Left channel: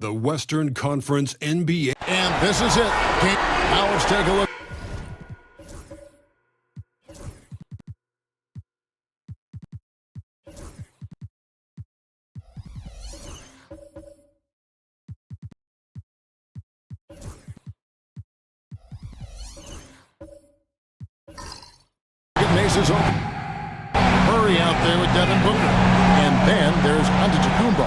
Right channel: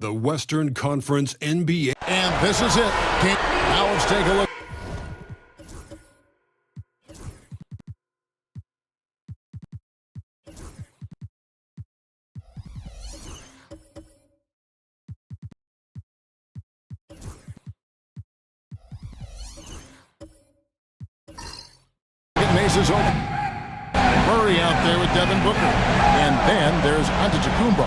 The Western Conference NBA. And this is it. Now let's take a look. Mace's open. Murray out there with Devin Booker. And then there's Antetokounmpo.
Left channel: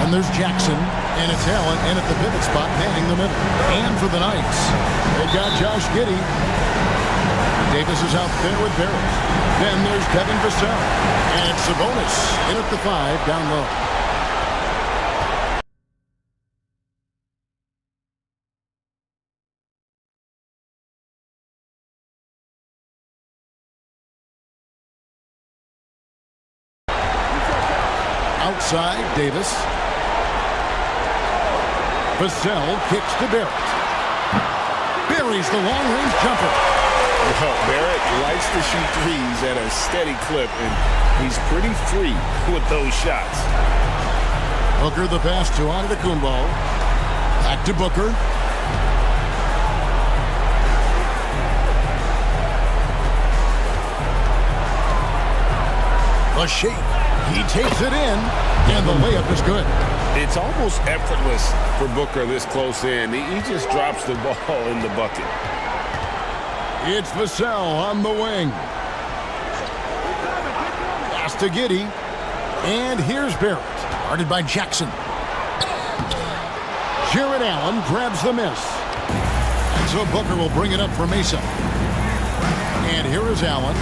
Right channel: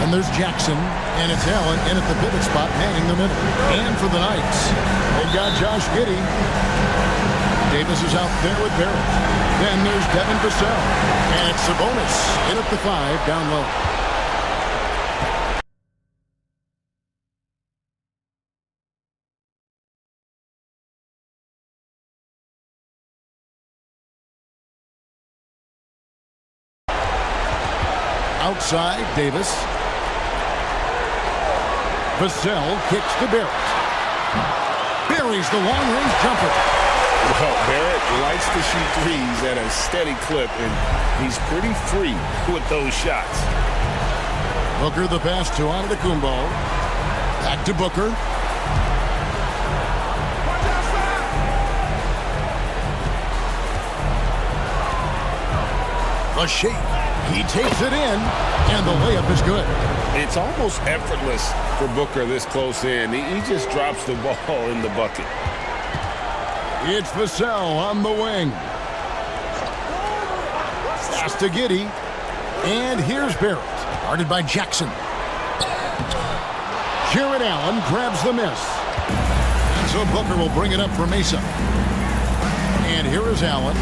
And there's Jackson. And it's Allen in at the pivot spot, manning the middle. And for the Knights, they've got Josh Giddey. Davis is out there with Barrett. Then there's Devin Vassell. And it's Sabonis in at the 5 down low. Outside, Davis. Vassell kicks to Barrett. Buries the long-range jumper. Well, Barrett likes to shoot threes at a steady clip, and he's pretty free with those shots. Booker the pass to Antetokounmpo. Back to Booker. The shake. He takes it in, and the layup is good. It's almost effortless for Booker this close in. He just drops the ball in the bucket. It's Vassell on the wing. Pass to Giddey. And here's Barrett, guarded by Jackson. Jared Allen grabs the miss. And so Booker will bring it up for Mesa. And here is Allen.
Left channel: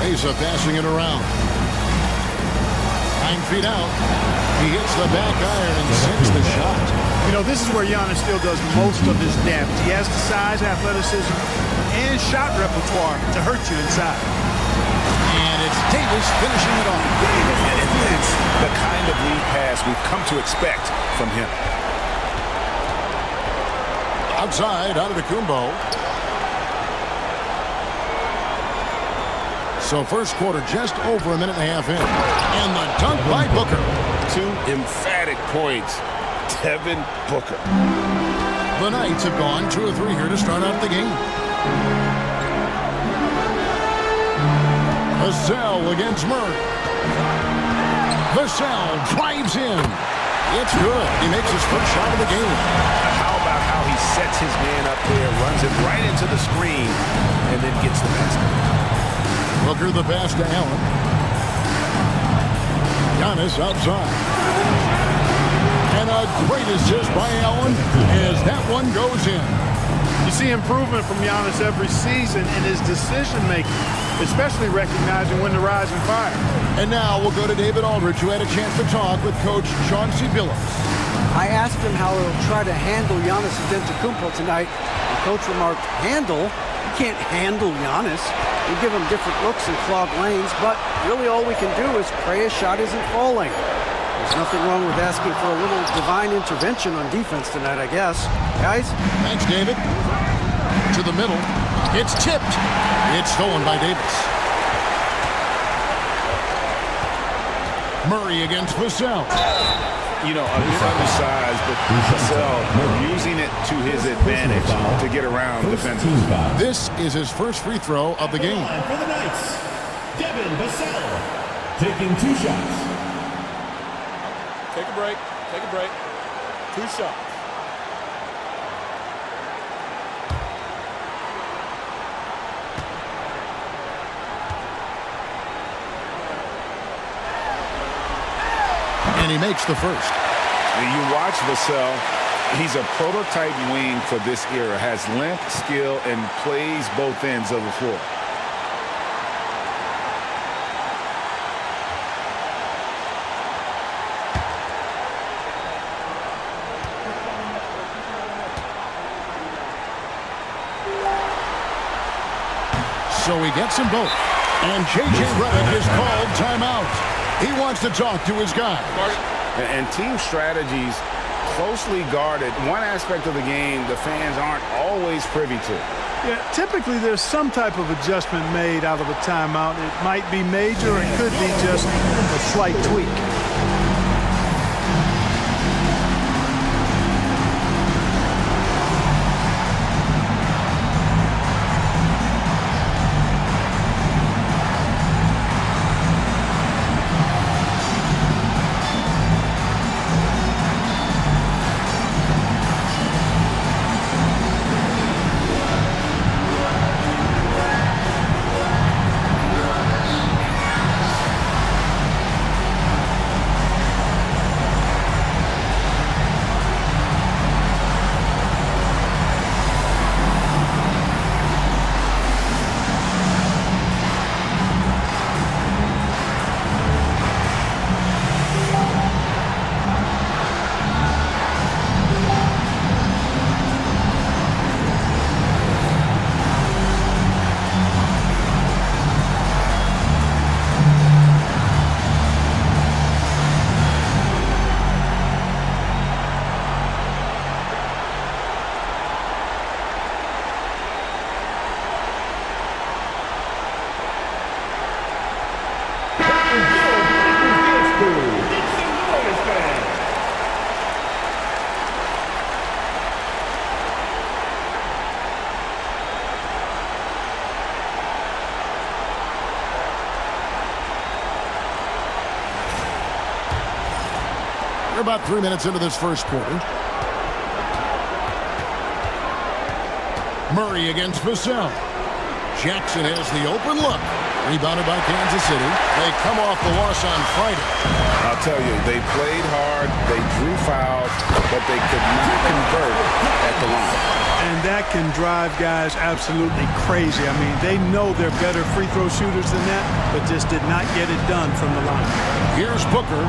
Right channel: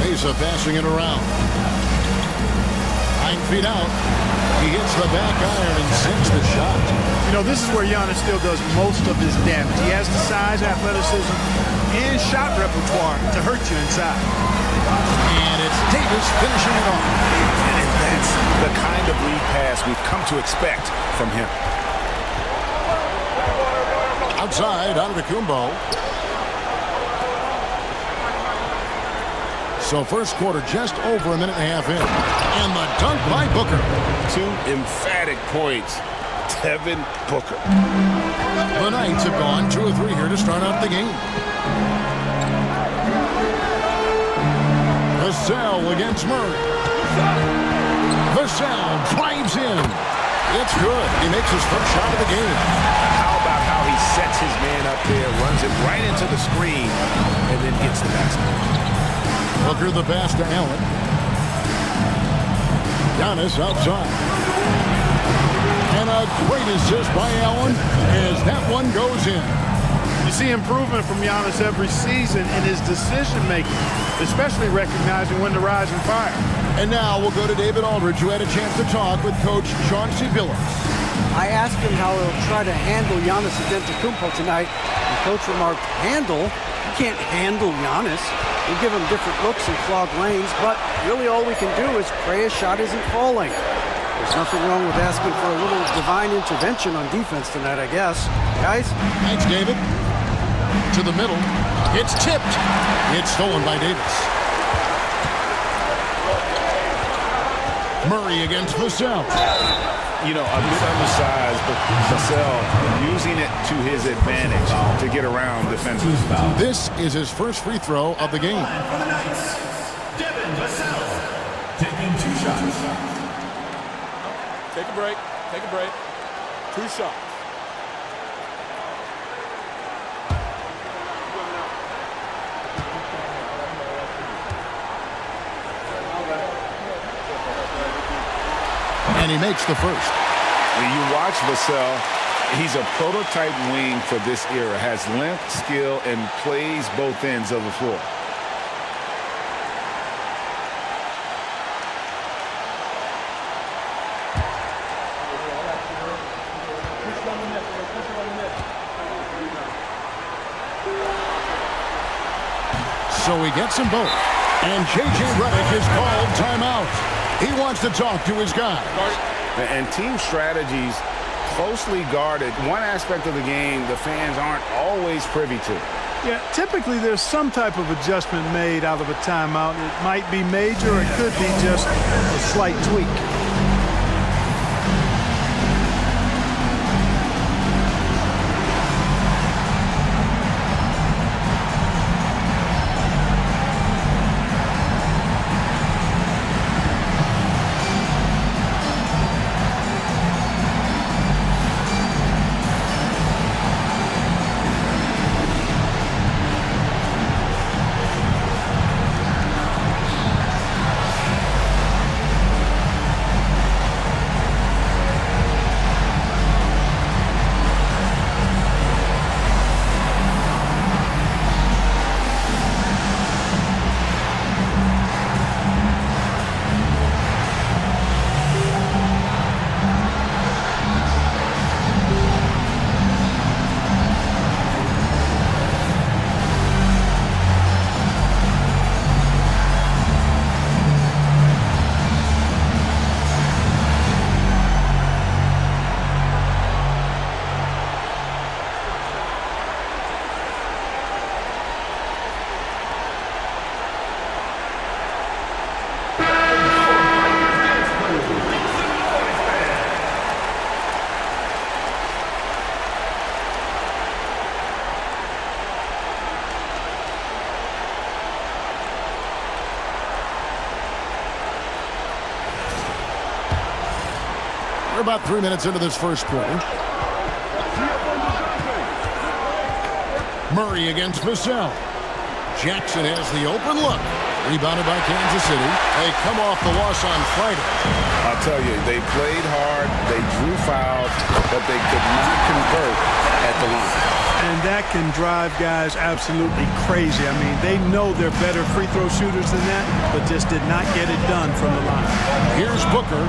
Mesa passing it around. 9 feet out. He hits the back iron and sinks the shot. You know, this is where Giannis still does most of his damage. He has the size, athleticism, and shot repertoire to hurt you inside. And it's Davis finishing it off. And that's the kind of lead pass we've come to expect from him. Outside, Antetokounmpo. So first quarter just over a minute and a half in. And the dunk by Booker. 2 emphatic points. Devin Booker. The Knights have gone 2 of 3 here to start out the game. Vassell against Murray. Vassell drives in. It's good. He makes his first shot of the game. How about how he sets his man up there, runs it right into the screen, and then gets the basket. Booker the pass to Allen. Giannis outside. And a great assist by Allen as that one goes in. You see improvement from Giannis every season in his decision-making, especially recognizing when to rise and fire. And now we'll go to David Aldridge, who had a chance to talk with Coach Chauncey Billups. I asked him how he'll try to handle Giannis Antetokounmpo tonight, and Coach remarked, handle? You can't handle Giannis. We give him different looks and clog lanes, but really all we can do is pray his shot isn't falling. There's nothing wrong with asking for a little divine intervention on defense tonight, I guess. Guys? Thanks, David. To the middle. It's tipped. It's stolen by Davis. Murray against Vassell. You know, a bit undersized, but Vassell using it to his advantage to get around defenders. This is his first free throw of the game. For the Knights, Devin Vassell taking 2 shots. Take a break. Take a break. 2 shots. And he makes the first. When you watch Vassell, he's a prototype wing for this era. Has length, skill, and plays both ends of the floor. So he gets them both. And J.J. Redick is called timeout. He wants to talk to his guys. And team strategies closely guarded. One aspect of the game the fans aren't always privy to. Yeah, typically there's some type of adjustment made out of a timeout. It might be major, it could be just a slight tweak. We're about 3 minutes into this first quarter. Murray against Vassell. Jackson has the open look. Rebounded by Kansas City. They come off the loss on Friday. I'll tell you, they played hard, they drew fouls, but they could not convert at the line. And that can drive guys absolutely crazy. I mean, they know they're better free throw shooters than that, but just did not get it done from the line. Here's Booker.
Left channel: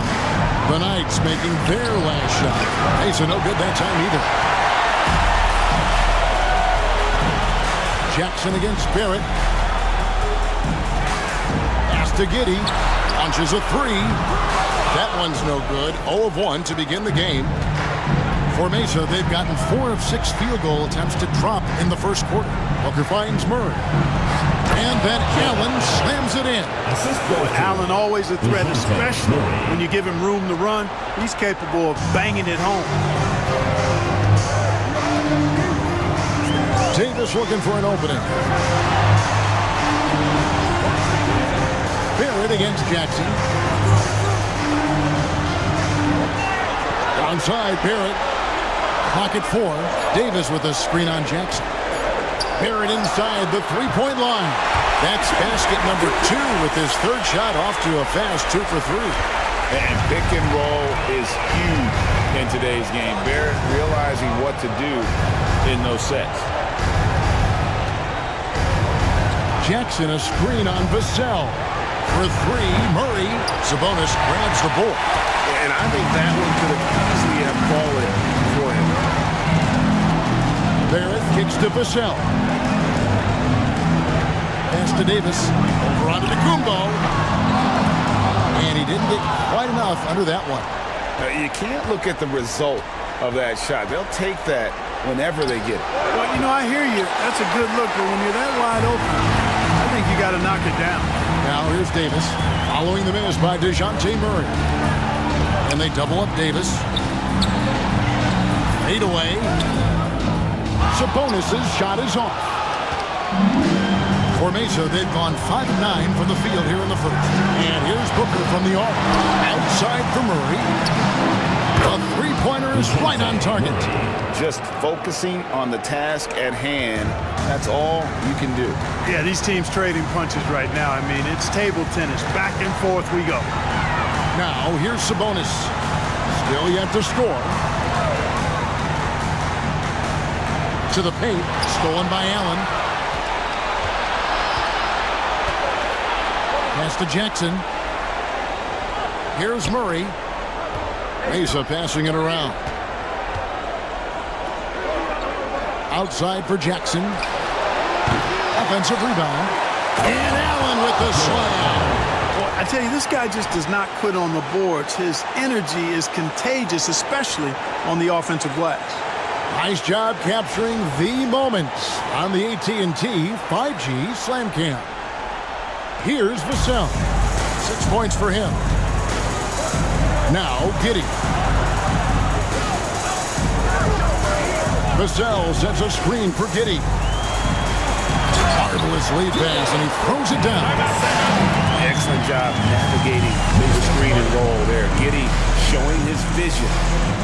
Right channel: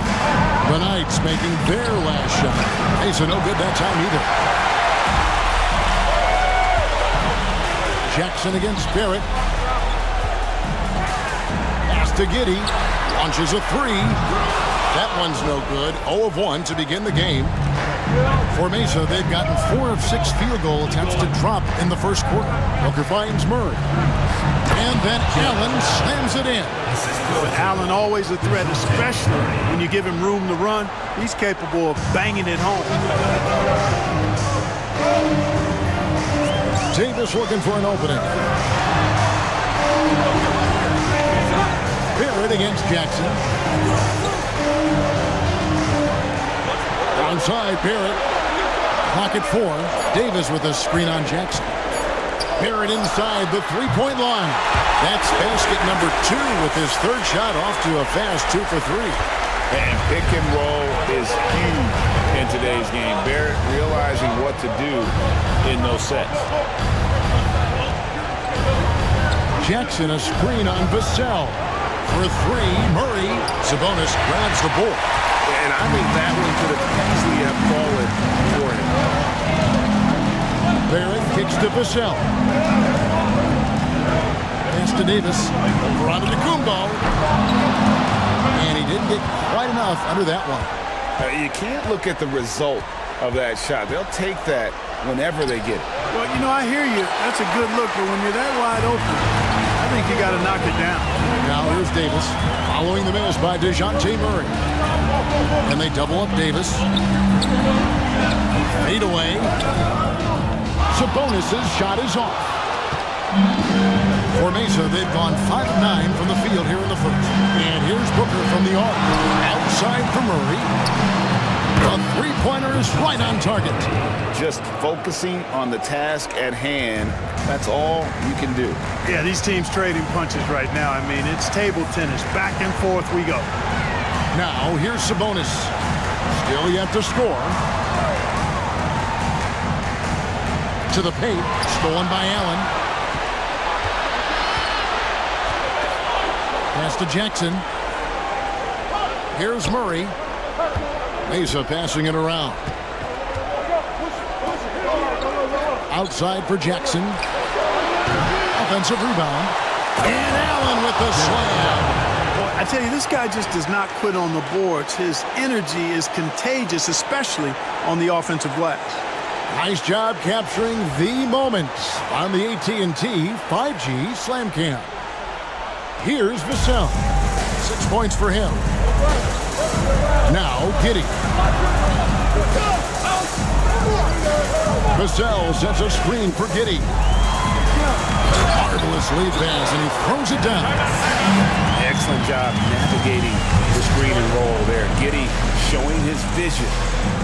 The Knights making their last shot. Hey, so no good that time either. Jackson against Barrett. Pass to Giddey. Launches a three. That one's no good. 0 of 1 to begin the game. For Mesa, they've gotten 4 of 6 field goal attempts to drop in the first quarter. Booker finds Murray. And then Allen slams it in. But Allen always a threat, especially when you give him room to run. He's capable of banging it home. Davis looking for an opening. Barrett against Jackson. Onside Barrett. Clock at 4. Davis with a screen on Jackson. Barrett inside the three-point line. That's basket number 2 with his third shot off to a fast 2 for 3. And pick and roll is huge in today's game. Barrett realizing what to do in those sets. Jackson a screen on Vassell. For 3, Murray. Sabonis grabs the ball. And I think that one could have easily have fallen for him. Barrett kicks to Vassell. Pass to Davis. Over onto Kumbo. And he didn't get quite enough under that one. You can't look at the result of that shot. They'll take that whenever they get it. Well, you know, I hear you. That's a good look, but when you're that wide open, I think you got to knock it down. Now here's Davis. Following the miss by DeJounte Murray. And they double up Davis. Fade away. Sabonis' shot is off. For Mesa, they've gone 5 of 9 from the field here in the first. And here's Booker from the arc. Outside for Murray. The three-pointer is right on target. Just focusing on the task at hand, that's all you can do. Yeah, these teams trading punches right now. I mean, it's table tennis. Back and forth we go. Now, here's Sabonis. Still yet to score. To the paint. Stolen by Allen. Pass to Jackson. Here's Murray. Mesa passing it around. Outside for Jackson. Offensive rebound. And Allen with the slam. Boy, I tell you, this guy just does not quit on the boards. His energy is contagious, especially on the offensive glass. Nice job capturing the moments on the AT&T 5G Slam Cam. Here's Vassell. 6 points for him. Now Giddey. Vassell sets a screen for Giddey. Marvelous lead pass, and he throws it down. Excellent job navigating the screen and roll there. Giddey showing his vision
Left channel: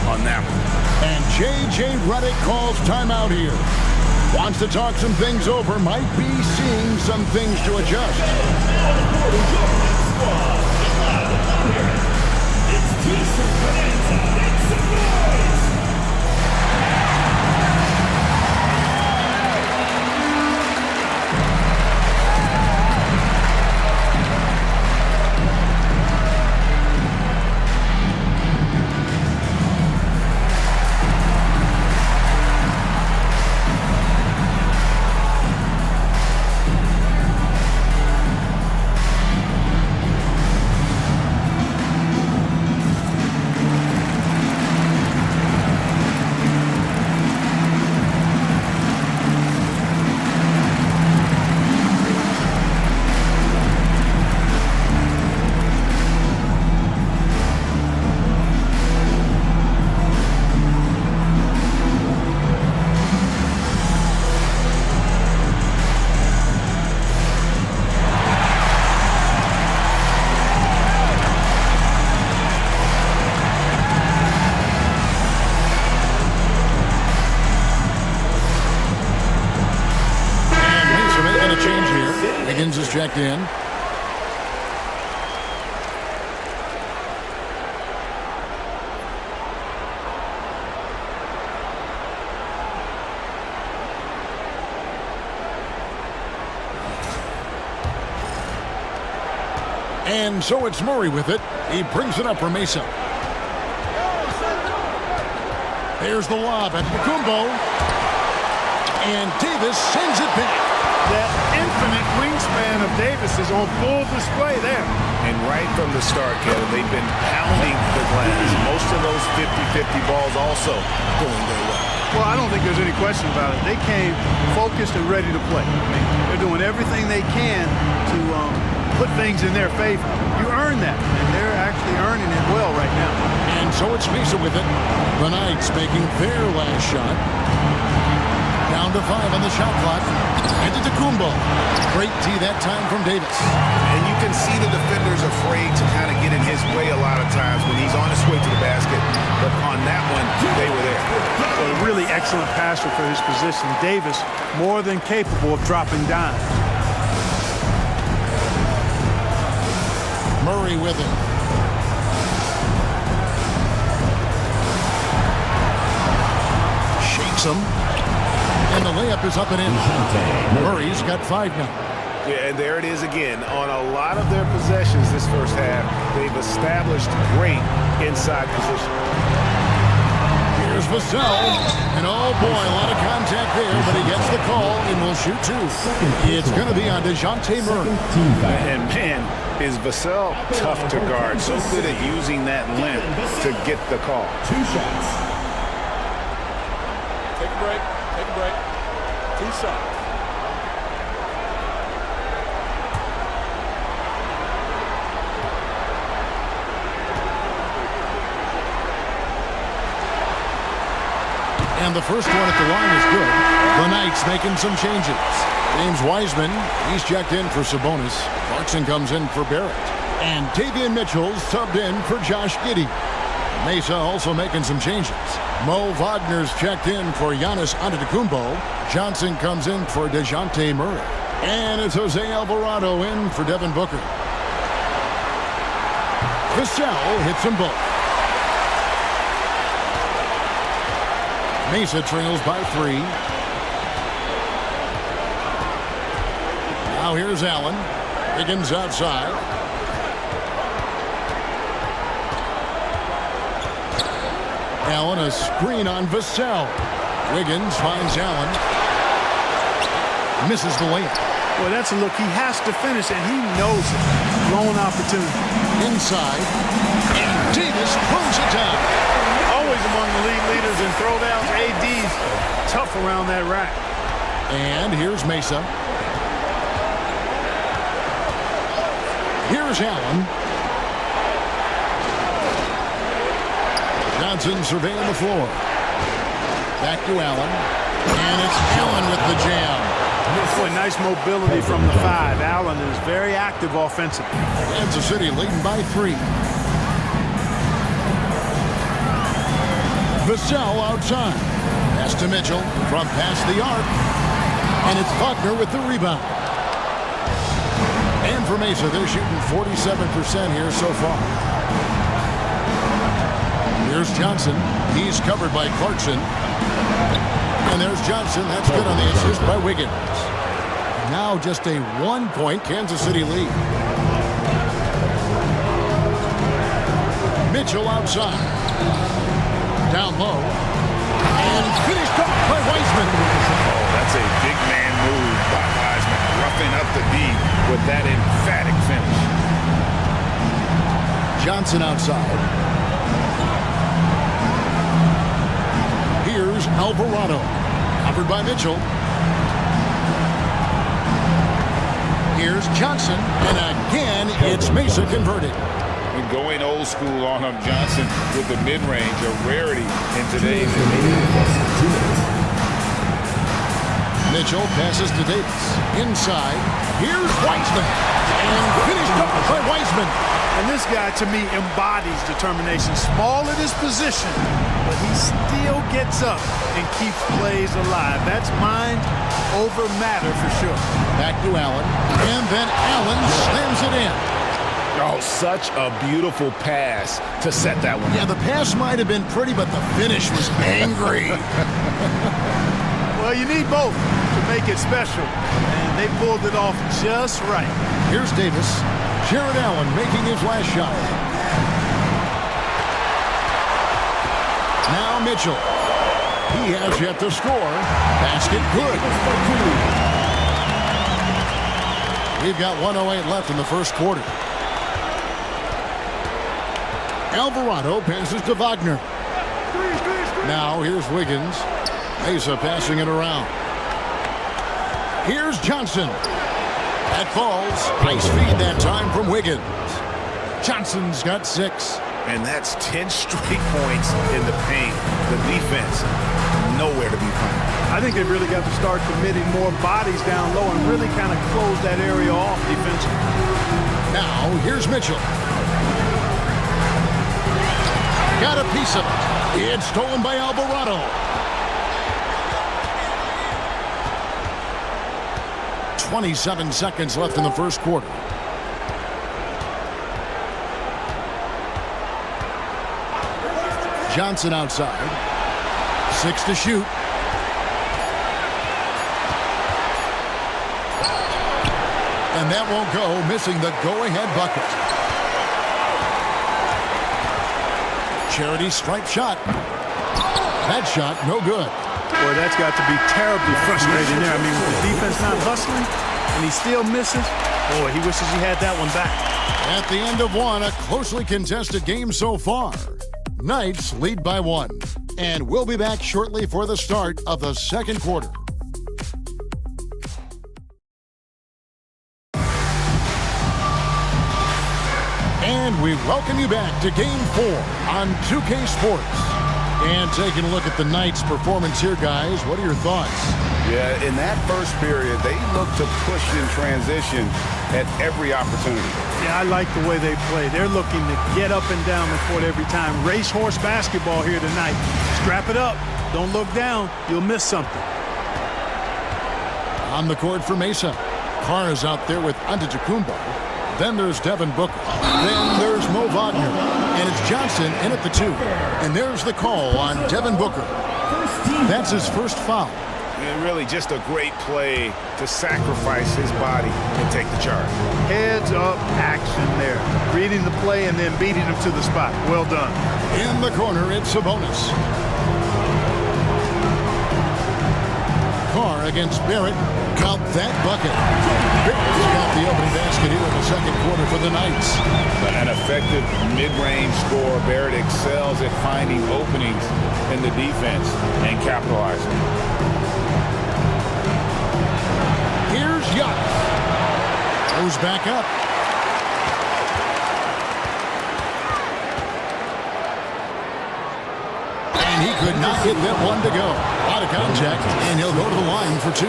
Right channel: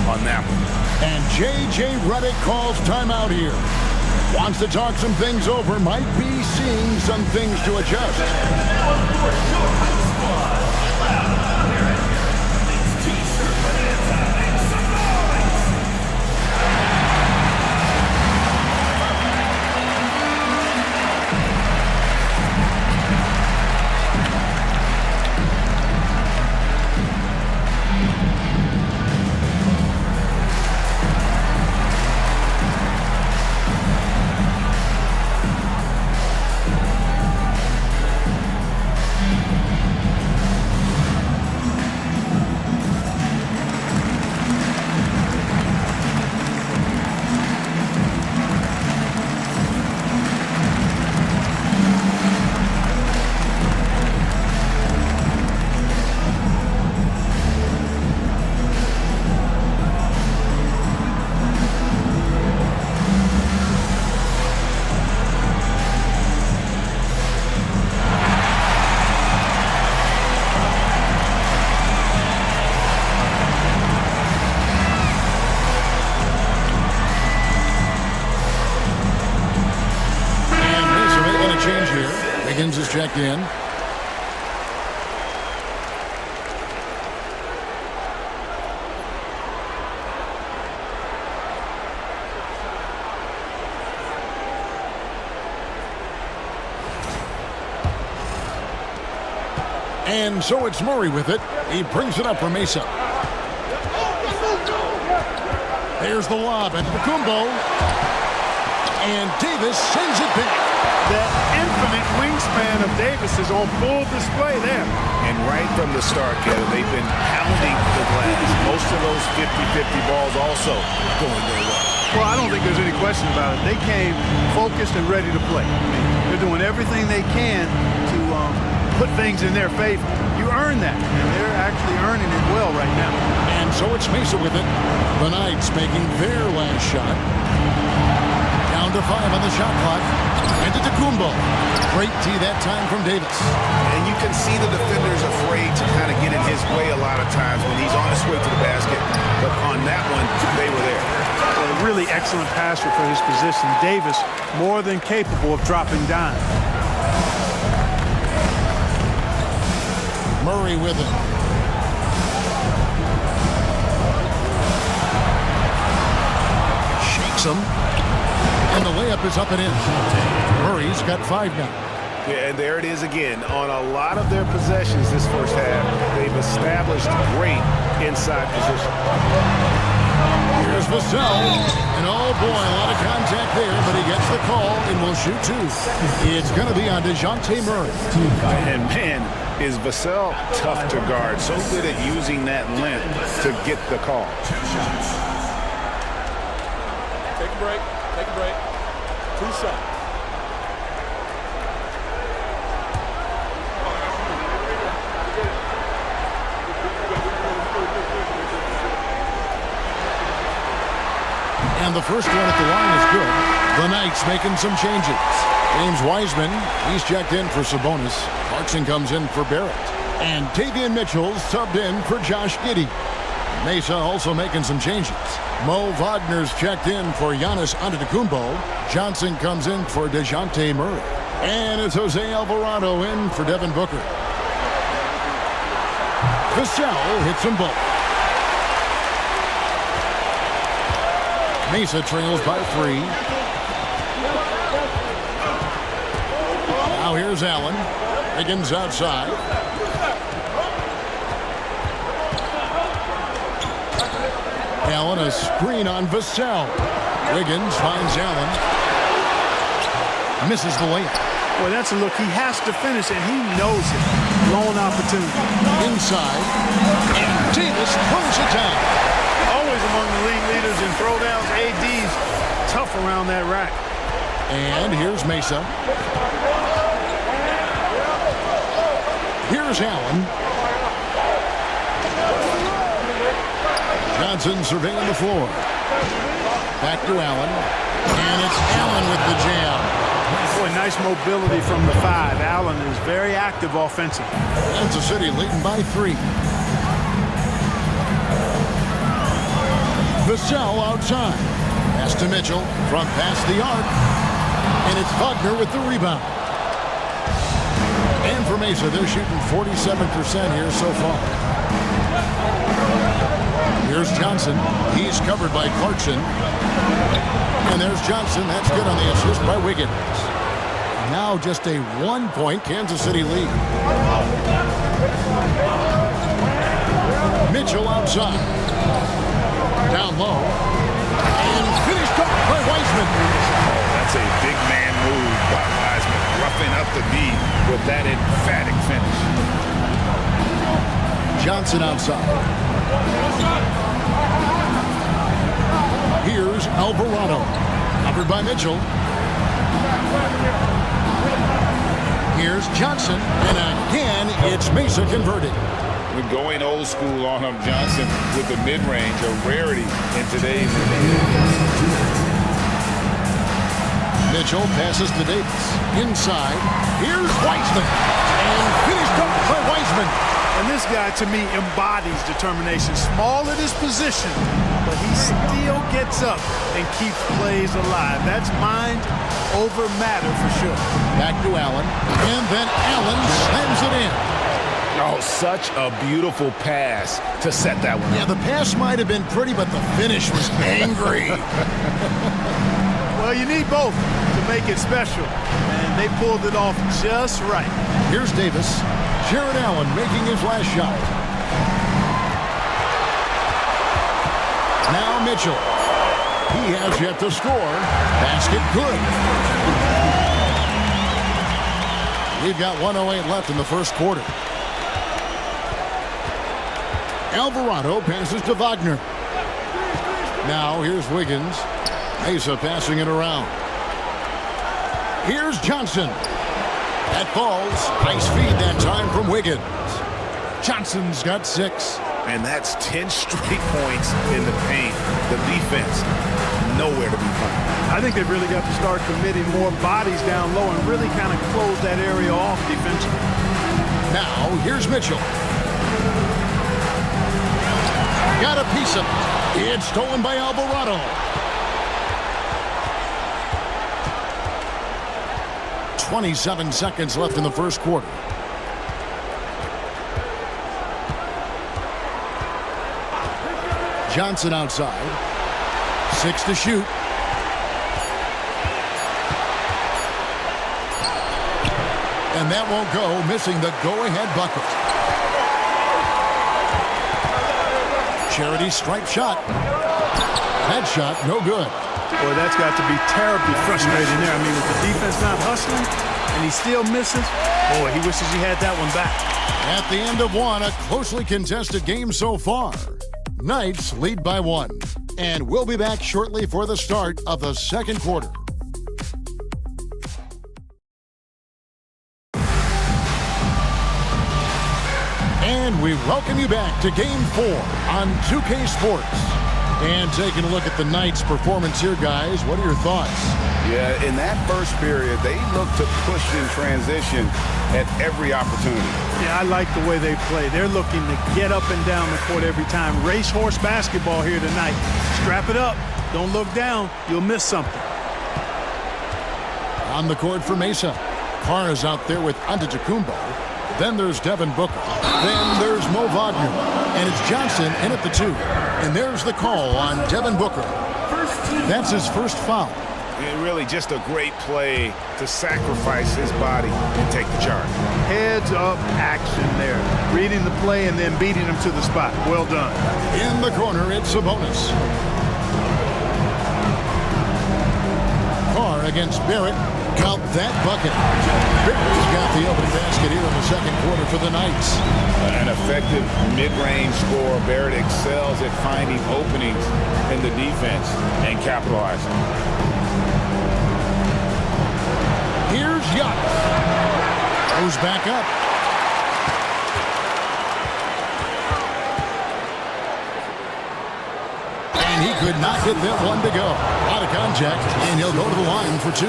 on that one. And J.J. Redick calls timeout here. Wants to talk some things over, might be seeing some things to adjust. Mesa making a change here. Wiggins is checked in. And so it's Murray with it. He brings it up for Mesa. There's the lob at Kumbo. And Davis sends it back. That infinite wingspan of Davis is on full display there. And right from the start, Kevin, they've been pounding the glass. Most of those 50-50 balls also going their way. Well, I don't think there's any question about it. They came focused and ready to play. I mean, they're doing everything they can to put things in their favor. You earn that, and they're actually earning it well right now. And so it's Mesa with it. The Knights making their last shot. Down to 5 on the shot clock. And to Kumbo. Great tee that time from Davis. And you can see the defender's afraid to kind of get in his way a lot of times when he's on his way to the basket. But on that one, they were there. Well, a really excellent passer for his position. Davis, more than capable of dropping dimes. Murray with it. Shakes him. And the layup is up and in. Murray's got 5 now. Yeah, and there it is again. On a lot of their possessions this first half, they've established great inside position. Here's Vassell. And oh boy, a lot of contact there, but he gets the call and will shoot 2. It's going to be on DeJounte Murray. And man, is Vassell tough to guard. So good at using that length to get the call. 2 shots. Take a break. Take a break. 2 shots. And the first one at the line is good. The Knights making some changes. James Wiseman, he's checked in for Sabonis. Clarkson comes in for Barrett. And Davion Mitchell subbed in for Josh Giddey. Mesa also making some changes. Mo Wagner's checked in for Giannis Antetokounmpo. Johnson comes in for DeJounte Murray. And it's Jose Alvarado in for Devin Booker. Vassell hits them both. Mesa trails by 3. Now here's Allen. Wiggins outside. Allen a screen on Vassell. Wiggins finds Allen. Misses the layup. Well, that's a look he has to finish, and he knows it. Blown opportunity. Inside. And Davis throws it down. Always among the league leaders in throwdowns. AD's tough around that rack. And here's Mesa. Here's Allen. Johnson surveying the floor. Back to Allen. And it's Allen with the jam. Boy, nice mobility from the 5. Allen is very active offensively. Kansas City leading by 3. Vassell outside. Pass to Mitchell from past the arc. And it's Wagner with the rebound. And for Mesa, they're shooting 47% here so far. Here's Johnson. He's covered by Clarkson. And there's Johnson. That's good on the assist by Wiggins. Now just a 1-point Kansas City lead. Mitchell outside. Down low. And finished off by Wiseman. Oh, that's a big man move by Wiseman. Roughing up the D with that emphatic finish. Johnson outside. Here's Alvarado. Covered by Mitchell. Here's Johnson. And again, it's Mesa converted. We're going old school on him, Johnson, with the mid-range, a rarity in today's NBA. Mitchell passes to Davis. Inside. Here's Wiseman. And finished off by Wiseman. And this guy, to me, embodies determination. Small at his position, but he still gets up and keeps plays alive. That's mind over matter for sure. Back to Allen, and then Allen slams it in. Oh, such a beautiful pass to set that one Yeah, up. the pass might have been pretty, but the finish was angry. Well, you need both to make it special, and they pulled it off just right. Here's Davis. Jared Allen making his last shot. Now Mitchell. He has yet to score. Basket good. We've got 1:08 left in the first quarter. Alvarado passes to Wagner. Now here's Wiggins. Mesa passing it around. Here's Johnson. That falls. Nice feed that time from Wiggins. Johnson's got 6. And that's 10 straight points in the paint. The defense, nowhere to be found. I think they've really got to start committing more bodies down low and really kind of close that area off defensively. Now here's Mitchell. Got a piece of it. It's stolen by Alvarado. 27 seconds left in the first quarter. Johnson outside. 6 to shoot. And that won't go, missing the go-ahead bucket. Charity stripe shot. That shot, no good. Boy, that's got to be terribly frustrating there. I mean, with the defense not hustling and he still misses, boy, he wishes he had that one back. At the end of one, a closely contested game so far. Knights lead by 1. And we'll be back shortly for the start of the second quarter. And we welcome you back to Game 4 on 2K Sports. And taking a look at the Knights' performance here, guys, what are your thoughts? Yeah, in that first period, they looked to push in transition at every opportunity. Yeah, I like the way they play. They're looking to get up and down the court every time. Racehorse basketball here tonight. Strap it up. Don't look down. You'll miss something. On the court for Mesa. Carr is out there with Antetokounmpo. Then there's Devin Booker. Then there's Mo Wagner. And it's Johnson in at the 2. And there's the call on Devin Booker. That's his first foul. And really just a great play to sacrifice his body and take the charge. Heads up action there. Reading the play and then beating him to the spot. Well done. In the corner, it's Sabonis. Carr against Barrett. Count that bucket. Barrett's got the opening basket here in the second quarter for the Knights. An effective mid-range scorer. Barrett excels at finding openings in the defense and capitalizing. Here's Giannis. Goes back up. And he could not get that one to go. A lot of contact, and he'll go to the line for 2.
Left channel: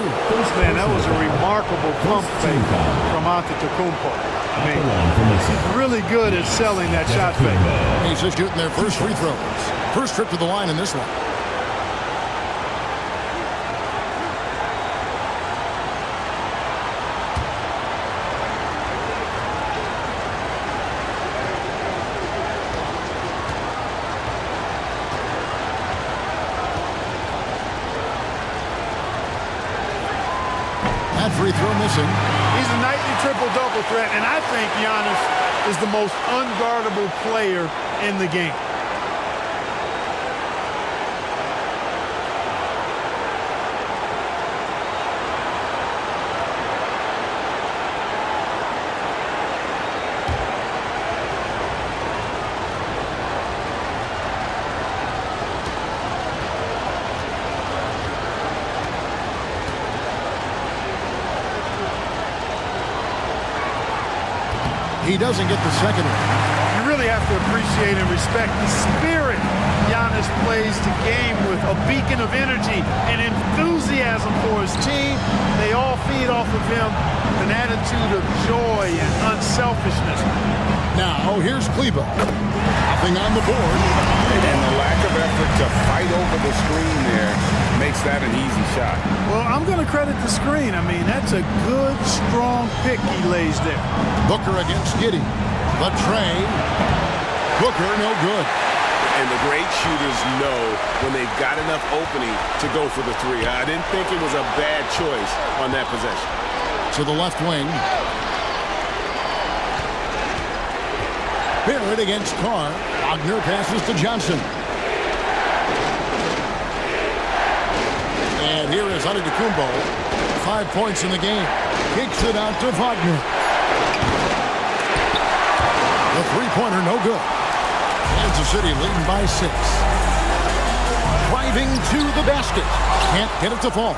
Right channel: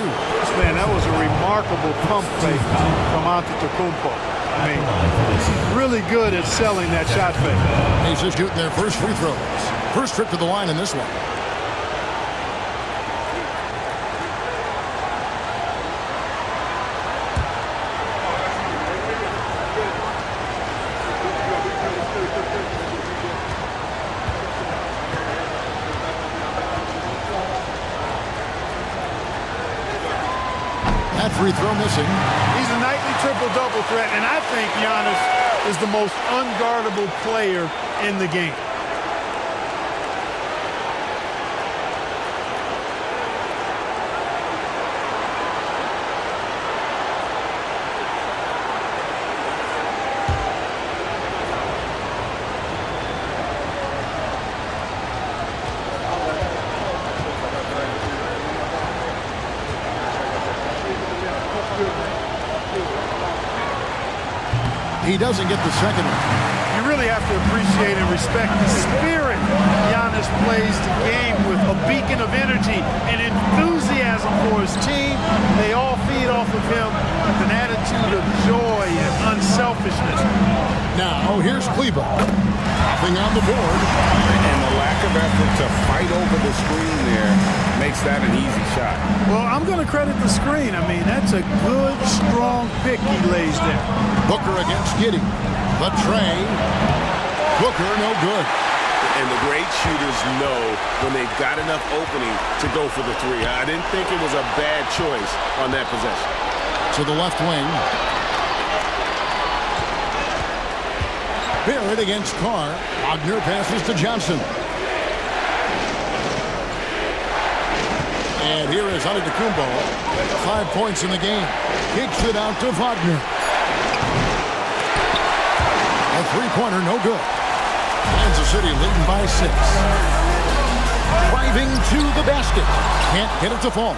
Man, that was a remarkable pump fake from Antetokounmpo. I mean, he's really good at selling that shot fake. He's just shooting their first free throws. First trip to the line in this one. That free throw missing. He's a nightly triple-double threat, and I think Giannis is the most unguardable player in the game. He doesn't get the second one. You really have to appreciate and respect the spirit Giannis plays the game with. A beacon of energy and enthusiasm for his team. They all feed off of him with an attitude of joy and unselfishness. Now, here's Kleba. Nothing on the board. And the lack of effort to fight over the screen there makes that an easy shot. Well, I'm going to credit the screen. I mean, that's a good, strong pick he lays there. Booker against Giddey. The tray. Booker, no good. And the great shooters know when they've got enough opening to go for the three. I didn't think it was a bad choice on that possession. To the left wing. Barrett against Carr. Wagner passes to Johnson. And here is Antetokounmpo. 5 points in the game. Kicks it out to Wagner. The three-pointer, no good. Kansas City leading by 6. Driving to the basket. Can't get it to fall.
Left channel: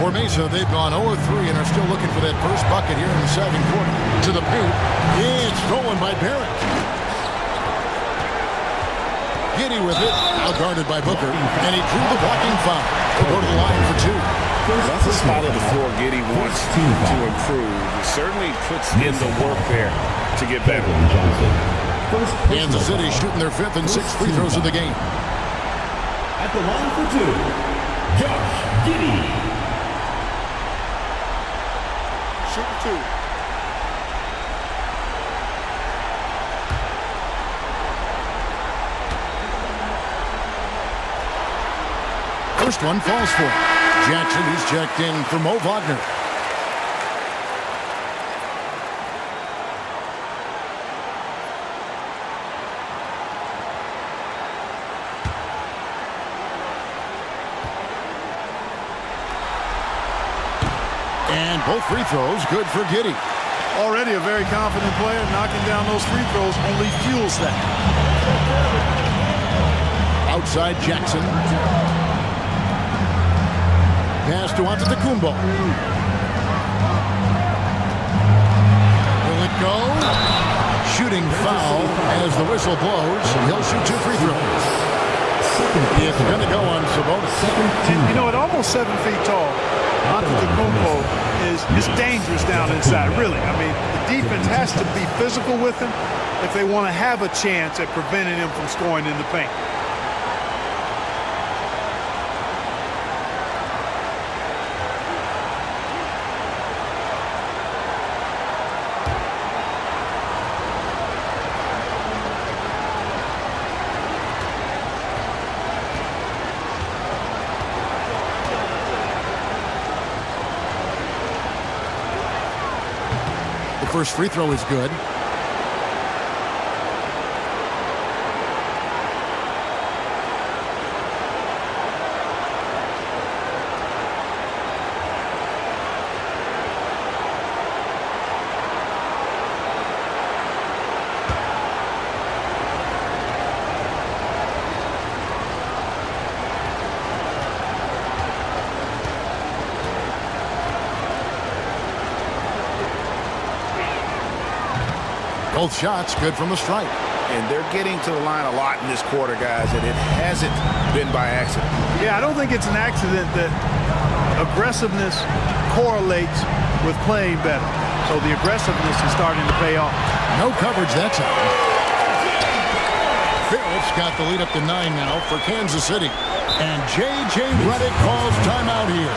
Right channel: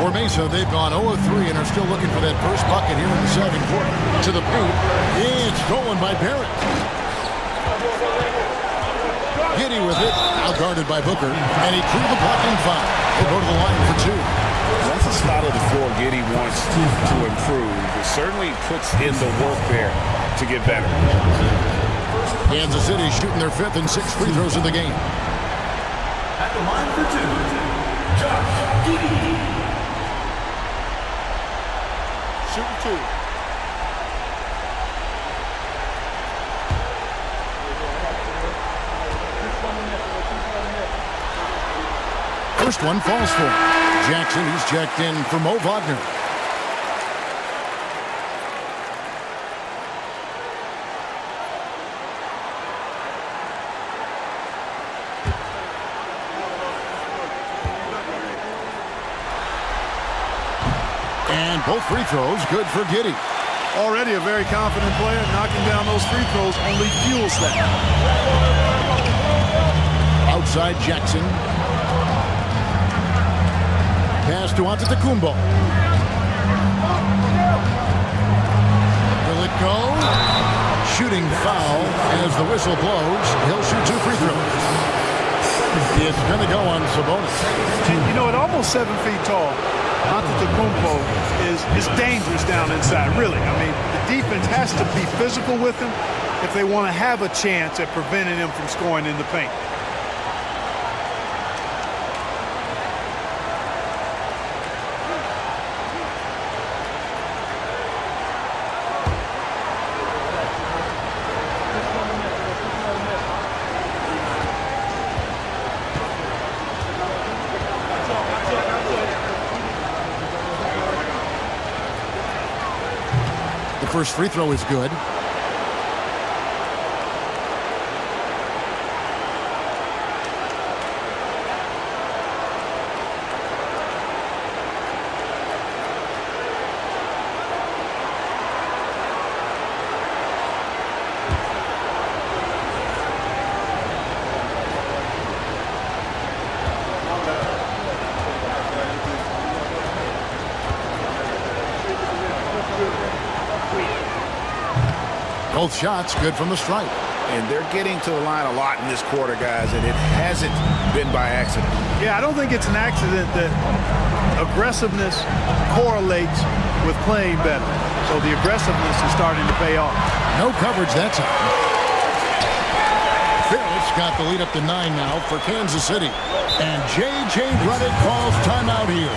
For Mesa, they've gone 0-3 and are still looking for that first bucket here in the second quarter. To the paint. It's stolen by Barrett. Giddey with it. Outguarded by Booker. And he drew the blocking foul. He'll go to the line for 2. That's a spot of the floor Giddey wants to improve. It certainly puts in the work there to get better. Kansas City shooting their 5th and 6th free throws of the game. At the line for 2, Josh Giddey. Shooting 2. First one falls for him. Jackson, he's checked in for Mo Wagner. And both free throws good for Giddey. Already a very confident player. Knocking down those free throws only fuels that. Outside Jackson. Pass to Antetokounmpo. Will it go? Shooting foul as the whistle blows. He'll shoot 2 free throws. It's going to go on Sabonis. And, you know, at almost 7 feet tall, Antetokounmpo is dangerous down inside, really. I mean, the defense has to be physical with him if they want to have a chance at preventing him from scoring in the paint. The first free throw is good. Both shots good from the stripe. And they're getting to the line a lot in this quarter, guys, and it hasn't been by accident. Yeah, I don't think it's an accident that aggressiveness correlates with playing better. So the aggressiveness is starting to pay off. No coverage that time. Barrett's got the lead up to 9 now for Kansas City. And J.J. Redick calls timeout here.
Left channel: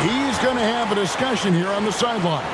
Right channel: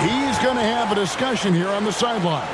He's going to have a discussion here on the sideline.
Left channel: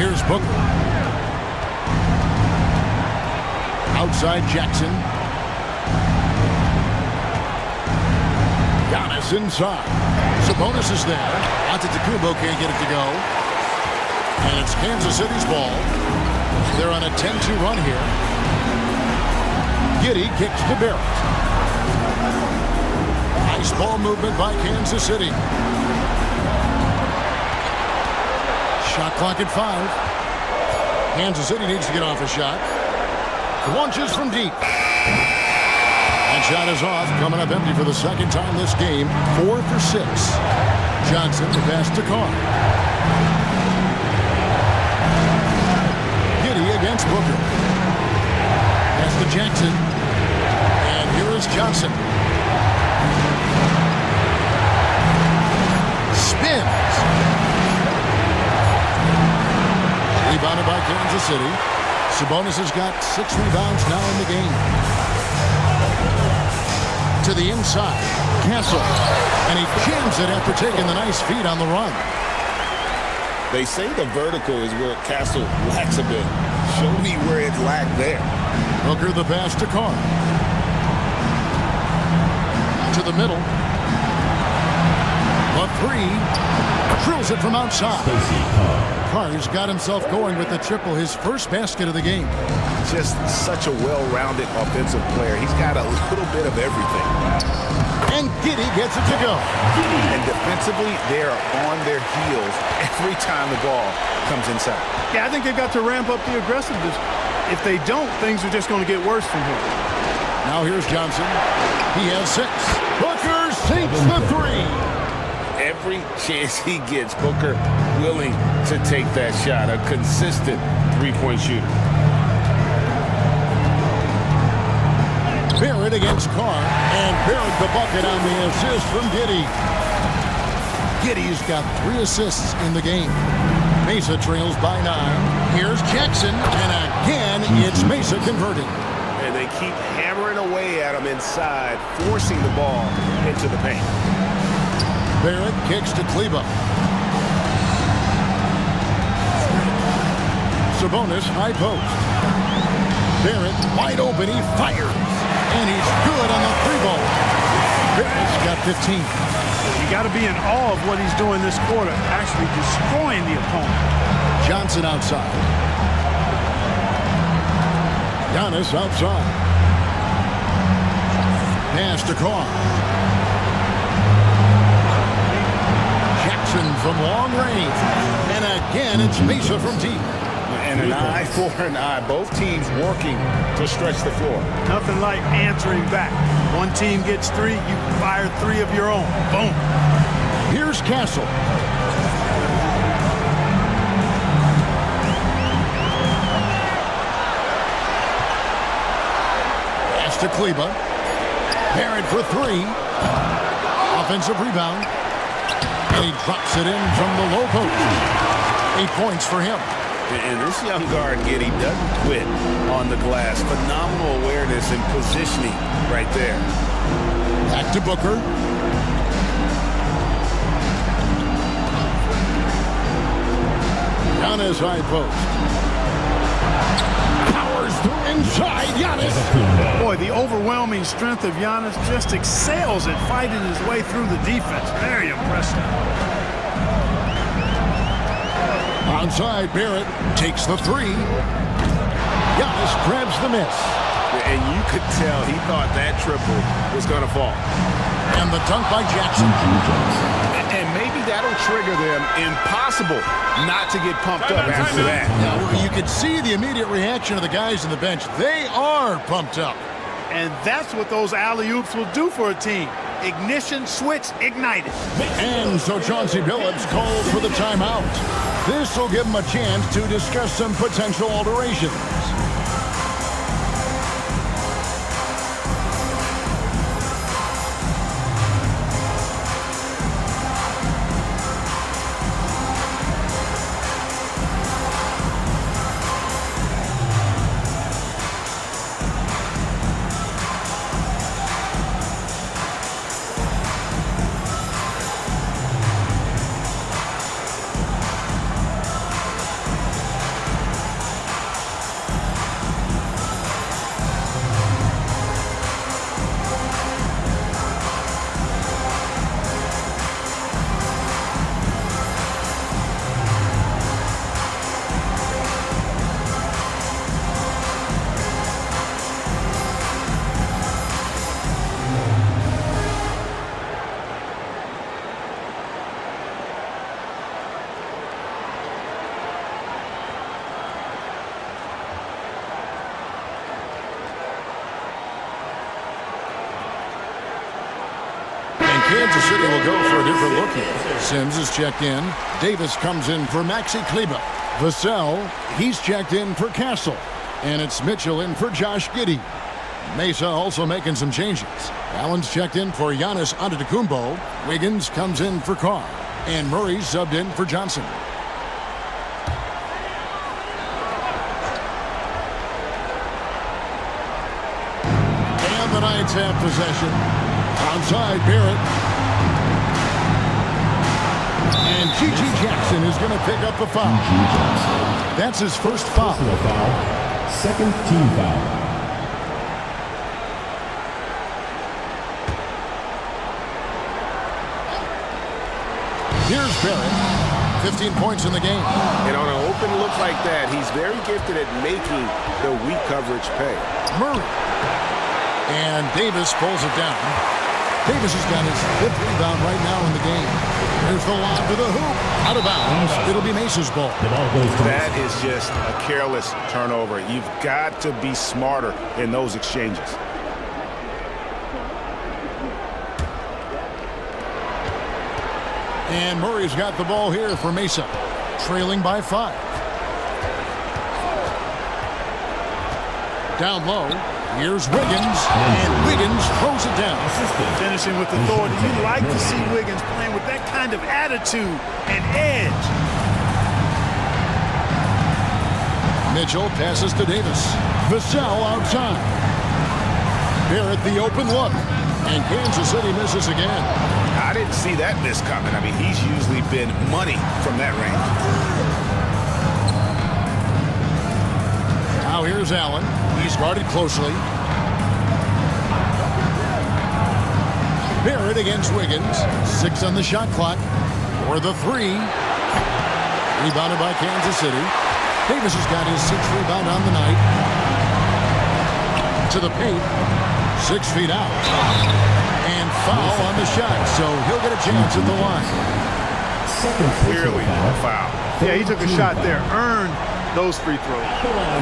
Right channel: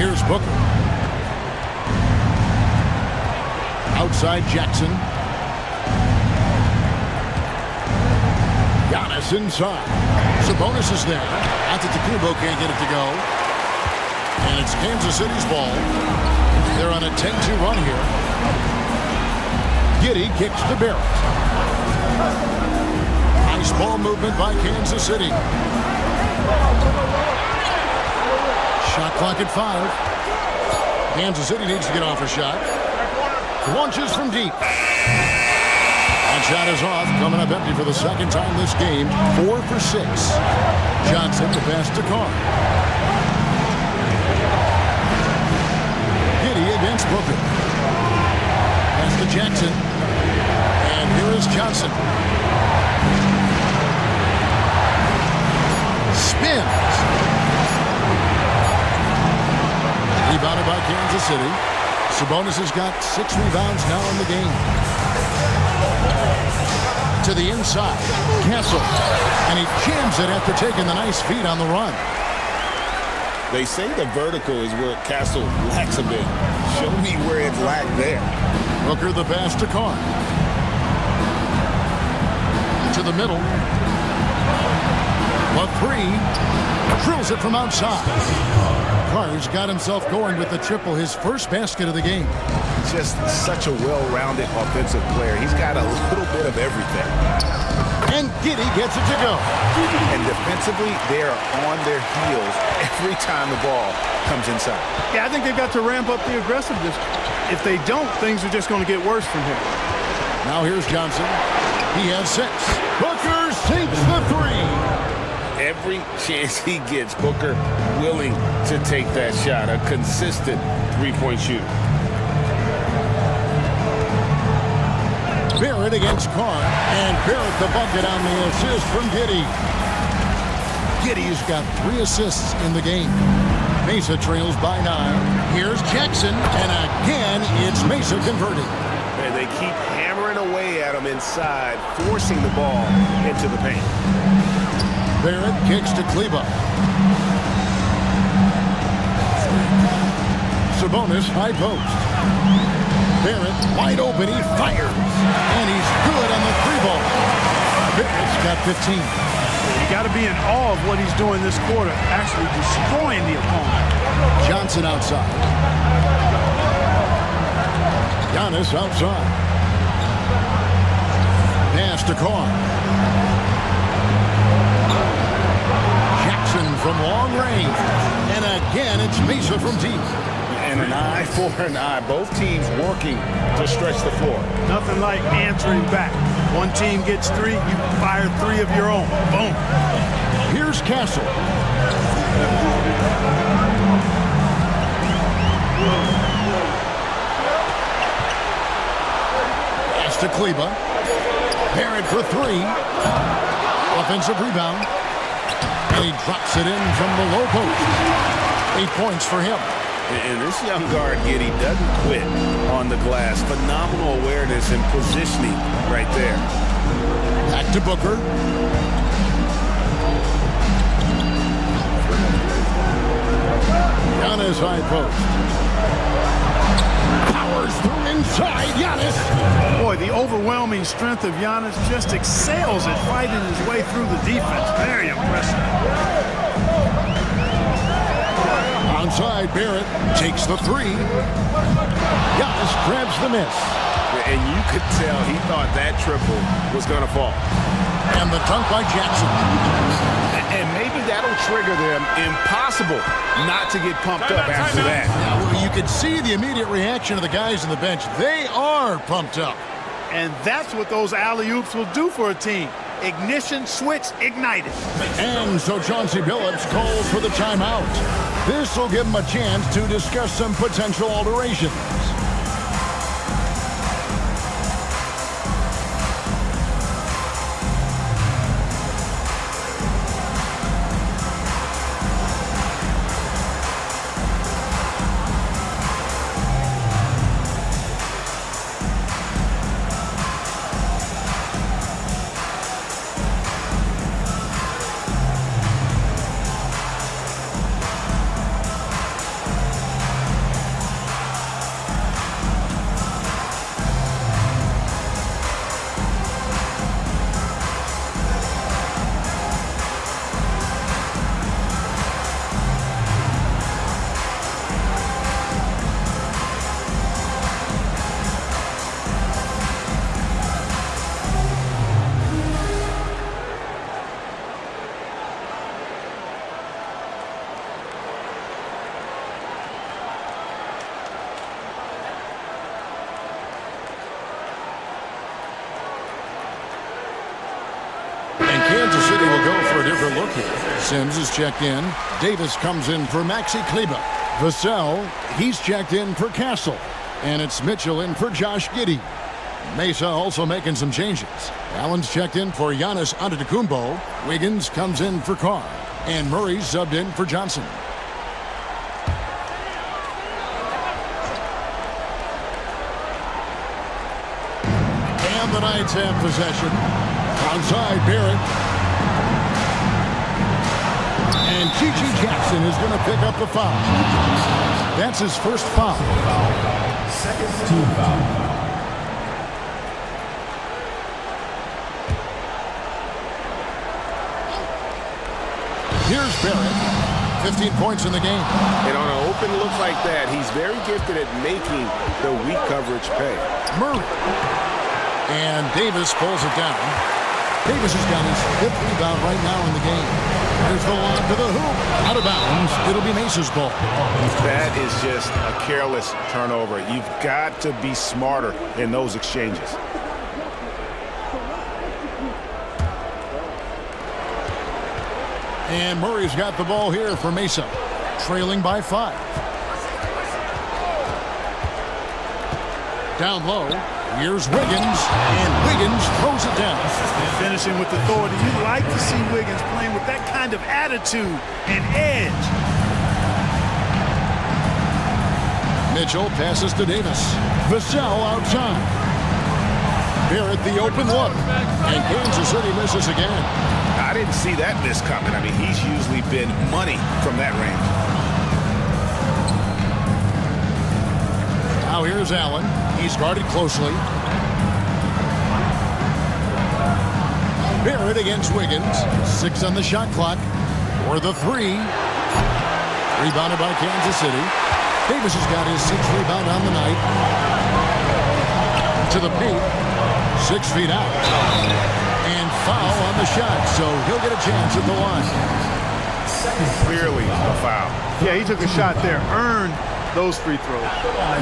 Here's Booker. Outside Jackson. Giannis inside. Sabonis is there. Antetokounmpo can't get it to go. And it's Kansas City's ball. They're on a 10-2 run here. Giddey kicks to Barrett. Nice ball movement by Kansas City. Shot clock at 5. Kansas City needs to get off a shot. Launches from deep. That shot is off, coming up empty for the second time this game. 4 for 6. Johnson, the pass to Carr. Giddey against Booker. Pass to Jackson. And here is Johnson. Spins. Rebounded by Kansas City. Sabonis has got 6 rebounds now in the game. To the inside. Castle. And he jams it after taking the nice feed on the run. They say the vertical is where Castle lacks a bit. Show me where it lacked there. Booker the pass to Carr. To the middle. The 3. Drills it from outside. Carr's got himself going with the triple, his first basket of the game. Just such a well-rounded offensive player. He's got a little bit of everything. And Giddey gets it to go. And defensively, they are on their heels every time the ball comes inside. Yeah, I think they've got to ramp up the aggressiveness. If they don't, things are just going to get worse from here. Now here's Johnson. He has 6. Booker sinks the 3. Every chance he gets, Booker willing to take that shot. A consistent three-point shooter. Barrett against Carr, and Barrett the bucket on the assist from Giddey. Giddey's got 3 assists in the game. Mesa trails by 9. Here's Jackson, and again, it's Mesa converted. And they keep hammering away at him inside, forcing the ball into the paint. Barrett kicks to Kleba. Sabonis high post. Barrett wide open, he fires. And he's good on the 3-ball. Barrett's got 15. You got to be in awe of what he's doing this quarter, actually destroying the opponent. Johnson outside. Giannis outside. Pass to Carr. Jackson from long range. And again, it's Mesa from deep. And an eye for an eye. Both teams working to stretch the floor. Nothing like answering back. One team gets 3, you fire 3 of your own. Boom. Here's Castle. Pass to Kleba. Barrett for 3. Offensive rebound. And he drops it in from the low post. 8 points for him. And this young guard, Giddey, doesn't quit on the glass. Phenomenal awareness and positioning right there. Back to Booker. Giannis high post. Powers through inside. Giannis. Boy, the overwhelming strength of Giannis just excels at fighting his way through the defense. Very impressive. Onside, Barrett takes the 3. Giannis grabs the miss. And you could tell he thought that triple was going to fall. And the dunk by Jackson. And maybe that'll trigger them. Impossible not to get pumped up after that. Yeah, well, you could see the immediate reaction of the guys on the bench. They are pumped up. And that's what those alley-oops will do for a team. Ignition switch ignited. And so Chauncey Billups calls for the timeout. This will give him a chance to discuss some potential alterations. Kansas City will go for a different look here. Sims is checked in. Davis comes in for Maxi Kleba. Vassell, he's checked in for Castle. And it's Mitchell in for Josh Giddey. Mesa also making some changes. Allen's checked in for Giannis Antetokounmpo. Wiggins comes in for Carr. And Murray's subbed in for Johnson. And the Knights have possession. Outside Barrett. And G.G. Jackson is going to pick up a foul. That's his first foul. Second team foul. Here's Barrett. 15 points in the game. And on an open look like that, he's very gifted at making the weak coverage pay. Murray. And Davis pulls it down. Davis has got his 5th rebound right now in the game. There's the lob to the hoop. Out of bounds. It'll be Mesa's ball. That is just a careless turnover. You've got to be smarter in those exchanges. And Murray's got the ball here for Mesa. Trailing by 5. Down low. Here's Wiggins. And Wiggins throws it down. Finishing with authority. You like to see Wiggins playing with that kind of attitude and edge. Mitchell passes to Davis. Vassell outside. Barrett the open look. And Kansas City misses again. I didn't see that miss coming. I mean, he's usually been money from that range. Now here's Allen. He's guarded closely. Barrett against Wiggins. 6 on the shot clock. For the 3. Rebounded by Kansas City. Davis has got his 6th rebound on the night. To the paint. 6 feet out. And foul on the shot, so he'll get a chance at the line. Clearly a foul. Yeah, he took a shot there. Earned those free throws.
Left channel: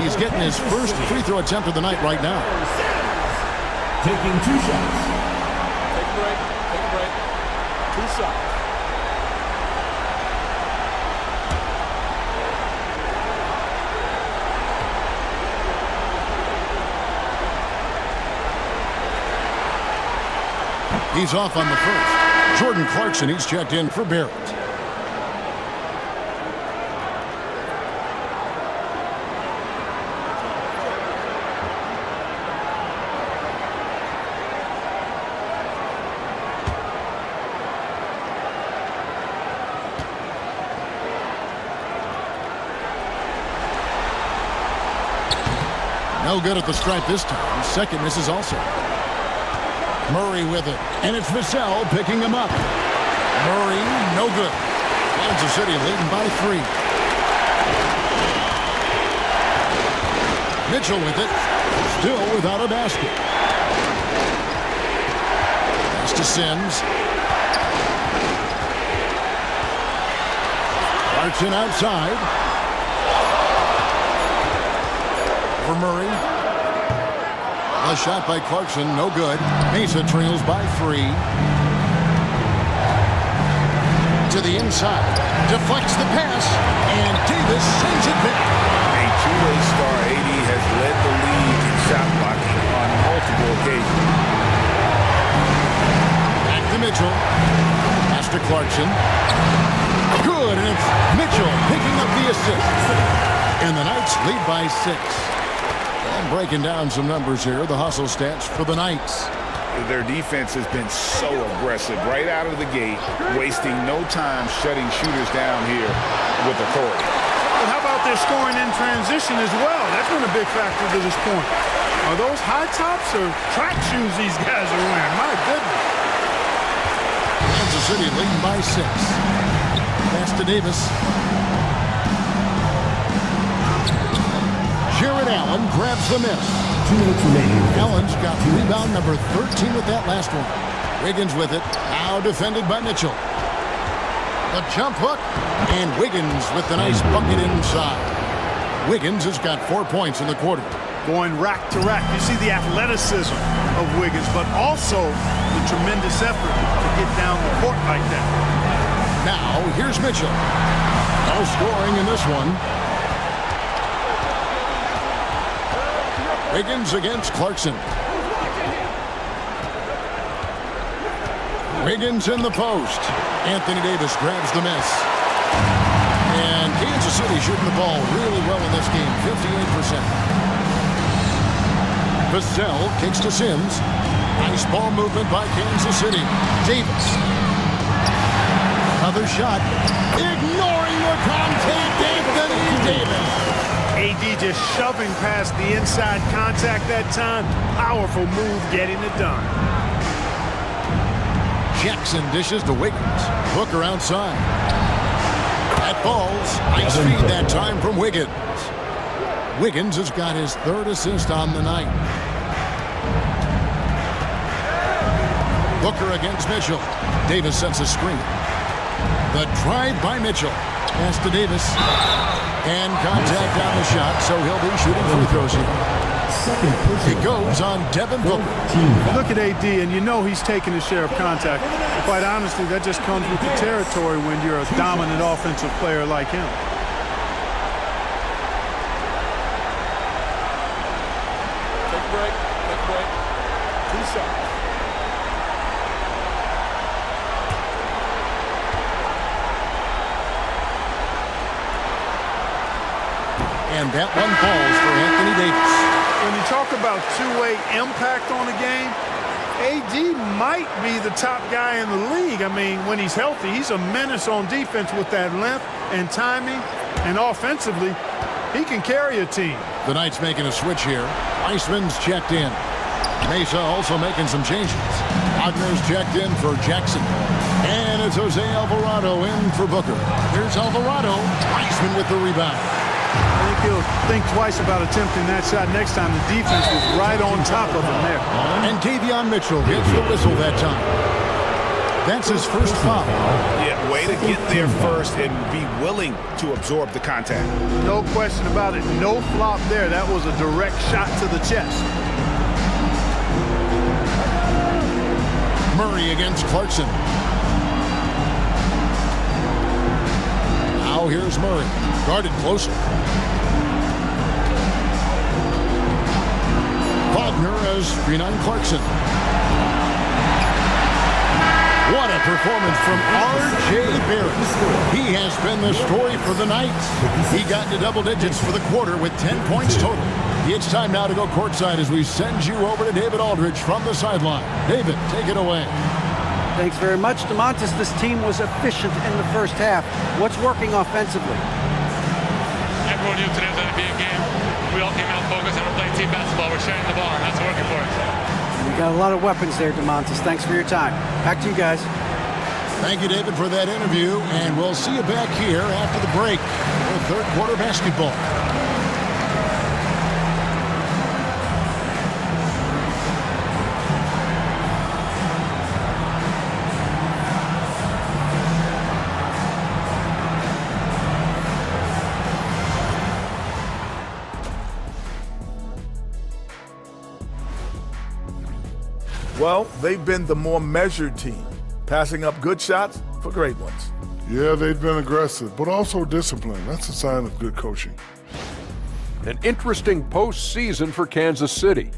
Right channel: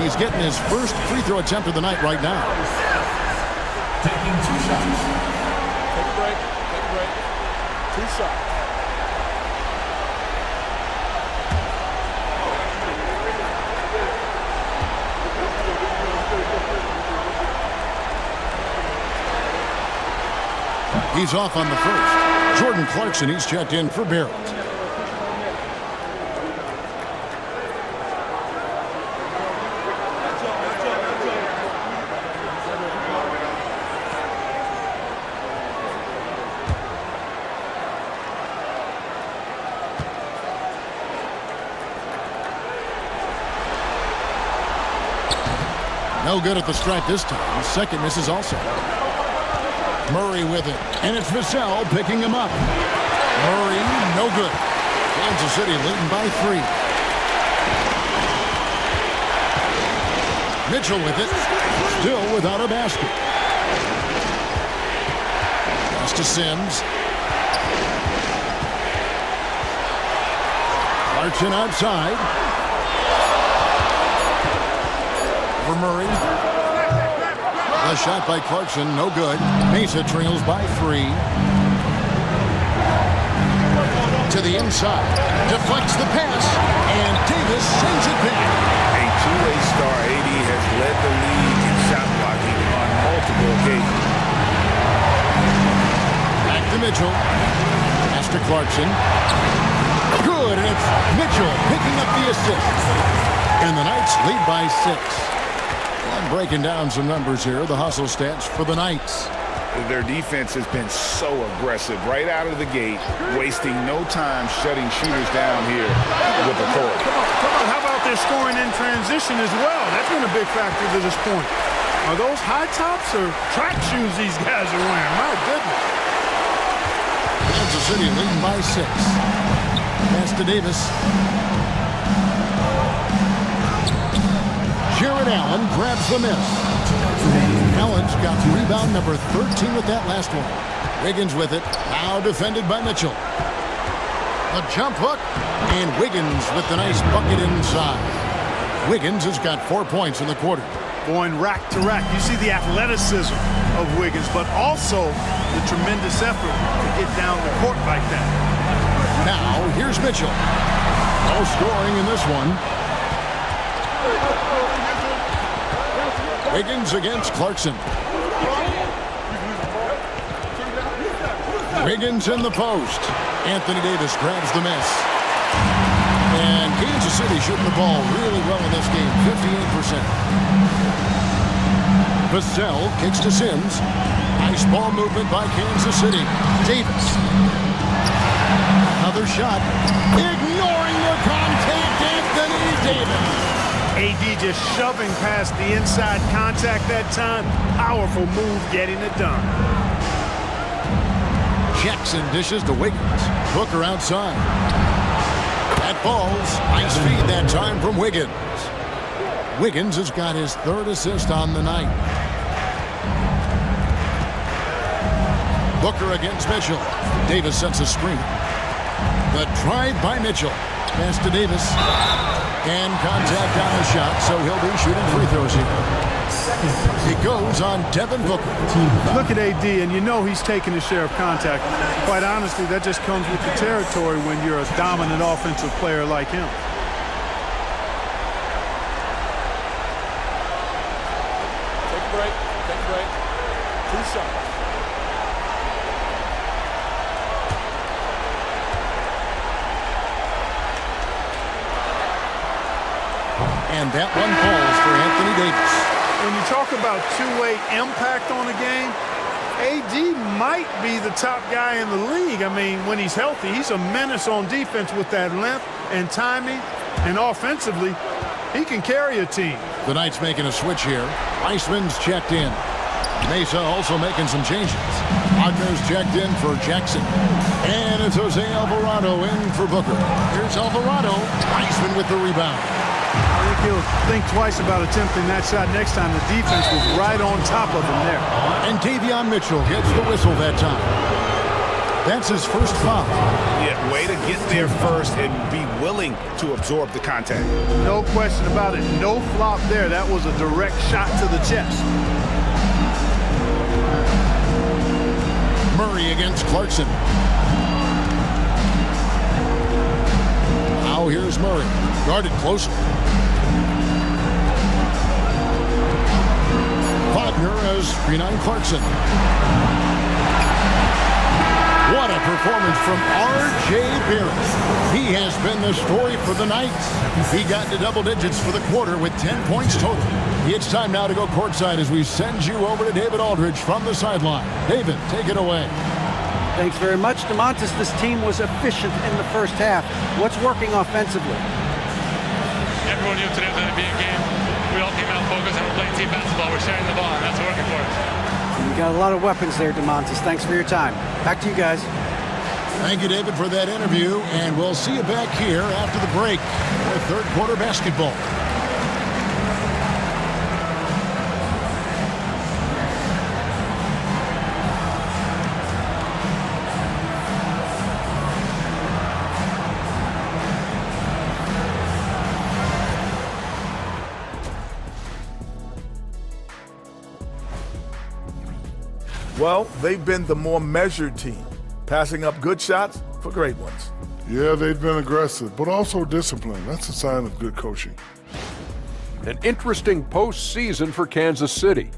He's getting his first free throw attempt of the night right now. Taking 2 shots. Take a break. Take a break. 2 shots. He's off on the first. Jordan Clarkson, he's checked in for Barrett. No good at the stripe this time. Second misses also. Murray with it. And it's Vassell picking him up. Murray, no good. Kansas City leading by 3. Mitchell with it. Still without a basket. Pass to Sims. Clarkson outside. For Murray. The shot by Clarkson, no good. Mesa trails by 3. To the inside. Deflects the pass. And Davis sends it back. A two-way star, AD has led the league in shot blocking on multiple occasions. Back to Mitchell. Pass to Clarkson. Good, and it's Mitchell picking up the assist. And the Knights lead by 6. And breaking down some numbers here, the hustle stats for the Knights. Their defense has been so aggressive right out of the gate, wasting no time shutting shooters down here with authority. But how about their scoring in transition as well? That's been a big factor to this point. Are those high tops or track shoes these guys are wearing? My goodness. Kansas City leading by 6. Pass to Davis. Jared Allen grabs the miss. 2 minutes remaining. Allen's got rebound number 13 with that last one. Wiggins with it. Now defended by Mitchell. The jump hook. And Wiggins with the nice bucket inside. Wiggins has got 4 points in the quarter. Going rack to rack. You see the athleticism of Wiggins, but also the tremendous effort to get down the court like that. Now, here's Mitchell. No scoring in this one. Wiggins against Clarkson. Wiggins in the post. Anthony Davis grabs the miss. And Kansas City shooting the ball really well in this game, 58%. Vassell kicks to Sims. Nice ball movement by Kansas City. Davis. Another shot. Ignoring the contact, Anthony Davis. AD just shoving past the inside contact that time. Powerful move getting it done. Jackson dishes to Wiggins. Booker outside. That falls. Nice feed that time from Wiggins. Wiggins has got his third assist on the night. Booker against Mitchell. Davis sets a screen. The drive by Mitchell. Pass to Davis. And contact on the shot, so he'll be shooting free throws here. It goes on Devin Booker. Look at AD, and you know he's taking his share of contact. Quite honestly, that just comes with the territory when you're a dominant offensive player like him. Take a break. Take a break. 2 shots. And that one falls for Anthony Davis. When you talk about two-way impact on a game, AD might be the top guy in the league. I mean, when he's healthy, he's a menace on defense with that length and timing. And offensively, he can carry a team. The Knights making a switch here. Weissman's checked in. Mesa also making some changes. Wagner's checked in for Jackson. And it's Jose Alvarado in for Booker. Here's Alvarado. Weissman with the rebound. I think he'll think twice about attempting that shot next time. The defense was right on top of him there. And Davion Mitchell gets the whistle that time. That's his first foul. Yeah, way to get there first and be willing to absorb the contact. No question about it. No flop there. That was a direct shot to the chest. Murray against Clarkson. Now here's Murray. Guarded closer. Wagner as screen on Clarkson. What a performance from R.J. Barrett. He has been the story for the Knights. He got into double digits for the quarter with 10 points total. It's time now to go courtside as we send you over to David Aldridge from the sideline. David, take it away. Thanks very much, DeMontis. This team was efficient in the first half. What's working offensively? Everyone knew today was going to be a game. We all came out focused and we're playing team basketball. We're sharing the ball, and that's working for us. We got a lot of weapons there, DeMontis. Thanks for your time. Back to you guys. Thank you, David, for that interview, and we'll see you back here after the break for third quarter basketball. Well, they've been the more measured team, passing up good shots for great ones. Yeah, they've been aggressive, but also disciplined. That's a sign of good coaching. An interesting postseason for Kansas City.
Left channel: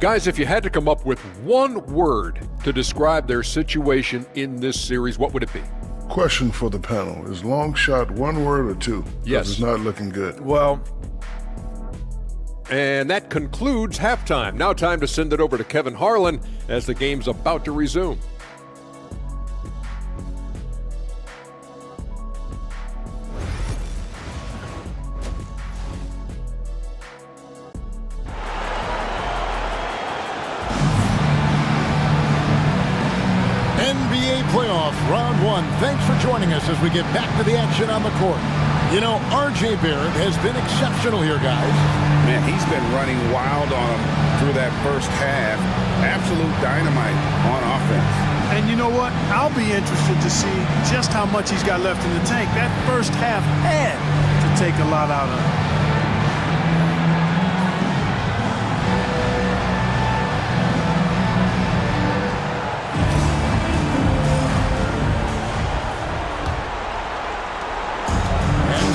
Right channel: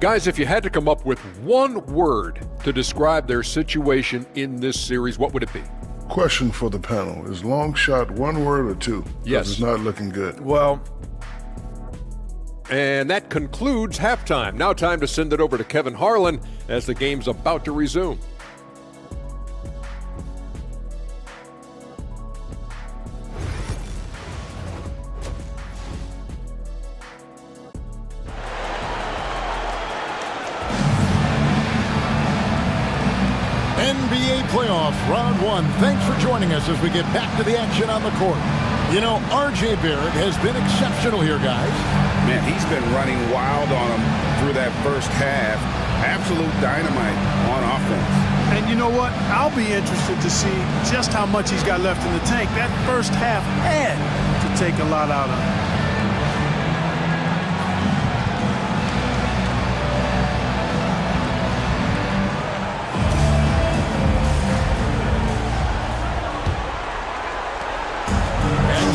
Guys, if you had to come up with one word to describe their situation in this series, what would it be? Question for the panel. Is long shot one word or two? Yes. It's not looking good. Well, and that concludes halftime. Now time to send it over to Kevin Harlan as the game's about to resume. NBA playoffs, round one. Thanks for joining us as we get back to the action on the court. You know, R.J. Barrett has been exceptional here, guys. Man, he's been running wild on them through that first half. Absolute dynamite on offense. And you know what? I'll be interested to see just how much he's got left in the tank. That first half had to take a lot out of him.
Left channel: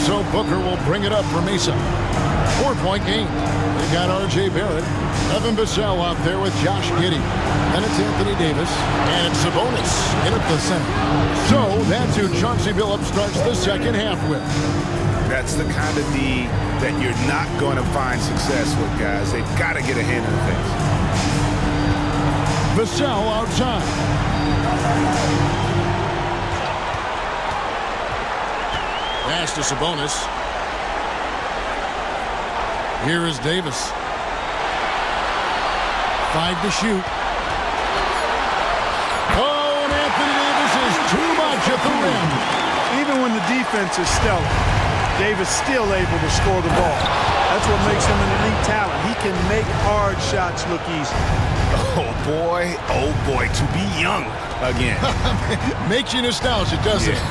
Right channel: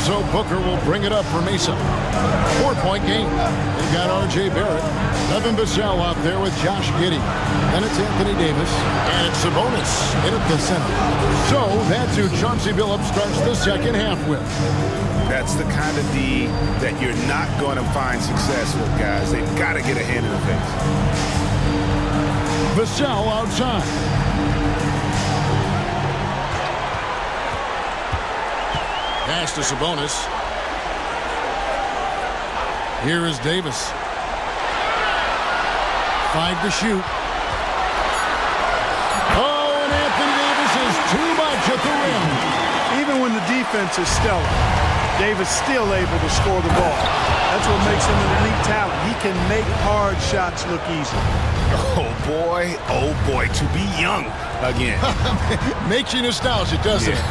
so Booker will bring it up for Mesa. 4-point game. They've got R.J. Barrett, Devin Vassell out there with Josh Giddey. Then it's Anthony Davis, and it's Sabonis in at the center. So that's who Chauncey Billups starts the second half with. That's the kind of D that you're not going to find success with, guys. They've got to get a hand in the face. Vassell outside. Pass to Sabonis. Here is Davis. 5 to shoot. Oh, and Anthony Davis is too much at the rim. Even when the defense is stellar, Davis still able to score the ball. That's what makes him an elite talent. He can make hard shots look easy. Oh boy, to be young again. Makes you nostalgic, doesn't it?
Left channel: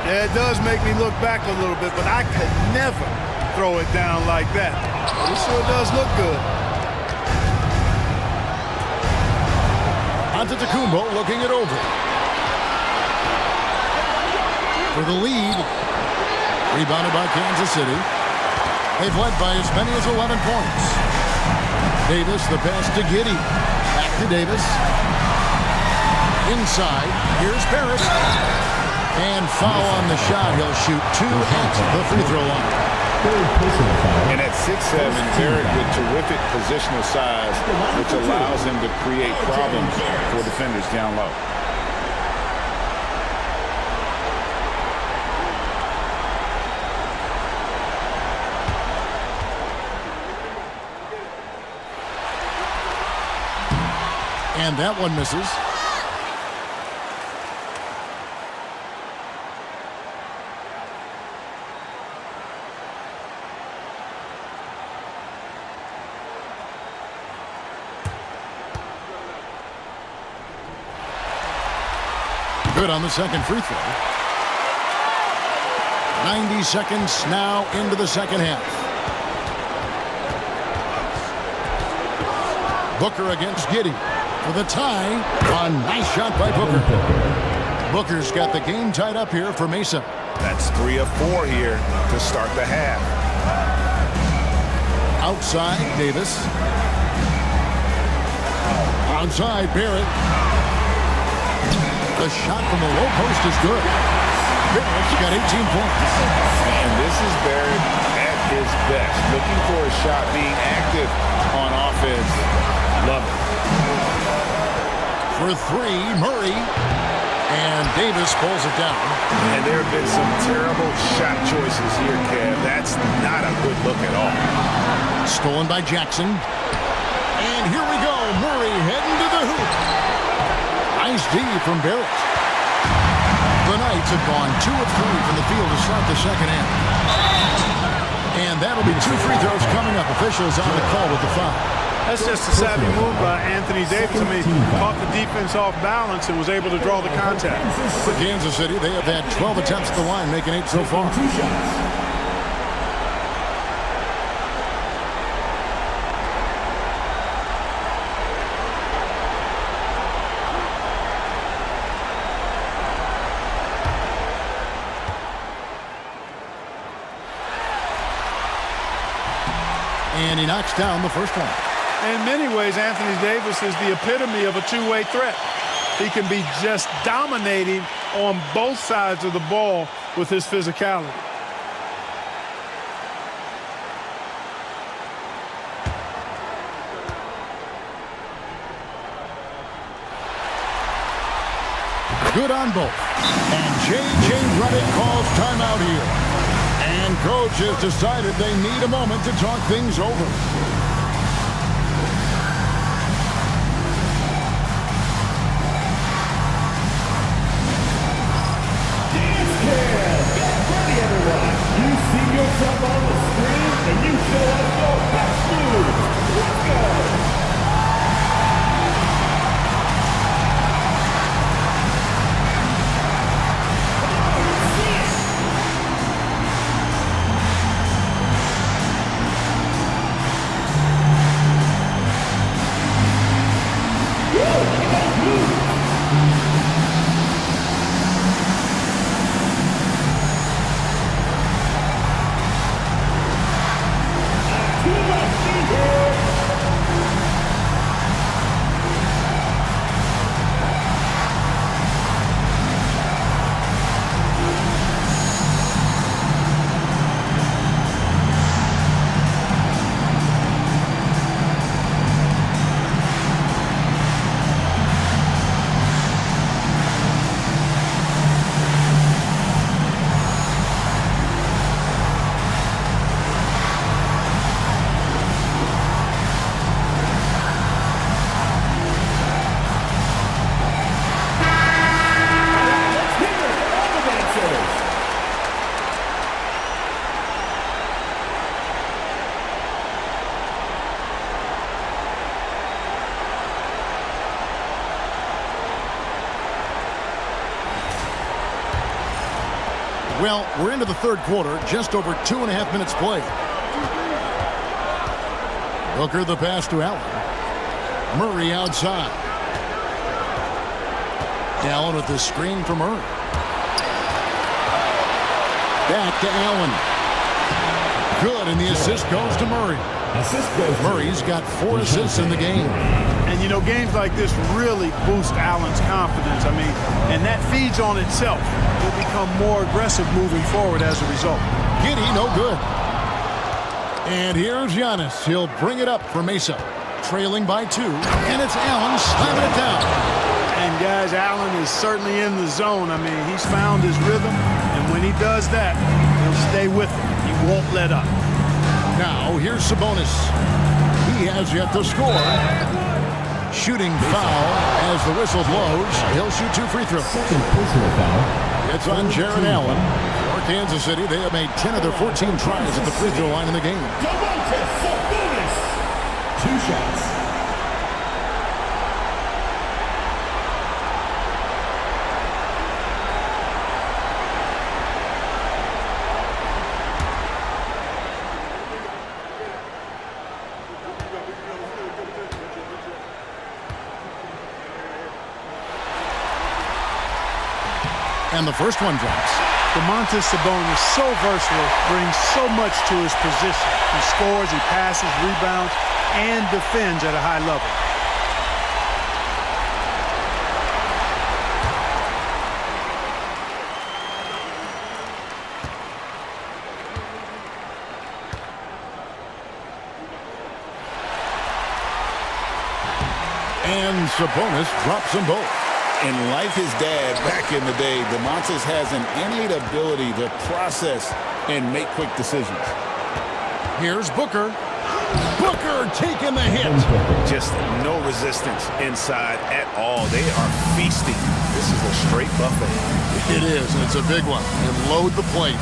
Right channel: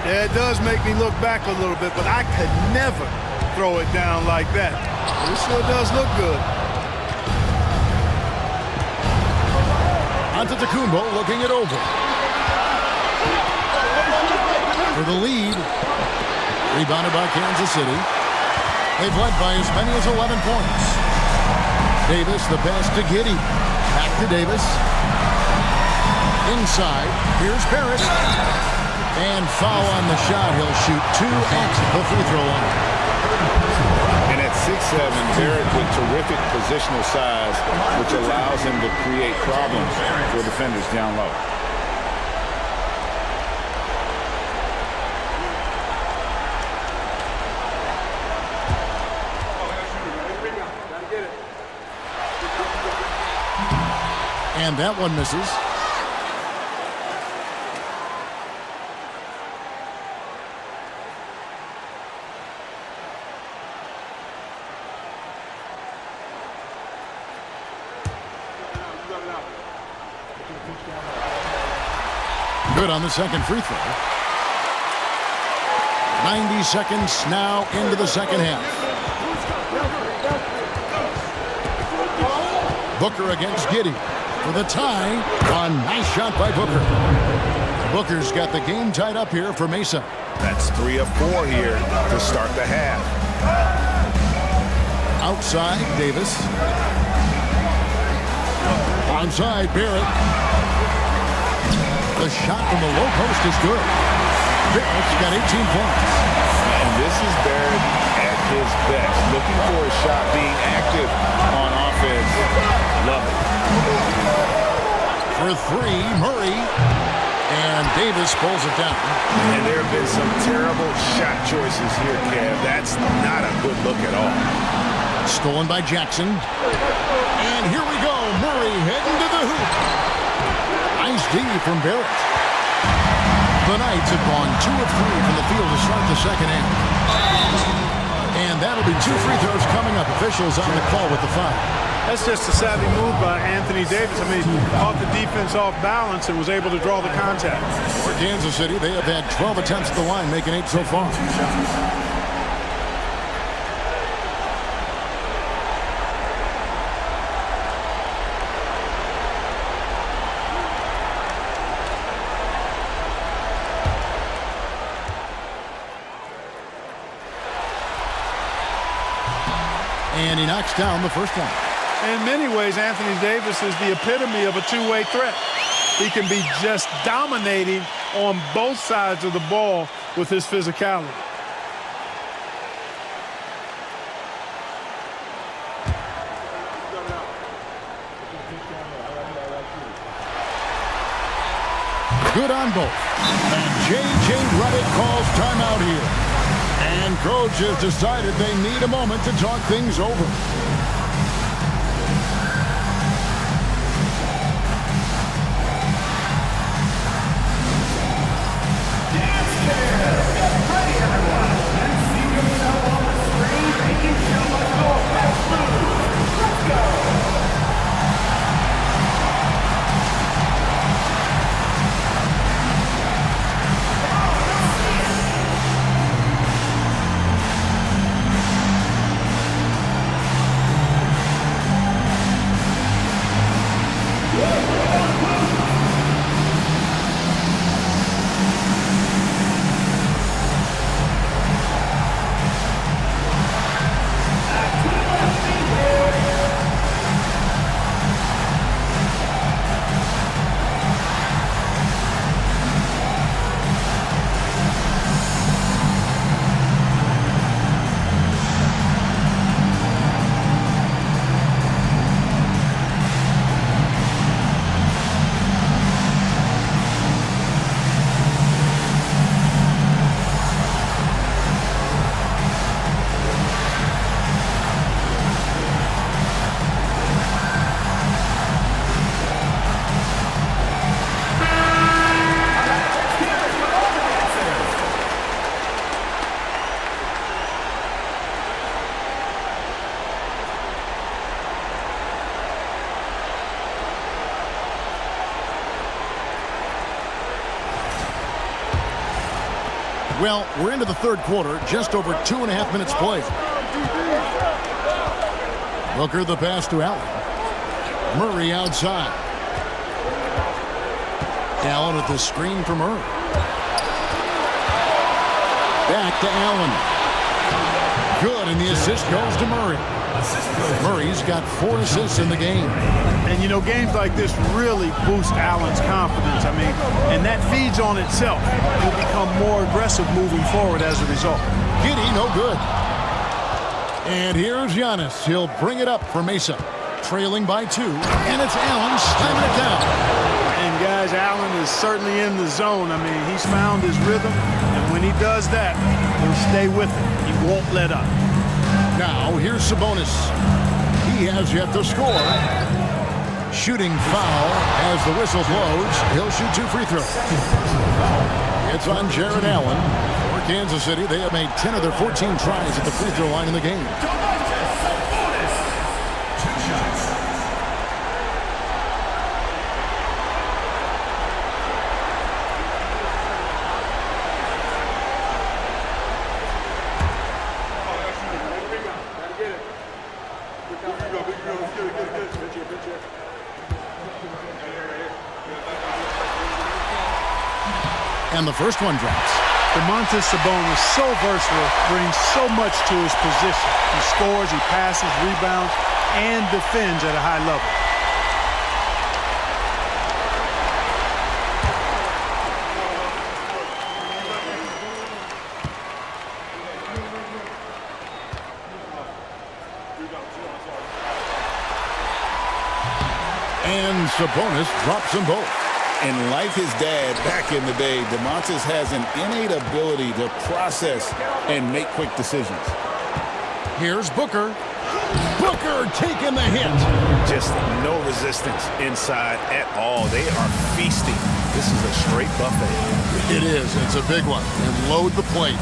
Yeah, it does make me look back a little bit, but I could never throw it down like that. But it sure does look good. Antetokounmpo looking it over. For the lead. Rebounded by Kansas City. They've led by as many as 11 points. Davis, the pass to Giddey. Back to Davis. Inside. Here's Barrett. And foul on the shot. He'll shoot 2 at the free throw line. And at 6'7", Barrett with terrific positional size, which allows him to create problems for defenders down low. And that one misses. Good on the second free throw. 90 seconds now into the second half. Booker against Giddey for the tie. A nice shot by Booker. Booker's got the game tied up here for Mesa. That's 3 of 4 here to start the half. Outside, Davis. Onside, Barrett. The shot from the low post is good. Barrett's got 18 points. And this is Barrett at his best. Looking for a shot, being active on offense. Love it. For 3, Murray. And Davis pulls it down. And there have been some terrible shot choices here, Kev. That's not a good look at all. Stolen by Jackson. And here we go. Murray heading to the hoop. Nice D from Barrett. The Knights have gone 2 of 3 from the field to start the second half. And that'll be 2 free throws coming up. Officials on the call with the foul. That's just a savvy move by Anthony Davis. I mean, caught the defense off balance and was able to draw the contact. For Kansas City, they have had 12 attempts at the line, making 8 so far. And he knocks down the first one. In many ways, Anthony Davis is the epitome of a two-way threat. He can be just dominating on both sides of the ball with his physicality. Good on both. And J.J. Redick calls timeout here. And coach has decided they need a moment to talk things over. Dance Cam! Get ready, everyone! You see yourself on the screen and you show us your best moves. Let's go! Well, we're into the third quarter, just over 2.5 minutes played. Booker the pass to Allen. Murray outside. Allen with the screen for Murray. Back to Allen. Good, and the assist goes to Murray. Murray's got 4 assists in the game. And, you know, games like this really boost Allen's confidence. I mean, and that feeds on itself. He'll become more aggressive moving forward as a result. Giddey, no good. And here's Giannis. He'll bring it up for Mesa. Trailing by 2, and it's Allen slamming it down. And, guys, Allen is certainly in the zone. I mean, he's found his rhythm, and when he does that, he'll stay with it. He won't let up. Now, here's Sabonis. He has yet to score. Shooting foul as the whistle blows. He'll shoot 2 free throws. It's on Jared Allen. For Kansas City, they have made 10 of their 14 tries at the free throw line in the game. 2 shots. And the first one drops. Domantas Sabonis, so versatile, brings so much to his position. He scores, he passes, rebounds, and defends at a high level. And Sabonis drops them both. And like his dad back in the day, Domantas has an innate ability to process and make quick decisions. Here's Booker. Booker taking the hit. Just no resistance inside at all. They are feasting. This is a straight buffet. It is. It's a big one. And load the plate.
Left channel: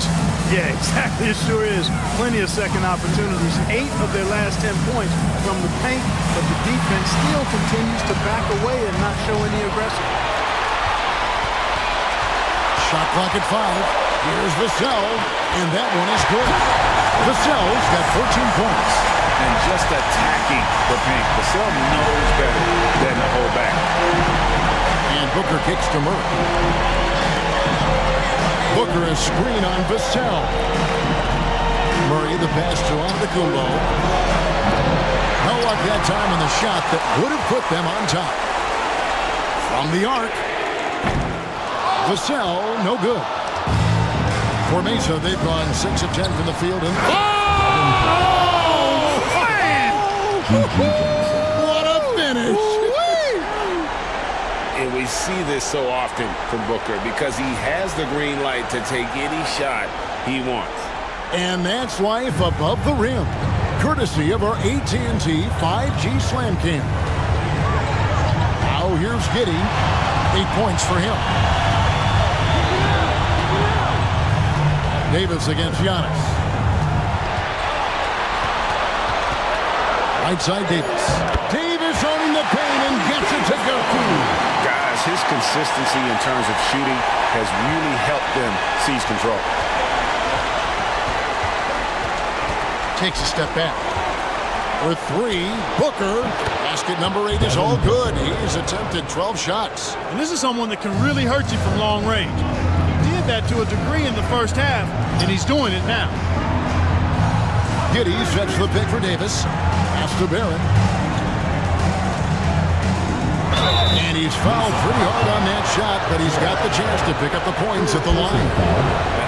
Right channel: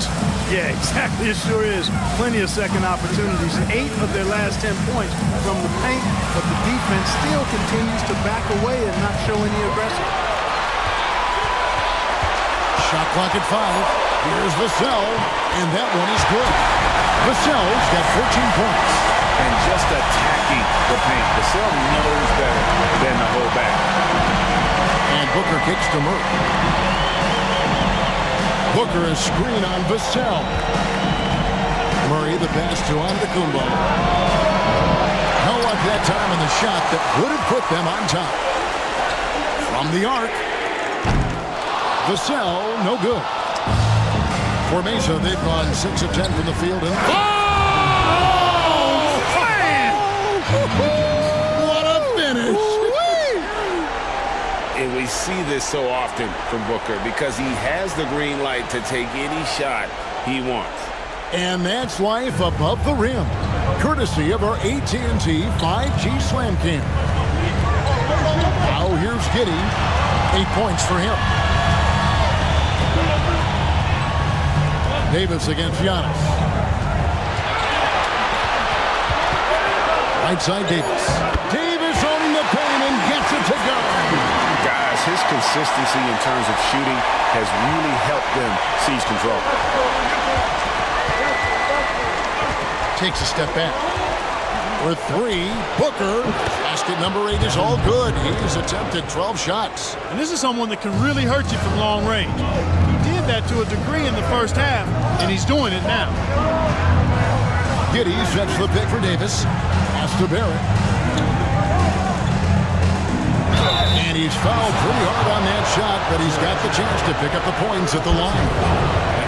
Yeah, exactly. It sure is. Plenty of second opportunities. 8 of their last 10 points from the paint, but the defense still continues to back away and not show any aggression. Shot clock at 5. Here's Vassell, and that one is good. Vassell's got 14 points. And just attacking the paint. Vassell knows better than to hold back. And Booker kicks to Murray. Booker a screen on Vassell. Murray the pass to Antetokounmpo. No luck that time on the shot that would have put them on top. From the arc. Vassell, no good. For Mesa, they've gone 6 of 10 from the field. And oh, man! What a finish! And we see this so often from Booker because he has the green light to take any shot he wants. And that's life above the rim, courtesy of our AT&T 5G Slam Cam. Now here's Giddey. 8 points for him. Davis against Giannis. Right side Davis. Davis owning the paint and gets it to go. Guys, his consistency in terms of shooting has really helped them seize control. Takes a step back. For 3, Booker. Basket number 8 is all good. He's attempted 12 shots. And this is someone that can really hurt you from long range. He did that to a degree in the first half, and he's doing it now. Giddey sets the pick for Davis. Pass to Barrett. And he's fouled pretty hard on that shot, but he's got the chance to pick up the points at the line.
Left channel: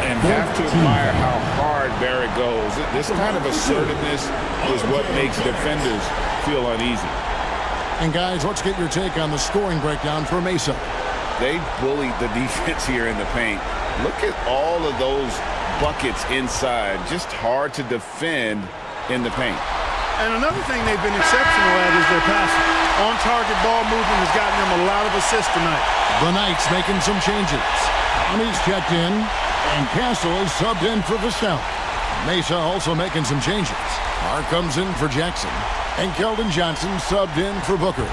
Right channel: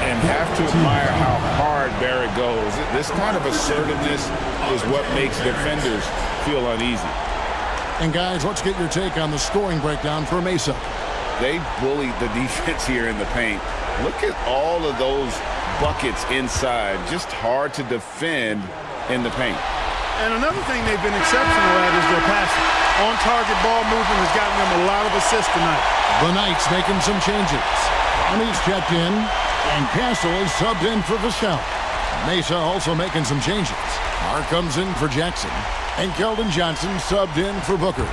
And have to admire how hard Barrett goes. This kind of assertiveness is what makes defenders feel uneasy. And guys, let's get your take on the scoring breakdown for Mesa. They bullied the defense here in the paint. Look at all of those buckets inside. Just hard to defend in the paint. And another thing they've been exceptional at is their passing. On-target ball movement has gotten them a lot of assists tonight. The Knights making some changes. Connie's checked in, and Castle is subbed in for Vassell. Mesa also making some changes. Mark comes in for Jackson, and Keldon Johnson subbed in for Booker.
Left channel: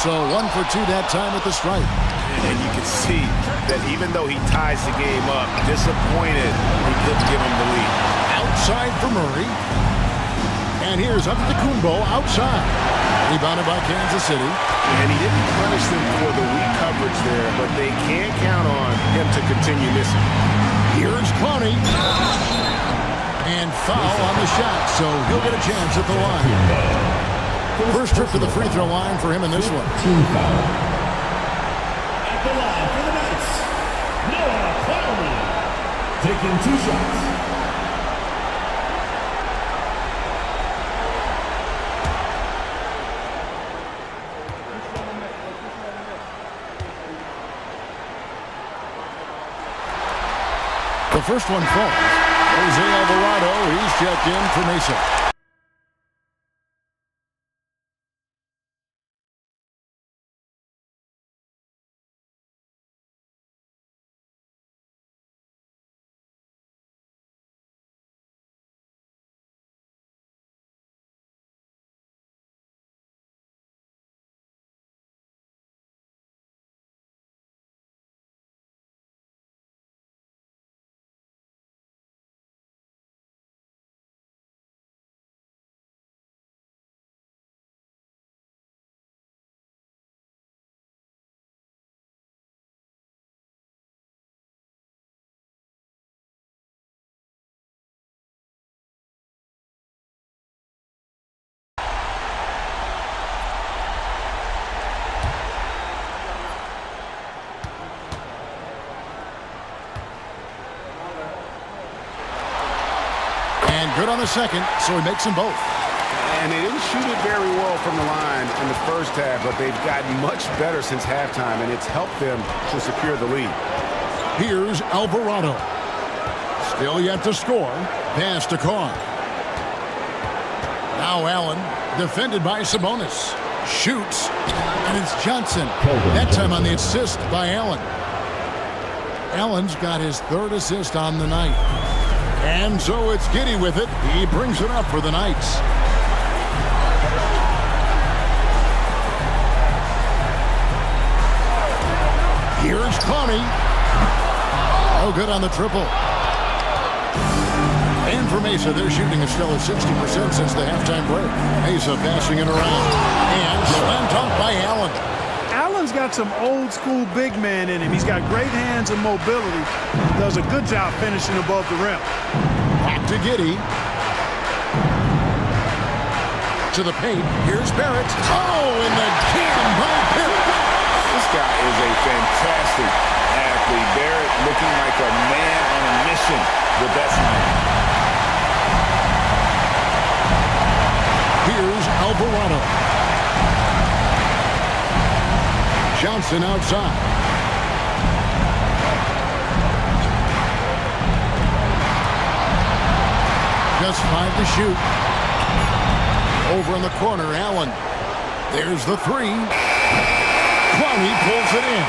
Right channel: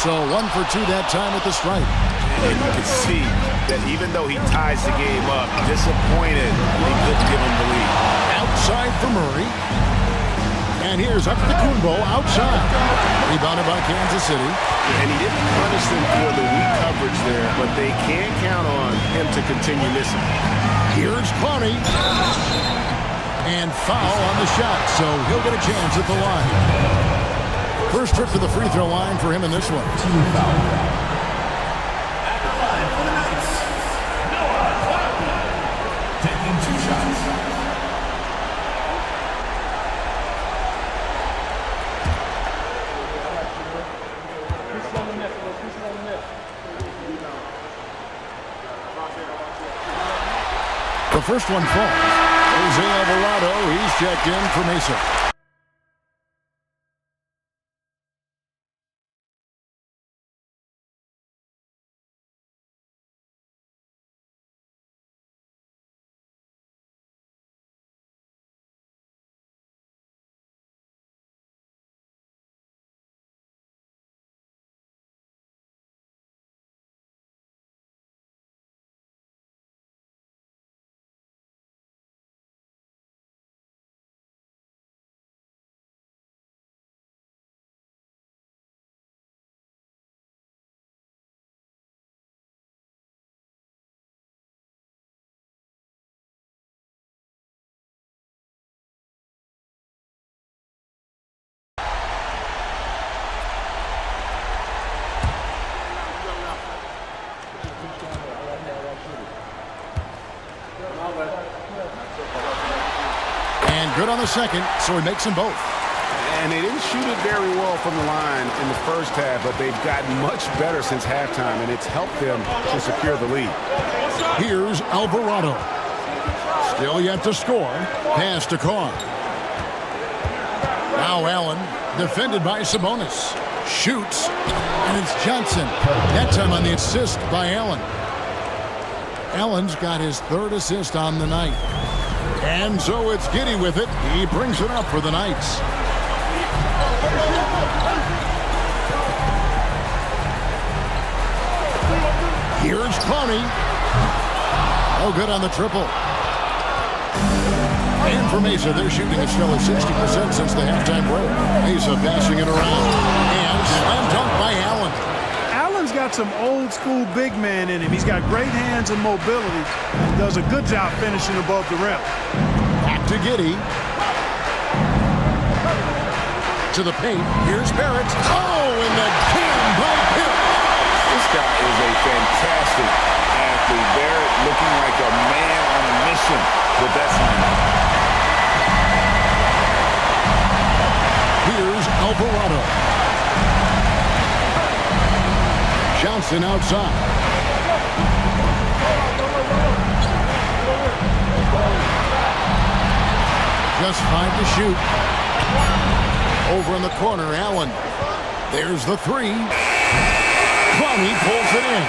So 1 for 2 that time at the stripe. And you can see that even though he ties the game up, disappointed he couldn't give him the lead. Outside for Murray. And here's Antetokounmpo outside. Rebounded by Kansas City. And he didn't punish them for the weak coverage there, but they can't count on him to continue missing. Here's Clowney. And foul on the shot, so he'll get a chance at the line. First trip to the free throw line for him in this one. Team foul. At the line for the Knights, Noah Clowney, taking 2 shots. The first one falls. Jose Alvarado, he's checked in for Mesa. And good on the second, so he makes them both. And they didn't shoot it very well from the line in the first half, but they've gotten much better since halftime, and it's helped them to secure the lead. Here's Alvarado. Still yet to score. Pass to Carr. Now Allen, defended by Sabonis. Shoots, and it's Johnson. That time on the assist by Allen. Allen's got his 3rd assist on the night. And so it's Giddey with it. He brings it up for the Knights. Here's Clowney. Oh, good on the triple. And for Mesa, they're shooting a stellar 60% since the halftime break. Mesa passing it around. And slam dunk by Allen. Allen's got some old school big man in him. He's got great hands and mobility and does a good job finishing above the rim. Back to Giddey. To the paint. Here's Barrett. Oh, and the jam by Barrett. This guy is a fantastic athlete. Barrett looking like a man on a mission with that slam. Here's Alvarado. Johnson outside. Just 5 to shoot. Over in the corner, Allen. There's the 3. Clowney pulls it in.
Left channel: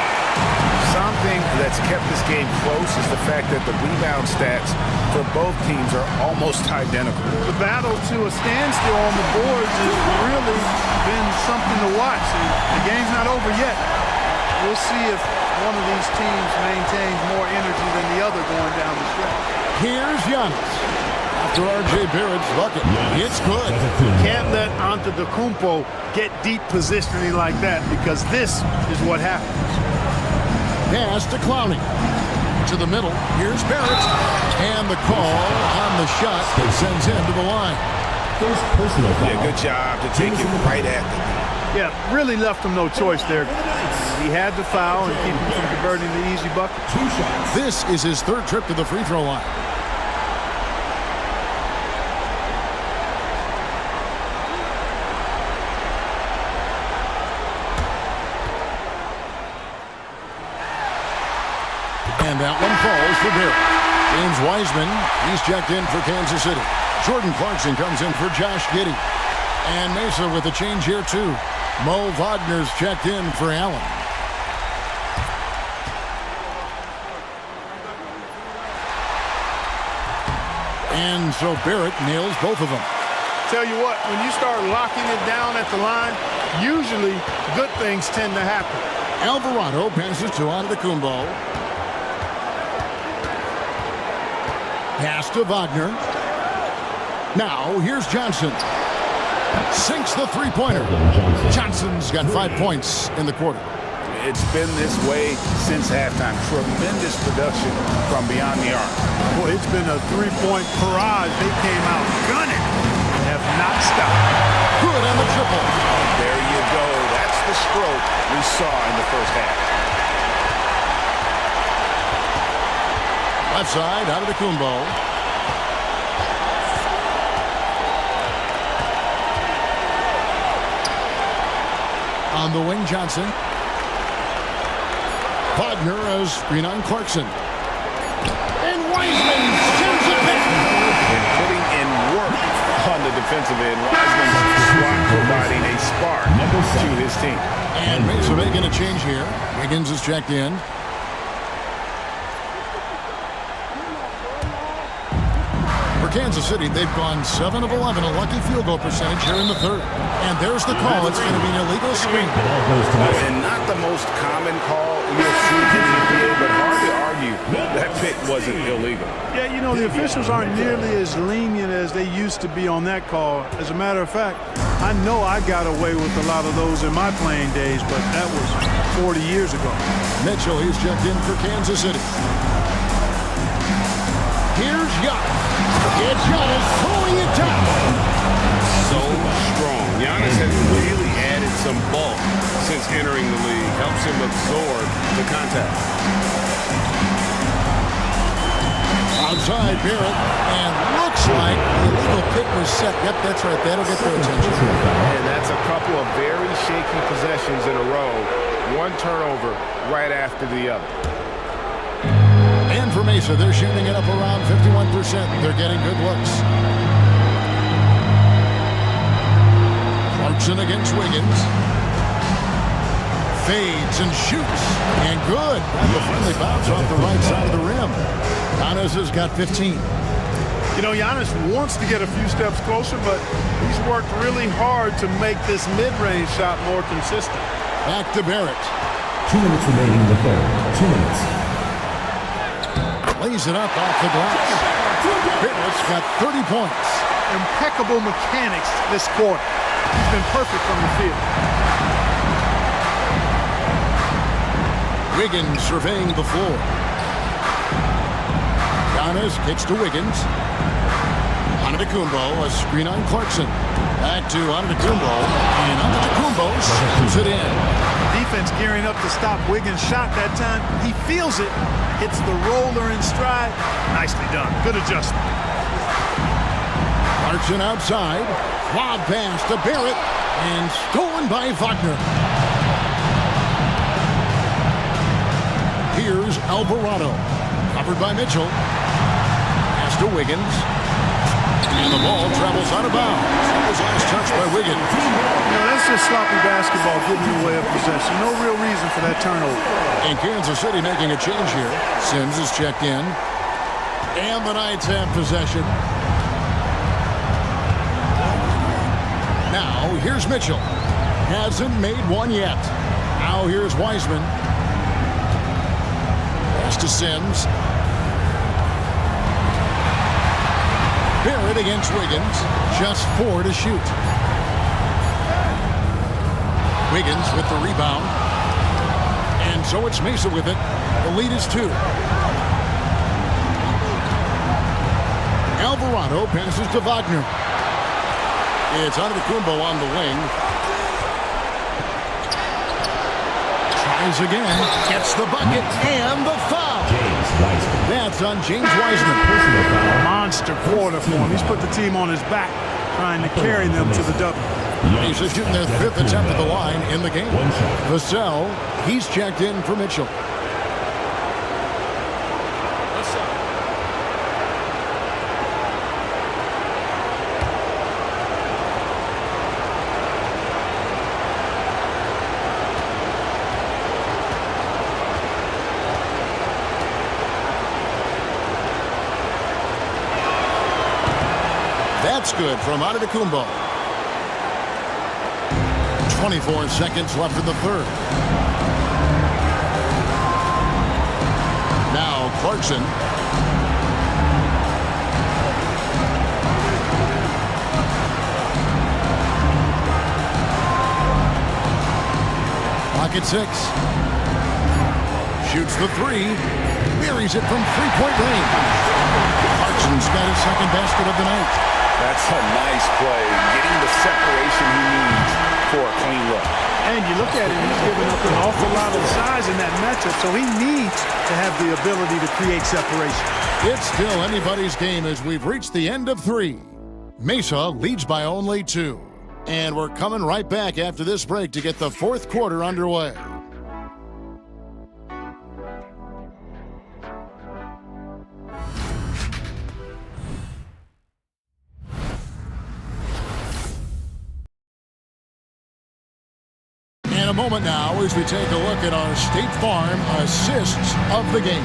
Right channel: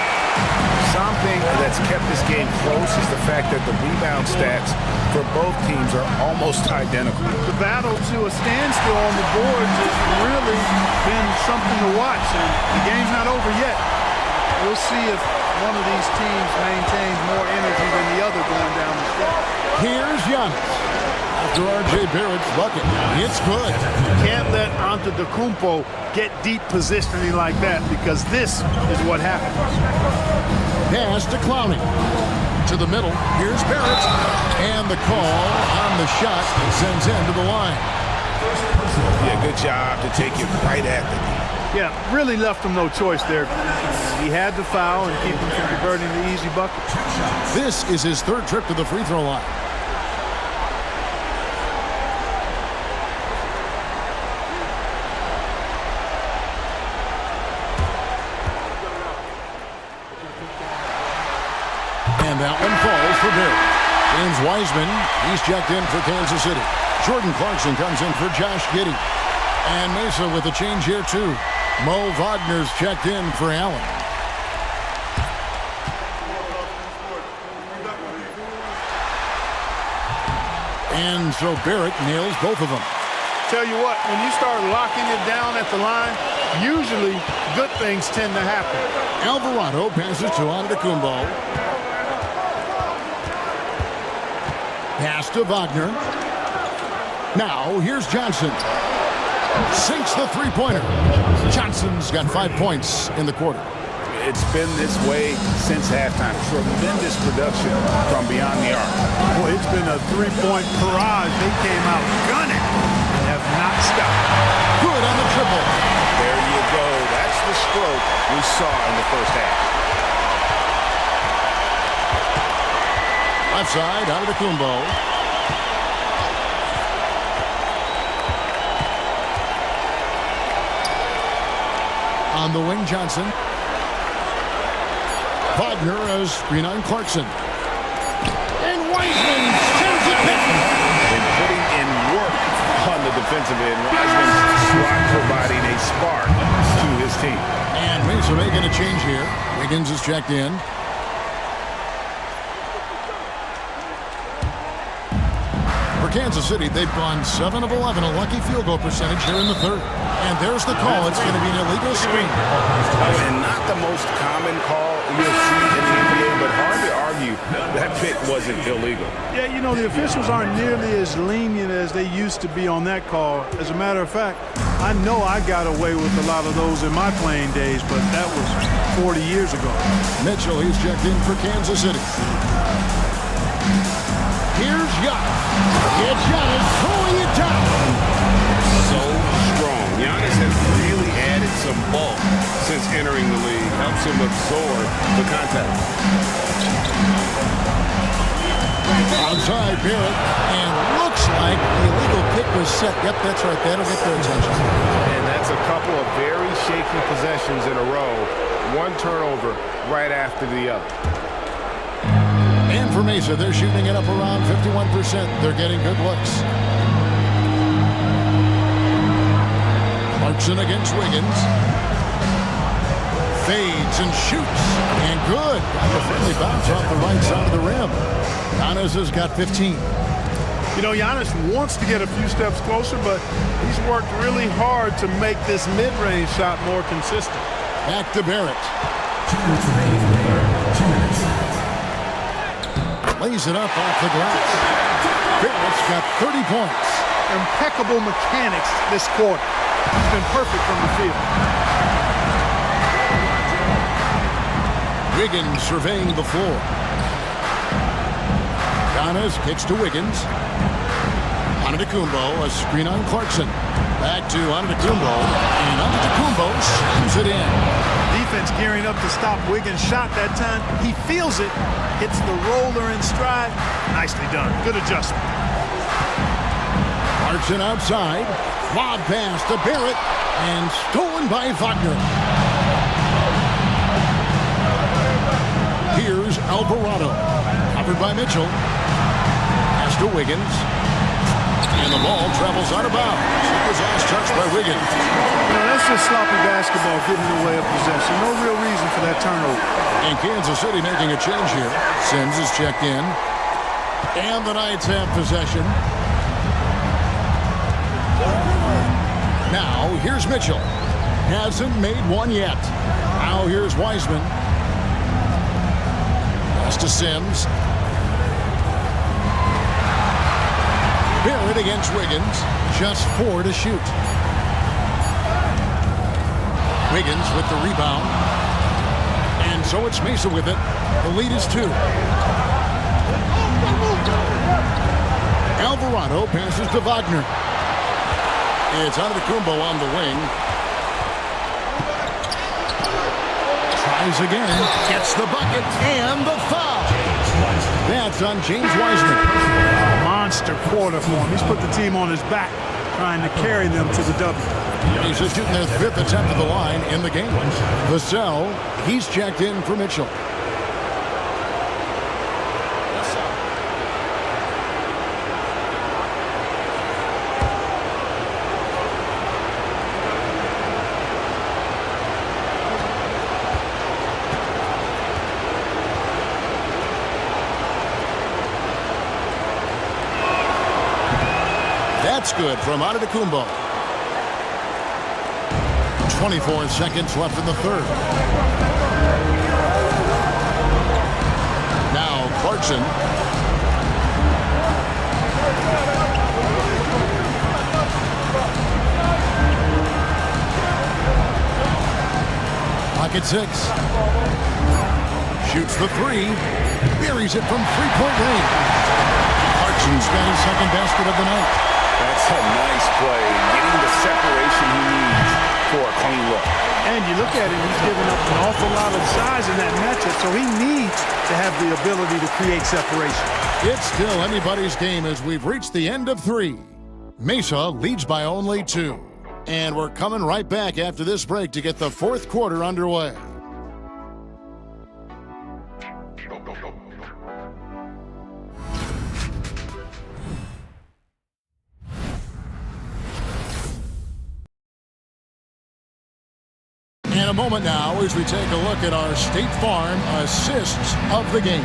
Something that's kept this game close is the fact that the rebound stats for both teams are almost identical. The battle to a standstill on the boards has really been something to watch, and the game's not over yet. We'll see if one of these teams maintains more energy than the other going down the stretch. Here's Giannis. After R.J. Barrett's bucket, it's good. Can't let Antetokounmpo get deep positioning like that, because this is what happens. Pass to Clowney. To the middle. Here's Barrett. And the call on the shot that sends him to the line. Yeah, good job to take it right at the D. Yeah, really left him no choice there. He had to foul and keep him from converting the easy bucket. This is his 3rd trip to the free throw line. And that one falls for Barrett. James Wiseman, he's checked in for Kansas City. Jordan Clarkson comes in for Josh Giddey. And Mesa with a change here too. Mo Wagner's checked in for Allen. And so Barrett nails both of them. Tell you what, when you start locking it down at the line, usually good things tend to happen. Alvarado passes to Antetokounmpo. Pass to Wagner. Now, here's Johnson. Sinks the three-pointer. Johnson's got 5 points in the quarter. It's been this way since halftime. Tremendous production from beyond the arc. Boy, it's been a three-point barrage. They came out gunning and have not stopped. Good on the triple. There you go. That's the stroke we saw in the first half. Left side, Antetokounmpo. On the wing, Johnson. Wagner as screen on Clarkson. And Wiseman sends it back. And putting in work on the defensive end, Wiseman's swat providing a spark to his team. And Mesa making a change here. Wiggins is checked in. For Kansas City, they've gone 7 of 11, a lucky field goal percentage here in the third. And there's the call. It's going to be an illegal screen. Oh, and not the most common call you'll see in the NBA, but hard to argue that pick wasn't illegal. Yeah, you know, the officials aren't nearly as lenient as they used to be on that call. As a matter of fact, I know I got away with a lot of those in my playing days, but that was 40 years ago. Mitchell, he's checked in for Kansas City. Here's Giannis. It's Giannis throwing it down. So strong. Giannis has really added some bulk since entering the league. Helps him absorb the contact. Outside Barrett, and looks like the illegal pick was set. Yep, that's right. That'll get their attention. And that's a couple of very shaky possessions in a row. One turnover right after the other. And for Mesa, they're shooting it up around 51%. They're getting good looks. Clarkson against Wiggins. Fades and shoots. And good. Got the friendly bounce off the right side of the rim. Giannis has got 15. You know, Giannis wants to get a few steps closer, but he's worked really hard to make this mid-range shot more consistent. Back to Barrett. 2 minutes remaining in the third. 2 minutes. Lays it up off the glass. Barrett's got 30 points. Impeccable mechanics this quarter. He's been perfect from the field. Wiggins surveying the floor. Giannis kicks to Wiggins. Antetokounmpo, a screen on Clarkson. Back to Antetokounmpo, and Antetokounmpo sends it in. Defense gearing up to stop Wiggins' shot that time. He feels it, hits the roller in stride. Nicely done. Good adjustment. Clarkson outside. Lob pass to Barrett, and stolen by Wagner. Here's Alvarado. Covered by Mitchell. Pass to Wiggins. And the ball travels out of bounds. It was last touched by Wiggins. You know, that's just sloppy basketball getting in the way of possession. No real reason for that turnover. And Kansas City making a change here. Sims is checked in. And the Knights have possession. Now, here's Mitchell. Hasn't made one yet. Now, here's Wiseman. Pass to Sims. Barrett against Wiggins. Just 4 to shoot. Wiggins with the rebound. And so it's Mesa with it. The lead is 2. Alvarado passes to Wagner. It's Antetokounmpo on the wing. Tries again. Gets the bucket and the foul. That's on James Wiseman. Monster quarter for him. He's put the team on his back, trying to carry them to the W. He's shooting their 5th attempt at the line in the game. Vassell, he's checked in for Mitchell. That's good from Antetokounmpo. 24 seconds left in the third. Now Clarkson. Pocket 6. Shoots the three. Buries it from three-point range. Clarkson's got his second basket of the night. That's a nice play, getting the separation he needs for a clean look. And you look at him, he's given up an awful lot of size in that matchup, so he needs to have the ability to create separation. It's still anybody's game as we've reached the end of 3. Mesa leads by only 2. And we're coming right back after this break to get the fourth quarter underway. In a moment now as we take a look at our State Farm assists of the game.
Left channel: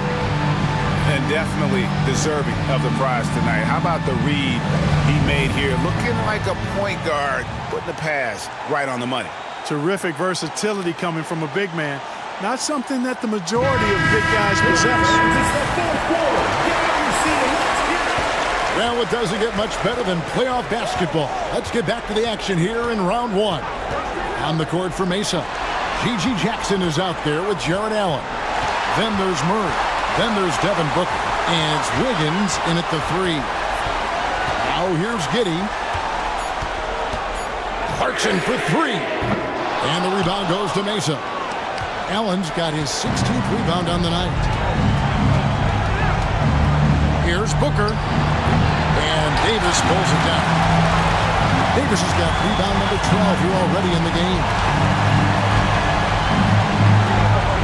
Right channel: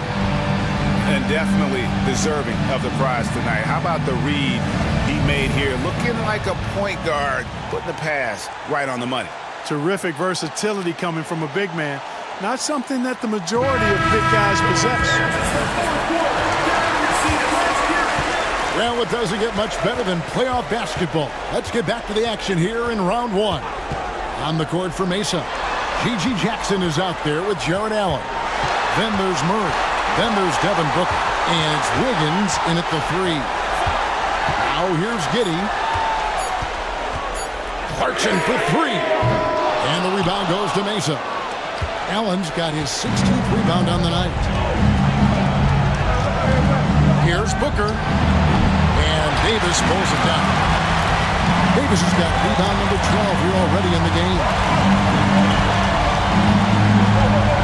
And definitely deserving of the prize tonight. How about the read he made here? Looking like a point guard, putting the pass right on the money. Terrific versatility coming from a big man. Not something that the majority of big guys possess. It's the fourth quarter. Get on your seat and let's hear it. Well, it doesn't get much better than playoff basketball. Let's get back to the action here in round 1. On the court for Mesa, G.G. Jackson is out there with Jared Allen. Then there's Murray. Then there's Devin Booker. And it's Wiggins in at the 3. Now here's Giddey. Clarkson for 3. And the rebound goes to Mesa. Allen's got his 16th rebound on the night. Here's Booker. And Davis pulls it down. Davis has got rebound number 12 here already in the game.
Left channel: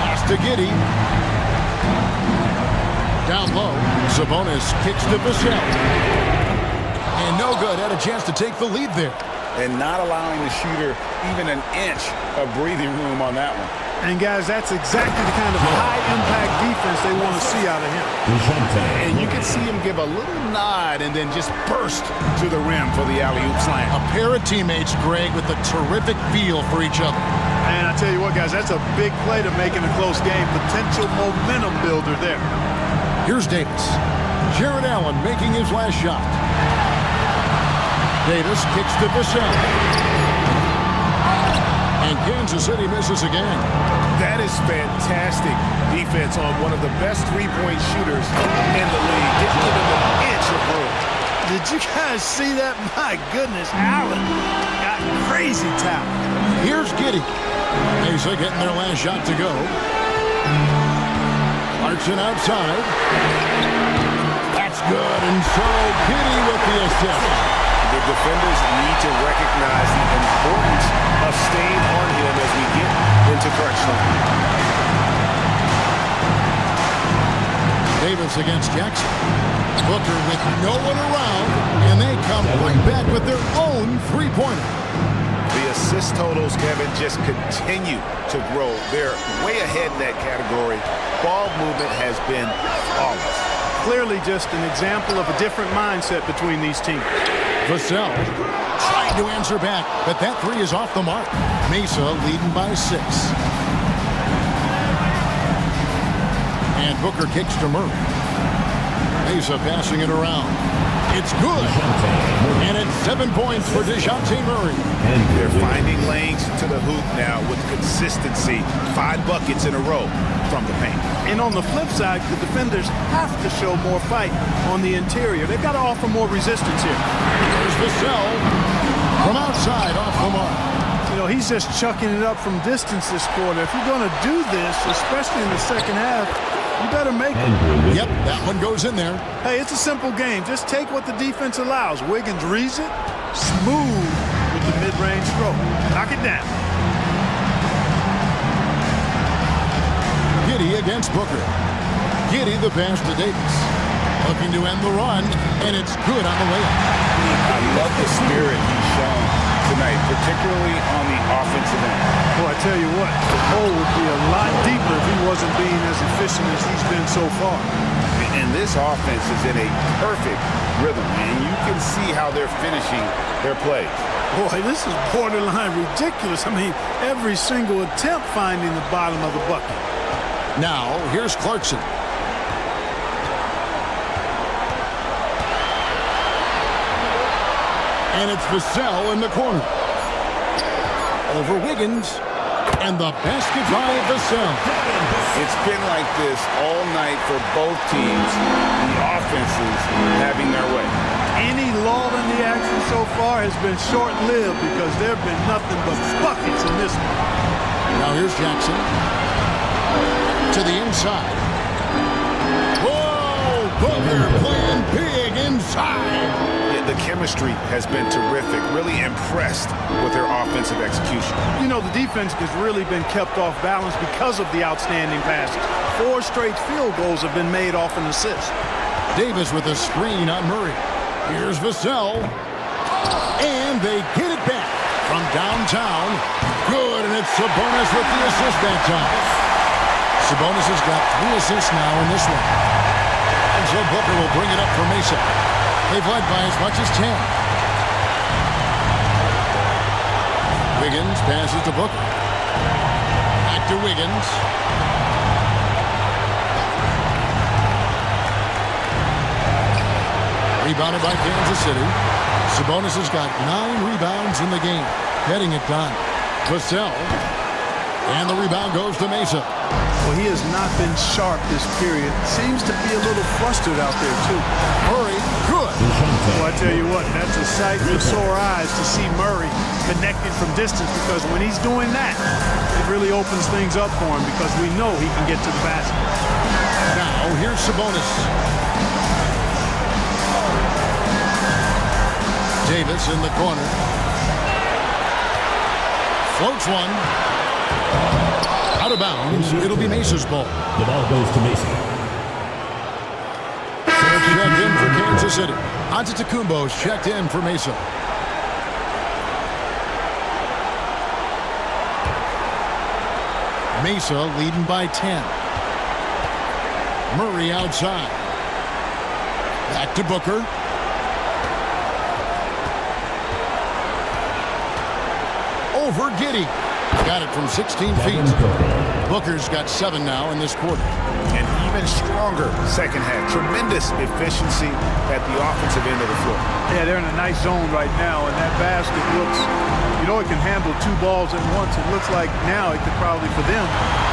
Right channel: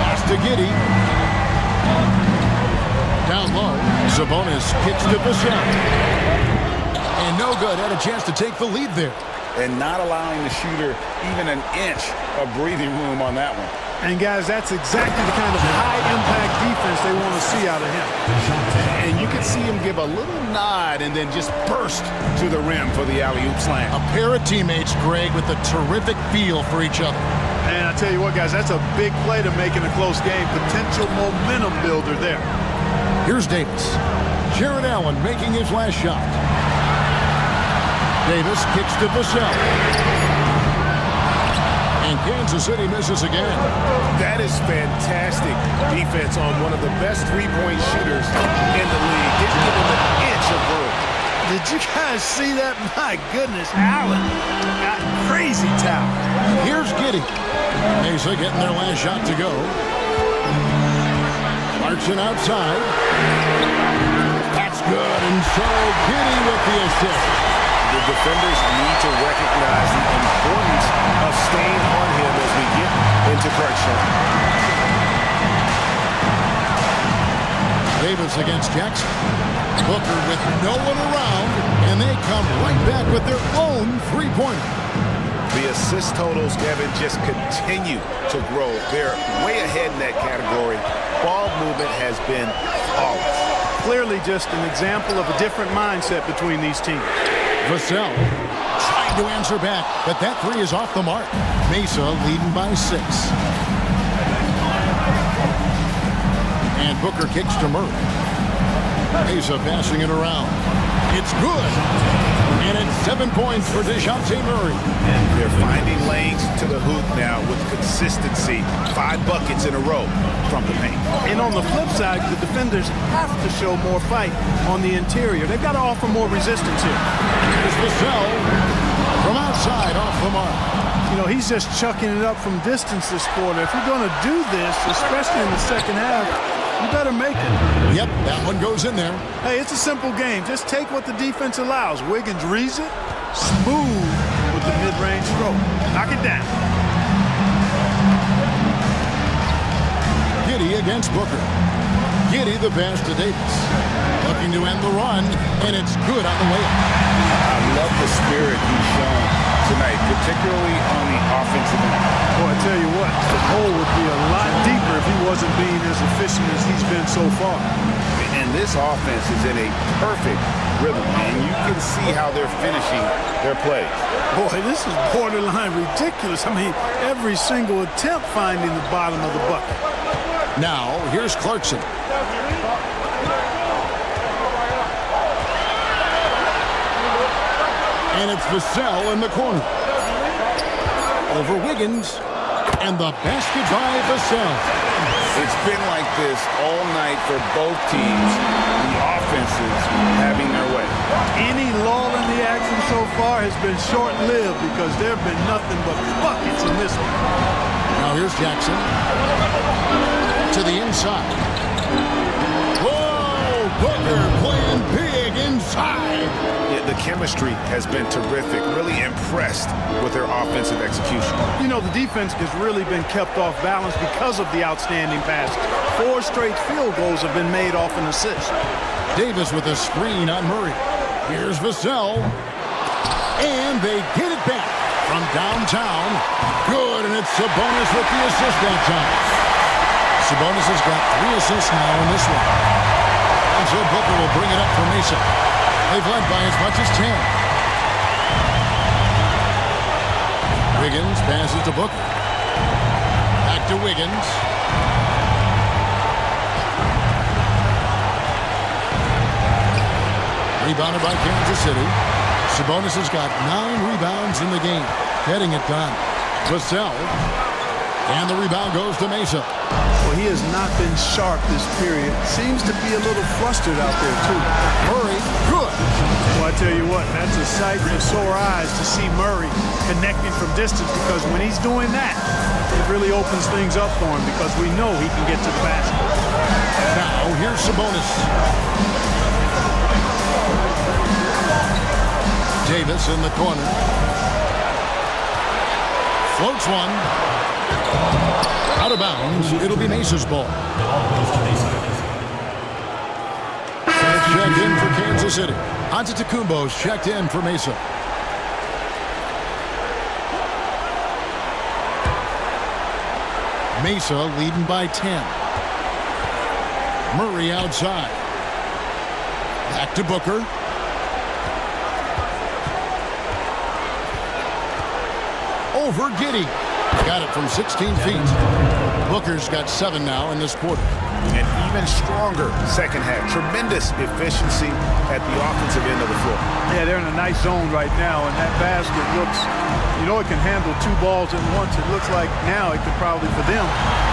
Pass to Giddey. Down low, Sabonis kicks to Vassell. And no good, had a chance to take the lead there. And not allowing the shooter even an inch of breathing room on that one. And guys, that's exactly the kind of high-impact defense they want to see out of him. And you can see him give a little nod and then just burst to the rim for the alley-oop slam. A pair of teammates, Greg, with a terrific feel for each other. And I tell you what, guys, that's a big play to make in a close game. Potential momentum builder there. Here's Davis. Jared Allen making his last shot. Davis kicks to Vassell. And Kansas City misses again. That is fantastic defense on one of the best three-point shooters in the league. Didn't give him an inch of room. Did you guys see that? My goodness, Allen got crazy talent. Here's Giddey. Mesa getting their last shot to go. Clarkson outside. That's good, and so Giddey with the assist. The defenders need to recognize the importance of staying on him as we get into crunch time. Davis against Jackson. Booker with no one around, and they come right back with their own three-pointer. The assist totals, Kevin, just continue to grow. They're way ahead in that category. Ball movement has been flawless. Clearly just an example of a different mindset between these teams. Vassell trying to answer back, but that 3 is off the mark. Mesa leading by 6. And Booker kicks to Murray. Mesa passing it around. It's good. And it's 7 points for DeJounte Murray. They're finding lanes to the hoop now with consistency. 5 buckets in a row from the paint. And on the flip side, the defenders have to show more fight on the interior. They've got to offer more resistance here. Here's Vassell from outside off the mark. You know, he's just chucking it up from distance this quarter. If you're going to do this, especially in the second half, you better make it. Yep, that one goes in there. Hey, it's a simple game. Just take what the defense allows. Wiggins reads it, smooth with the mid-range stroke. Knock it down. Giddey against Booker. Giddey the pass to Davis. Looking to end the run, and it's good on the way up. I love the spirit he's shown tonight, particularly on the offensive end. Boy, I tell you what, the hole would be a lot deeper if he wasn't being as efficient as he's been so far. And this offense is in a perfect rhythm, and you can see how they're finishing their plays. Boy, this is borderline ridiculous. I mean, every single attempt finding the bottom of the bucket. Now, here's Clarkson. And it's Vassell in the corner. Over Wiggins. And the basket by Vassell. It's been like this all night for both teams. The offenses having their way. Any lull in the action so far has been short-lived because there have been nothing but buckets in this one. Now here's Jackson. To the inside. Whoa! Booker playing big inside. Yeah, the chemistry has been terrific. Really impressed with their offensive execution. You know, the defense has really been kept off balance because of the outstanding passes. 4 straight field goals have been made off an assist. Davis with a screen on Murray. Here's Vassell. And they get it back from downtown. Good, and it's Sabonis with the assist that time. Sabonis has got 3 assists now in this one. And so Booker will bring it up for Mesa. They've led by as much as 10. Wiggins passes to Booker. Back to Wiggins. Rebounded by Kansas City. Sabonis has got 9 rebounds in the game. Getting it done. Vassell. And the rebound goes to Mesa. Well, he has not been sharp this period. Seems to be a little flustered out there, too. Murray, good. Well, I tell you what, that's a sight for sore eyes to see Murray connecting from distance, because when he's doing that, it really opens things up for him because we know he can get to the basket. Now, here's Sabonis. Davis in the corner. Floats one. Out of bounds. It'll be Mesa's ball. The ball goes to Mesa. Checked in for Kansas City. Antetokounmpo's checked in for Mesa. Mesa leading by 10. Murray outside. Back to Booker. Over Giddey. Got it from 16 feet. Booker's got 7 now in this quarter. An even stronger second half. Tremendous efficiency at the offensive end of the floor. Yeah, they're in a nice zone right now, and that basket looks, you know, it can handle 2 balls at once. It looks like now it could probably, for them,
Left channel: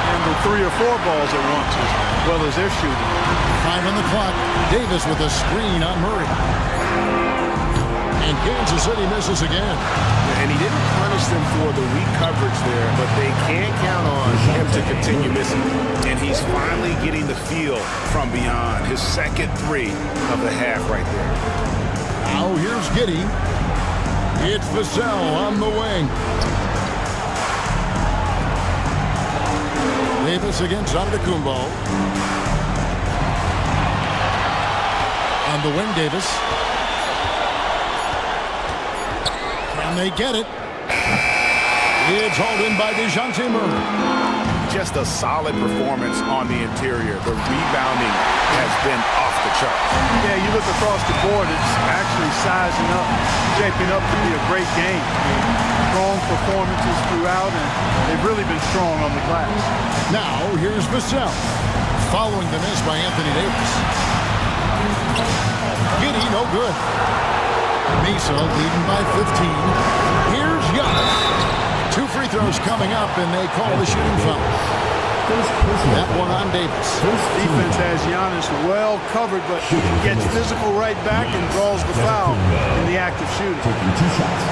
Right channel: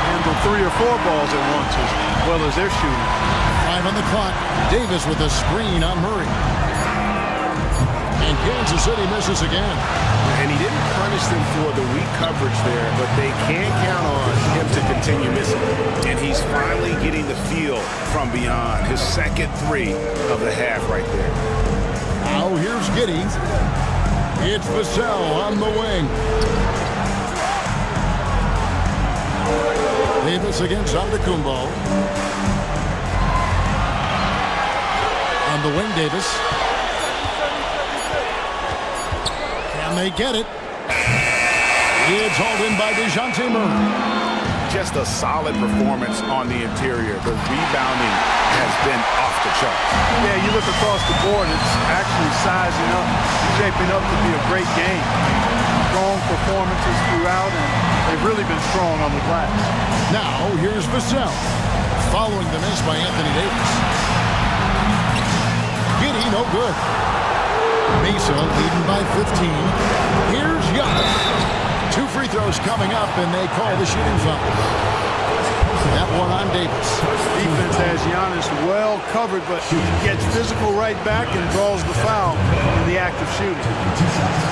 handle 3 or 4 balls at once as well as they're shooting. 5 on the clock. Davis with a screen on Murray. And Kansas City misses again. And he didn't punish them for the weak coverage there, but they can't count on him to continue missing. And he's finally getting the feel from beyond. His second 3 of the half right there. Now here's Giddey. It's Vassell on the wing. Davis against Antetokounmpo. On the wing, Davis. Can they get it? It's hauled in by DeJounte Murray. Just a solid performance on the interior. The rebounding has been off the charts. Yeah, you look across the board, it's actually sizing up, shaping up to be a great game. I mean, strong performances throughout, and they've really been strong on the glass. Now, here's Vassell. Following the miss by Anthony Davis. Giddey, no good. Mesa leading by 15. Here's Giannis. 2 free throws coming up, and they call the shooting foul. That one on Davis. Defense has Giannis well covered, but he gets physical right back and draws the foul in the act of shooting. Taking 2 shots.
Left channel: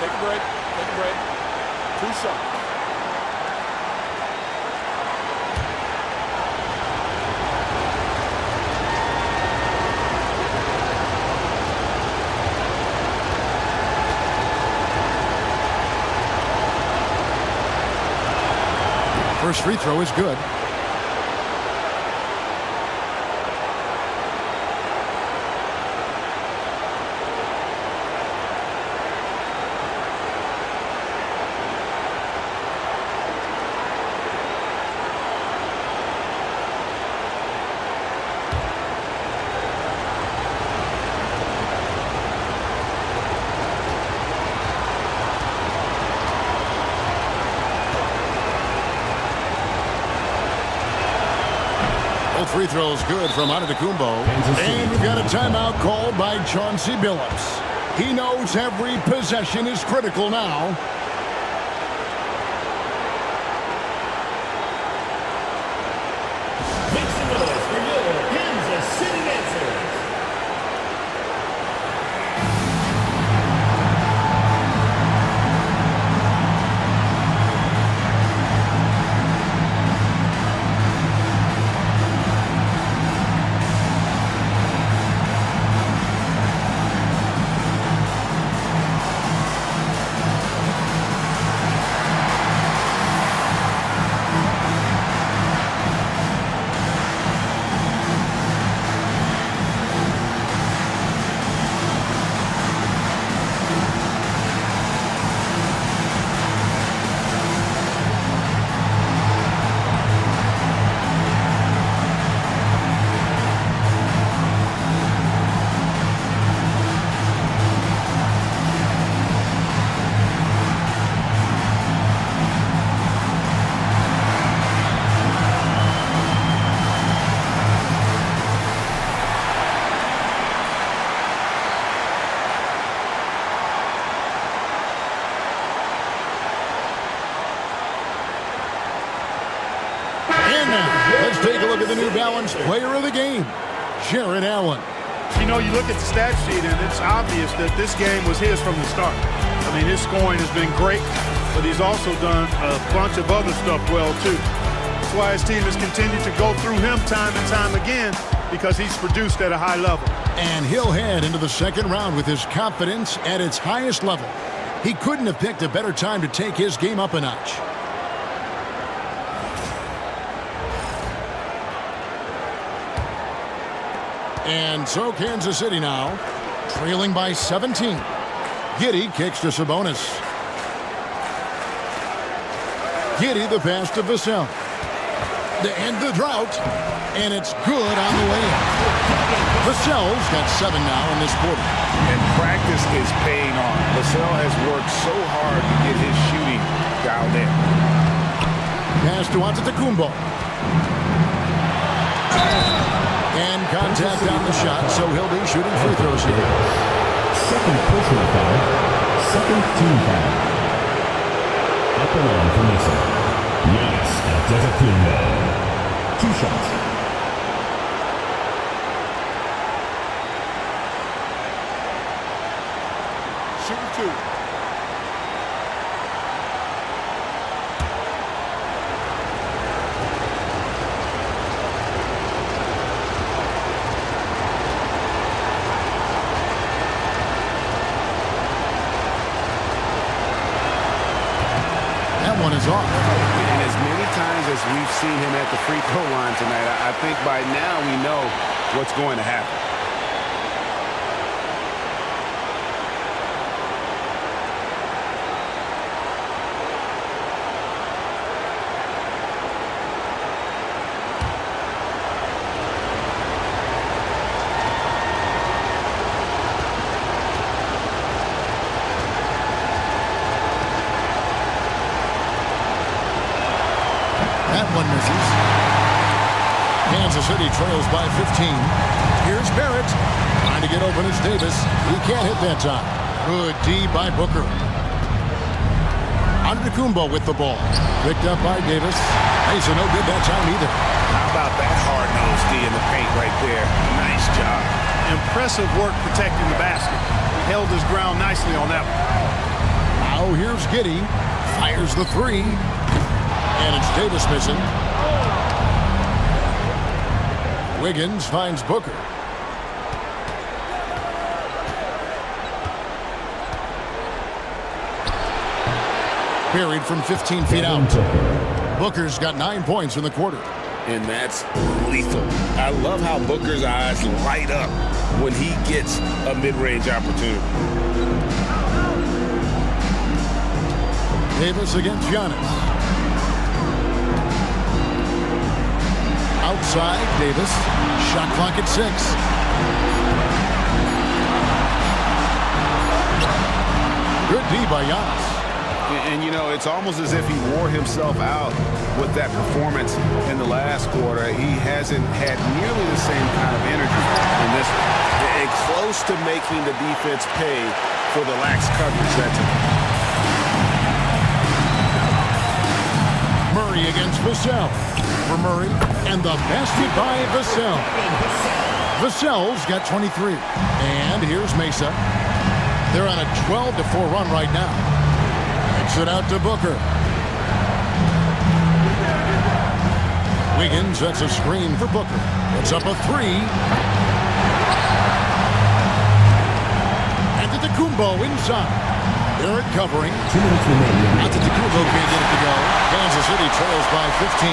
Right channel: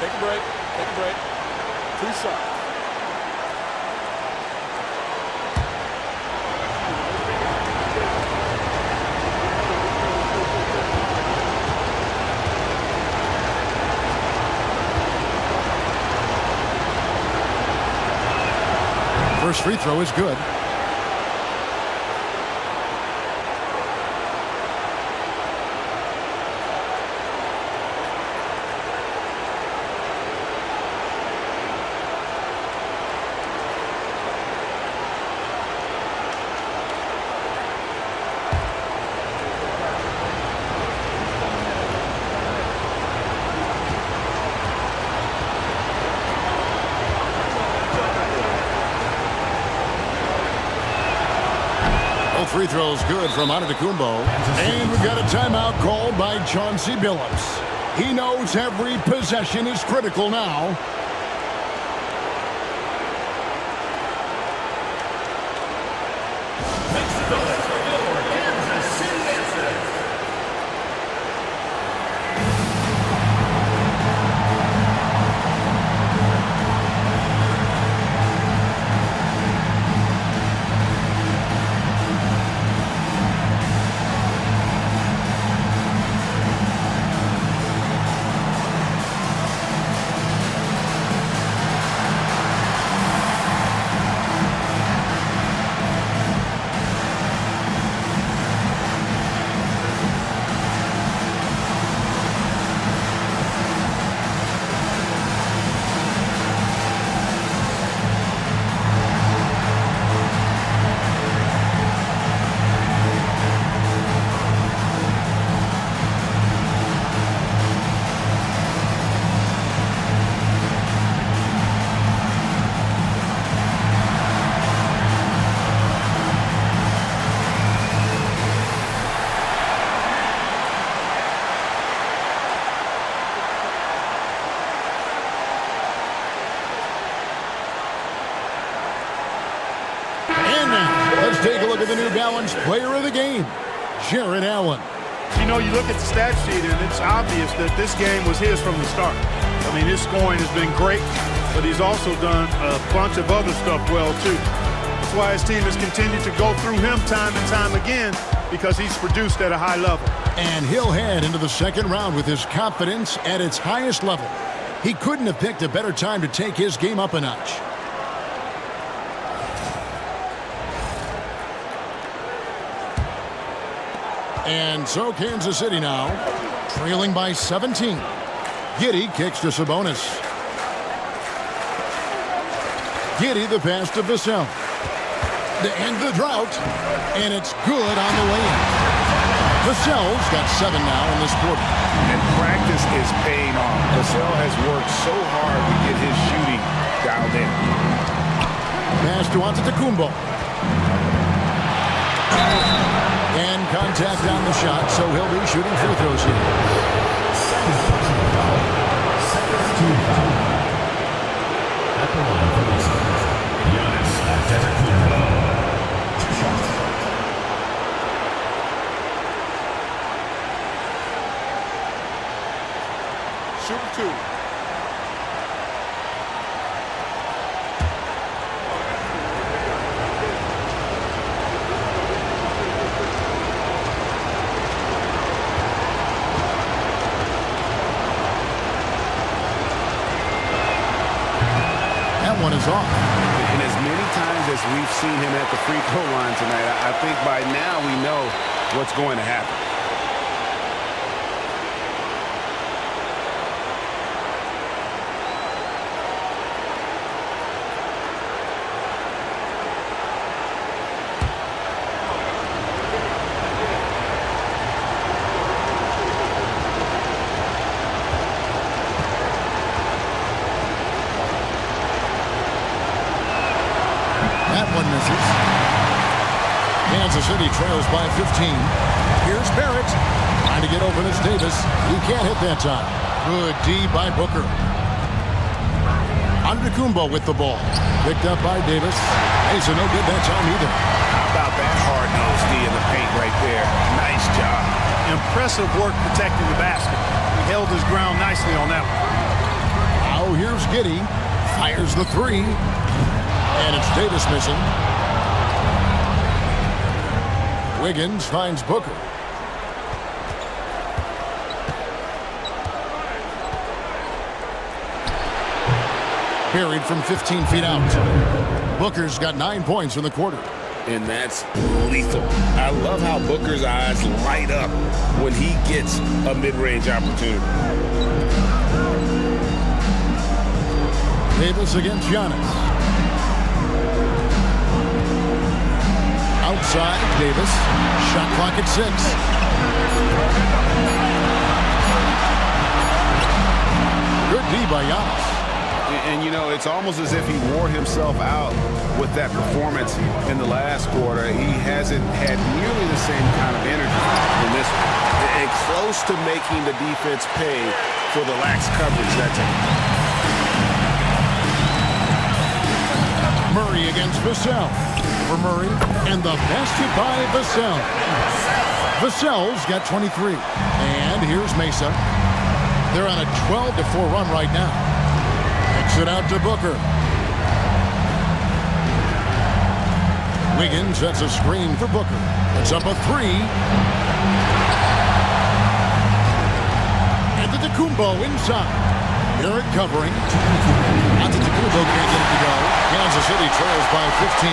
Take a break. Take a break. 2 shots. First free throw is good. Both free throws good from Antetokounmpo. And we've got a timeout called by Chauncey Billups. He knows every possession is critical now. Make some noise for your Kansas City Dancers. And now, let's take a look at the New Balance player of the game, Jared Allen. You know, you look at the stat sheet, and it's obvious that this game was his from the start. I mean, his scoring has been great, but he's also done a bunch of other stuff well, too. That's why his team has continued to go through him time and time again, because he's produced at a high level. And he'll head into the second round with his confidence at its highest level. He couldn't have picked a better time to take his game up a notch. And so Kansas City now, trailing by 17. Giddey kicks to Sabonis. Giddey the pass to Vassell. To end the drought, and it's good on the way in. Vassell's got 7 now in this quarter. And practice is paying off. Vassell has worked so hard to get his shooting dialed in. Pass to Antetokounmpo. And contact on the shot, so he'll be shooting free throws here. Second personal foul. Second team foul. At the line for Lisa. Giannis Antetokounmpo. 2 shots. Shooting 2. That one is off. And as many times as we've seen him at the free throw line tonight, I think by now we know what's going to happen. That one misses. Kansas City trails by 15. Here's Barrett. Trying to get open as Davis. He can't hit that time. Good D by Booker. Antetokounmpo with the ball. Picked up by Davis. Mason no good that time either. How about that hard-nosed D in the paint right there? Nice job. Impressive work protecting the basket. He held his ground nicely on that one. Now here's Giddey. Fires the 3. And it's Davis missing. Wiggins finds Booker. Buried from 15 feet out. Booker's got 9 points in the quarter. And that's lethal. I love how Booker's eyes light up when he gets a mid-range opportunity. Davis against Giannis. Outside, Davis. Shot clock at 6. Good D by Giannis. And, you know, it's almost as if he wore himself out with that performance in the last quarter. He hasn't had nearly the same kind of energy in this one. And close to making the defense pay for the lax coverage that time. Murray against Vassell. For Murray, and the basket by Vassell. Vassell's got 23. And here's Mesa. They're on a 12-4 run right now. Kicks it out to Booker. Wiggins sets a screen for Booker. Puts up a three. Antetokounmpo inside. Barrett covering. Antetokounmpo can't get it to go. Kansas City trails by 15.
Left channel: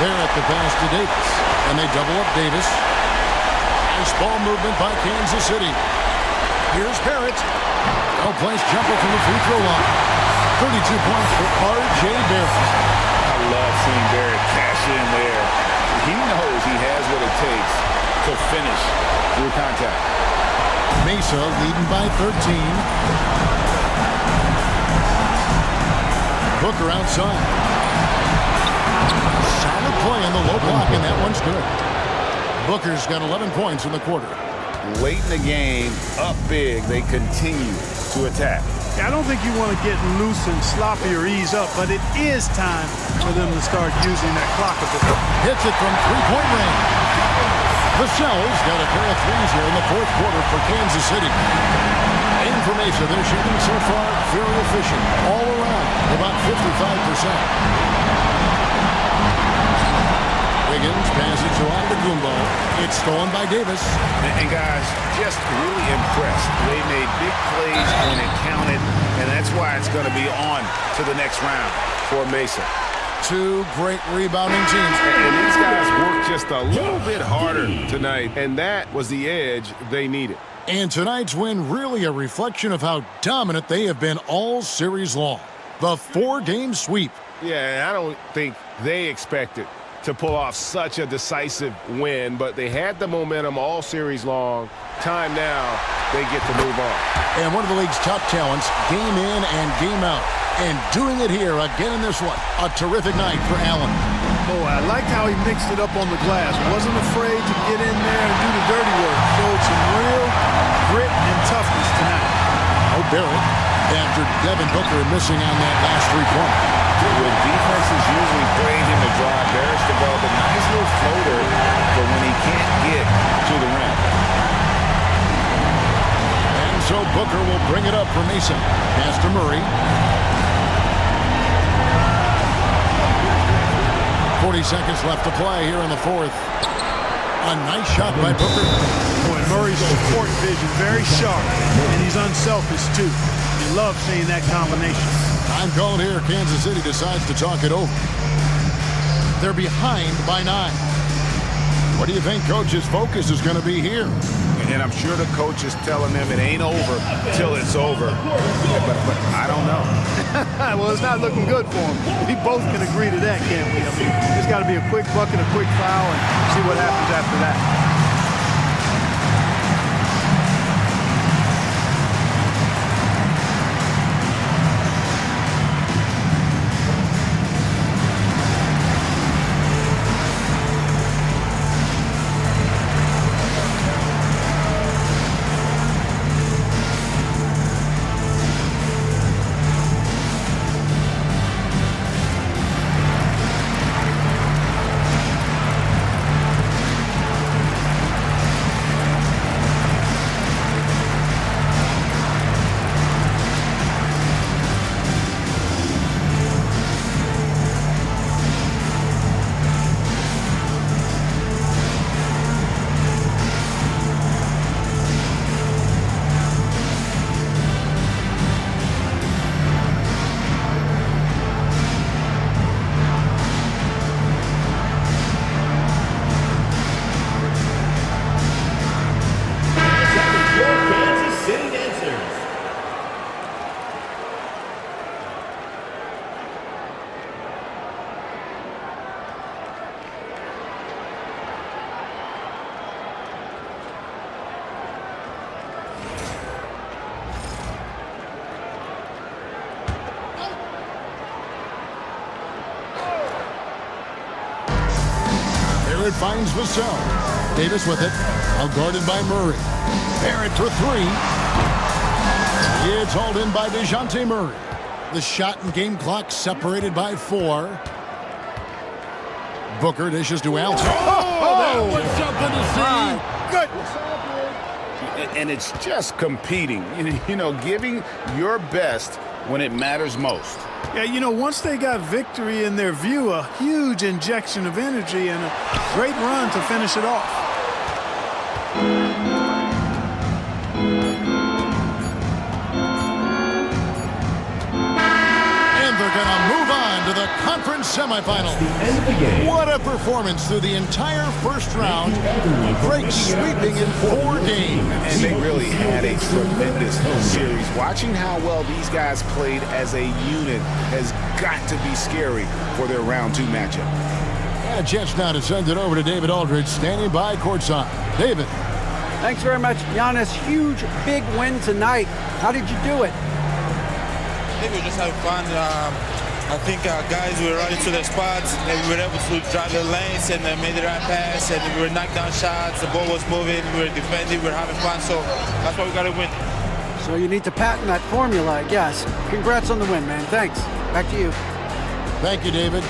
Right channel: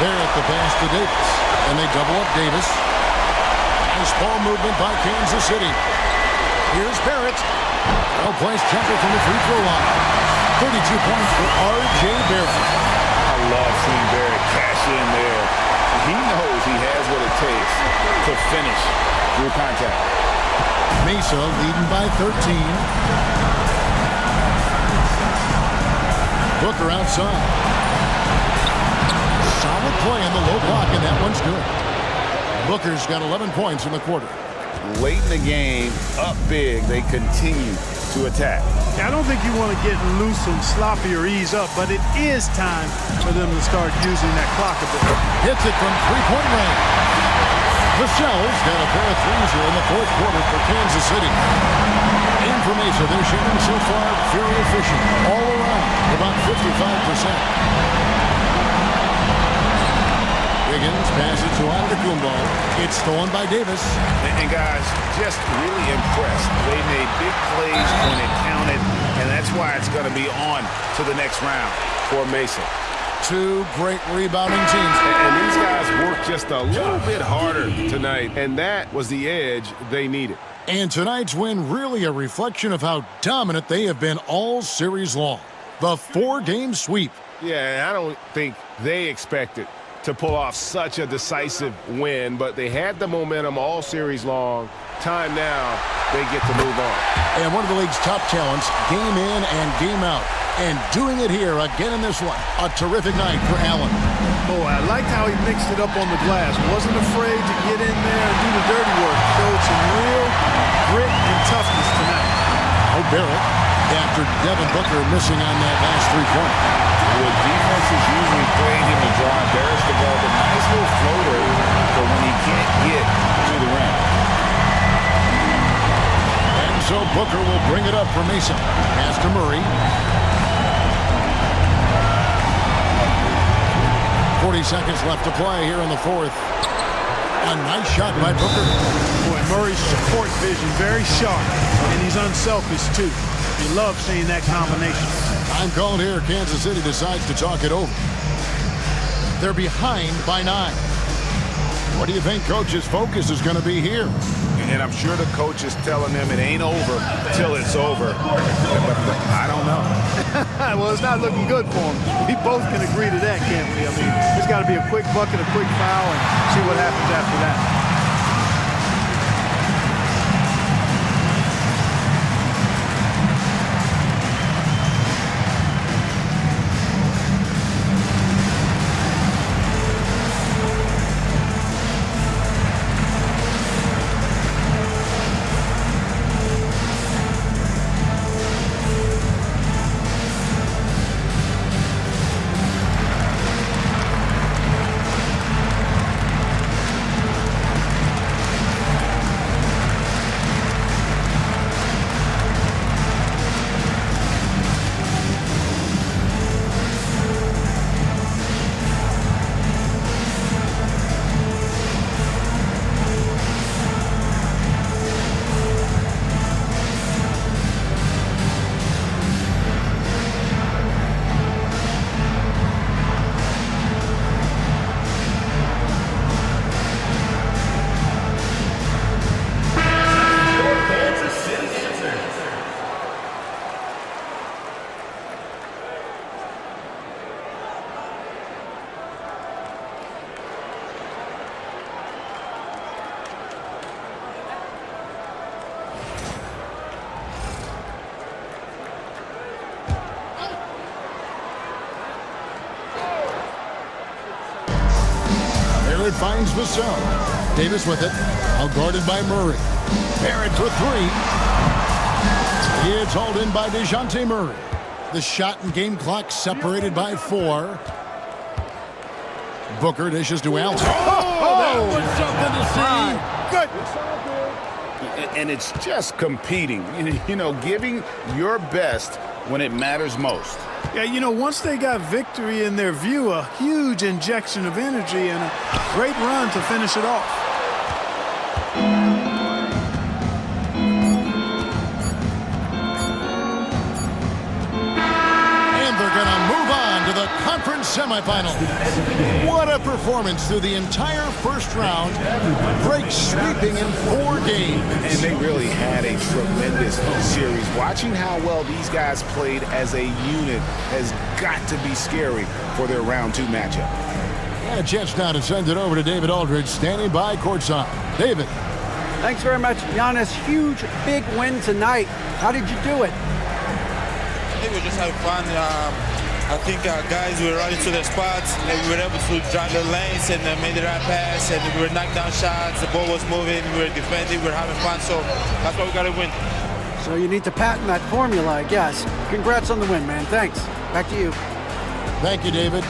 Barrett the pass to Davis. And they double up Davis. Nice ball movement by Kansas City. Here's Barrett. Well-placed jumper from the free throw line. 32 points for R.J. Barrett. I love seeing Barrett cash in there. He knows he has what it takes to finish through contact. Mesa leading by 13. Booker outside. Solid play in the low block, and that one's good. Booker's got 11 points in the quarter. Late in the game, up big, they continue to attack. Yeah, I don't think you want to get loose and sloppy or ease up, but it is time for them to start using that clock a bit. Hits it from three-point range. Vassell's got a pair of threes here in the fourth quarter for Kansas City. And for Mesa, they're shooting so far very efficient all around, about 55%. Wiggins passes to Antetokounmpo. It's stolen by Davis. And guys, just really impressed. They made big plays when it counted, and that's why it's going to be on to the next round for Mesa. Two great rebounding teams. And these guys worked just a little bit harder tonight, and that was the edge they needed. And tonight's win really a reflection of how dominant they have been all series long. The 4-game sweep. Yeah, I don't think they expected to pull off such a decisive win, but they had the momentum all series long. Time now, they get to move on. And one of the league's top talents, game in and game out. And doing it here again in this one. A terrific night for Allen. Boy, I liked how he mixed it up on the glass. Wasn't afraid to get in there and do the dirty work. Showed some real grit and toughness tonight. Oh, Barrett, after Devin Booker missing on that last three-pointer. With defenses usually playing him to drive, Barrett's developed a nice little floater for when he can't get to the rim. And so Booker will bring it up for Mesa. Pass to Murray. 40 seconds left to play here in the fourth. A nice shot by Booker. Boy, Murray's court vision very sharp, and he's unselfish too. You love seeing that combination. Time called here. Kansas City decides to talk it over. They're behind by 9. What do you think Coach's focus is going to be here? And I'm sure the coach is telling them it ain't over till it's over. Yeah, but I don't know. Well, it's not looking good for him. We both can agree to that, can't we? I mean, it's got to be a quick bucket, a quick foul, and see what happens after that. Leonard finds Vassell. Davis with it. All guarded by Murray. Barrett for three. It's hauled in by DeJounte Murray. The shot and game clock separated by 4. Booker dishes to Allen. That was something to see. Goodness. And it's just competing, giving your best when it matters most. Yeah, once they got victory in their view, a huge injection of energy and a great run to finish it off. And they're going to move on to the conference semifinals. What a performance through the entire first round. Drake sweeping in 4 games. And they really had a tremendous series. Watching how well these guys played as a unit has got to be scary for their round 2 matchup. And a chance now to send it over to David Aldridge, standing by courtside. David. Thanks very much, Giannis. Huge, big win tonight. How did you do it? I think we were just having fun. I think our guys were running to their spots, and we were able to drive the lanes and made the right pass, and we were knocking down shots. The ball was moving, we were defending, we were having fun, so that's why we got to win. So you need to patent that formula, I guess. Congrats on the win, man. Thanks. Back to you. Thank you, David.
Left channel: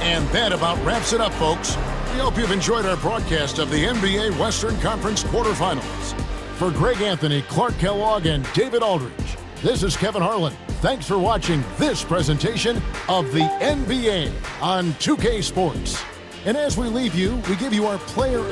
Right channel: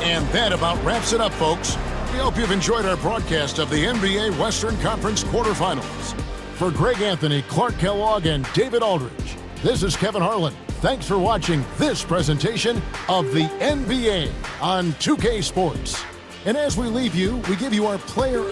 And that about wraps it up, folks. We hope you've enjoyed our broadcast of the NBA Western Conference quarterfinals. For Greg Anthony, Clark Kellogg, and David Aldridge, this is Kevin Harlan. Thanks for watching this presentation of the NBA on 2K Sports. And as we leave you, we give you our player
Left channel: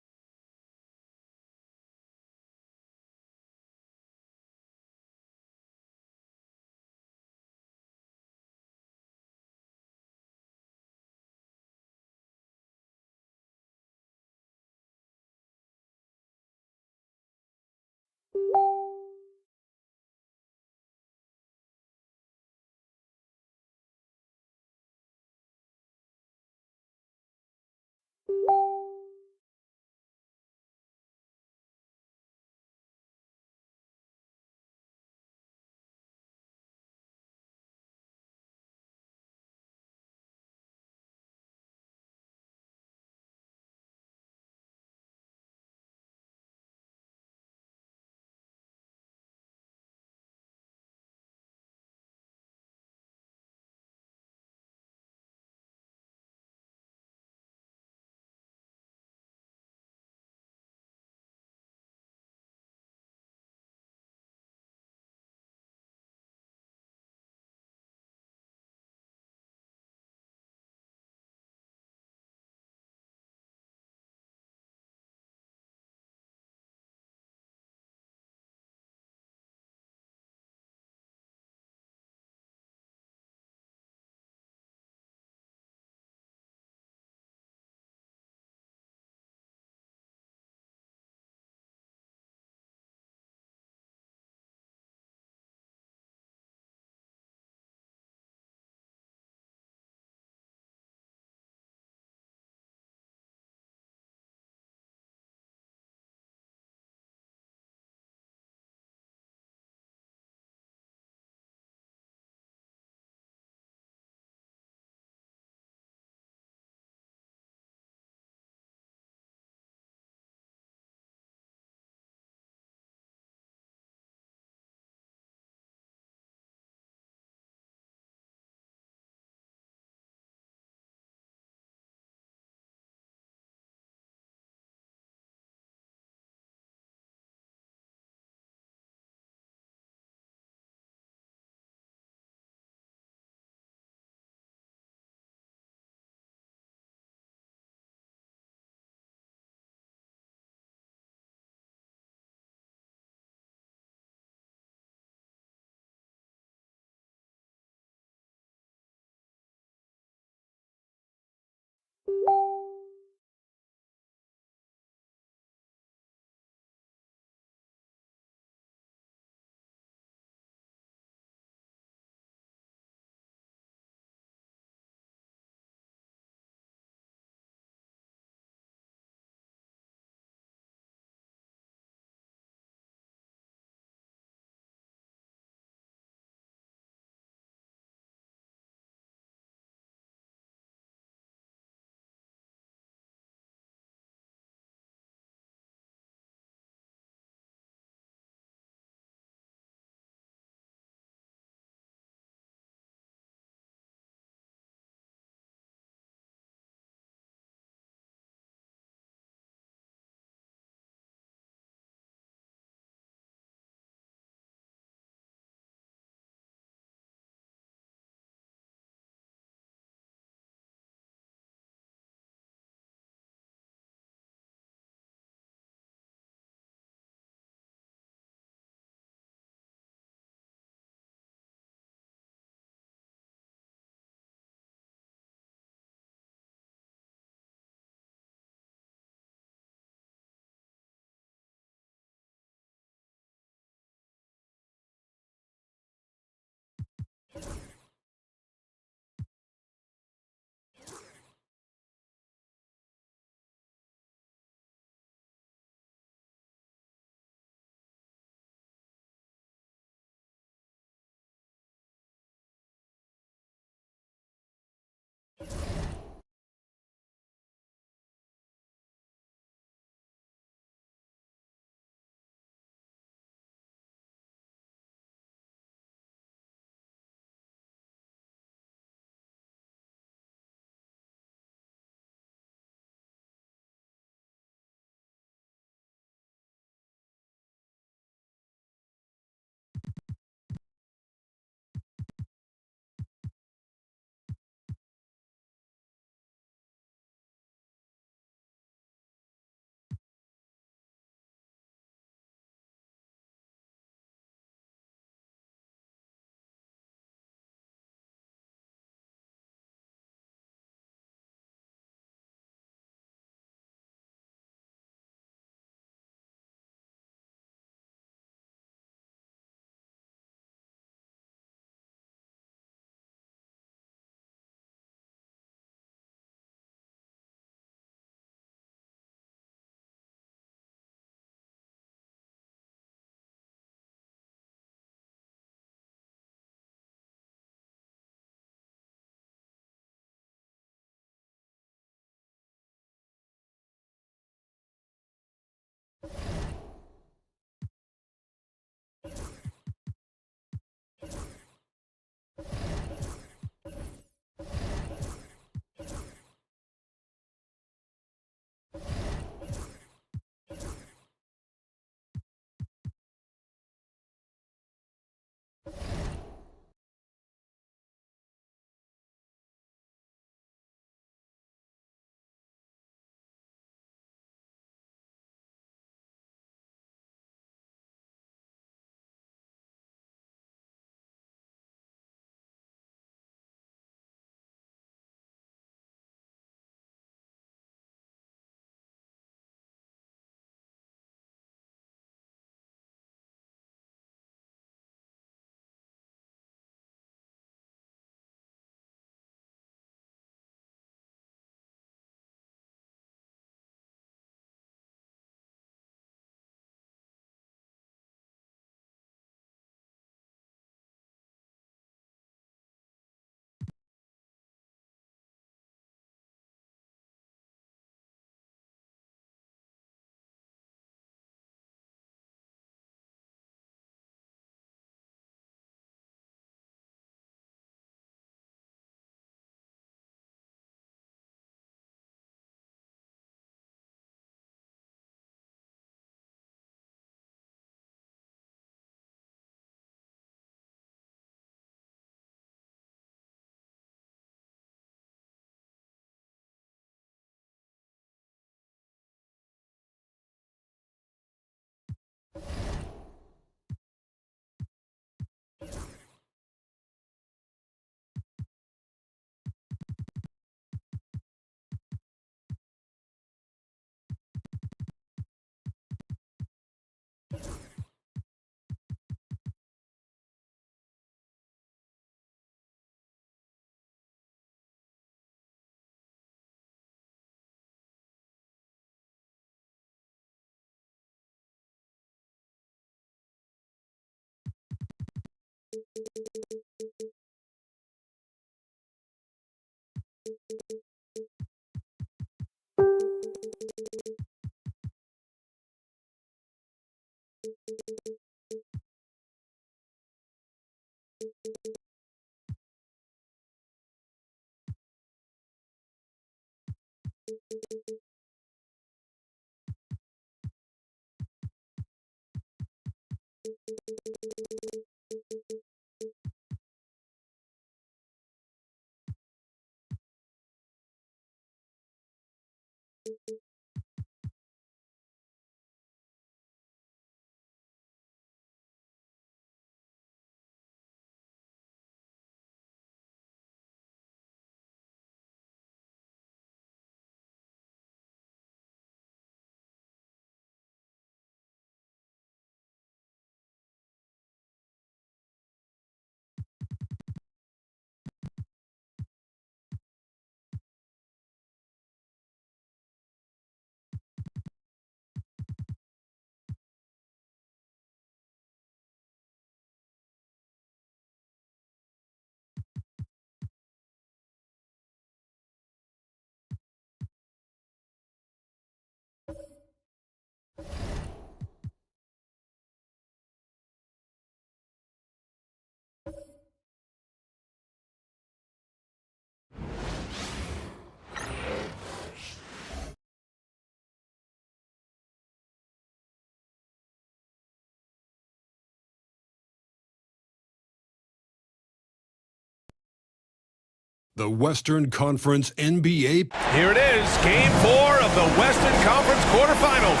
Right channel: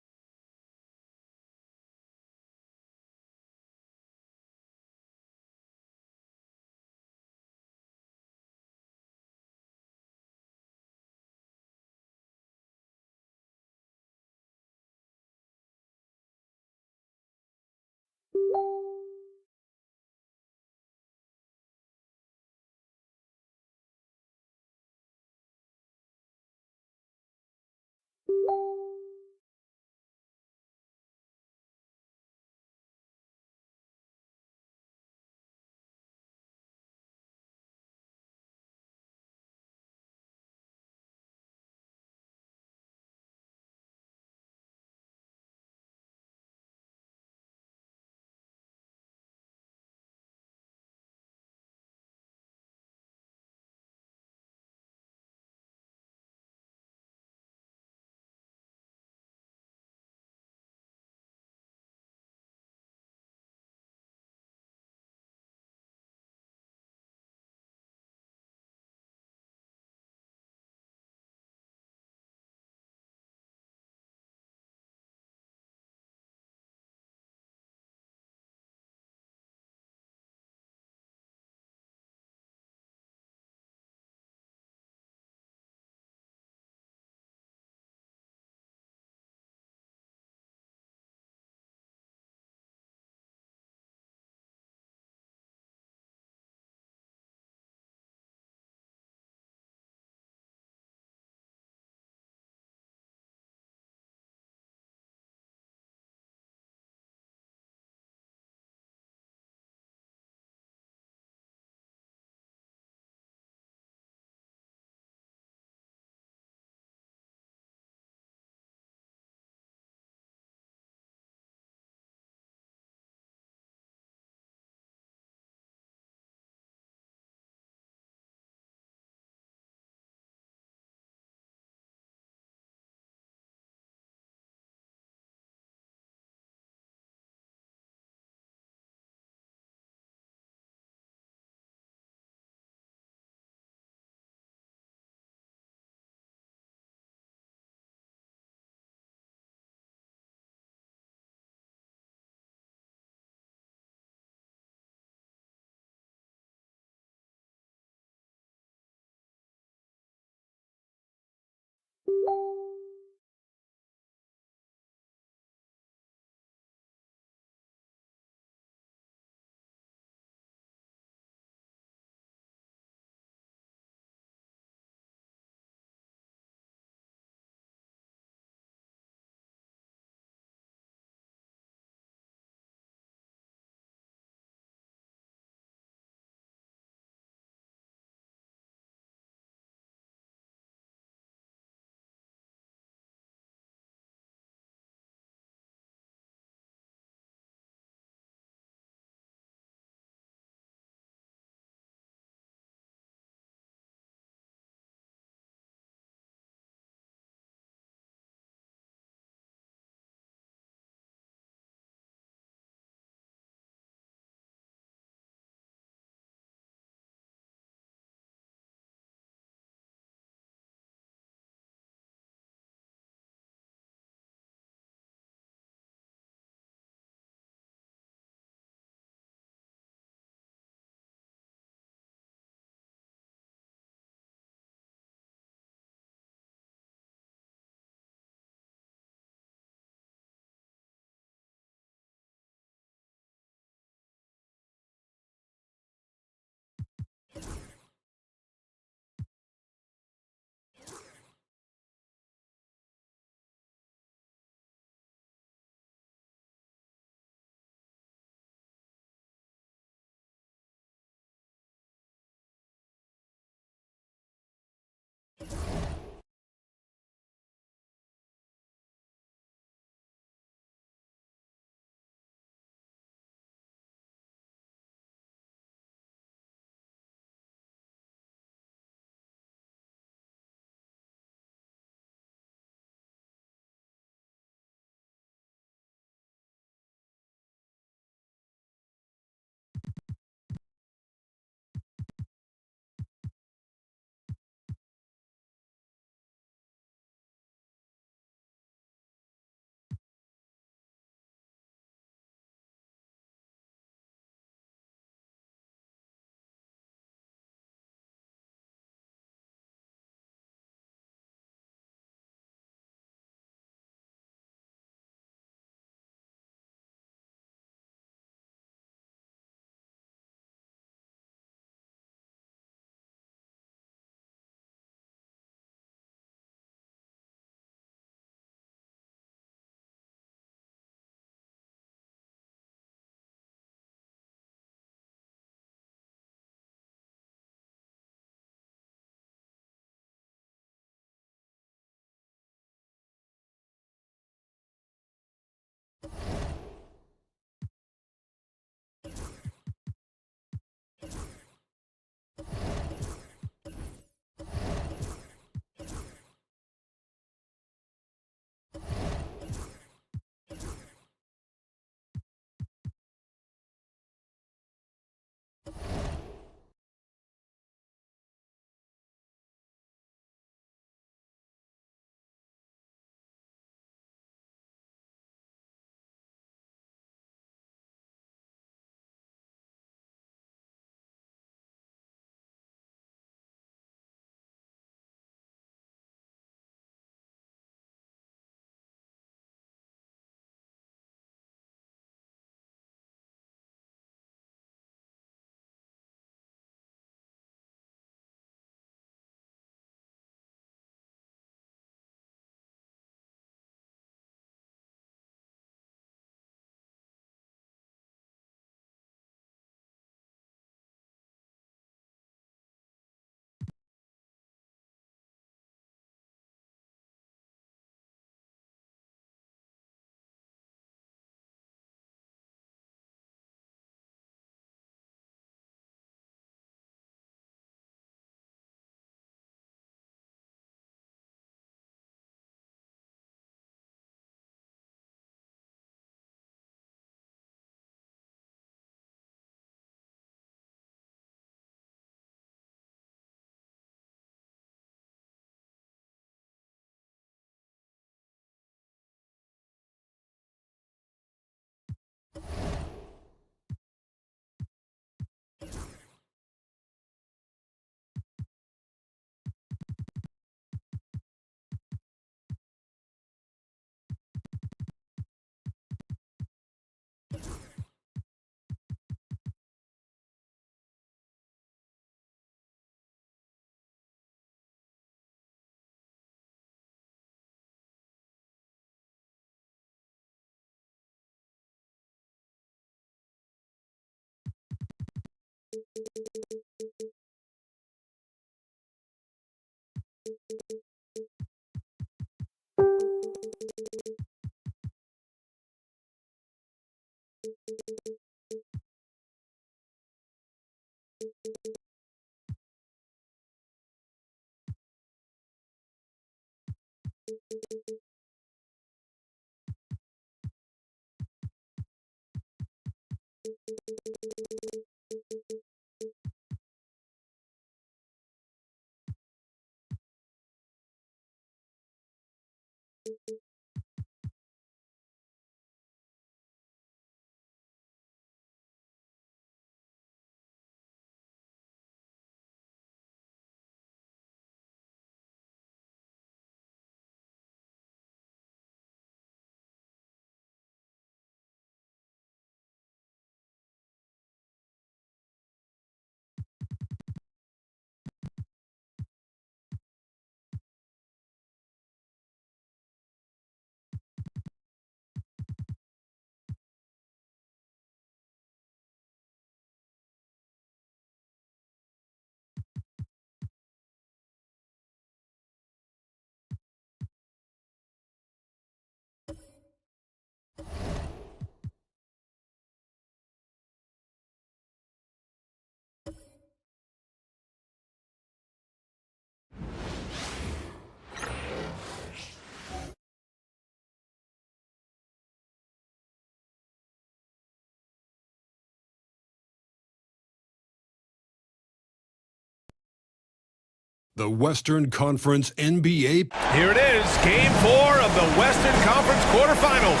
The Western Conference NBA. Here it is, Game 4 of the Western Conference quarterfinals.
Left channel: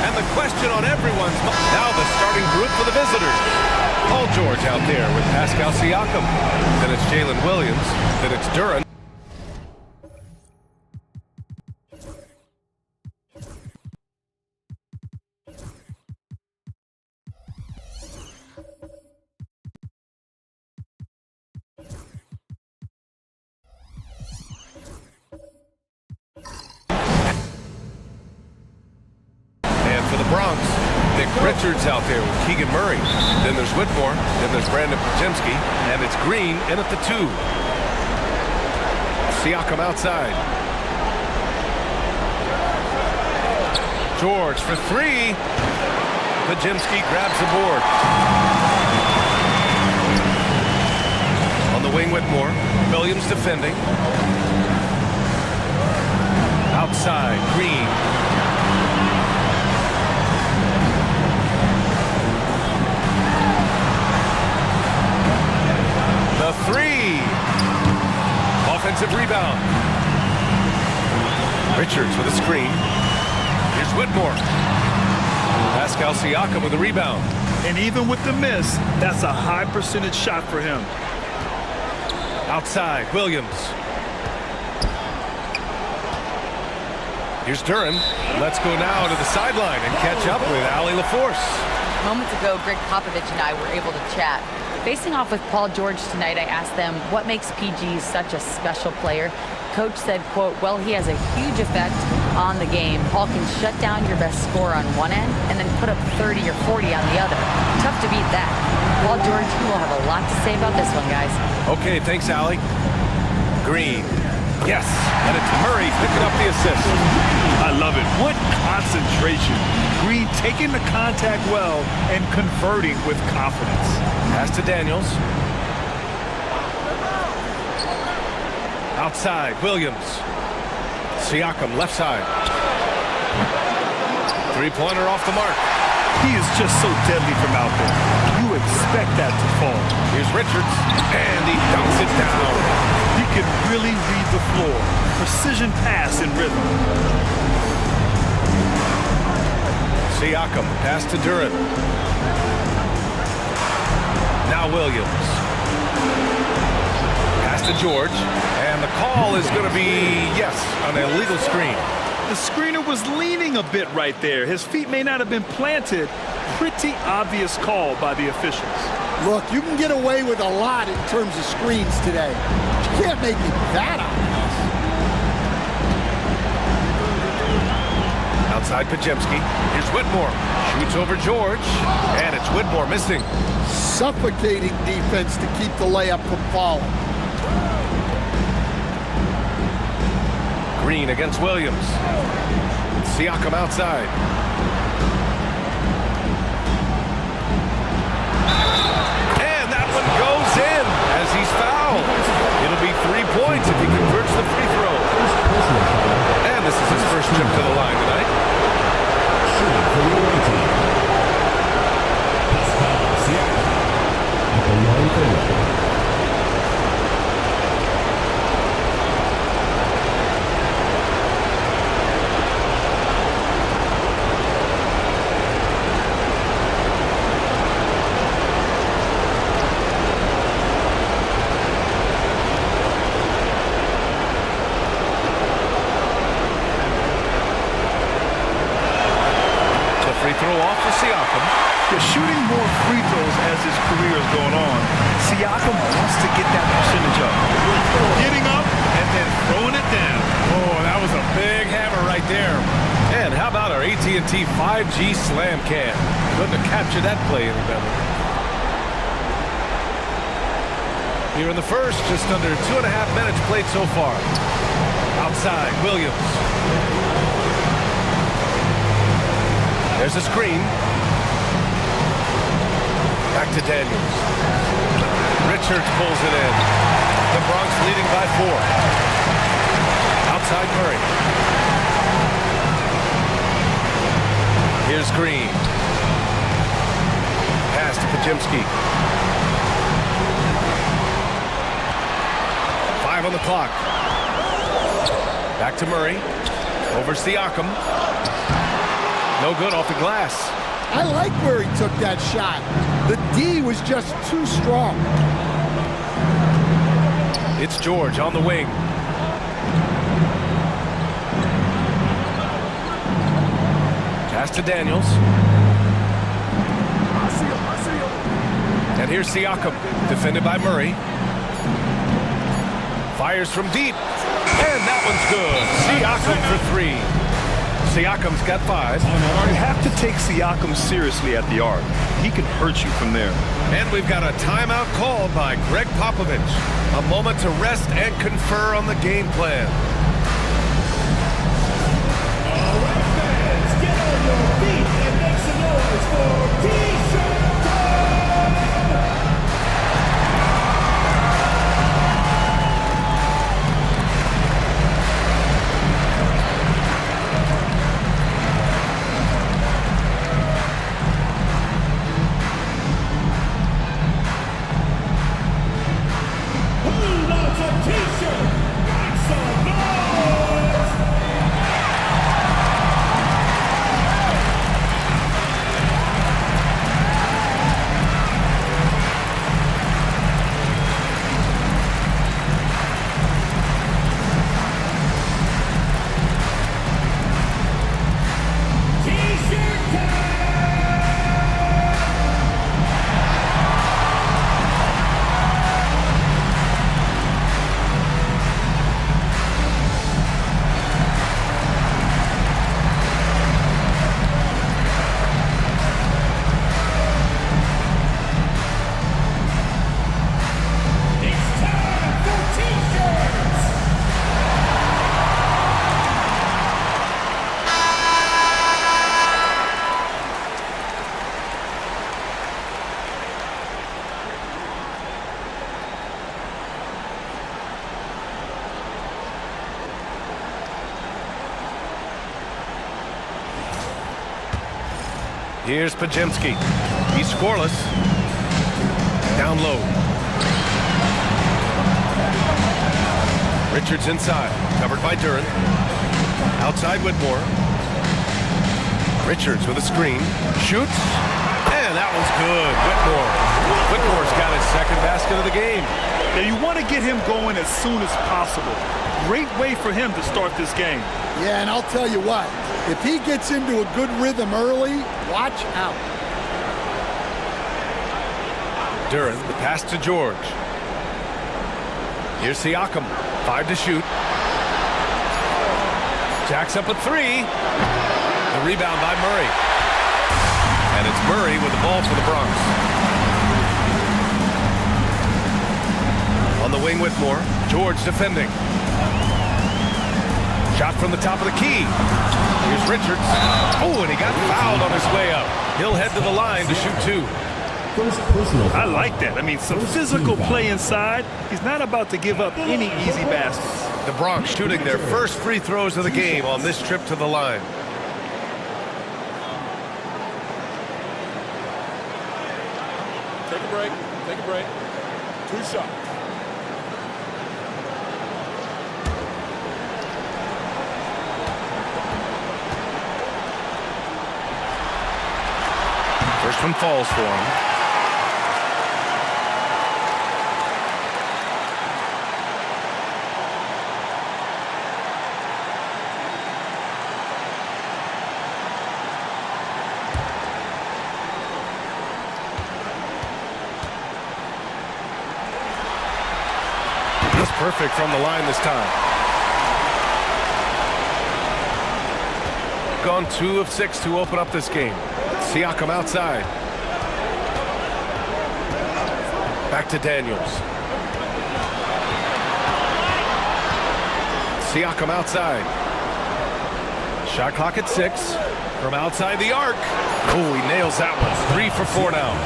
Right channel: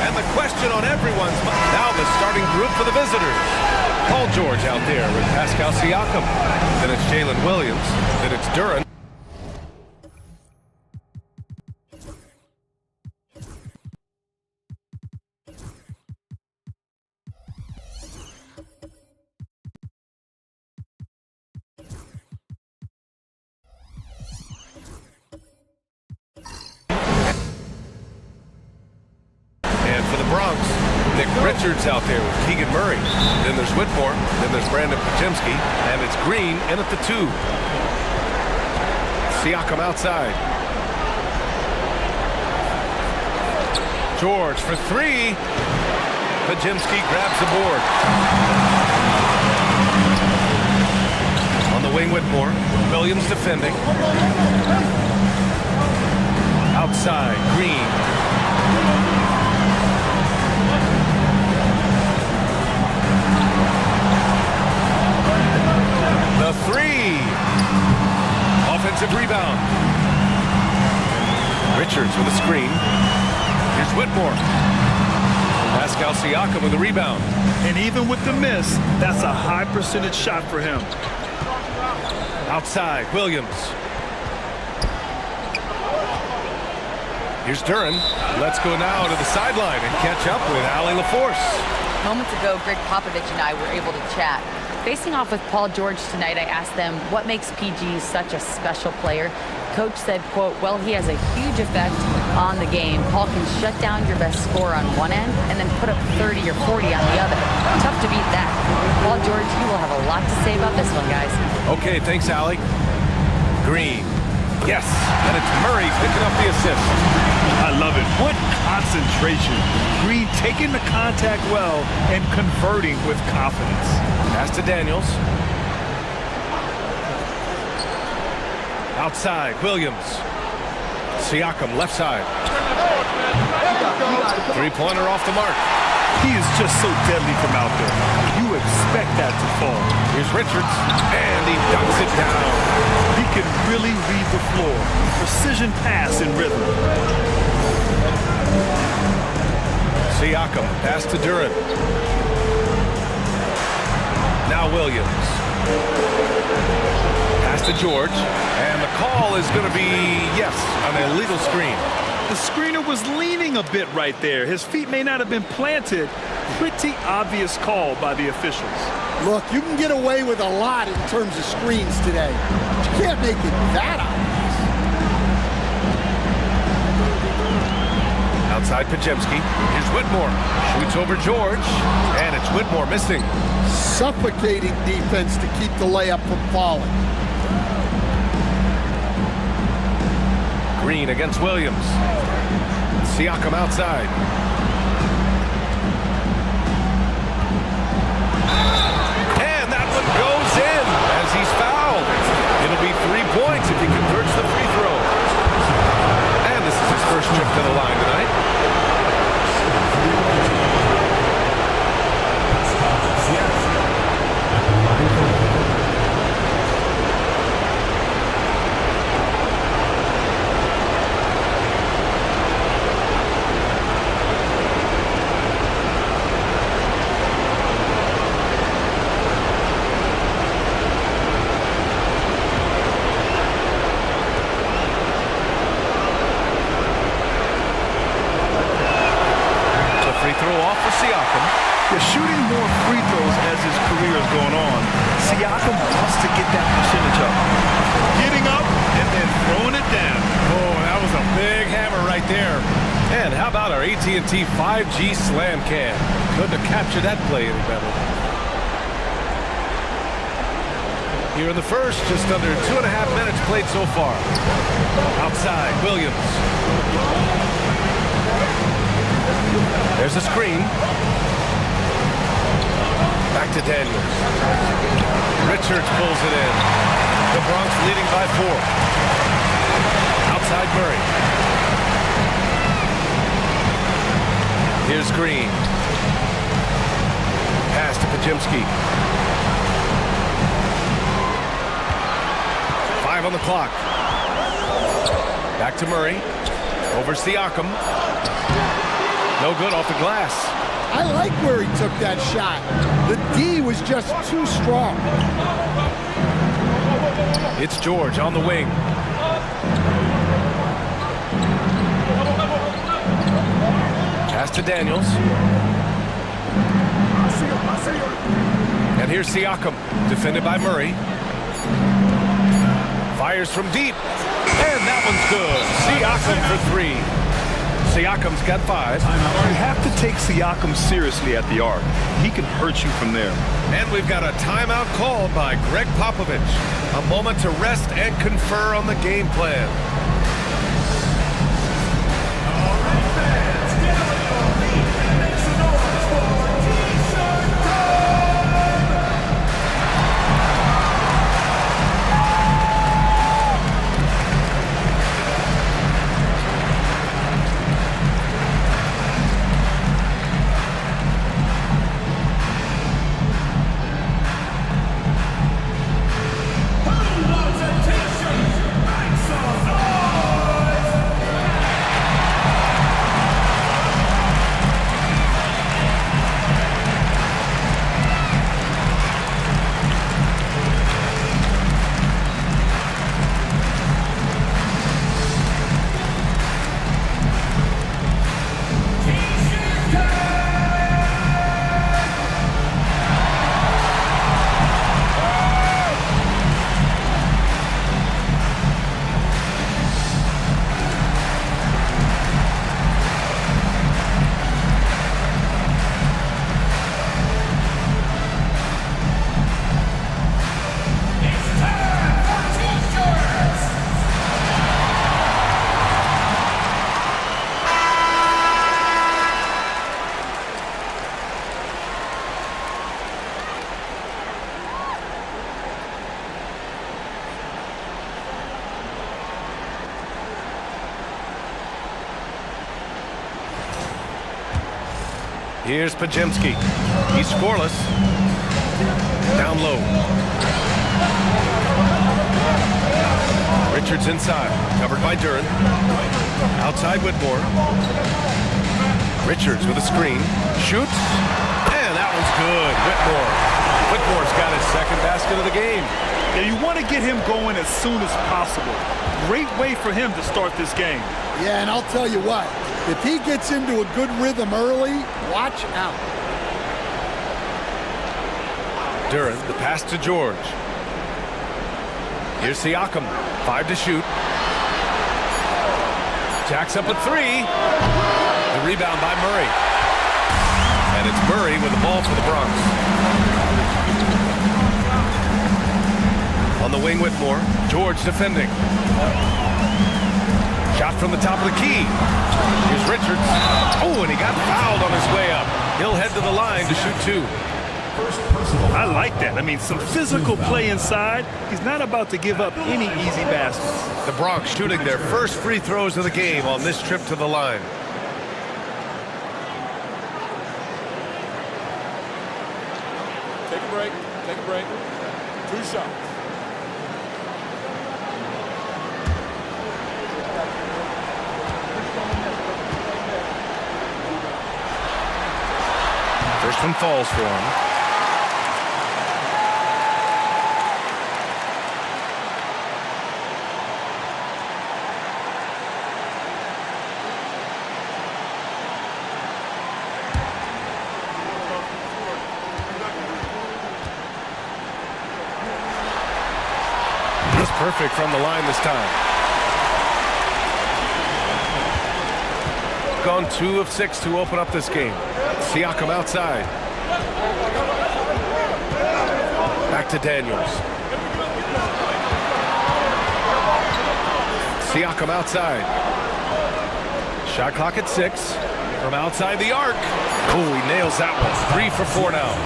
And the question on everyone's mind, now the starting group for the visitors. Paul George out there with Pascal Siakam. Then it's Jalen Williams. Then it's Duren. And for the Bronx, Nick Richards out there with Keegan Murray. Then there's Whitmore. Then there's Brandon Pajemski. And it's Green in at the 2. Siakam outside. George for 3. Pajemski grabs the board. On the wing, Whitmore. Williams defending. Outside, Green. The 3. Offensive rebound. Richards with a screen. Here's Whitmore. Pascal Siakam with a rebound. And even with the miss, that's a high percentage shot for him. Outside, Williams. Here's Duren. Let's go now to the sideline and catch up with Allie LaForce. Moments ago, Greg Popovich and I were able to chat. Facing off with Paul George tonight, I asked them what makes PG such a special player. Coach said, quote, well, he has a huge effect on the game. Paul can shut down your best scorer on one end and then put up 30 or 40 on the other. Tough to beat that. Paul George, he will have a lot to say about this one, guys. Okay, thanks, Allie. Green. Yes, and it's Murray picking up the assist. I love it. What concentration. Green taking the contact well and converting with confidence. Pass to Daniels. Outside, Williams. Siakam, left side. Three-pointer off the mark. He is just so deadly from out there. You expect that to fall. Here's Richards, and he dunks it down. He can really read the floor. Precision pass in rhythm. Siakam, pass to Duren. Now Williams. Pass to George. And the call is going to be, yes, an illegal screen. The screener was leaning a bit right there. His feet may not have been planted. Pretty obvious call by the officials. Look, you can get away with a lot in terms of screens today. But you can't make it that obvious. Outside Pajemski. Here's Whitmore. Shoots over George. And it's Whitmore missing. suffocating defense to keep the layup from falling. Green against Williams. Siakam outside. And that one goes in as he's fouled. It'll be 3 points if he converts the free throw. And this is his first trip to the line tonight. At the line for Free throw off for Siakam. They're shooting more free throws as his career is going on. Siakam wants to get that percentage up. Getting up and then throwing it down. Oh, that was a big hammer right there. And how about our AT&T 5G slam cam? Couldn't have captured that play any better. Here in the first, just under 2.5 minutes played so far. Outside, Williams. There's a screen. Back to Daniels. Richards pulls it in. The Bronx leading by 4. Outside Murray. Here's Green. Pass to Pajimski. 5 on the clock. Back to Murray. Over Siakam. No good off the glass. I like where he took that shot. The D was just too strong. It's George on the wing. Pass to Daniels. And here's Siakam, defended by Murray. Fires from deep. And that one's good. Siakam for 3. Siakam's got 5. You have to take Siakam seriously at the arc. He can hurt you from there. And we've got a timeout called by Greg Popovich. A moment to rest and confer on the game plan. All right, fans, get on your feet and make some noise for T-shirt time! Who wants a T-shirt? Make some noise! T-shirt time! It's time for T-shirts! Here's Pajimski. He's scoreless. Down low. Richards inside. Covered by Duren. Outside Whitmore. Richards with a screen. Shoots. And that one's good. Whitmore's got his second basket of the game. Yeah, you want to get him going as soon as possible. Great way for him to start this game. Yeah, and I'll tell you what, if he gets into a good rhythm early, watch out. Duren, the pass to George. Here's Siakam. 5 to shoot. Jacks up a 3. The rebound by Murray. And it's Murray with the ball for the Bronx. On the wing, Whitmore. George defending. Shot from the top of the key. Here's Richards. Oh, and he got fouled on his way up. He'll head to the line to shoot 2. I like that. I mean, some physical play inside. He's not about to give up any easy baskets. The Bronx shooting their first free throws of the game on this trip to the line. Take a break. Take a break. 2 shots. First one falls for him. He's perfect from the line this time. Gone 2 of 6 to open up this game. Siakam outside. Back to Daniels. Siakam outside. Shot clock at 6. From outside the arc. Oh, he nails that one. 3 for 4 now.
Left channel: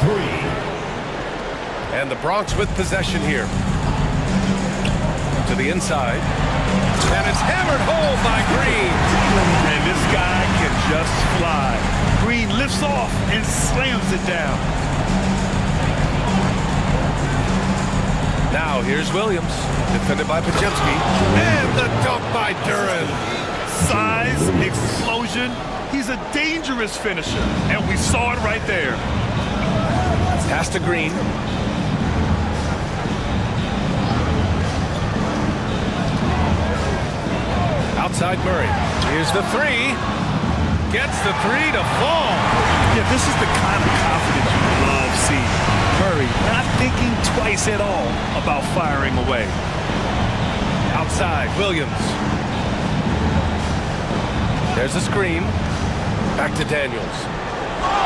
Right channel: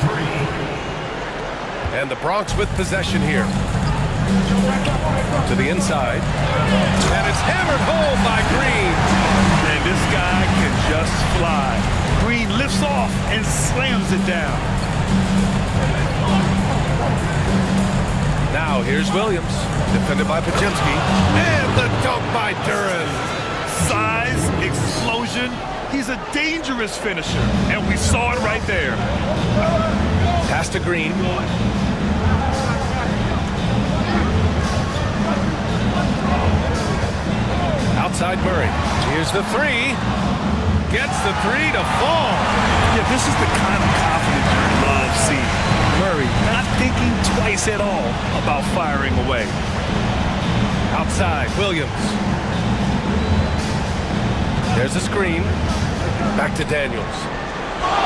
3. And the Bronx with possession here. To the inside. And it's hammered home by Green. And this guy can just fly. Green lifts off and slams it down. Now here's Williams, defended by Pajemski. And the dunk by Duran. Size, explosion. He's a dangerous finisher, and we saw it right there. Pass to Green. Outside Murray. Here's the 3. Gets the 3 to fall. Yeah, this is the kind of confidence you love seeing. Murray not thinking twice at all about firing away. Outside, Williams. There's the screen. Back to Daniels.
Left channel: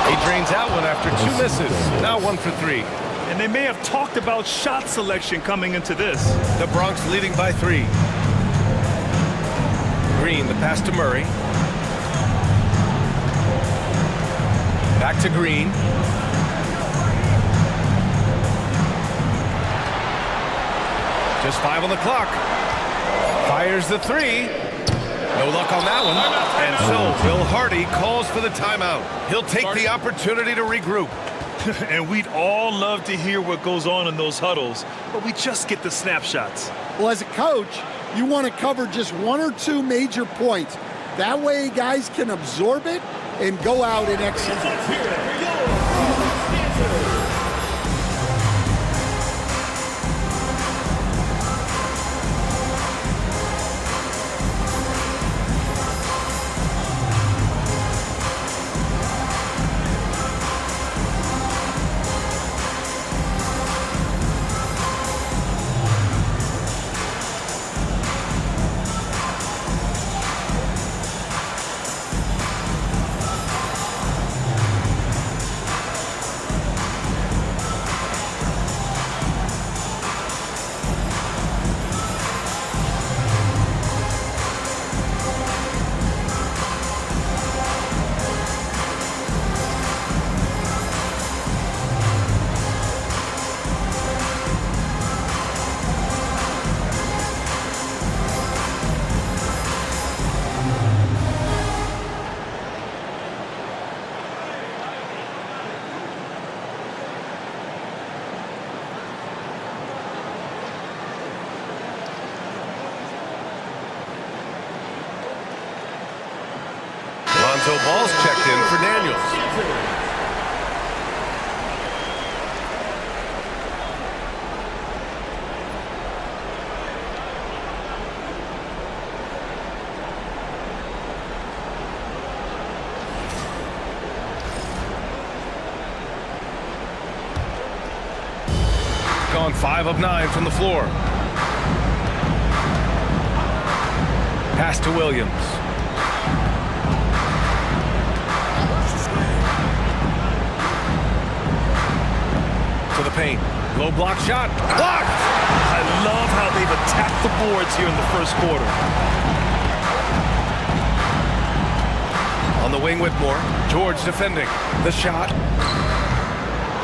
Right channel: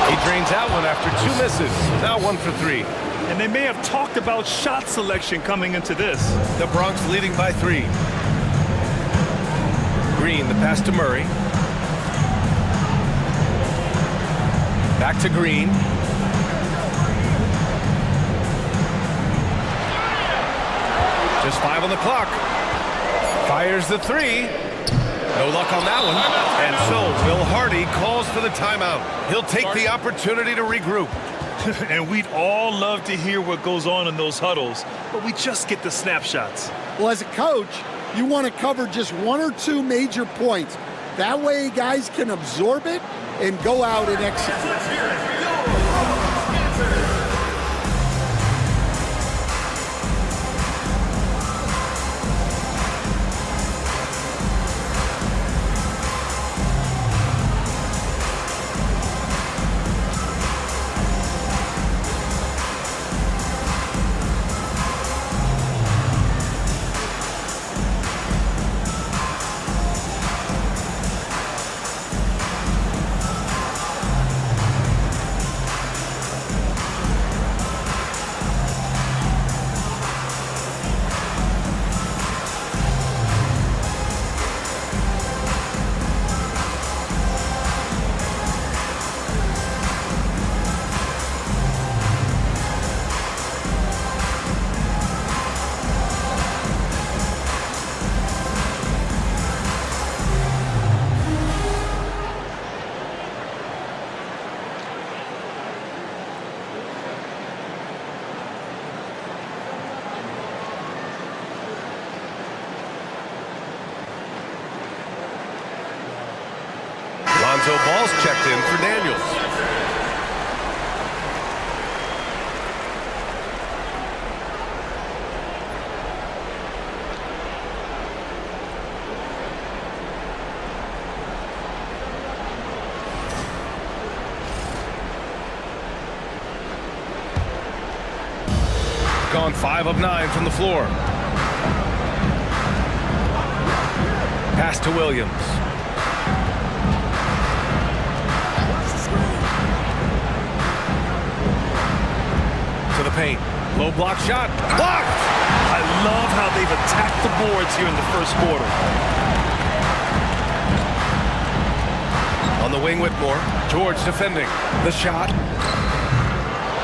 He drains out one after 2 misses. Now 1 for 3. And they may have talked about shot selection coming into this. The Bronx leading by 3. Green, the pass to Murray. Back to Green. Just 5 on the clock. Fires the 3. No luck on that one. And so Bill Hardy calls for the timeout. He'll take the opportunity to regroup. And we'd all love to hear what goes on in those huddles, but we just get the snapshots. Well, as a coach, you want to cover just 1 or 2 major points. That way guys can absorb it and go out and execute. Lonzo Ball's checked in for Daniels. Gone 5 of 9 from the floor. Pass to Williams. To the paint. Low block shot. Blocked! I love how they've attacked the boards here in the first quarter. On the wing, Whitmore. George defending. The shot.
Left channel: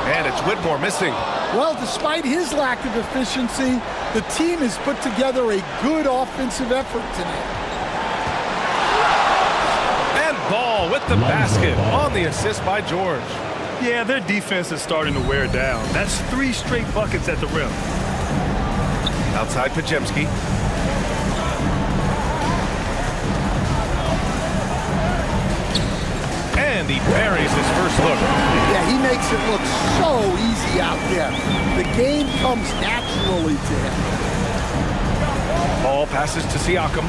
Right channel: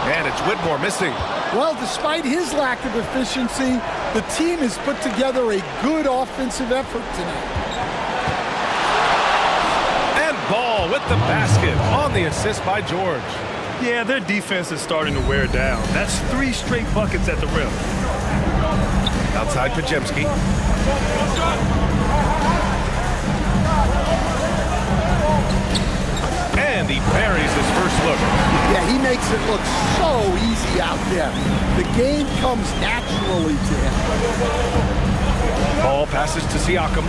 And it's Whitmore missing. Well, despite his lack of efficiency, the team has put together a good offensive effort tonight. And Ball with the basket on the assist by George. Yeah, their defense is starting to wear down. That's 3 straight buckets at the rim. Outside Pajemski. And he buries his first look. Yeah, he makes it look so easy out there. The game comes naturally to him. Ball passes to Siakam.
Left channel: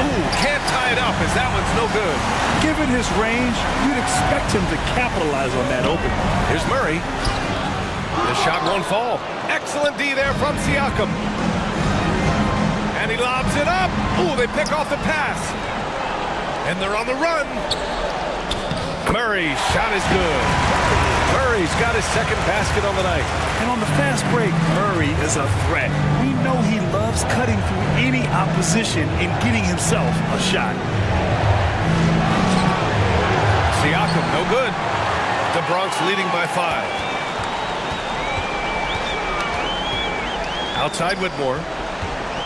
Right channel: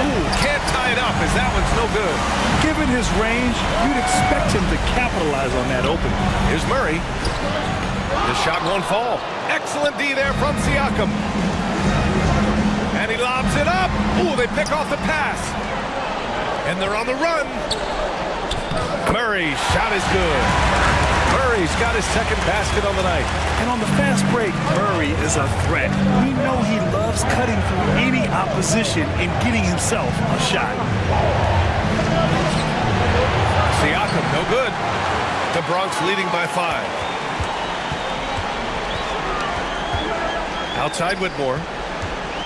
Ooh, can't tie it up as that one's no good. Given his range, you'd expect him to capitalize on that opening. Here's Murray. The shot won't fall. Excellent D there from Siakam. And he lobs it up. Ooh, they pick off the pass. And they're on the run. Murray's shot is good. Murray's got his second basket on the night. And on the fast break, Murray is a threat. We know he loves cutting through any opposition and getting himself a shot. Siakam, no good. The Bronx leading by 5. Outside Whitmore.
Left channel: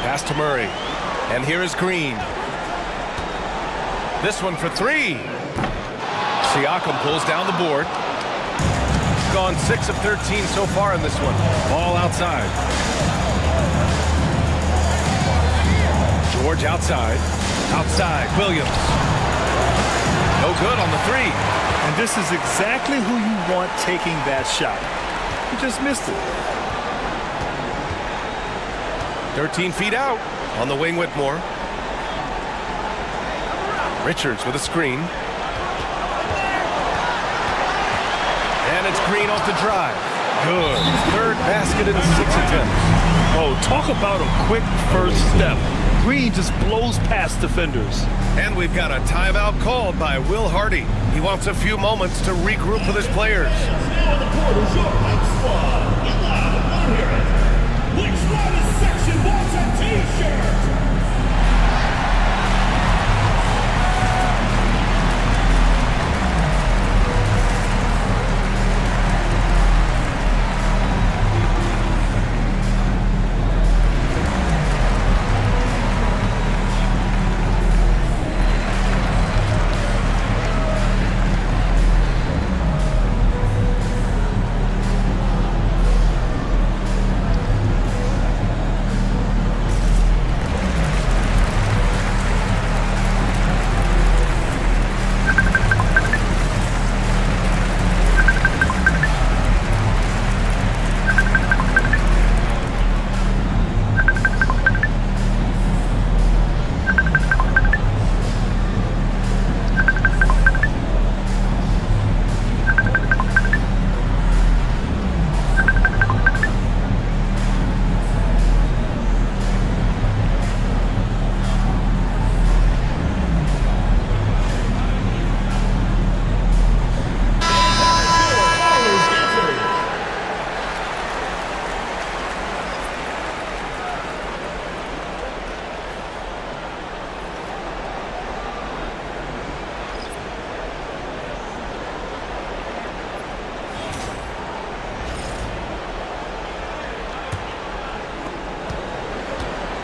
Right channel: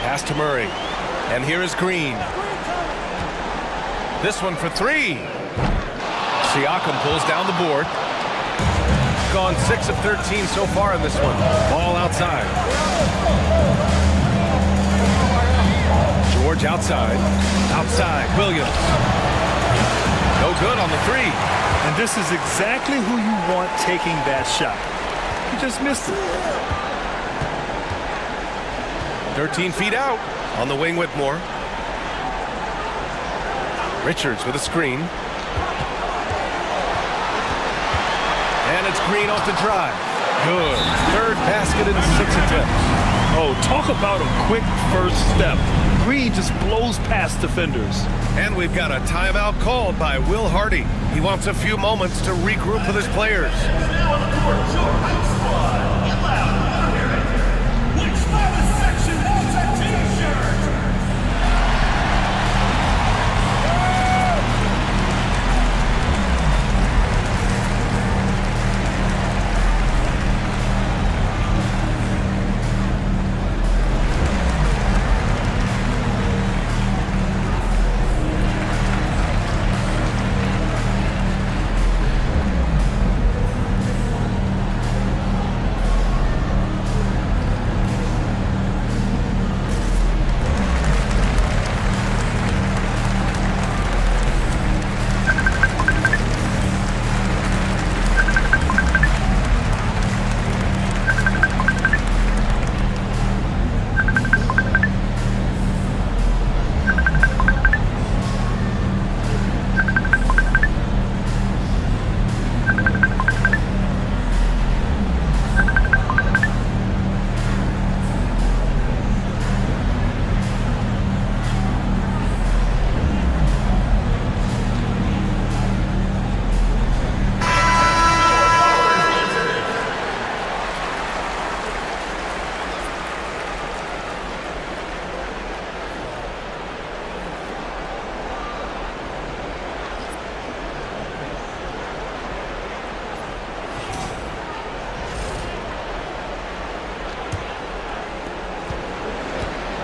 Pass to Murray. And here is Green. This one for 3. Siakam pulls down the board. Gone 6 of 13 so far in this one. Ball outside. George outside. Outside, Williams. No good on the 3. And this is exactly who you want taking that shot. He just missed it. 13 feet out. On the wing, Whitmore. Richards with a screen. And it's Green off the drive. Good. Third basket in 6 attempts. Oh, talk about a quick first step. Green just blows past defenders. And we've got a timeout called by Will Hardy. He wants a few moments to regroup with his players. Now on the court is your hype squad. Get loud. I'm hearing. Which loudest section wants a T-shirt?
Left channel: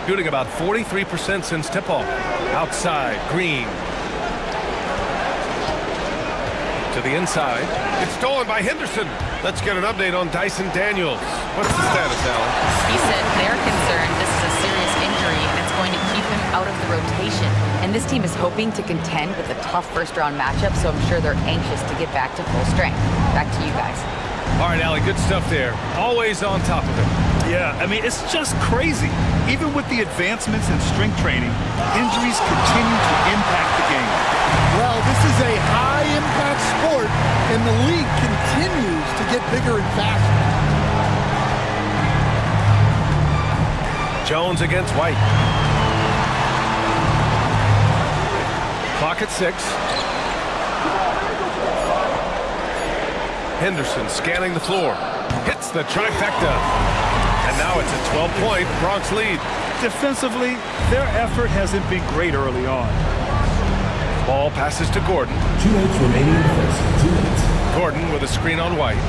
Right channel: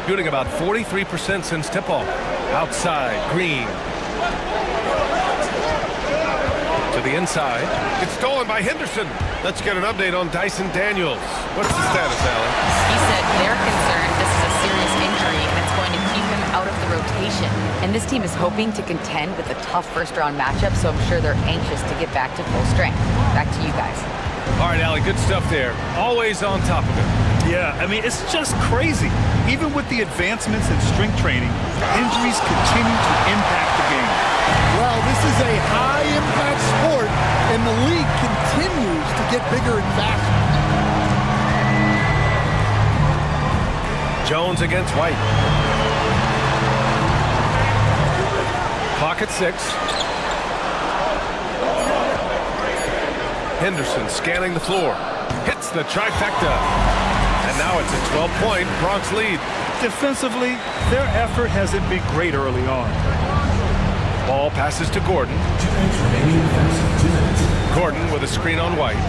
Shooting about 43% since tip-off. Outside, Green. To the inside. It's stolen by Henderson. Let's get an update on Dyson Daniels. What's the status, Allie? He said they're concerned this is a serious injury and it's going to keep him out of the rotation. And this team is hoping to contend with a tough first-round matchup, so I'm sure they're anxious to get back to full strength. Back to you guys. All right, Allie, good stuff there. Always on top of it. Yeah, I mean, it's just crazy. Even with the advancements in strength training, injuries continue to impact the game. Well, this is a high-impact sport, and the league continues to get bigger and faster. Jones against White. Clock at 6. Henderson scanning the floor. Hits the trifecta. And now it's a 12-point Bronx lead. Defensively, their effort hasn't been great early on. Ball passes to Gordon. 2 minutes remaining in defense. 2 minutes. Gordon with a screen on White.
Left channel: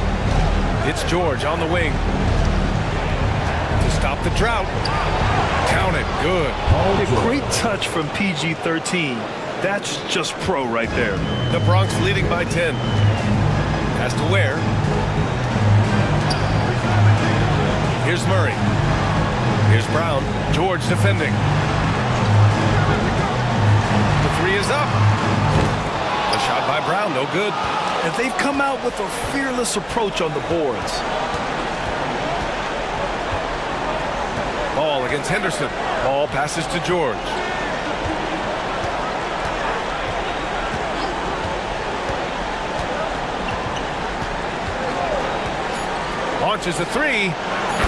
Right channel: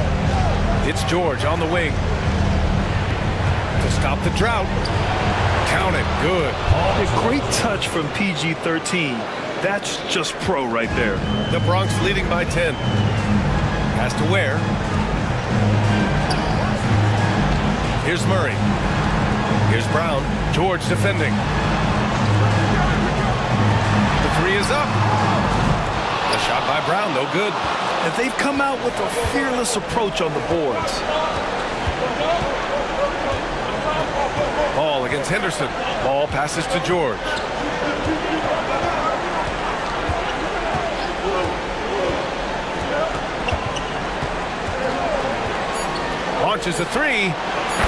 It's George on the wing. To stop the drought. Count it. Good. A great touch from PG-13. That's just pro right there. The Bronx leading by 10. Pass to Ware. Here's Murray. Here's Brown. George defending. The three is up. The shot by Brown, no good. And they've come out with a fearless approach on the boards. Ball against Henderson. Ball passes to George. Launches a three.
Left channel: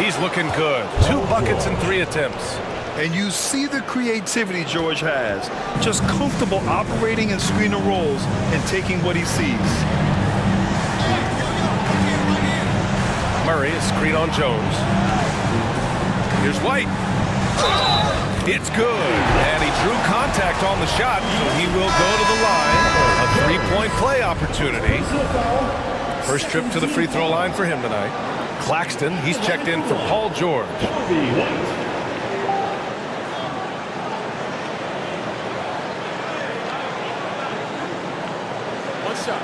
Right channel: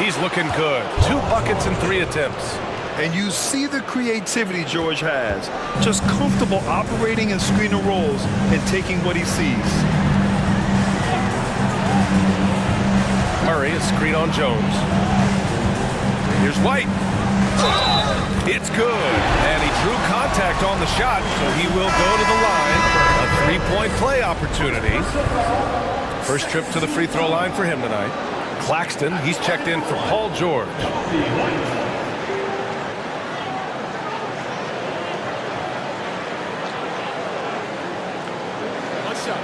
He's looking good. 2 buckets in 3 attempts. And you see the creativity George has. Just comfortable operating in screen and rolls and taking what he sees. Murray is screen on Jones. Here's White. It's good. And he drew contact on the shot, so he will go to the line. A 3-point play opportunity. First trip to the free throw line for him tonight. Claxton, he's checked in for Paul George. One shot.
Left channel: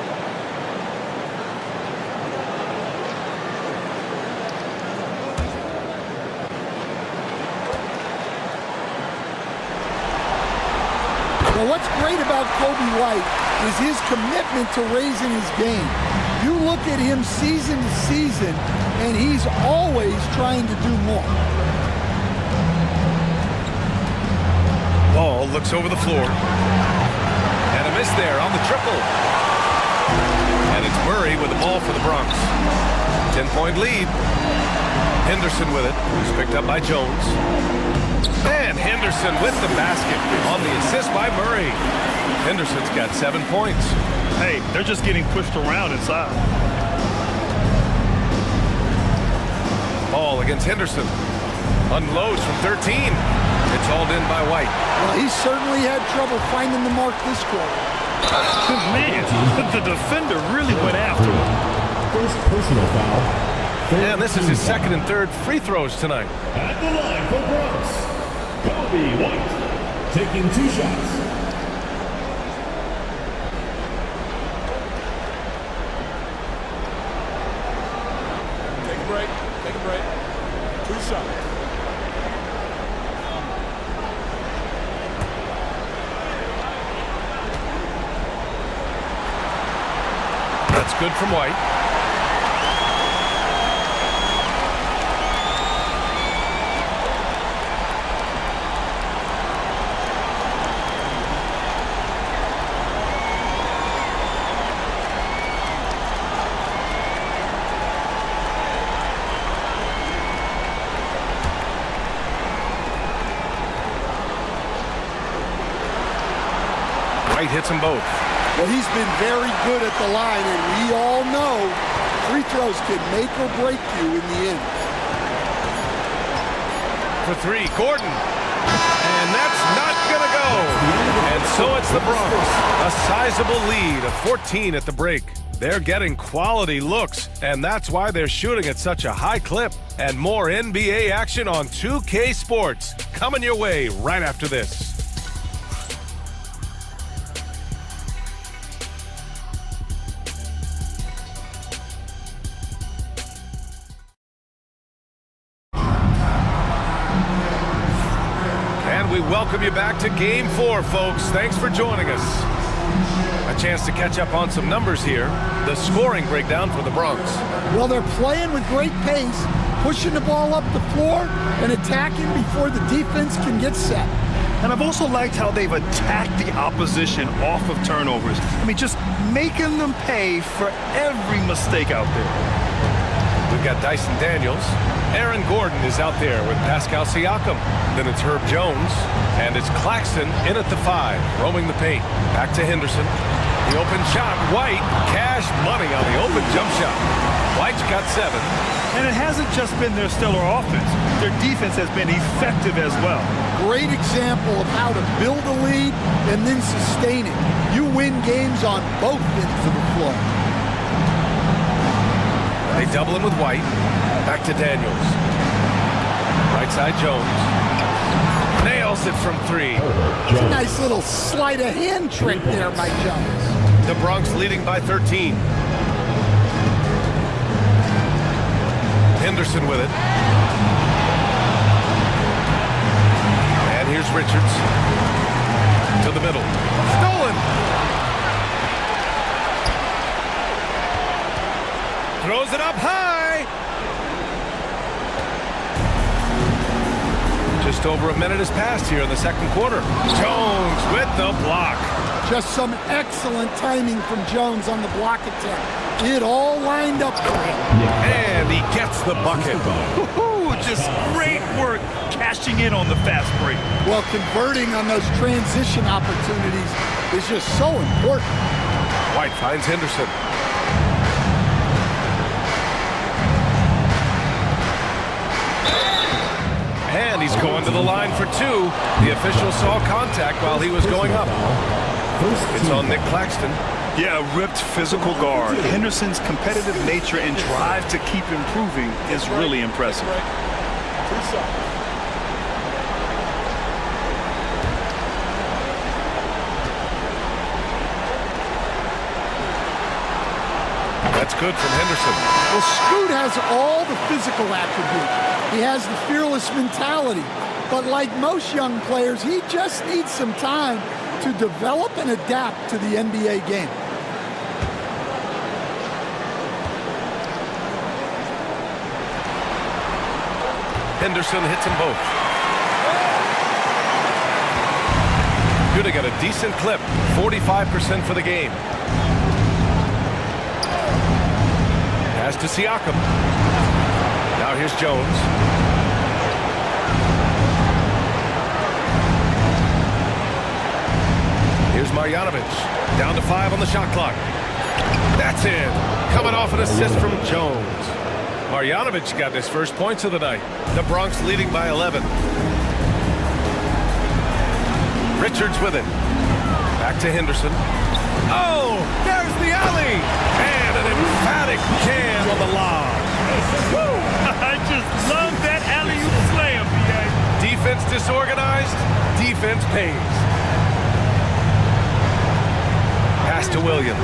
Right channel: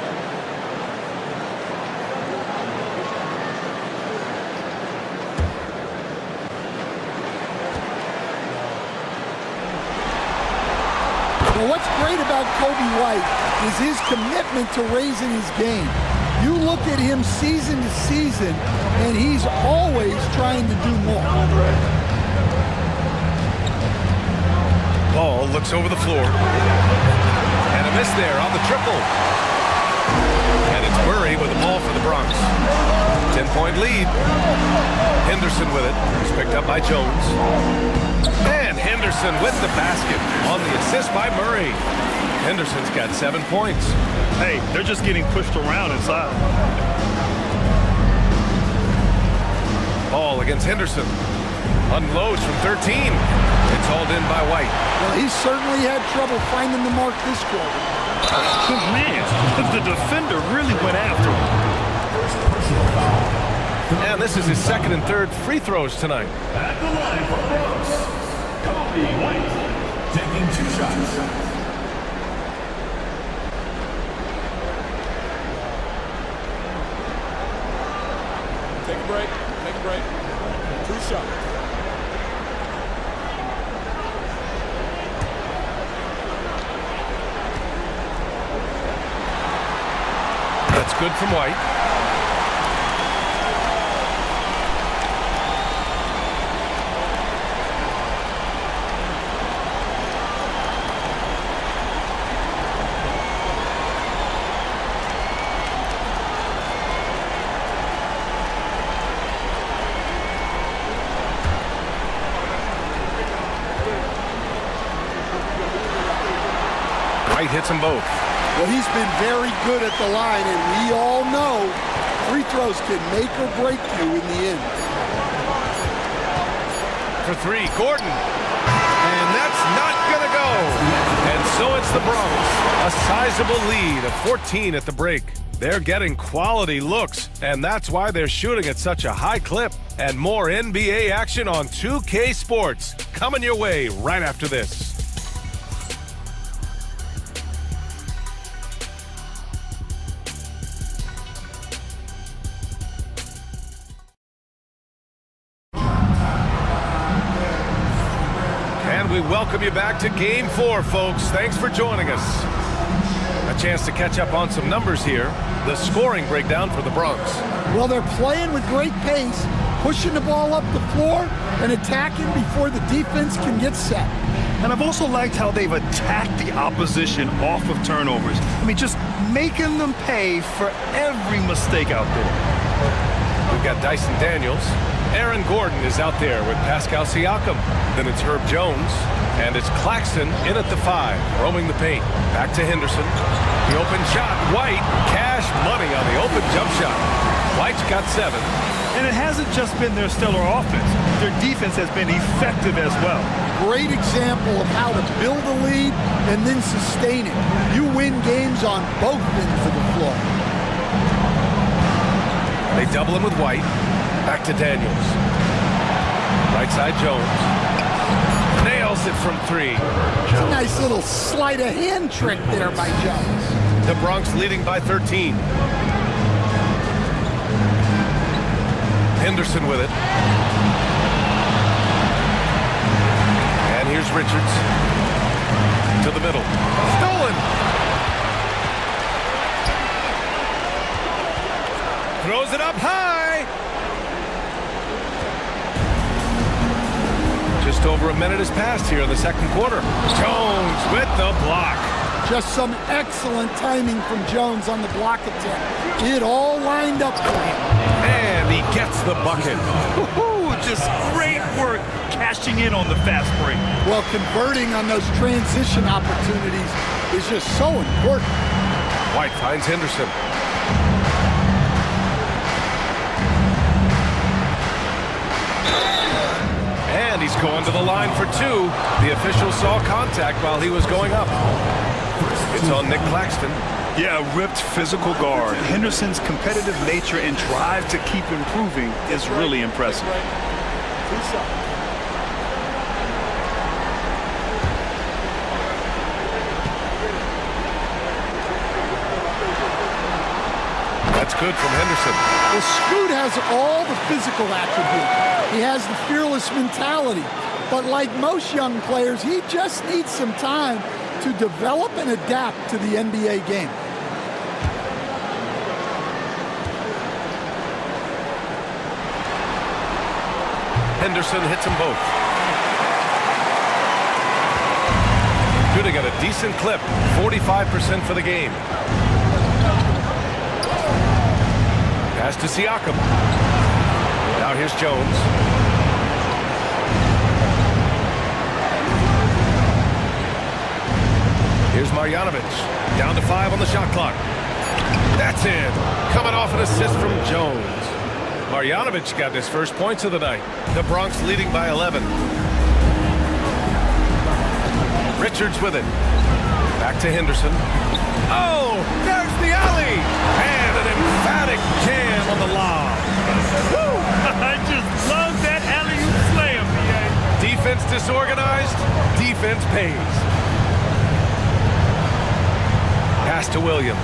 Well, what's great about Kobe White is his commitment to raising his game. You look at him season to season, and he's always trying to do more. Ball looks over the floor. And a miss there on the triple. And it's Murray with the ball for the Bronx. 10-point lead. Henderson with it. It's picked up by Jones. And Henderson with the basket on the assist by Murray. Henderson's got 7 points. Hey, they're just getting pushed around inside. Ball against Henderson. Unloads from 13. It's hauled in by White. Well, he certainly had trouble finding the mark this quarter. Man, the defender really went after him. First personal foul. And this is his second and third free throws tonight. At the line for Bronx, Kobe White, taking 2 shots. Take a break. Take a break. 2 shots. That's good from White. White hits them both. Well, he's been very good at the line, and we all know free throws can make or break you in the end. For 3, Gordon. And that's not going to go. And so it's the Bronx. A sizable lead of 14 at the break. They're getting quality looks, and that's why they're shooting at such a high clip. And more NBA action on 2K Sports coming your way right after this. And we welcome you back to Game 4, folks. Thanks for joining us. A chance to catch up on some numbers here. The scoring breakdown for the Bronx. Well, they're playing with great pace, pushing the ball up the floor and attacking before the defense can get set. And I've also liked how they've attacked the opposition off of turnovers. I mean, just making them pay for every mistake out there. We've got Dyson Daniels. Aaron Gordon is out there with Pascal Siakam. Then it's Herb Jones. And it's Claxton in at the 5, roaming the paint. Back to Henderson. The open shot. White, cash money on the open jump shot. White's got 7. And it hasn't just been their stellar offense. Their defense has been effective as well. Great example of how to build a lead and then sustain it. You win games on both ends of the floor. They double him with White. Back to Daniels. Right side Jones. Nails it from 3. It's a nice little sleight of hand trick there by Jones. The Bronx leading by 13. Henderson with it. And here's Richards. To the middle. Stolen! Throws it up high! Just over a minute has passed here in the second quarter. Jones with the block. Just some excellent timing from Jones on the block attempt. It all lined up for him. And he gets the bucket. Woo-hoo, just great work cashing in on the fast break. Well, converting on those transition opportunities is just so important. White finds Henderson. And he's going to the line for 2. The official saw contact while he was going up. It's on Nick Claxton. Yeah, a ripped physical guard. Henderson's competitive nature and drive to keep improving is really impressive. That's good from Henderson. Well, Scoot has all the physical attributes. He has the fearless mentality. But like most young players, he just needs some time to develop and adapt to the NBA game. Henderson hits them both. Shooting at a decent clip, 45% for the game. Pass to Siakam. Now here's Jones. Here's Marjanovic. Down to 5 on the shot clock. That's in. Coming off an assist from Jones. Marjanovic got his first points of the night. The Bronx leading by 11. Richards with it. Back to Henderson. Oh, there's the alley. And an emphatic jam on the lob. Woo! I just love that alley-oop slam, B.A. Defense disorganized. Defense pays. Pass to Williams.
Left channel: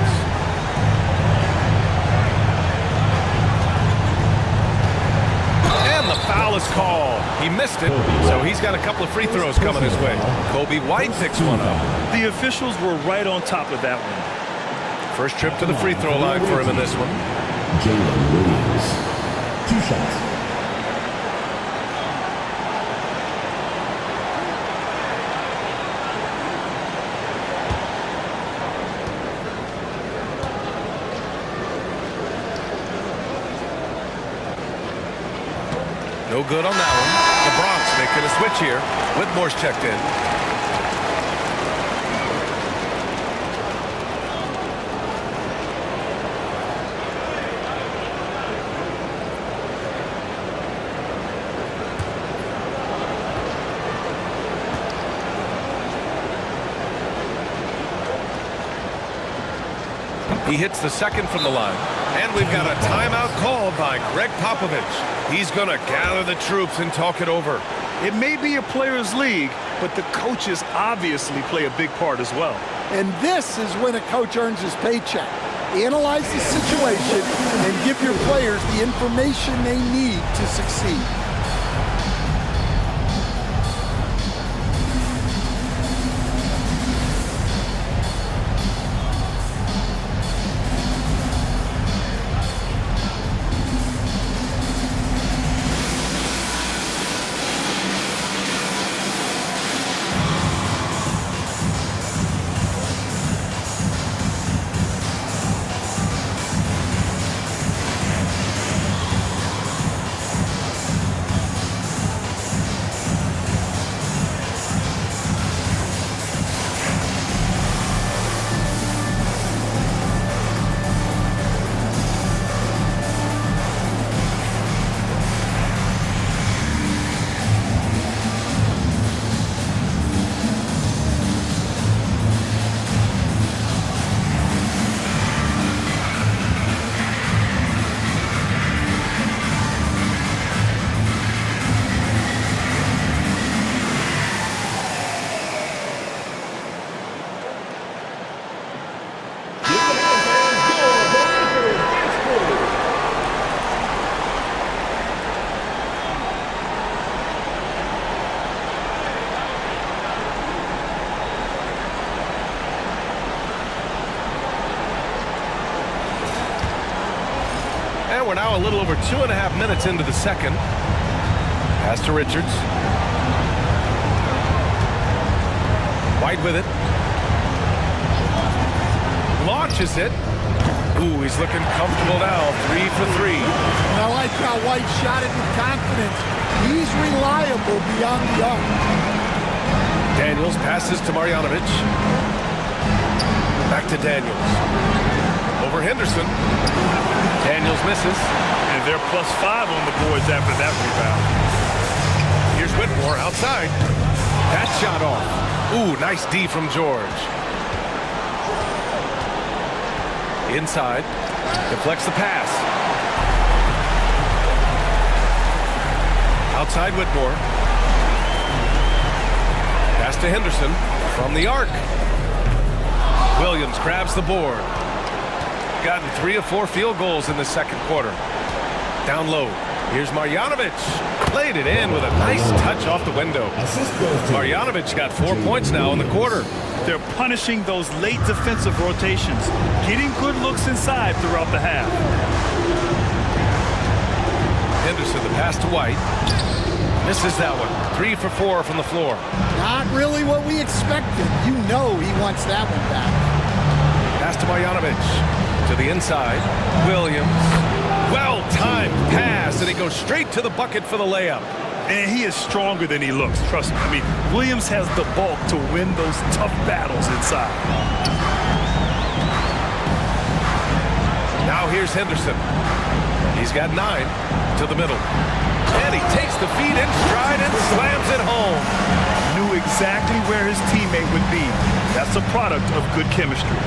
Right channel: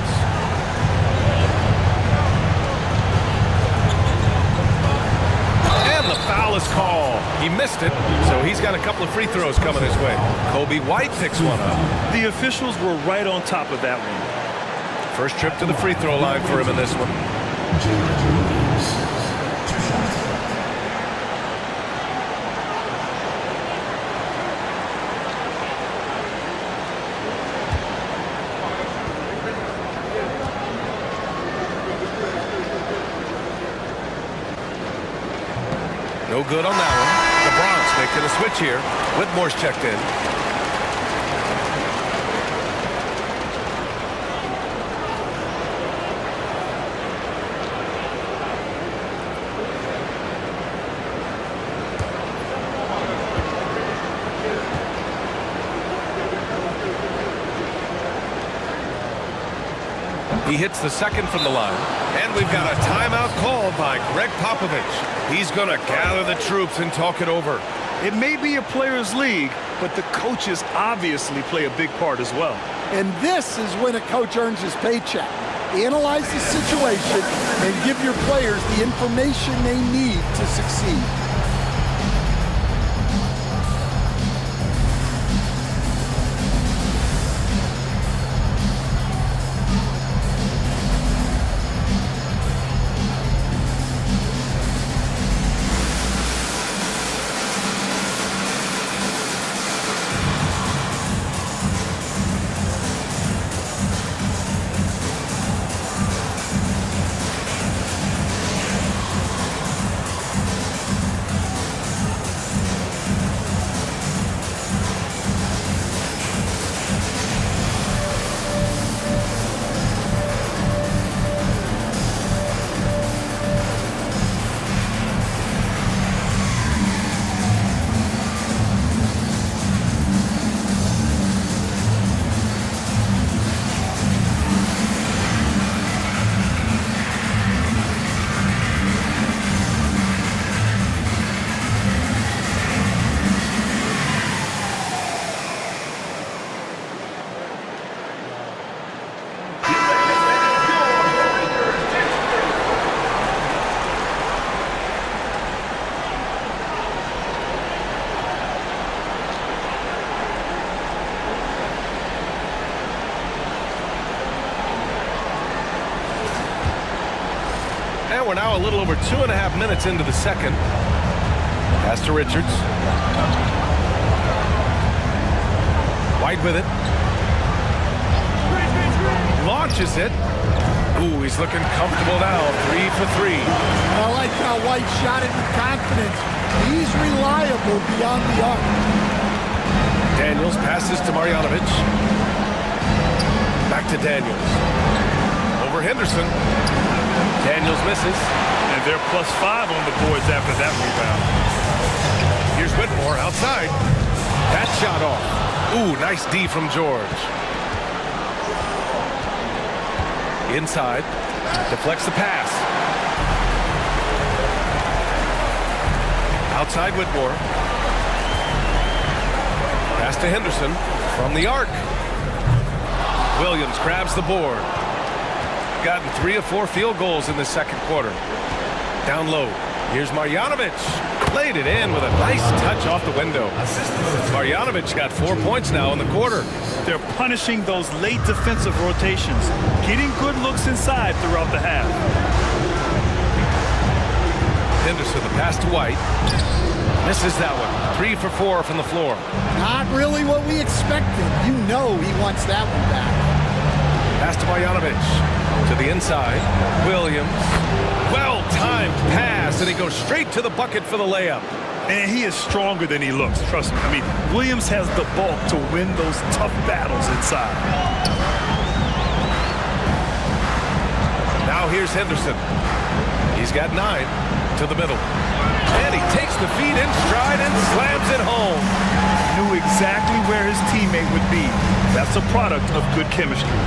And the foul is called. He missed it, so he's got a couple of free throws coming his way. Kobe White picks one up. The officials were right on top of that one. First trip to the free throw line for him in this one. Jalen Williams. 2 shots. No good on that one. The Bronx making a switch here. Whitmore's checked in. He hits the second from the line. And we've got a timeout called by Greg Popovich. He's going to gather the troops and talk it over. It may be a players' league, but the coaches obviously play a big part as well. And this is when a coach earns his paycheck. Analyze the situation and give your players the information they need to succeed. And we're now a little over 2.5 minutes into the second. Pass to Richards. White with it. Launches it. Ooh, he's looking comfortable now. 3 for 3. And I like how White shot it with confidence. He's reliable beyond the arc. Daniels passes to Marjanovic. Back to Daniels. Over Henderson. Daniels misses. And they're +5 on the boards after that rebound. Here's Whitmore outside. That shot off. Ooh, nice D from George. Inside. Deflects the pass. Outside Whitmore. Pass to Henderson from the arc. Williams grabs the board. Gotten 3 of 4 field goals in the second quarter. Down low. Here's Marjanovic. Played it in with a nice touch off the window. Marjanovic got 4 points now in the quarter. They're punishing those late defensive rotations, getting good looks inside throughout the half. Henderson, the pass to White. Misses that one. 3 for 4 from the floor. Not really what we expected. You know he wants that one back. Pass to Marjanovic. To the inside. Williams. Well-timed pass, and he goes straight to the bucket for the layup. And he is stronger than he looks, trust me. I mean, Williams has the bulk to win those tough battles inside. Now here's Henderson. He's got 9 to the middle. And he takes the feed in stride and slams it home. Knew exactly where his teammate would be. That's a product of good chemistry.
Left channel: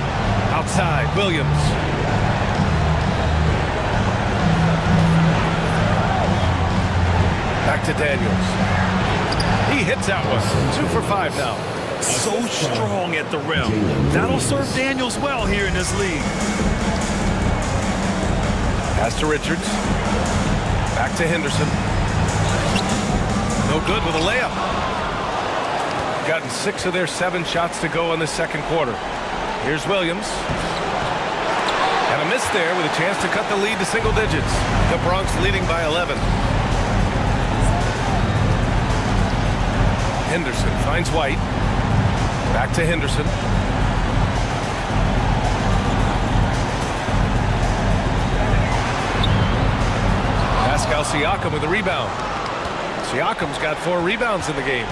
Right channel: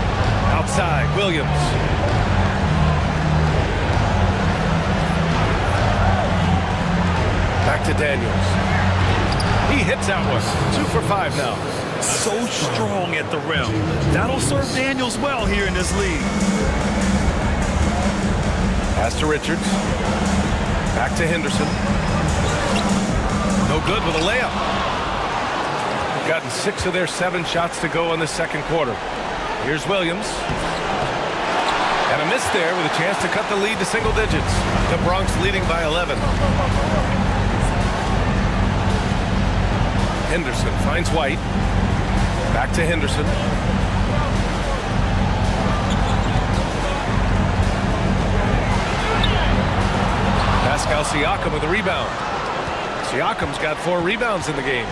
Outside, Williams. Back to Daniels. He hits that one. 2 for 5 now. So strong at the rim. That'll serve Daniels well here in this league. Pass to Richards. Back to Henderson. No good with a layup. Gotten 6 of their 7 shots to go in the second quarter. Here's Williams. And a miss there with a chance to cut the lead to single digits. The Bronx leading by 11. Henderson finds White. Back to Henderson. Pascal Siakam with a rebound. Siakam's got 4 rebounds in the game.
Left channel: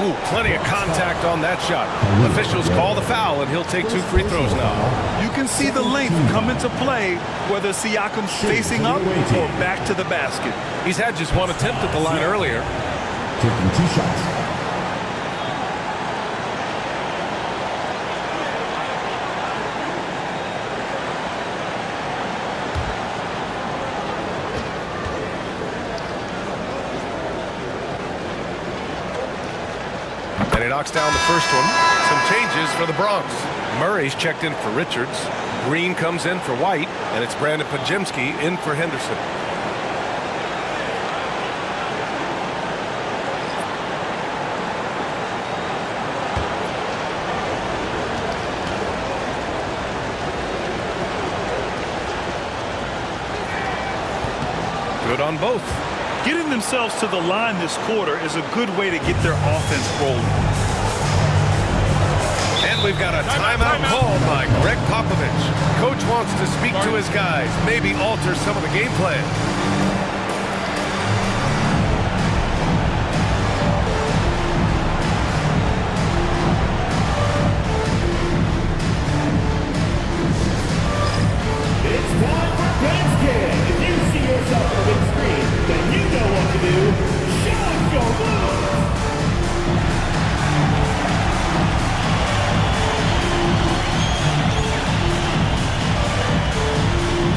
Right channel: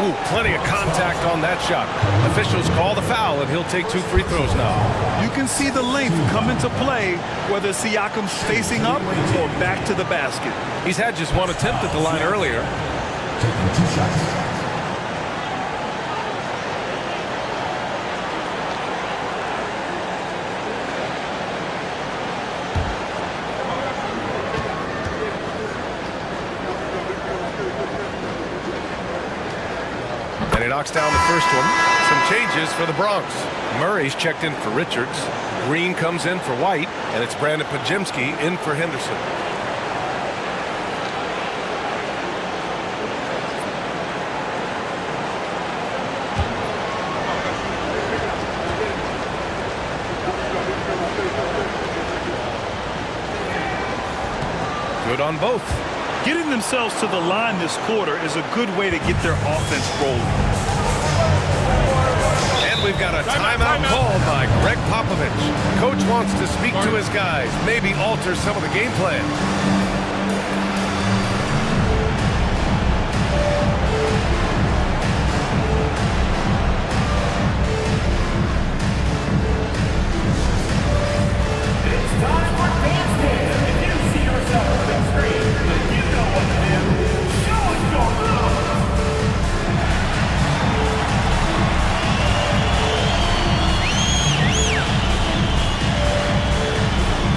Oh, plenty of contact on that shot. Officials call the foul, and he'll take 2 free throws now. You can see the length come into play, whether Siakam's facing up or back to the basket. He's had just 1 attempt at the line earlier. Taking 2 shots. And he knocks down the first one. Some changes for the Bronx. Murray's checked in for Richards. Green comes in for White, and it's Brandon Pajemski in for Henderson. Good on both. Getting themselves to the line this quarter is a good way to get their offense rolling. And we've got a timeout called by Greg Popovich. Coach wants to speak to his guys, maybe alter some of the game plan. It's time for Dance Cam. If you see yourself on the big screen, then you know what to do. Show us your moves.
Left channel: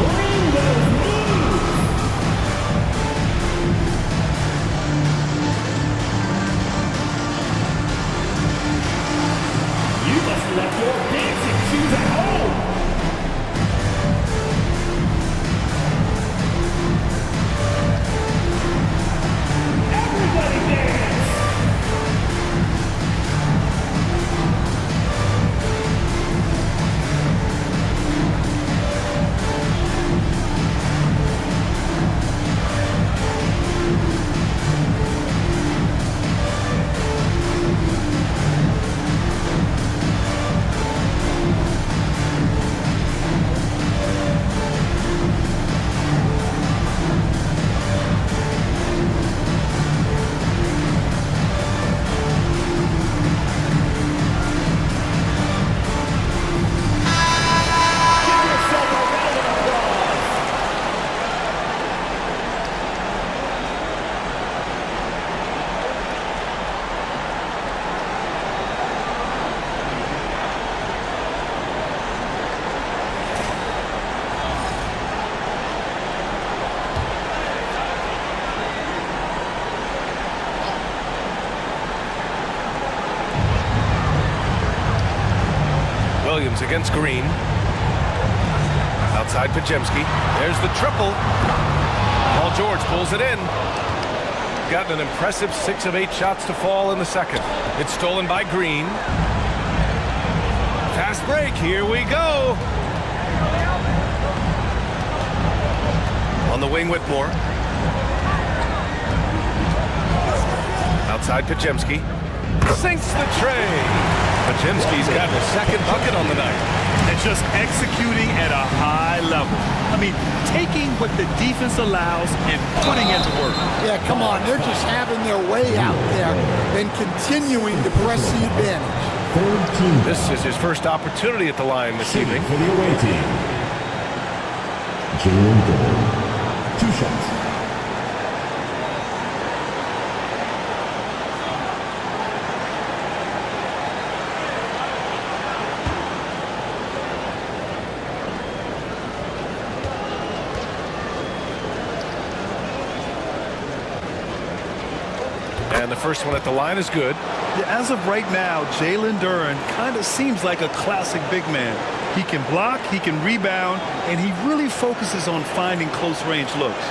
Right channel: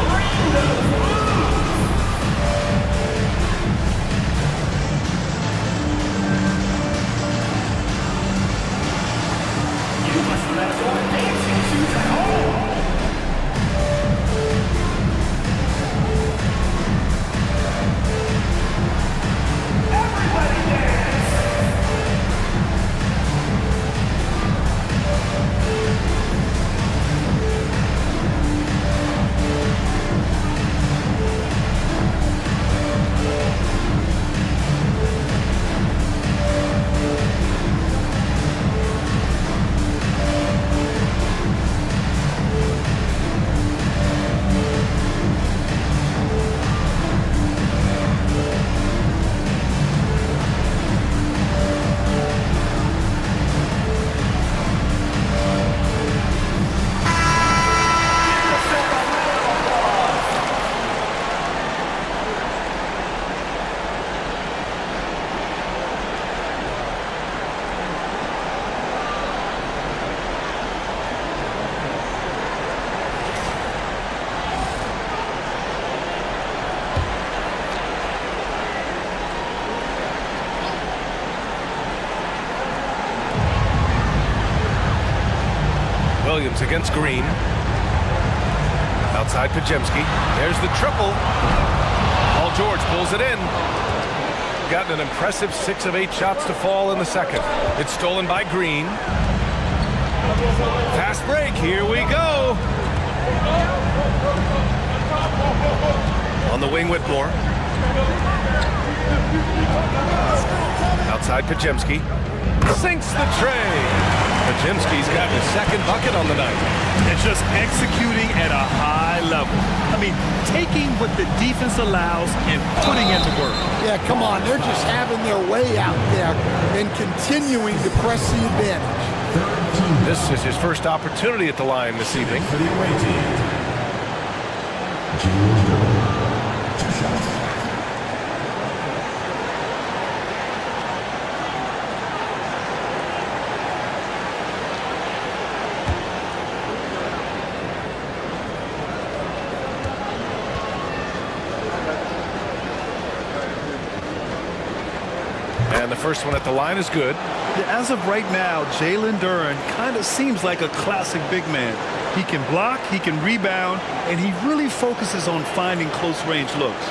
Bring those moves. Williams against Green. Outside Pajemski. There's the triple. Paul George pulls it in. Gotten an impressive 6 of 8 shots to fall in the second. It's stolen by Green. Fast break. Here we go. On the wing, Whitmore. Outside Pajemski. Sinks the tray. Pajemski's got his second bucket on the night. And just executing at a high level. I mean, taking what the defense allows and putting in the work. Yeah, come on. They're just having their way out there and continuing to press the advantage. This is his first opportunity at the line this evening. For the away team, Jalen Duren, 2 shots. And the first one at the line is good. Yeah, as of right now, Jalen Duren kind of seems like a classic big man. He can block, he can rebound, and he really focuses on finding close-range looks.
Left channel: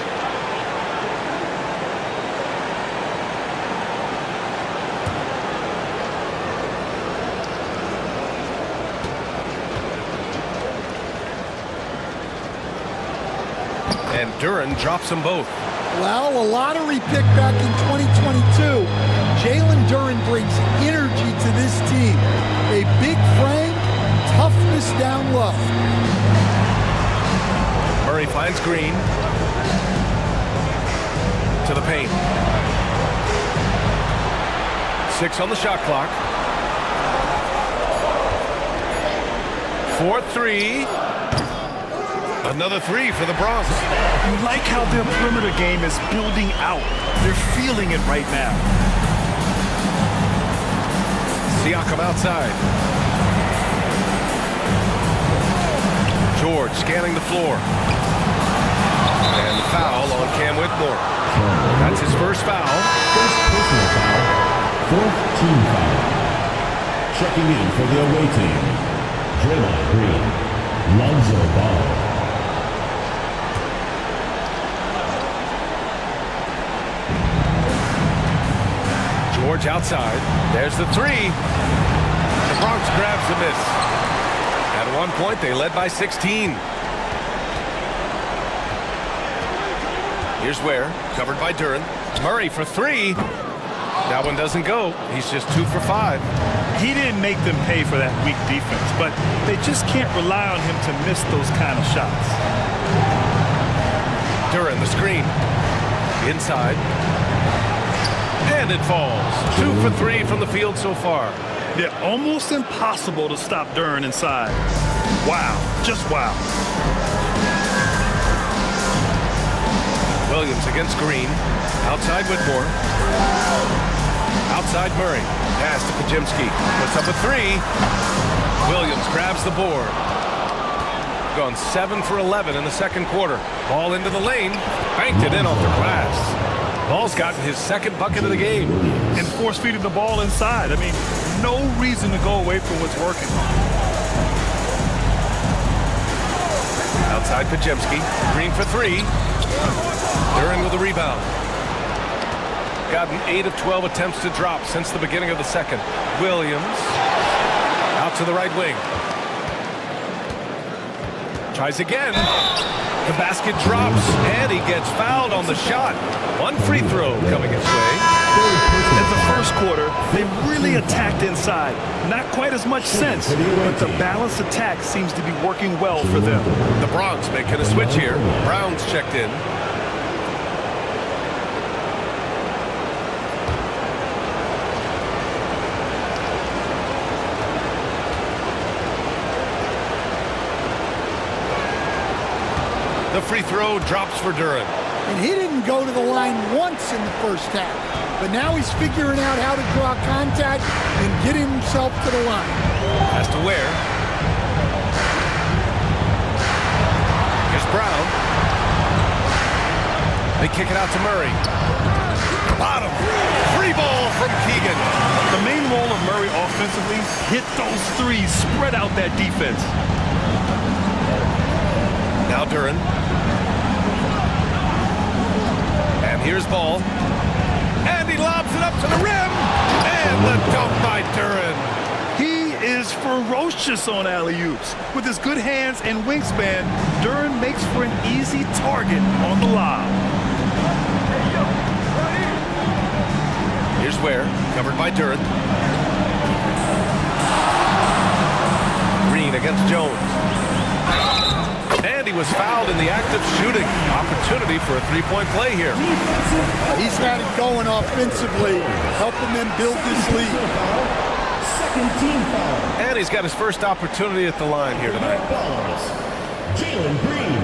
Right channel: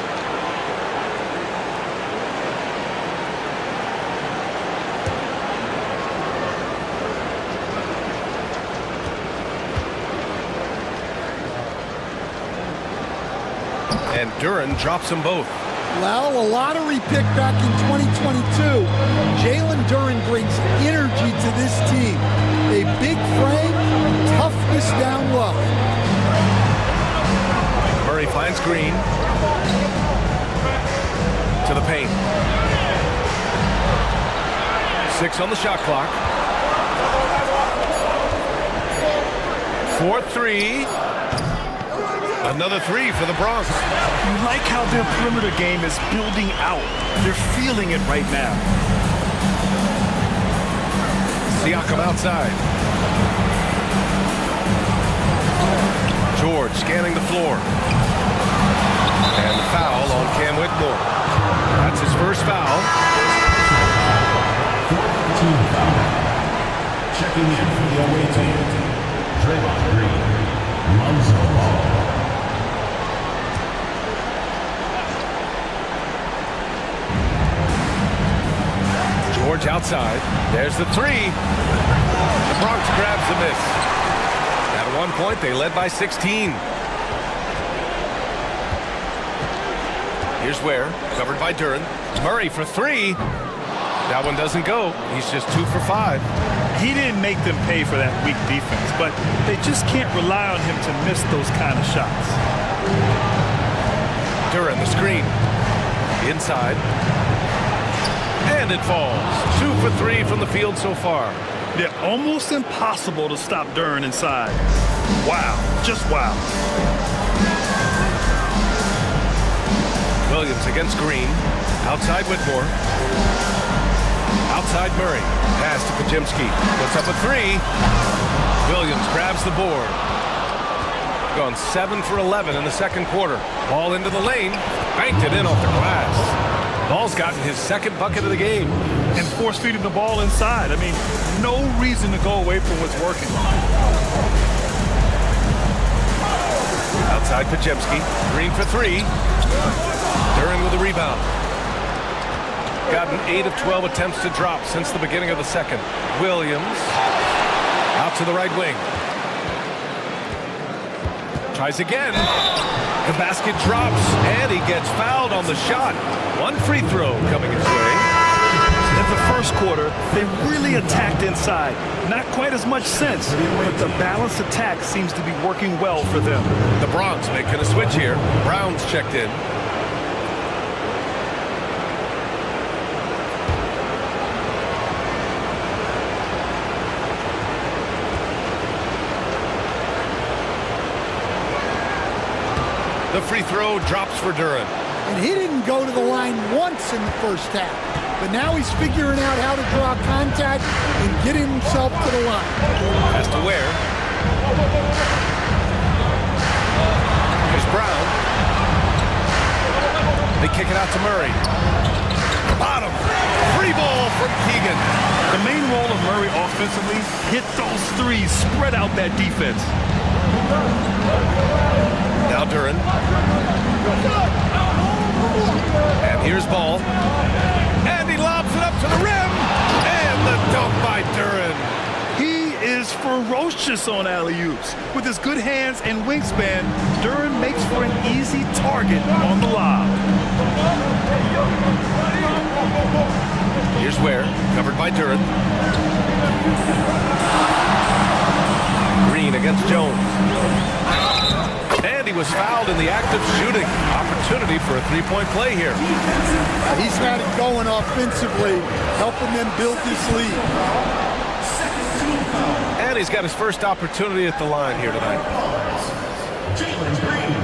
And Duren drops them both. Well, a lottery pick back in 2022. Jalen Duren brings energy to this team. A big frame, toughness down low. Murray finds Green. To the paint. 6 on the shot clock. 4-3. Another 3 for the Bronx. You like how their perimeter game is building out. They're feeling it right now. Siakam outside. George scanning the floor. And the foul on Cam Whitmore. That's his first foul. First personal foul, 4th team foul. Checking in for the away team, Draymond Green loves the ball. George outside. There's the 3. The Bronx grabs the miss. At one point, they led by 16. Here's Ware, covered by Duren. Murray for 3. That one doesn't go. He's just 2 for 5. He didn't make them pay for that weak defense, but they just can't rely on him to miss those kind of shots. Duren, the screen. Inside. And it falls. 2 for 3 from the field so far. They're almost impossible to stop Duren inside. Wow. Just wow. Williams against Green. Outside Whitmore. Outside Murray. Pass to Pajemski. Puts up a 3. Williams grabs the board. Gone 7 for 11 in the second quarter. Ball into the lane. Banked it in off the glass. Ball's gotten his second bucket of the game. And force-feeding the ball inside. I mean, no reason to go away from what's working. Outside Pajemski. Green for 3. Duren with a rebound. Gotten 8 of 12 attempts to drop since the beginning of the second. Williams out to the right wing. Tries again. The basket drops, and he gets fouled on the shot. One free throw coming his way. In the first quarter, they really attacked inside. Not quite as much sense, but the balanced attack seems to be working well for them. The Bronx making a switch here. Brown's checked in. The free throw drops for Duren. And he didn't go to the line once in the first half. But now he's figuring out how to draw contact and get himself to the line. Has to Ware. Here's Brown. They kick it out to Murray. Bottom. Free ball from Keegan. The main role of Murray offensively, hit those threes, spread out that defense. Now Duren. And here's Ball. And he lobs it up to the rim. And the dunk by Duren. He is ferocious on alley-oops. With his good hands and wingspan, Duren makes for an easy target on the lob. Here's Ware, covered by Duren. Green against Jones. And he was fouled in the act of shooting. Opportunity for a three-point play here. He's had it going offensively, helping them build this lead. And he's got his first opportunity at the line here tonight. Jalen Green,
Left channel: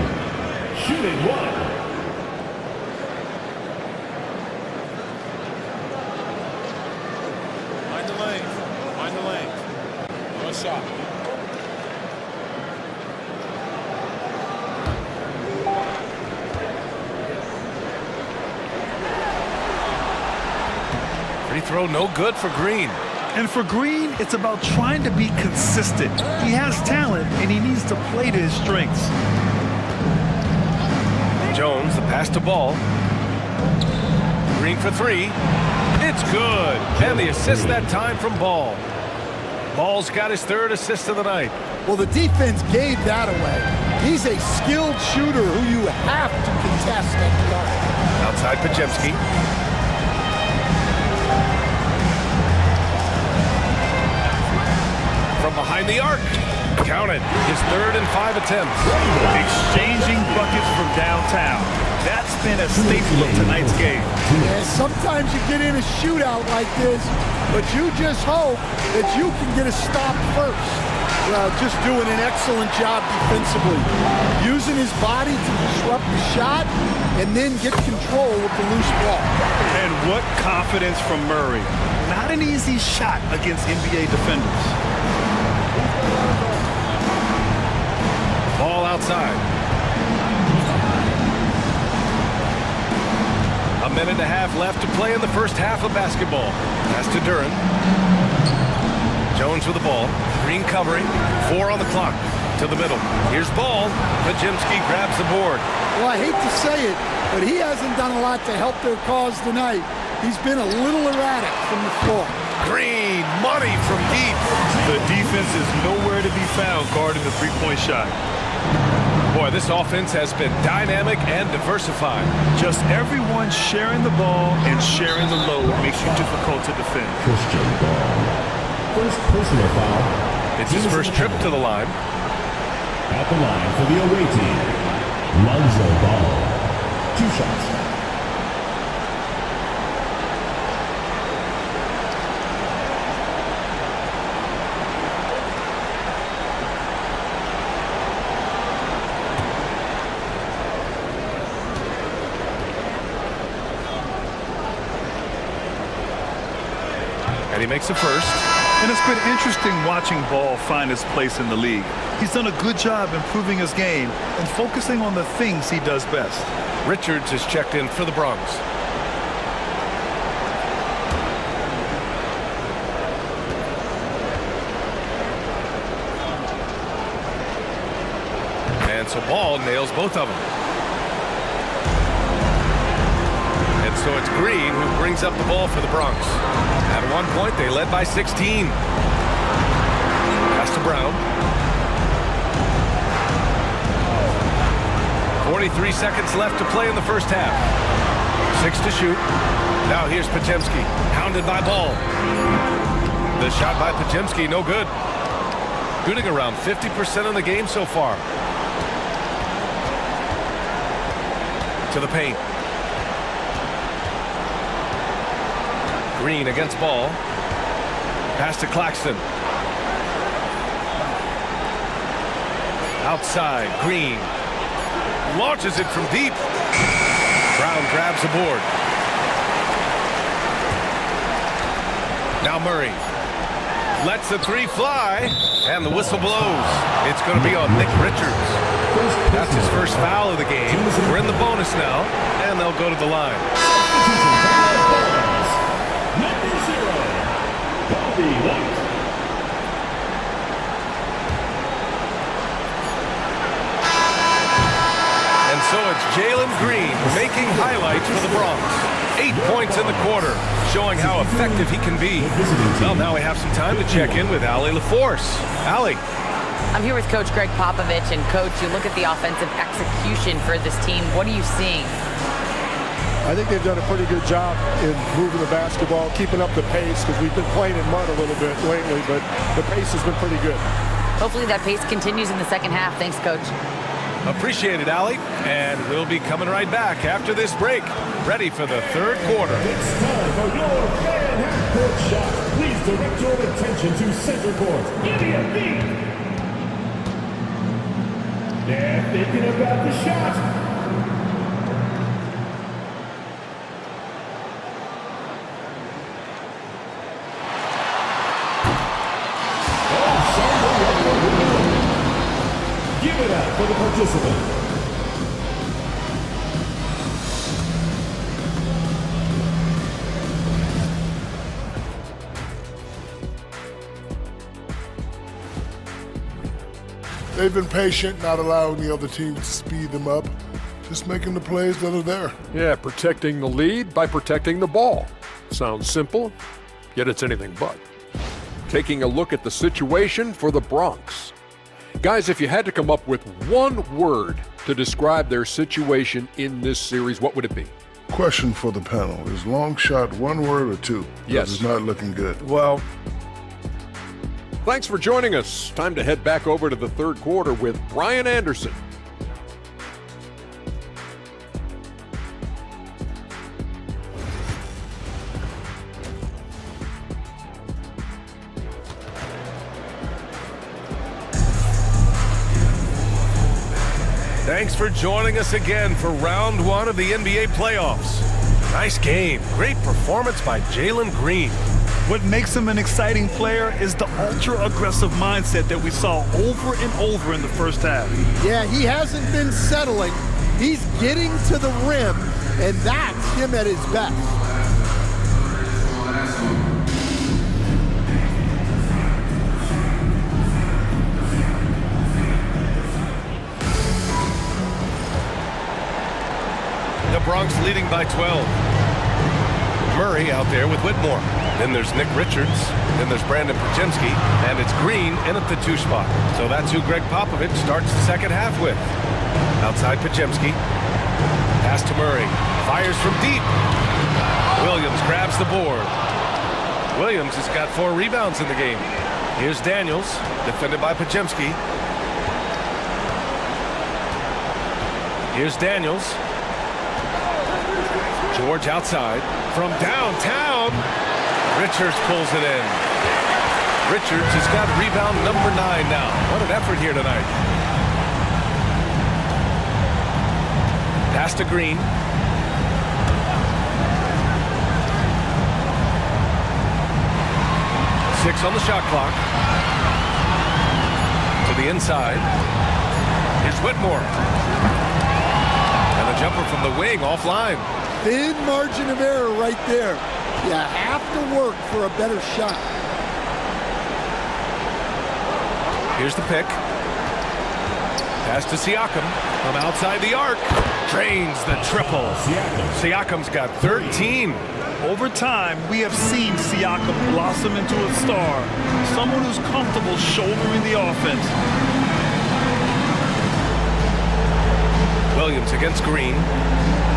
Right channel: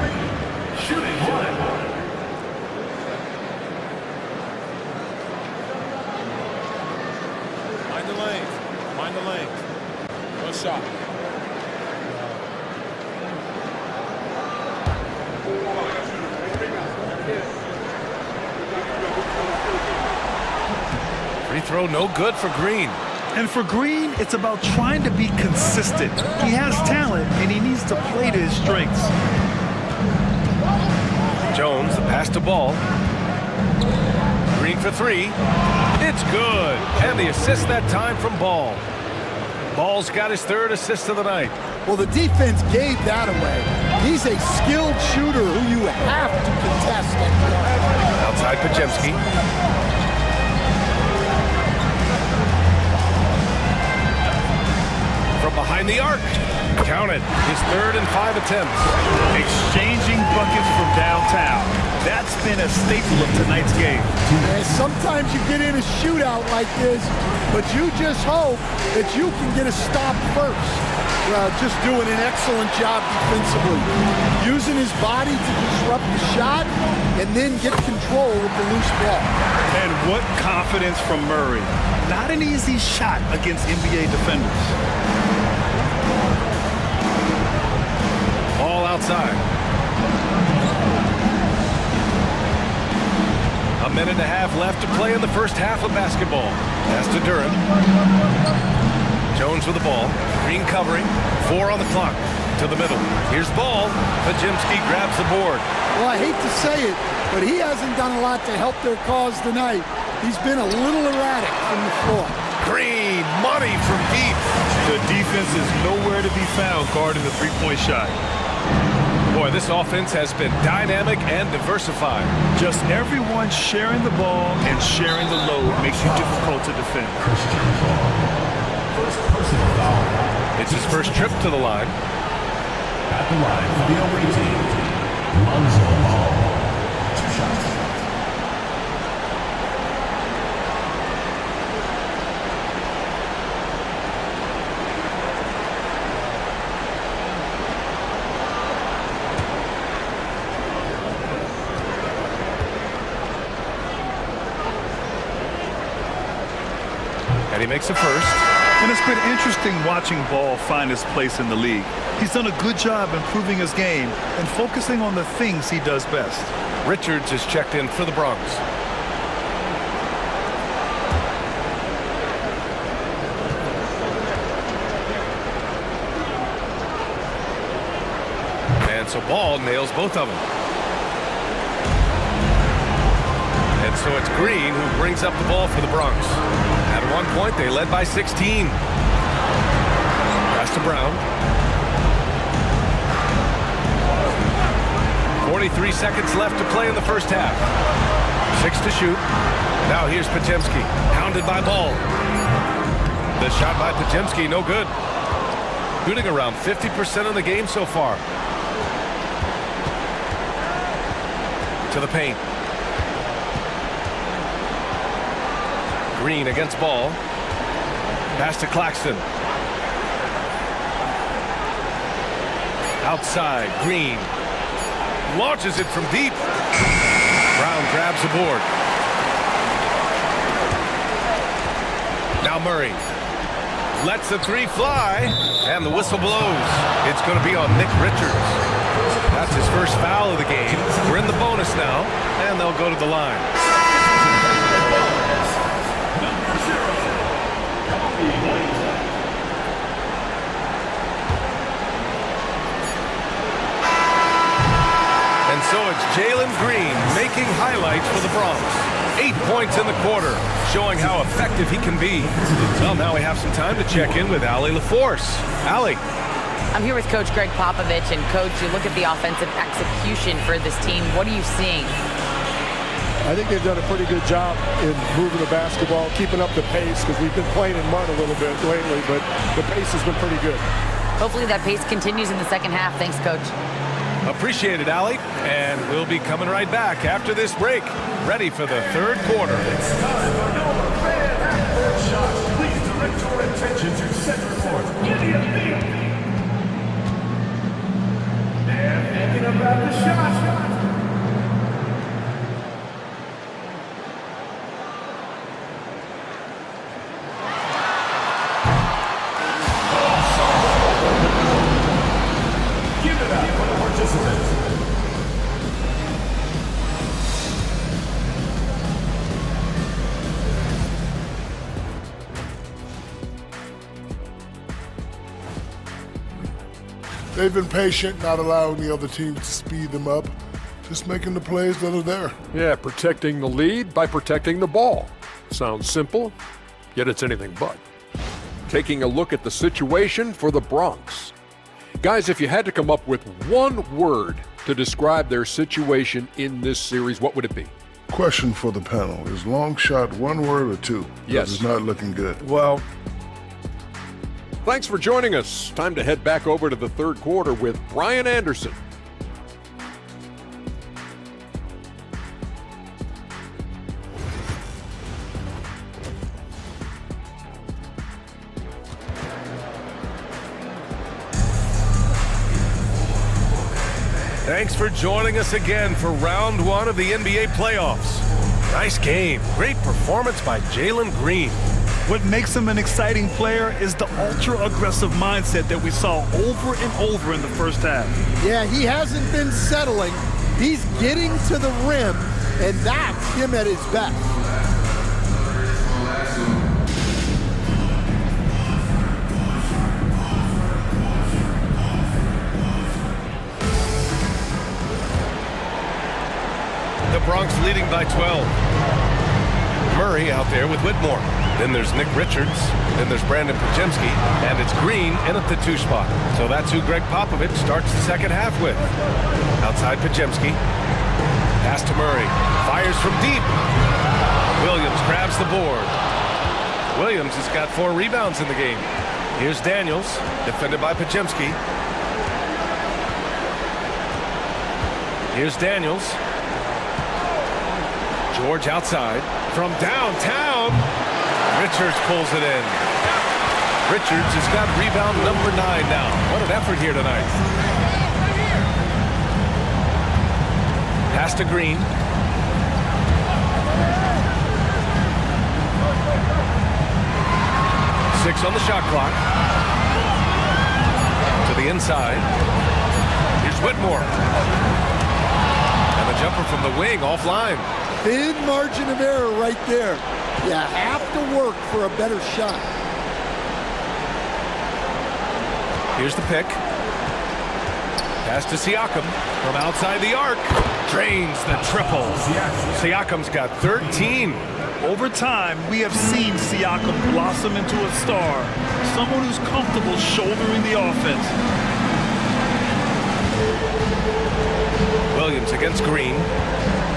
shooting one. Mind the lanes. Mind the lanes. One shot. Free throw no good for Green. And for Green, it's about trying to be consistent. He has talent, and he needs to play to his strengths. Jones, the pass to Ball. Green for three. It's good. And the assist that time from Ball. Ball's got his third assist of the night. Well, the defense gave that away. He's a skilled shooter who you have to contest at the arc. Outside Pajemski. From behind the arc. Count it. His third and 5 attempts. Exchanging buckets from downtown. That's been a staple of tonight's game. Yeah, sometimes you get in a shootout like this, but you just hope that you can get a stop first. Well, just doing an excellent job defensively. Using his body to disrupt the shot and then get control of the loose ball. And what confidence from Murray. Not an easy shot against NBA defenders. Ball outside. A minute and a half left to play in the first half of basketball. Pass to Duren. Jones with the ball. Green covering. 4 on the clock. To the middle. Here's Ball. Pajemski grabs the board. Well, I hate to say it, but he hasn't done a lot to help their cause tonight. He's been a little erratic from the floor. Green, money from deep. The defense is nowhere to be found guarding the three-point shot. Boy, this offense has been dynamic and diversified. Just everyone sharing the ball and sharing the load makes you difficult to defend. Christian Ball. First personal foul. It's his first trip to the line. At the line for the away team, Lonzo Ball. 2 shots. And he makes the first. And it's been interesting watching Ball find his place in the league. He's done a good job improving his game and focusing on the things he does best. Richards is checked in for the Bronx. And so Ball nails both of them. And so it's Green who brings up the ball for the Bronx. At one point, they led by 16. Pass to Brown. 43 seconds left to play in the first half. 6 to shoot. Now here's Pajemski, hounded by Ball. The shot by Pajemski, no good. Shooting around 50% of the game so far. To the paint. Green against Ball. Pass to Claxton. Outside, Green. Launches it from deep. Brown grabs the board. Now Murray. Lets the three fly. And the whistle blows. It's going to be on Nick Richards. That's his first foul of the game. We're in the bonus now. And they'll go to the line. And so it's Jalen Green making highlights for the Bronx. 8 points in the quarter, showing how effective he can be. Well, now we have some time to check in with Allie LaForce. Allie. I'm here with Coach Greg Popovich. And, Coach, you look at the offensive execution for this team. What are you seeing? I think they've done a pretty good job in moving the basketball, keeping up the pace, because we've been playing in mud a little bit lately, but the pace has been pretty good. Hopefully that pace continues in the second half. Thanks, Coach. Appreciate it, Allie. And we'll be coming right back after this break, ready for the third quarter. It's time for your fan half-court shots. Please direct your attention to center court. Give me a beat. They're thinking about the shot. Give it up for the participants. They've been patient, not allowing the other team to speed them up, just making the plays that are there. Yeah, protecting the lead by protecting the ball. Sounds simple, yet it's anything but. Taking a look at the situation for the Bronx. Guys, if you had to come up with one word to describe their situation in this series, what would it be? Question for the panel. Is long shot one word or two? Yes. It's not looking good. Well, thanks for joining us. Time to head back over to the third quarter with Brian Anderson. Thanks for joining us again for round one of the NBA playoffs. Nice game. Great performance by Jalen Green. What makes him an exciting player is the ultra-aggressive mindset that we saw over and over in the first half. Yeah, he hasn't been settling. He's getting to the rim, and that's him at his best. The Bronx leading by 12. Murray out there with Whitmore. Then there's Nick Richards. Then there's Brandon Podziemski. And it's Green in at the 2 spot. So that's who Greg Popovich starts the second half with. Outside Podziemski. Pass to Murray. Fires from deep. Williams grabs the board. Williams has got 4 rebounds in the game. Here's Daniels, defended by Podziemski. Here's Daniels. George outside. From downtown, Richards pulls it in. Richards has got rebound number 9 now. What an effort here tonight. Pass to Green. Six on the shot clock. To the inside. Here's Whitmore. And the jumper from the wing offline. Thin margin of error right there. You have to work for a better shot. Here's the pick. Pass to Siakam from outside the arc. Drains the triple. Siakam's got 13. Over time, we have seen Siakam blossom into a star. Someone who's comfortable shouldering the offense. Williams against Green.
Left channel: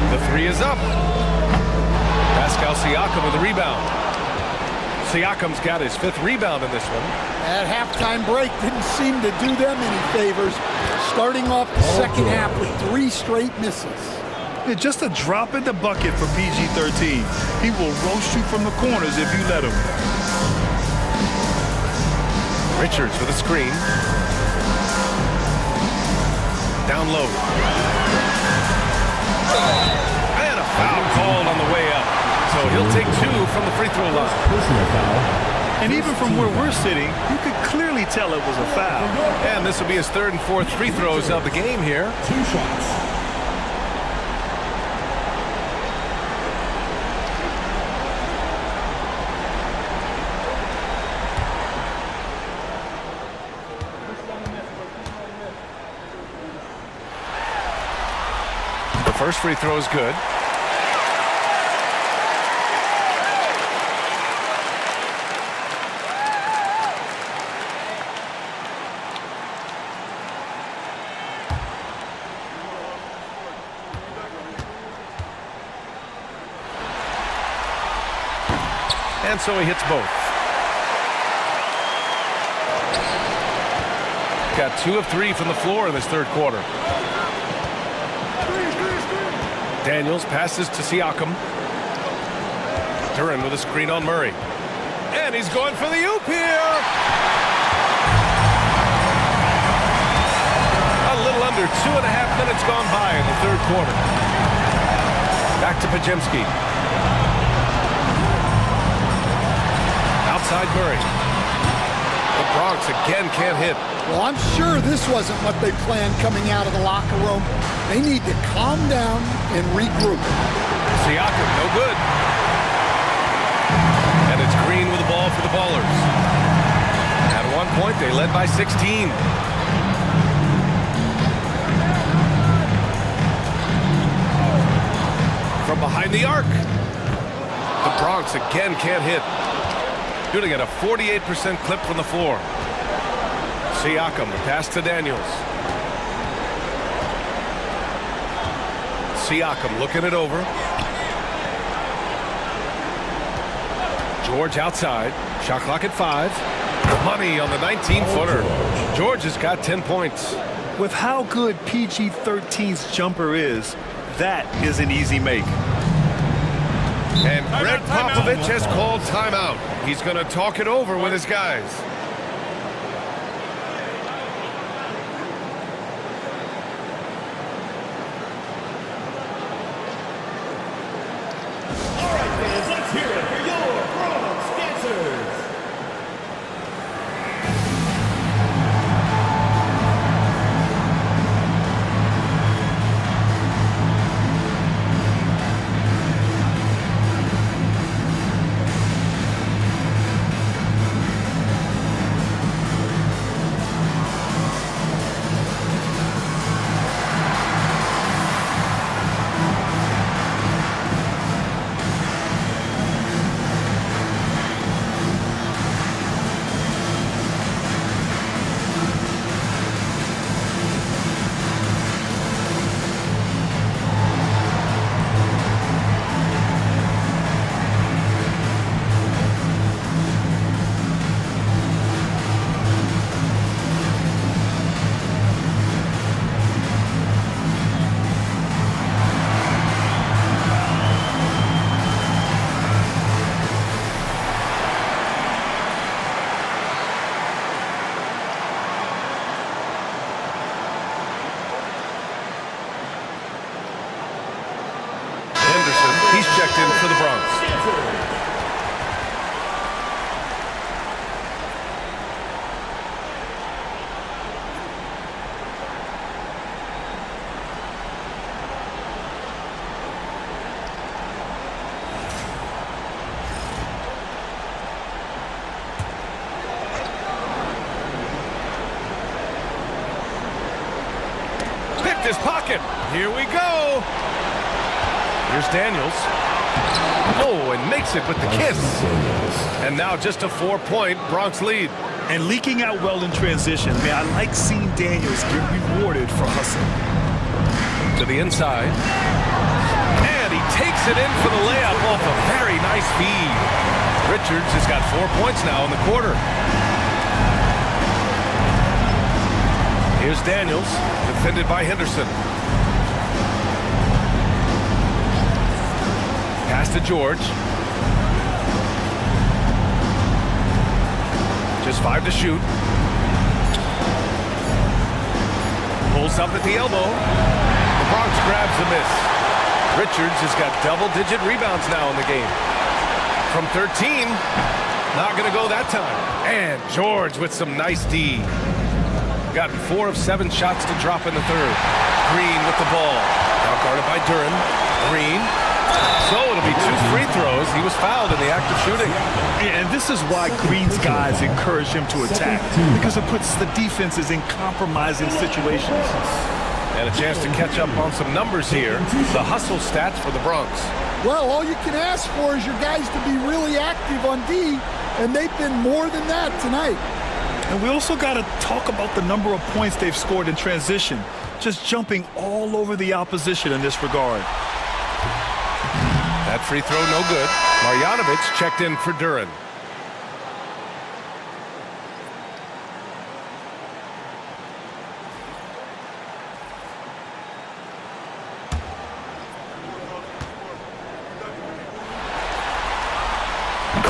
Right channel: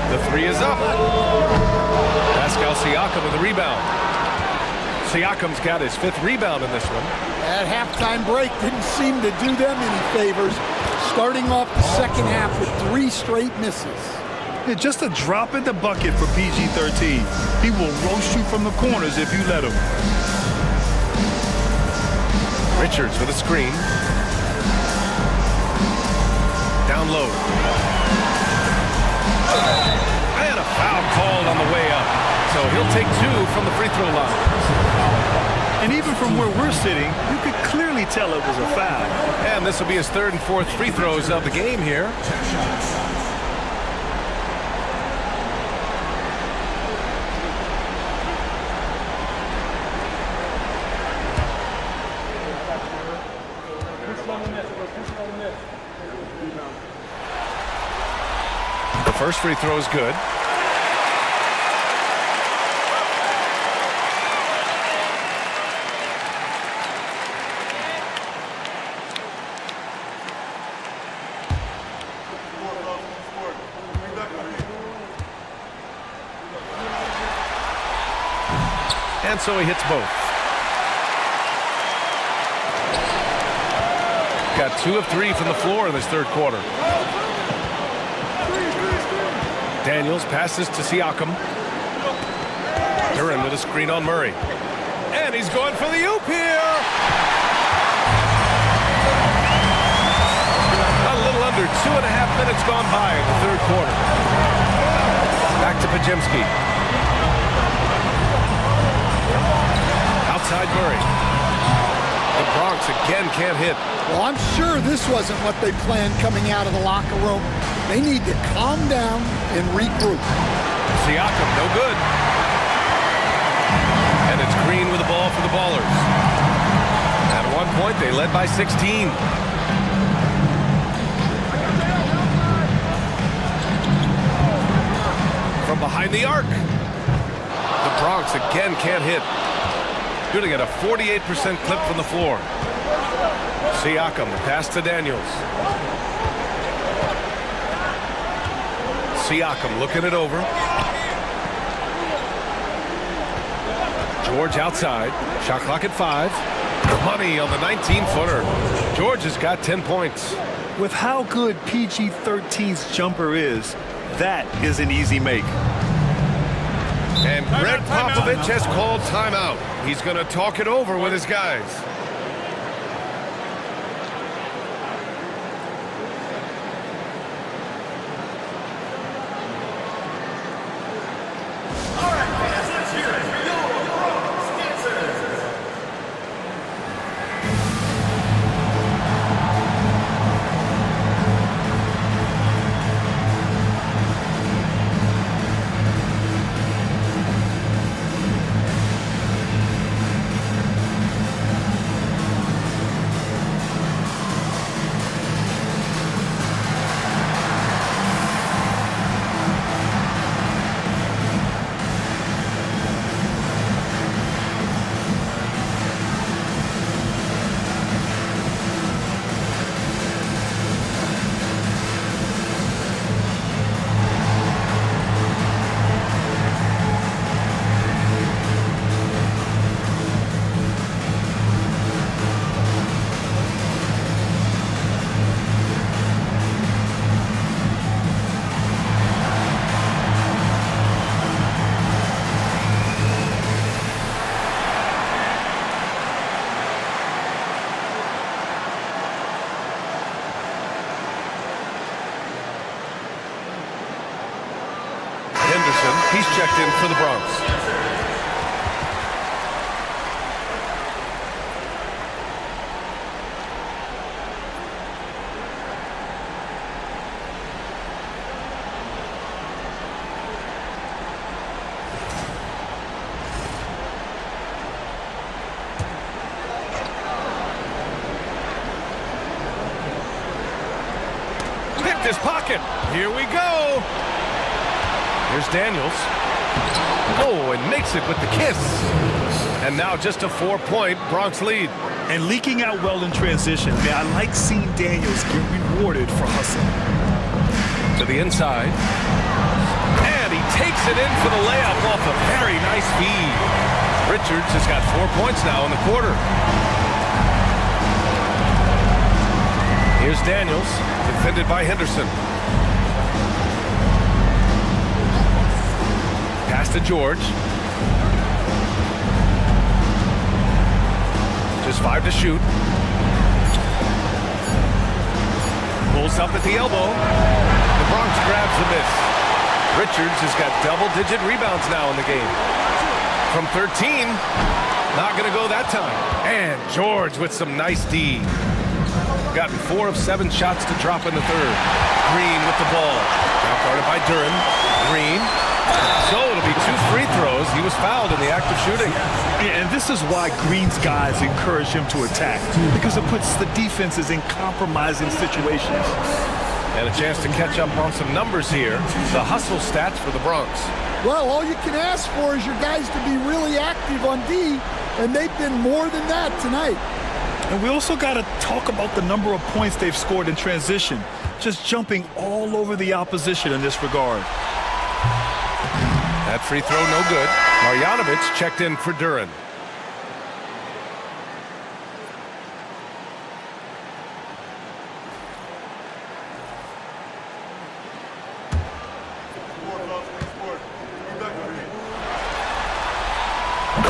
The 3 is up. Pascal Siakam with the rebound. Siakam's got his 5th rebound in this one. That halftime break didn't seem to do them any favors. Starting off the second half with 3 straight misses. Yeah, just a drop in the bucket for PG-13. He will roast you from the corners if you let him. Richards with a screen. Down low. And a foul called on the way up. So he'll take 2 from the free throw line. And even from where we're sitting, you could clearly tell it was a foul. And this will be his 3rd and 4th free throws of the game here. 2 shots. First free throw is good. And so he hits both. Got 2 of 3 from the floor in this third quarter. Daniels passes to Siakam. Duran with a screen on Murray. And he's going for the oop here. A little under 2.5 minutes gone by in the third quarter. Back to Pajemski. Outside Murray. The Bronx again can't hit. Well, I'm sure this wasn't what they planned coming out of the locker room. They need to calm down and regroup. Siakam, no good. And it's Green with the ball for the Ballers. At one point, they led by 16. From behind the arc. The Bronx again can't hit. Shooting at a 48% clip from the floor. Siakam, the pass to Daniels. Siakam looking it over. George outside. Shot clock at 5. Money on the 19-footer. George has got 10 points. With how good PG-13's jumper is, that is an easy make. And Greg Popovich has called timeout. He's going to talk it over with his guys. All right, fans, let's hear it for your Bronx dancers. Henderson, he's checked in for the Bronx. Picked his pocket. Here we go. Here's Daniels. Oh, and makes it with the kiss. And now just a 4-point Bronx lead. And leaking out well in transition. I mean, I like seeing Daniels get rewarded for hustling. To the inside. And he takes it in for the layup off a very nice feed. Richards has got 4 points now in the quarter. Here's Daniels, defended by Henderson. Pass to George. Just 5 to shoot. Pulls up at the elbow. The Bronx grabs the miss. Richards has got double-digit rebounds now in the game. From 13, not going to go that time. And George with some nice D. Gotten 4 of 7 shots to drop in the third. Green with the ball. Now guarded by Duran. Green. So it'll be 2 free throws. He was fouled in the act of shooting. Yeah, and this is why Green's guys encourage him to attack, because it puts the defenses in compromising situations. And a chance to catch up on some numbers here. The hustle stats for the Bronx. Well, all you can ask for is your guys to be really active on D, and they've been more than that tonight. And we also got to talk about the number of points they've scored in transition. Just jumping all over the opposition in this regard. That free throw no good. Marjanovic checked in for Duran.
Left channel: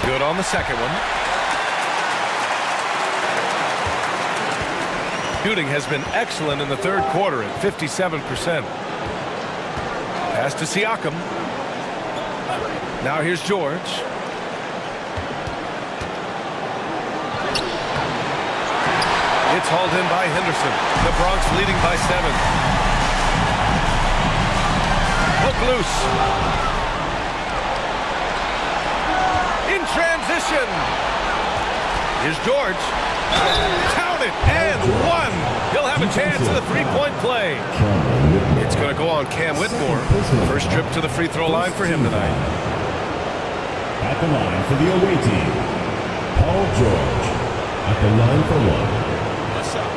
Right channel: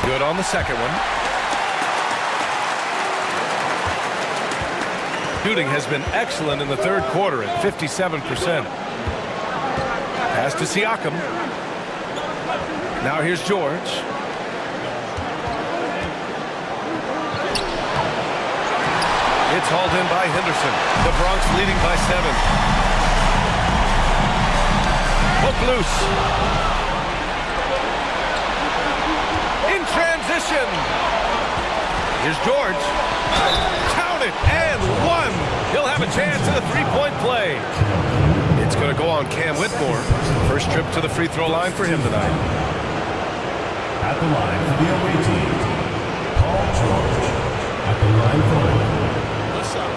Good on the second one. Shooting has been excellent in the third quarter at 57%. Pass to Siakam. Now here's George. It's hauled in by Henderson. The Bronx leading by 7. Hook loose. In transition. Here's George. Count it, and one. He'll have a chance at a three-point play. It's going to go on Cam Whitmore. First trip to the free throw line for him tonight. At the line for the away team, Paul George. At the line for one. What's up?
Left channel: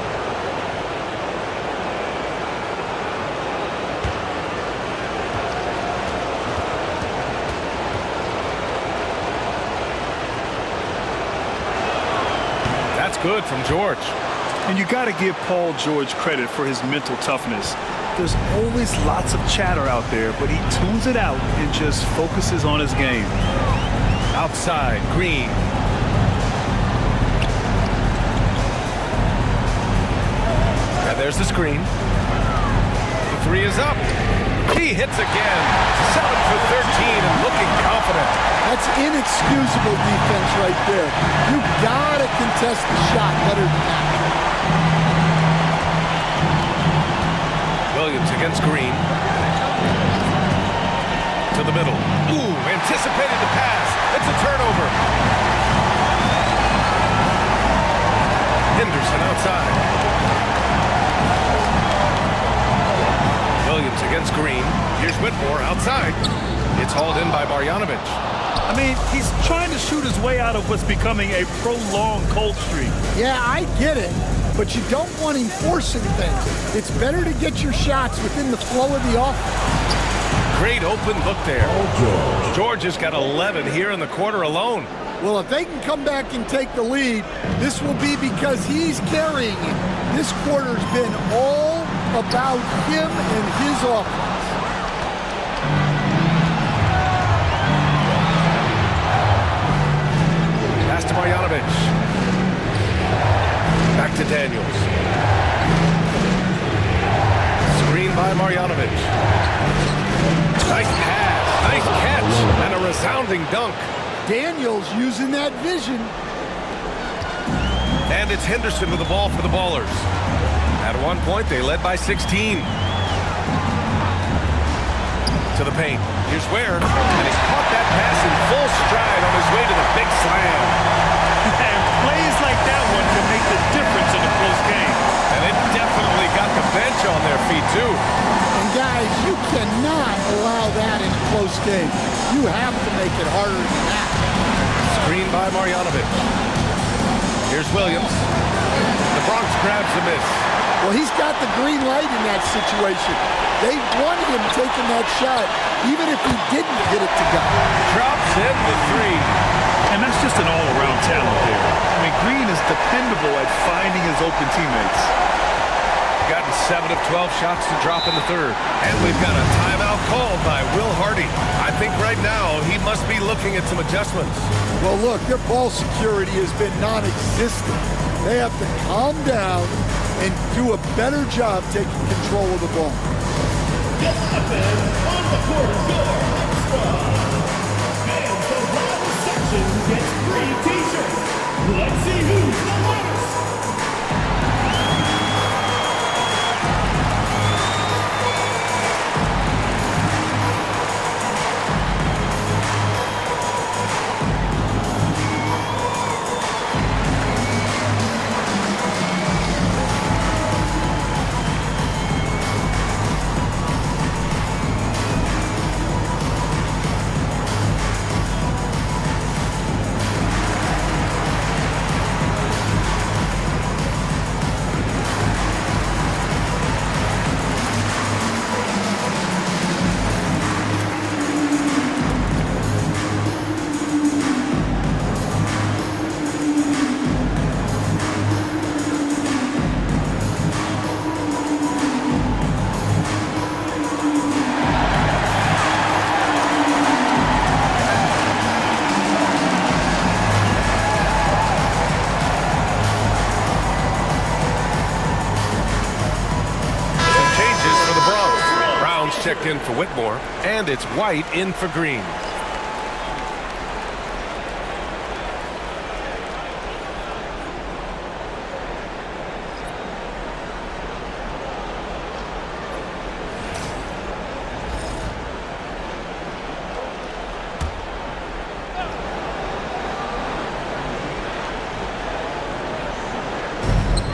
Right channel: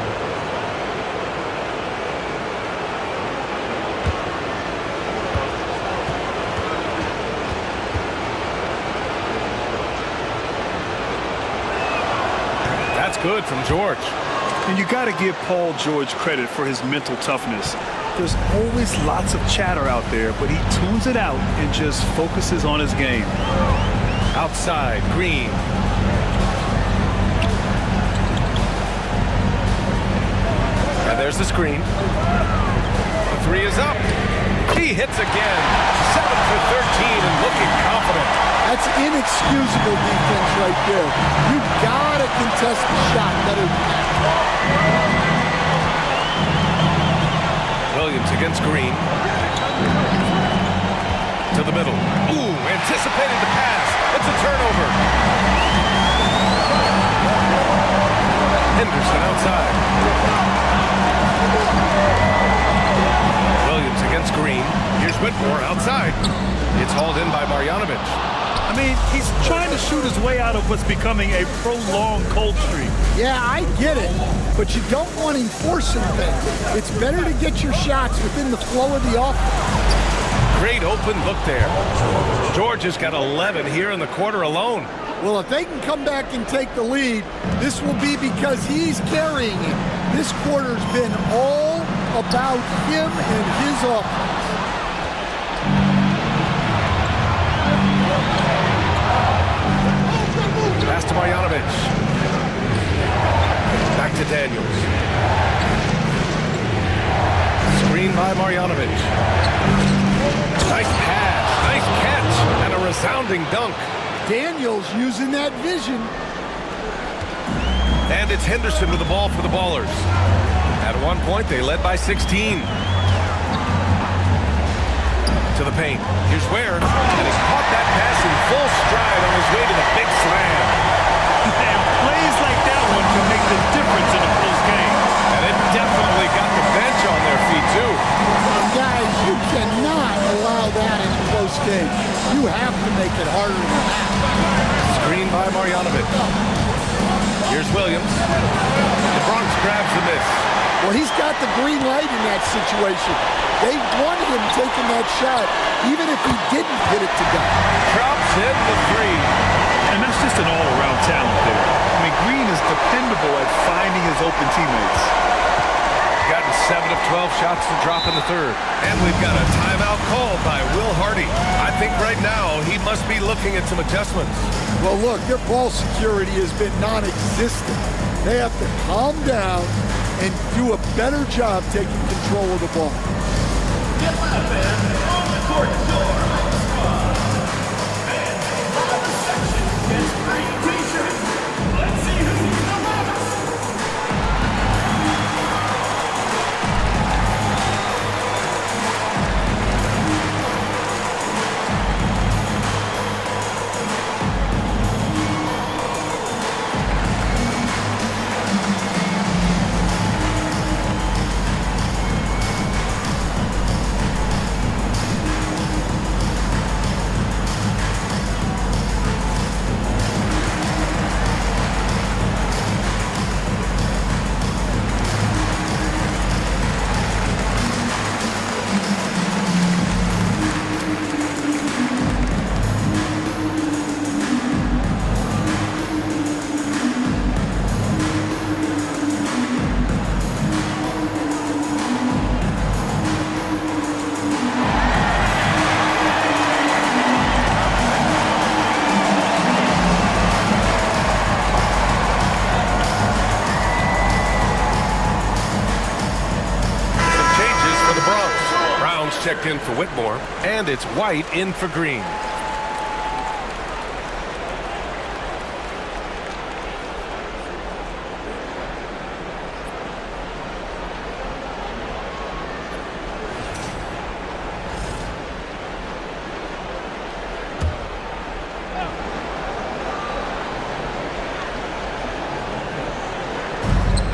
That's good from George. And you got to give Paul George credit for his mental toughness. There's always lots of chatter out there, but he tunes it out and just focuses on his game. Outside, Green. And there's the screen. The three is up. He hits again. 7 for 13 and looking confident. That's inexcusable defense right there. You gotta contest the shot better than that. Williams against Green. To the middle. Ooh, anticipated the pass. It's a turnover. Henderson outside. Williams against Green. Here's Whitmore outside. It's hauled in by Marjanovic. I mean, he's trying to shoot his way out of what's becoming a prolonged cold streak. Yeah, I get it, but you don't want him forcing things. It's better to get your shots within the flow of the offense. Great open look there. George has got 11 here in the quarter alone. Well, if they can come back and take the lead, this will be because he's carrying it. This quarter's been all about him and his offense. Pass to Marjanovic. Back to Daniels. Screen by Marjanovic. Nice pass, nice catch, and a resounding dunk. Daniels using that vision. And it's Henderson with the ball for the Ballers. At one point, they led by 16. To the paint. Here's Ware, and he caught that pass in full stride on his way to the big slam. And plays like that one can make the difference in a close game. And it definitely got the bench on their feet, too. And guys, you cannot allow that in a close game. You have to make it harder than that. Screen by Marjanovic. Here's Williams. The Bronx grabs the miss. Well, he's got the green light in that situation. They want him taking that shot, even if he didn't get it to go. Drops in the three. And that's just an all-around talent there. I mean, Green is dependable at finding his open teammates. Gotten 7 of 12 shots to drop in the third. And we've got a timeout called by Will Hardy. I think right now he must be looking at some adjustments. Well, look, their ball security has been non-existent. They have to calm down and do a better job taking control of the ball. On the court door, and from the section gets free t-shirts. Let's see who's the loudest. Brown's checked in for Whitmore, and it's White in for Green.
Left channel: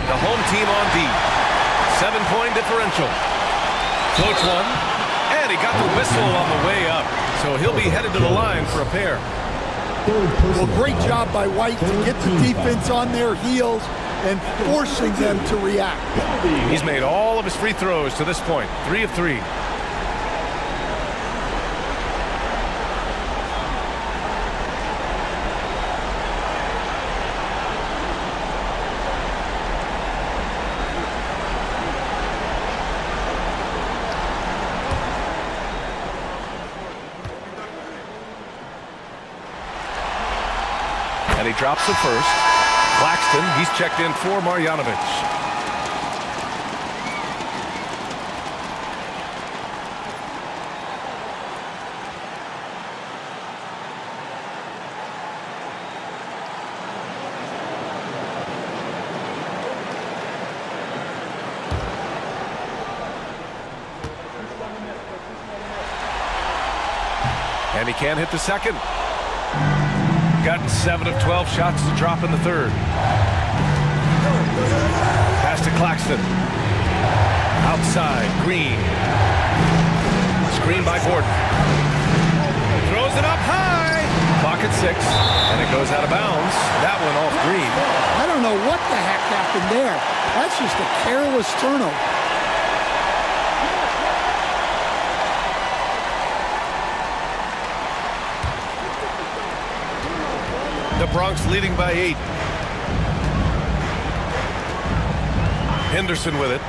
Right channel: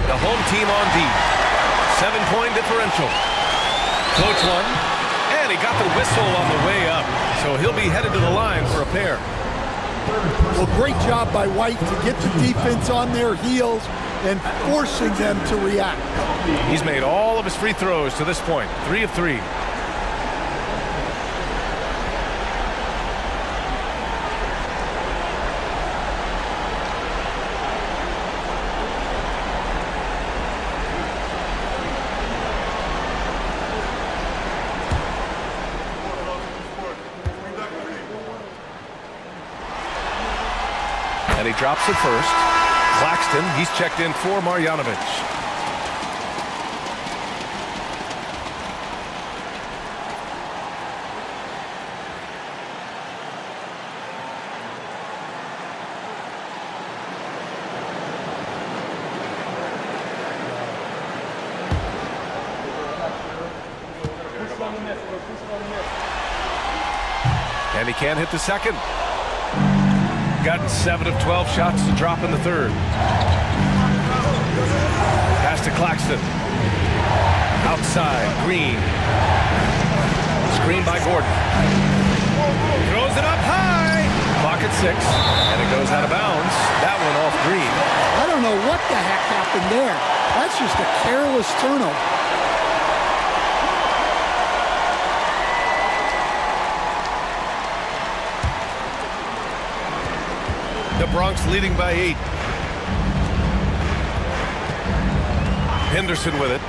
The home team on D. 7-point differential. Floats one, and he got the whistle on the way up. So he'll be headed to the line for a pair. Well, great job by White to get the defense on their heels and forcing them to react. He's made all of his free throws to this point, 3 of 3. And he drops it first. Claxton, he's checked in for Marjanovic. And he can't hit the second. Gotten 7 of 12 shots to drop in the third. Pass to Claxton. Outside, Green. Screen by Gordon. Throws it up high. Clock at 6, and it goes out of bounds. That one off Green. I don't know what the heck happened there. That's just a careless turnover. The Bronx leading by 8. Henderson with it.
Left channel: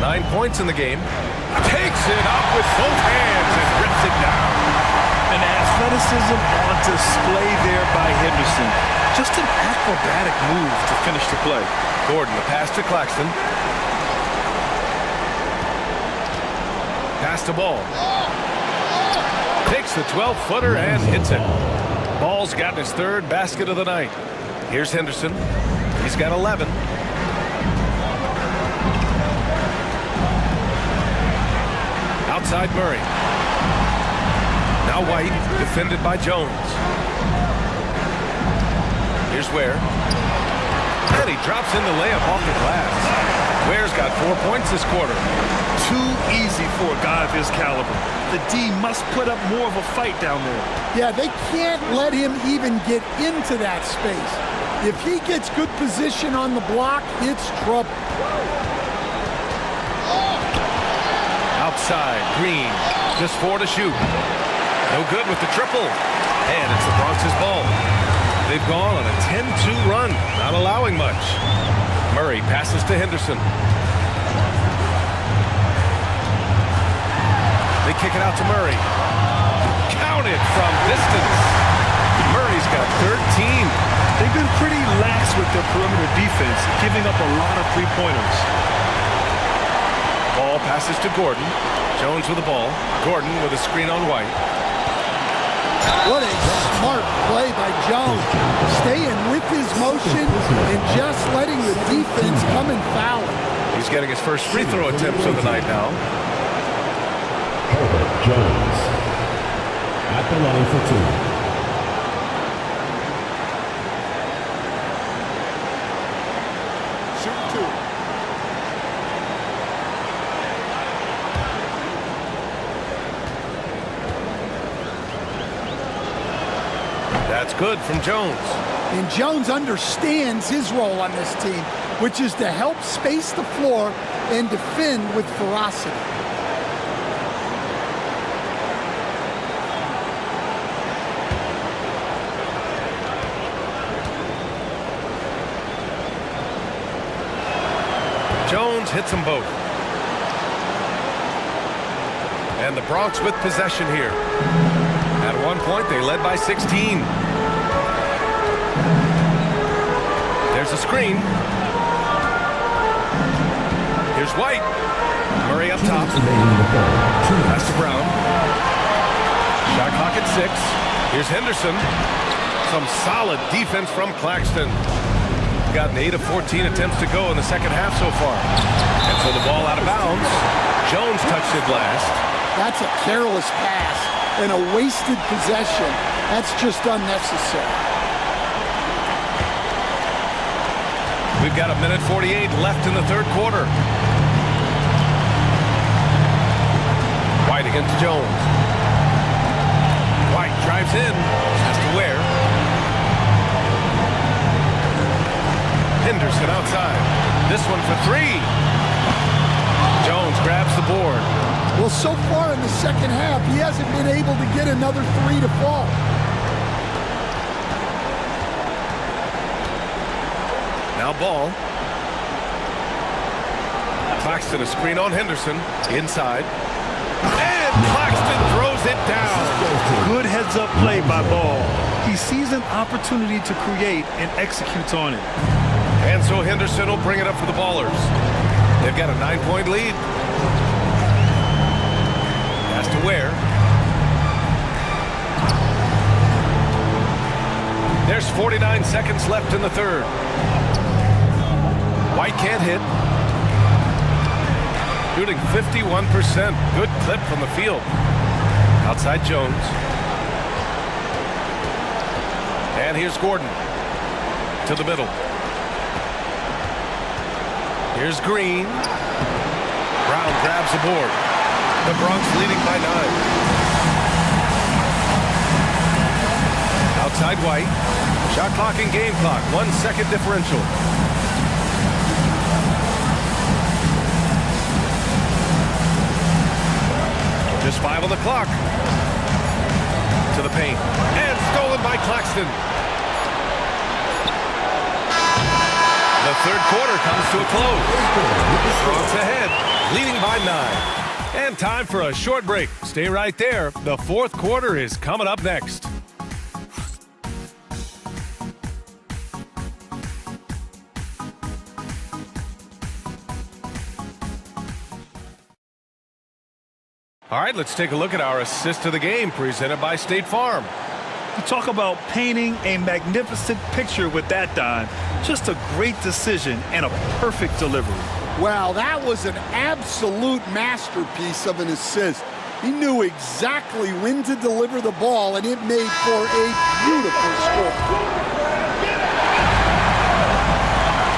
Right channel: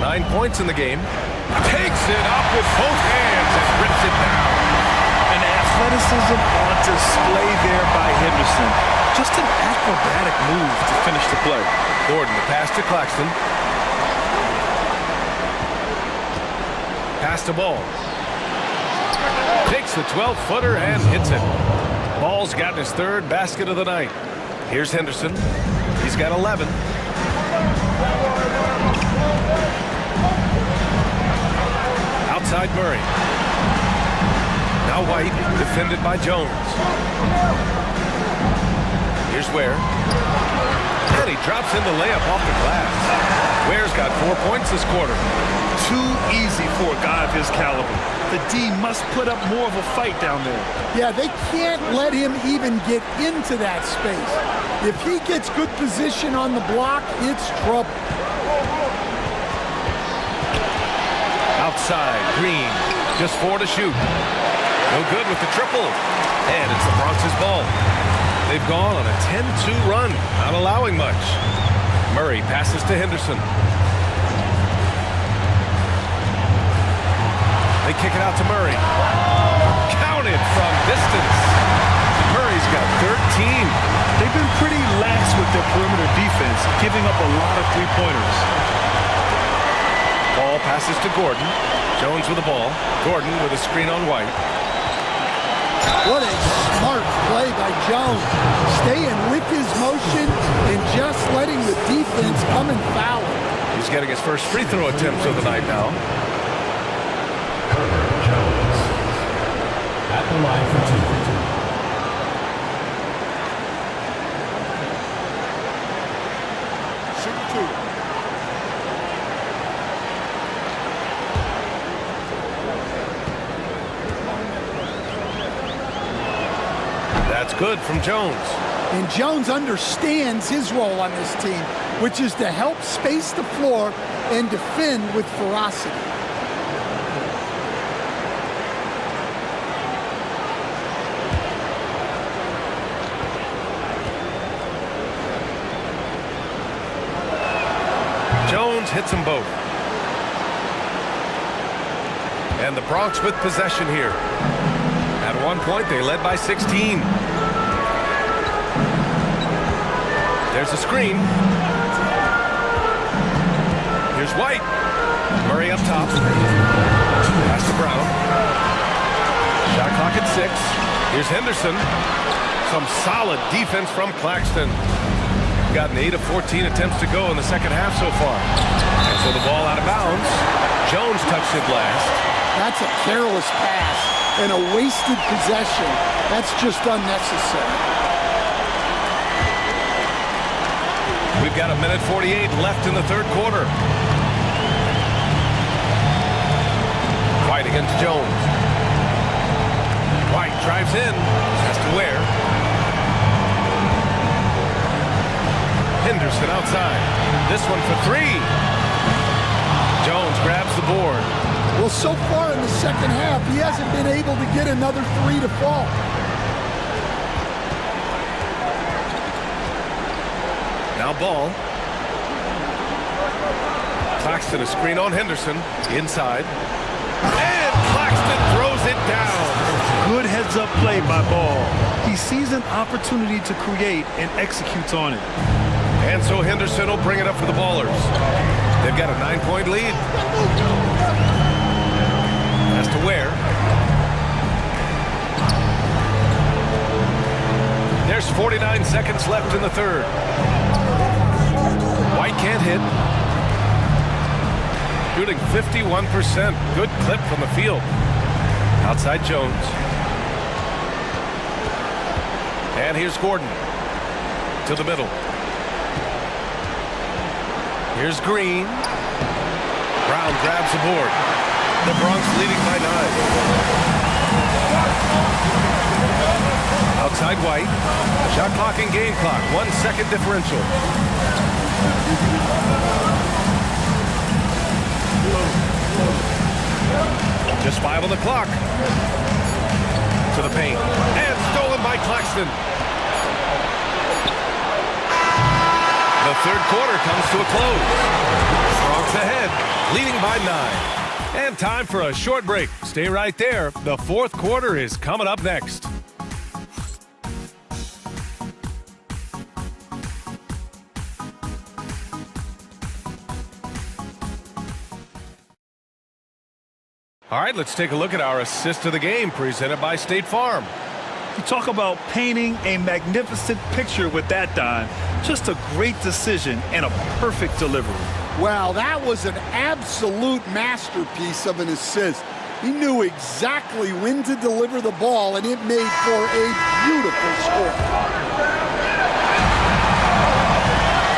9 points in the game. Takes it up with both hands and rips it down. An athleticism on display there by Henderson. Just an acrobatic move to finish the play. Gordon, the pass to Claxton. Pass to Ball. Takes the 12-footer and hits it. Ball's gotten his 3rd basket of the night. Here's Henderson. He's got 11. Outside Murray. Now White, defended by Jones. Here's Ware. And he drops in the layup off the glass. Ware's got 4 points this quarter. Too easy for a guy of his caliber. The D must put up more of a fight down there. Yeah, they can't let him even get into that space. If he gets good position on the block, it's trouble. Outside, Green. Just 4 to shoot. No good with the triple. And it's the Bronx's ball. They've gone on a 10-2 run, not allowing much. Murray passes to Henderson. They kick it out to Murray. Counted from distance. Murray's got 13. They've been pretty lax with their perimeter defense, giving up a lot of three-pointers. Ball passes to Gordon. Jones with the ball. Gordon with a screen on White. What a smart play by Jones. Staying with his motion and just letting the defense come and foul him. He's getting his first free throw attempts of the night now. Herbert Jones at the line for 2. Shoot 2. That's good from Jones. And Jones understands his role on this team, which is to help space the floor and defend with ferocity. Jones hits them both. And the Bronx with possession here. At one point, they led by 16. There's a screen. Here's White. Murray up top. Pass to Brown. Shot clock at 6. Here's Henderson. Some solid defense from Claxton. Gotten 8 of 14 attempts to go in the second half so far. And so the ball out of bounds. Jones touched it last. That's a careless pass and a wasted possession. That's just unnecessary. We've got 1:48 left in the third quarter. White against Jones. White drives in. Has to Ware. Henderson outside. This one for 3. Jones grabs the board. Well, so far in the second half, he hasn't been able to get another 3 to fall. Now ball. Claxton a screen on Henderson. Inside. And Claxton throws it down. Good heads-up play by Ball. He sees an opportunity to create and executes on it. And so Henderson will bring it up for the Ballers. They've got a 9-point lead. Has to Ware. There's 49 seconds left in the third. White can't hit. Shooting 51%. Good clip from the field. Outside Jones. And here's Gordon. To the middle. Here's Green. Brown grabs the board. The Bronx leading by 9. Outside White. Shot clock and game clock. 1 second differential. Just 5 on the clock. To the paint. And stolen by Claxton. The third quarter comes to a close. The Bronx ahead, leading by 9. And time for a short break. Stay right there. The fourth quarter is coming up next. All right, let's take a look at our assist of the game presented by State Farm. You talk about painting a magnificent picture with that dime. Just a great decision and a perfect delivery. Wow, that was an absolute masterpiece of an assist. He knew exactly when to deliver the ball, and it made for a beautiful score.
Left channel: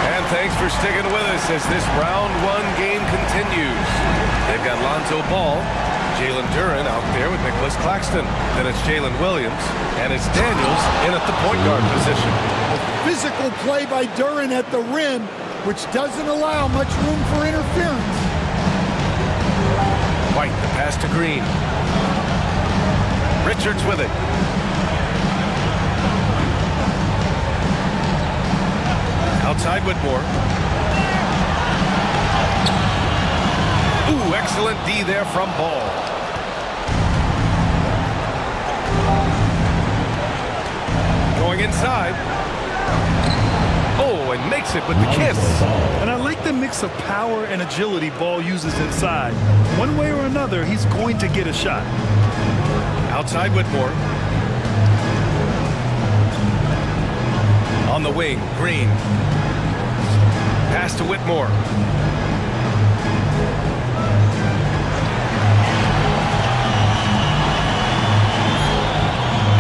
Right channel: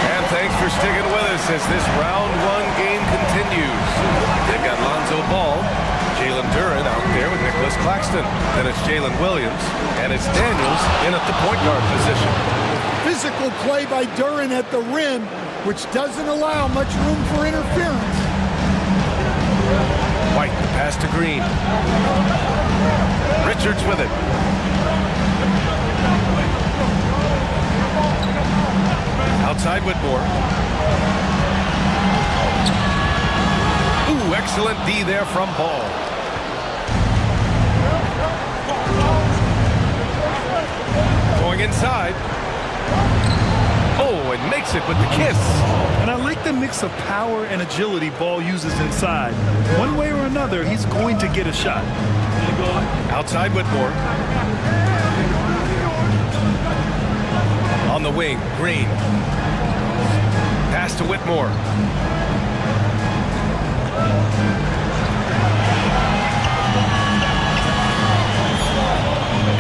And thanks for sticking with us as this round 1 game continues. They've got Lonzo Ball, Jalen Duren out there with Nicholas Claxton. Then it's Jalen Williams, and it's Daniels in at the point guard position. A physical play by Duren at the rim, which doesn't allow much room for interference. White, the pass to Green. Richards with it. Outside Whitmore. Ooh, excellent D there from Ball. Going inside. Oh, and makes it with the kiss. And I like the mix of power and agility Ball uses inside. One way or another, he's going to get a shot. Outside Whitmore. On the wing, Green. Pass to Whitmore.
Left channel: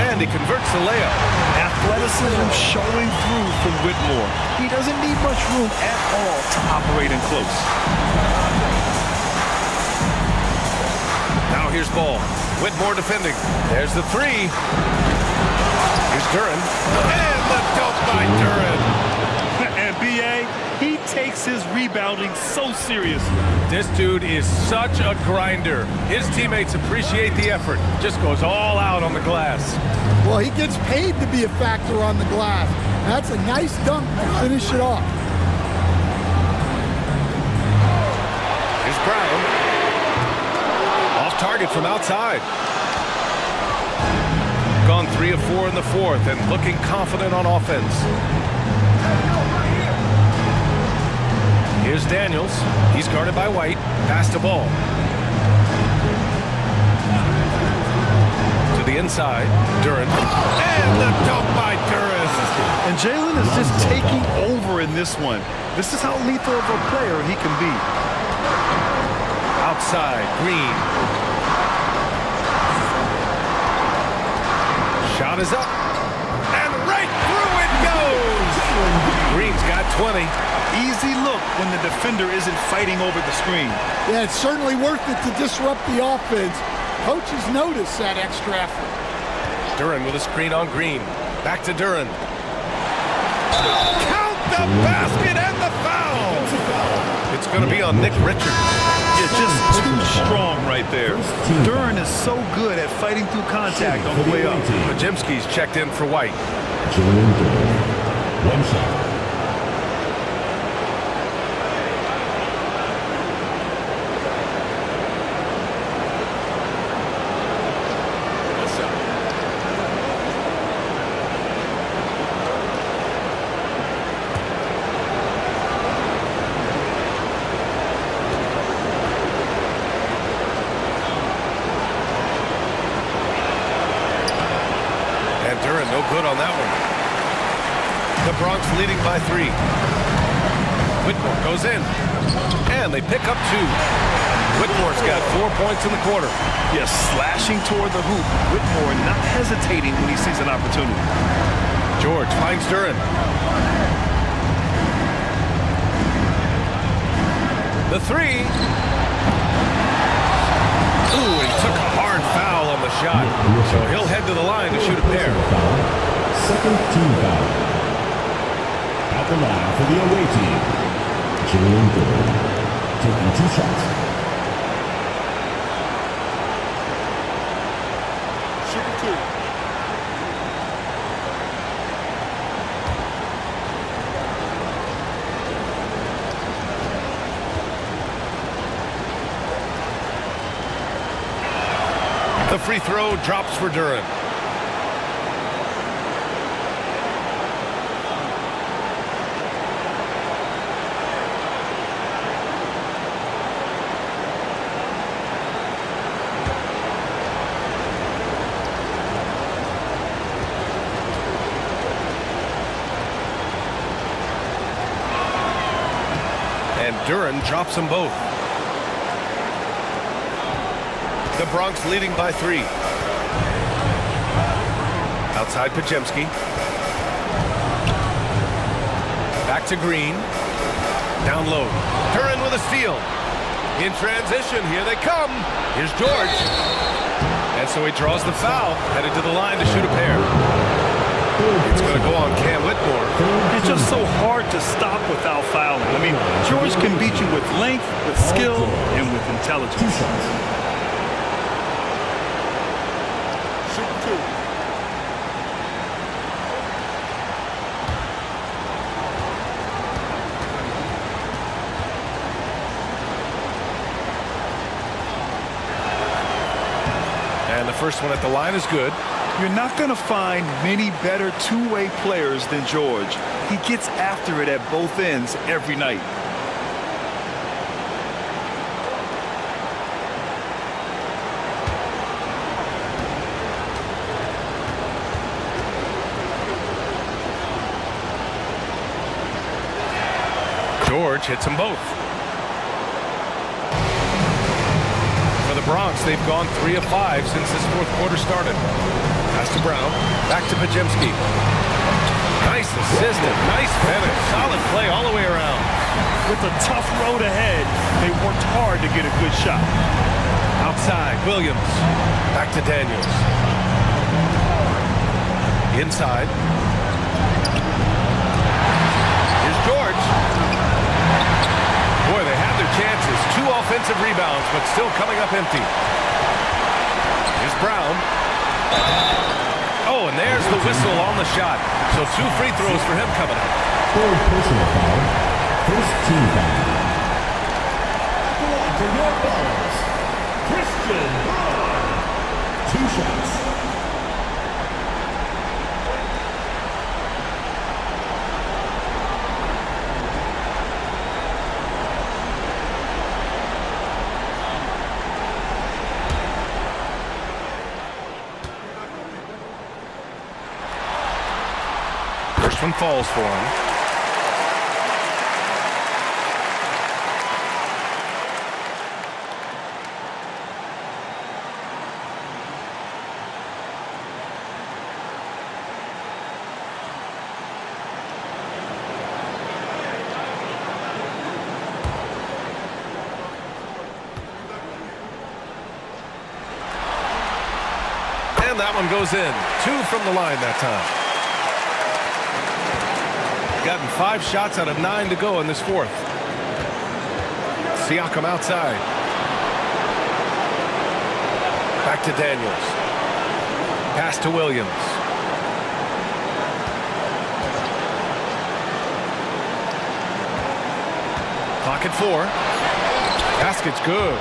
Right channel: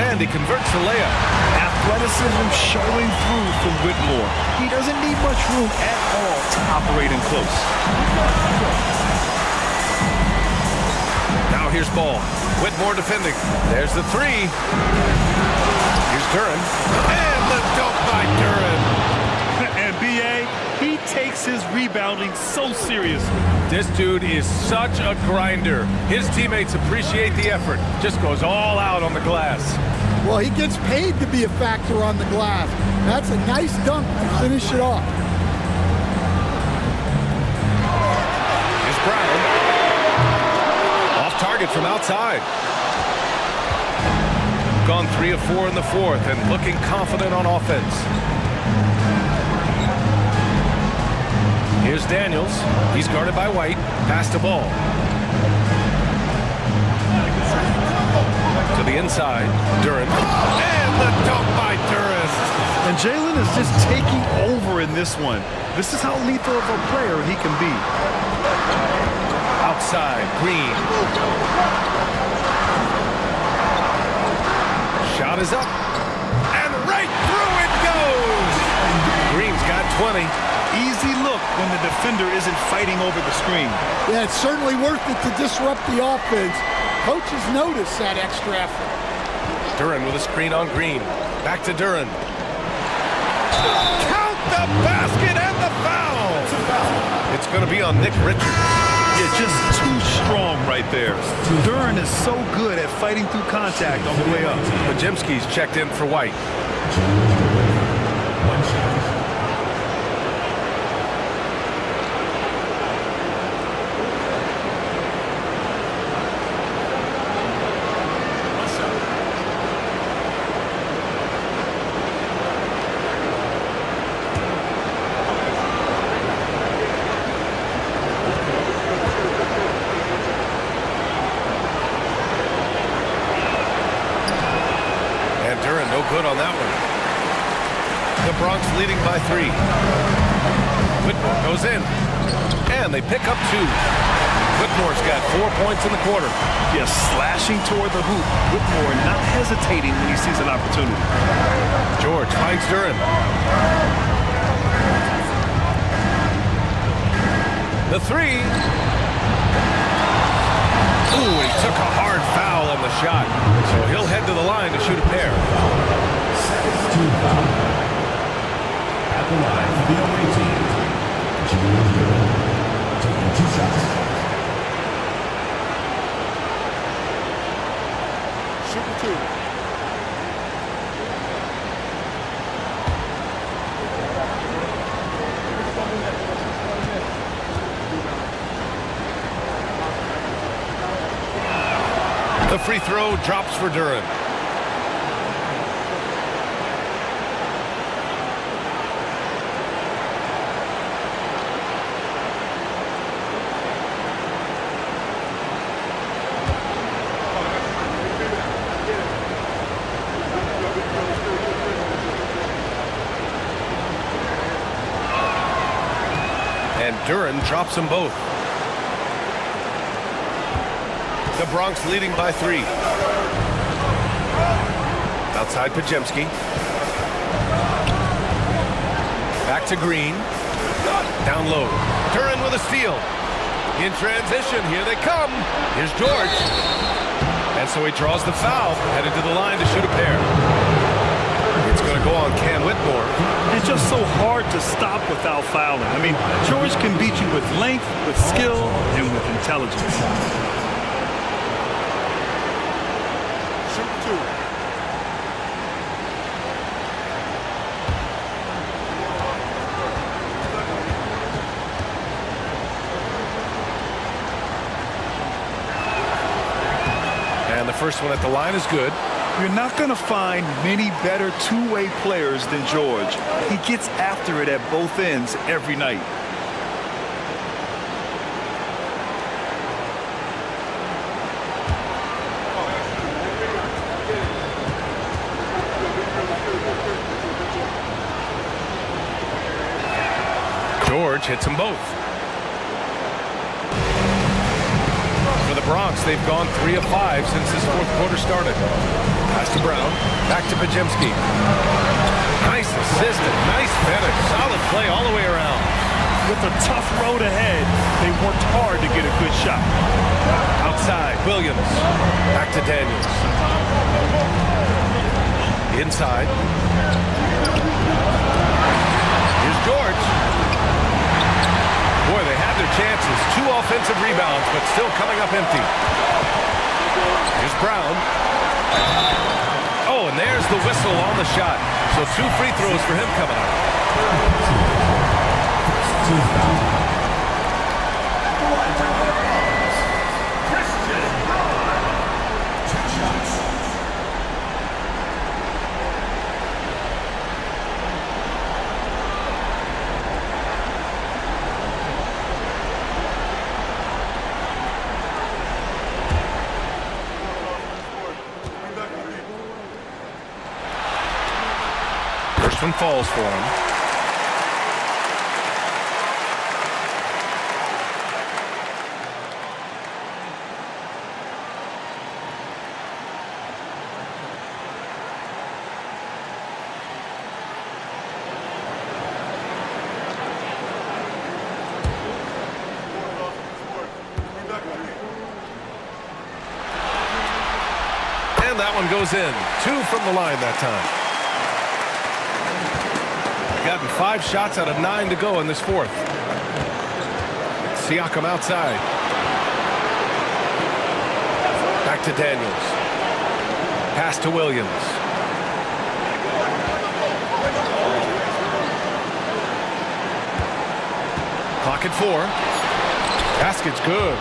And he converts the layup. Athleticism showing through from Whitmore. He doesn't need much room at all to operate in close. Now here's Ball. Whitmore defending. There's the 3. Here's Duren. And the dunk by Duren. And B.A., he takes his rebounding so seriously. This dude is such a grinder. His teammates appreciate the effort. Just goes all out on the glass. Well, he gets paid to be a factor on the glass. That's a nice dunk to finish it off. Here's Brown. Off target from outside. Gone 3 of 4 in the fourth and looking confident on offense. Here's Daniels. He's guarded by White. Pass the ball. To the inside, Duran. And the dunk by Duran. And Jalen is just taking over in this one. This is how lethal of a player he can be. Outside, Green. Shot is up. And right through it goes. Green's got 20. Easy look when the defender isn't fighting over the screen. Yeah, it's certainly worth it to disrupt the offense. Coaches notice that extra effort. Duran with a screen on Green. Back to Duran. Count the basket and the foul. It's going to be on Nick Richards. Yeah, just too strong right there. Duran is so good at fighting through contact on the way up. Pajemski's checked in for White. One shot. And Duran, no good on that one. The Bronx leading by 3. Whitmore goes in. And they pick up 2. Whitmore's got 4 points in the quarter. Yes, slashing toward the hoop. Whitmore not hesitating when he sees an opportunity. George finds Duran. The 3. Ooh, he took a hard foul on the shot. So he'll head to the line to shoot a pair. Second team foul. At the line for the away team, Julian Duran, taking 2 shots. Shooting 2. The free throw drops for Duran. And Duran drops them both. The Bronx leading by 3. Outside Pajemski. Back to Green. Down low. Duran with a steal. In transition, here they come. Here's George. And so he draws the foul, headed to the line to shoot a pair. It's going to go on Cam Whitmore. It's just so hard to stop without fouling. I mean, George can beat you with length, with skill, and with intelligence. Shooting 2. And the first one at the line is good. You're not going to find many better two-way players than George. He gets after it at both ends every night. George hits them both. For the Bronx, they've gone 3 of 5 since this fourth quarter started. Pass to Brown, back to Pajemski. Nice assist and nice finish. Solid play all the way around. With a tough road ahead, they worked hard to get a good shot. Outside, Williams. Back to Daniels. Inside. Here's George. Boy, they had their chances. 2 offensive rebounds, but still coming up empty. Here's Brown. Oh, and there's the whistle on the shot. So 2 free throws for him coming up. Third personal foul. First team foul. At the line for your followers, Christian Braun. 2 shots. First one falls for him. And that one goes in. 2 from the line that time. Gotten 5 shots out of 9 to go in this fourth. Siakam outside. Back to Daniels. Pass to Williams. Clock at 4. Basket's good.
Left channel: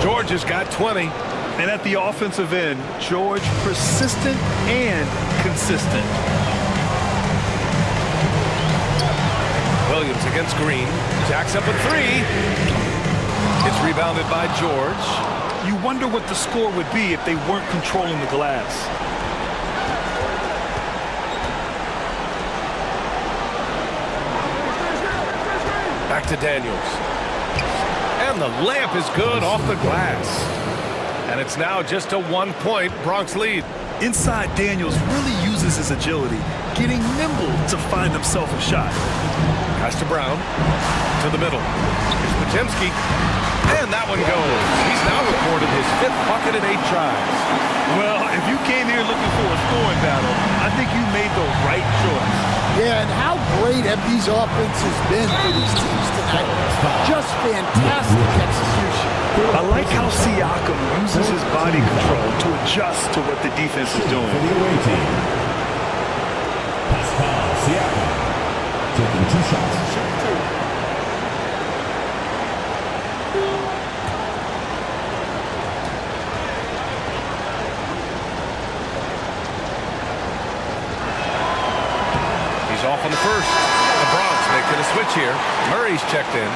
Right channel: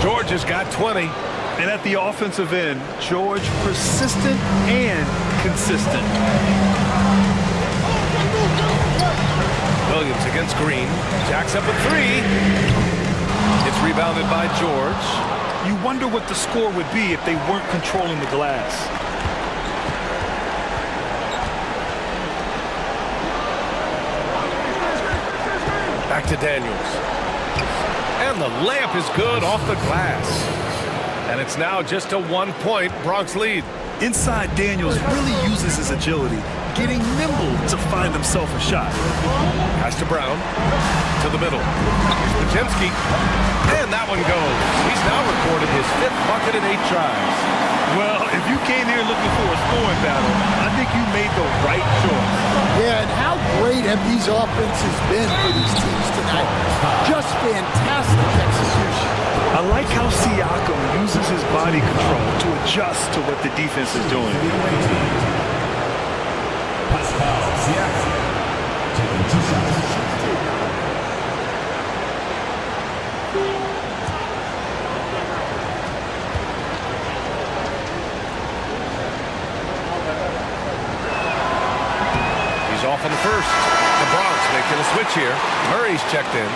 George has got 20. And at the offensive end, George persistent and consistent. Williams against Green. Jacks up a 3. It's rebounded by George. You wonder what the score would be if they weren't controlling the glass. Back to Daniels. And the layup is good off the glass. And it's now just a 1-point Bronx lead. Inside, Daniels really uses his agility, getting nimble to find himself a shot. Pass to Brown. To the middle. Here's Podziemski. And that one goes. He's now recorded his 5th bucket in 8 tries. Well, if you came here looking for a scoring battle, I think you made the right choice. Yeah, and how great have these offenses been for these teams tonight? Just fantastic execution. I like how Siakam uses his body control to adjust to what the defense is doing. For the away team, Pascal Siakam taking 2 shots. Shoot 2. He's off on the first. The Bronx making a switch here. Murray's checked in.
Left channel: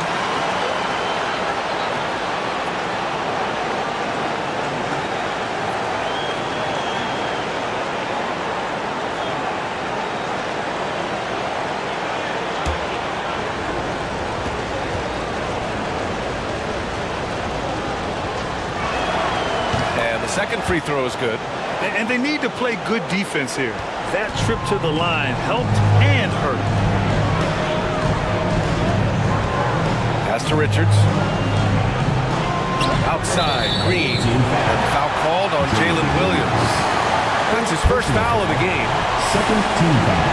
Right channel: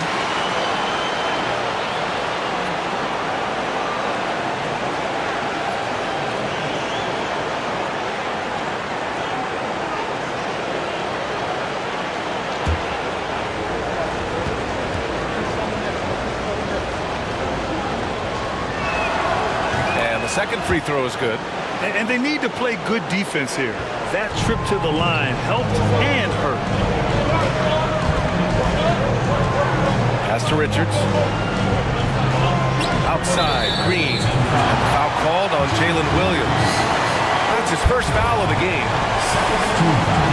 And the second free throw is good. And they need to play good defense here. That trip to the line helped and hurt. Pass to Richards. Outside, Green. And the foul called on Jalen Williams. That's his first foul of the game. Second team foul.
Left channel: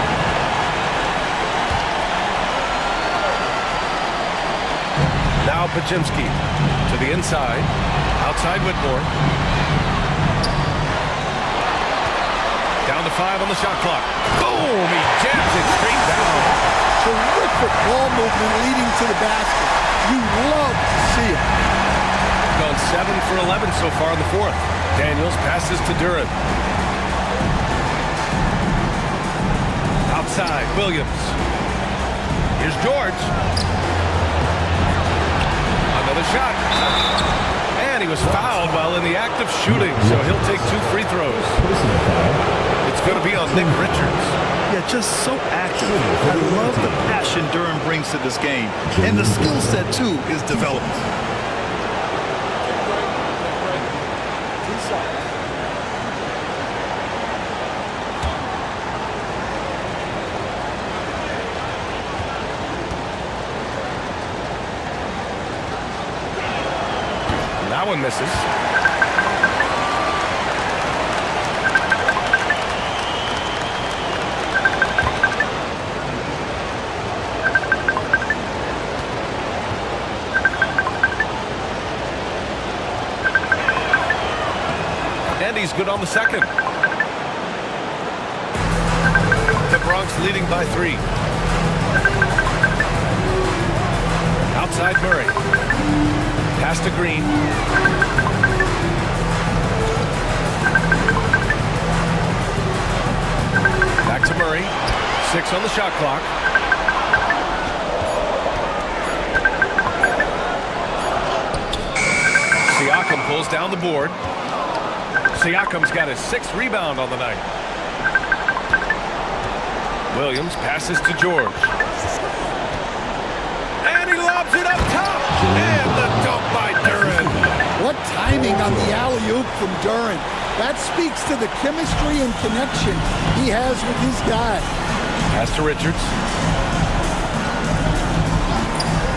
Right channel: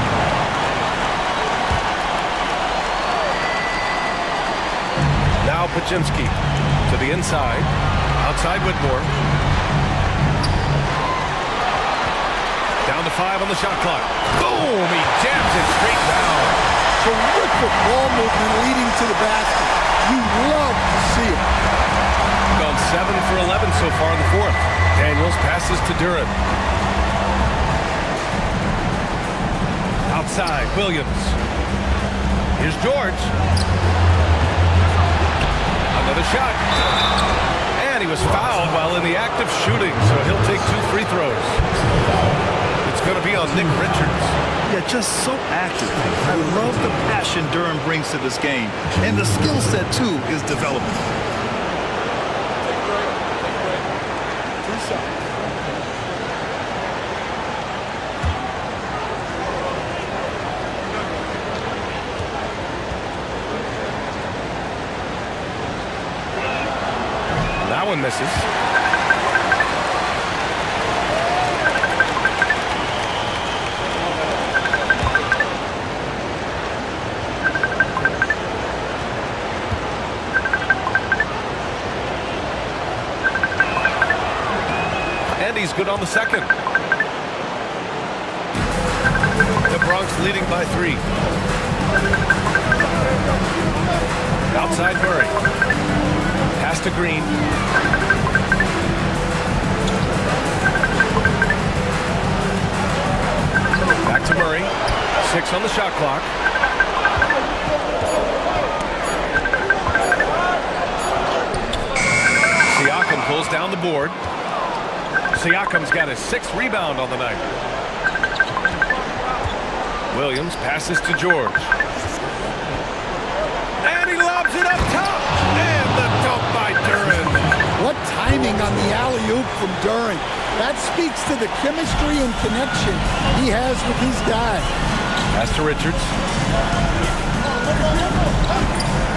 Now Podziemski to the inside. Outside Whitmore. Down to 5 on the shot clock. Boom! He jams it straight down. Terrific ball movement leading to the basket. You love to see it. Gone 7 for 11 so far in the fourth. Daniels passes to Duran. Outside, Williams. Here's George. Another shot. And he was fouled while in the act of shooting, so he'll take 2 free throws. It's going to be on Nick Richards. Yeah, just so active. I love the passion Durham brings to this game. And the skill set, too, is developing. Take a break. Take a break. 2 shots. That one misses. And he's good on the second. The Bronx leading by 3. Outside Murray. Pass to Green. Back to Murray. 6 on the shot clock. Siakam pulls down the board. Siakam's got his 6th rebound on the night. Williams passes to George. And he lobs it up top. And the dunk by Duren. What timing on the alley-oop from Duren. That speaks to the chemistry and connection he has with his guy. Pass to Richards.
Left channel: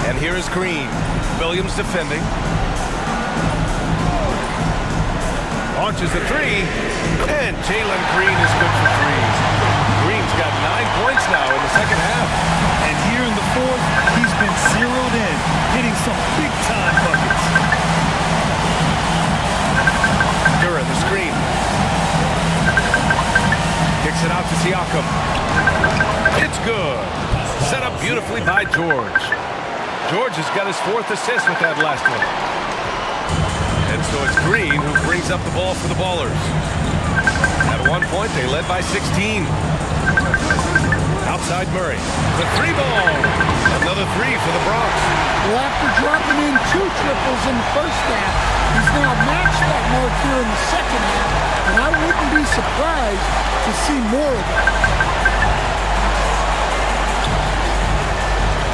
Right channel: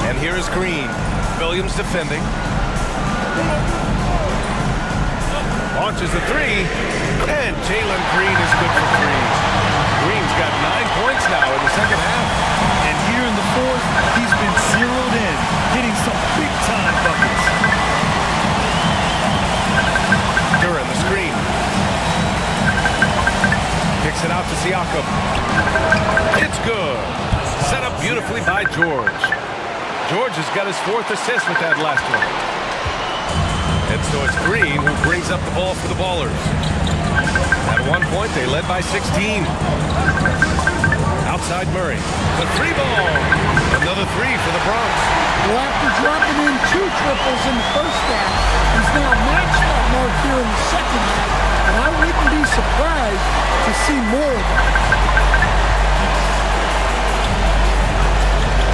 And here is Green. Williams defending. Launches a three. And Jalen Green is good for three. Green's got 9 points now in the second half. And here in the fourth, he's been zeroed in, hitting some big-time buckets. Duren, the screen. Kicks it out to Siakam. It's good. Set up beautifully by George. George has got his 4th assist with that last one. And so it's Green who brings up the ball for the Ballers. At one point, they led by 16. Outside Murray. The three ball. Another three for the Bronx. Well, after dropping in 2 triples in the first half, he's now matched that mark here in the second half, and I wouldn't be surprised to see more of that.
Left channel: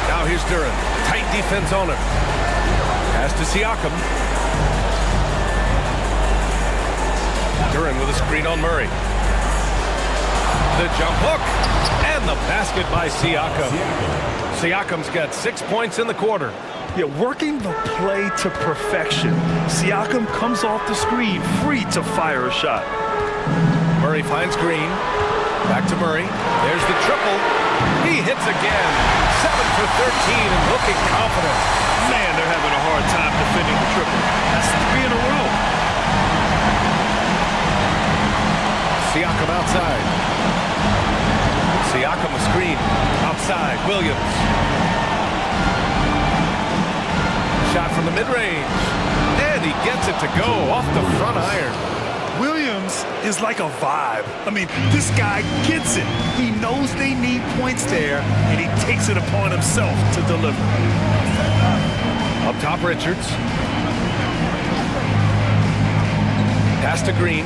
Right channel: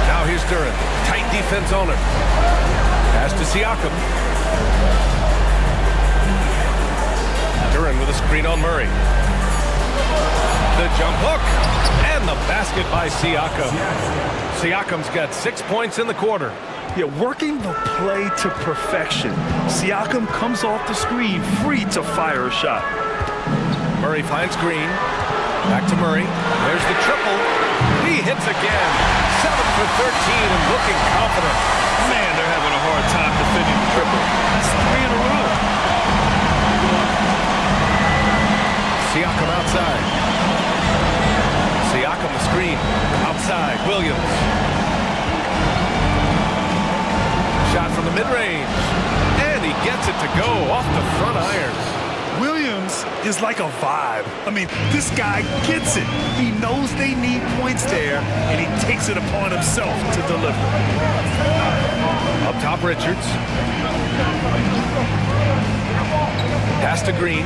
Now here's Duren. Tight defense on him. Pass to Siakam. Duren with a screen on Murray. The jump hook. And the basket by Siakam. Siakam's got 6 points in the quarter. Yeah, working the play to perfection. Siakam comes off the screen, free to fire a shot. Murray finds Green. Back to Murray. There's the triple. He hits again. 7 for 13 and looking confident. Man, they're having a hard time defending the triple. That's 3 in a row. Siakam outside. Siakam the screen. Outside. Williams. Shot from the mid-range. And he gets it to go off the front iron. Williams is like a vibe. I mean, this guy gets it. He knows they need points there, and he takes it upon himself to deliver. Up top, Richards. Pass to Green.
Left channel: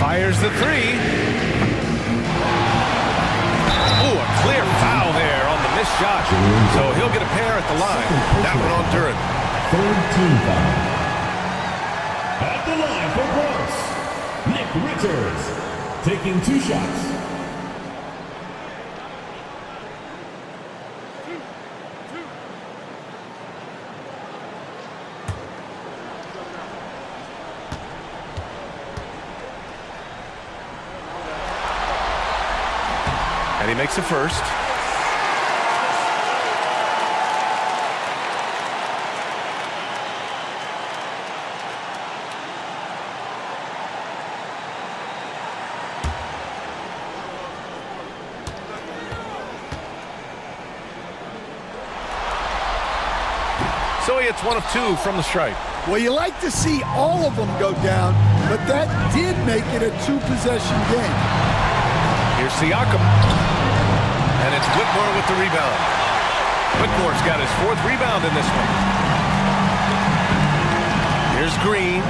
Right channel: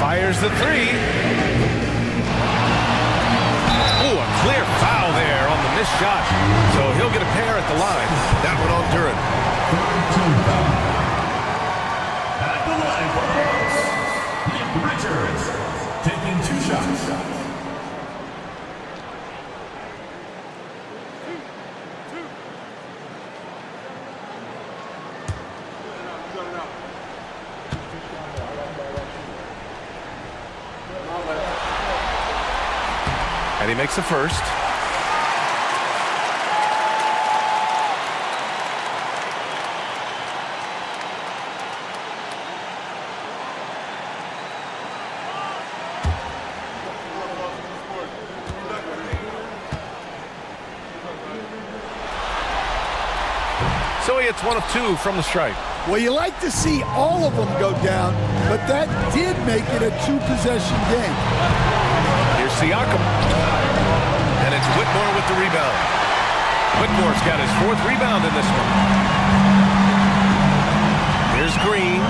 Fires the three. Ooh, a clear foul there on the missed shot. So he'll get a pair at the line. That one on Duren. 3rd team foul. At the line for Bronx, Nick Richards, taking 2 shots. And he makes the first. So he hits 1 of 2 from the stripe. Well, you like to see all of them go down, but that did make it a 2-possession game. Here's Siakam. And it's Whitmore with the rebound. Whitmore's got his 4th rebound in this one. Here's Green.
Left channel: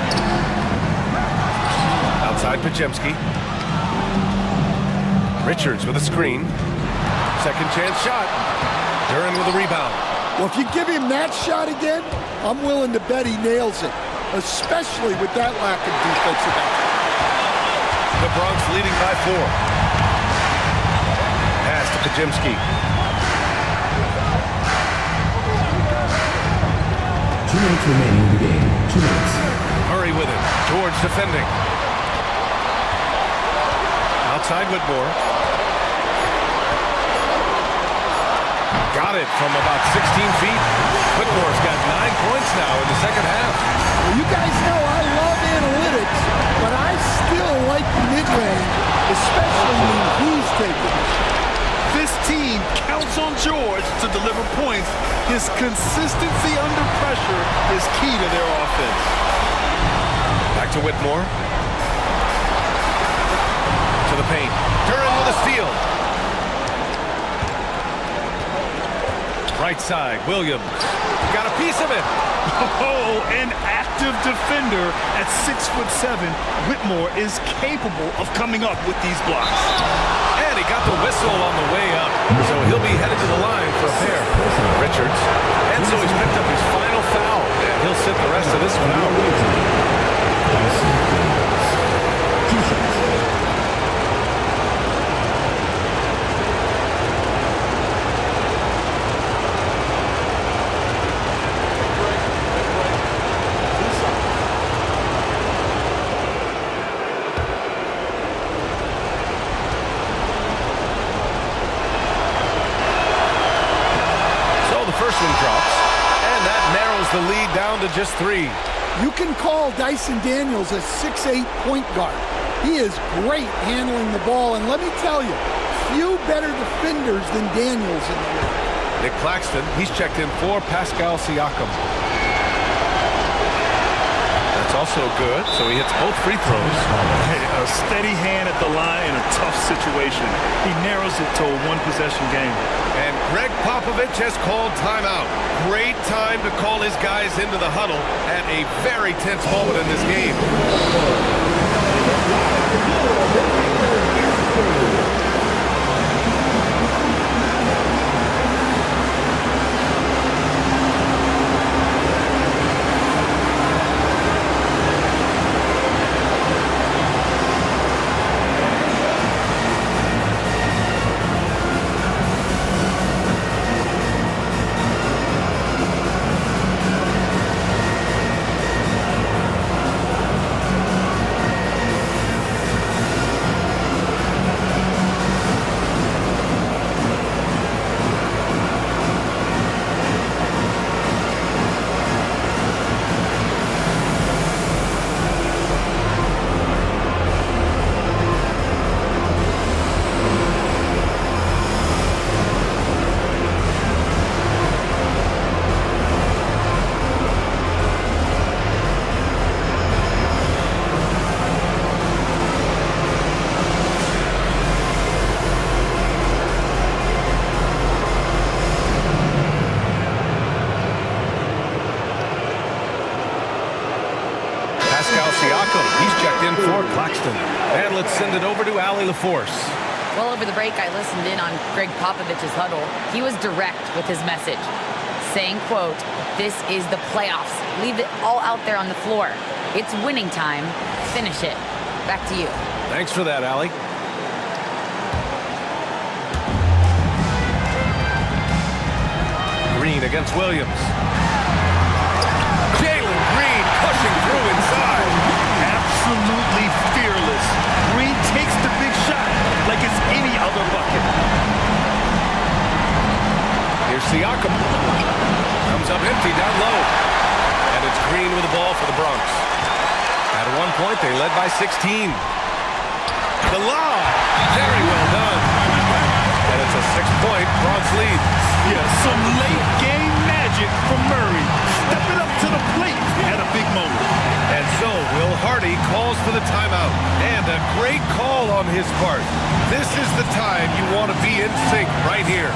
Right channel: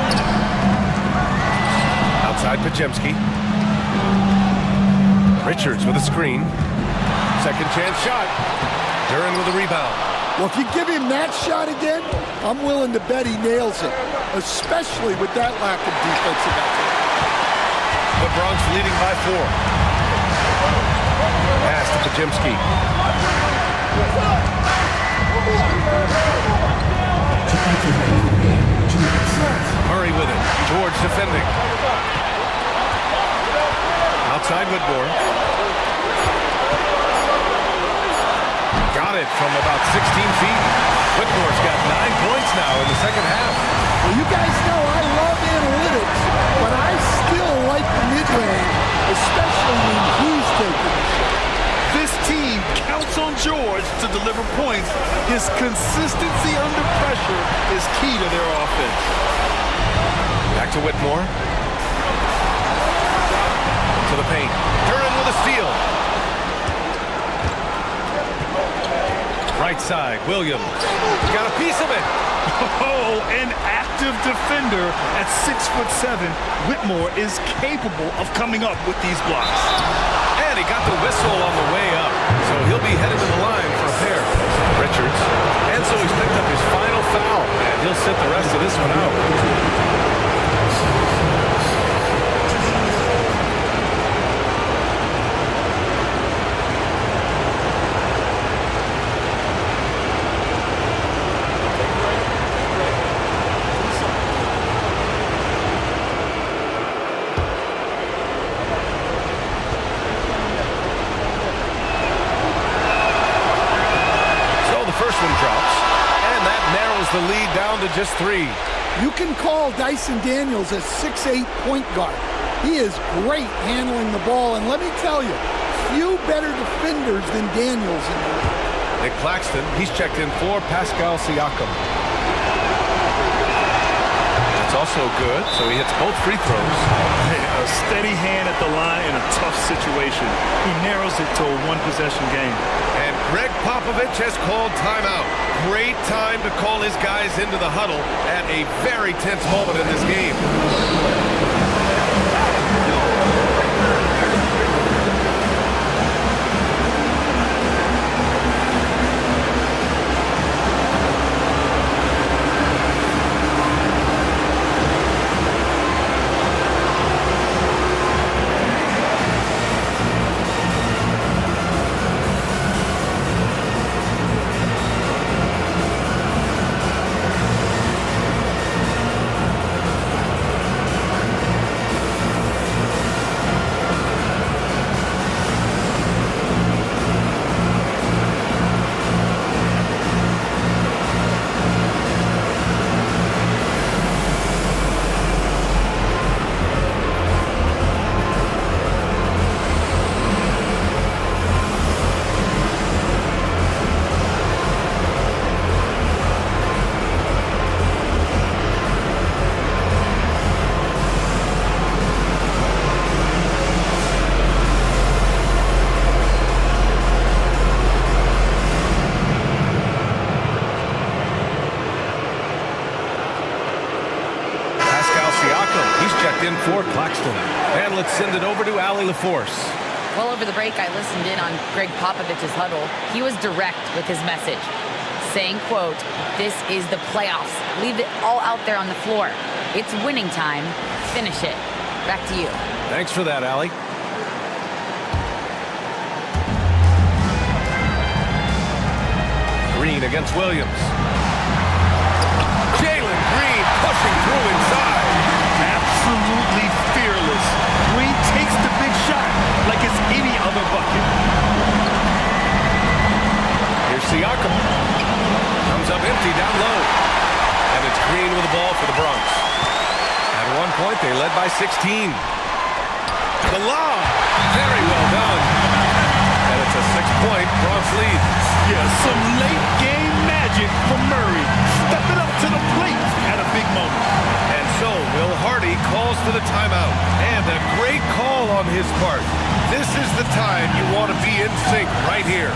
Outside Pajemski. Richards with a screen. Second chance shot. Duren with a rebound. Well, if you give him that shot again, I'm willing to bet he nails it, especially with that lack of defensive effort. The Bronx leading by 4. Pass to Pajemski. 2 minutes remaining in the game. 2 minutes. Murray with it. George defending. Outside Whitmore. Got it from about 16 feet. Whitmore's got 9 points now in the second half. Well, you guys know I love analytics, but I still like the mid-range, especially when he's taking the shot. This team counts on George to deliver points. His consistency under pressure is key to their offense. Back to Whitmore. To the paint. Duren with a steal. Right side, Williams. Got a piece of it. Oh, an active defender at 6'7". Whitmore is capable of coming up with these blocks. And he got the whistle on the way up, so he'll be headed to the line for a pair. Richards. And so he's picked up his final foul, and he'll sit the rest of this one out. First one drops, and that narrows the lead down to just 3. You can call Dyson Daniels a 6'8" point guard. He is great handling the ball, and let me tell you, few better defenders than Daniels in the league. Nick Claxton, he's checked in for Pascal Siakam. That's also good, so he hits both free throws. Hey, a steady hand at the line in a tough situation. He narrows it to a one-possession game. And Greg Popovich has called timeout. Great time to call his guys into the huddle at a very tense moment in this game. Pascal Siakam, he's checked in for Claxton. And let's send it over to Allie LaForce. Well, over the break, I listened in on Greg Popovich's huddle. He was direct with his message, saying, quote, "This is the playoffs. Leave it all out there on the floor. It's winning time. Finish it." Back to you. Thanks for that, Allie. Green against Williams. Jalen Green pushing through inside. Absolutely fearless. Green takes the big shot like it's any other bucket. Here's Siakam. Comes up empty down low. And it's Green with the ball for the Bronx. At one point, they led by 16. The lob. Very well done. And it's a 6-point Bronx lead. Yeah, some late game magic from Murray. Stepping up to the plate at a big moment. And so Will Hardy calls for the timeout. And a great call on his part. This is the time you want to be in sync right here.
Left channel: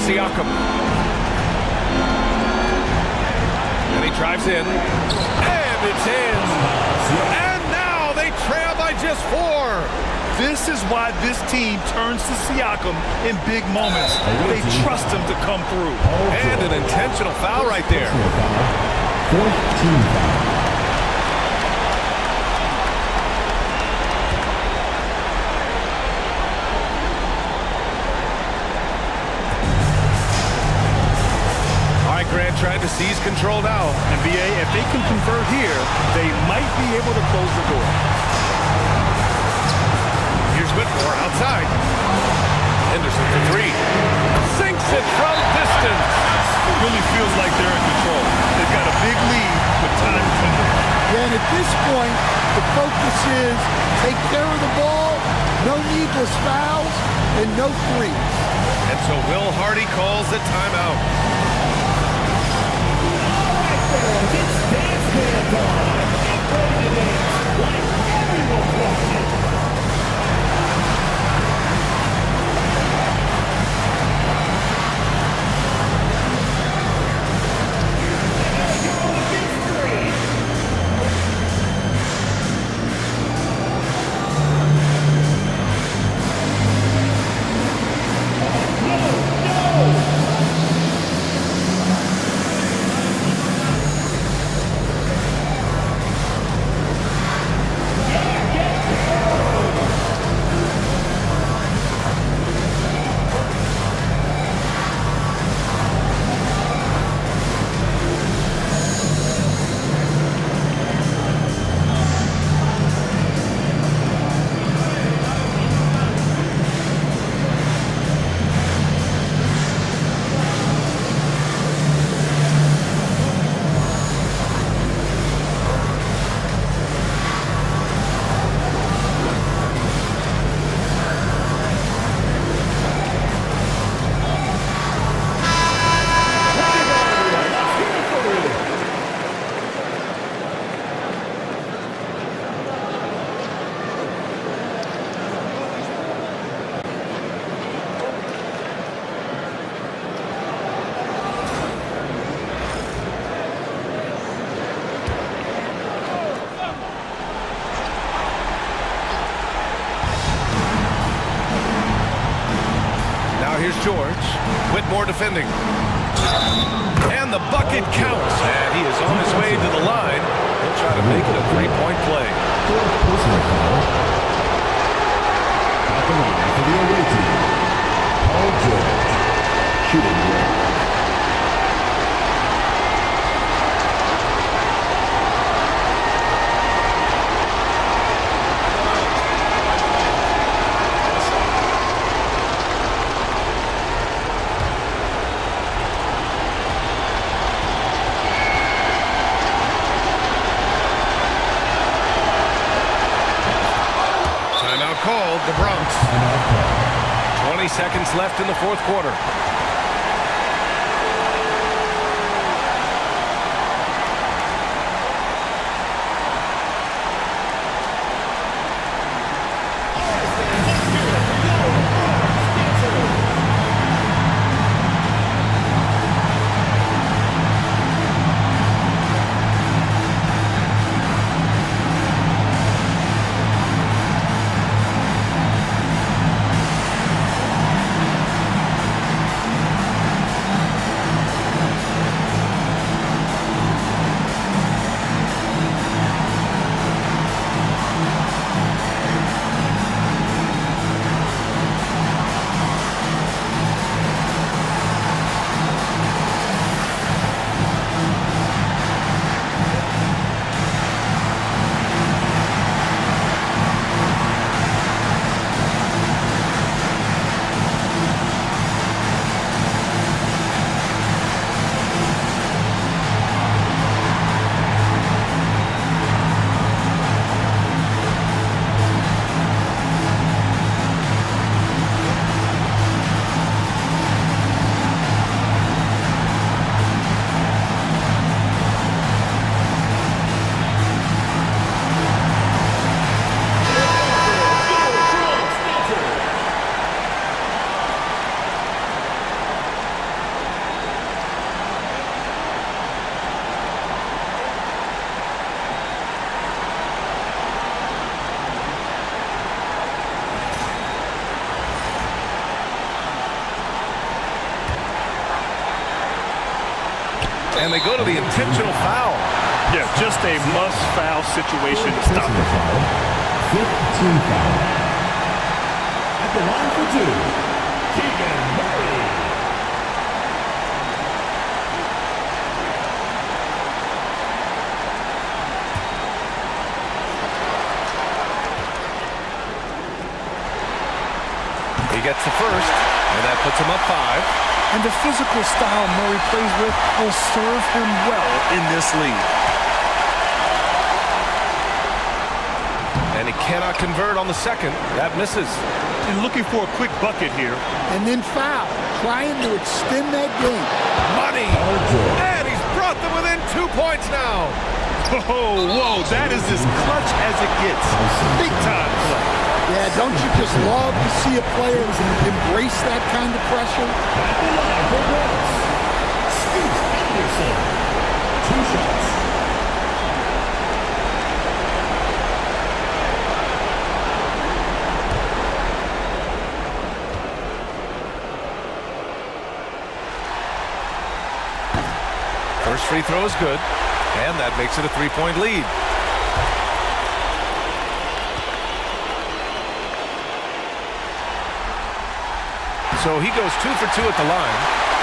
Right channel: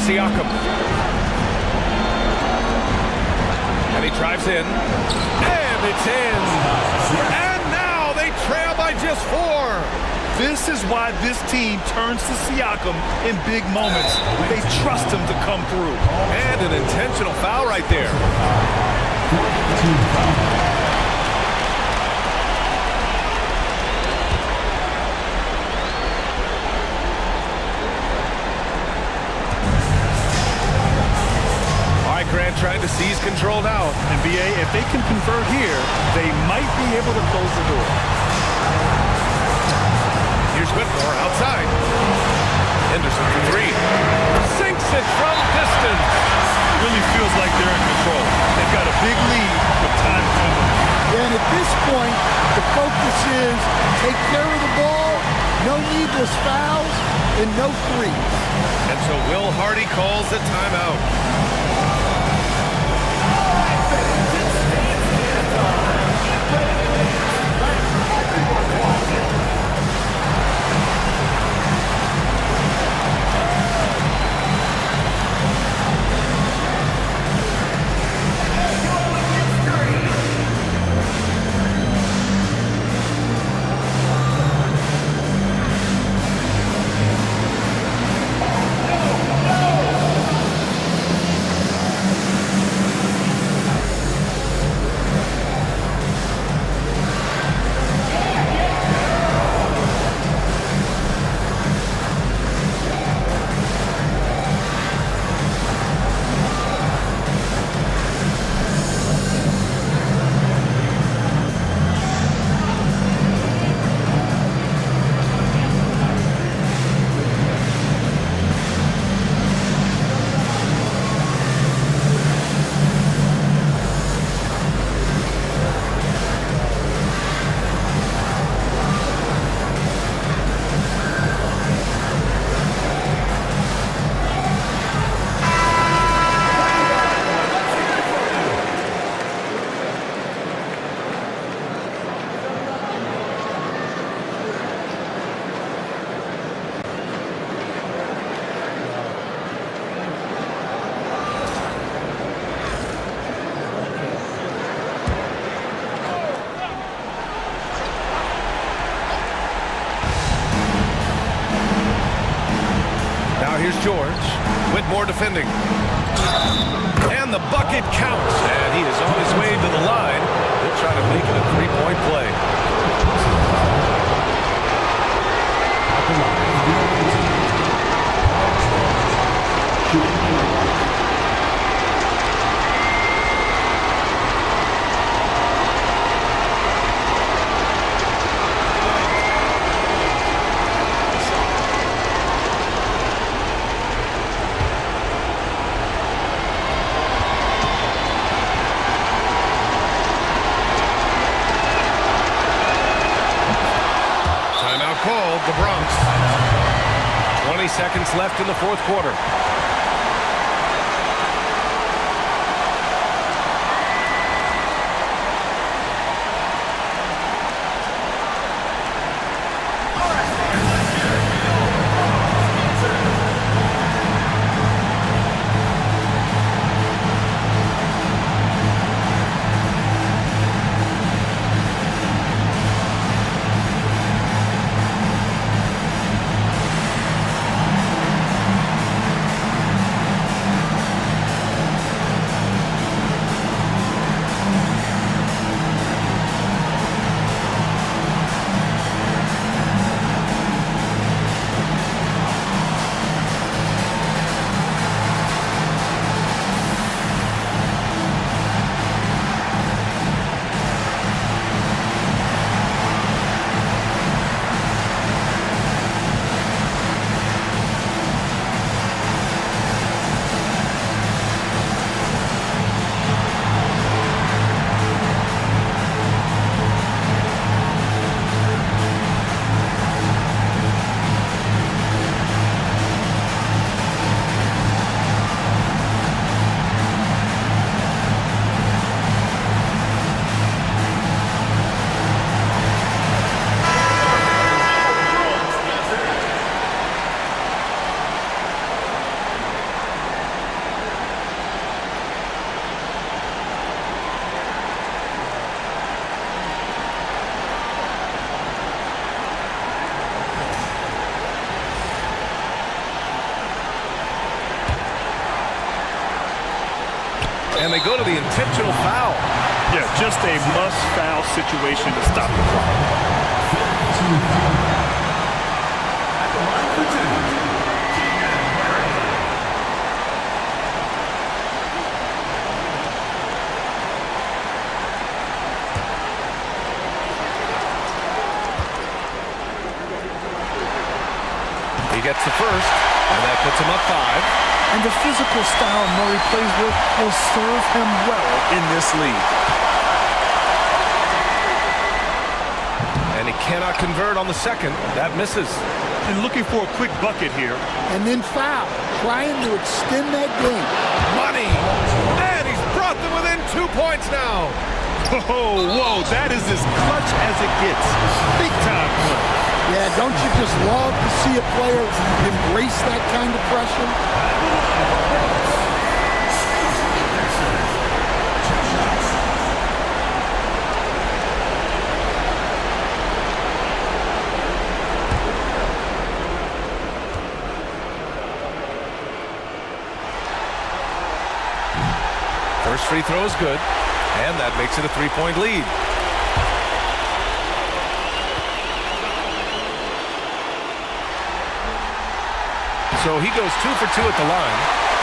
Here's Siakam. And he drives in. And it's in. And now they trail by just 4. This is why this team turns to Siakam in big moments. They trust him to come through. And an intentional foul right there. 14 foul. All right, Grant trying to seize control now. And BA, if they can convert here, they might be able to close the door. Here's Whitmore outside. Henderson for 3. Sinks it from distance. Really feels like they're in control. They've got a big lead with time dwindling. Yeah, and at this point, the focus is take care of the ball, no needless fouls, and no threes. And so Will Hardy calls the timeout. Now here's George. Whitmore defending. And the bucket counts. And he is on his way to the line. He'll try to make it a 3-point play. Third personal foul. At the line for the away team, Paul George. Shooting. Timeout called, the Bronx. 20 seconds left in the fourth quarter. And they go to the intentional foul. Yeah, just a must-foul situation to stop the clock. 15 foul. At the line for two, Keegan Murray. He gets the first, and that puts him up 5. And the physical style Murray plays with will serve him well in this league. And he cannot convert on the second. That misses. And looking for a quick bucket here. And then foul, trying to extend that game. Money! And he's brought them within 2 points now. Oh, whoa, that is as clutch as it gets. Big time play. Yeah, don't you just love to see a player embrace that kind of pressure? First free throw is good, and that makes it a 3-point lead. So he goes 2 for 2 at the line,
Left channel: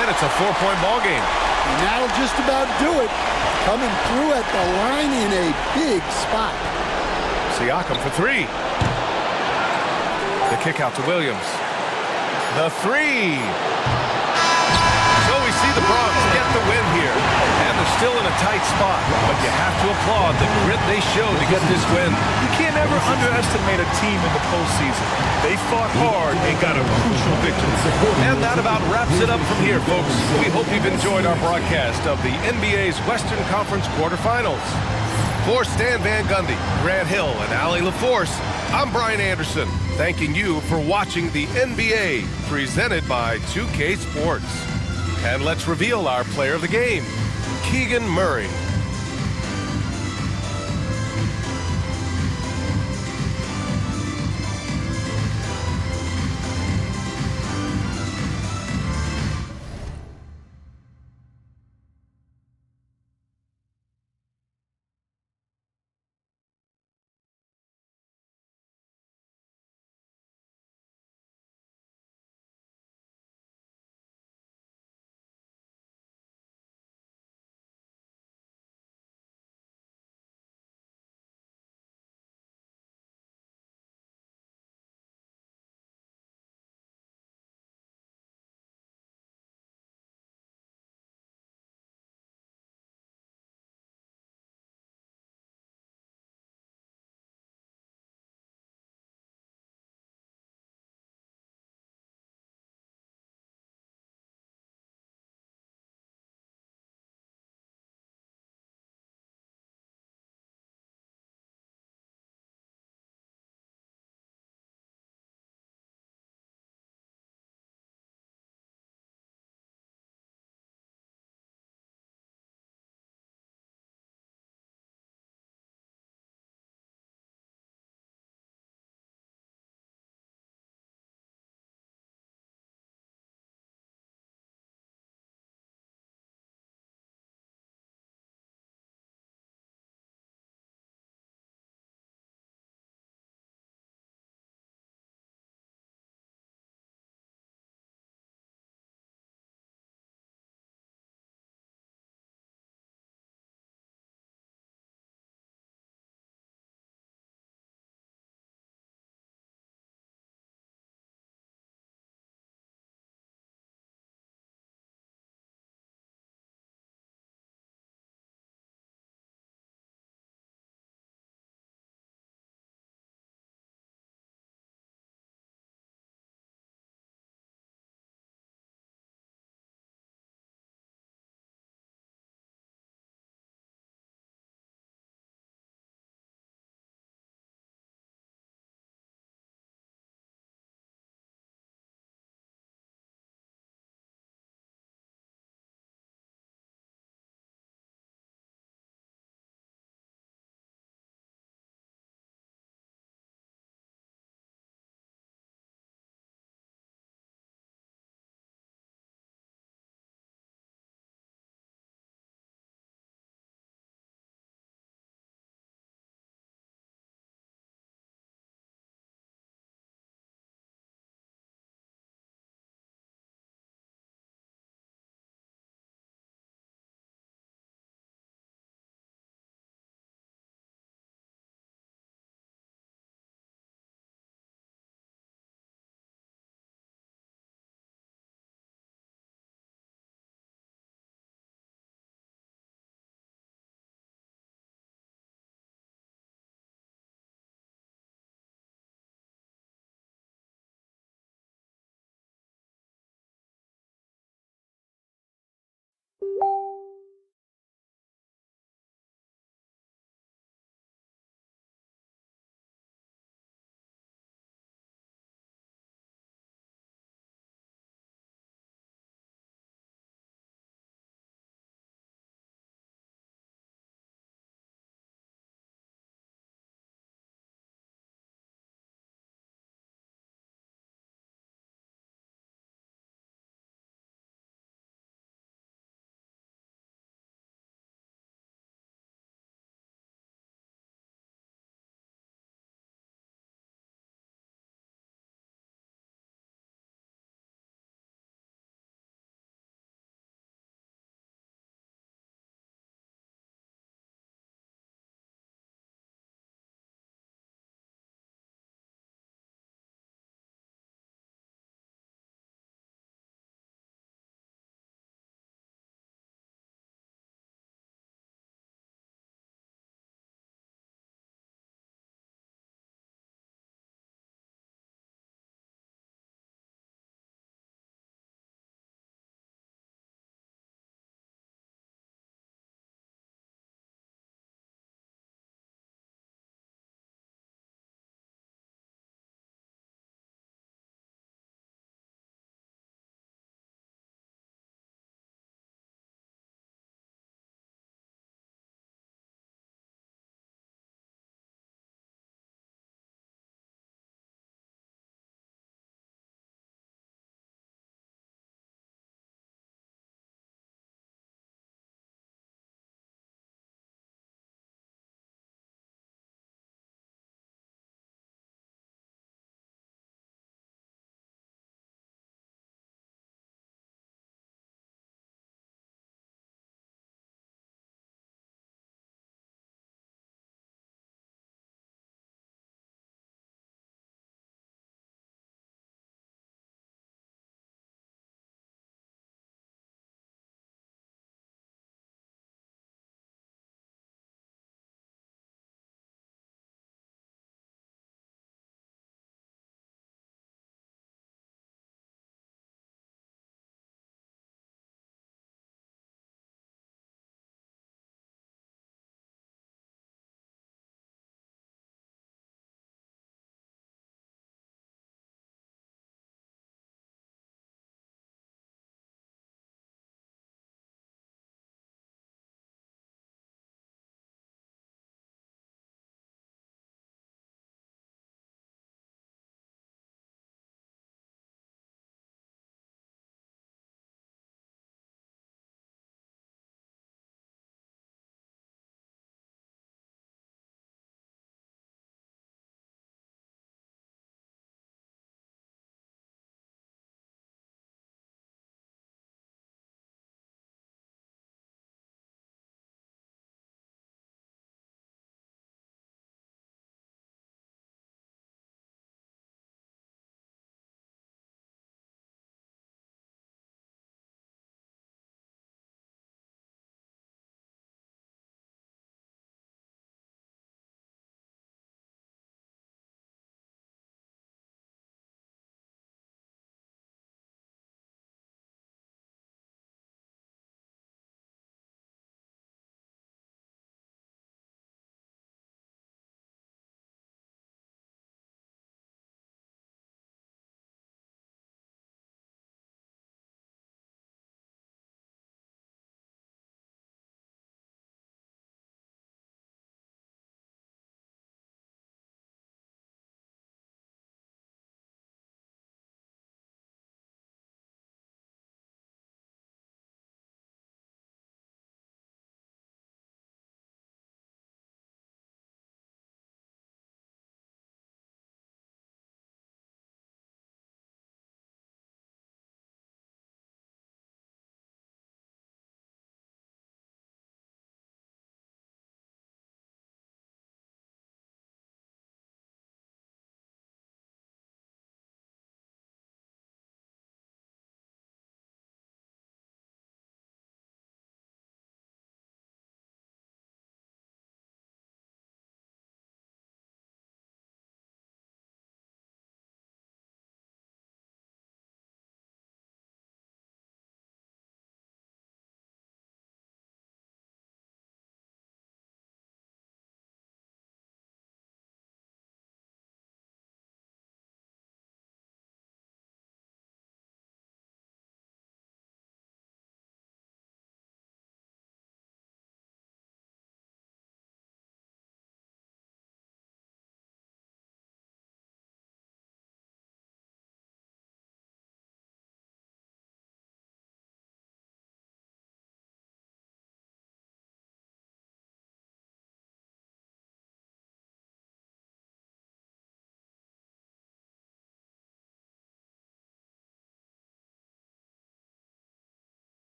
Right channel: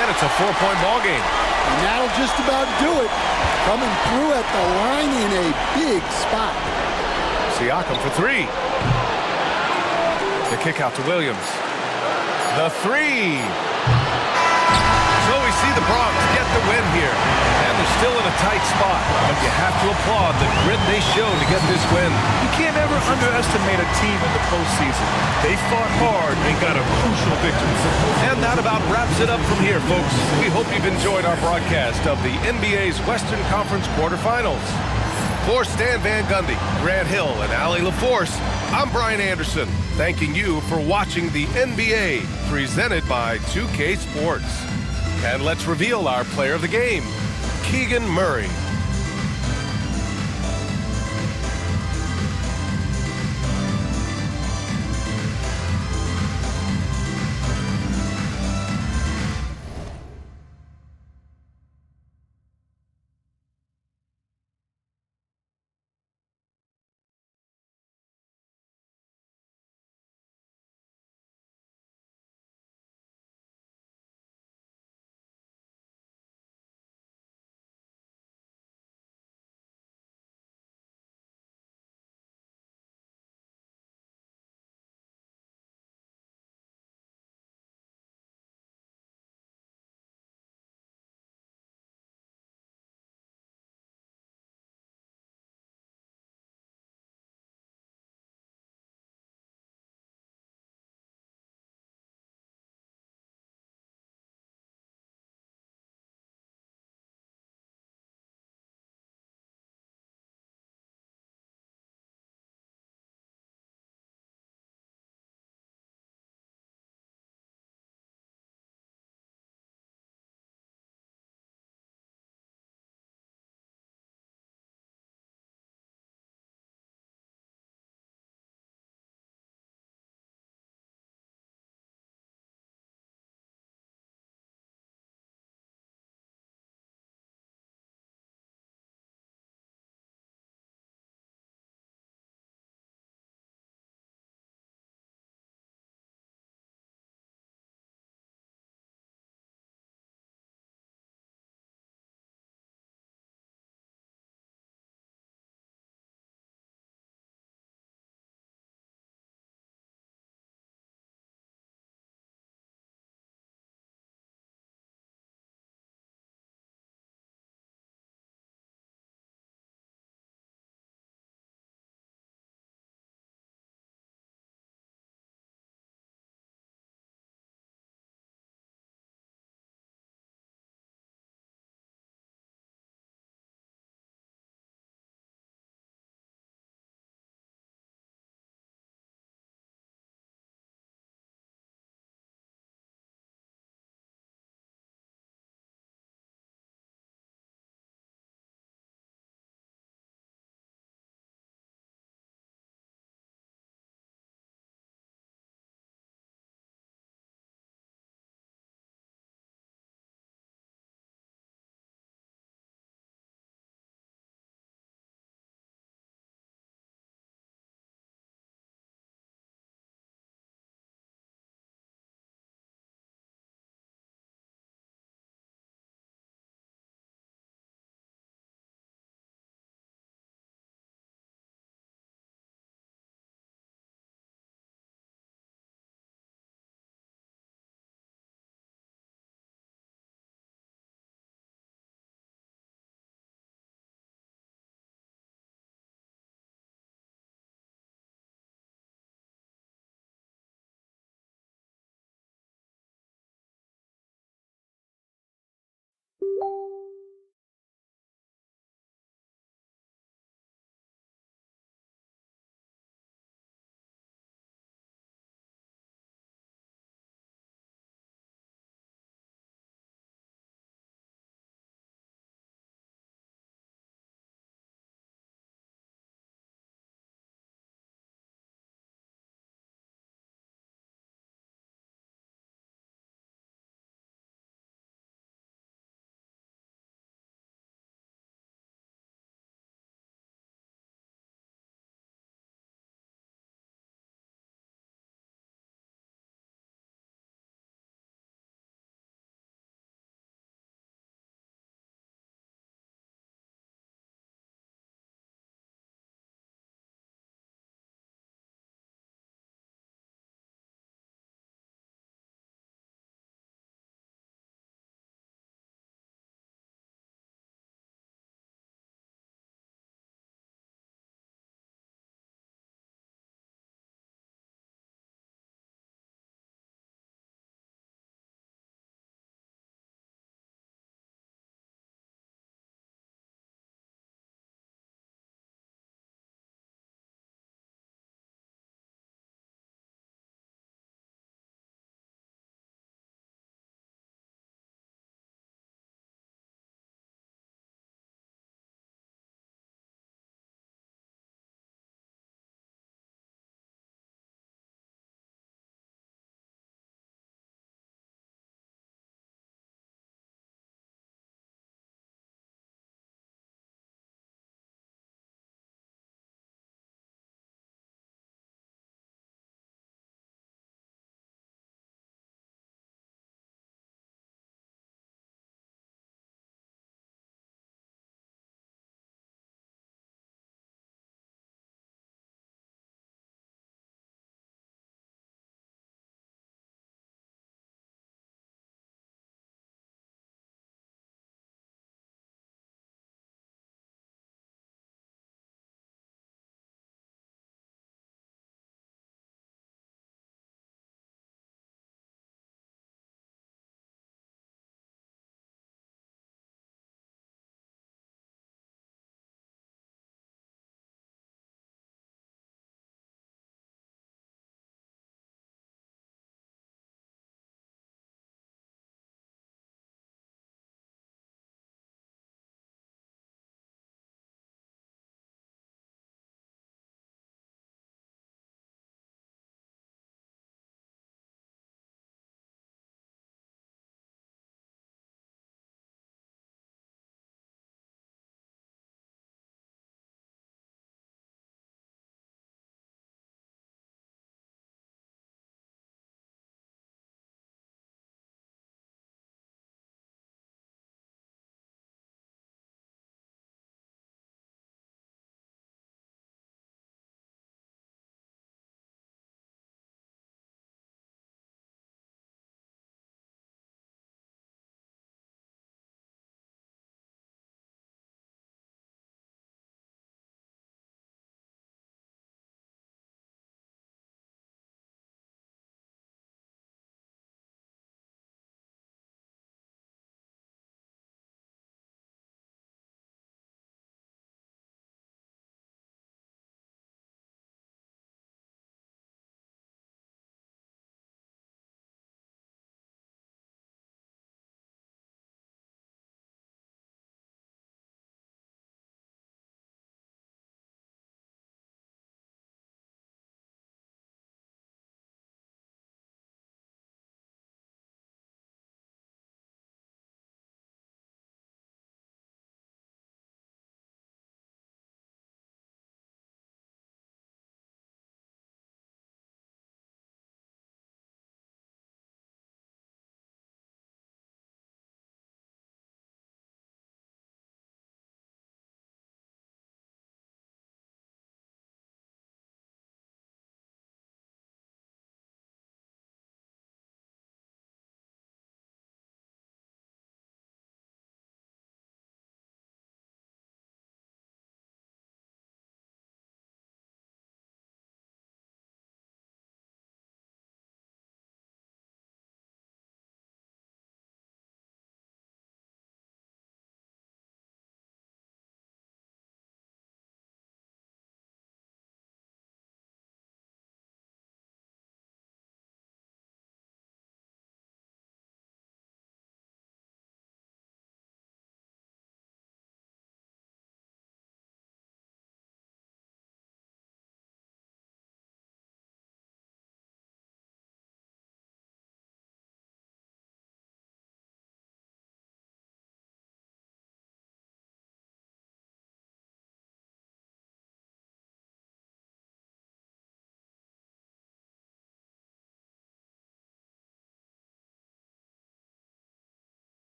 and it's a 4-point ball game. And that'll just about do it. Coming through at the line in a big spot. Siakam for 3. The kick out to Williams. The 3. So we see the Bronx get the win here. And they're still in a tight spot, but you have to applaud the grit they showed to get this win. You can't ever underestimate a team in the postseason. They fought hard and got a crucial victory. And that about wraps it up from here, folks. We hope you've enjoyed our broadcast of the NBA's Western Conference quarterfinals. For Stan Van Gundy, Grant Hill, and Allie LaForce, I'm Brian Anderson, thanking you for watching the NBA, presented by 2K Sports. And let's reveal our player of the game, Keegan Murray.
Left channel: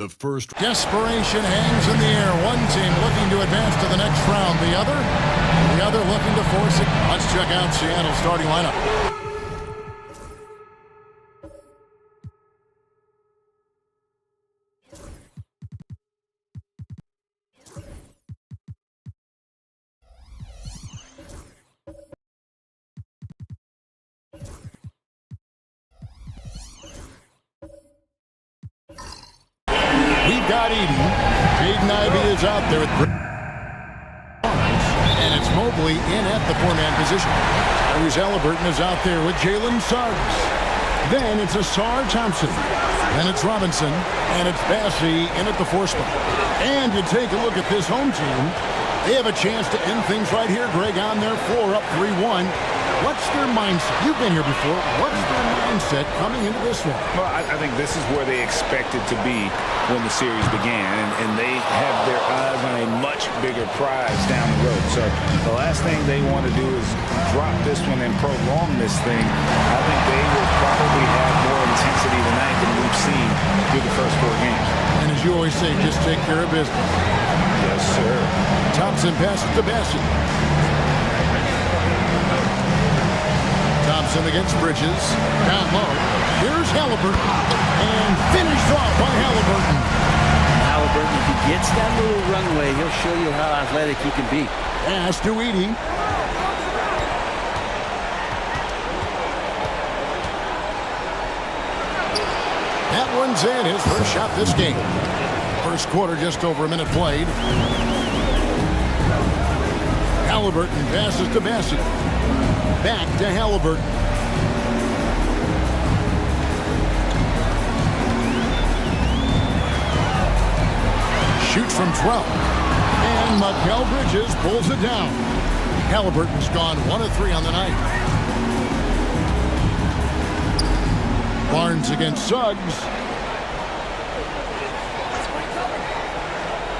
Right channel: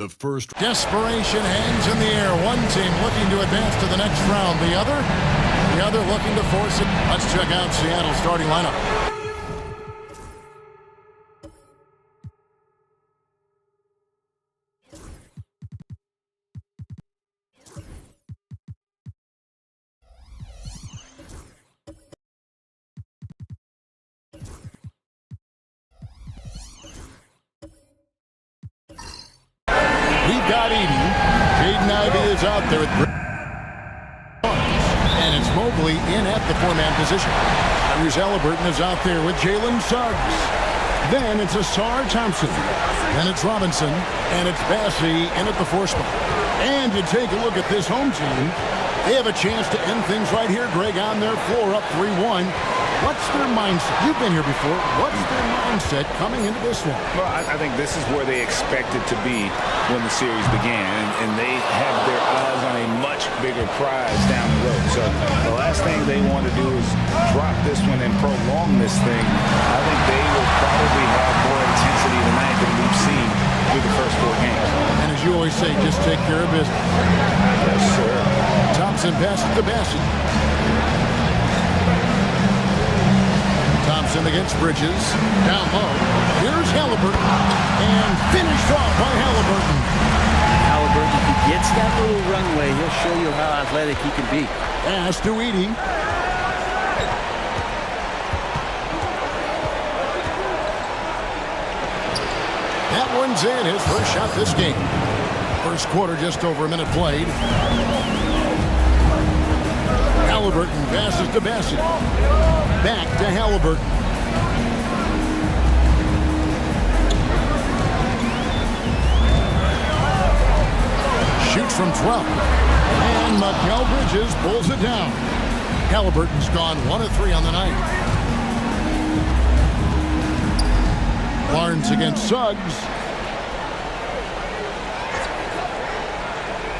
The first. Desperation hangs in the air. One team looking to advance to the next round. The other looking to force it. Let's check out Seattle's starting lineup. We've got Edey. Jaden Ivey is out there with and it's Mobley in at the four-man position. Tyrese Halliburton is out there with Jalen Suggs. Then it's Asar Thompson. Then it's Robinson. And it's Bassey in at the four spot. And to take a look at this home team, they have a chance to end things right here, Greg, on their floor, up 3-1. What's their mindset? You've been here before. What's their mindset coming into this one? Well, I think this is where they expected to be when the series began, and they have their eyes on a much bigger prize down the road. So the last thing they want to do is drop this one and prolong this thing. I think they will probably have more intensity tonight than we've seen through the first 4 games. And as you always say, just take care of business. Yes, sir. Thompson passes to Bassey. Thompson against Bridges. Down low. Here's Halliburton. And finished off by Halliburton. Halliburton, if he gets that little runway, he'll show you how athletic he can be. Pass to Edey. That one's in. His first shot this game. First quarter, just over a minute played. Halliburton passes to Bassey. Back to Halliburton. Shoots from 12. And Mikal Bridges pulls it down. Halliburton's gone 1 of 3 on the night. Barnes against Suggs.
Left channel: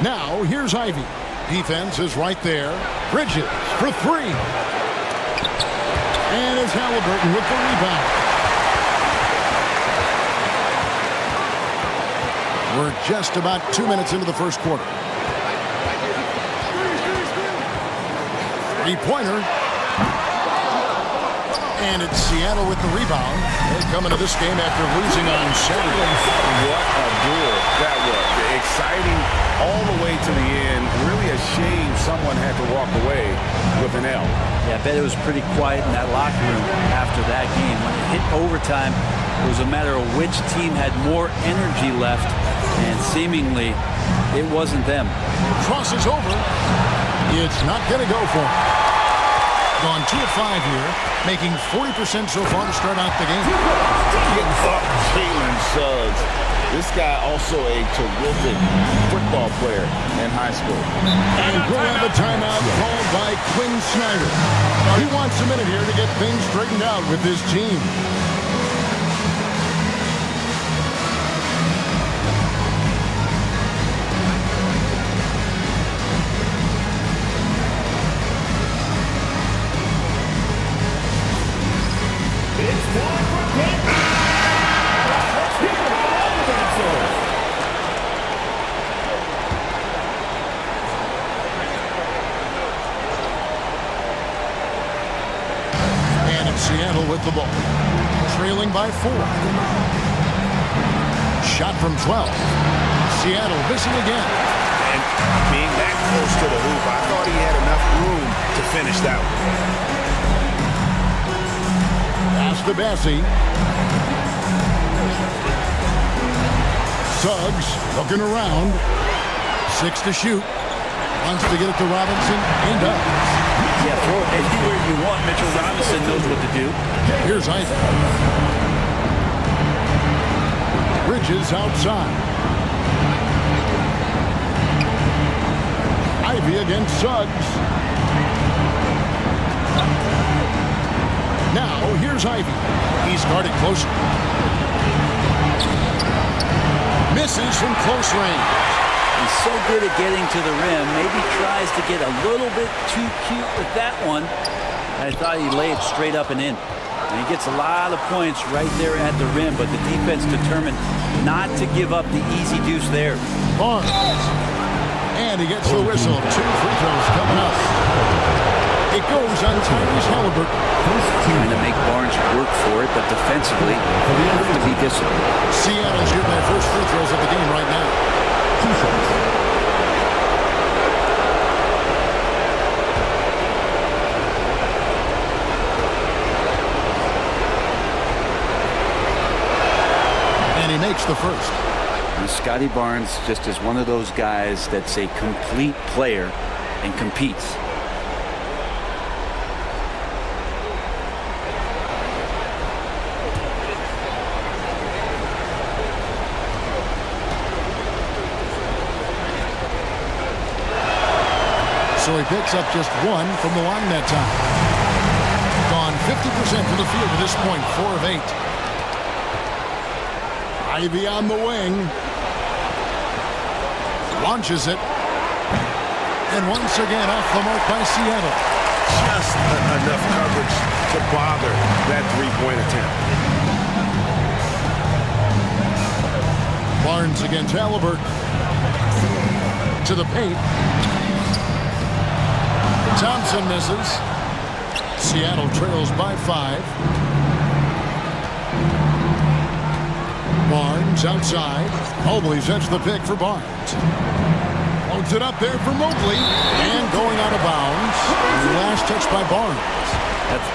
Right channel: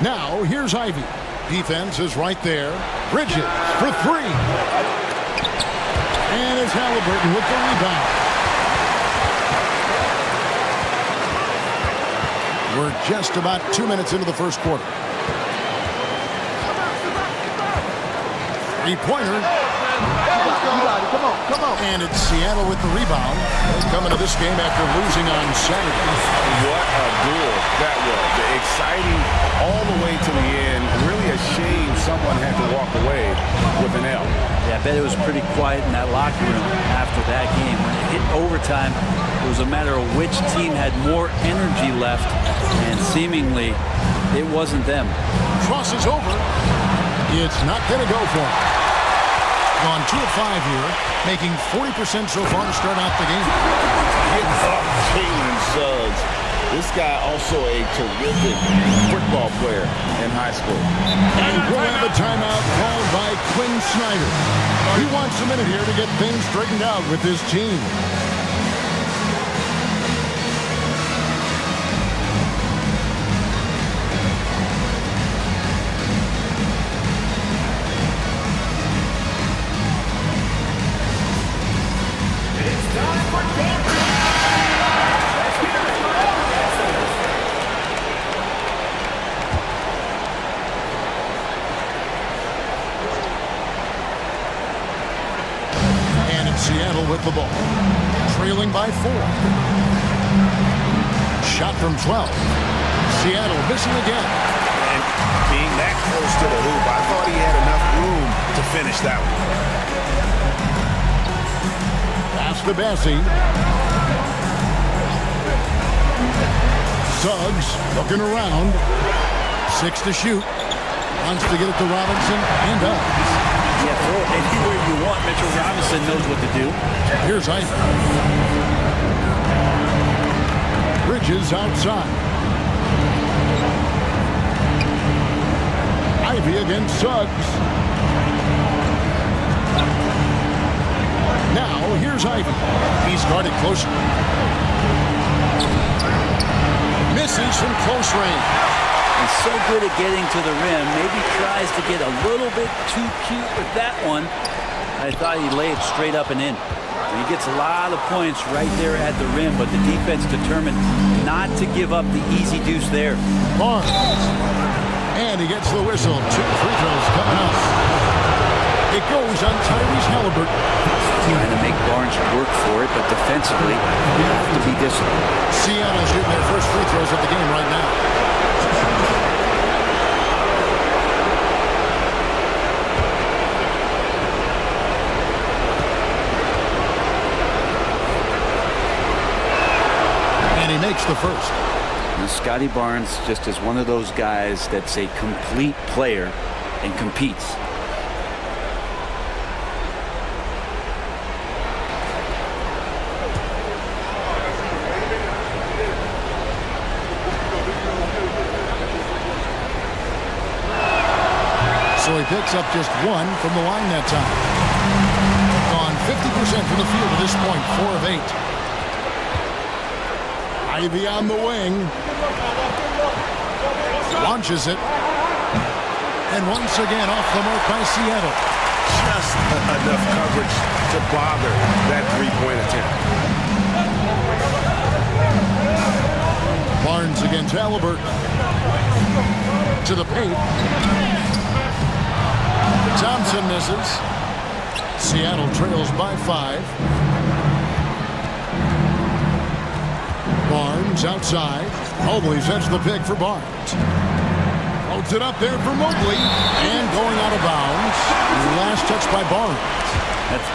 Now, here's Ivey. Defense is right there. Bridges for 3. And it's Halliburton with the rebound. We're just about 2 minutes into the first quarter. Three-pointer. And it's Seattle with the rebound. They come into this game after losing on Saturday. What a duel that was. Exciting all the way to the end. Really a shame someone had to walk away with an L. Yeah, I bet it was pretty quiet in that locker room after that game. When it hit overtime, it was a matter of which team had more energy left, and seemingly it wasn't them. Crosses over. It's not going to go for him. Gone 2 of 5 here, making 40% so far to start out the game. Get up, Jalen Suggs. This guy also a terrific football player in high school. And we'll have a timeout called by Quinn Snyder. He wants a minute here to get things straightened out with his team. Seattle with the ball, trailing by 4. Shot from 12. Seattle missing again. And being that close to the hoop, I thought he had enough room to finish that one. Pass to Bassey. Suggs looking around. 6 to shoot. Wants to get it to Robinson and does. Yeah, throw it anywhere you want. Mitchell Robinson knows what to do. Here's Ivey. Bridges outside. Ivey against Suggs. Now, here's Ivey. He's guarded closer. Misses from close range. He's so good at getting to the rim. Maybe tries to get a little bit too cute with that one. I thought he laid it straight up and in. And he gets a lot of points right there at the rim, but the defense determined not to give up the easy deuce there. Barnes. And he gets the whistle. 2 free throws coming up. It goes on Tyrese Halliburton. Trying to make Barnes work for it, but defensively, you have to be disciplined. Seattle shooting their first free throws of the game right now. And he makes the first. And Scotty Barnes just is one of those guys that's a complete player and competes. So he picks up just 1 from the line that time. Gone 50% from the field at this point, 4 of 8. Ivy on the wing. Launches it. And once again off the mark by Seattle. Just enough coverage to bother that three-point attempt. Barnes against Halliburton. To the paint. Thompson misses. Seattle trails by 5. Barnes outside. Mobley sets the pick for Barnes. Floats it up there for Mobley. And going out of bounds. Last touch by Barnes.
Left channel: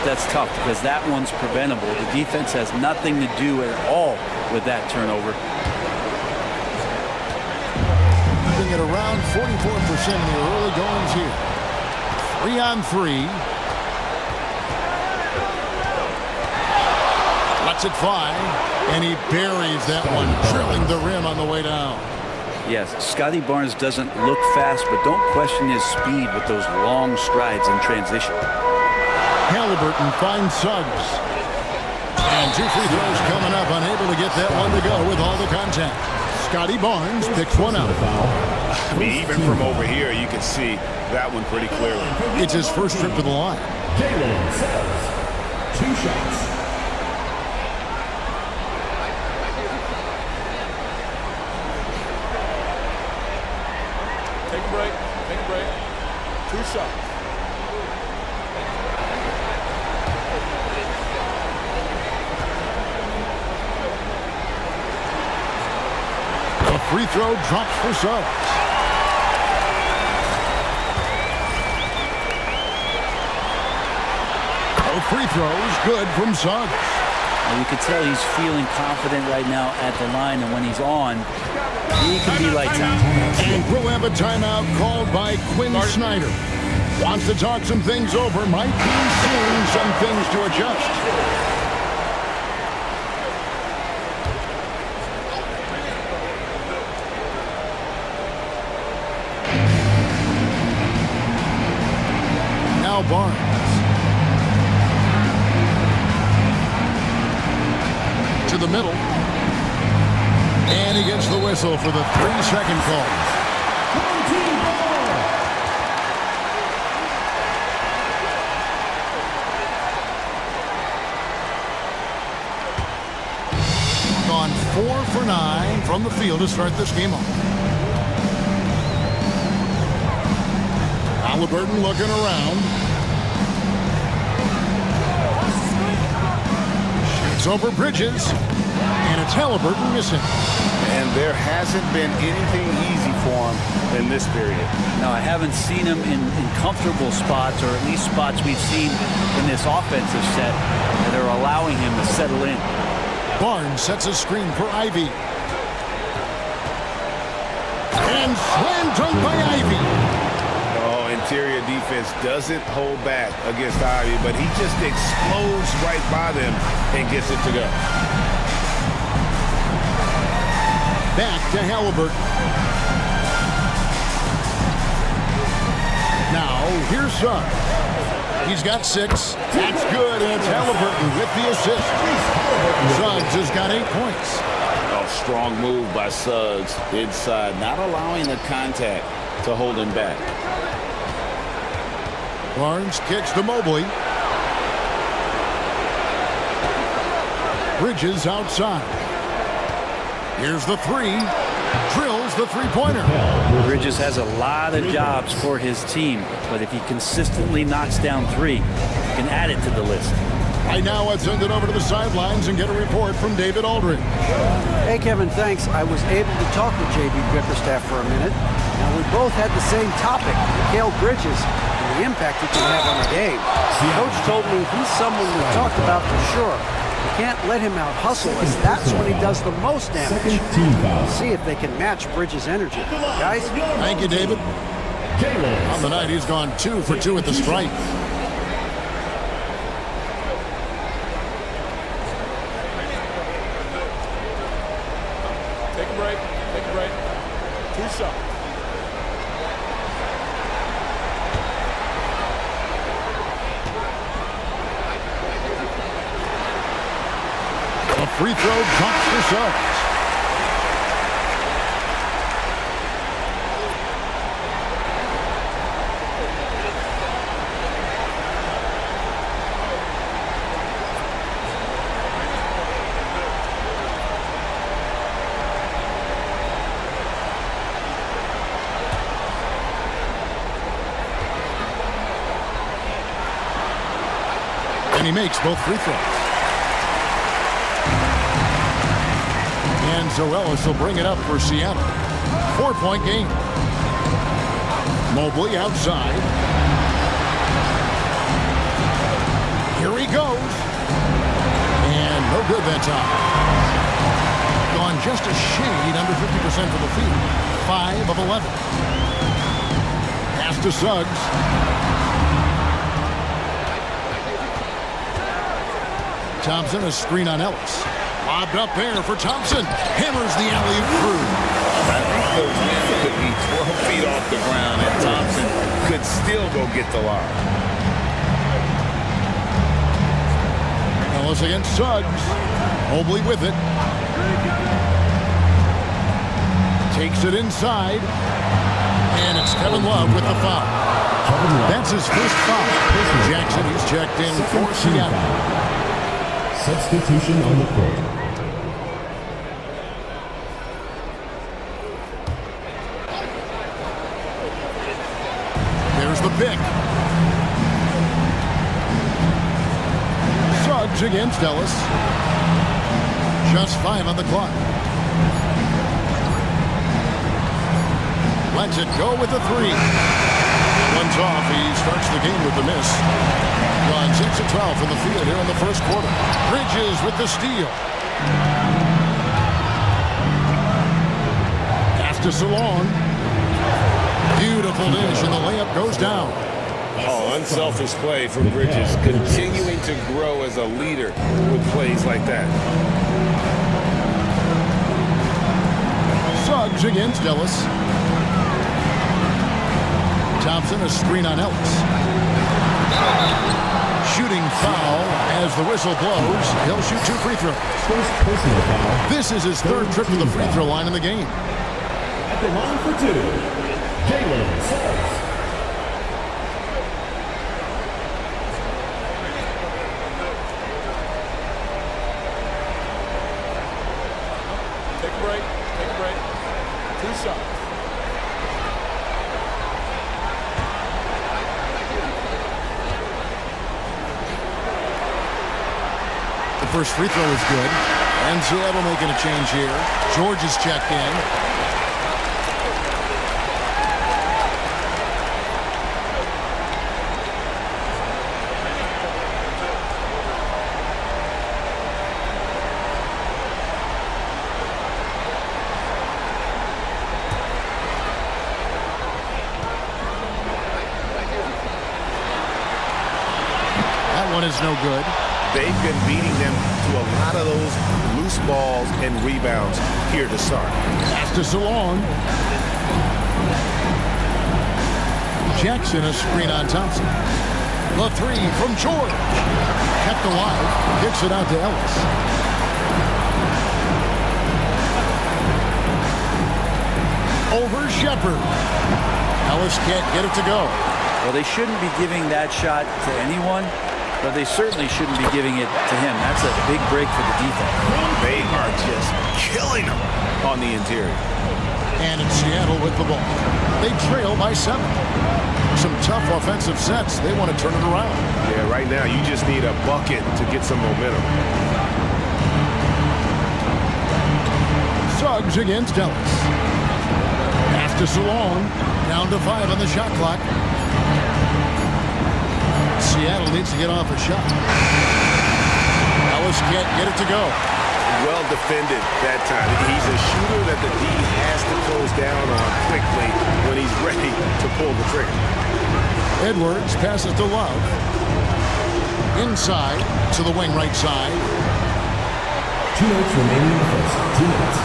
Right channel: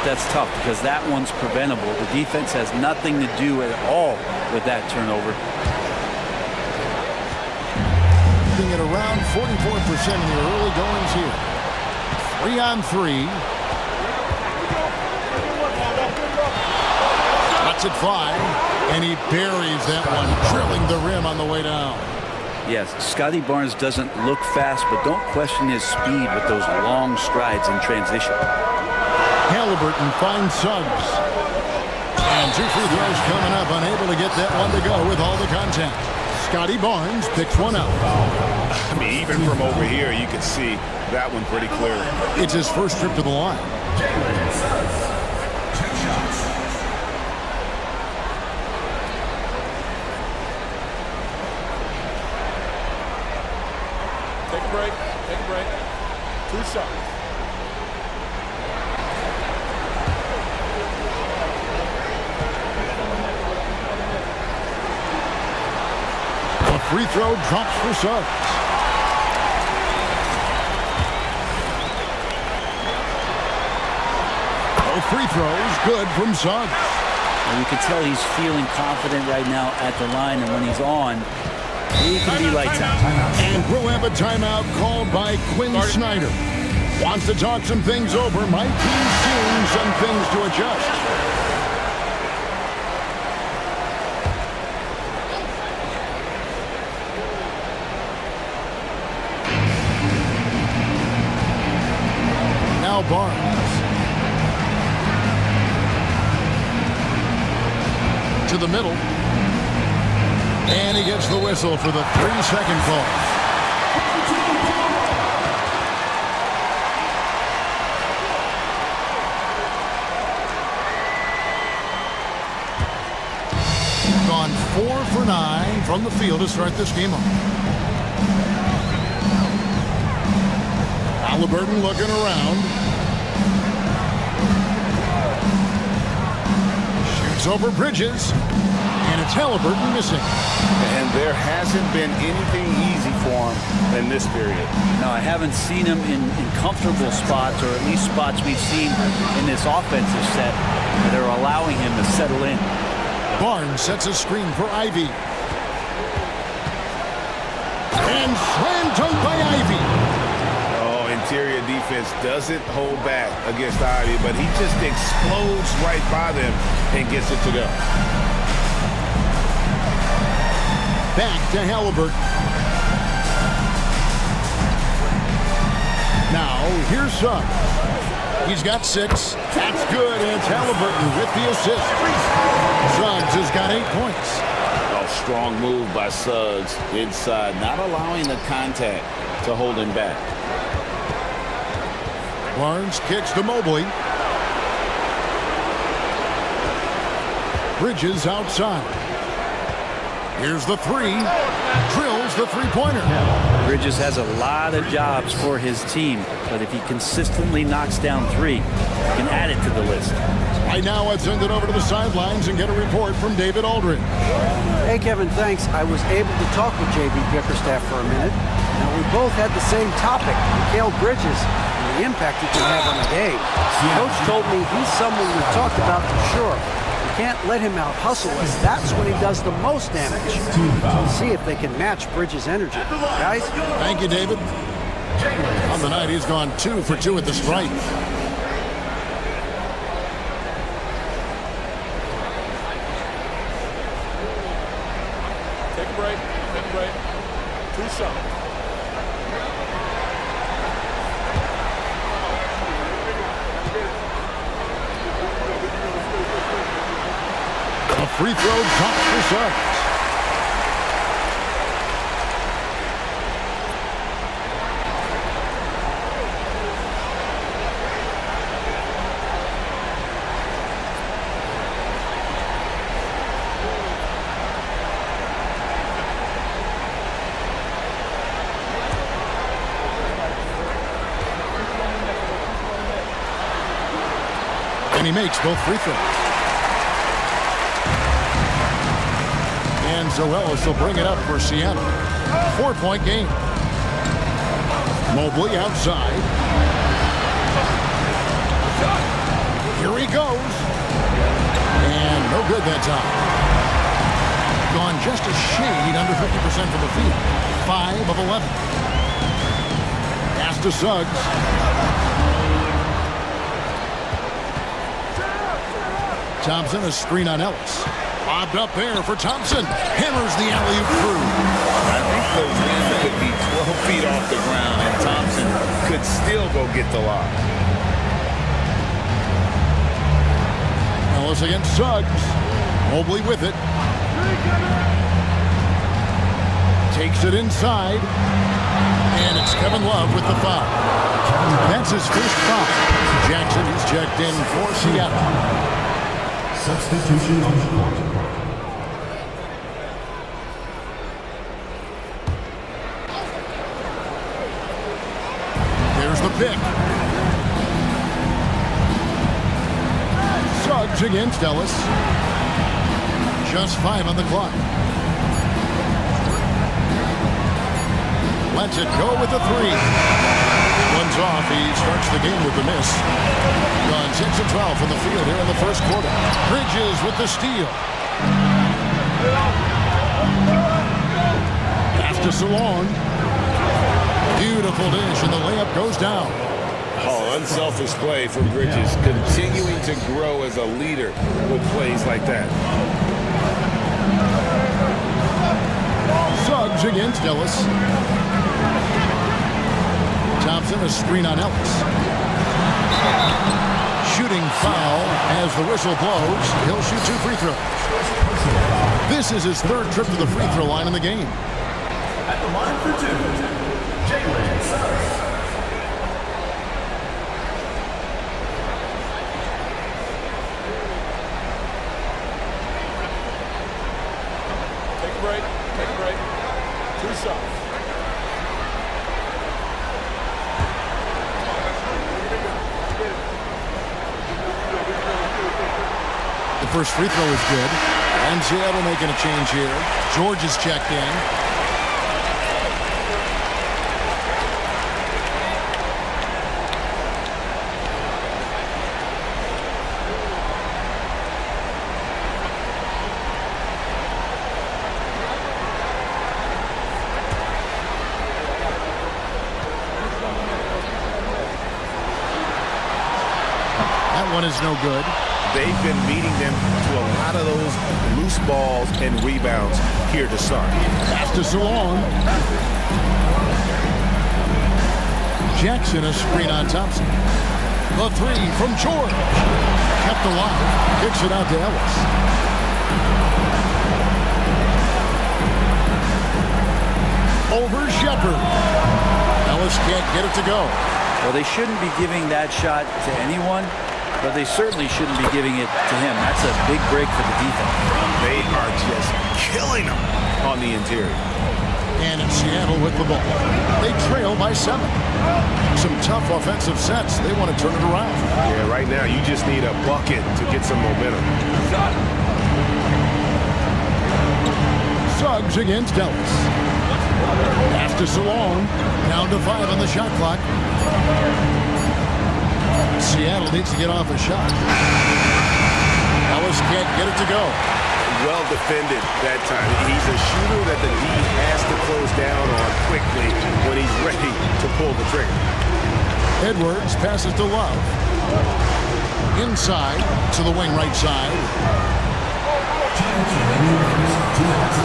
That's tough because that one's preventable. The defense has nothing to do at all with that turnover. Keeping it around 44% in the early goings here. 3 on 3. Lets it fly. And he buries that one, drilling the rim on the way down. Yes, Scotty Barnes doesn't look fast, but don't question his speed with those long strides in transition. Halliburton finds Suggs. And 2 free throws coming up, unable to get that one to go with all the contact. Scotty Barnes picks one out. I mean, even from over here, you can see that one pretty clearly. It's his first trip to the line. Jalen Suggs, 2 shots. Take a break. Take a break. 2 shots. A free throw drops for Suggs. Both free throws good from Suggs. Well, you can tell he's feeling confident right now at the line, and when he's on, he can be lights out. And we'll have a timeout called by Quinn Snyder. Wants to talk some things over. Might be seeing some things to adjust. Now Barnes. To the middle. And he gets the whistle for the 3-second call. Gone 4 for 9 from the field to start this game off. Halliburton looking around. Shoots over Bridges. And it's Halliburton missing. And there hasn't been anything easy for him in this period. No, I haven't seen him in comfortable spots, or at least spots we've seen in this offensive set that are allowing him to settle in. Barnes sets a screen for Ivy. And slam dunk by Ivy. Oh, interior defense doesn't hold back against Ivy, but he just explodes right by them and gets it to go. Back to Halliburton. Now, here's Suggs. He's got 6. That's good, and it's Halliburton with the assist. Suggs has got 8 points. Oh, strong move by Suggs inside, not allowing the contact to hold him back. Barnes kicks to Mobley. Bridges outside. Here's the three. Drills the three-pointer. Bridges has a lot of jobs for his team, but if he consistently knocks down three, he can add it to the list. Right now, let's send it over to the sidelines and get a report from David Aldridge. Hey, Kevin, thanks. I was able to talk with J.B. Bickerstaff for a minute. Now, we both had the same topic, Mikal Bridges, and the impact he can have on the game. Coach told me he's someone we've talked about for sure. We can't let him out-hustle us. That's when he does the most damage. We'll see if they can match Bridges' energy. Guys? Thank you, David. On the night, he's gone 2 for 2 at the stripe. Take a break. Take a break. 2 shots. A free throw drops for Suggs. And he makes both free throws. And Zoelis will bring it up for Seattle. 4-point game. Mobley outside. Here he goes. And no good that time. Gone just a shade under 50% from the field. 5 of 11. Pass to Suggs. Thompson, a screen on Ellis. Lobbed up there for Thompson. Hammers the alley-oop through. I think the rim could be 12 feet off the ground, and Thompson could still go get the lob. Ellis against Suggs. Mobley with it. Takes it inside. And it's Kevin Love with the foul. That's his first foul. Jackson, he's checked in for Seattle. Substitution on the court. There's the pick. Suggs against Ellis. Just 5 on the clock. Lets it go with the 3. One's off. He starts the game with the miss. Gone 6 of 12 from the field here in the first quarter. Bridges with the steal. Pass to Salon. Beautiful dish, and the layup goes down. Oh, unselfish play from Bridges. Continuing to grow as a leader with plays like that. Suggs against Ellis. Thompson, a screen on Ellis. Shooting foul as the whistle blows. He'll shoot 2 free throws. This is his 3rd trip to the free throw line in the game. At the line for 2, Jalen Suggs. Take a break. Take a break. 2 shots. The first free throw is good. And Seattle making a change here. George is checked in. That one is no good. They've been beating them to a lot of those loose balls and rebounds here to start. Pass to Salon. Jackson, a screen on Thompson. The 3 from George. Kept alive. Kicks it out to Ellis. Over Shepard. Ellis can't get it to go. Well, they shouldn't be giving that shot to anyone, but they certainly shouldn't be giving it to him. That's a big break for the defense. They are just killing them on the interior. And it's Seattle with the ball. They trail by 7. Some tough offensive sets. They want to turn it around. Yeah, right now you just need a bucket to get some momentum. Suggs against Ellis. Pass to Salong. Down to 5 on the shot clock. Seattle needs to get off a shot. Ellis can't get it to go. Well defended that time. He's a shooter that the D has to close down on quickly when he's ready to pull the trigger. Edwards passes to Love. Inside to the wing right side. 2 minutes remaining in the first. 2 minutes.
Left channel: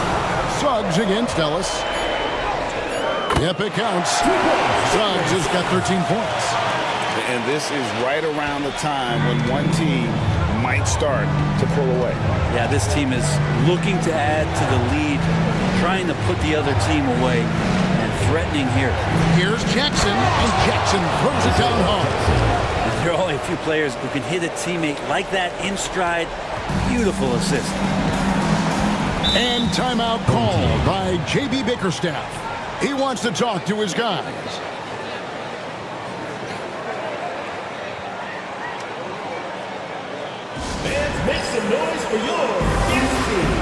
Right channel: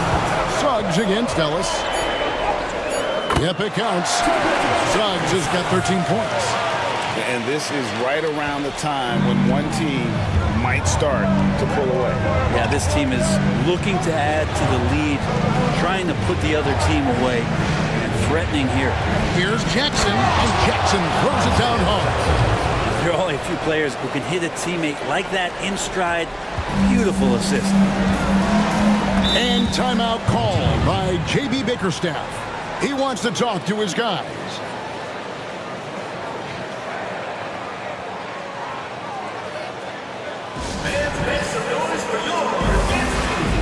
Suggs against Ellis. Yep, it counts. Suggs has got 13 points. And this is right around the time when one team might start to pull away. Yeah, this team is looking to add to the lead, trying to put the other team away, and threatening here. Here's Jackson, and Jackson throws it down hard. Now, there are only a few players who can hit a teammate like that in stride. Beautiful assist. And timeout called by J.B. Bickerstaff. He wants to talk to his guys. Fans, make some noise for your guest team.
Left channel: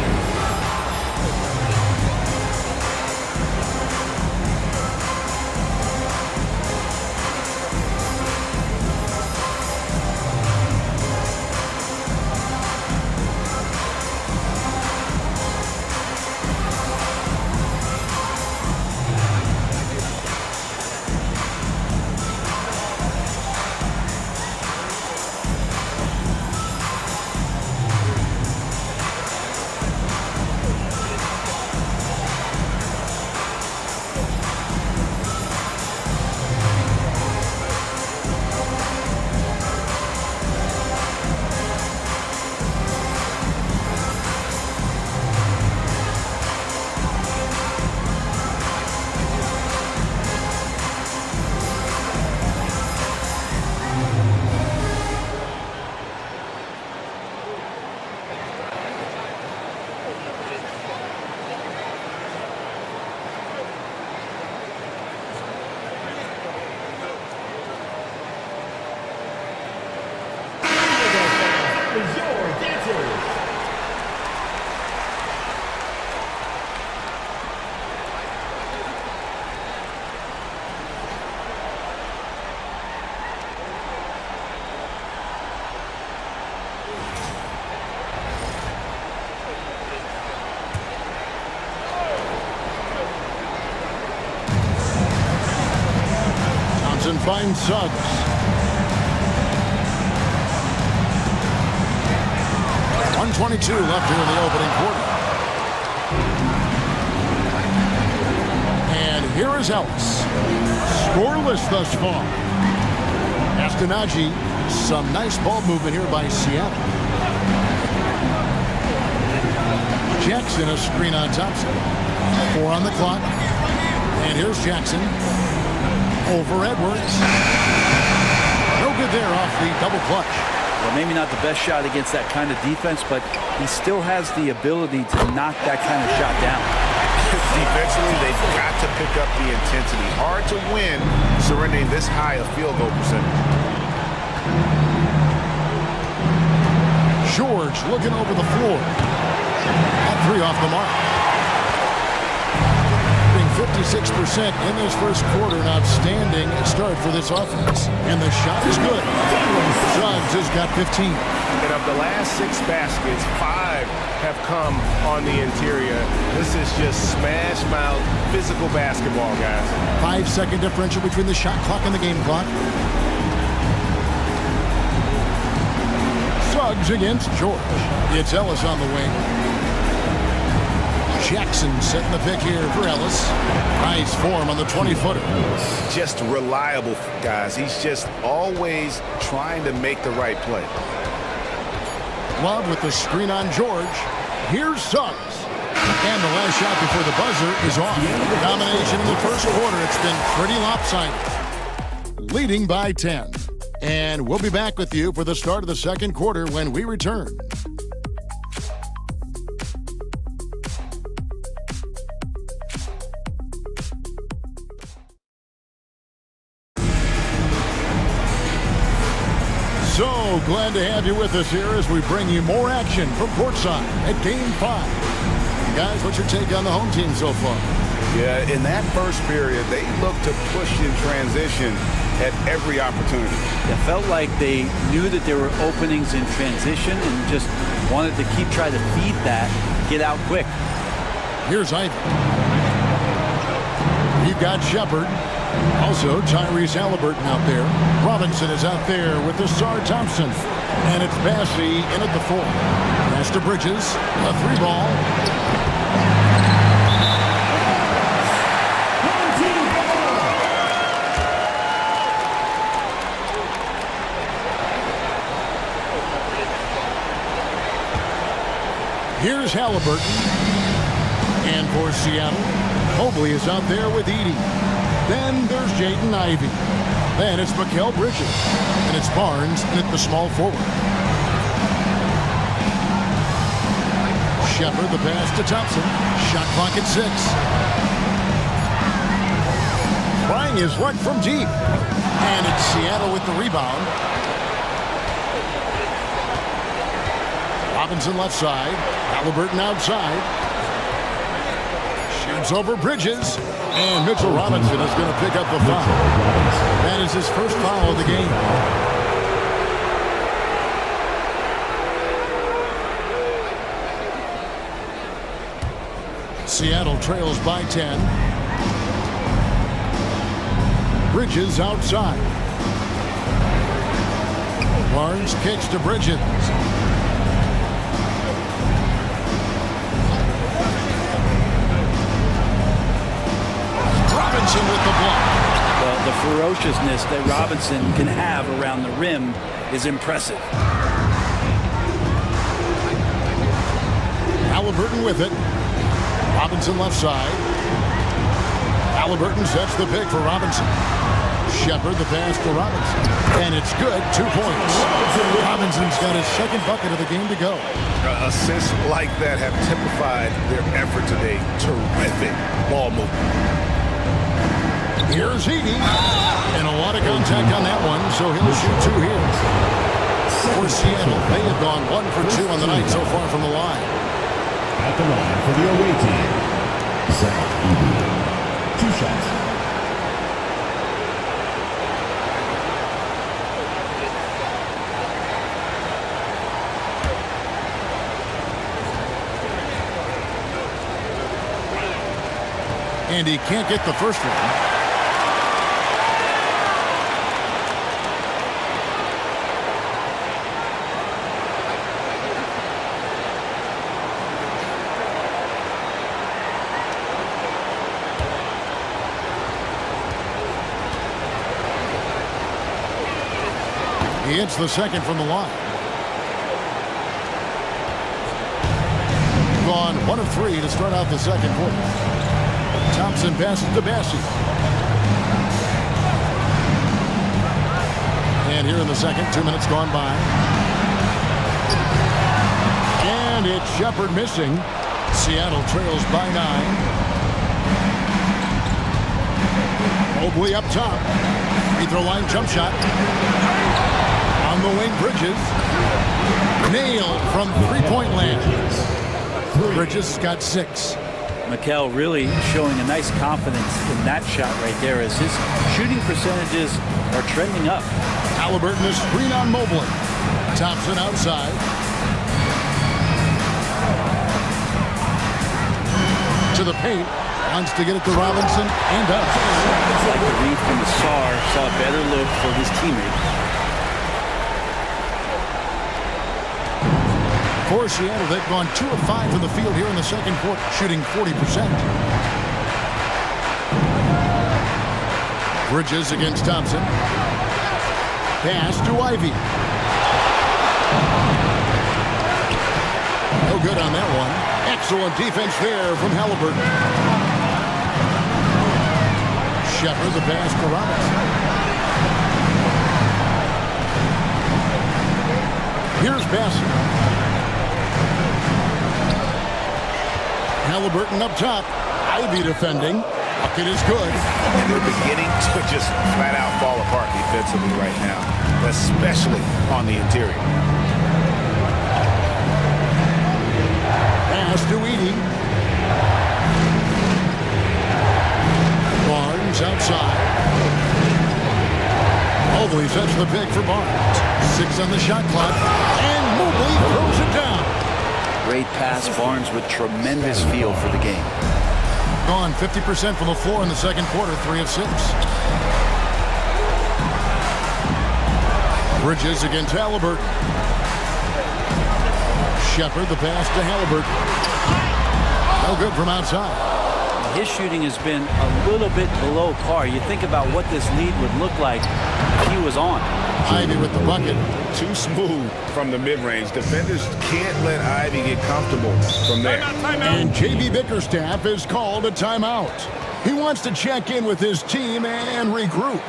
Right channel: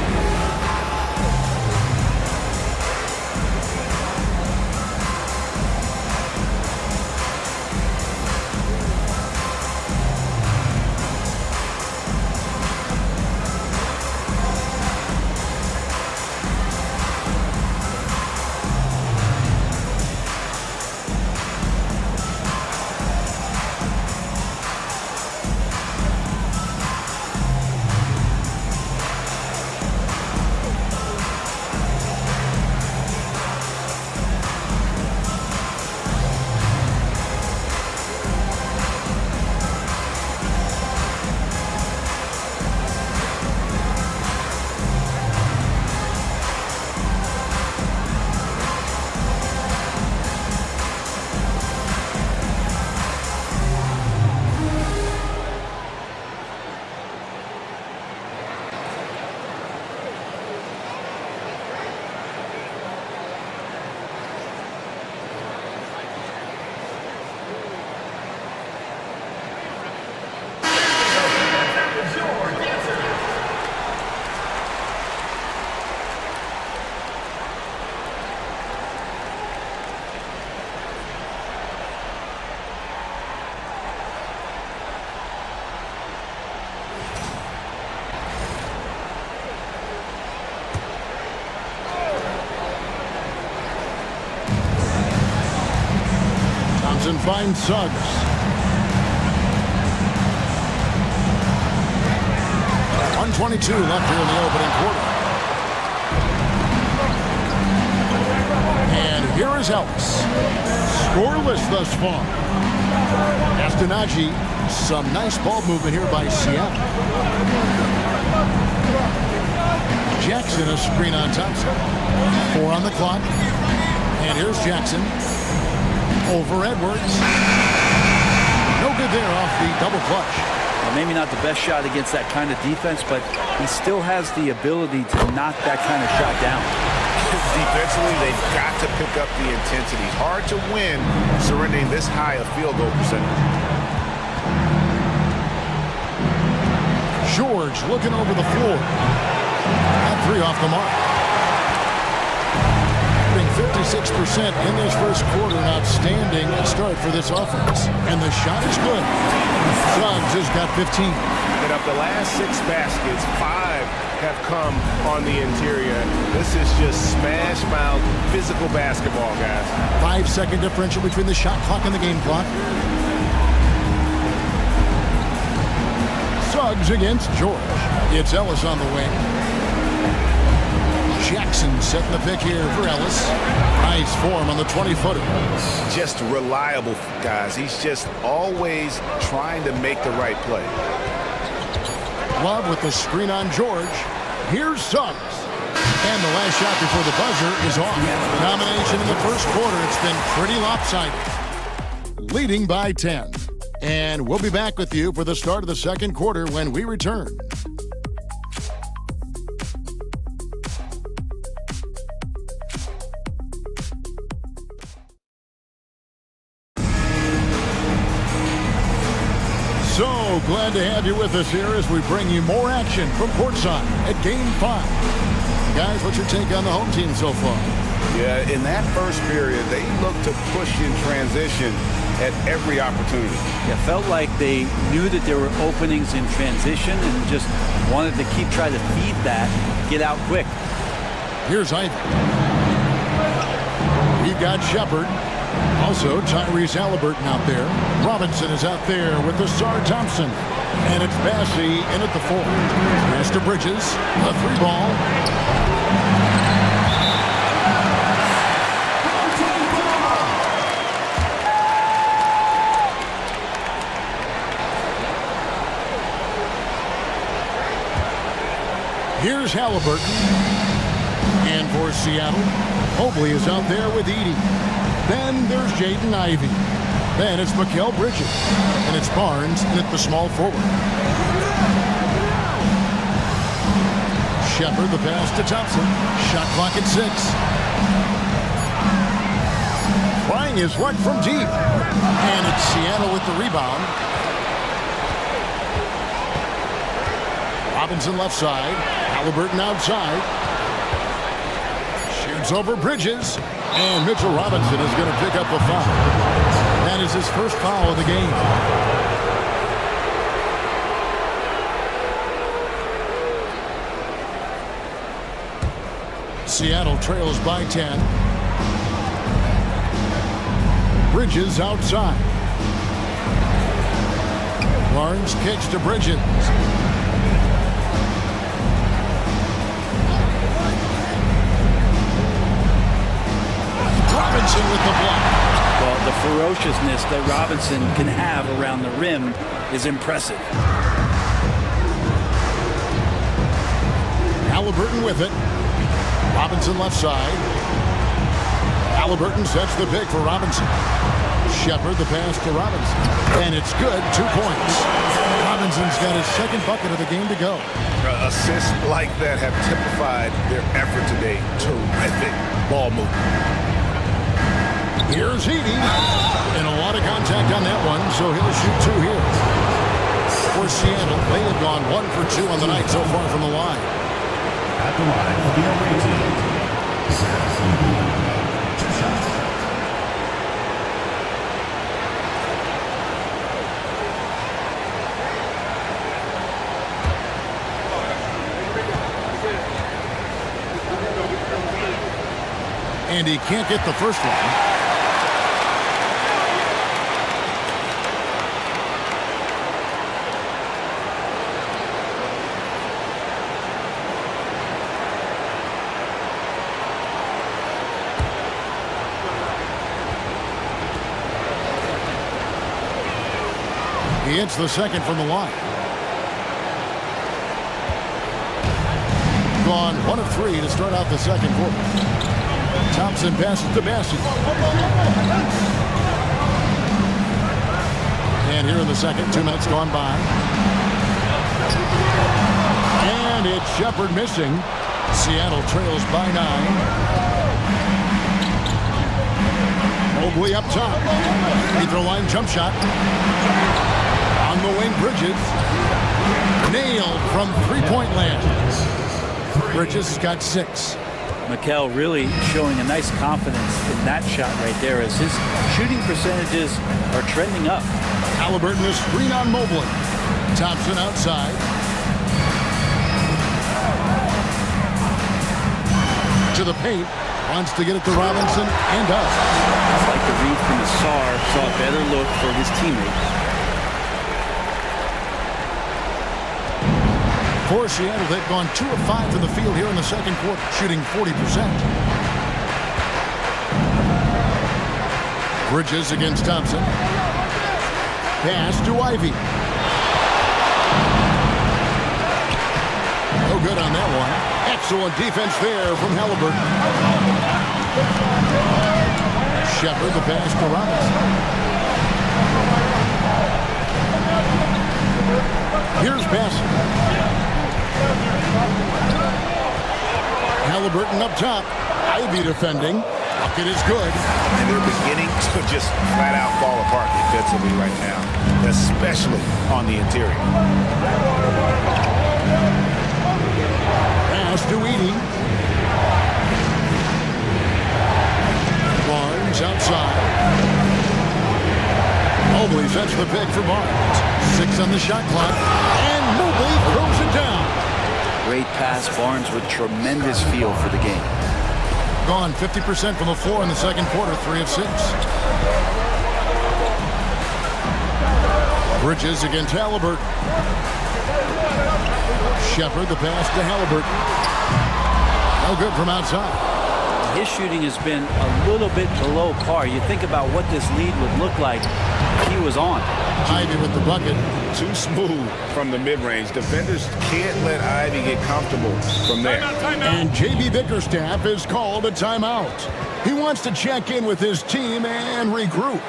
Thompson finds Suggs. .122 left here in the opening quarter. And here is Ellis. Scoreless thus far. Astonagi, some nice ball movement here by Seattle. Jackson, a screen on Thompson. 4 on the clock. And here's Jackson. Over Edwards. No good there off the double clutch. Well, maybe not the best shot against that kind of defense, but he still has the ability to knock that kind of shot down. Defensively, they've got to pick up the intensity. Hard to win surrendering this high a field goal percentage. George looking over the floor. At 3 off the mark. 56% in this first quarter. An outstanding start for this offense. And the shot is good. Suggs has got 15. And of the last 6 baskets, 5 have come on the interior. This is just smash mouth physical basketball, guys. 5-second differential between the shot clock and the game clock. Suggs against George. It's Ellis on the wing. Jackson setting the pick here for Ellis. Nice form on the 20-footer. Just reliable, guys. He's just always trying to make the right play. Love with the screen on George. Here's Suggs. And the last shot before the buzzer is off. Domination in the first quarter. It's been pretty lopsided. Leading by 10. And we'll be back with you for the start of the second quarter when we return. So glad to have you with us here as we bring you more action from courtside at Game 5. Guys, what's your take on the home team so far? Yeah, in that first period, they looked to push in transition at every opportunity. It felt like they knew that there were openings in transition and just wanted to keep trying to feed that, get out quick. Here's Ivy. We've got Shepard. Also, Tyrese Halliburton out there. Robinson is out there with Asar Thompson. And it's Bassey in at the 4. Pass to Bridges. A 3-ball. Here's Halliburton. And for Seattle, Mobley is out there with Edey. Then there's Jaden Ivey. Then it's Mikal Bridges. And it's Barnes in at the small forward. Shepard, the pass to Thompson. Shot clock at 6. Trying his luck from deep. And it's Seattle with the rebound. Robinson left side. Halliburton outside. Shoots over Bridges. And Mitchell Robinson is going to pick up the foul. That is his first foul of the game. Seattle trails by 10. Bridges outside. Barnes kicks to Bridges. Robinson with the block. Well, the ferociousness that Robinson can have around the rim is impressive. Halliburton with it. Robinson left side. Halliburton sets the pick for Robinson. Shepard the pass to Robinson. And it's good. 2 points. Robinson's got his second bucket of the game to go. Assists like that have typified their effort today. Terrific ball movement. Here's Edey. And a lot of contact on that one, so he'll shoot 2 here. For Seattle, they have gone 1 for 2 on the night so far from the line. At the line for the away team, Zach Edey. 2 shots. And he can't get the first one. He hits the second from the line. Gone 1 of 3 to start out the second quarter. Thompson passes to Bassey. And here in the second, 2 minutes gone by. And it's Shepard missing. Seattle trails by 9. Mobley up top. Free throw line jump shot. On the wing, Bridges. Nailed from three-point land. Bridges has got 6. Mikal really showing a nice confidence in that shot right there as his shooting percentages are trending up. Halliburton is screen on Mobley. Thompson outside. To the paint. Wants to get it to Robinson and does. It's like the read from Asar saw a better look for his teammate. For Seattle, they've gone 2 of 5 from the field here in the second quarter, shooting 40%. Bridges against Thompson. Pass to Ivey. No good on that one. Excellent defense there from Halliburton. Shepard the pass to Robinson. Here's Bassett. Halliburton up top. Ivy defending. Bucket is good. And they're beginning to just flat out fall apart defensively right now, especially on the interior. Pass to Edey. Barnes outside. Mobley sets the pick for Barnes. 6 on the shot clock. And Mobley throws it down. Great pass. Barnes with tremendous feel for the game. Gone 50% from the floor in the second quarter, 3 of 6. Bridges against Halliburton. Shepard, the pass to Halliburton. No good from outside. His shooting has been a little bit below par. You think about what this lead would look like if he was on. Ivy with the bucket. Too smooth from the mid-range. Defenders can't let Ivy get comfortable from there. And J.B. Bickerstaff is called a timeout. He wants to check in with his team and regroup.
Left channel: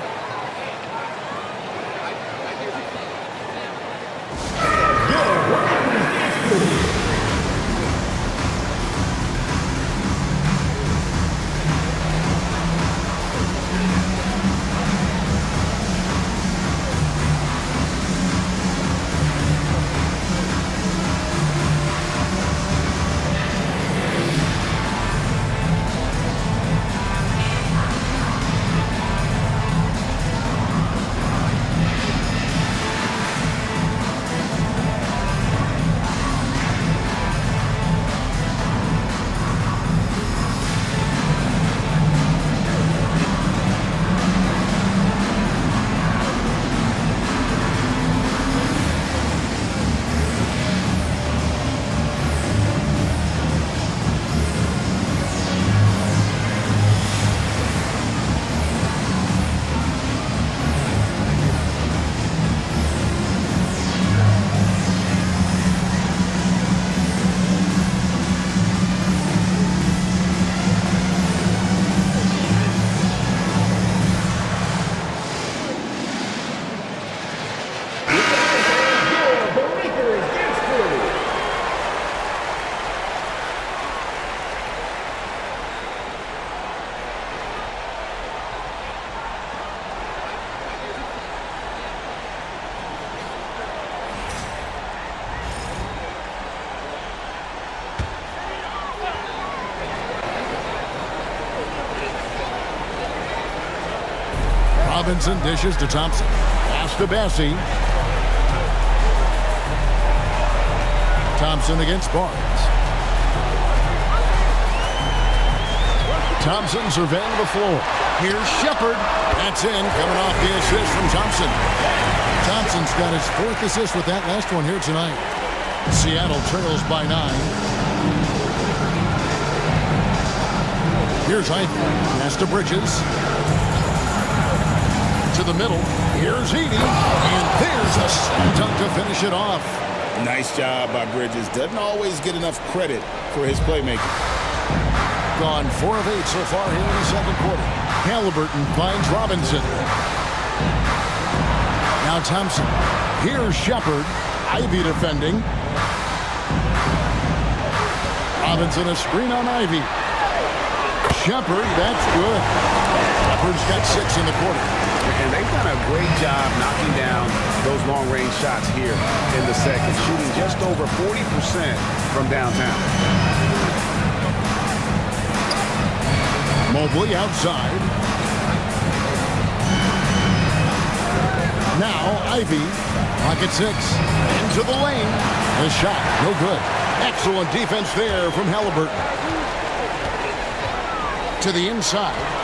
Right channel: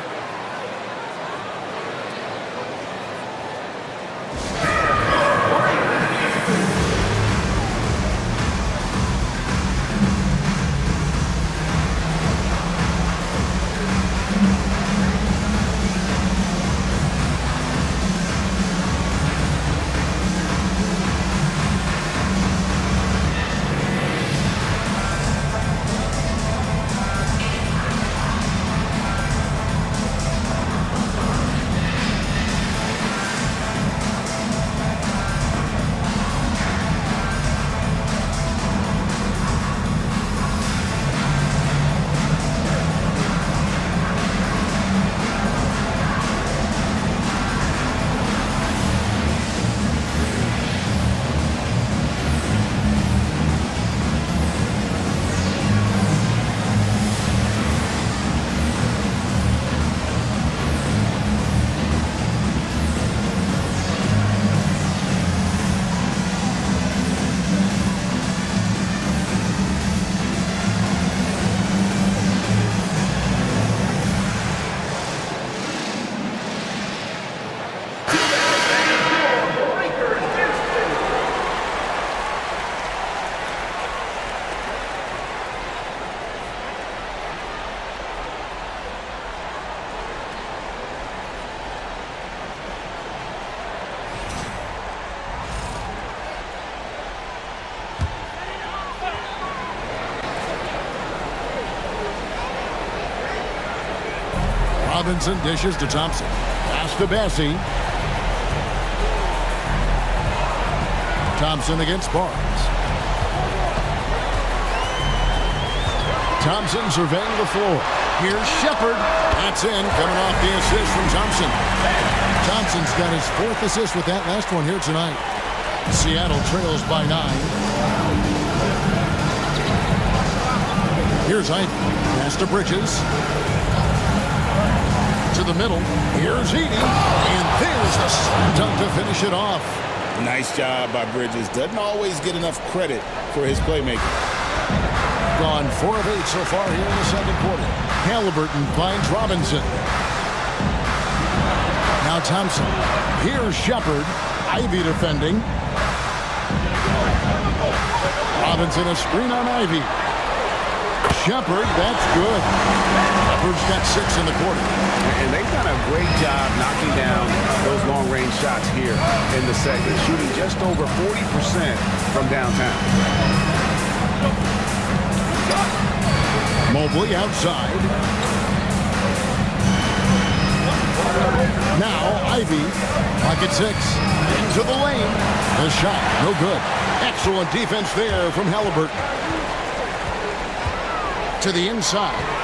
Robinson dishes to Thompson. Pass to Bassie. Thompson against Barnes. Thompson surveying the floor. Here's Shepard. That's in, coming off the assist from Thompson. Thompson's got his 4th assist with that last one here tonight. Seattle trails by 9. Here's Ivy. Pass to Bridges. To the middle. Here's Edey. And there's the slam dunk to finish it off. Nice job by Bridges. Doesn't always get enough credit for his playmaking. Gone 4 of 8 so far here in the second quarter. Halliburton finds Robinson. Now Thompson. Here's Shepard. Ivy defending. Robinson a screen on Ivy. Shepard, that's good. Shepard's got 6 in the quarter. And they've done a great job knocking down those long-range shots here in the second, shooting just over 40% from downtown. Mobley outside. Now Ivy, pocket 6, into the lane. The shot, no good. Excellent defense there from Halliburton. To the inside.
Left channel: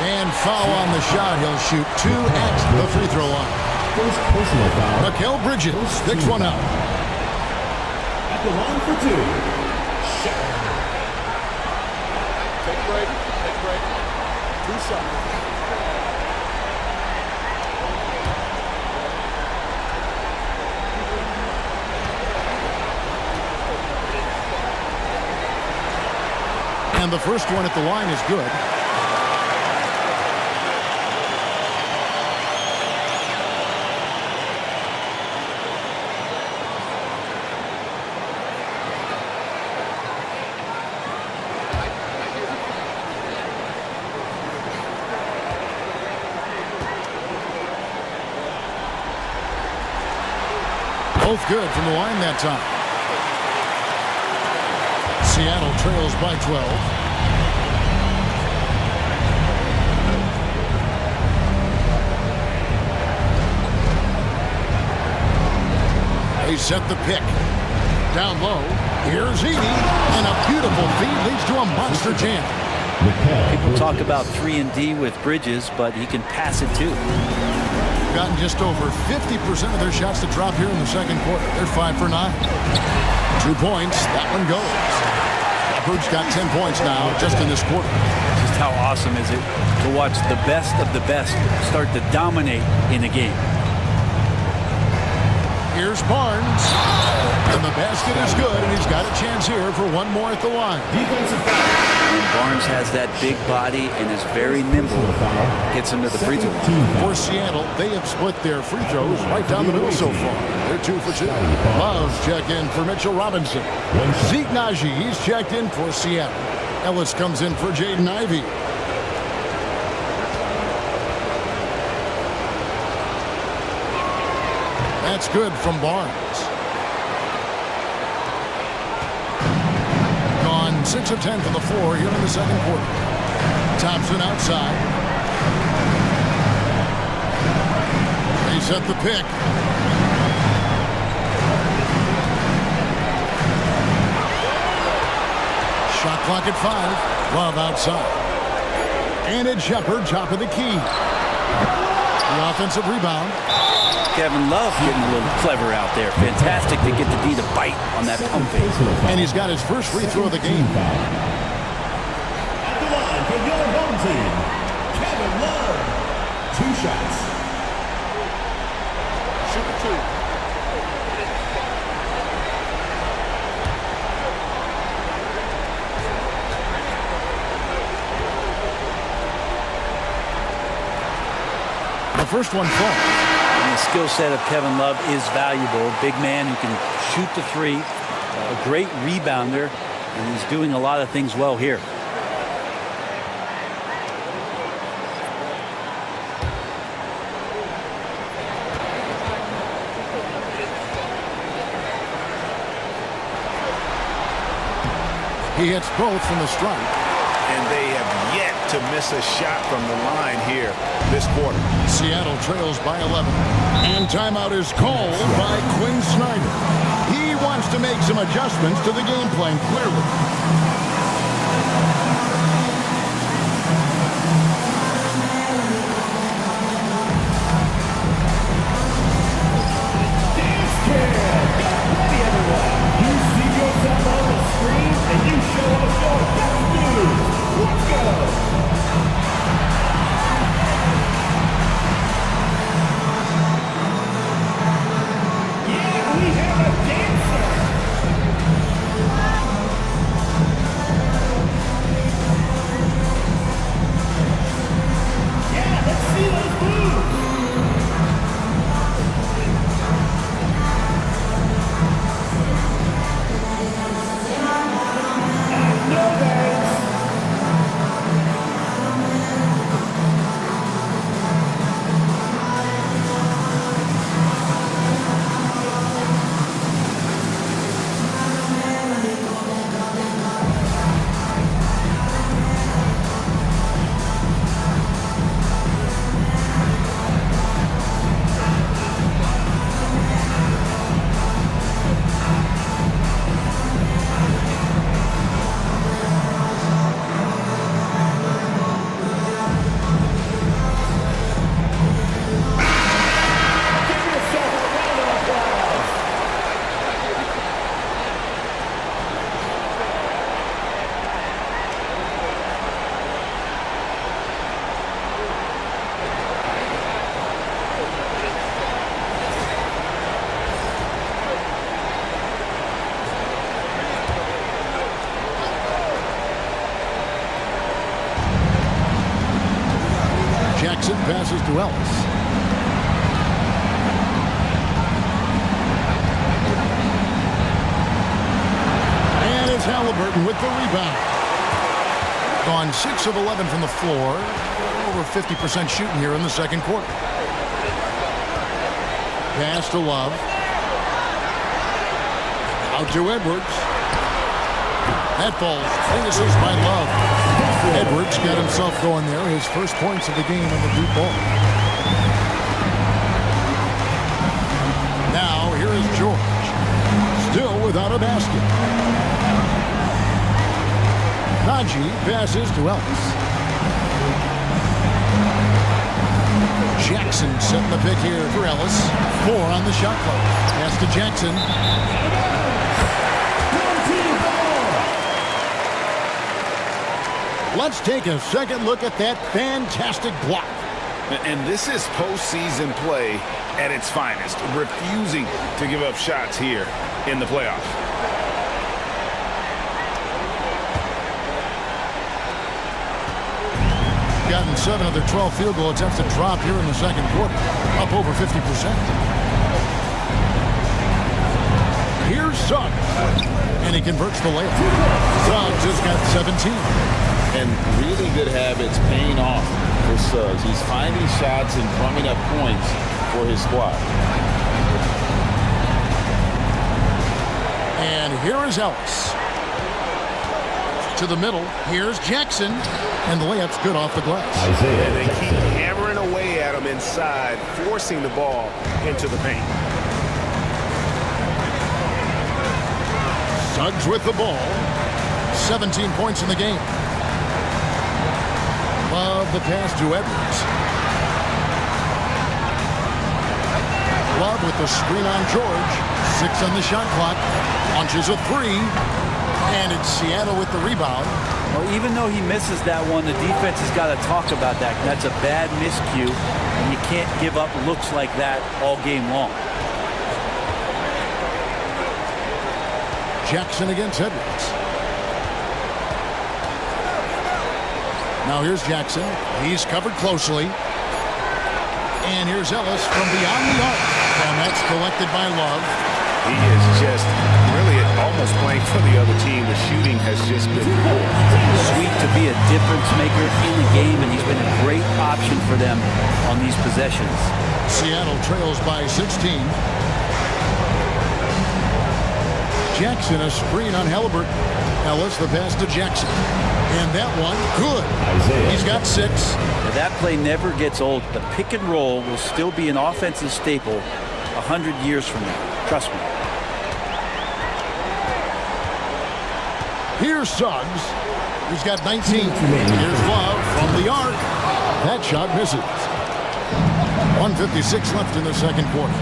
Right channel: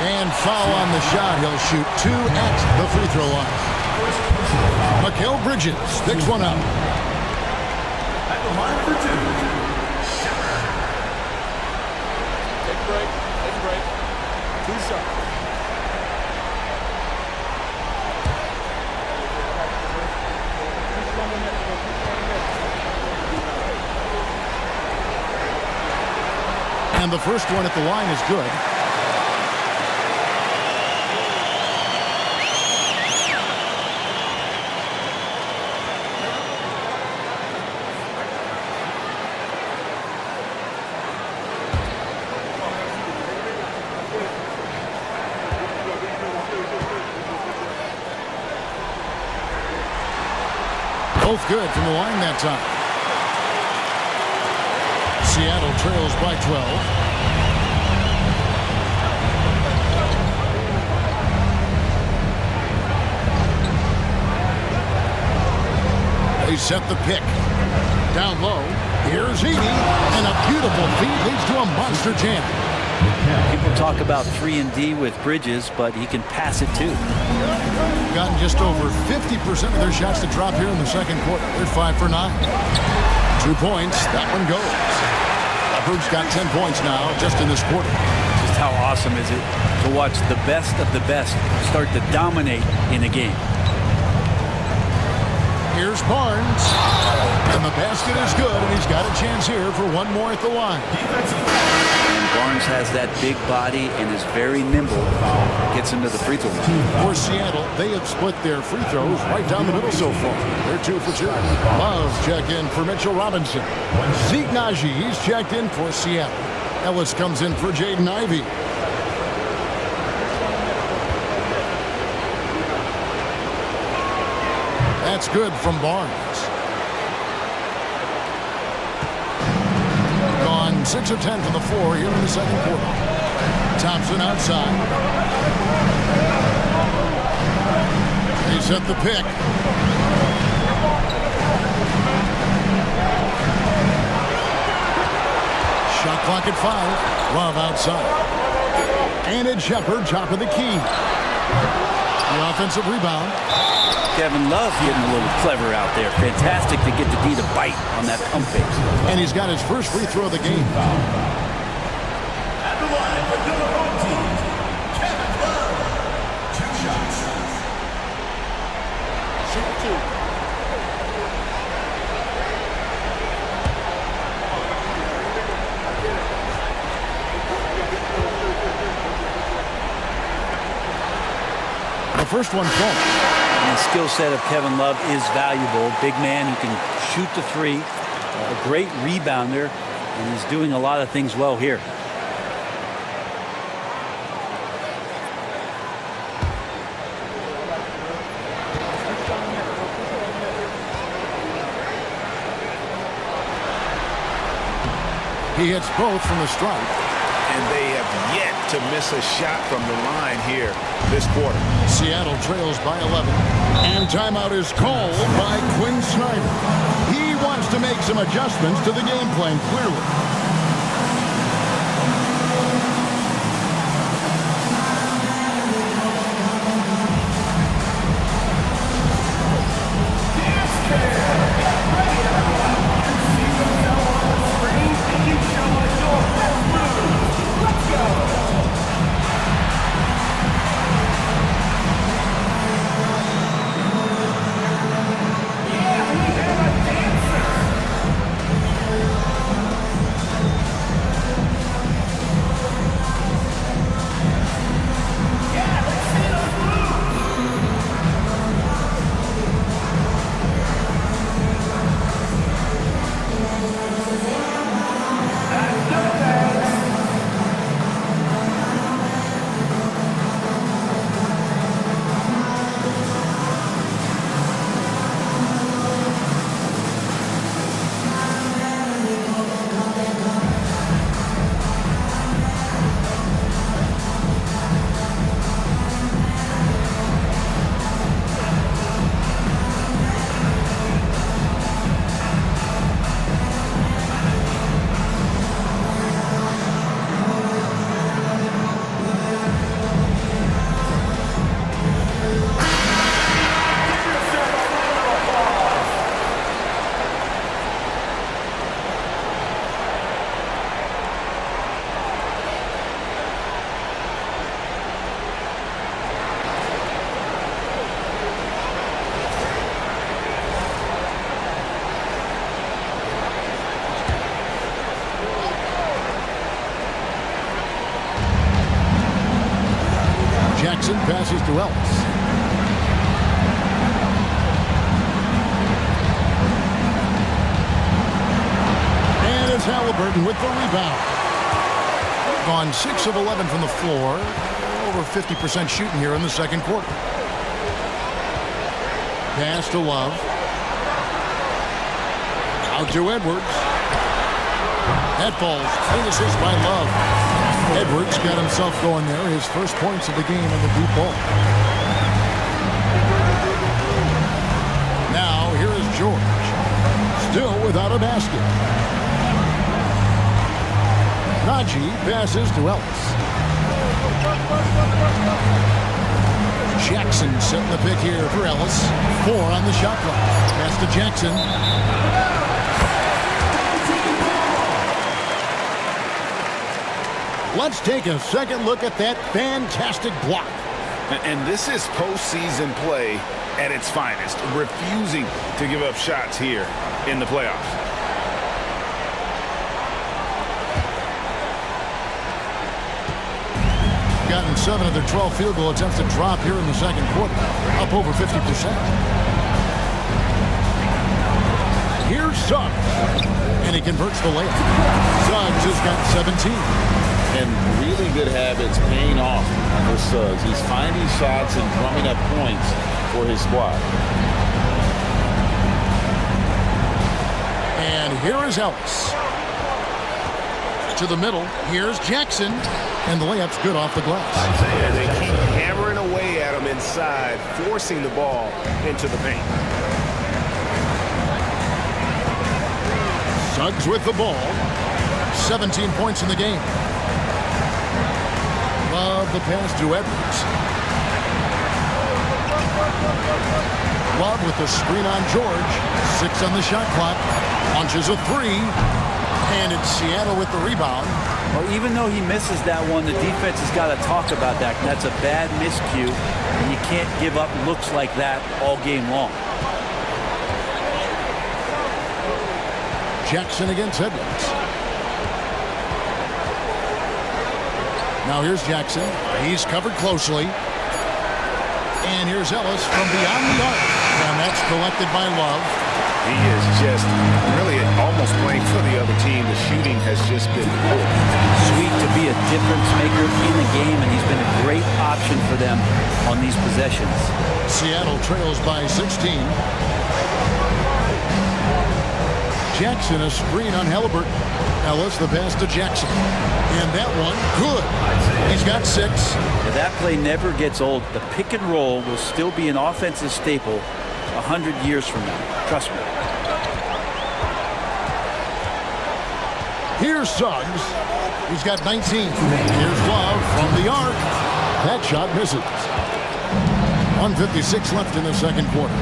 And foul on the shot. He'll shoot 2 at the free throw line. Mikal Bridges picks one up. At the line for 2. Shepard. Take a break. Take a break. 2 shots. And the first one at the line is good. Both good from the line that time. Seattle trails by 12. They set the pick. Down low. Here's Edie. And a beautiful feed leads to a monster jam. People talk about 3-and-D with Bridges, but he can pass it too. Gotten just over 50% of their shots to drop here in the second quarter. They're 5 for 9. 2 points. That one goes. Leopards got 10 points now just in this quarter. Just how awesome is it to watch the best of the best start to dominate in a game. Here's Barnes. And the basket is good, and he's got a chance here for one more at the line. And Barnes has that big body and is very nimble. Gets him to the free throw line. For Seattle, they have split their free throws right down the middle so far. They're 2 for 2. Love check in for Mitchell Robinson. Zeke Naji, he's checked in for Seattle. Ellis comes in for Jaden Ivey. That's good from Barnes. Gone 6 of 10 from the floor here in the second quarter. Thompson outside. They set the pick. Shot clock at 5. Love outside. And it's Shepard, top of the key. The offensive rebound. Kevin Love getting a little clever out there. Fantastic to get the D to bite on that pump fake. And he's got his first free throw of the game. At the line for your home team, Kevin Love. 2 shots. Shoot 2. The first one falls. And the skill set of Kevin Love is valuable. Big man who can shoot the 3. A great rebounder. And he's doing a lot of things well here. He hits both from the stripe. And they have yet to miss a shot from the line here this quarter. Seattle trails by 11. And timeout is called by Quinn Snyder. He wants to make some adjustments to the game plan, clearly. Jackson passes to Ellis. And it's Halliburton with the rebound. Gone 6 of 11 from the floor. Over 50% shooting here in the second quarter. Pass to Love. Out to Edwards. That falls. Finishes by Love. Edwards got himself going there. His first points of the game on the deep ball. Now here is George. Still without a basket. Najee passes to Ellis. Jackson setting the pick here for Ellis. 4 on the shot clock. Pass to Jackson. Let's take a second look at that fantastic block. And this is postseason play at its finest, refusing to give up shots here in the playoffs. Gotten 7 of their 12 field goal attempts to drop here in the second quarter, up over 50%. Here's Suggs, and he converts the layup. Suggs has got 17. And really good habits paying off for Suggs. He's finding shots and drumming up points for his squad. And here is Ellis. To the middle. Here's Jackson. And the layup's good off the glass. And they keep hammering away at him inside, forcing the ball into the paint. Suggs with the ball. 17 points in the game. Love the pass to Edwards. Love with the screen on George. 6 on the shot clock. Launches a 3. And it's Seattle with the rebound. Well, even though he misses that one, the defense has got to talk about that. That's a bad miscue, and you can't give up looks like that all game long. Jackson against Edwards. Now here's Jackson. He's covered closely. And here's Ellis from beyond the arc. And that's collected by Love. He is just really almost playing for the other team. The shooting has just been poor. Sweet to be a difference maker in the game, and he's been a great option for them on these possessions. Seattle trails by 16. Jackson a screen on Halliburton. Ellis the pass to Jackson. And that one, good. He's got 6. Now that play never gets old. The pick and roll will still be an offensive staple 100 years from now. Trust me. Here's Suggs. He's got 19. Here's Love from the arc. That shot misses. 1:56 left in the second quarter.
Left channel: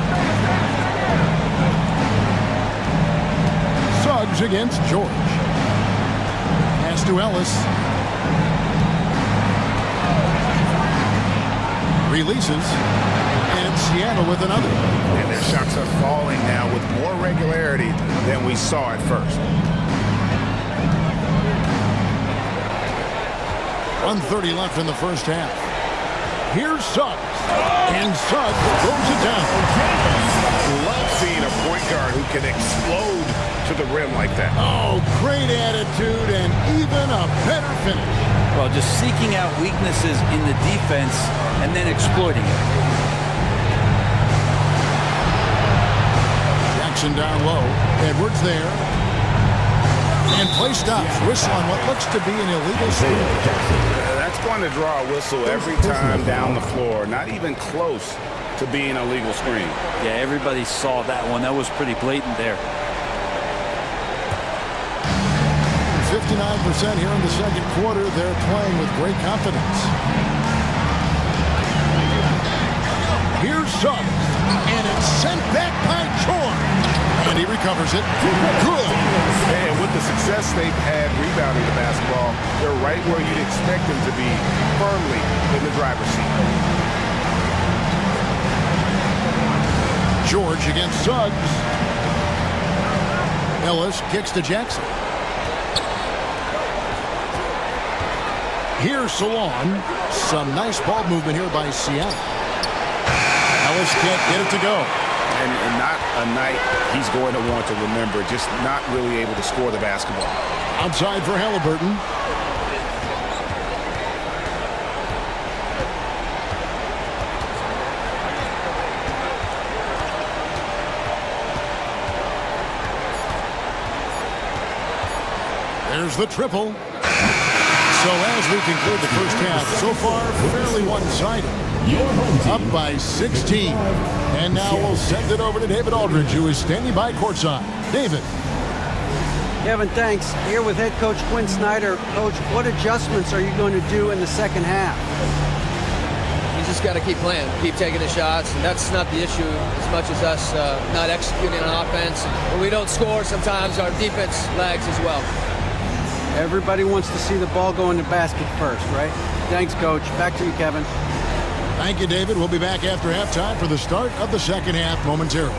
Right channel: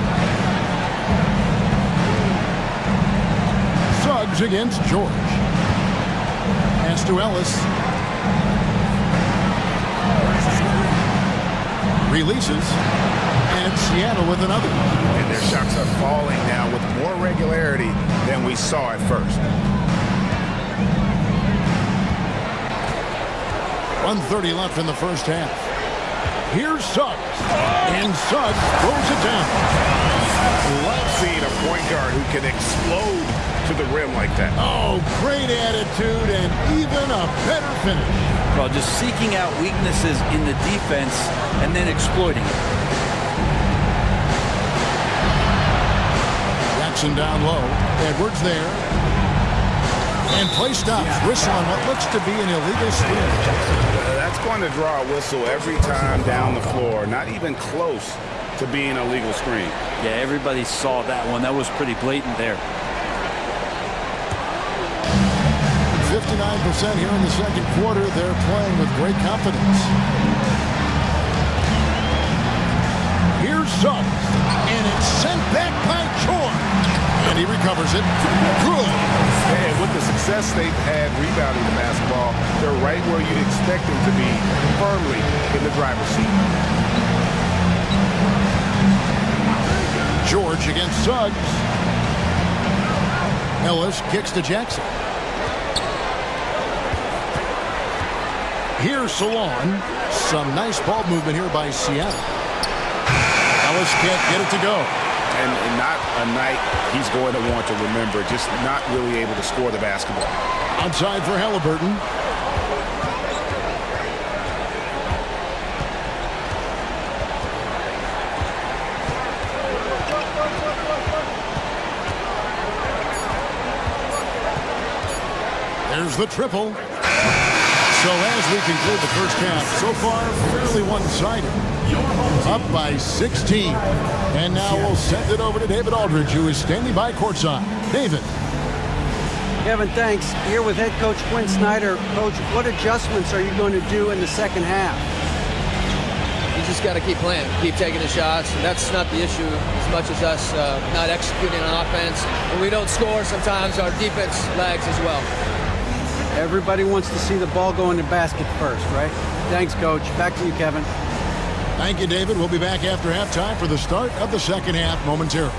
Suggs against George. Pass to Ellis. Releases. And it's Seattle with another. And their shots are falling now with more regularity than we saw at first. 1:30 left in the first half. Here's Suggs. And Suggs throws it down. Love seeing a point guard who can explode to the rim like that. Oh, great attitude and even a better finish. Well, just seeking out weaknesses in the defense and then exploiting it. Jackson down low. Edwards there. And play stops. Whistle on what looks to be an illegal screen. That's going to draw a whistle every time down the floor. Not even close to being a legal screen. Yeah, everybody saw that one. That was pretty blatant there. 59% here in the second quarter. They're playing with great confidence. Here's Suggs. And it's sent back by George. And he recovers it. Good. And with the success they've had rebounding the basketball, they're right where you'd expect them to be, firmly in the driver's seat. George against Suggs. Ellis kicks to Jackson. Here's Salon. Some nice ball movement here by Seattle. Ellis can't get it to go. And not a night he's going to want to remember, just not really able to score the basketball. Outside for Halliburton. There's the triple. So as we conclude the first half, so far fairly one-sided. Up by 16. And now we'll send it over to David Aldridge, who is standing by courtside. David. Kevin, thanks. Here with head coach Quinn Snyder. Coach, what adjustments are you going to do in the second half? You just got to keep playing, keep taking the shots, and that's not the issue as much as us not executing on offense. When we don't score, sometimes our defense lags as well. Everybody wants to see the ball go in the basket first, right? Thanks, Coach. Back to you, Kevin. Thank you, David. We'll be back after halftime for the start of the second half momentarily.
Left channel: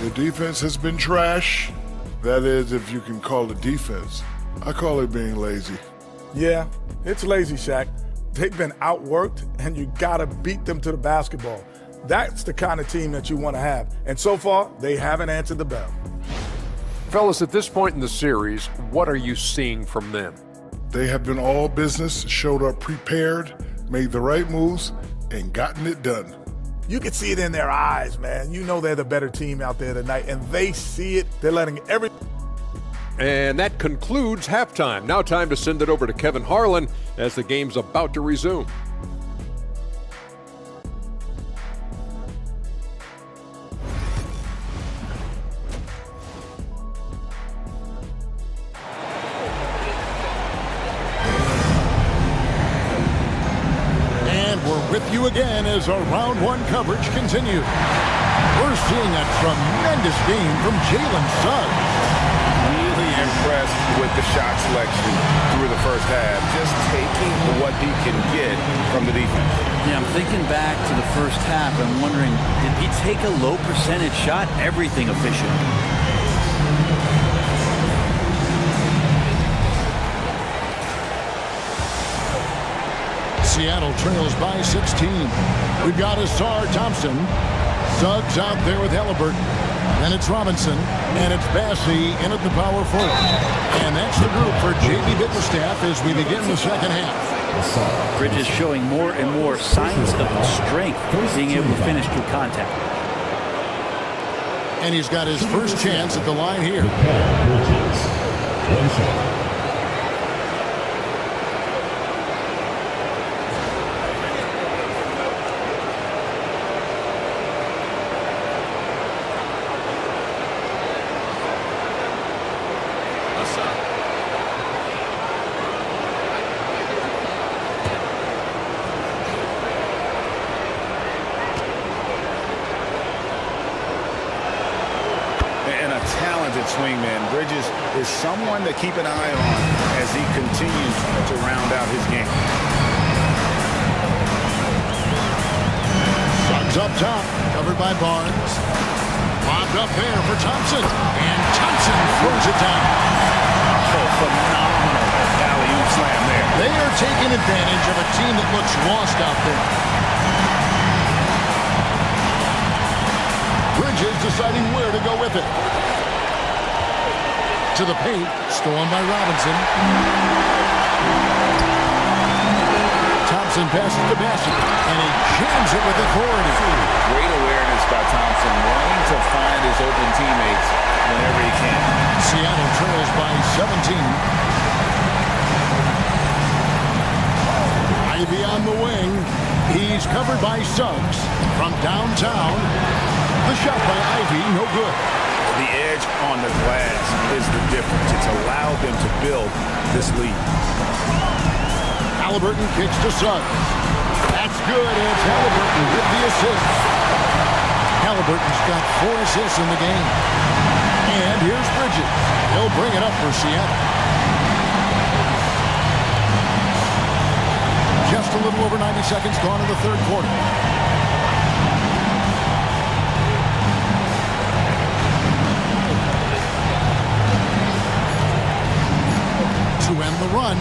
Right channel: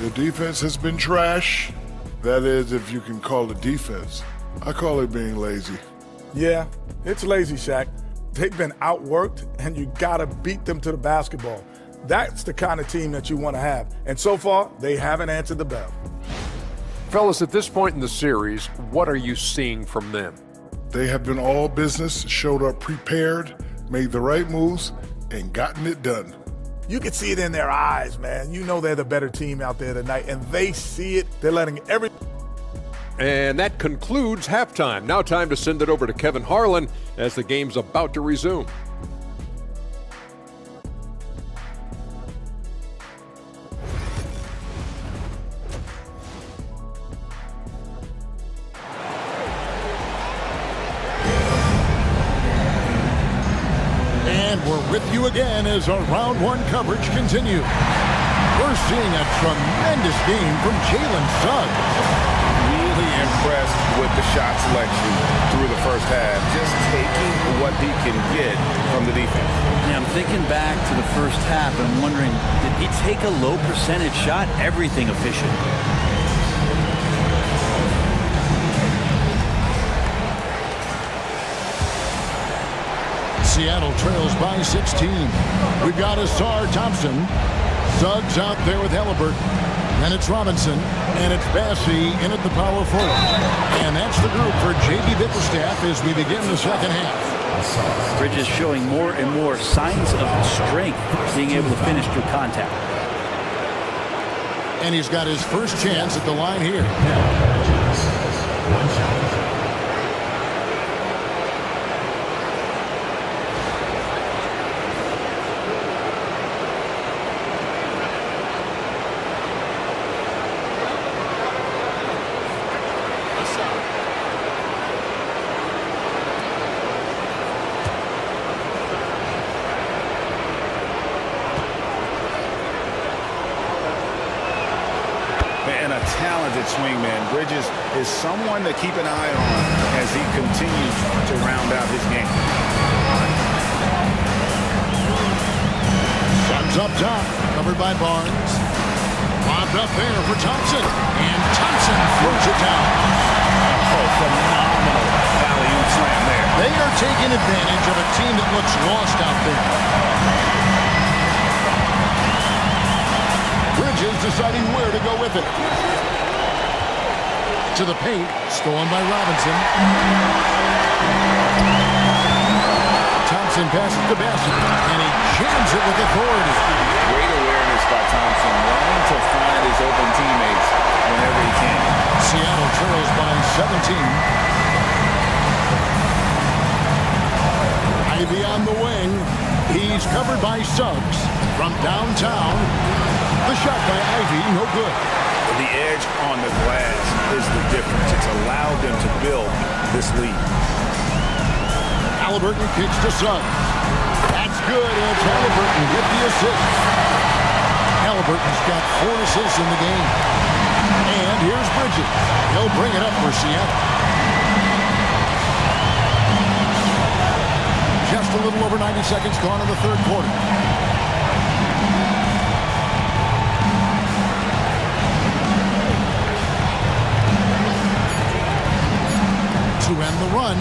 The defense has been trash. That is, if you can call it defense. I call it being lazy. Yeah, it's lazy, Shaq. They've been outworked, and you got to beat them to the basketball. That's the kind of team that you want to have. And so far, they haven't answered the bell. Fellas, at this point in the series, what are you seeing from them? They have been all business, showed up prepared, made the right moves, and gotten it done. You can see it in their eyes, man. You know they're the better team out there tonight, and they see it. They're letting every... And that concludes halftime. Now time to send it over to Kevin Harlan as the game's about to resume. And we're with you again as our round one coverage continues. We're seeing a tremendous game from Jalen Suggs. Really impressed with the shot selection through the first half. Just taking what he can get from the defense. Yeah, I'm thinking back to the first half and wondering, did he take a low percentage shot? Everything efficient. Seattle trails by 16. We've got Asar Thompson. Suggs out there with Halliburton. Then it's Robinson, and it's Bassey in at the power forward. And that's the group for J.B. Bickerstaff as we begin the second half. Bridges showing more and more signs of strength, being able to finish through contact. And he's got his first chance at the line here. Bridges. One shot. And a talented swingman. Bridges is someone to keep an eye on as he continues to round out his game. Suggs up top, covered by Barnes. Lobbed up there for Thompson, and Thompson throws it down. Oh, phenomenal alley-oop slam there. They are taking advantage of a team that looks lost out there. Bridges deciding where to go with it. To the paint, stolen by Robinson. Thompson passes to Bassett, and he jams it with authority. Great awareness by Thompson, wanting to find his open teammates whenever he can. Seattle trails by 17. Ivy on the wing. He's covered by Suggs from downtown. The shot by Ivy, no good. The edge on the glass is the difference. It's allowed them to build this lead. Halliburton kicks to Suggs. That's good, and it's Halliburton with the assist. Halliburton's got 4 assists in the game. And here's Bridges. He'll bring it up for Seattle. Just a little over 90 seconds gone in the third quarter. To end the run.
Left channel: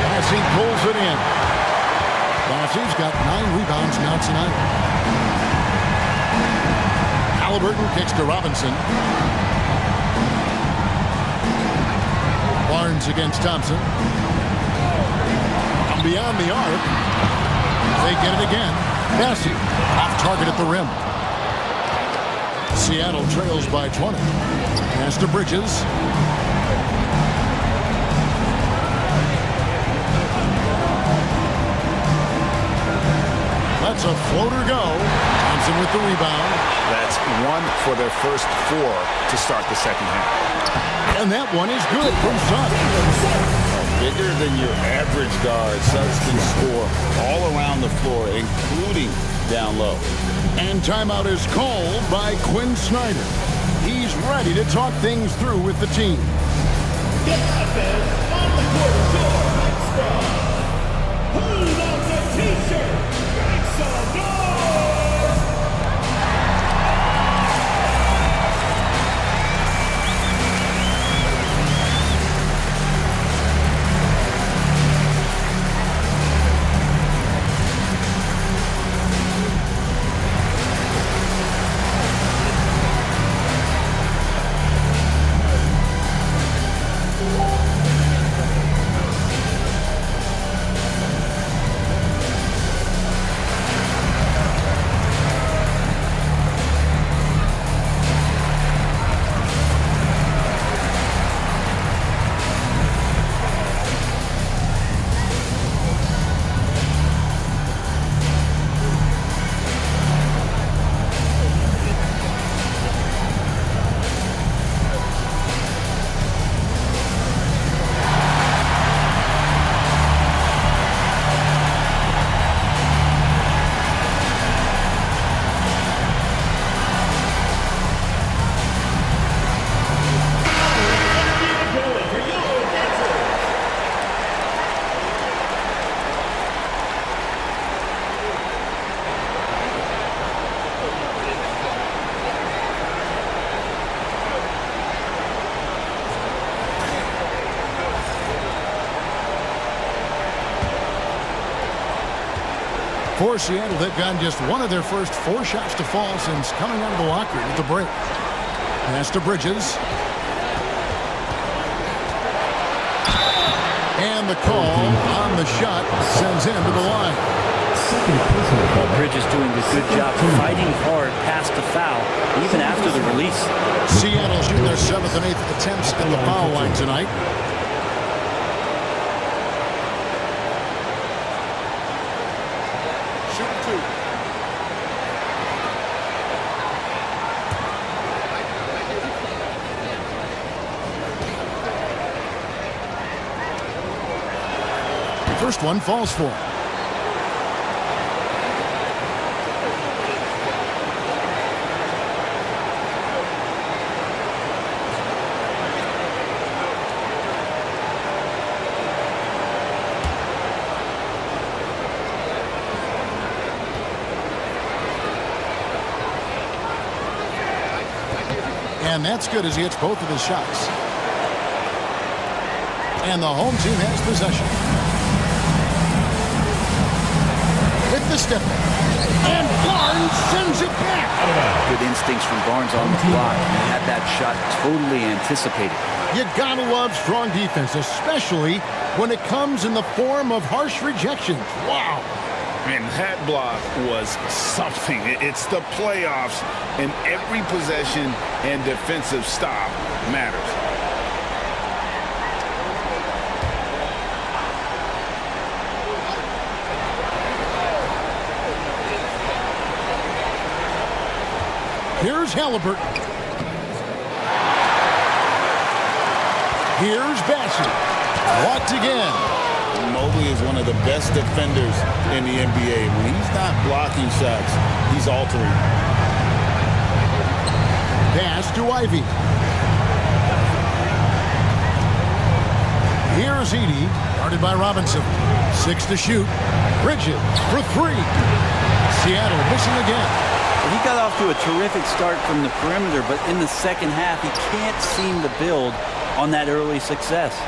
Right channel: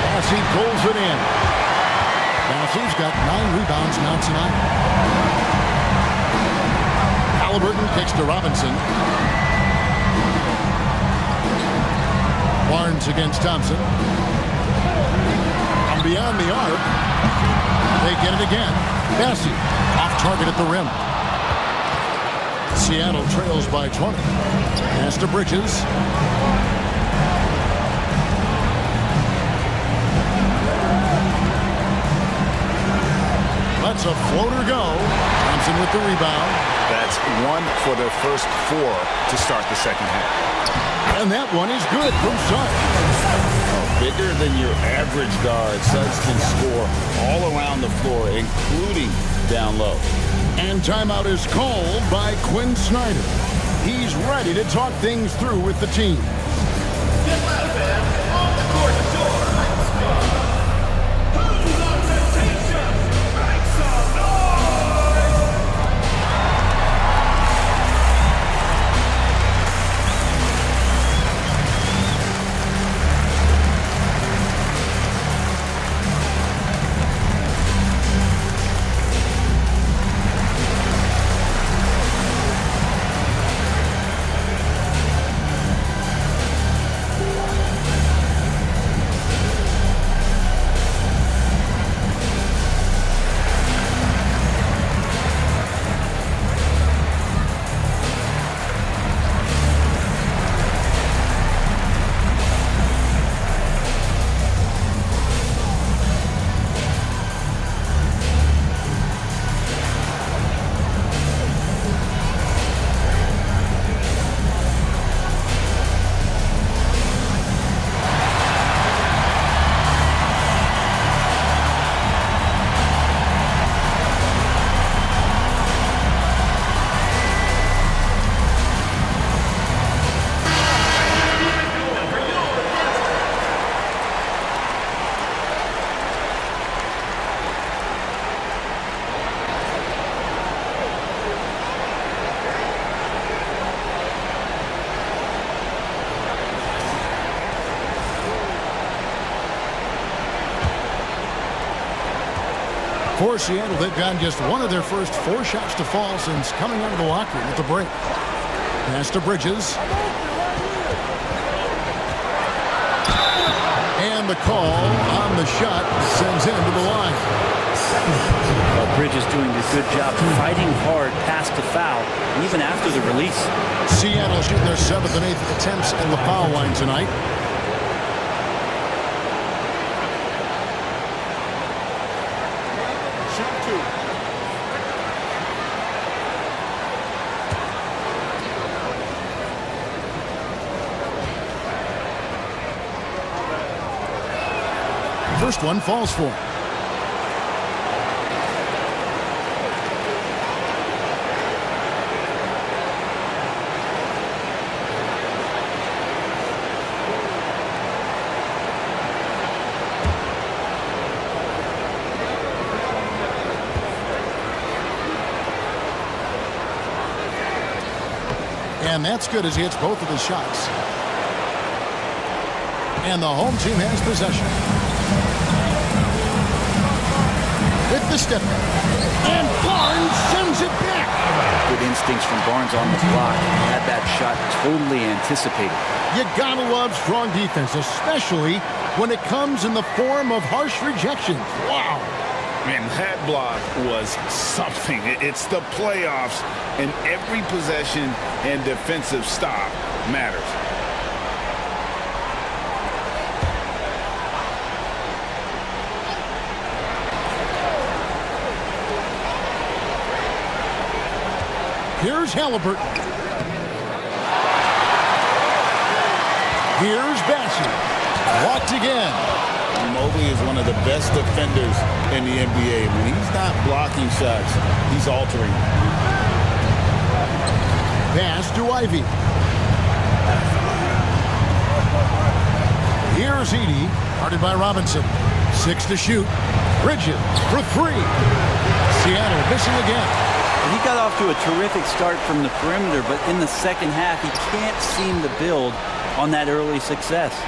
Bassey pulls it in. Bassey's got 9 rebounds now tonight. Halliburton kicks to Robinson. Barnes against Thompson. And beyond the arc. They get it again. Bassey off target at the rim. Seattle trails by 20. Pass to Bridges. Lets a floater go. Thompson with the rebound. That's one for their first 4 to start the second half. And that one is good from Suggs. Bigger than your average guard, Suggs can score all around the floor, including down low. And timeout is called by Quinn Snyder. He's ready to talk things through with the team. On the court who's on the t-shirt? Make some noise! For Seattle, they've gotten just one of their first 4 shots to fall since coming out of the locker room at the break. Pass to Bridges. And the call on the shot sends him to the line. Well, Bridges doing a good job fighting hard past the foul, even after the release. Seattle shooting their 7th and 8th attempts at the foul line tonight. Shooting 2. First one falls for him. And that's good as he hits both of his shots. And the home team has possession. With the step back. And Barnes sends it back. Good instincts from Barnes on the block. He had that shot totally anticipated. You gotta love strong defense, especially when it comes in the form of harsh rejections. Wow. And that block was something. It's the playoffs, and every possession and defensive stop matters. Here's Halliburton. Here's Bassey. Blocked again. Mobley is one of the best defenders in the NBA. When he's not blocking shots, he's altering. Pass to Ivy. Here's Edey, guarded by Robinson. 6 to shoot. Bridges for 3. Seattle missing again. He got off to a terrific start from the perimeter, but in the second half, he can't seem to build on that early success.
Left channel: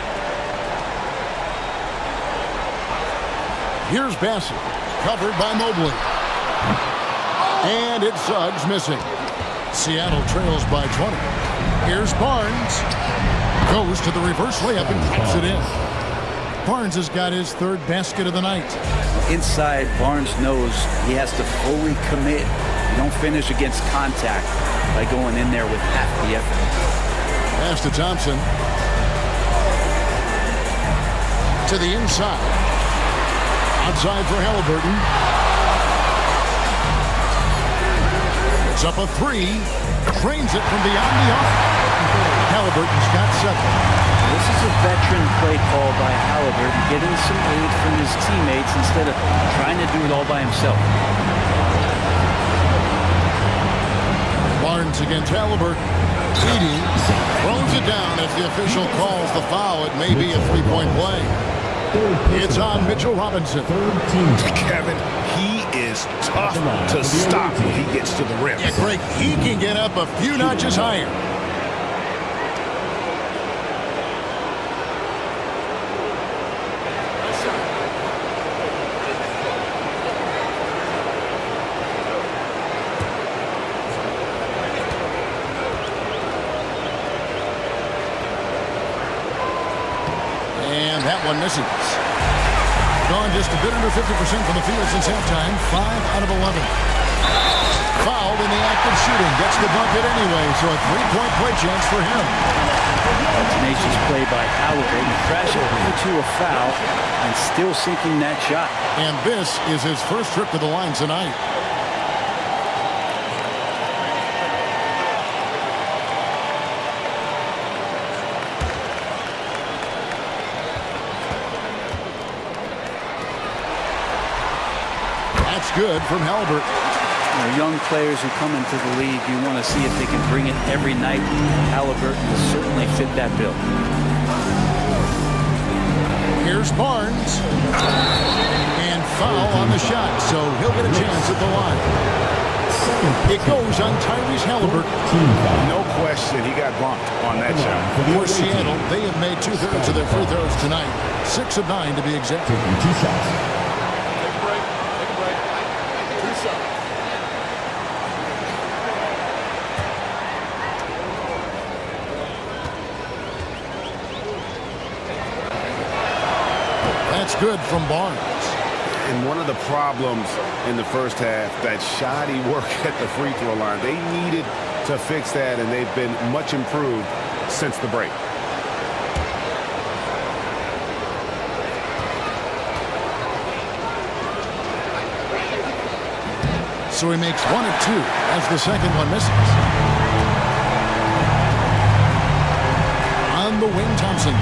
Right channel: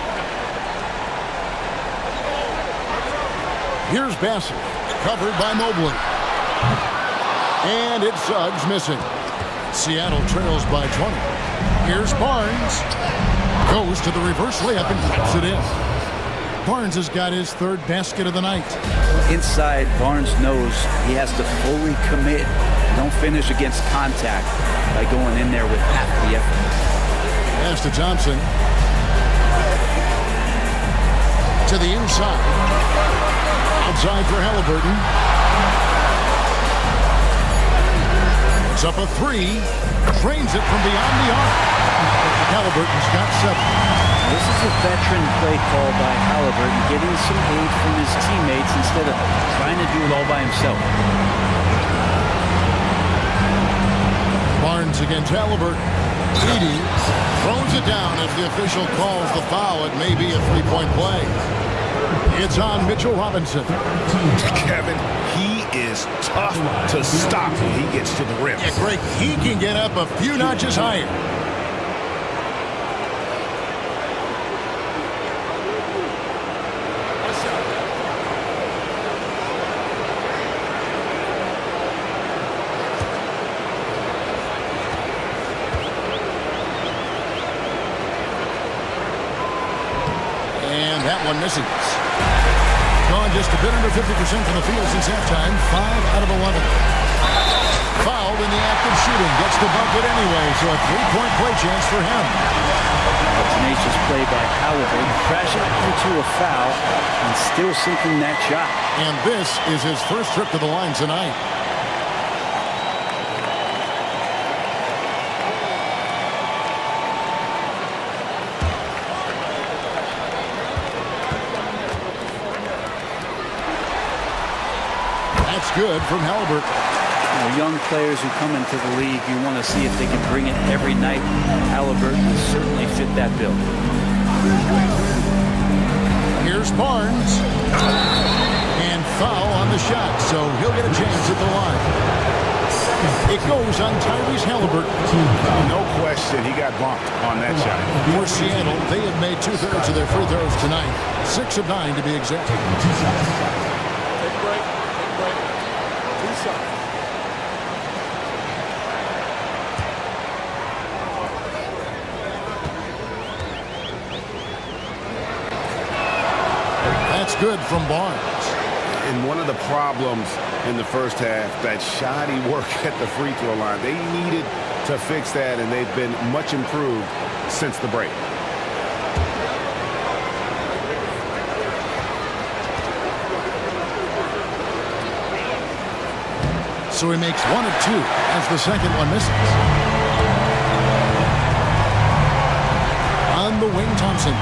Here's Bassey, covered by Mobley. And it's Suggs missing. Seattle trails by 20. Here's Barnes. Goes to the reverse layup and drops it in. Barnes has got his third basket of the night. Inside, Barnes knows he has to fully commit. You don't finish against contact by going in there with half the effort. Pass to Thompson. To the inside. Outside for Halliburton. Puts up a three. Drains it from beyond the arc. Halliburton's got 7. This is a veteran play call by Halliburton, getting some aid from his teammates instead of trying to do it all by himself. Barnes against Halliburton. Edey throws it down as the official calls the foul. It may be a three-point play. It's on Mitchell Robinson. Kevin, he is tough to stop when he gets to the rim. Yeah, Greg, he can get up a few notches higher. And that one misses. Gone just a bit under 50% from the field since halftime. 5 out of 11. Fouled in the act of shooting. Gets the bucket anyway, so a three-point play chance for him. A tenacious play by Halliburton, crashing into a foul and still sinking that shot. And this is his first trip to the line tonight. That's good from Halliburton. You know, young players who come into the league, you want to see if they can bring it every night. Halliburton has certainly fit that bill. Here's Barnes. And foul on the shot, so he'll get a chance at the line. It goes on Tyrese Halliburton. No question, he got bumped on that shot. For Seattle, they have made 2/3 of their free throws tonight. 6 of 9 to be exact. Taking 2 shots. Take a break. Take a break. 2 shots. That's good from Barnes. And one of the problems in the first half, that shoddy work at the free throw line. They needed to fix that, and they've been much improved since the break. So he makes 1 of 2 as the second one misses. On the wing, Thompson.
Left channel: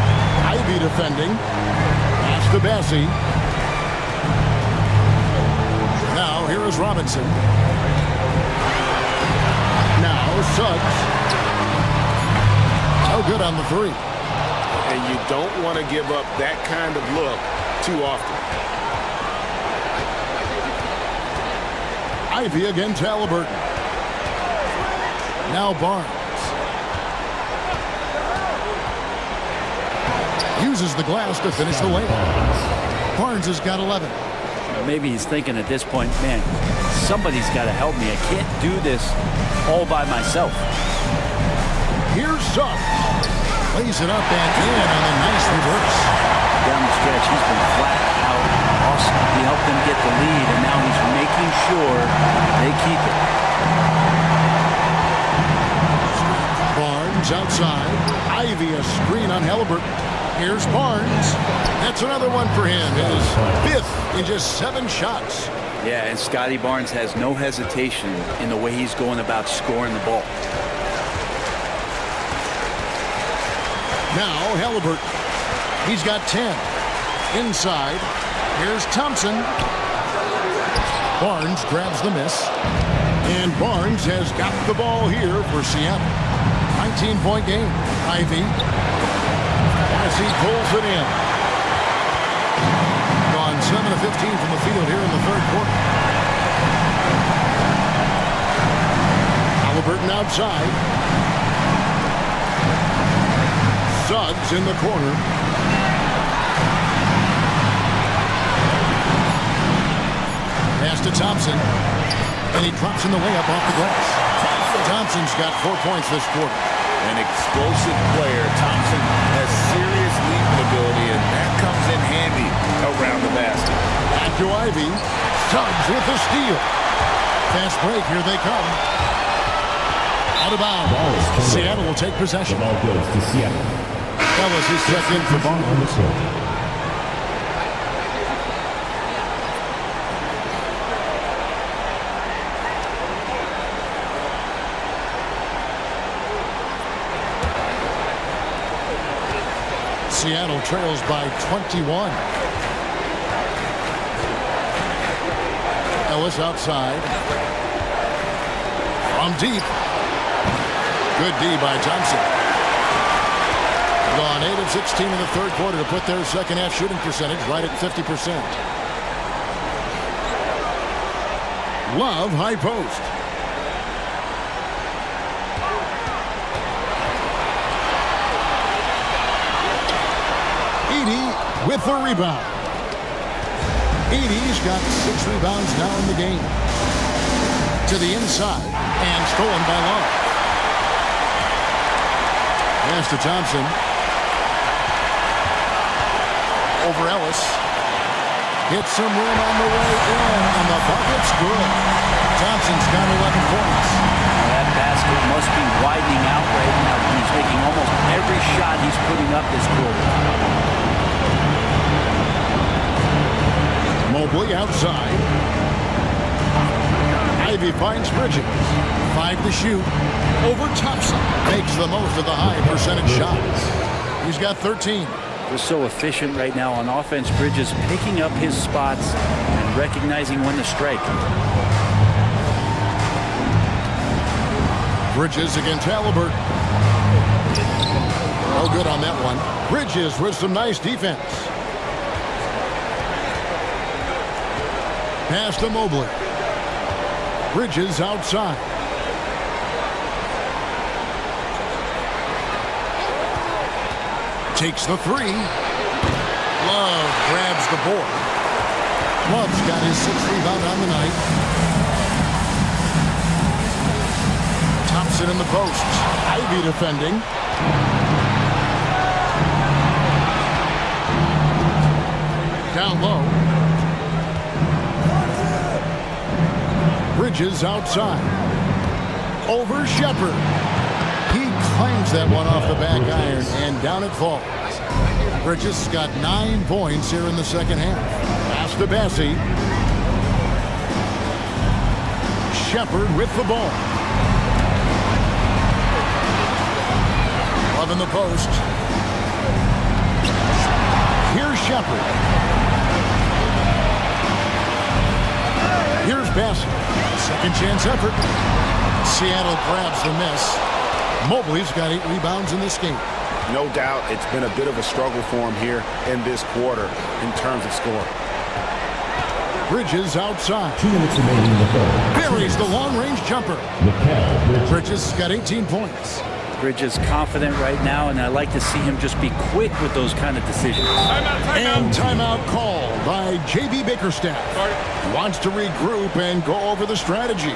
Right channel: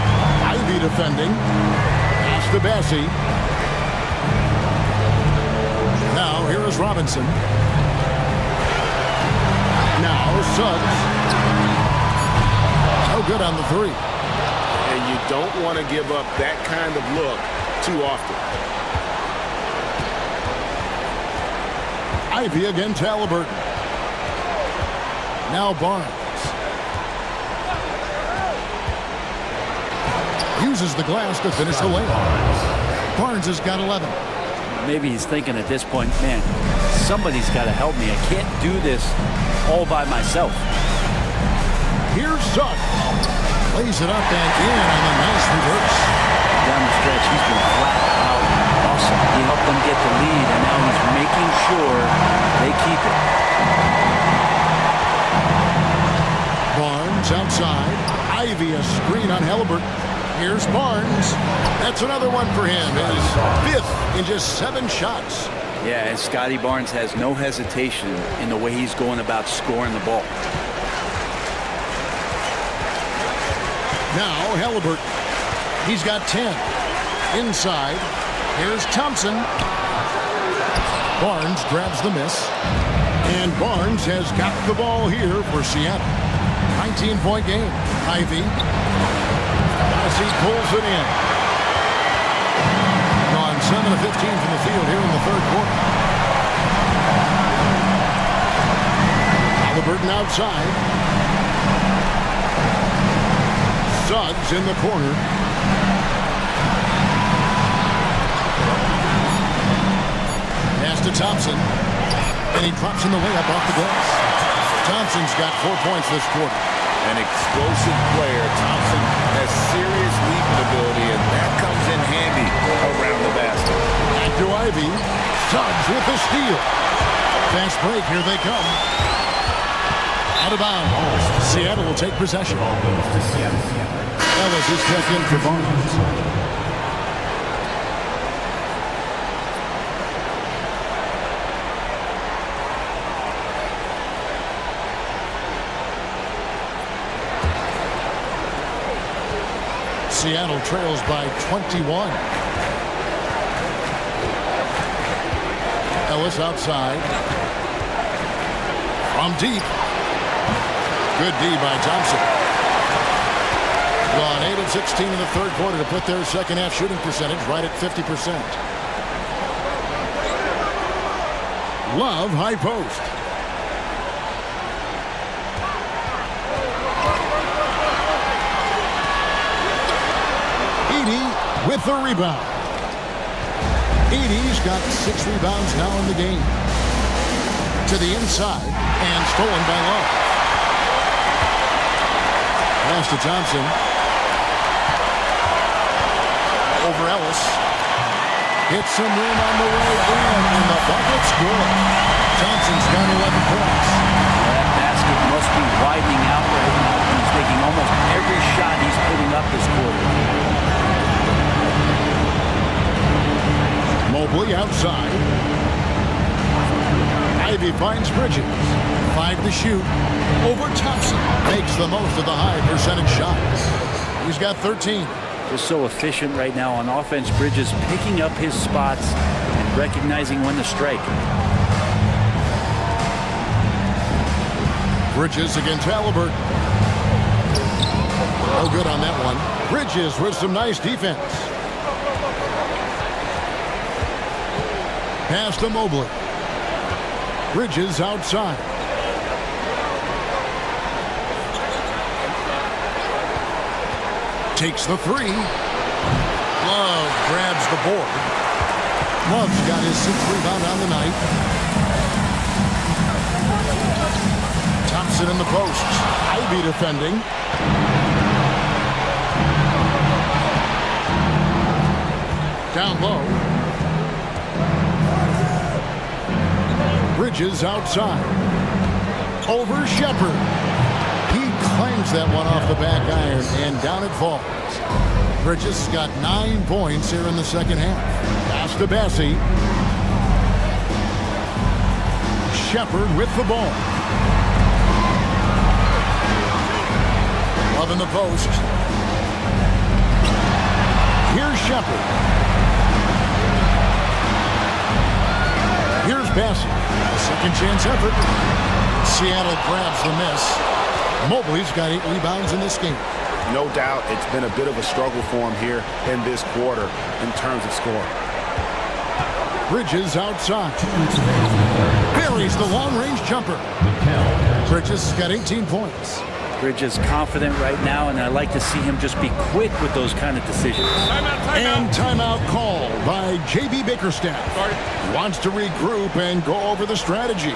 Ivy defending. Pass to Bessie. Now here is Robinson. Now Suggs. No good on the 3. And you don't want to give up that kind of look too often. Ivy against Halliburton. Now Barnes. Uses the glass to finish the layup. Barnes has got 11. Maybe he's thinking at this point, man, somebody's got to help me. I can't do this all by myself. Here's Suggs. Plays it up and in on the nice reverse. Down the stretch, he's been flat out awesome. He helped them get the lead, and now he's making sure they keep it. Barnes outside. Ivy a screen on Halliburton. Here's Barnes. That's another one for him. His 5th in just 7 shots. Yeah, and Scotty Barnes has no hesitation in the way he's going about scoring the ball. Now Halliburton. He's got 10. Inside. Here's Thompson. Barnes grabs the miss. And Barnes has got the ball here for Seattle. 19-point game. Ivy. As he pulls it in. Gone 7 of 15 from the field here in the third quarter. Halliburton outside. Suggs in the corner. Pass to Thompson. And he drops in the layup off the glass. Thompson's got 4 points this quarter. an explosive player. Thompson has serious leaping ability, and that comes in handy around the basket. Back to Ivy. Suggs with the steal. Fast break. Here they come. Out of bounds. Seattle will take possession. Ball goes to Seattle. Ellis is checked in for Barnes. Seattle trails by 21. Ellis outside. From deep. Good D by Thompson. Gone 8 of 16 in the third quarter to put their second half shooting percentage right at 50%. Love high post. Edey with the rebound. Edey's got 6 rebounds now in the game. To the inside and stolen by Love. Pass to Thompson. Over Ellis. Hits some rim on the way in, and the bucket's good. Thompson's got 11 points. Well, that basket must be widening out right now. He's making almost every shot he's putting up this quarter. Mobley outside. Ivy finds Bridges. 5 to shoot. Over Thompson. Makes the most of the high percentage shots. He's got 13. Just so efficient right now on offense. Bridges picking up his spots and recognizing when to strike. Bridges against Halliburton. No good on that one. Bridges with some nice defense. Pass to Mobley. Bridges outside. Takes the 3. Love grabs the board. Love's got his 6th rebound on the night. Thompson in the post. Ivy defending. Down low. Bridges outside. Over Shepherd. He clangs that one off the back iron, and down it falls. Bridges has got 9 points here in the second half. Pass to Bassie. Shepherd with the ball. Love in the post. Here's Shepherd. Here's Bassie. Second chance effort. Seattle grabs the miss. Mobley's got 8 rebounds in this game. No doubt it's been a bit of a struggle for him here in this quarter in terms of scoring. Bridges outside. 2 minutes remaining in the third. Buries the long-range jumper. Bridges has got 18 points. Bridges confident right now, and I like to see him just be quick with those kind of decisions. And timeout called by J.B. Bickerstaff. He wants to regroup and go over the strategy.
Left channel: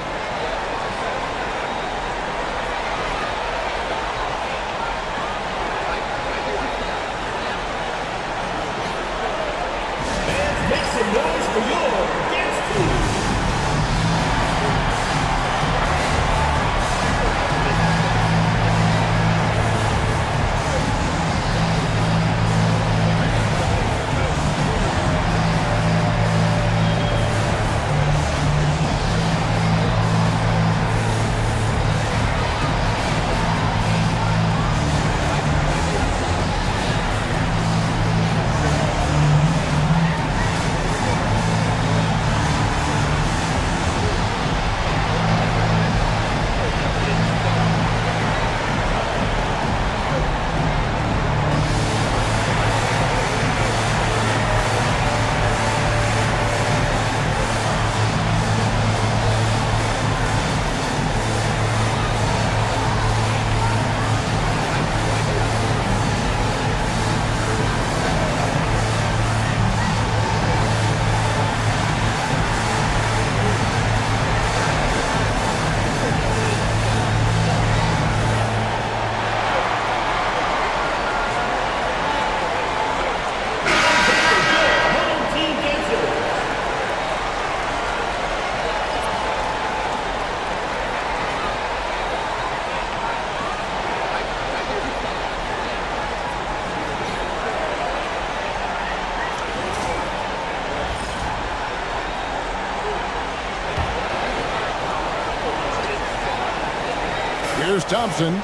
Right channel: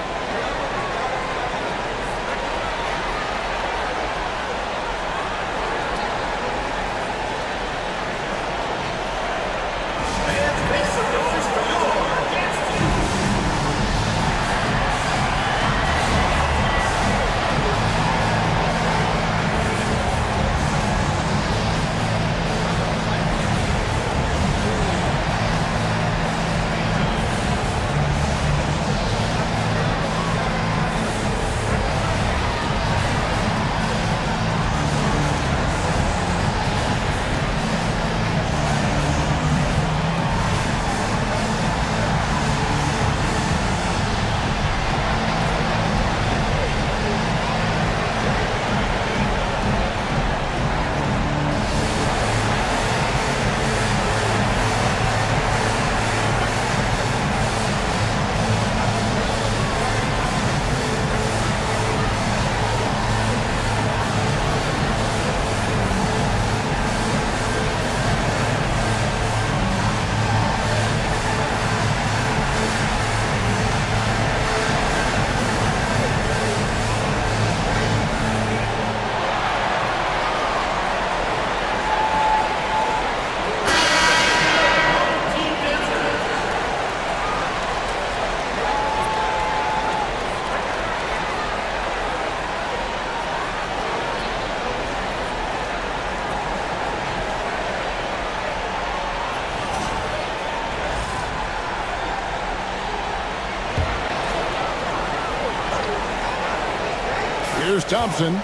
Here's Thompson.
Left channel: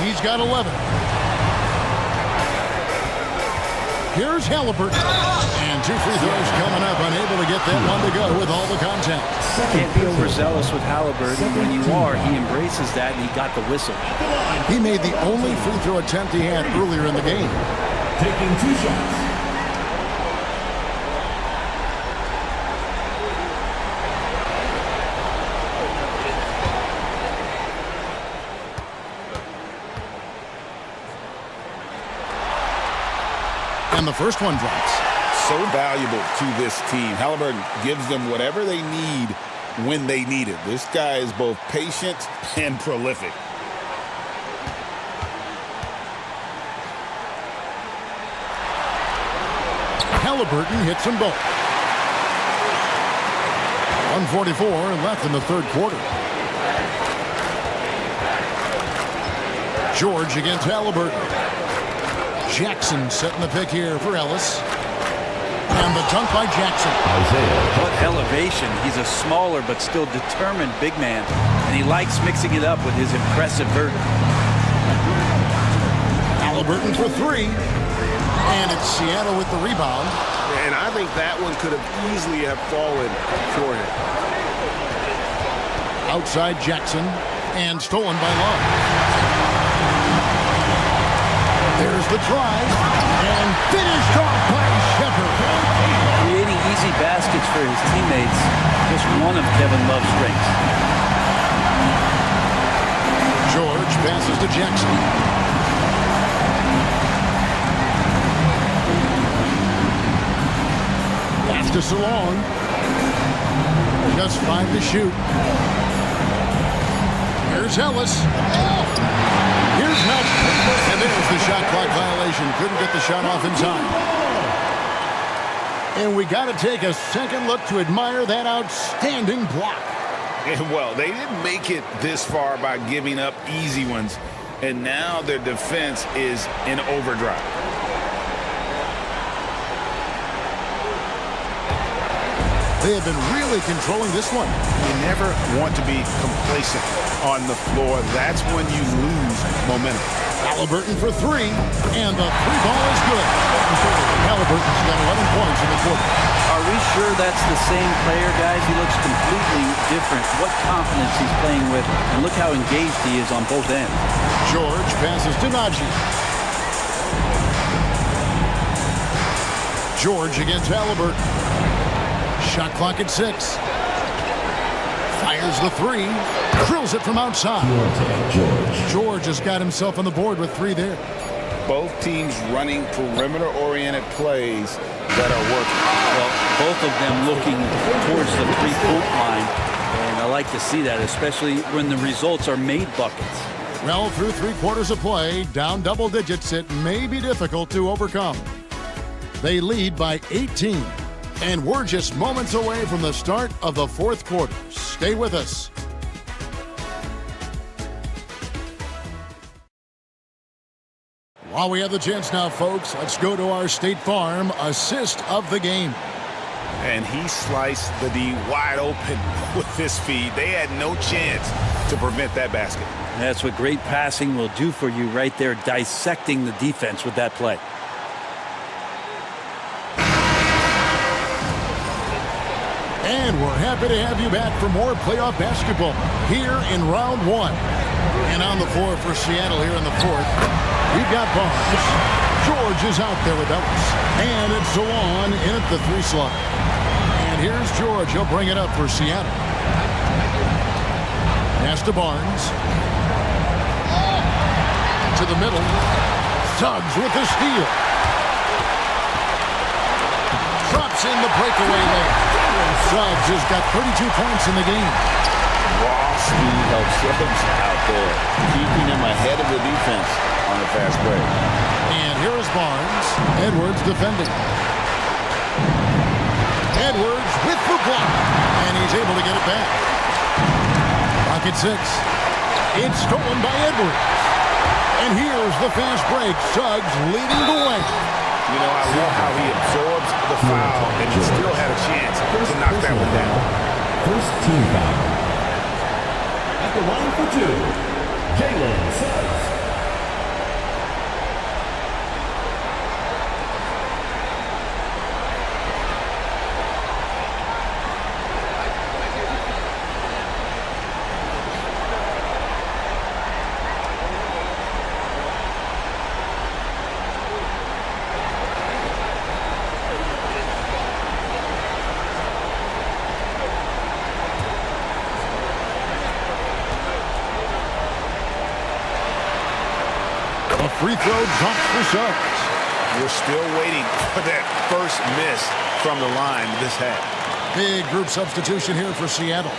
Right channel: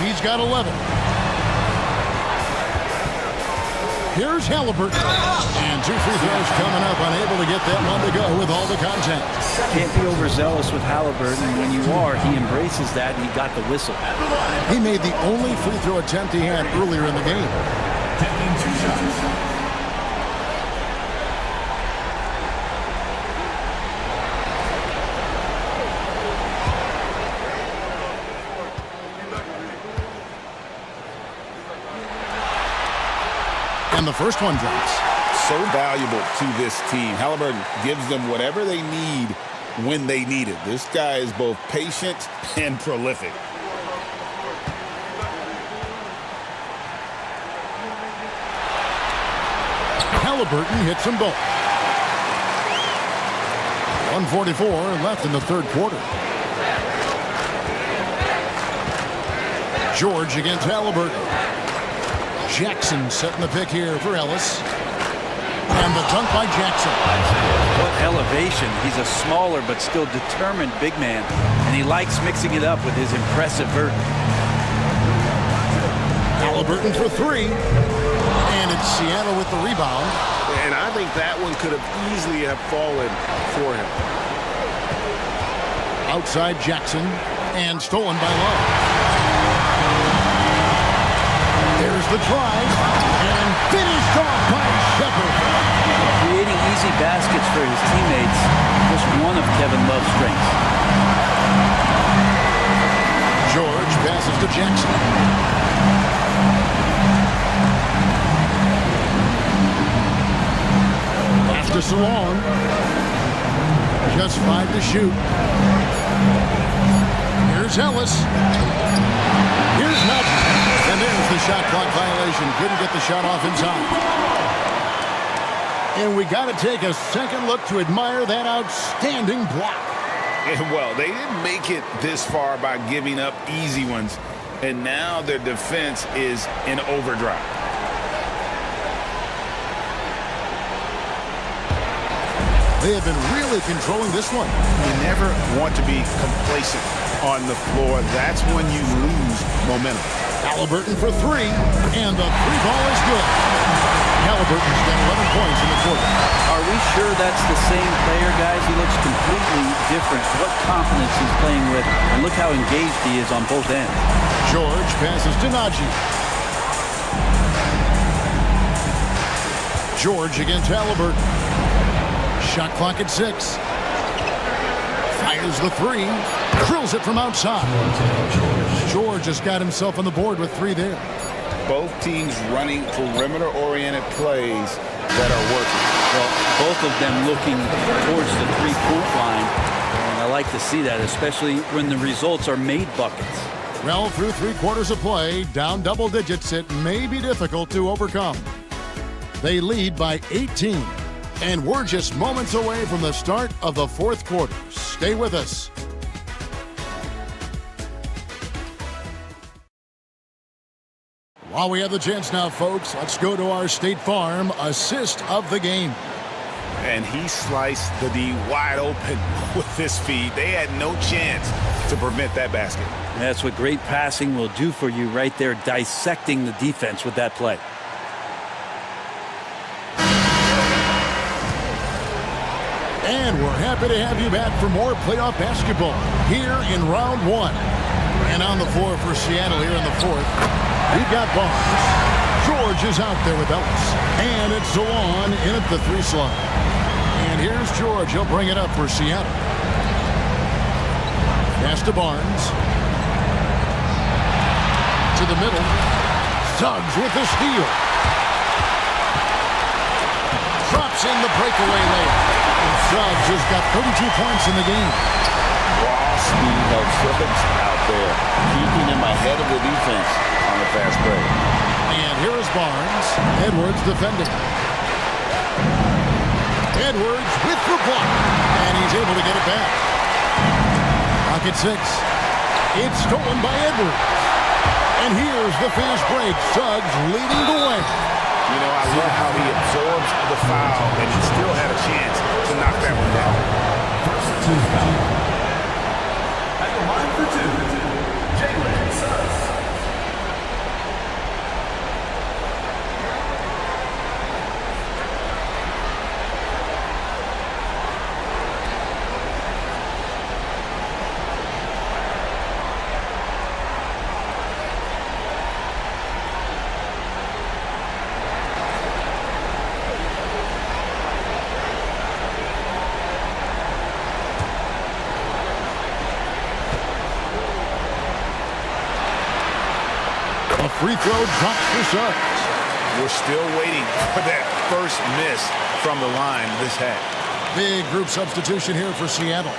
He's got 11. Here's Halliburton. And 2 free throws coming up. Unable to get that one to go with all the contact. Can't be overzealous with Halliburton. When you are, he embraces that, and he got the whistle. He made the only free throw attempt he had earlier in the game. Taking 2 shots. And the first one drops. So valuable to this team. Halliburton gives them whatever they need when they need it. This guy is both patient and prolific. Halliburton hits them both. 1:44 left in the third quarter. George against Halliburton. Jackson setting the pick here for Ellis. And the dunk by Jackson. What elevation. He's a smaller but still determined big man. And he likes mixing it up with his impressive vert. Halliburton for 3. And it's Seattle with the rebound. And I think that one could have easily have fallen for him. Outside Jackson. And stolen by Love. There's the try, and finished off by Shepard. Creating easy baskets for his teammates, just one of Kevin Love's strengths. George passes to Jackson. Pass to Salong. Just 5 to shoot. Here's Ellis. Here's Nudge. And there's the shot clock violation. Couldn't get the shot off in time. And we got to take a second look to admire that outstanding block. And well, they didn't make it this far by giving up easy ones. And now their defense is in overdrive. They have been really controlling this one. You never want to be complacent on the floor. That's when you lose momentum. Halliburton for 3, and the 3 ball is good. Halliburton's got 11 points in the quarter. Are we sure that's the same player, guys? He looks completely different. What confidence he's playing with, and look how engaged he is on both ends. George passes to Najee. George against Halliburton. Shot clock at 6. Fires the 3. Drills it from outside. George has got himself on the board with 3 there. Both teams running perimeter-oriented plays that are working. Well, both of them looking towards the three-point line. And I like to see that, especially when the results are made buckets. Well, through 3 quarters of play, down double digits, it may be difficult to overcome. They lead by 18. And we're just moments away from the start of the 4th quarter. Stay with us. While we have the chance now, folks, let's go to our State Farm assist of the game. And he sliced the D wide open with this feed. They had no chance to prevent that basket. That's what great passing will do for you right there, dissecting the defense with that play. And we're happy to have you back for more playoff basketball here in round 1. And on the floor for Seattle here in the 4th, we've got Barnes. George is out there with Ellis. And it's Zawan in at the 3 slot. And here's George. He'll bring it up for Seattle. Pass to Barnes. To the middle. Suggs with the steal. Drops in the breakaway layup. Suggs has got 32 points in the game. Raw speed helps Suggs out there, keeping him ahead of the defense on a fast break. And here is Barnes. Edwards defending. Edwards with the block. And he's able to get it back. Rocket 6. It's stolen by Edwards. And here's the fast break. Suggs leading the way. You know, I love how he absorbs the foul and he still had a chance to knock that one down. First team foul. At the line for 2, Jalen Suggs. A free throw drops for Suggs. We're still waiting for that first miss from the line this half. Big group substitution here for Seattle.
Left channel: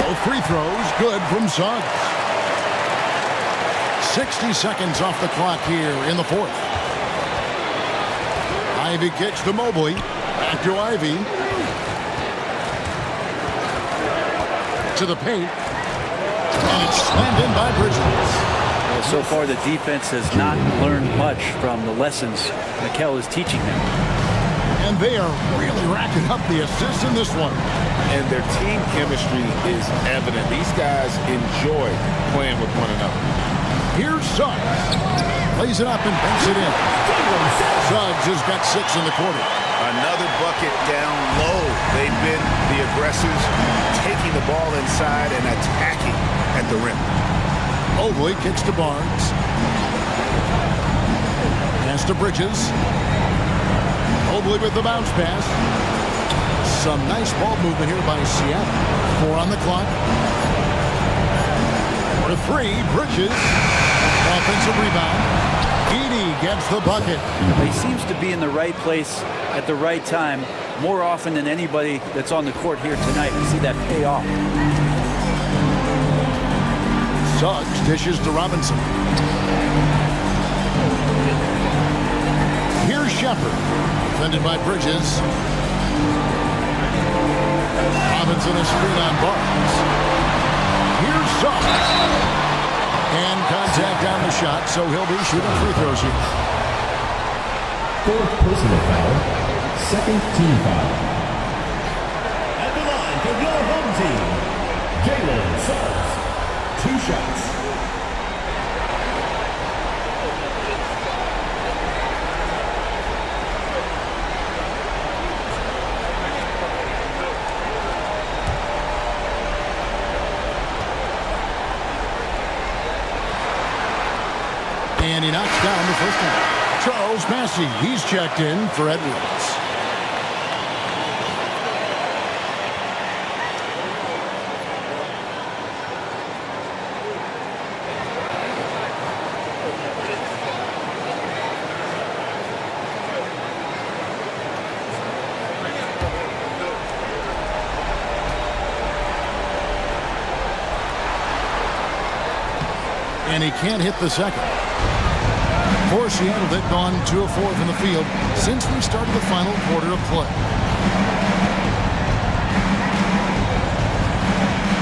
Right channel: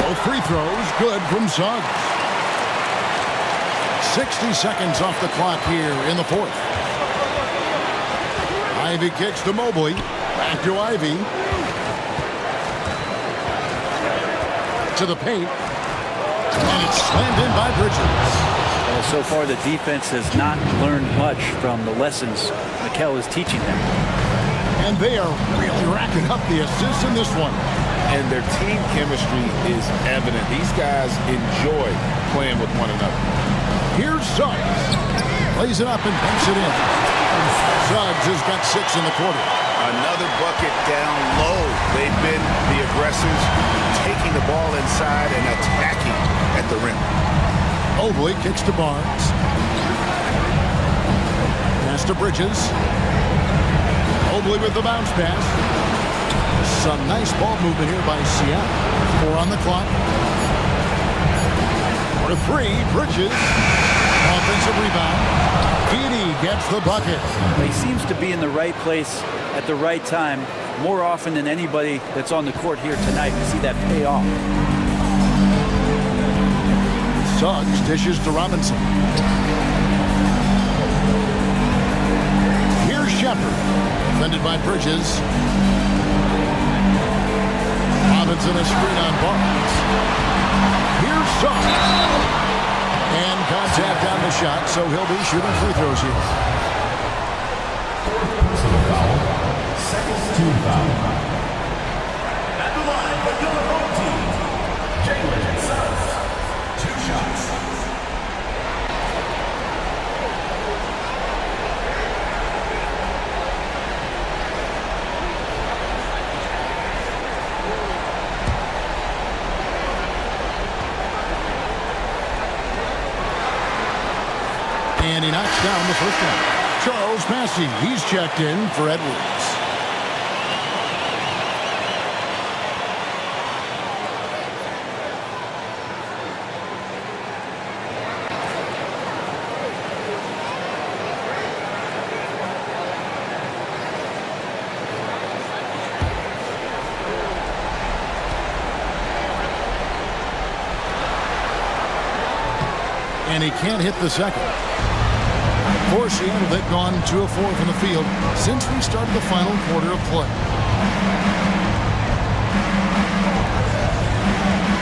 All free throws good from Suggs. 60 seconds off the clock here in the fourth. Ivy kicks to Mobley. Back to Ivy. To the paint. And it's slammed in by Bridges. Well, so far the defense has not learned much from the lessons Mikel is teaching them. And they are really racking up the assists in this one. And their team chemistry is evident. These guys enjoy playing with one another. Here's Suggs. Lays it up and banks it in. Suggs has got 6 in the quarter. Another bucket down low. They've been the aggressors, taking the ball inside and attacking at the rim. Mobley kicks to Barnes. Pass to Bridges. Mobley with the bounce pass. Some nice ball movement here by Seattle. 4 on the clock. For 3, Bridges. Offensive rebound. Edey gets the bucket. He seems to be in the right place at the right time more often than anybody that's on the court here tonight. We see that pay off. Suggs dishes to Robinson. Here's Shepard. Defended by Bridges. Robinson a screen on Barnes. Here's Suggs. And contact on the shot, so he'll be shooting free throws here. 4th personal foul. 2nd team foul. At the line for your home team, Jalen Suggs. 2 shots. And he knocks down the first one. Charles Massey, he's checked in for Edwards. And he can't hit the second. For Seattle, they've gone 2 of 4 from the field since we started the final quarter of play.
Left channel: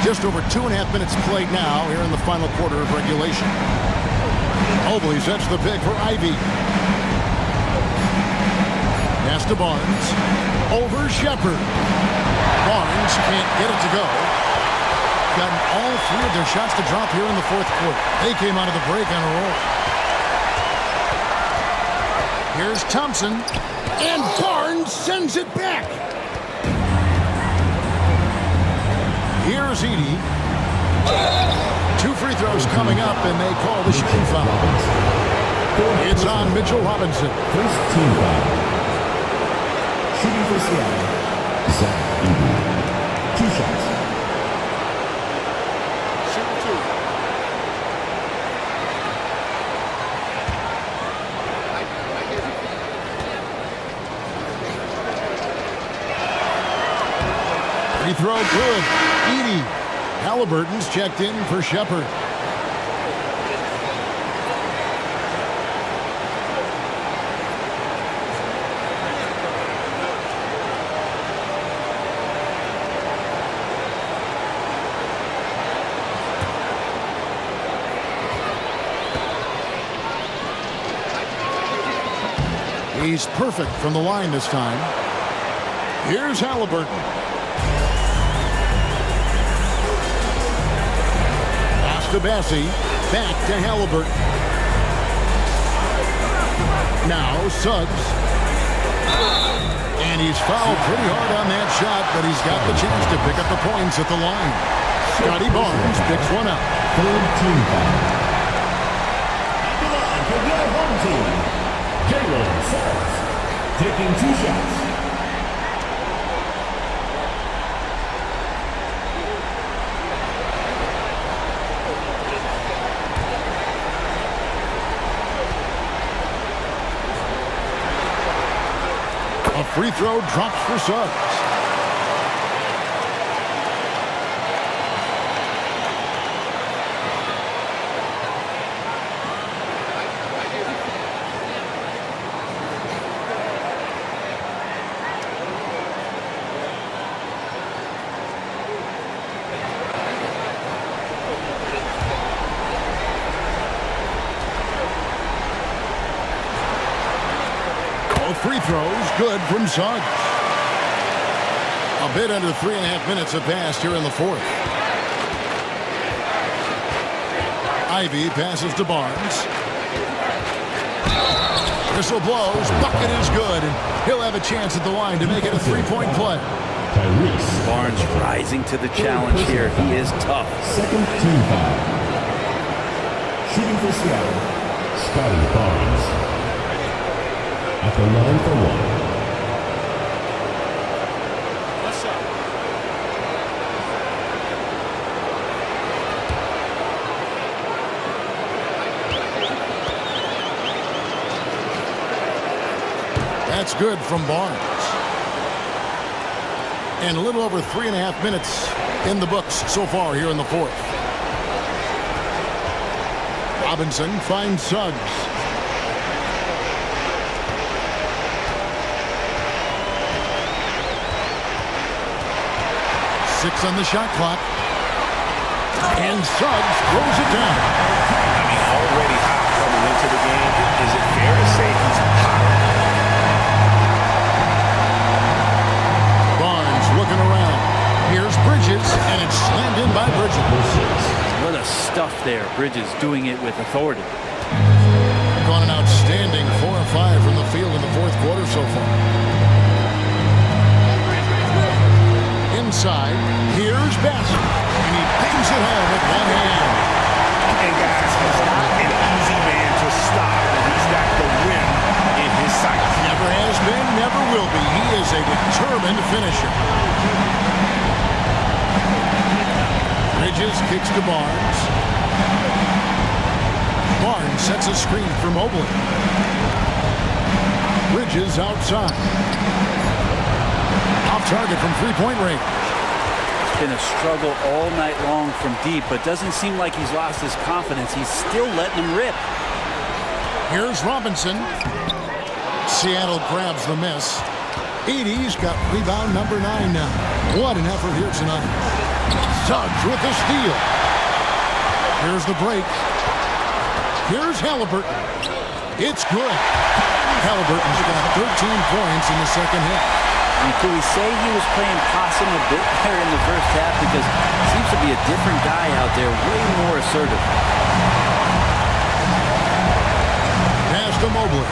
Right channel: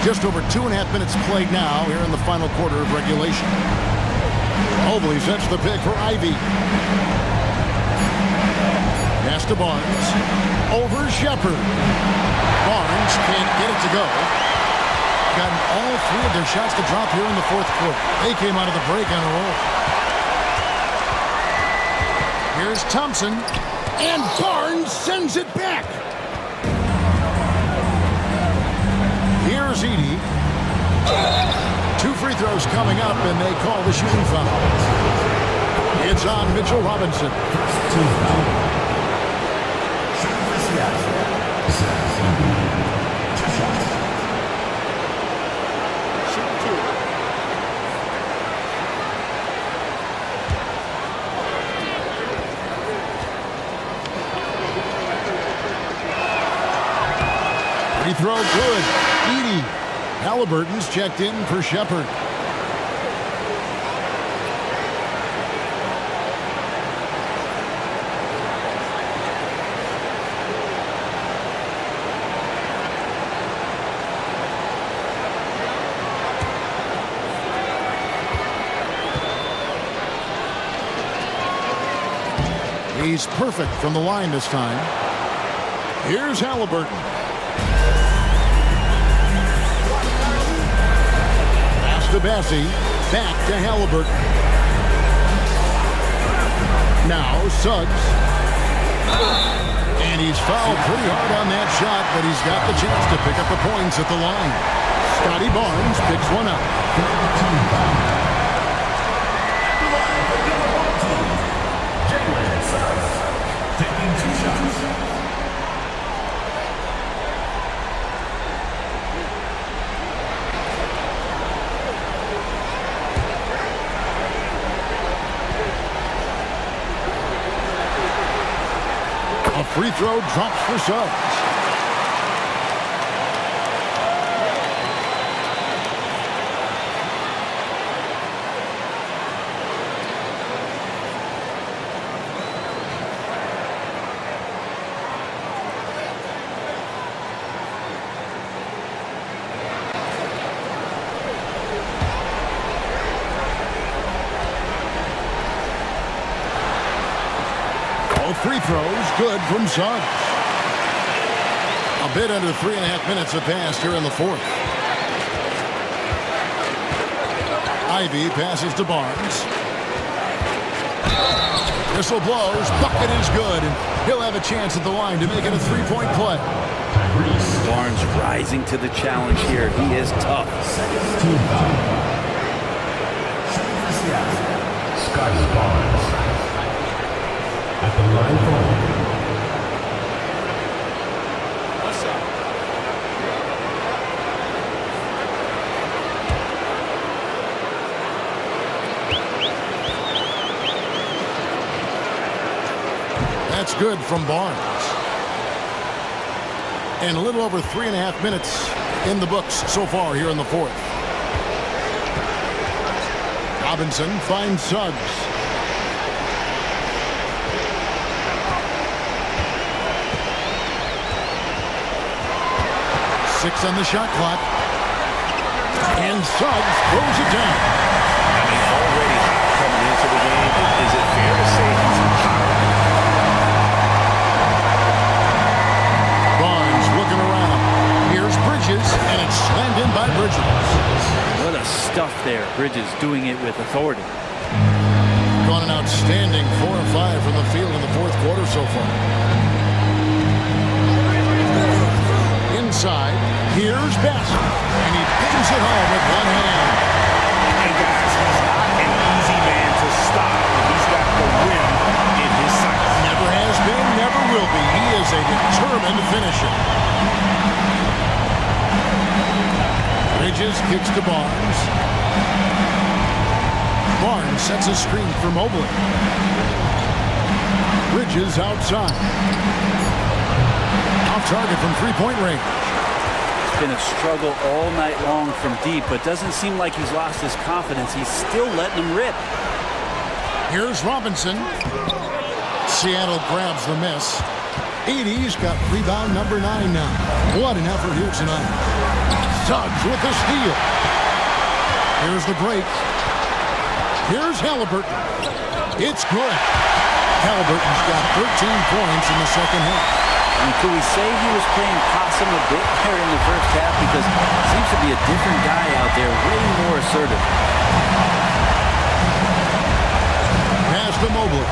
Just over 2.5 minutes played now here in the final quarter of regulation. Mobley sets the pick for Ivy. Pass to Barnes. Over Shepard. Barnes can't get it to go. Gotten all 3 of their shots to drop here in the fourth quarter. They came out of the break on a roll. Here's Thompson, and Barnes sends it back. Here's Edey. 2 free throws coming up, and they call the shooting foul. It's on Mitchell Robinson. 1st team foul. Shooting for Seattle. Zach Edey. 2 shots. Shooting 2. Free throw good. Edey. Halliburton's checked in for Shepard. He's perfect from the line this time. Here's Halliburton. Pass to Bassie. Back to Halliburton. Now Suggs. And he's fouled pretty hard on that shot, but he's got the chance to pick up the points at the line. Scotty Barnes picks one up. Third team foul. At the line for your home team, Jalen Suggs, taking 2 shots. A free throw drops for Suggs. Free throws good from Suggs. A bit under 3.5 minutes have passed here in the fourth. Ivy passes to Barnes. Whistle blows. Bucket is good, and he'll have a chance at the line to make it a 3-point play. Barnes rising to the challenge here. He is tough. Second team foul. Shooting for Seattle, Scotty Barnes. At the line for one. What's up? That's good from Barnes. And a little over 3.5 minutes in the books so far here in the fourth. Robinson finds Suggs. Six on the shot clock. And Suggs throws it down. I mean, already hot coming into the game. Is it fair to say he's hotter? Barnes looking around. Here's Bridges, and it's slammed in by Bridges. What a stuff there. Bridges doing it with authority. Gone an outstanding 4 of 5 from the field in the fourth quarter so far. Inside, here's Bassett, and he bangs it home with one hand. And guys, he's not an easy man to stop when he's got the rim in his sights. Never has been, never will be. He is a determined finisher. Bridges kicks to Barnes. Barnes sets a screen for Mobley. Bridges outside. Off target from three-point range. It's been a struggle all night long from deep, but doesn't seem like he's lost his confidence. He's still letting them rip. Here's Robinson. Seattle grabs the miss. Edey's got rebound number 9 now. What an effort here tonight. Suggs with the steal. Here's the break. Here's Halliburton. It's good. Halliburton's got 13 points in the second half. I mean, could we say he was playing possum a bit there in the first half? Because he seems to be a different guy out there, way more assertive. Pass to Mobley.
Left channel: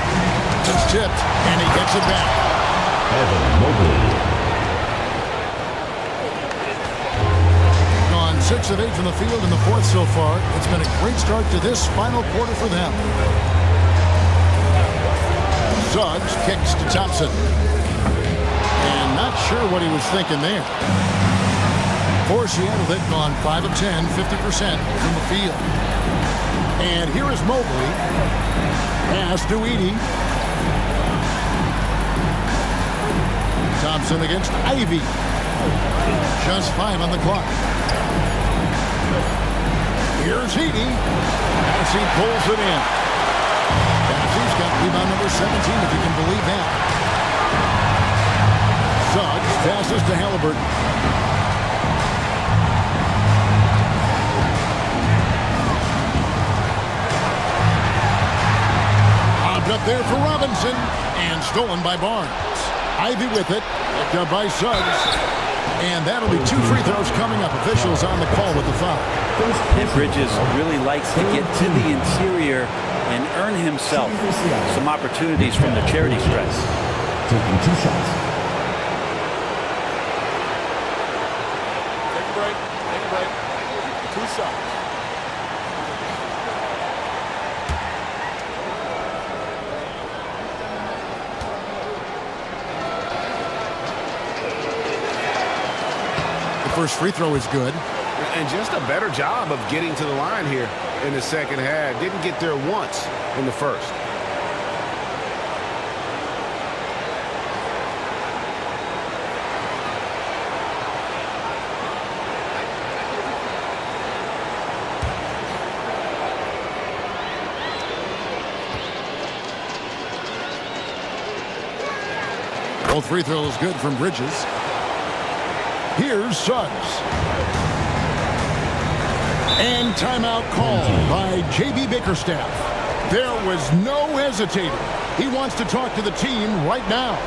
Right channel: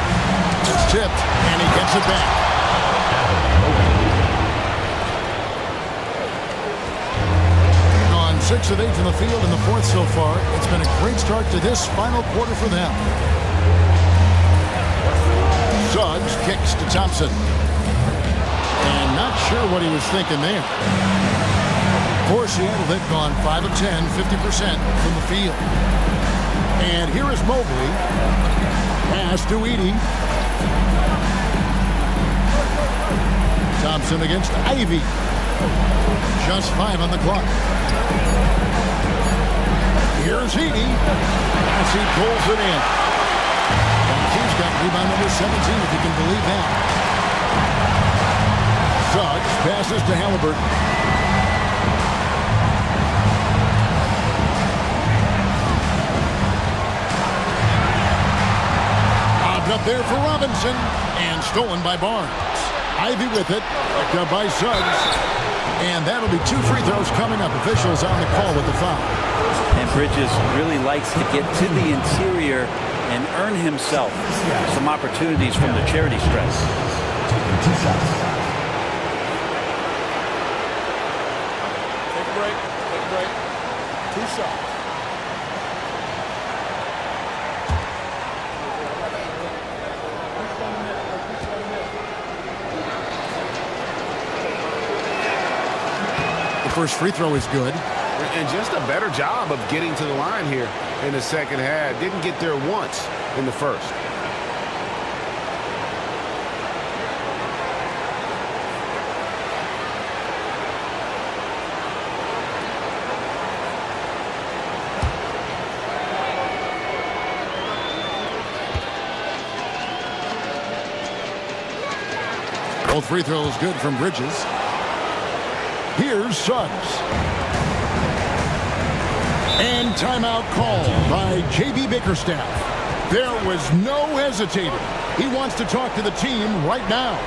It's tipped, and he gets it back. Gone 6 of 8 from the field in the fourth so far. It's been a great start to this final quarter for them. Suggs kicks to Thompson. And not sure what he was thinking there. For Seattle, they've gone 5 of 10, 50% from the field. And here is Mobley. Pass to Edey. Thompson against Ivy. Just 5 on the clock. Here's Edey. Bassie pulls it in. Bassie's got rebound number 17, if you can believe that. Suggs passes to Halliburton. A up there for Robinson, and stolen by Barnes. Ivy with it, picked up by Suggs. And that'll be 2 free throws coming up. Officials on the call with the foul. And Bridges really likes to get to the interior and earn himself some opportunities from the charity stripe. Taking 2 shots. Take a break. Take a break. 2 shots. The first free throw is good. And just a better job of getting to the line here in the second half. Didn't get there once in the first. Both free throws good from Bridges. Here's Suggs. And timeout called by J.B. Bickerstaff. There was no hesitating. He wants to talk to the team right now.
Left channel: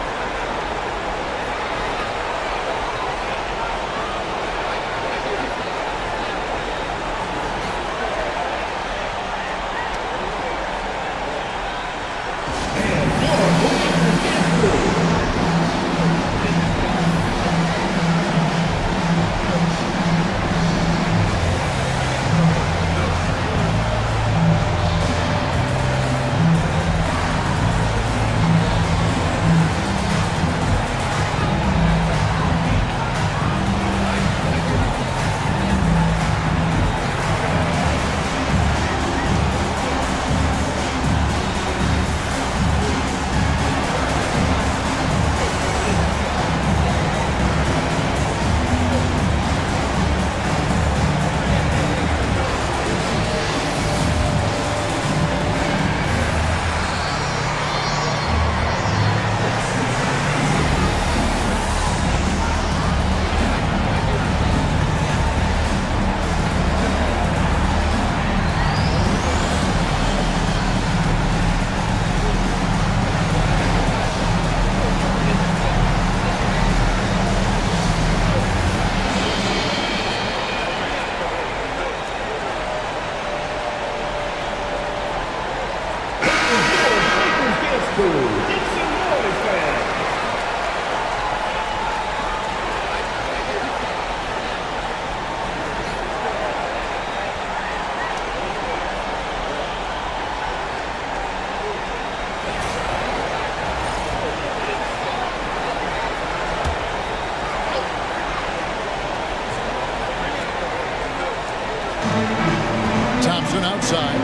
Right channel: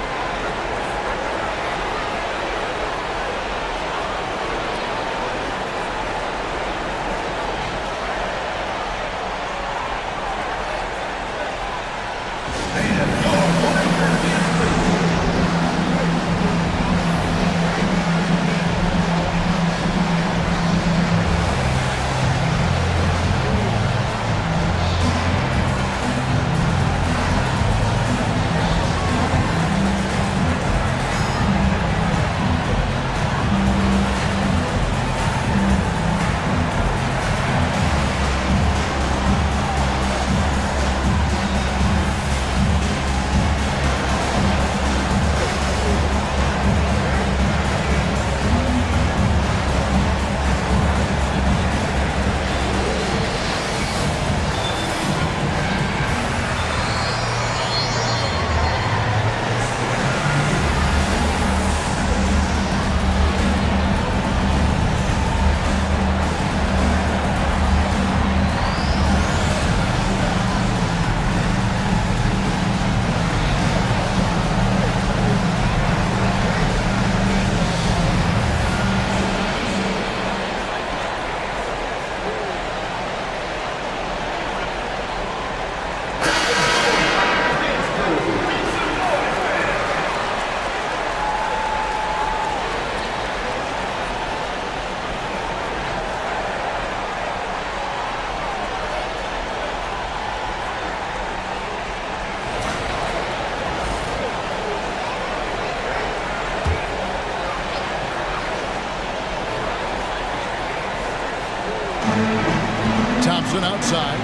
Thompson outside.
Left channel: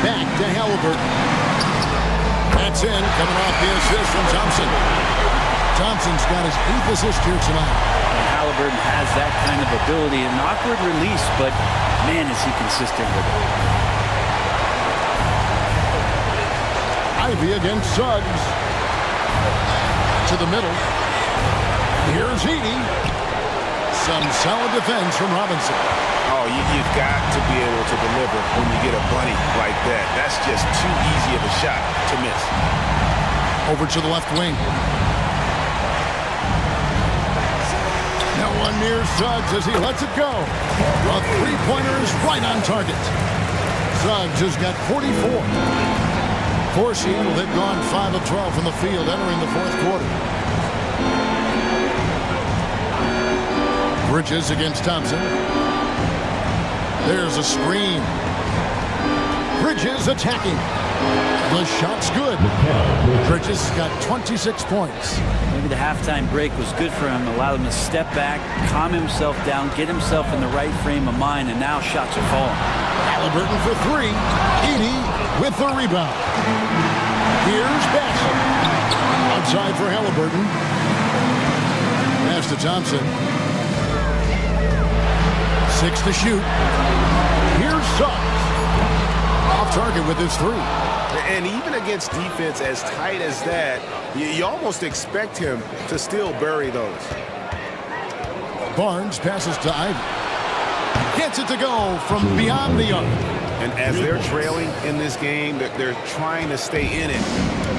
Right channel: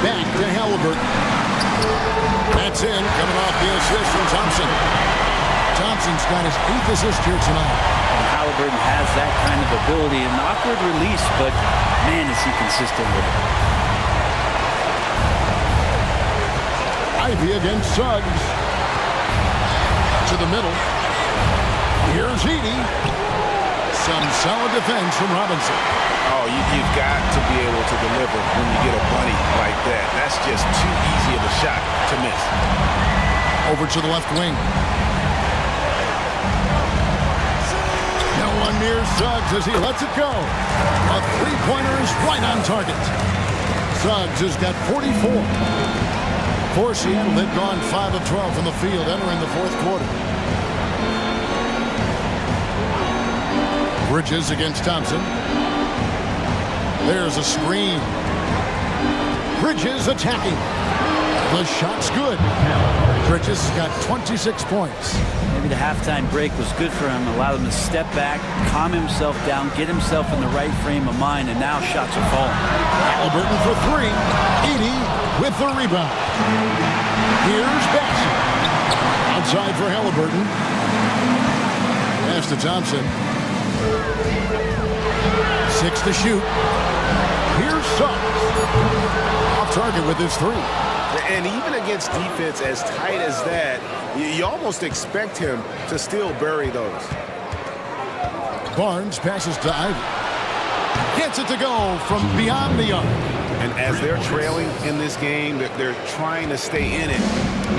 Back to Halliburton. That's in, coming off the assist from Thompson. Thompson's got his 8th assist here tonight. And Halliburton has that kind of ability. An awkward release, but man, is he consistent with it. Ivy against Suggs. To the middle. Here's Edey. Some solid defense from Robinson. Oh, you've got to be able to deliver when you get a bunny like that. That's just too easy of a shot to miss. Over to the left wing. No one near Suggs as he lets it go. A three-pointer is right on target. Suggs has got 44. For Seattle, they've gone 5 of 12 from the field entering the fourth quarter. Bridges against Thompson. There's a screen. Bridges attacking. The shot's good. Bridges has got 26 points. Maybe the halftime break was good for him. Allowed him to step back, calm himself down, get himself in the right frame of mind, and now shots are falling. Halliburton for 3. Edey with the rebound. Here's Bassett. Outside for Halliburton. Pass to Thompson. 6 to shoot. Here's Suggs. Off target with his 3. And even against defense as tight as that, you almost expect him to still bury those. Barnes passes to Ivy. Gets it to go from beyond the arc. And as they're trailing in this game, they're trying to stay in it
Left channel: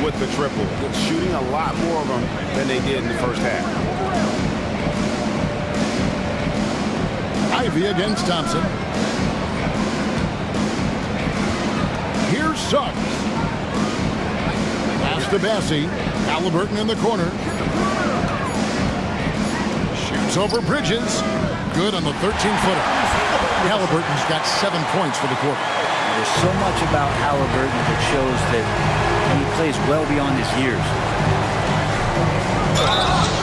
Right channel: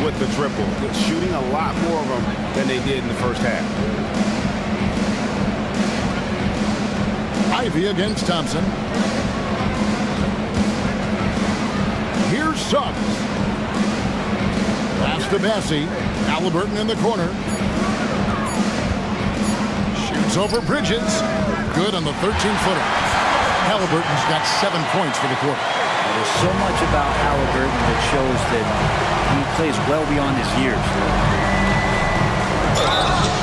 with the triple. They're shooting a lot more of them than they did in the first half. Ivy against Thompson. Here's Suggs. Pass to Bassey. Halliburton in the corner. Shoots over Bridges. Good on the 13-footer. Halliburton's got 7 points for the quarter. There's so much about Halliburton that shows that he plays well beyond his years.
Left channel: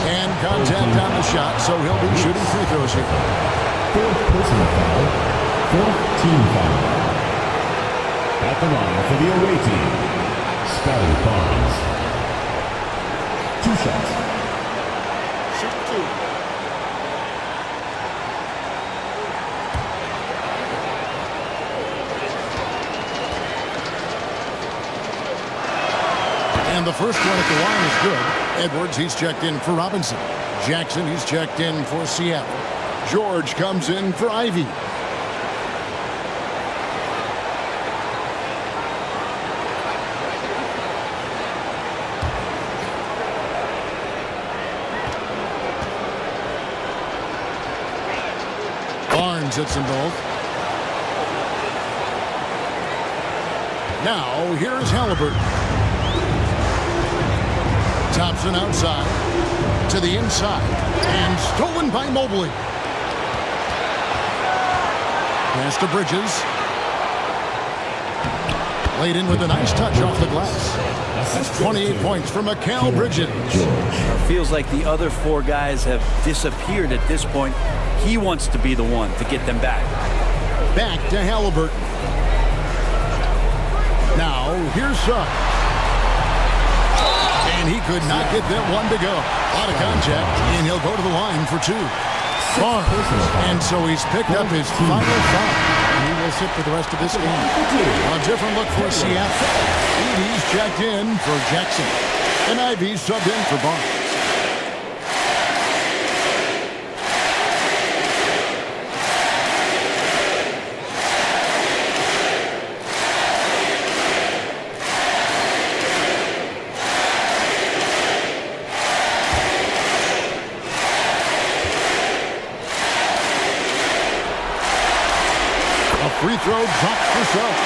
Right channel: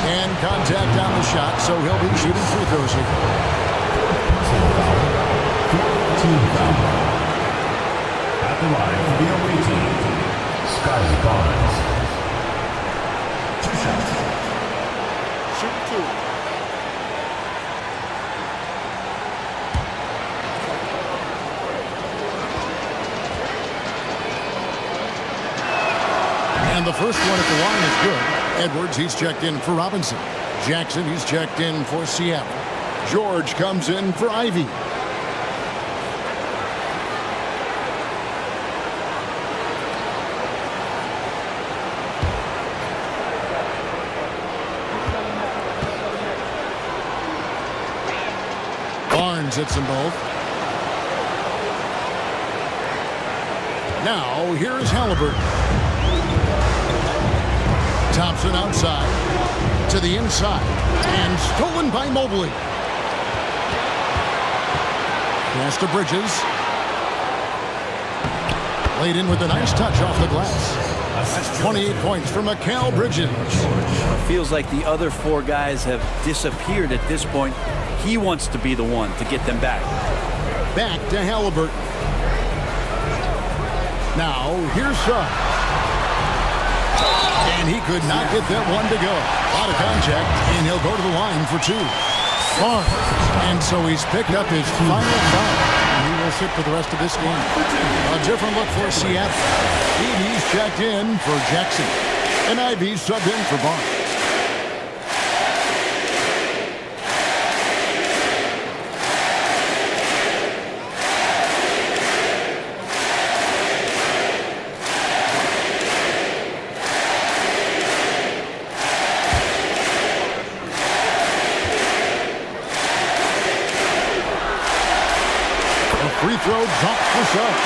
And contact on the shot, so he'll be shooting free throws here. Fourth personal foul. Fourth team foul. At the line for the away team, Scotty Barnes. 2 shots. Shoot 2. And the first one at the line is good. Edwards, he's checked in for Robinson. Jackson, he's checked in for Seattle. George comes in for Ivy. Barnes hits them both. Now, here's Halliburton. Thompson outside, to the inside, and stolen by Mobley. Pass to Bridges. Laid in with a nice touch off the glass. That's 28 points for Mikal Bridges. It feels like the other 4 guys have disappeared at this point. He wants to be the one to get them back. Back to Halliburton. Now, here's Suggs. And he could not get that one to go. A lot of contact, and he'll go to the line for 2. Barnes. And so he's picked up his final foul. And he will sit for the rest of this game. A different look for Seattle. Edey's checked in for Jackson. And Ivy subbed in for Barnes. Free throw dropped for Suggs.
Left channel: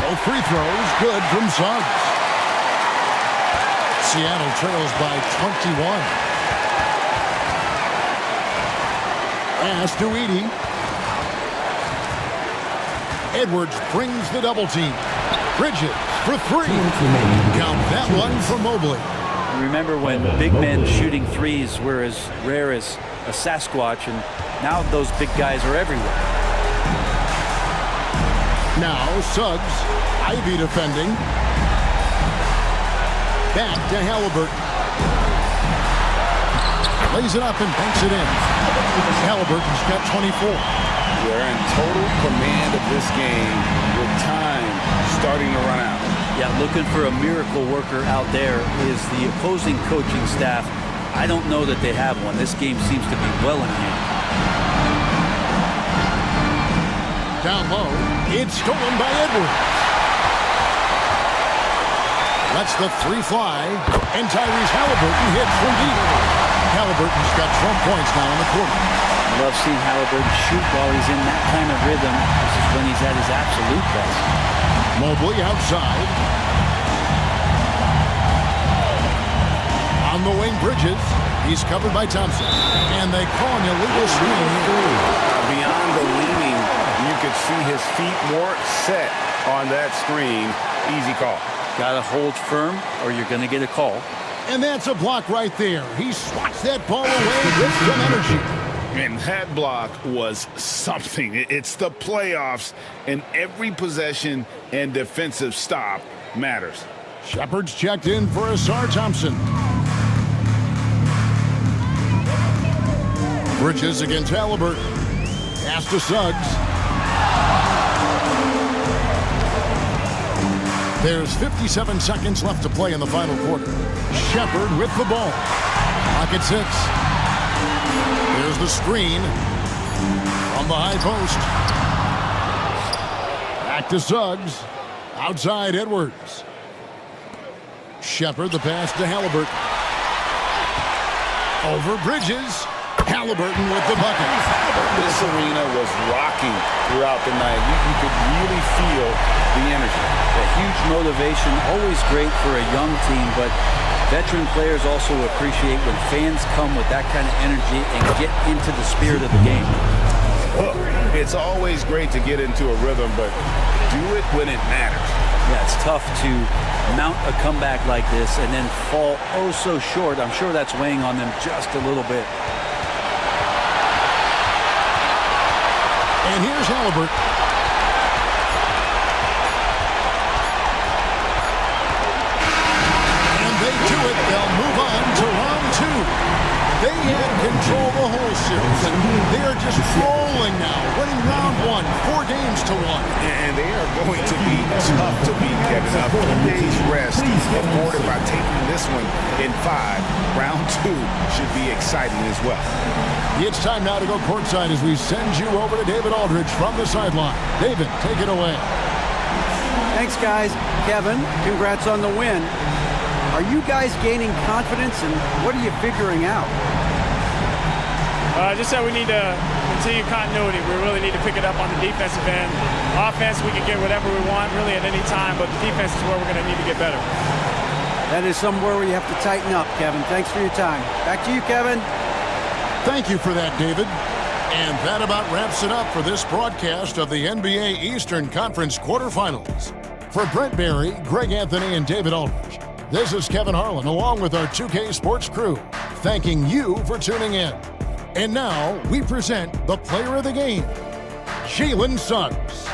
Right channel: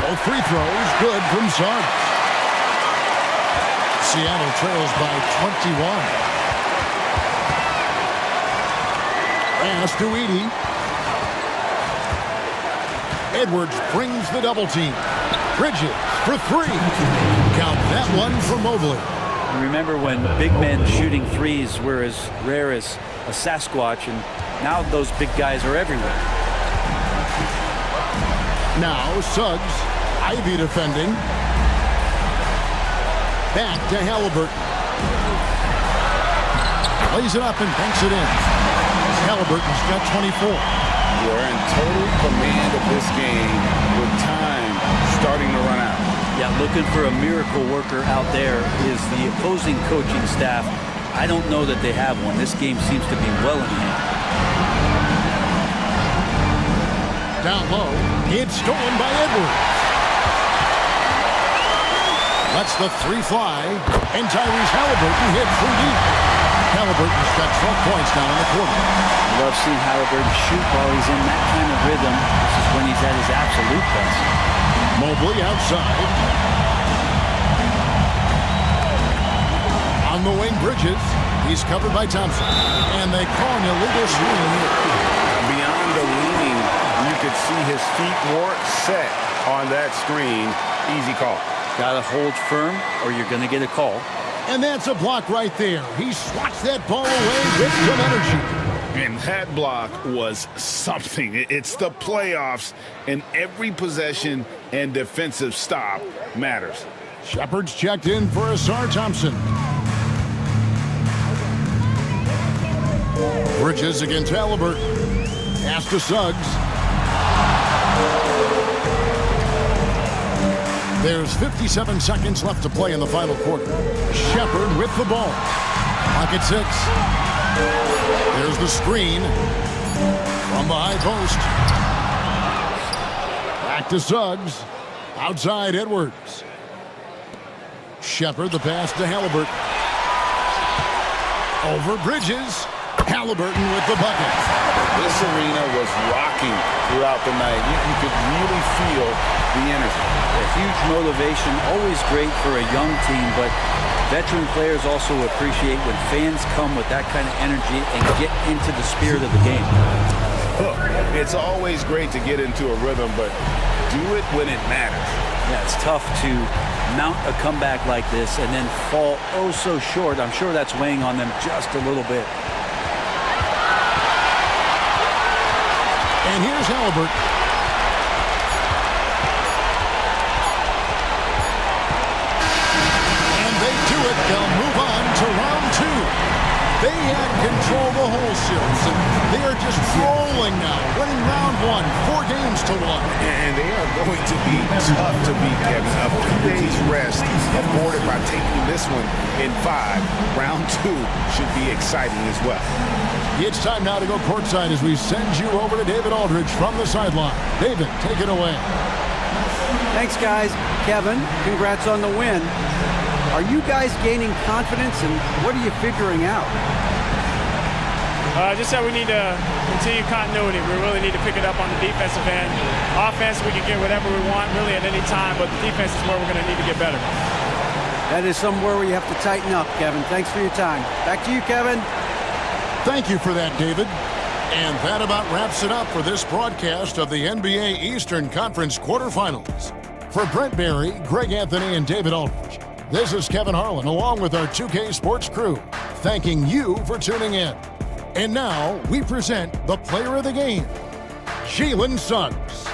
Both free throws good from Suggs. Seattle trails by 21. Pass to Edey. Edwards brings the double team. Bridges for 3. Count that one for Mobley. Remember when big men shooting threes were as rare as a Sasquatch, and now those big guys are everywhere. Now Suggs, Ivy defending. Back to Halliburton. Lays it up and banks it in. Halliburton's got 24. They're in total command of this game with time starting to run out. Yeah, looking for a miracle worker out there is the opposing coaching staff. I don't know that they have one. This game seems to be well in hand. Down low, it's stolen by Edwards. Lets the 3 fly, and Tyrese Halliburton hits from deep. Halliburton's got 12 points now in the quarter. I love seeing Halliburton shoot while he's in that kind of rhythm. This is when he's at his absolute best. Mobley outside. On the wing, Bridges. He's covered by Thompson. And they call an illegal screen here. Beyond the leaning, you could see his feet more set on that screen. Easy call. Got to hold firm or you're going to get a call. And that's a block right there. He swats that ball away with some energy. And that block was something. It's the playoffs, and every possession and defensive stop matters. Shepard's checked in for Asar Thompson. Bridges against Halliburton. Pass to Suggs. There's 57 seconds left to play in the final quarter. Shepard with the ball. Clock at 6. There's the screen from the high post. Back to Suggs. Outside Edwards. Shepard, the pass to Halliburton. Over Bridges. Halliburton with the bucket. This arena was rocking throughout the night. You could really feel the energy. A huge motivation, always great for a young team, but veteran players also appreciate when fans come with that kind of energy and get into the spirit of the game. It's always great to get into a rhythm, but do it when it matters. Yeah, it's tough to mount a comeback like this and then fall oh so short. I'm sure that's weighing on them just a little bit. And here's Halliburton. And they do it. They'll move on to round 2. They had control the whole series, and they are just rolling now, winning round 1, 4 games to 1. And they are going to be tough to beat, Kevin. A few days rest afforded by taking this one in 5. Round 2 should be exciting as well. It's time now to go courtside as we send you over to David Aldridge from the sideline. David, take it away. Thanks, guys. Kevin, congrats on the win. Are you guys gaining confidence, and what are you figuring out? Just that we need to continue continuity. We really need to pick it up on the defensive end. Offense, we can get whatever we want really at any time, but the defense is where we're going to need to get better. That is somewhere where you have to tighten up, Kevin. Thanks for your time. Back to you, Kevin. Thank you for that, David. And that about wraps it up for this broadcast of the NBA Eastern Conference quarterfinals. For Brent Barry, Greg Anthony, and David Aldridge, this is Kevin Harlan along with our 2K Sports crew, thanking you for tuning in. And now we present the player of the game, Jalen Suggs.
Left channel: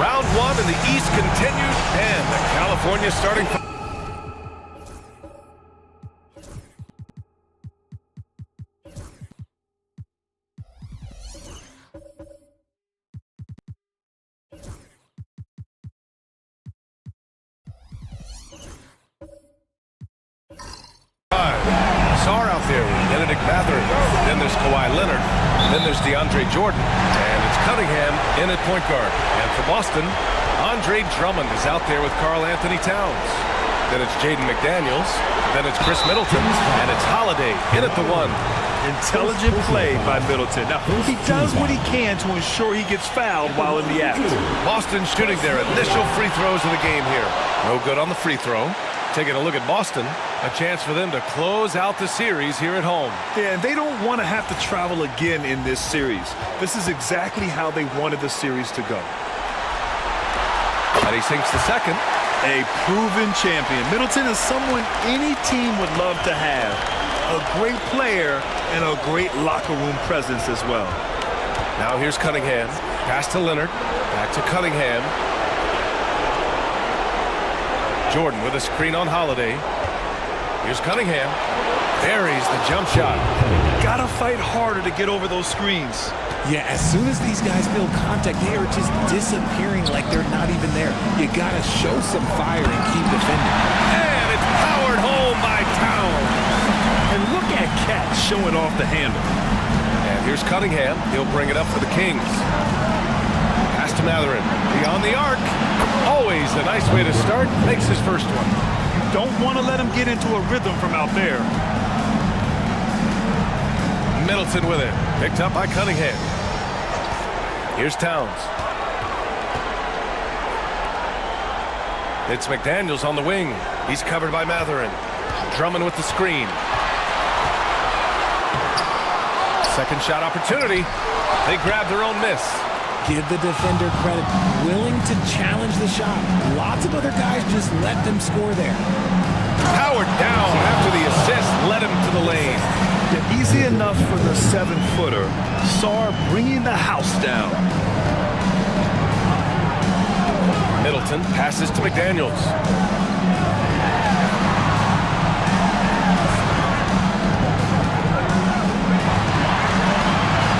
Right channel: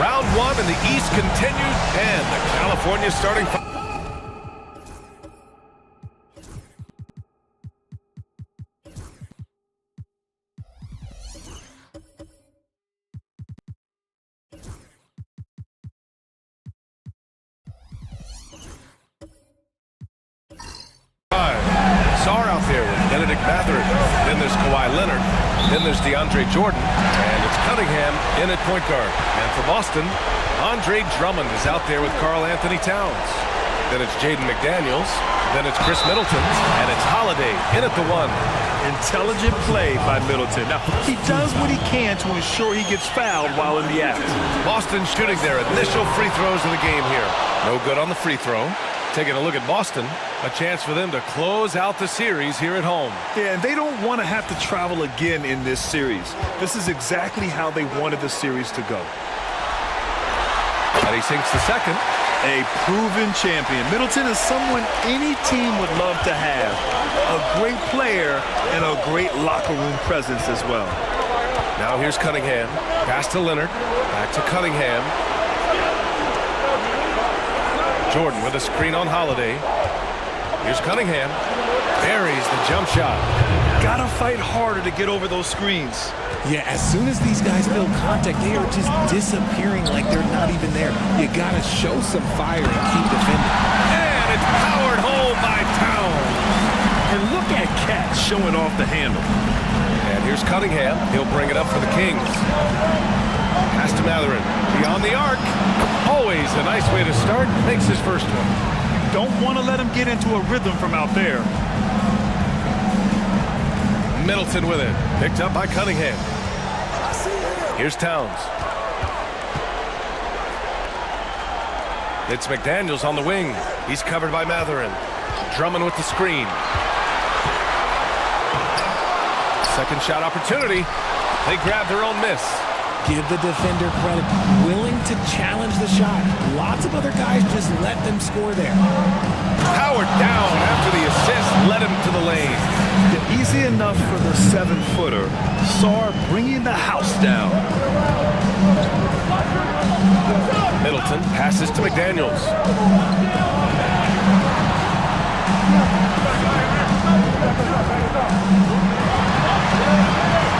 Round one in the East continued, and the California starting five. Sarr out there with Benedict Mathurin. Then there's Kawhi Leonard. Then there's DeAndre Jordan. And it's Cunningham in at point guard. And for Boston, Andre Drummond is out there with Karl Anthony Towns. Then it's Jaden McDaniels. Then it's Chris Middleton. And it's Holiday in at the 1. Intelligent play by Middleton. Now, he does what he can to ensure he gets fouled while in the act. Boston shooting their initial free throws of the game here. No good on the free throw. Taking a look at Boston, a chance for them to close out the series here at home. Yeah, and they don't want to have to travel again in this series. This is exactly how they wanted the series to go. And he sinks the second. A proven champion. Middleton is someone any team would love to have. A great player and a great locker room presence as well. Now here's Cunningham. Pass to Leonard. Back to Cunningham. Jordan with a screen on Holiday. Here's Cunningham. Buries the jump shot. Gotta fight harder to get over those screens. Yeah, as soon as these guys build contact, they are just disappearing like they're not even there. You gotta show some fire and keep defending. And it's powered home by Towns. And look at Cat showing off the handle. And here's Cunningham. He'll bring it up for the Kings. Pass to Mathurin. Beyond the arc. Always a nice way to start. Makes his first one. You don't want to let him get into a rhythm from out there. Middleton with it. Picked up by Cunningham. Here's Towns. It's McDaniels on the wing. He's covered by Mathurin. Drummond with the screen. Second shot opportunity. They grab their own miss. Give the defender credit. Willing to challenge the shot. Lots of other guys just let them score there. Powered down after the assist. Led him to the lane. Yeah, easy enough for the 7-footer. Sarr bringing the house down. Middleton passes to McDaniels.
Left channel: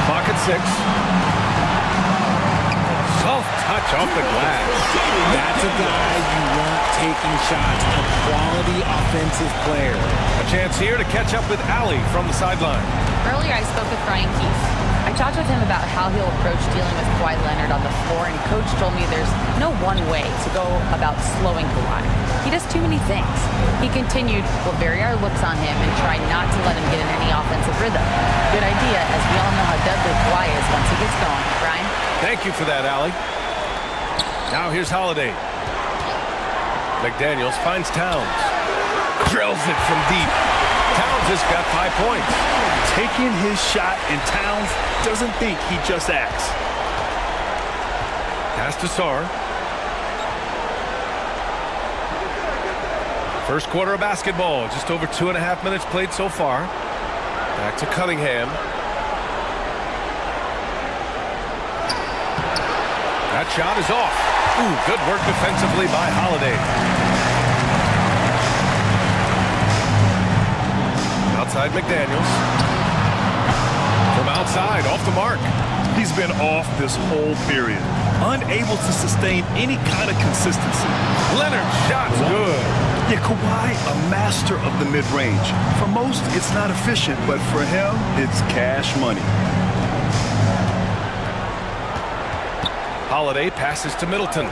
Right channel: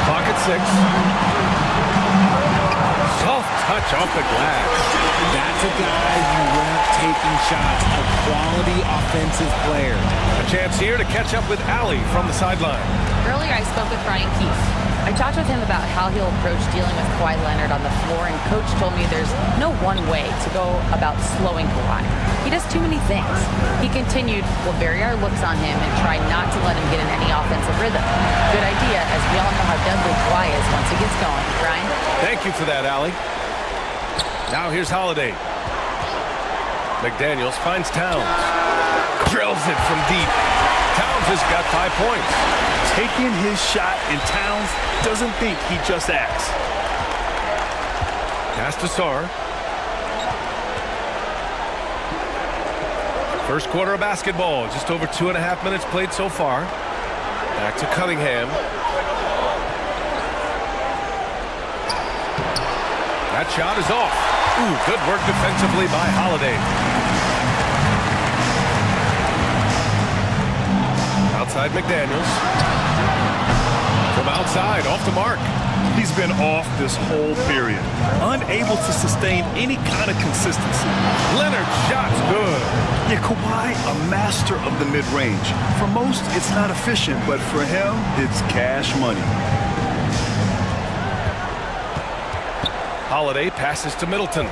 Clock at 6. Soft touch off the glass. That's a guy you want taking shots, a quality offensive player. A chance here to catch up with Allie from the sideline. Earlier, I spoke with Brian Keefe. I talked with him about how he'll approach dealing with Kawhi Leonard on the floor, and Coach told me there's no one way to go about slowing Kawhi. He does too many things. He continued, we'll vary our looks on him and try not to let him get in any offensive rhythm. Good idea, as we all know how deadly Kawhi is once he gets going. Brian? Thank you for that, Allie. Now here's Holiday. McDaniels finds Towns. Drills it from deep. Towns has got 5 points. Taking his shot, and Towns doesn't think, he just acts. Pass to Sarr. First quarter of basketball. Just over 2.5 minutes played so far. Back to Cunningham. That shot is off. Ooh, good work defensively by Holiday. Outside McDaniels. From outside, off the mark. He's been off this whole period. Unable to sustain any kind of consistency. Leonard's shot's good. Yeah, Kawhi, a master of the mid-range. For most, it's not efficient, but for him, it's cash money. Holiday passes to Middleton.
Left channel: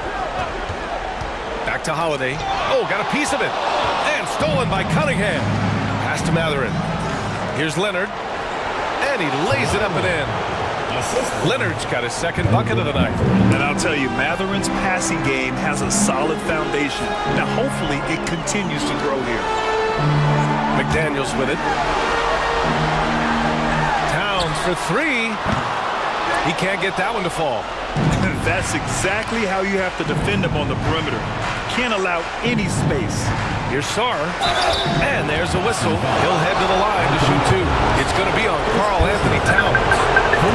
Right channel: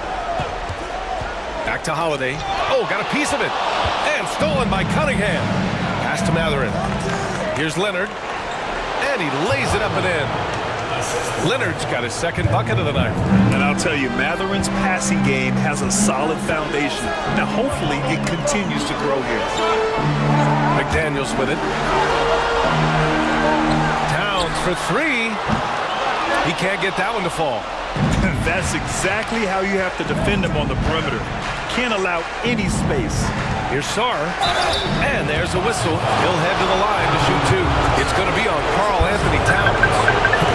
Back to Holiday. Oh, got a piece of it. And stolen by Cunningham. Pass to Mathurin. Here's Leonard. And he lays it up and in. Leonard's got his second bucket of the night. And I'll tell you, Matherin's passing game has a solid foundation. Now, hopefully, it continues to grow here. McDaniels with it. Towns for 3. He can't get that one to fall. That's exactly how you have to defend him on the perimeter. Can't allow any space. Here's Sarr. And there's a whistle. He'll head to the line to shoot 2. It's going to be on Karl Anthony Towns.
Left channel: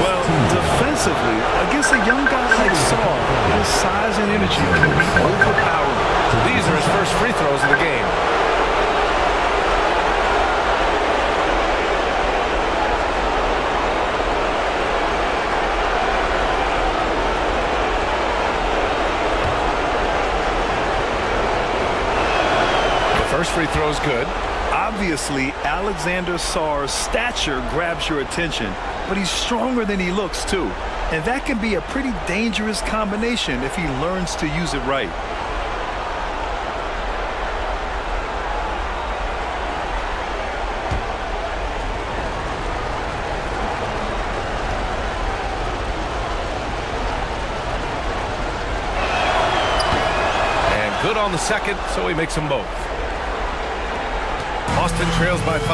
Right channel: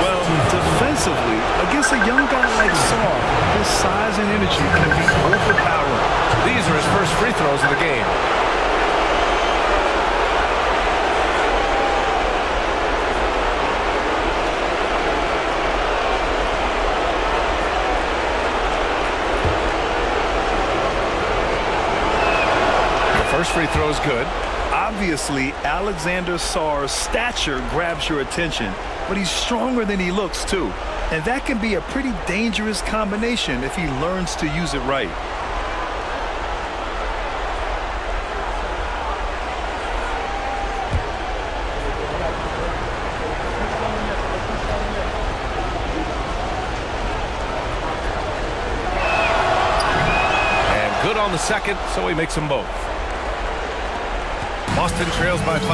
Well, defensively, against a young guy like Saar, his size and energy can be overpowering. These are his first free throws of the game. The first free throw is good. Obviously, Alexander Saar's stature grabs your attention, but he's stronger than he looks, too. And that can be a pretty dangerous combination if he learns to use it right. And good on the second, so he makes them both. Boston trails by 5.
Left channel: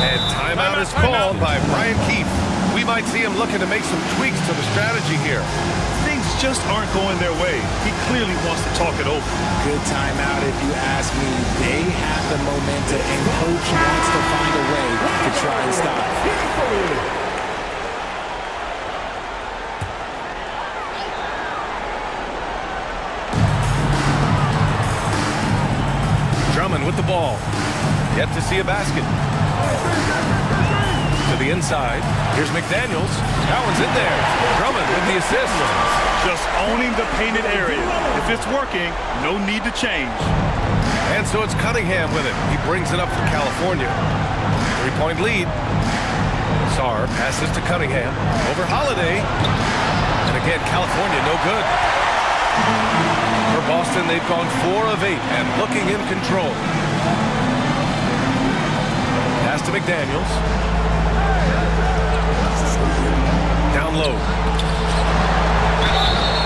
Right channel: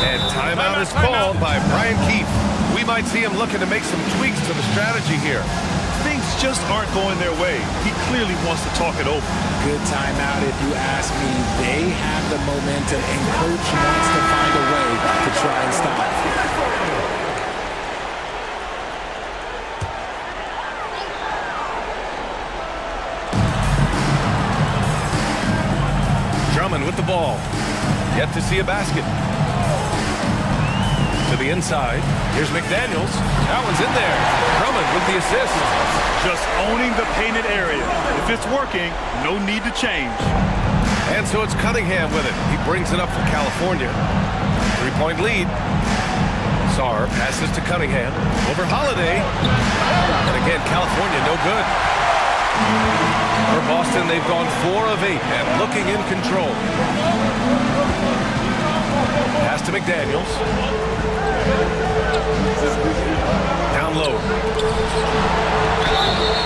And timeout is called by Brian Keefe. We might see him looking to make some tweaks to the strategy here. Things just aren't going their way. He clearly wants to talk it over. Good timeout if you ask me. They have the momentum, and coach wants to find a way to try and stop. Drummond with the ball. Yet to see a basket. To the inside. Here's McDaniels. That one's in there. Drummond with the assist. Just owning the painted area. If it's working, no need to change. And so it's Cunningham with it. He brings it up for California. 3-point lead. Saar passes to Cunningham. Over Holiday. And again, California no good. For Boston, they've gone 4 of 8 and looking in control. Pass to McDaniels. Down low.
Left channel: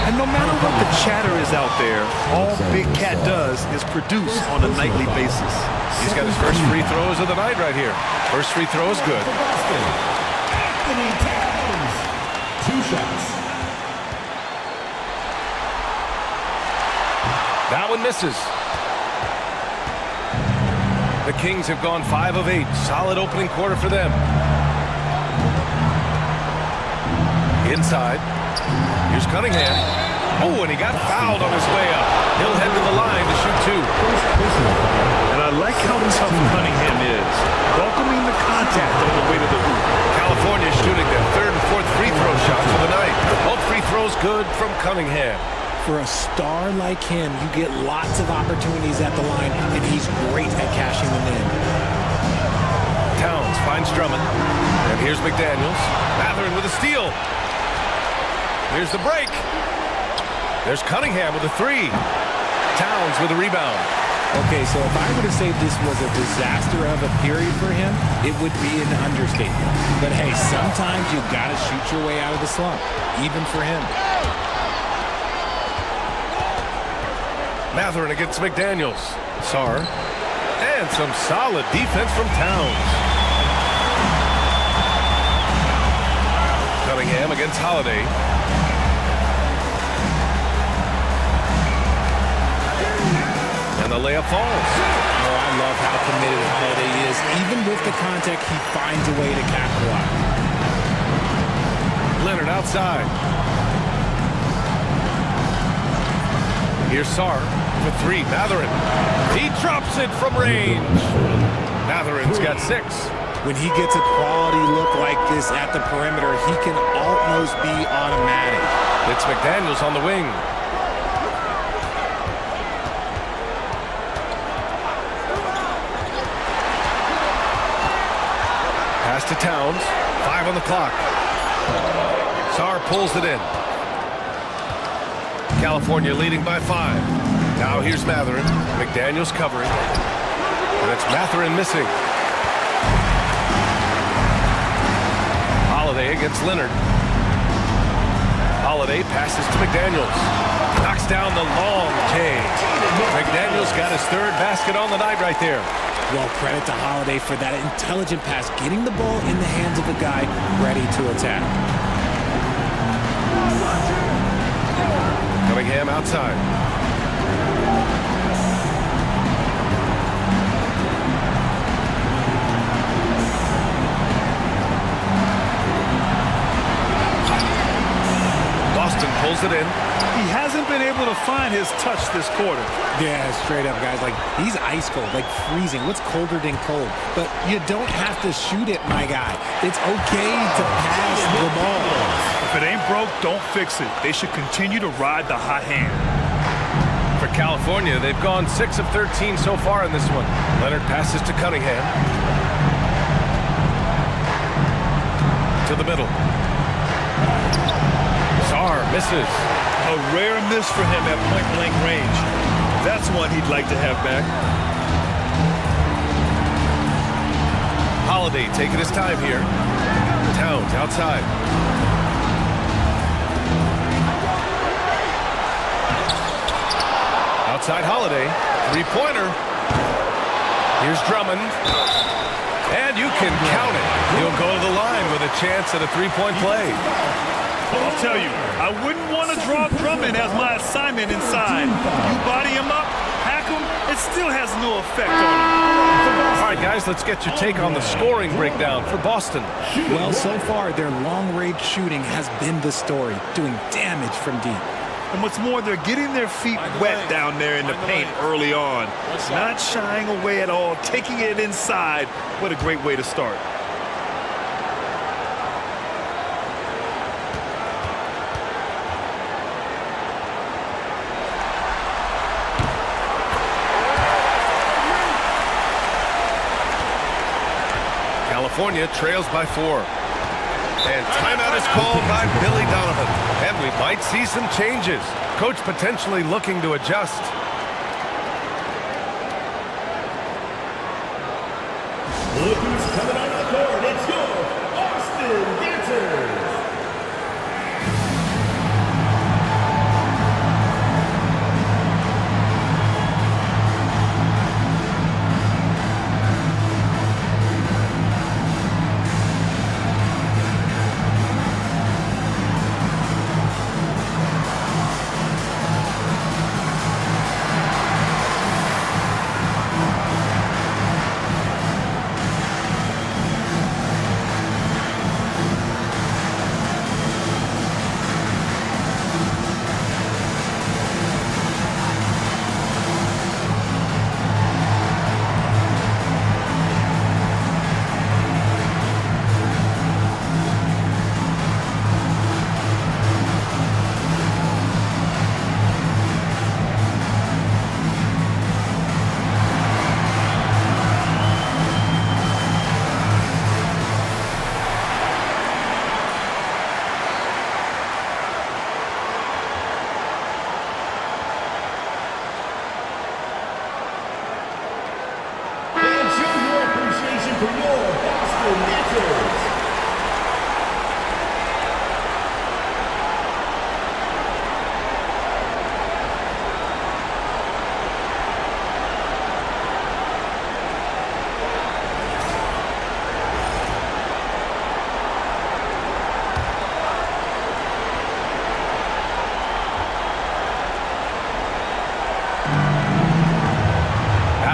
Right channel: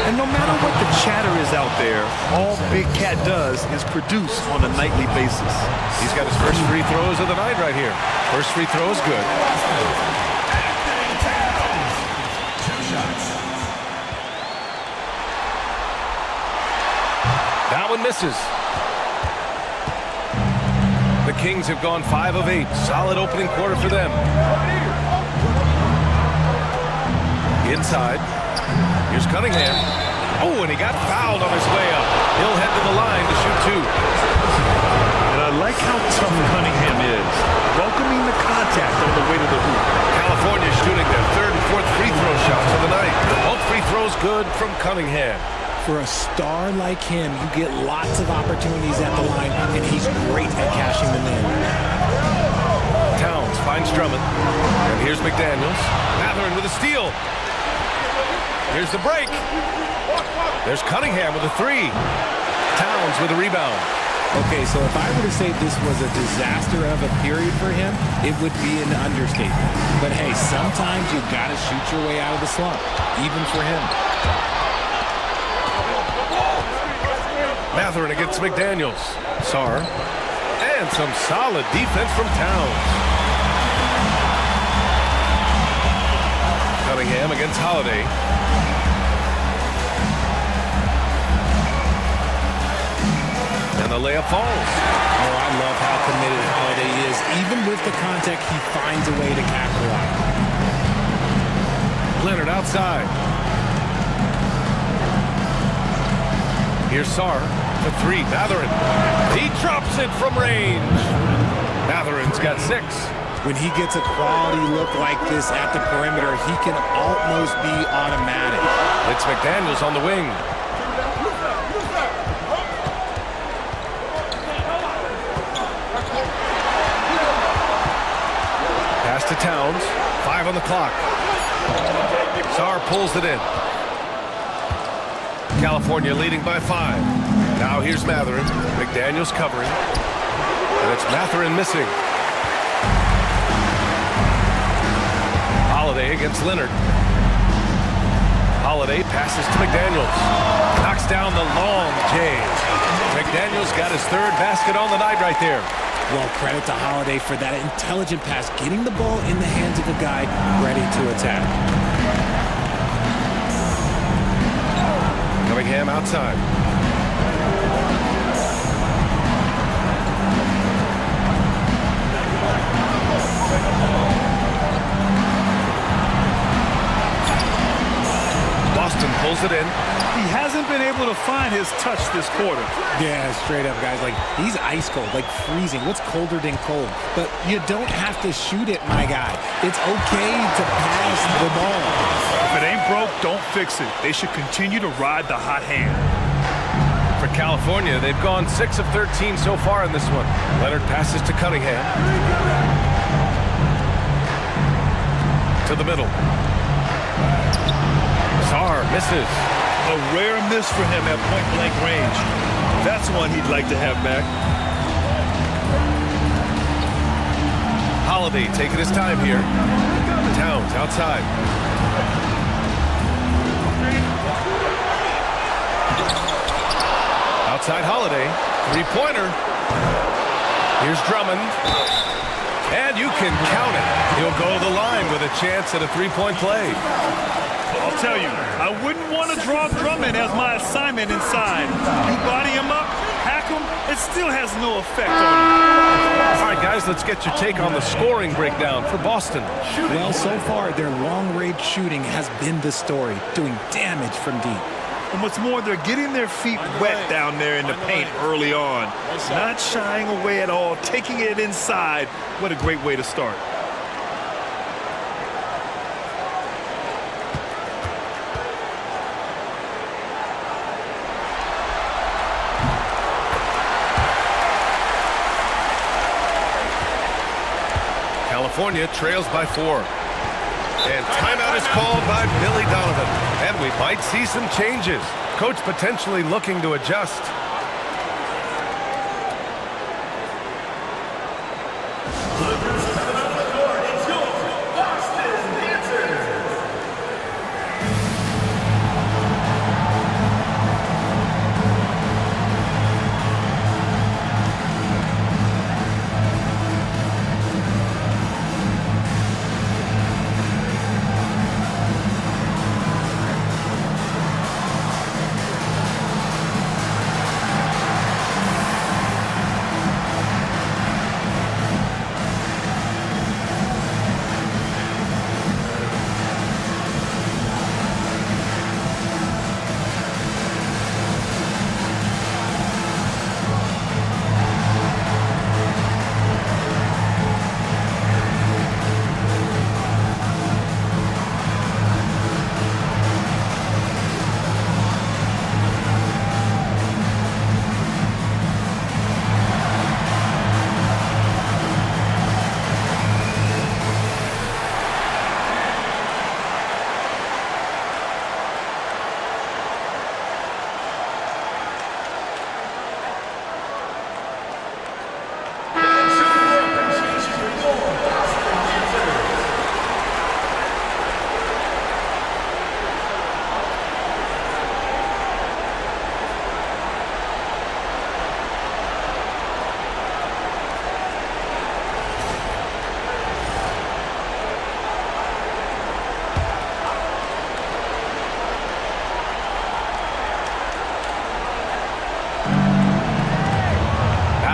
And no matter what the chatter is out there, all Big Cat does is produce on a nightly basis. He's got his first free throws of the night right here. First free throw is good. 2 shots. That one misses. The Kings have gone 5 of 8. Solid opening quarter for them. Inside. Here's Cunningham. Oh, and he got fouled on his way up. He'll head to the line to shoot 2. And I like how tough Cunningham is, welcoming the contact on the way to the hoop. California shooting their 3rd and 4th free throw shots of the night. Both free throws good from Cunningham. For a star like him, you get lots of opportunities at the line, and he's great at cashing them in. Towns finds Drummond. And here's McDaniels. Mathurin with a steal. Here's the break. There's Cunningham with a 3. Towns with a rebound. Okay, so if I were to say this was a disaster of a period for him, it would be an understatement. But hey, sometimes you got to shoot your way out of the slump, even for him. Mathurin against McDaniels. Saar. And some solid defense from Towns. Cunningham against Holiday. And the layup falls. Oh, I love how committed Holiday is. Even with the contact, he finds a way to capitalize. Leonard outside. Here's Saar for 3. Mathurin. He drops it from range. Mathurin's got 6. When he gets a quality look like this at the perimeter, he can almost be automatic. It's McDaniels on the wing. Pass to Towns. 5 on the clock. Saar pulls it in. California leading by 5. Now here's Mathurin. McDaniels covering. And it's Mathurin missing. Holiday against Leonard. Holiday passes to McDaniels. Knocks down the long J. McDaniels got his 3rd basket on the night right there. Well, credit to Holiday for that intelligent pass, getting the ball in the hands of a guy ready to attack. Cunningham outside. pulls it in. He hasn't been able to find his touch this quarter. Yeah, straight up, guys. Like, he's ice cold, like freezing. What's colder than cold? But you don't have to shoot it, my guy. It's okay to pass the ball. If it ain't broke, don't fix it. They should continue to ride the hot hand. For California, they've gone 6 of 13 so far in this one. Leonard passes to Cunningham. To the middle. Sarr misses. A rare miss for him at point-blank range. That's one he'd like to have back. Holiday taking his time here. Towns outside. Outside Holiday. Three-pointer. Here's Drummond. And you can count it. He'll go to the line with a chance at a three-point play. I'll tell you, I wouldn't want to draw Drummond as my assignment inside. You body him up, hack him, it still has no effect on him. All right, guys, let's get your take on the scoring breakdown for Boston. Well, so far, their long-range shooting has been the story, doing damage from deep. And what's more, they're getting their feet wet down there in the paint early on. Not shying away at all, taking it inside. What a great way to start. California trails by 4. And timeout is called by Billy Donovan. And we might see some changes. Coach potentially looking to adjust. Look who's coming onto the court. It's your Boston Dancers.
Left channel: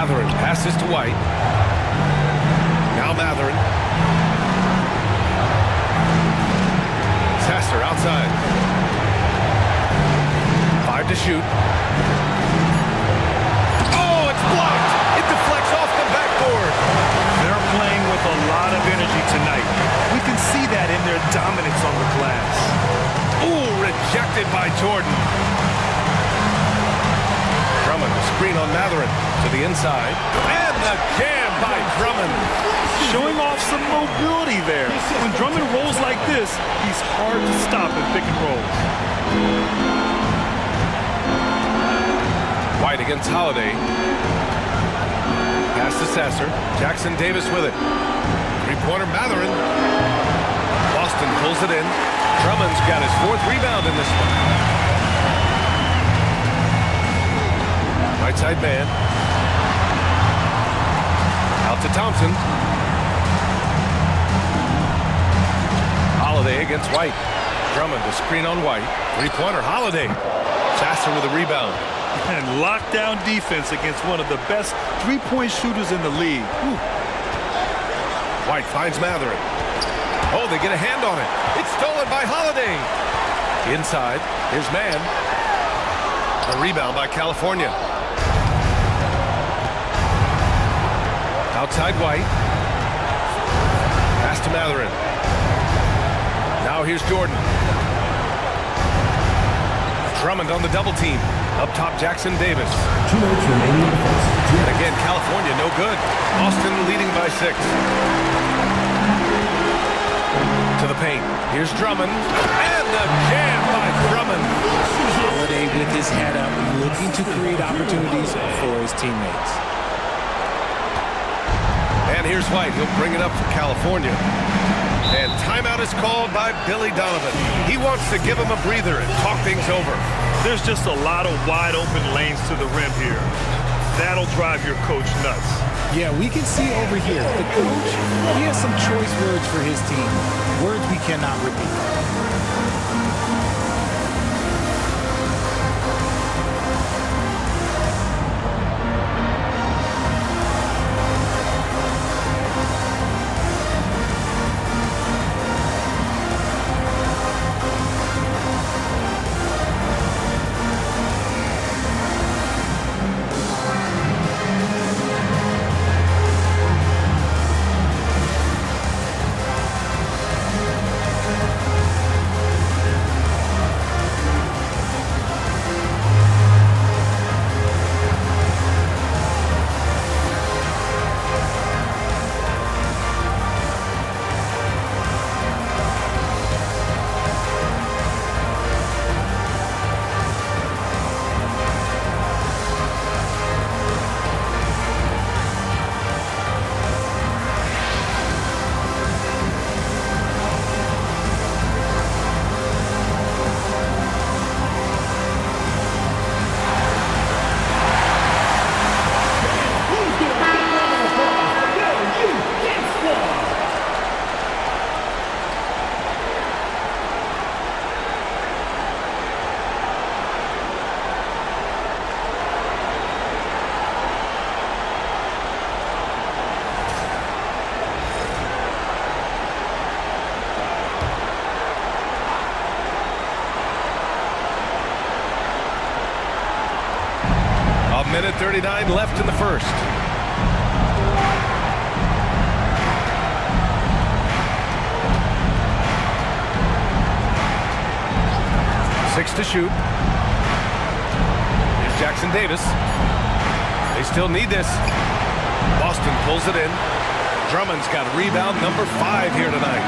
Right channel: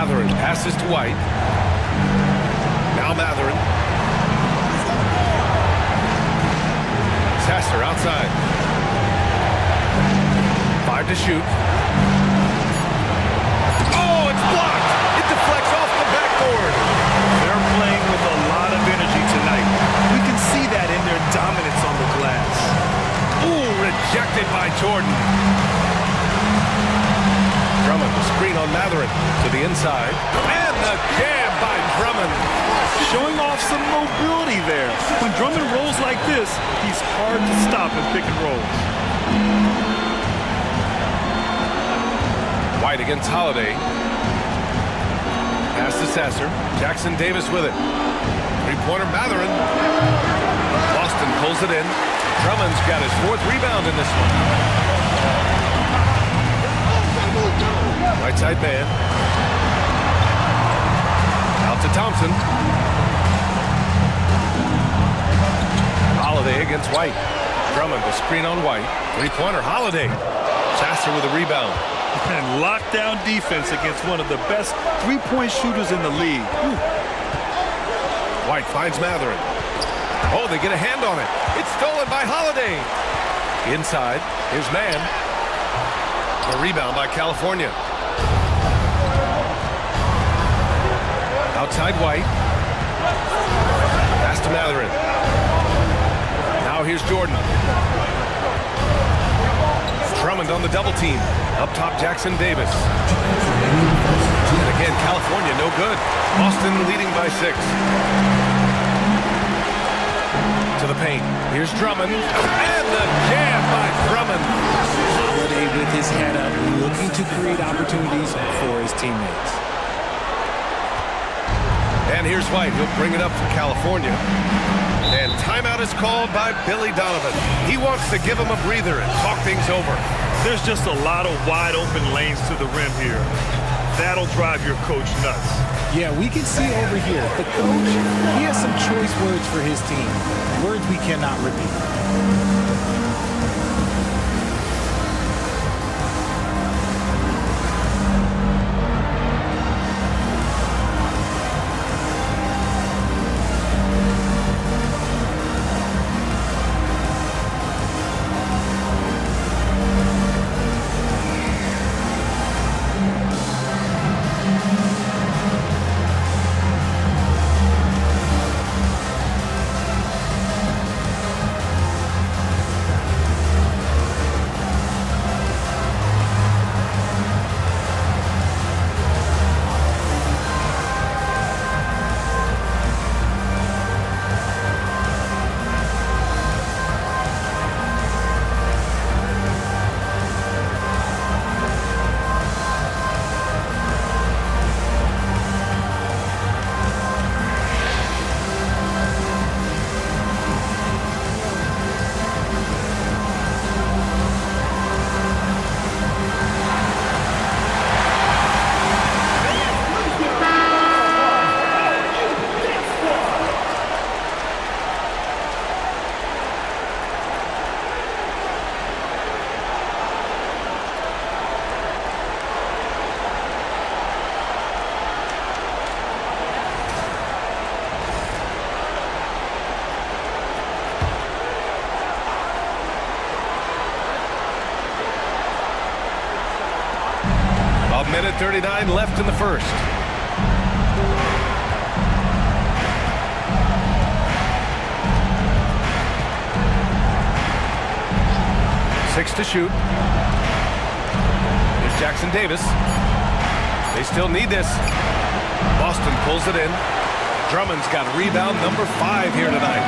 Mathurin passes to White. Now Mathurin. Sasser outside. 5 to shoot. Oh, it's blocked. It deflects off the backboard. They're playing with a lot of energy tonight. We can see that in their dominance on the glass. Ooh, rejected by Jordan. Drummond, the screen on Mathurin to the inside. And the jam by Drummond. Showing off some mobility there. When Drummond rolls like this, he's hard to stop in pick and rolls. White against Holiday. Pass to Sasser. Jackson Davis with it. Three-pointer Mathurin. Boston pulls it in. Drummond's got his 4th rebound in this one. Right side man. Out to Thompson. Holiday against White. Drummond to screen on White. Three-pointer Holiday. Sasser with a rebound. And lockdown defense against one of the best three-point shooters in the league. Whew. White finds Mathurin. Oh, they get a hand on it. It's stolen by Holiday. Inside. Here's man. The rebound by California. Outside White. Pass to Matherin. Now here's Jordan. Drummond on the double team. Up top, Jackson Davis. And again, California, no good. Boston leading by 6. To the paint. Here's Drummond. And the jam by Drummond. Holiday with his head up, looking to create opportunities for his teammates. And here's White. He'll bring it up for California. And timeout is called by Billy Donovan. He wants to give him a breather and talk things over. There's just a lot of wide open lanes to the rim here. That'll drive your coach nuts. Yeah, we can see over here, the coach, he has some choice words for his team. Words we cannot repeat. A minute 39 left in the first. Six to shoot. Here's Jackson Davis. They still need this. Boston pulls it in. Drummond's got rebound number 5 here tonight.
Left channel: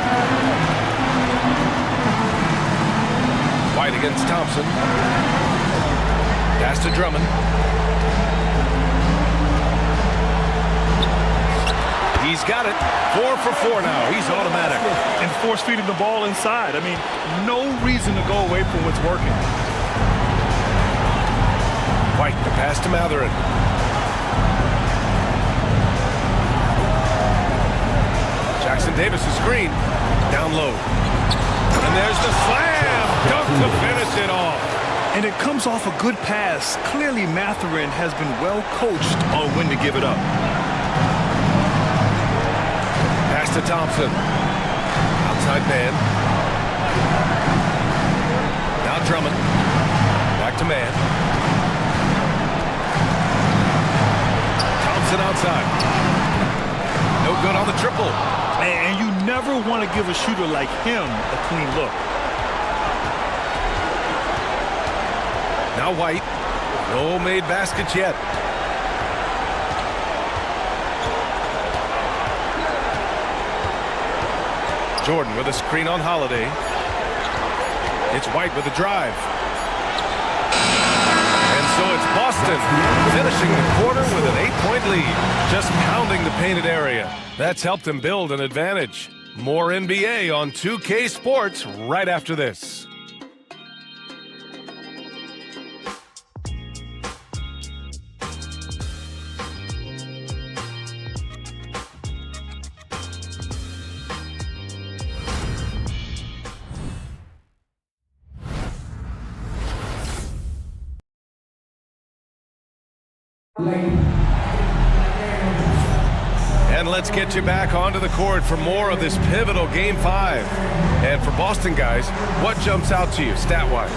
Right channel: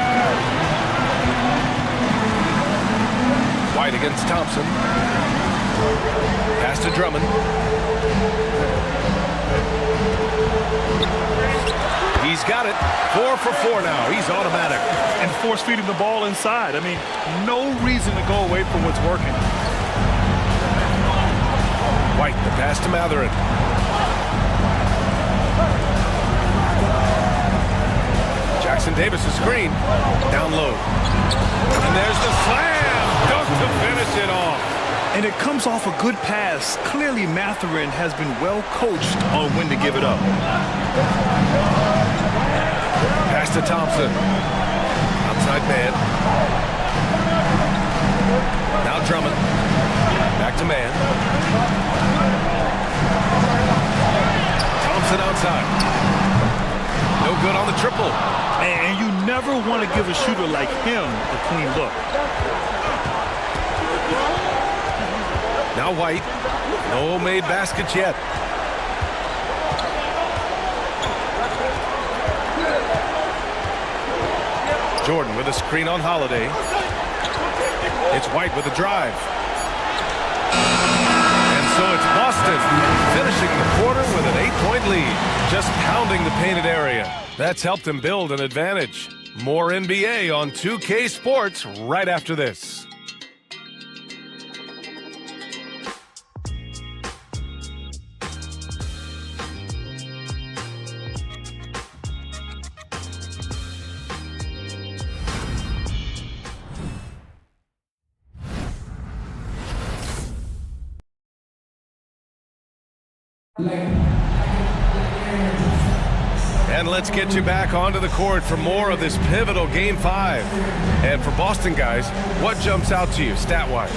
White against Thompson. Pass to Drummond. He's got it. 4 for 4 now. He's automatic. And force feeding the ball inside. I mean, no reason to go away from what's working. White, the pass to Matherin. Jackson Davis' screen. Down low. And there's the slam. Dunk to finish it off. And it comes off a good pass. Clearly, Matherin has been well coached on when to give it up. Pass to Thompson. Outside man. Now Drummond. Back to man. Thompson outside. No good on the triple. And you never want to give a shooter like him a clean look. Now White. No made baskets yet. Jordan with a screen on Holiday. It's White with a drive. And so it's Boston finishing the quarter with an 8-point lead. Just pounding the painted area. That's helped them build an advantage. More NBA on 2K Sports right after this. And let's get you back onto the court for more of this pivotal Game 5. And for Boston guys, what jumps out to you stat-wise?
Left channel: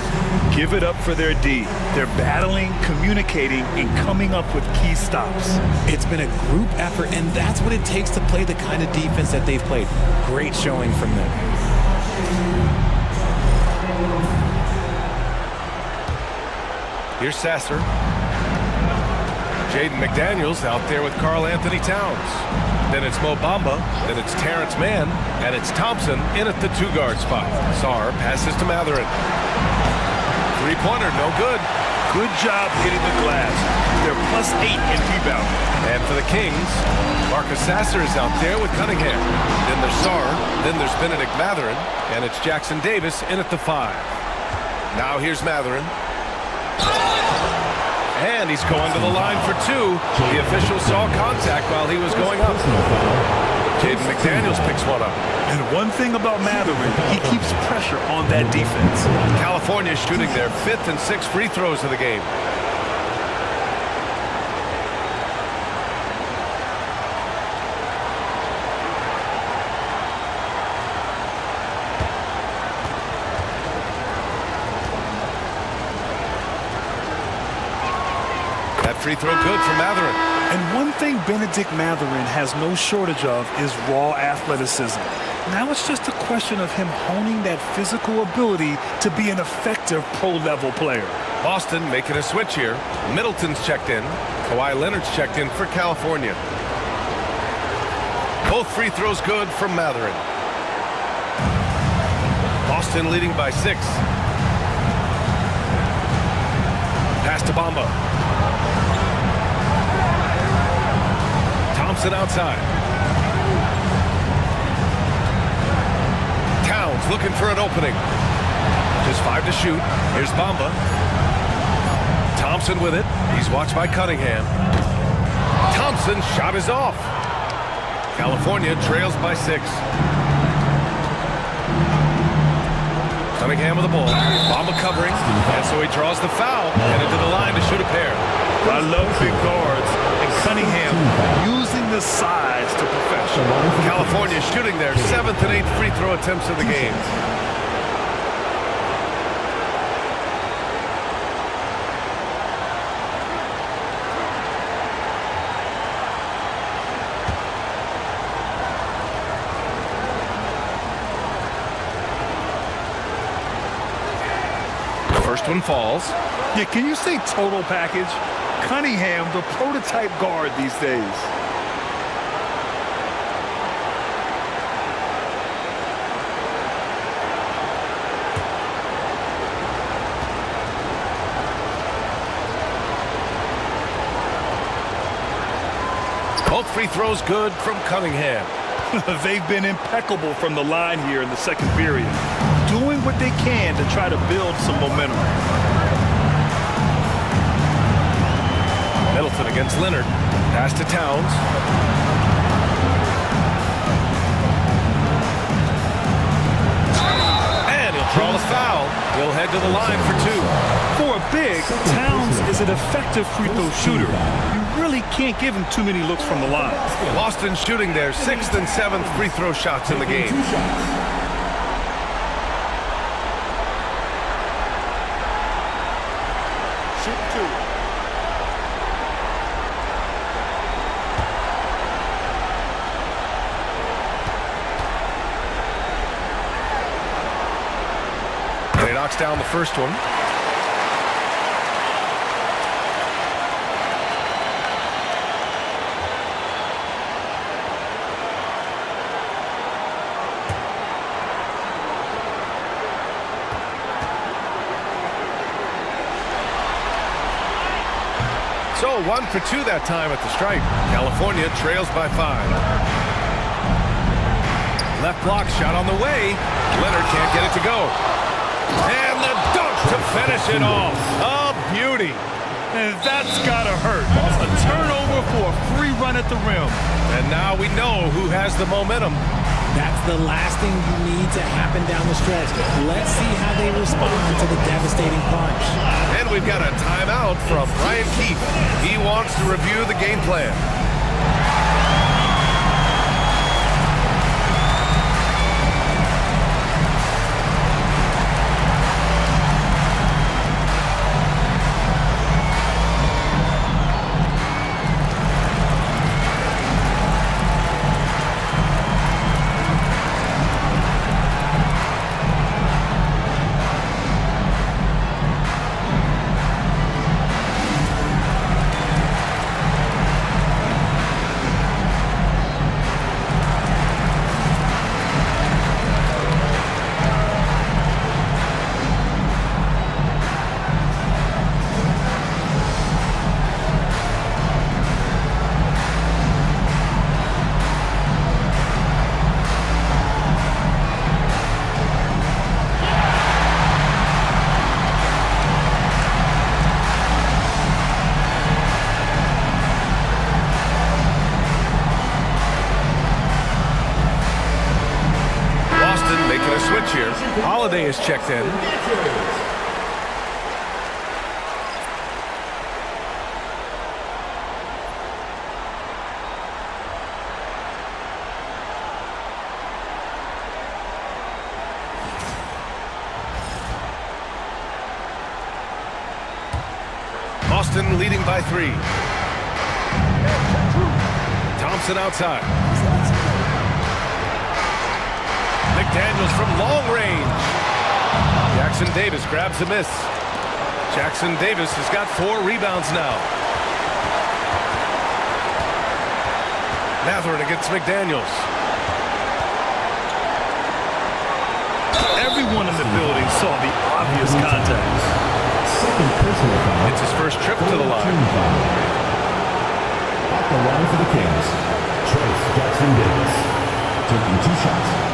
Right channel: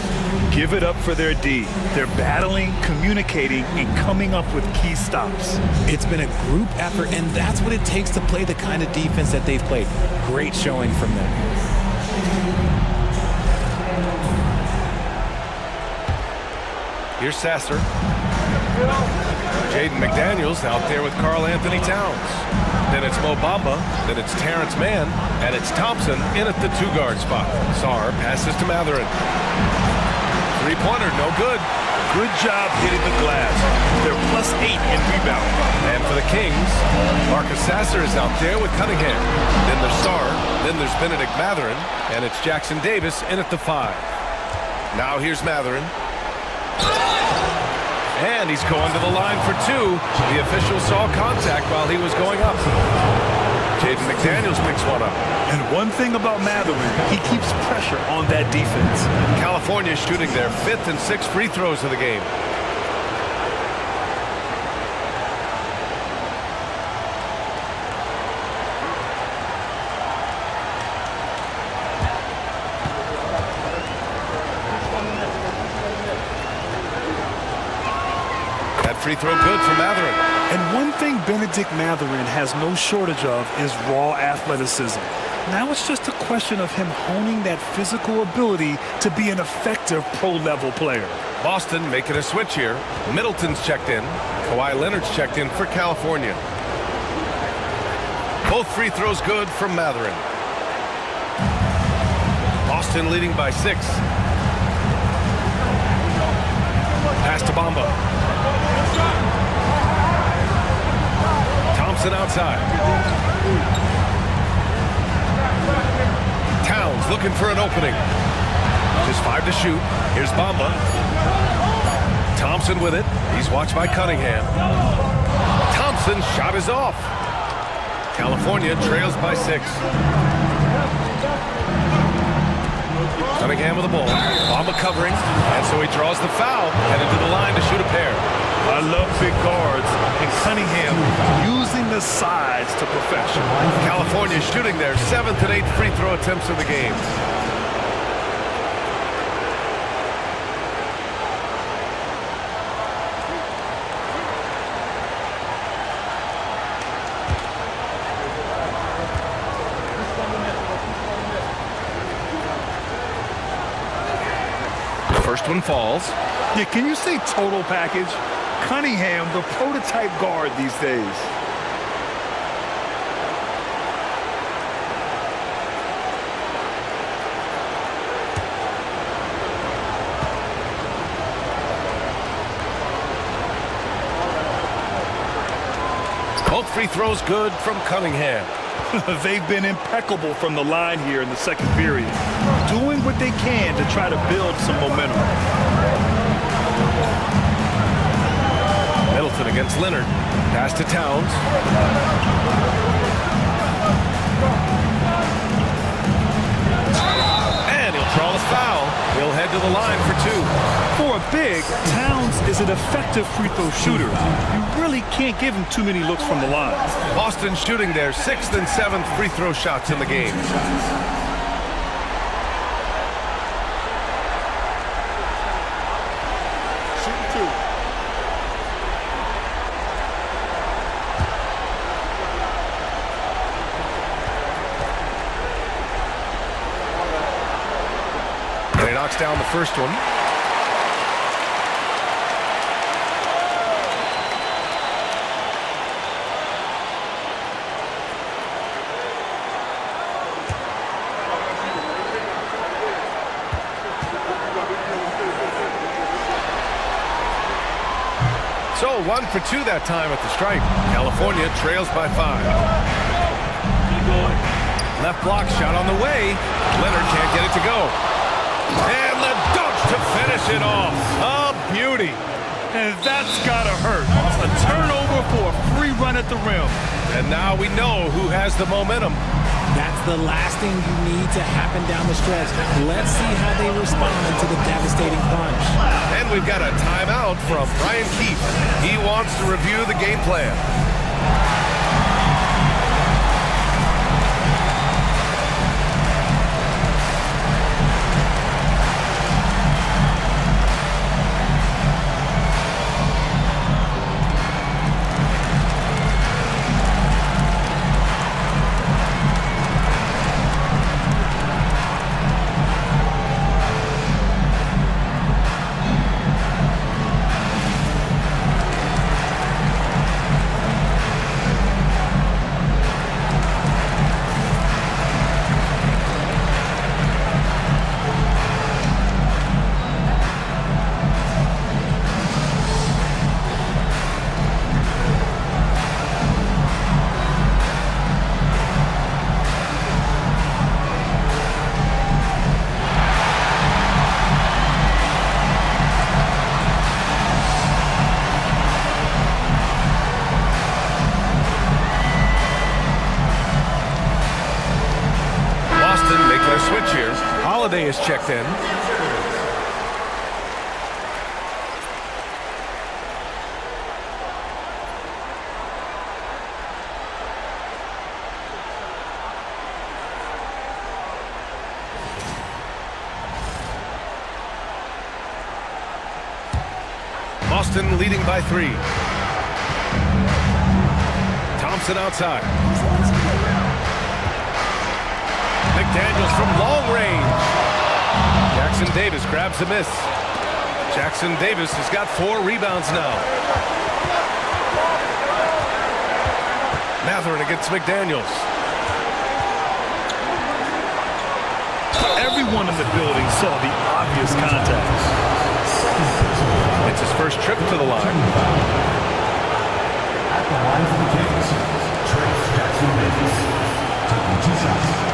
Give it up for their D. They're battling, communicating, and coming up with key stops. It's been a group effort, and that's what it takes to play the kind of defense that they've played. Great showing from them. Here's Sasser. Jaden McDaniels out there with Karl Anthony Towns. Then it's Mo Bamba. Then it's Terrence Mann. And it's Thompson in at the 2-guard spot. Sarr passes to Matherin. Three-pointer, no good. Good job hitting the glass. They're +8 in rebound. And for the Kings, Marcus Sasser is out there with Cunningham. Then there's Sarr. Then there's Benedict Matherin. And it's Jackson Davis in at the 5. Now here's Matherin. And he's going to the line for 2. The official saw contact while he was going up. Jaden McDaniels picks one up. And one thing about Matherin, he keeps pressure on that defense. California shooting their 5th and 6th free throws of the game. That free throw good for Matherin. And one thing Benedict Matherin has no shortage of is raw athleticism. Now it's just a question of him honing that physical ability to be an effective pro-level player. Boston making a switch here. Middleton's checked in. Kawhi Leonard's checked in for California. Both free throws good from Matherin. Boston leading by 6. Pass to Bamba. Thompson outside. Towns looking for an opening. Just 5 to shoot. Here's Bamba. Thompson with it. He's watched by Cunningham. Thompson's shot is off. California trails by 6. Cunningham with the ball. Bamba covering. And so he draws the foul. Headed to the line to shoot a pair. I love big guards, and Cunningham using the size to perfection. California shooting their 7th and 8th free throw attempts of the game. First one falls. Yeah, can you say total package? Cunningham, the prototype guard these days. Both free throws good from Cunningham. They've been impeccable from the line here in the second period, doing what they can to try to build some momentum. Middleton against Leonard. Pass to Towns. And he'll draw the foul. He'll head to the line for 2. For a big, Towns is an effective free throw shooter. You really can't give him too many looks from the line. Boston shooting their 6th and 7th free throw shots in the game. Shooting 2. And he knocks down the first one. So 1 for 2 that time at the stripe. California trails by 5. Left block shot on the way. Leonard can't get it to go. And the dunk to finish it off. A beauty. And that's gotta hurt. A turnover for a free run at the rim. And now we know who has the momentum. That's the last thing you need to happen down the stretch. Let's see how they respond to the devastating punch. And we've got a timeout from Brian Keefe. He wants to review the game plan. going to switch here. Holiday is checked in. Boston leading by 3. Thompson outside. McDaniels from long range. Jackson Davis grabs a miss. Jackson Davis has got 4 rebounds now. Matherin against McDaniels. Everyone in the building saw the obvious contact. It's his first trip to the line. At the line for the Kings, Trace Jackson Davis, taking 2 shots.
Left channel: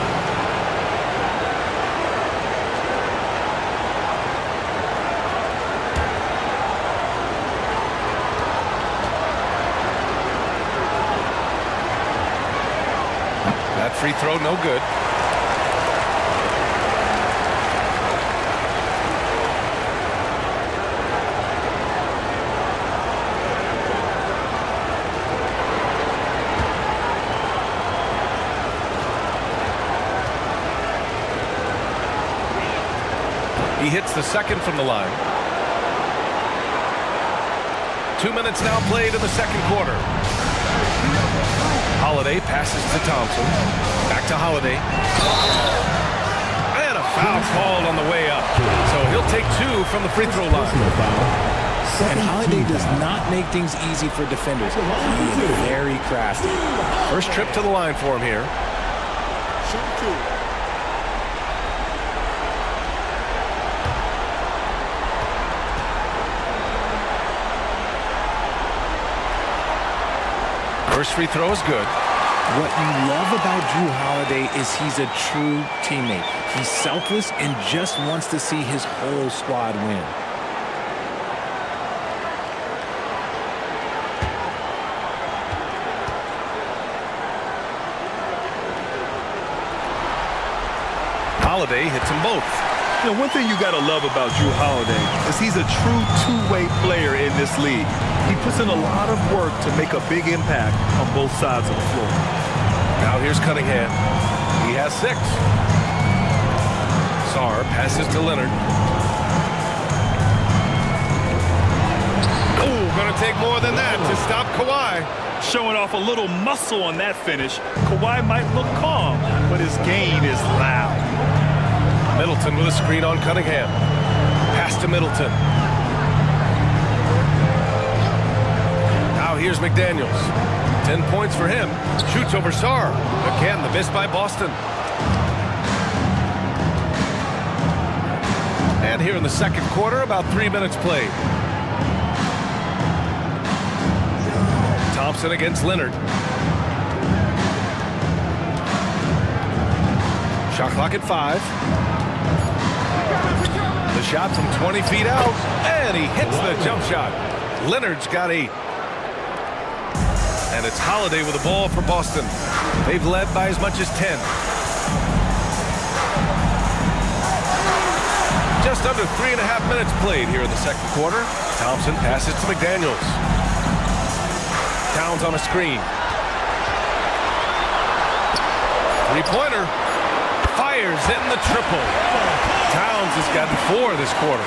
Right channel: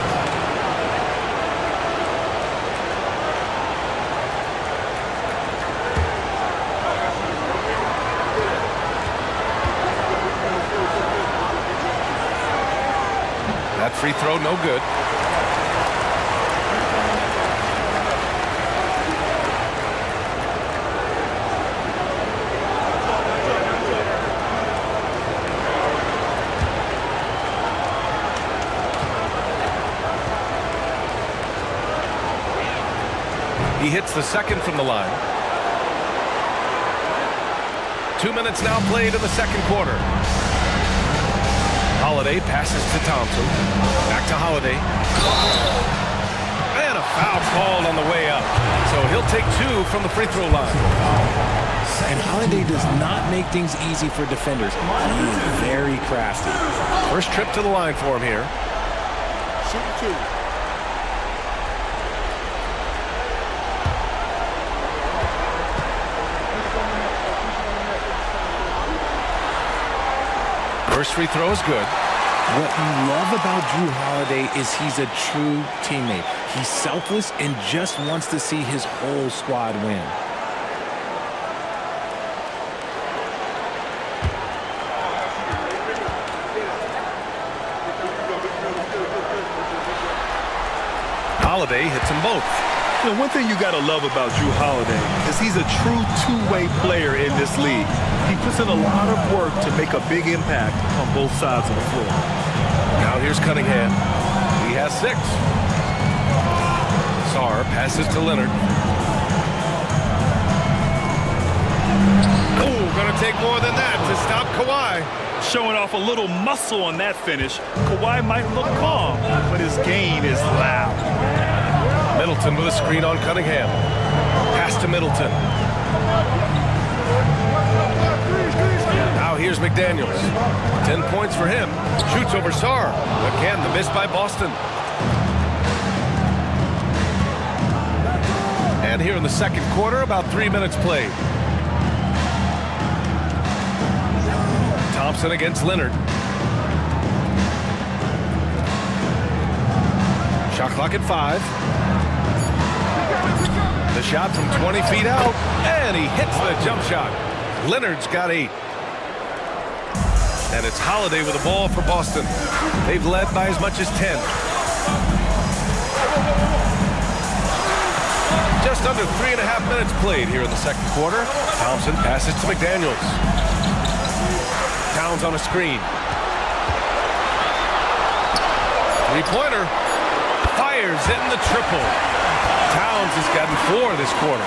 That free throw no good. He hits the second from the line. 2 minutes now played in the second quarter. Holiday passes to Thompson. Back to Holiday. And a foul called on the way up. So he'll take 2 from the free throw line. And Holiday does not make things easy for defenders. He is very crafty. First trip to the line for him here. Shooting 2. First free throw is good. What you love about Drew Holiday is he's a true teammate. He's selfless and just wants to see his whole squad win. Holiday hits them both. You know, one thing you got to love about Drew Holiday is he's a true two-way player in this league. He puts in a lot of work to make a big impact on both sides of the floor. Now here's Cunningham. He has 6. Sarr passes to Leonard. Oh, gonna take more than that to stop Kawhi. Showing off a little muscle on that finish. Kawhi might look calm, but his game is loud. Middleton with a screen on Cunningham. Pass to Middleton. Now here's McDaniels. 10 points for him. Shoots over Sarr. Again, the miss by Boston. And here in the second quarter, about 3 minutes played. Thompson against Leonard. Shot clock at 5. The shot from 20 feet out, and he hits the jump shot. Leonard's got 8. And it's Holiday with the ball for Boston. They've led by as much as 10. Just under 3.5 minutes played here in the second quarter. Thompson passes to McDaniels. Towns on a screen. Three-pointer. Fires in the triple. Towns has gotten 4 this quarter.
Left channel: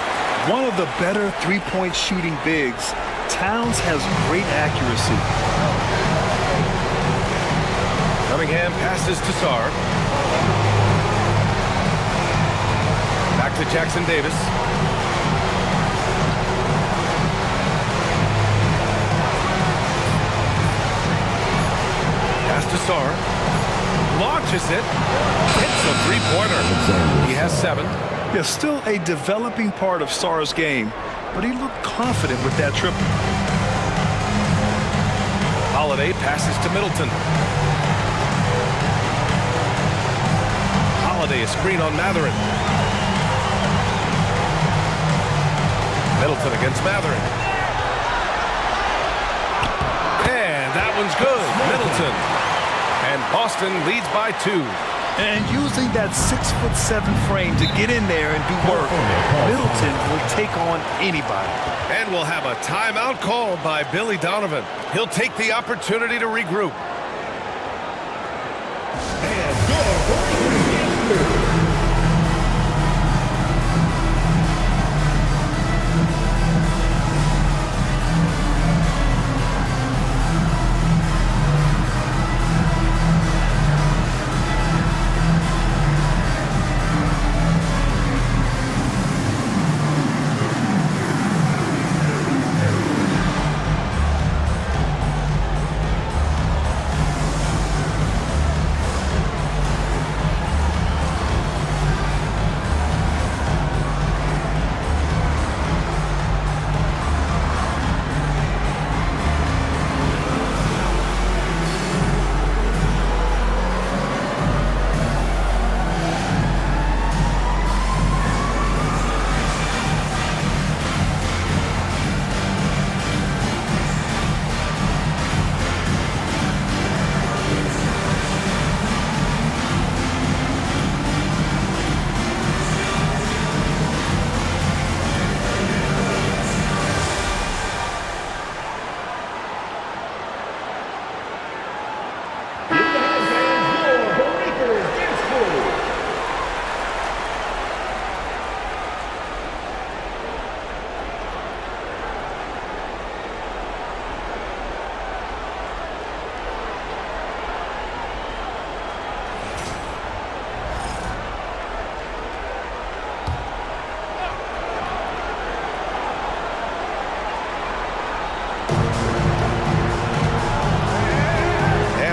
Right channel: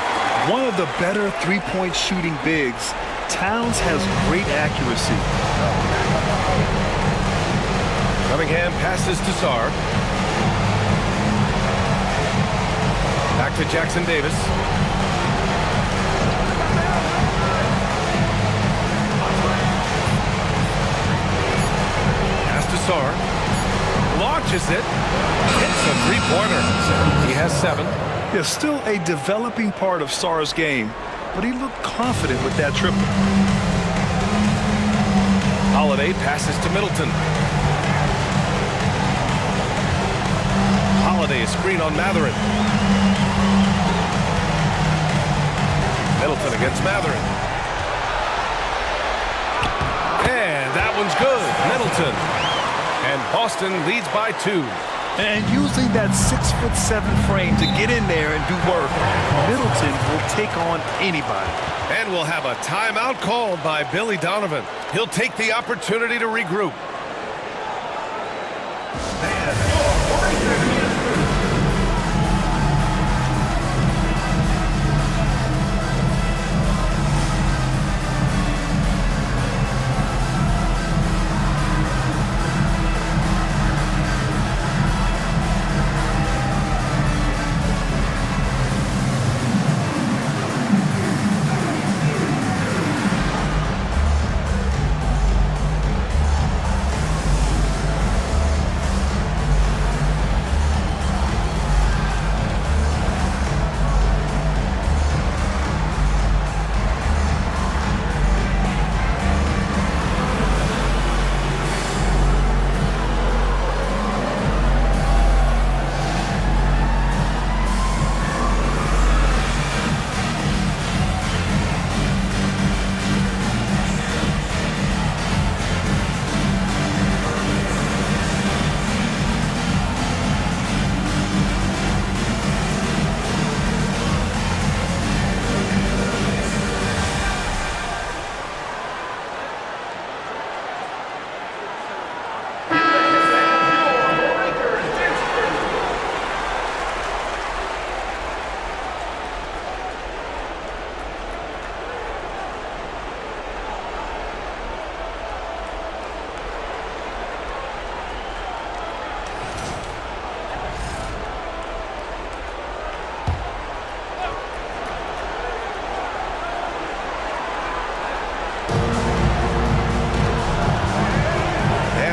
One of the better three-point shooting bigs. Towns has great accuracy. Cunningham passes to Sarr. Back to Jackson Davis. Pass to Sarr. Launches it. Hits a three-pointer. He has 7. Yeah, still a developing part of Sarr's game, but he looked confident with that triple. Holiday passes to Middleton. Holiday, a screen on Matherin. Middleton against Matherin. And that one's good. Middleton. And Boston leads by 2. And using that 6'7" frame to get in there and do work, Middleton will take on anybody. And we'll have a timeout called by Billy Donovan. He'll take the opportunity to regroup.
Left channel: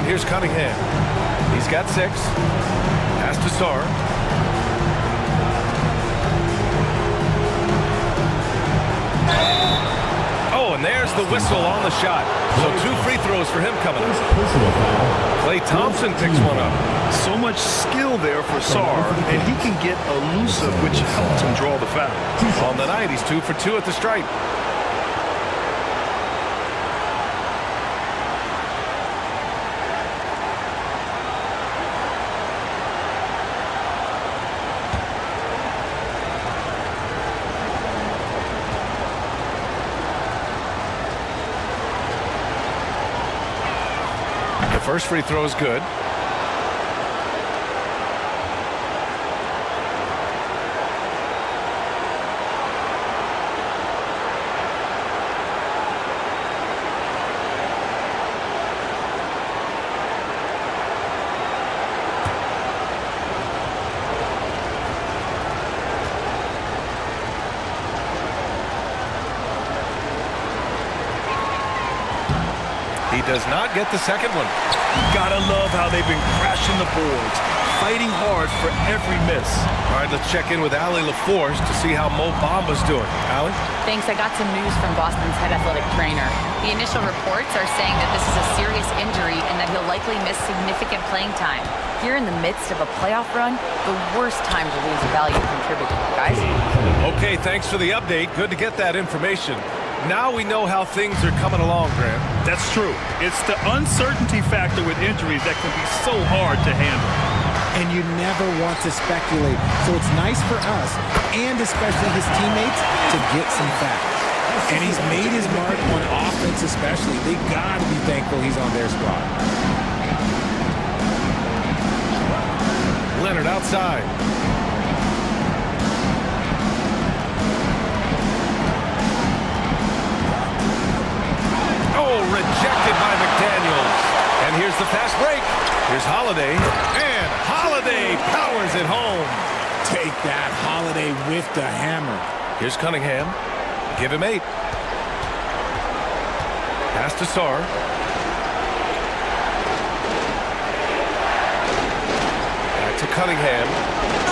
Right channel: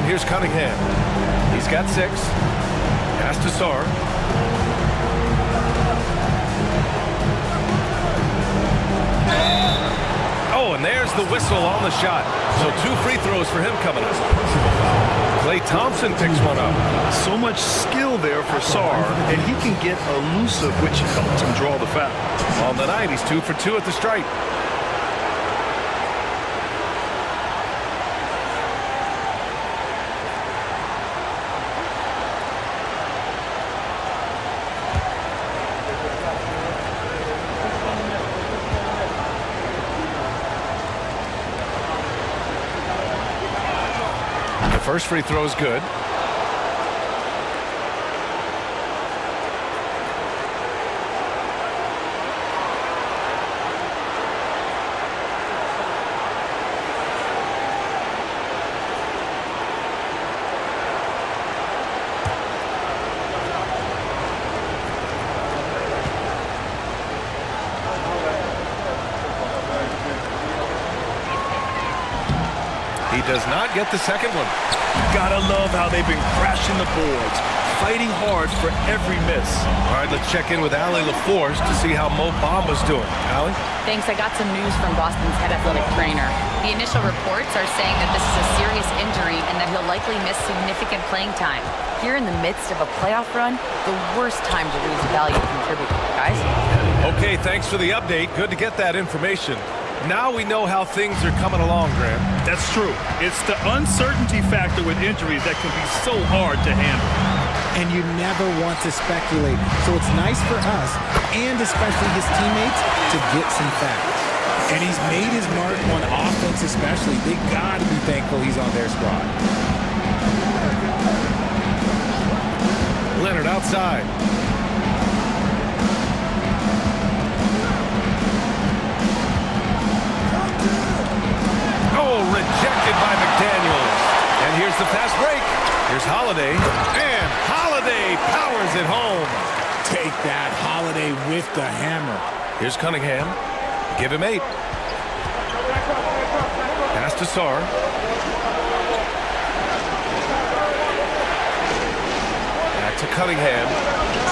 Here's Cunningham. He's got 6. Pass to Sarr. Oh, and there's the whistle on the shot. So 2 free throws for him coming up. Klay Thompson picks one up. So much skill there for Sarr, and he can get elusive, which helps him draw the foul. On the night, he's 2 for 2 at the stripe. First free throw is good. He does not get the second one. Gotta love how they've been crashing the boards, fighting hard for every miss. All right, let's check in with Allie LaForce to see how Mo Bamba's doing. Allie? Thanks. I got some news from Boston's head athletic trainer. The initial reports are saying that this is a serious injury and that he'll likely miss significant playing time. Here in the midst of a playoff run, the worst time to lose a valued contributor, guys. Okay, thanks for the update. Good to get that information. Now we know how things are coming along, Graham. That's true. It's the uncertainty factor with injuries that can be so hard to handle. And you never want to speculate. So it's nice for us, and especially his teammates, to get some facts. And he's made his mark on offense especially. They got to be thankful he's on their squad. Leonard outside. Oh, rejected by McDaniels. And here's the fast break. Here's Holiday. And Holiday powers it home. Take that, Holiday with the hammer. Here's Cunningham. Give him 8. Pass to Sarr. Back to Cunningham.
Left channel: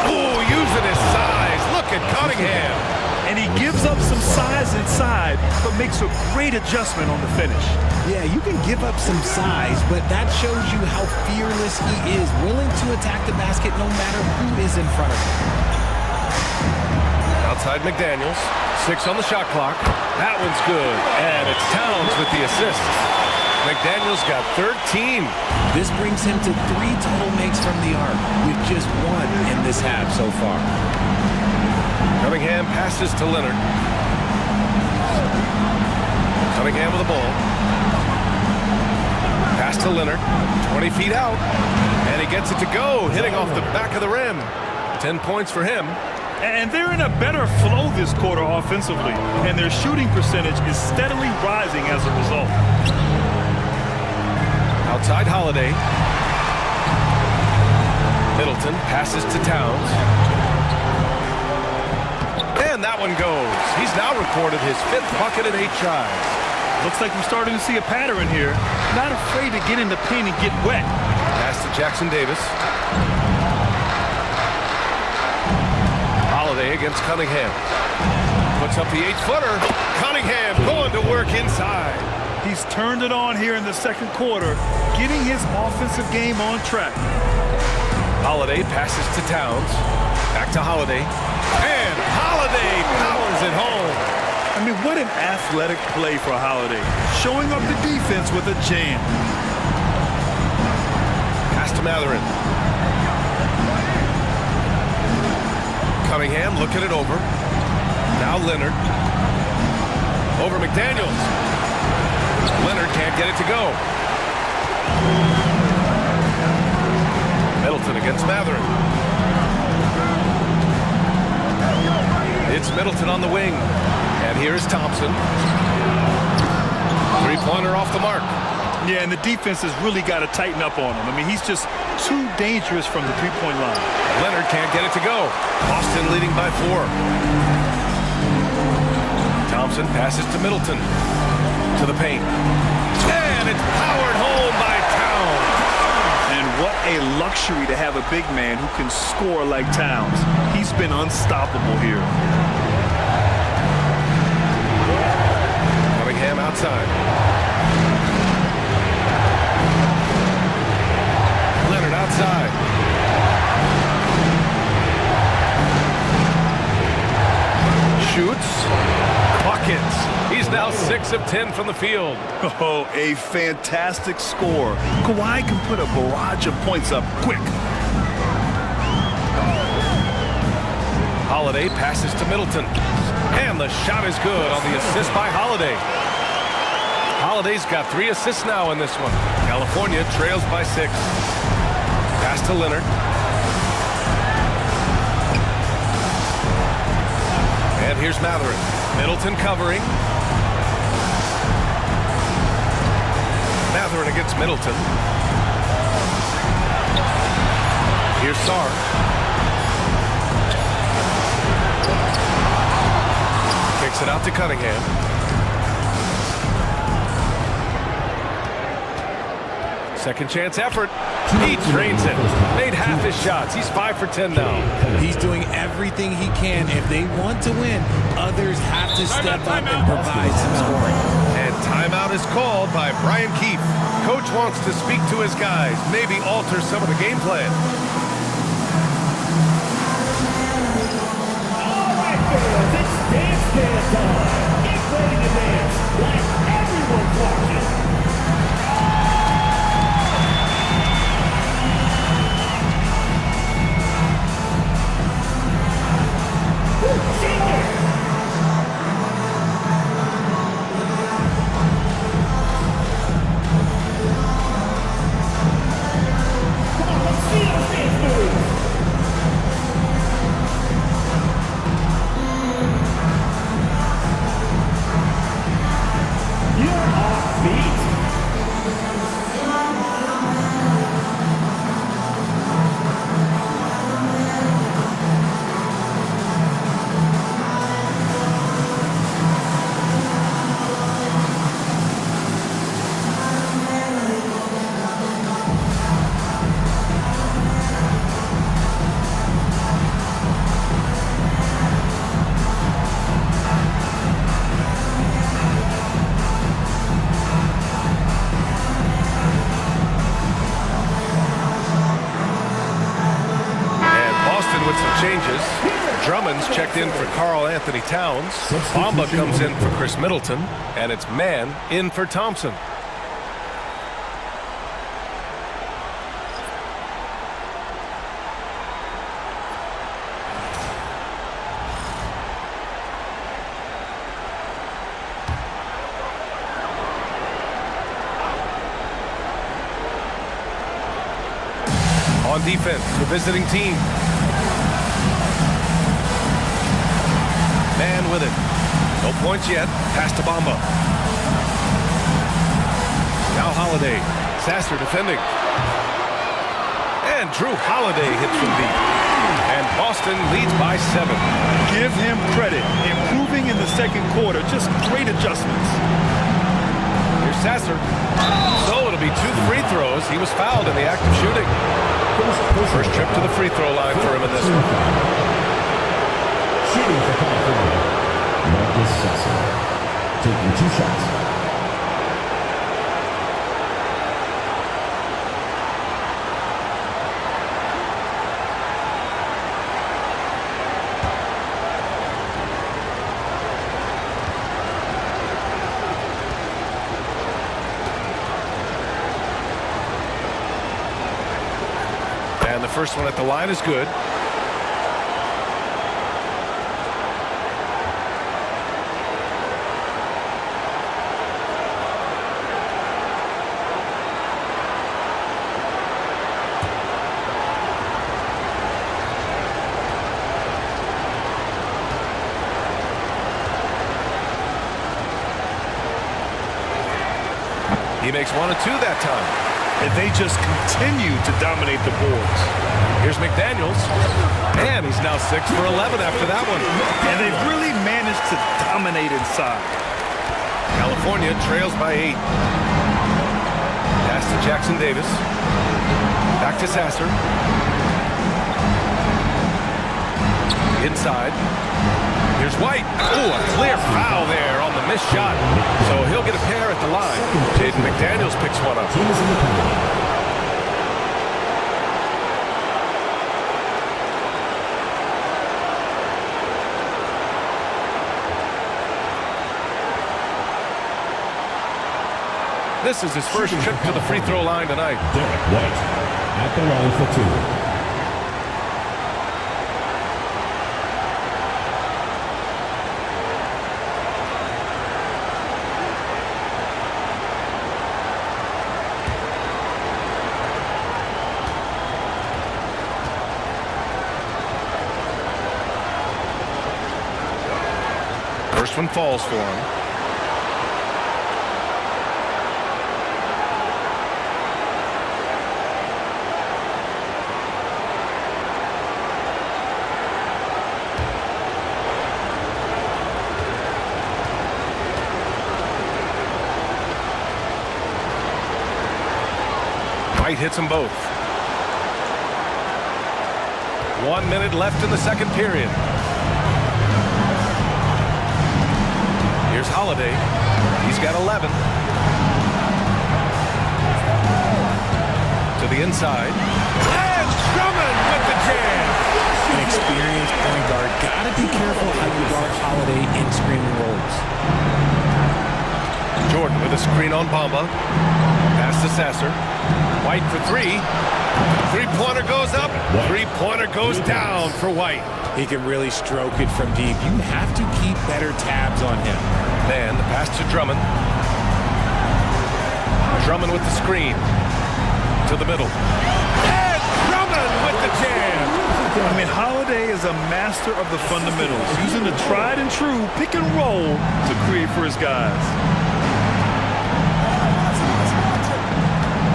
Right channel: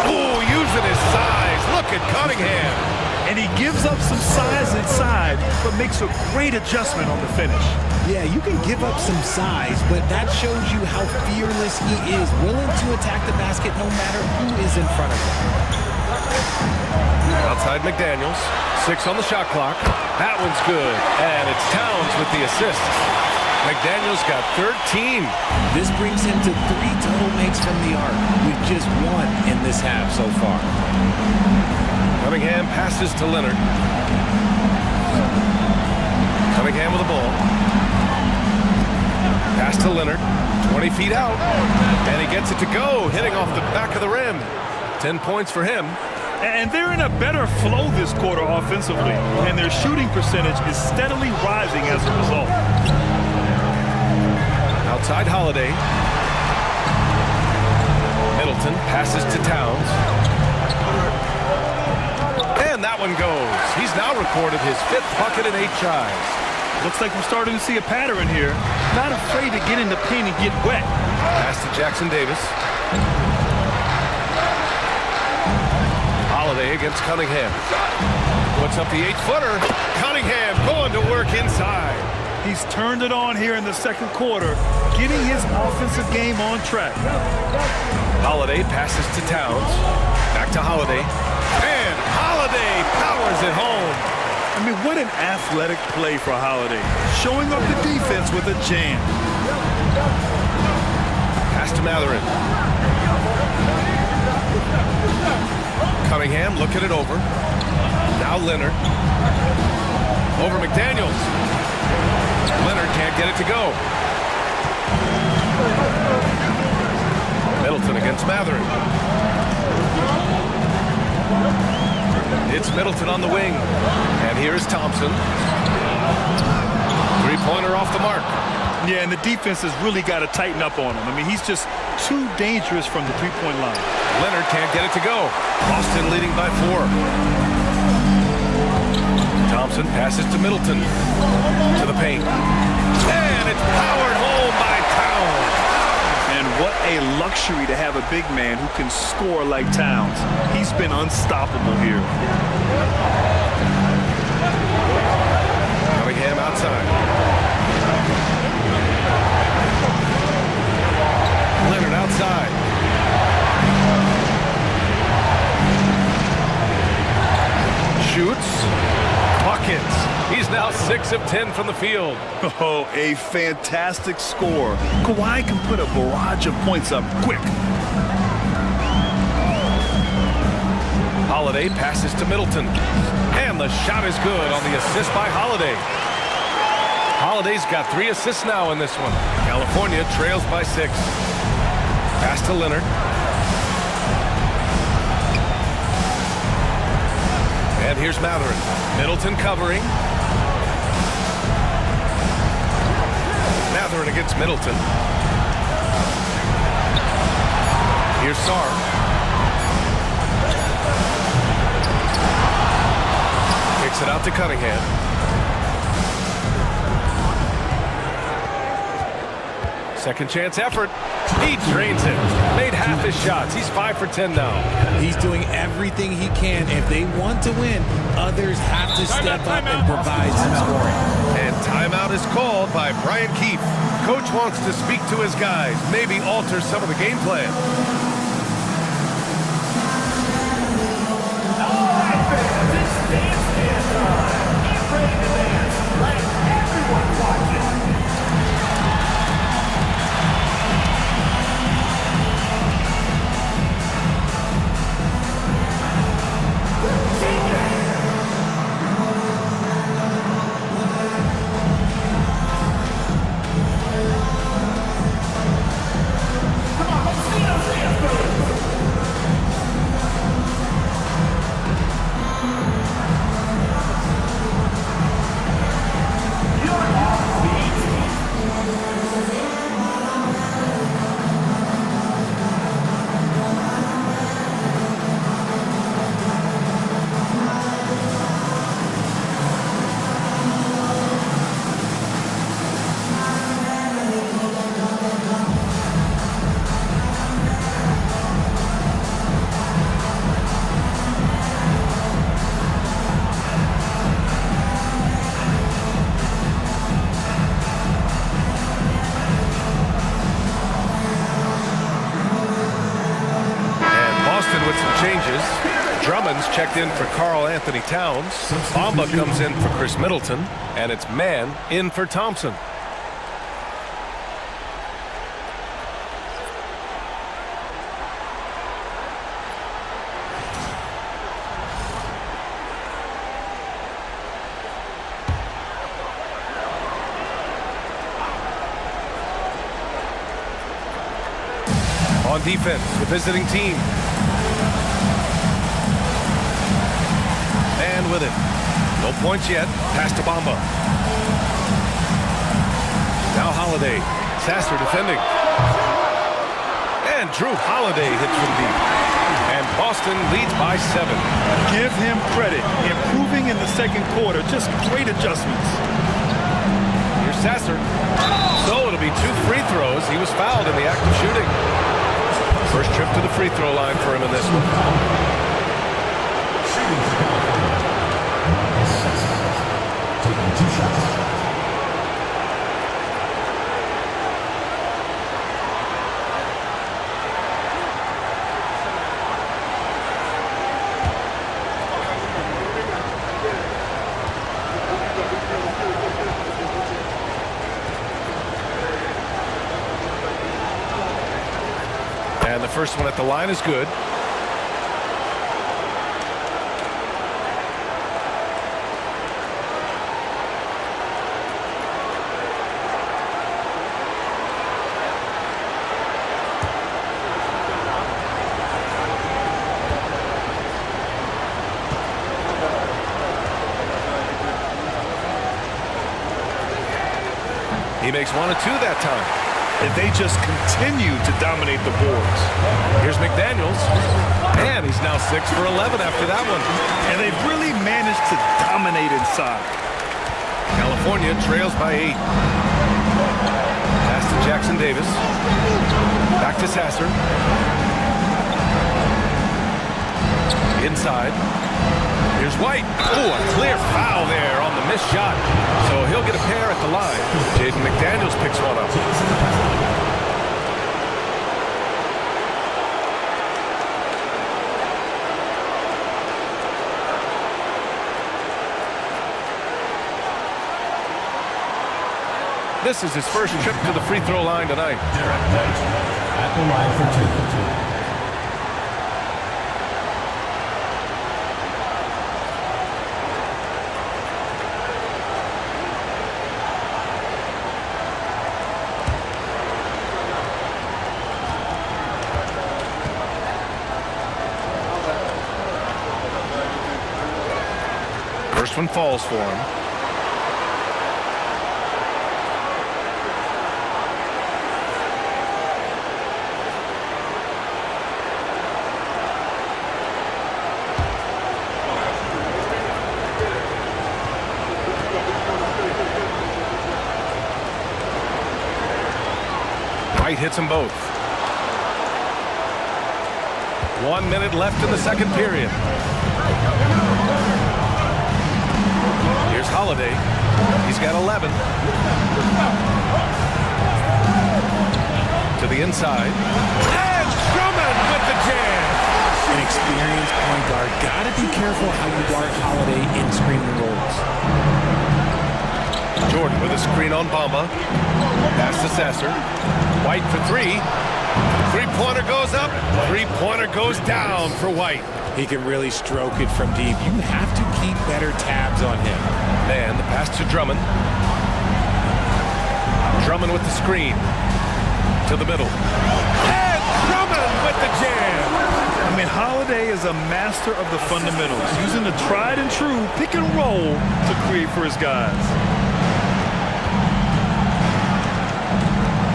Oh, using his size. Look at Cunningham. And he gives up some size inside, but makes a great adjustment on the finish. Yeah, you can give up some size, but that shows you how fearless he is, willing to attack the basket no matter who is in front of him. Outside McDaniels. 6 on the shot clock. That one's good. And it's Towns with the assist. McDaniel's got 13. This brings him to 3 total makes from the arc, with just 1 in this half so far. Cunningham passes to Leonard. Cunningham with the ball. Pass to Leonard. 20 feet out. And he gets it to go, hitting off the back of the rim. 10 points for him. And they're in a better flow this quarter offensively, and their shooting percentage is steadily rising as a result. Outside Holiday. Middleton passes to Towns. And that one goes. He's now recorded his 5th bucket in 8 tries. Looks like we're starting to see a pattern here. Not afraid to get in the paint and get wet. Pass to Jackson Davis. Holiday against Cunningham. Puts up the 8-footer. Cunningham going to work inside. He's turned it on here in the second quarter, getting his offensive game on track. Holiday passes to Towns. Back to Holiday. And Holiday powers it home. I mean, what an athletic play for Holiday. Showing up the defense with a jam. Pass to Matherin. Cunningham looking it over. Now Leonard. Over McDaniels. Leonard can't get it to go. Middleton against Matherin. It's Middleton on the wing. And here's Thompson. 3-pointer off the mark. Yeah, and the defense has really got to tighten up on him. I mean, he's just too dangerous from the 3-point line. Leonard can't get it to go. Boston leading by 4. Thompson passes to Middleton. To the paint. And it's powered home by Towns. And what a luxury to have a big man who can score like Towns. He's been unstoppable here. Cunningham outside. Leonard outside. Shoots. Buckets. He's now 6 of 10 from the field. Oh, a fantastic score. Kawhi can put a barrage of points up quick. Holiday passes to Middleton. And the shot is good on the assist by Holiday. Holiday's got 3 assists now in this one. California trails by 6. Pass to Leonard. And here's Matherin. Middleton covering. Matherin against Middleton. Here's Sarr. Kicks it out to Cunningham. Second chance effort. He drains it. Made half his shots. He's 5 for 10 now. He's doing everything he can. If they want to win, others have to step up and provide some scoring. And timeout is called by Brian Keefe. Coach wants to speak to his guys, maybe alter some of the game plan. All right, fans, it's dance time. Get ready to dance like everyone's watching. With some changes. Drummond's checked in for Karl Anthony Towns. Bamba comes in for Chris Middleton. And it's Mann in for Thompson. On defense, the visiting team. Man with it. No points yet. Pass to Bamba. Now Holiday. Sasser defending. And Drew Holiday hits from deep. And Boston leads by 7. Give him credit. Improving in the second quarter. Just great adjustments. Here's Sasser. So it'll be 2 free throws. He was fouled in the act of shooting. First trip to the free throw line for him in this one. Shooting for California, Marcus Sasser, taking 2 shots. And the first one at the line is good. He makes 1 of 2 that time. And they just continue to dominate the boards. Here's McDaniels. And he's now 6 for 11 after that one. And they've really managed to dominate inside. California trails by 8. Pass to Jackson Davis. Back to Sasser. Inside. Here's White. Oh, a clear foul there on the missed shot. So he'll get a pair at the line. Jaden McDaniels picks one up. This is his first trip to the free throw line tonight. Derek White at the line for 2. First one falls for him. White hits them both. 1 minute left in the second period. Here's Holiday. He's got 11. To the inside. And Drummond with the jam. An experienced point guard. Got to be careful how you guard Holiday in screen and rolls. Jordan with a screen on Bamba. Pass to Sasser. White for 3. Three-pointer goes up. Three-pointer goes down for White. He can really stroke it from deep. You have to keep better tabs on him. Man, the pass to Drummond. Drummond with the screen. To the middle. And Drummond with the jam. I mean, Holiday is a master of the fundamentals, using the tried and true pick and roll to create for his guys.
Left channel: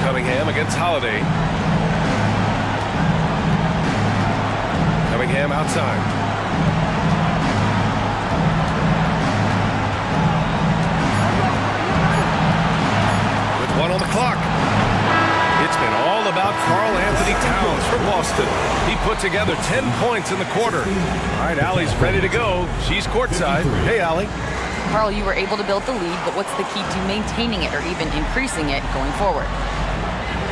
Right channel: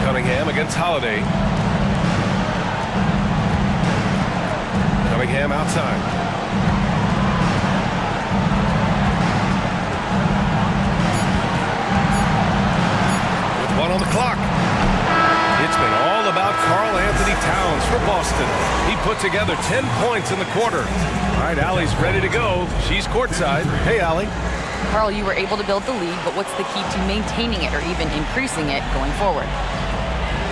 Cunningham against Holiday. Cunningham outside. With 1 on the clock. It's been all about Karl Anthony Towns for Boston. He put together 10 points in the quarter. All right, Allie's ready to go. She's courtside. Hey, Allie. Karl, you were able to build the lead, but what's the key to maintaining it or even increasing it going forward?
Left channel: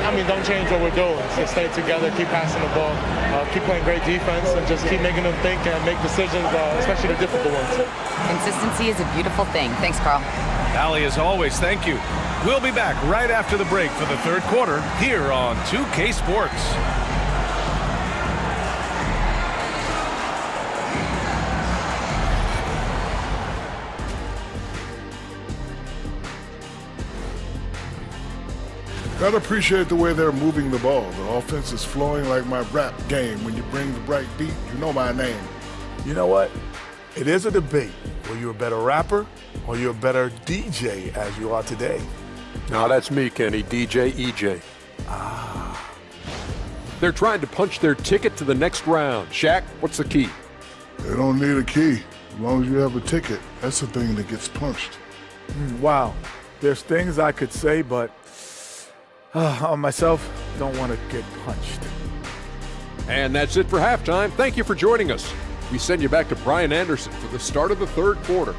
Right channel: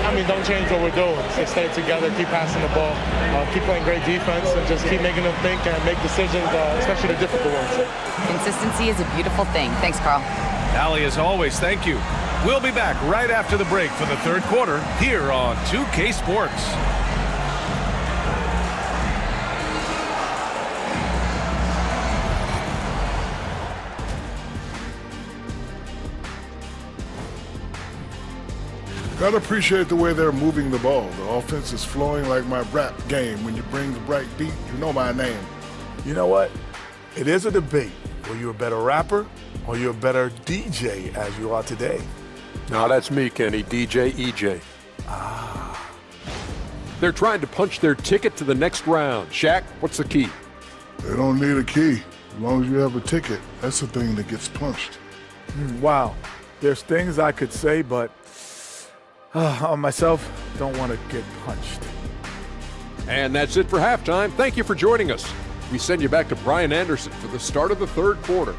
I mean, don't change what we're doing. Just stay together, keep passing the ball, keep playing great defense, and just keep making them think and make decisions, especially the difficult ones. Consistency is a beautiful thing. Thanks, Karl. Allie, as always, thank you. We'll be back right after the break for the third quarter here on 2K Sports. Gotta appreciate the way they're moving the ball. The offense is flowing like my rap game. When you bring the right beat, you know my name. You know what? It is a debate. Were you a better rapper or you're a better DJ as you are today? No, that's me, Kenny. DJ EJ. They're trying to punch their ticket to the next round. Shaq, what's the key? They don't need a key. As long as you have a ticket, that's the thing that gets punched. Wow. There's things I could say, but on myself, don't want to get punched. And that's it for halftime. Thank you for joining us. We send you back to Brian Anderson for the start of the third quarter.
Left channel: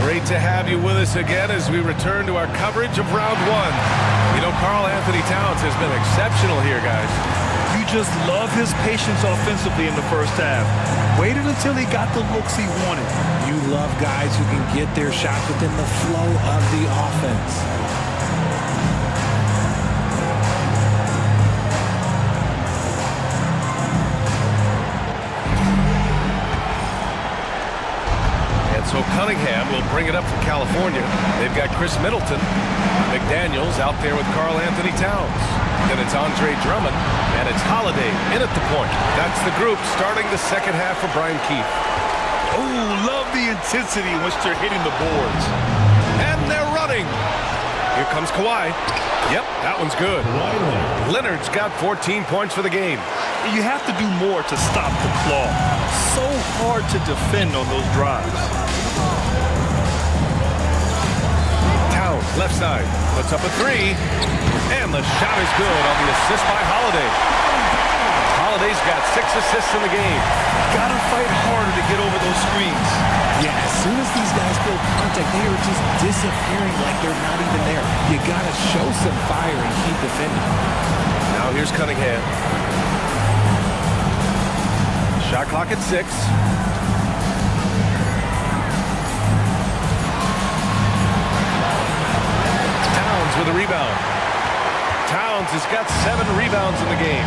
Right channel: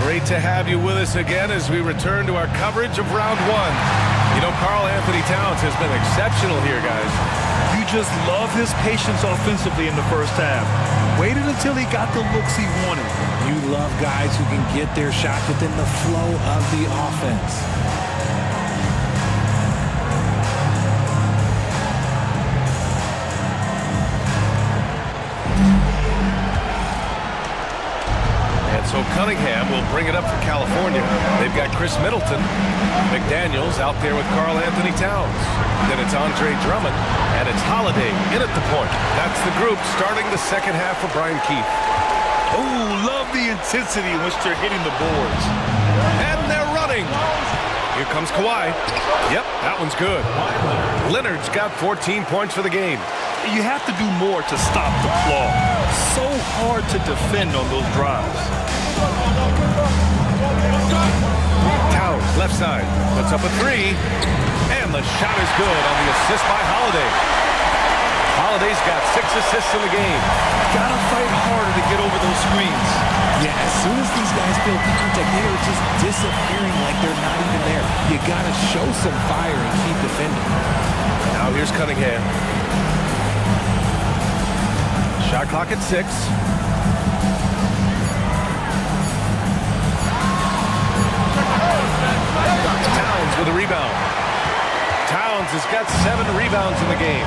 Great to have you with us again as we return to our coverage of round one. You know, Karl Anthony Towns has been exceptional here, guys. You just love his patience offensively in the first half. Waited until he got the looks he wanted. You love guys who can get their shots within the flow of the offense. And so Cunningham will bring it up for California. They've got Chris Middleton. McDaniels out there with Karl Anthony Towns. Then it's Andre Drummond, and it's Holiday in at the point. That's the group starting the second half for Brian Keefe. Oh, love the intensity in which they're hitting the boards. And they're running. Here comes Kawhi. Yep, that one's good. Leonard's got 14 points for the game. You have to do more to stop the claw. So hard to defend on those drives. Towns, left side, puts up a three. And the shot is good on the assist by Holiday. Holiday's got 6 assists in the game. Gotta fight harder to get over those screens. Yeah, as soon as these guys feel contact, they are just disappearing like they're not even there. You gotta show some fire and keep defending. Now here's Cunningham. Shot clock at 6. Towns with a rebound. Towns has got 7 rebounds in the game.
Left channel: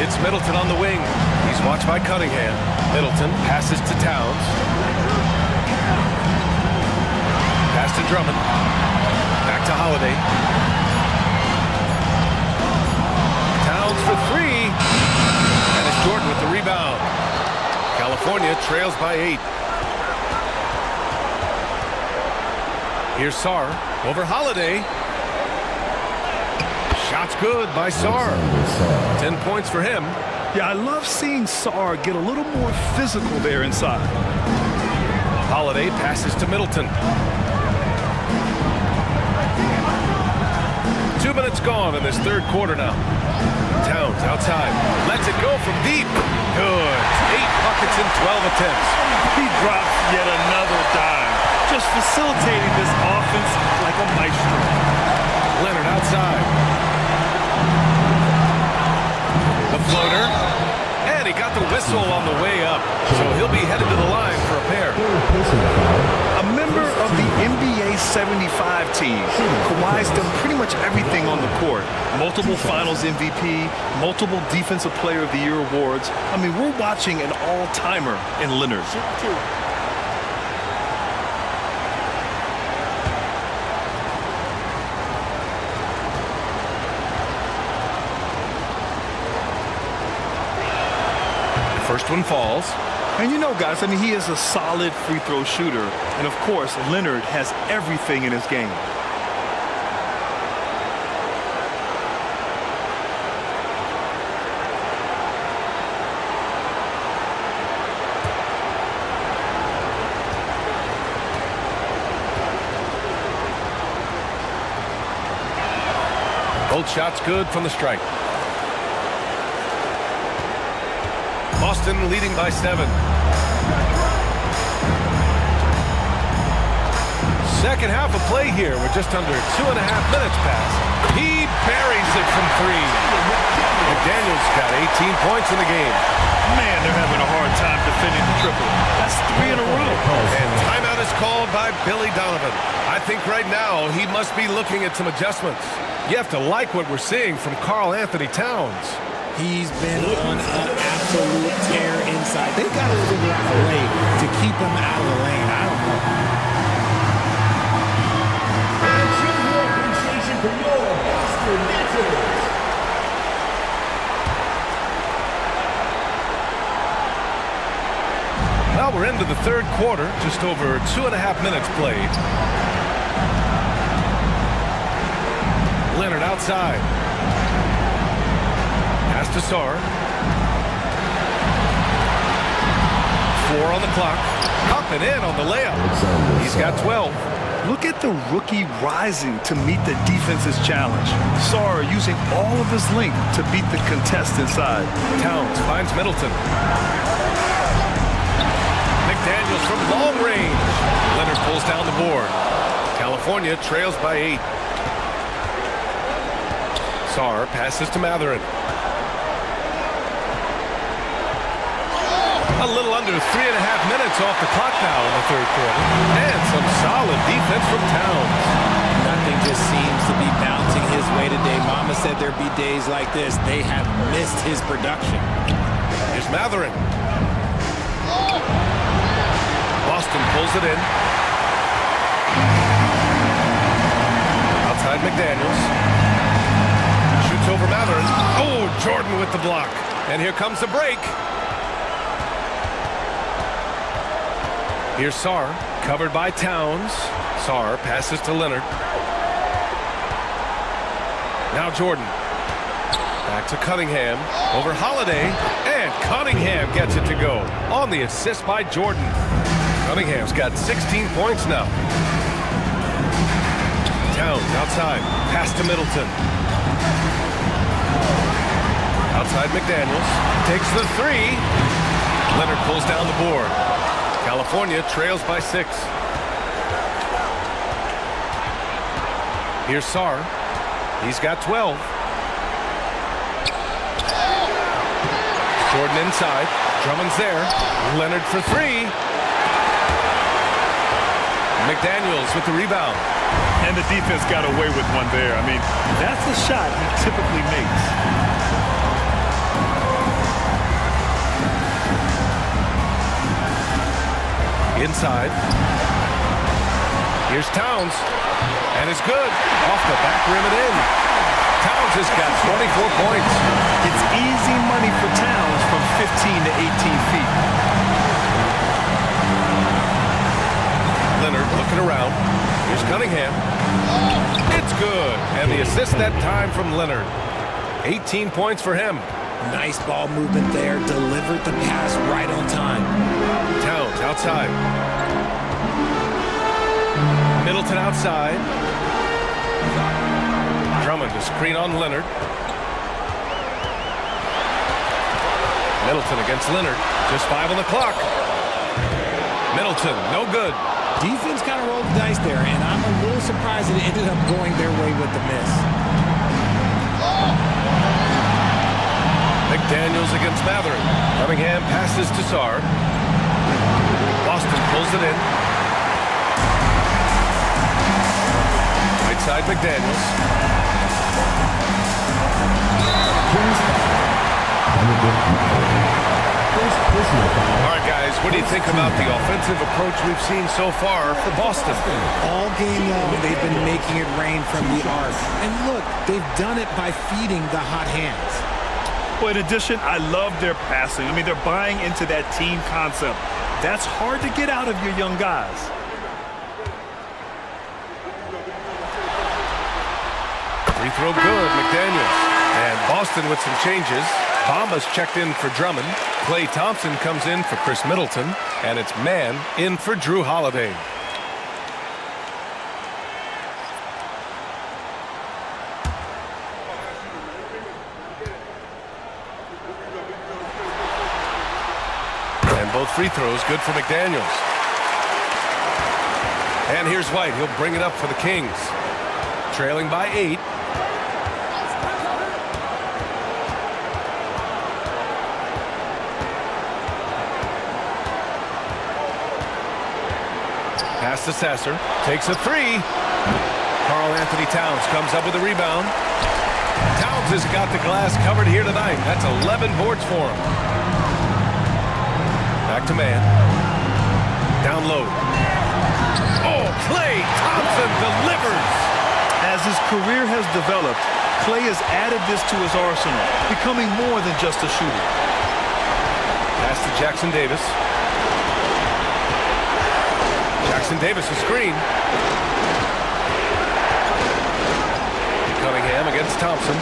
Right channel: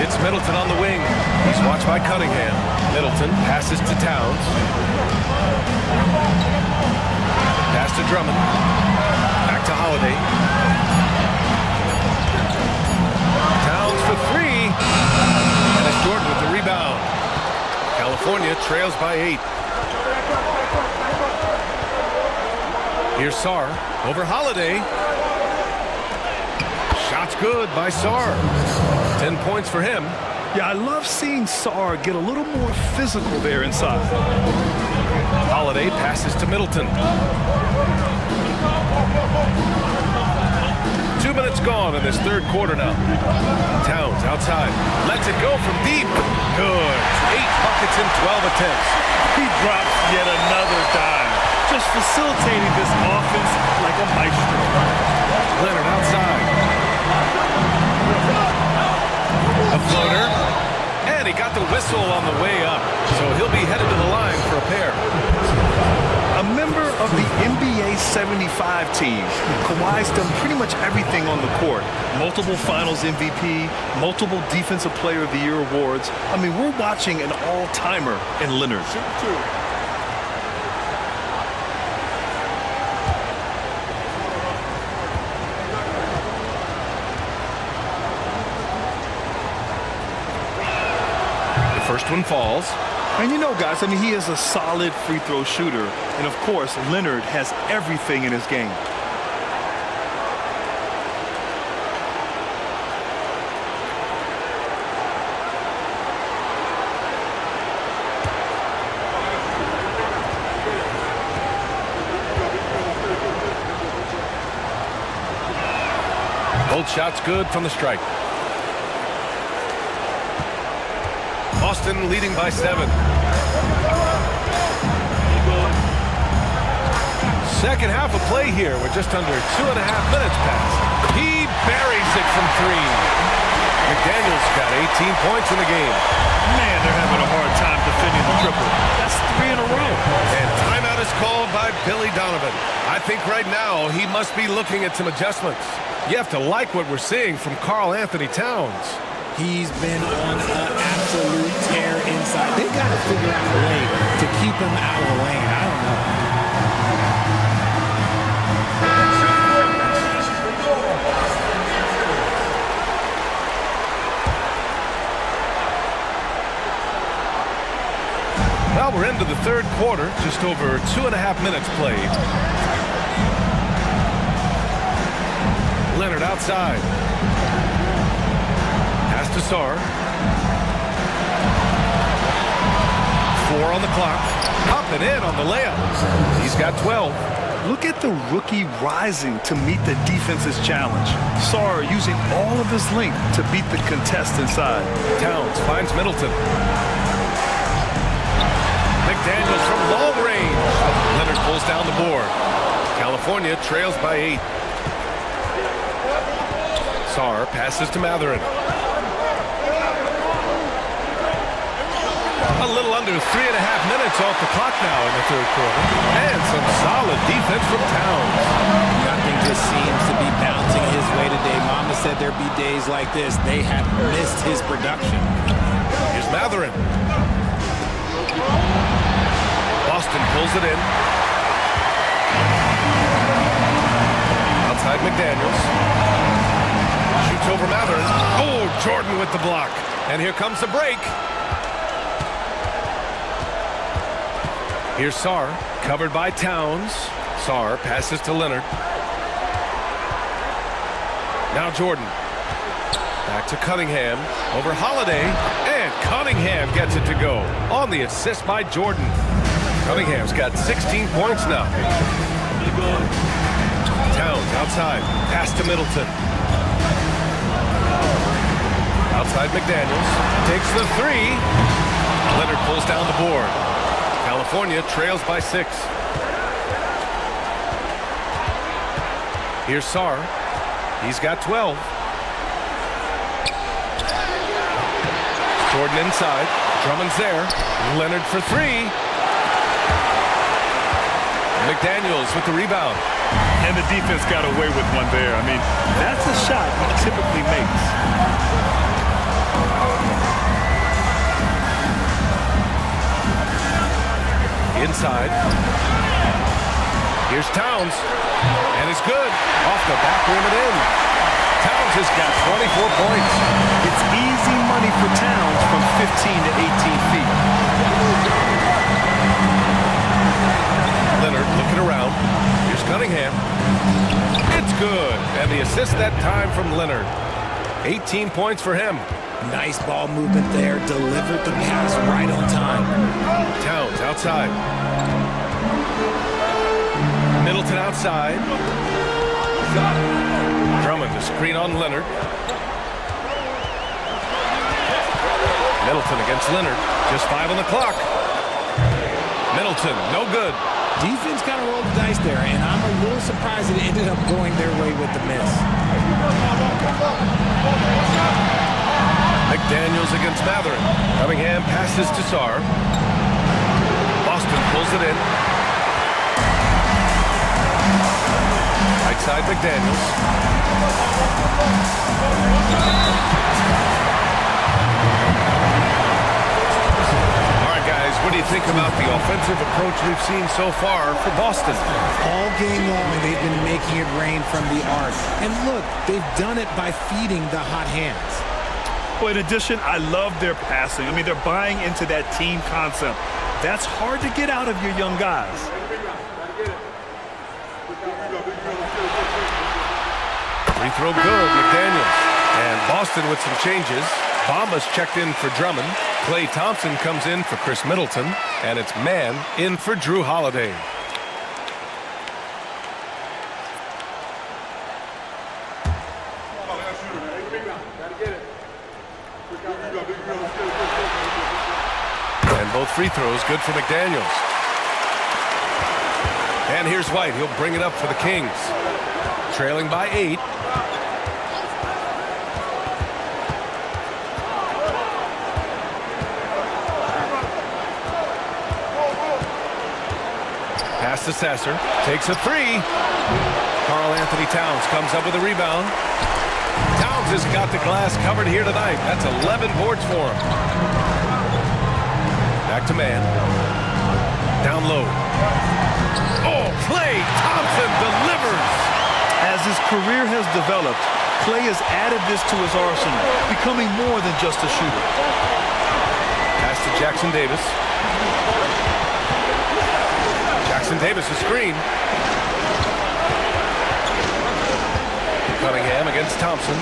It's Middleton on the wing. He's watched by Cunningham. Middleton passes to Towns. Pass to Drummond. Back to Holiday. Towns for 3. And it's Jordan with the rebound. California trails by 8. Here's Sarr over Holiday. Shot's good by Sarr. 10 points for him. Yeah, I love seeing Sarr get a little more physical there inside. Holiday passes to Middleton. 2 minutes gone in this third quarter now. Towns outside. Lets it go from deep. Good. 8 buckets in 12 attempts. He drops yet another dive. Just facilitating this offense like a maestro. Leonard outside. The floater. And he got the whistle on the way up. So he'll be headed to the line for a pair. A member of the NBA 75 team, Kawhi's done pretty much everything on the court. Multiple Finals MVP, multiple Defensive Player of the Year awards. I mean, we're watching an all-timer in Leonard. First one falls. And you know, guys, I mean, he is a solid free throw shooter. And, of course, Leonard has everything in his game. Both shots good from the stripe. Boston leading by 7. Second half of play here. We're just under 2.5 minutes past. He buries it from 3. McDaniels got 18 points in the game. Man, they're having a hard time defending the triple. That's 3 in a row. And timeout is called by Billy Donovan. I think right now he must be looking at some adjustments. You have to like what we're seeing from Karl Anthony Towns. He's been on an absolute tear inside. They got to figure out a way to keep him out of the lane. I don't know. Well, we're into the third quarter, just over 2.5 minutes played. Leonard outside. Pass to Sarr. 4 on the clock. Up and in on the layup. He's got 12. Look at the rookie rising to meet the defense's challenge. Sarr using all of his length to beat the contest inside. Towns finds Middleton. McDaniels from long range. Leonard pulls down the board. California trails by 8. Sarr passes to Matherin. A little under 3.5 minutes off the clock now in the third quarter. And some solid defense from Towns. Nothing just seems to be bouncing his way today. Mama said there'd be days like this. They have missed his production. Here's Matherin. Boston pulls it in. Outside McDaniels. Shoots over Matherin. Oh, Jordan with the block. And here comes the break. Here's Sarr, covered by Towns. Sarr passes to Leonard. Now Jordan. Back to Cunningham. Over Holiday. And Cunningham gets it to go. On the assist by Jordan. Cunningham's got 16 points now. Towns outside. Pass to Middleton. Outside McDaniels. Takes the 3. Leonard pulls down the board. California trails by 6. Here's Sarr. He's got 12. Jordan inside. Drummond's there. Leonard for 3. McDaniels with the rebound. And the defense got away with one there. I mean, that's a shot he typically makes. Inside. Here's Towns. And it's good. Off the back rim and in. Towns has got 24 points. It's easy money for Towns from 15 to 18 feet. Leonard looking around. Here's Cunningham. It's good. And the assist that time from Leonard. 18 points for him. Nice ball movement there. Delivered the pass right on time. Towns outside. Middleton outside. Drummond to screen on Leonard. Middleton against Leonard. Just 5 on the clock. Middleton, no good. Defense kind of rolled the dice there, and I'm a little surprised it ended up going their way with the miss. McDaniels against Matherin. Cunningham passes to Sarr. Boston pulls it in. Right side McDaniels. All right, guys, what do you think about the offensive approach we've seen so far for Boston? All game long, they've been making it rain from the arc. And look, they've done it by feeding the hot hands. Well, in addition, I love their passing. I mean, they're buying into that team concept. That's hard to get out of your young guys. Free throw good, McDaniels. And Boston with some changes. Bamba's checked in for Drummond. Klay Thompson comes in for Chris Middleton. And it's Mann in for Drew Holiday. And both free throws good for McDaniels. And here's White. He'll bring it up for the Kings. Trailing by 8. Pass to Sasser. Takes a three. Karl Anthony Towns comes up with a rebound. Towns has got the glass covered here tonight. That's 11 boards for him. Back to man. Down low. Oh, Klay Thompson delivers. As his career has developed, Klay has added this to his arsenal, becoming more than just a shooter. Pass to Jackson Davis. Jackson Davis, a screen. Cunningham against Thompson.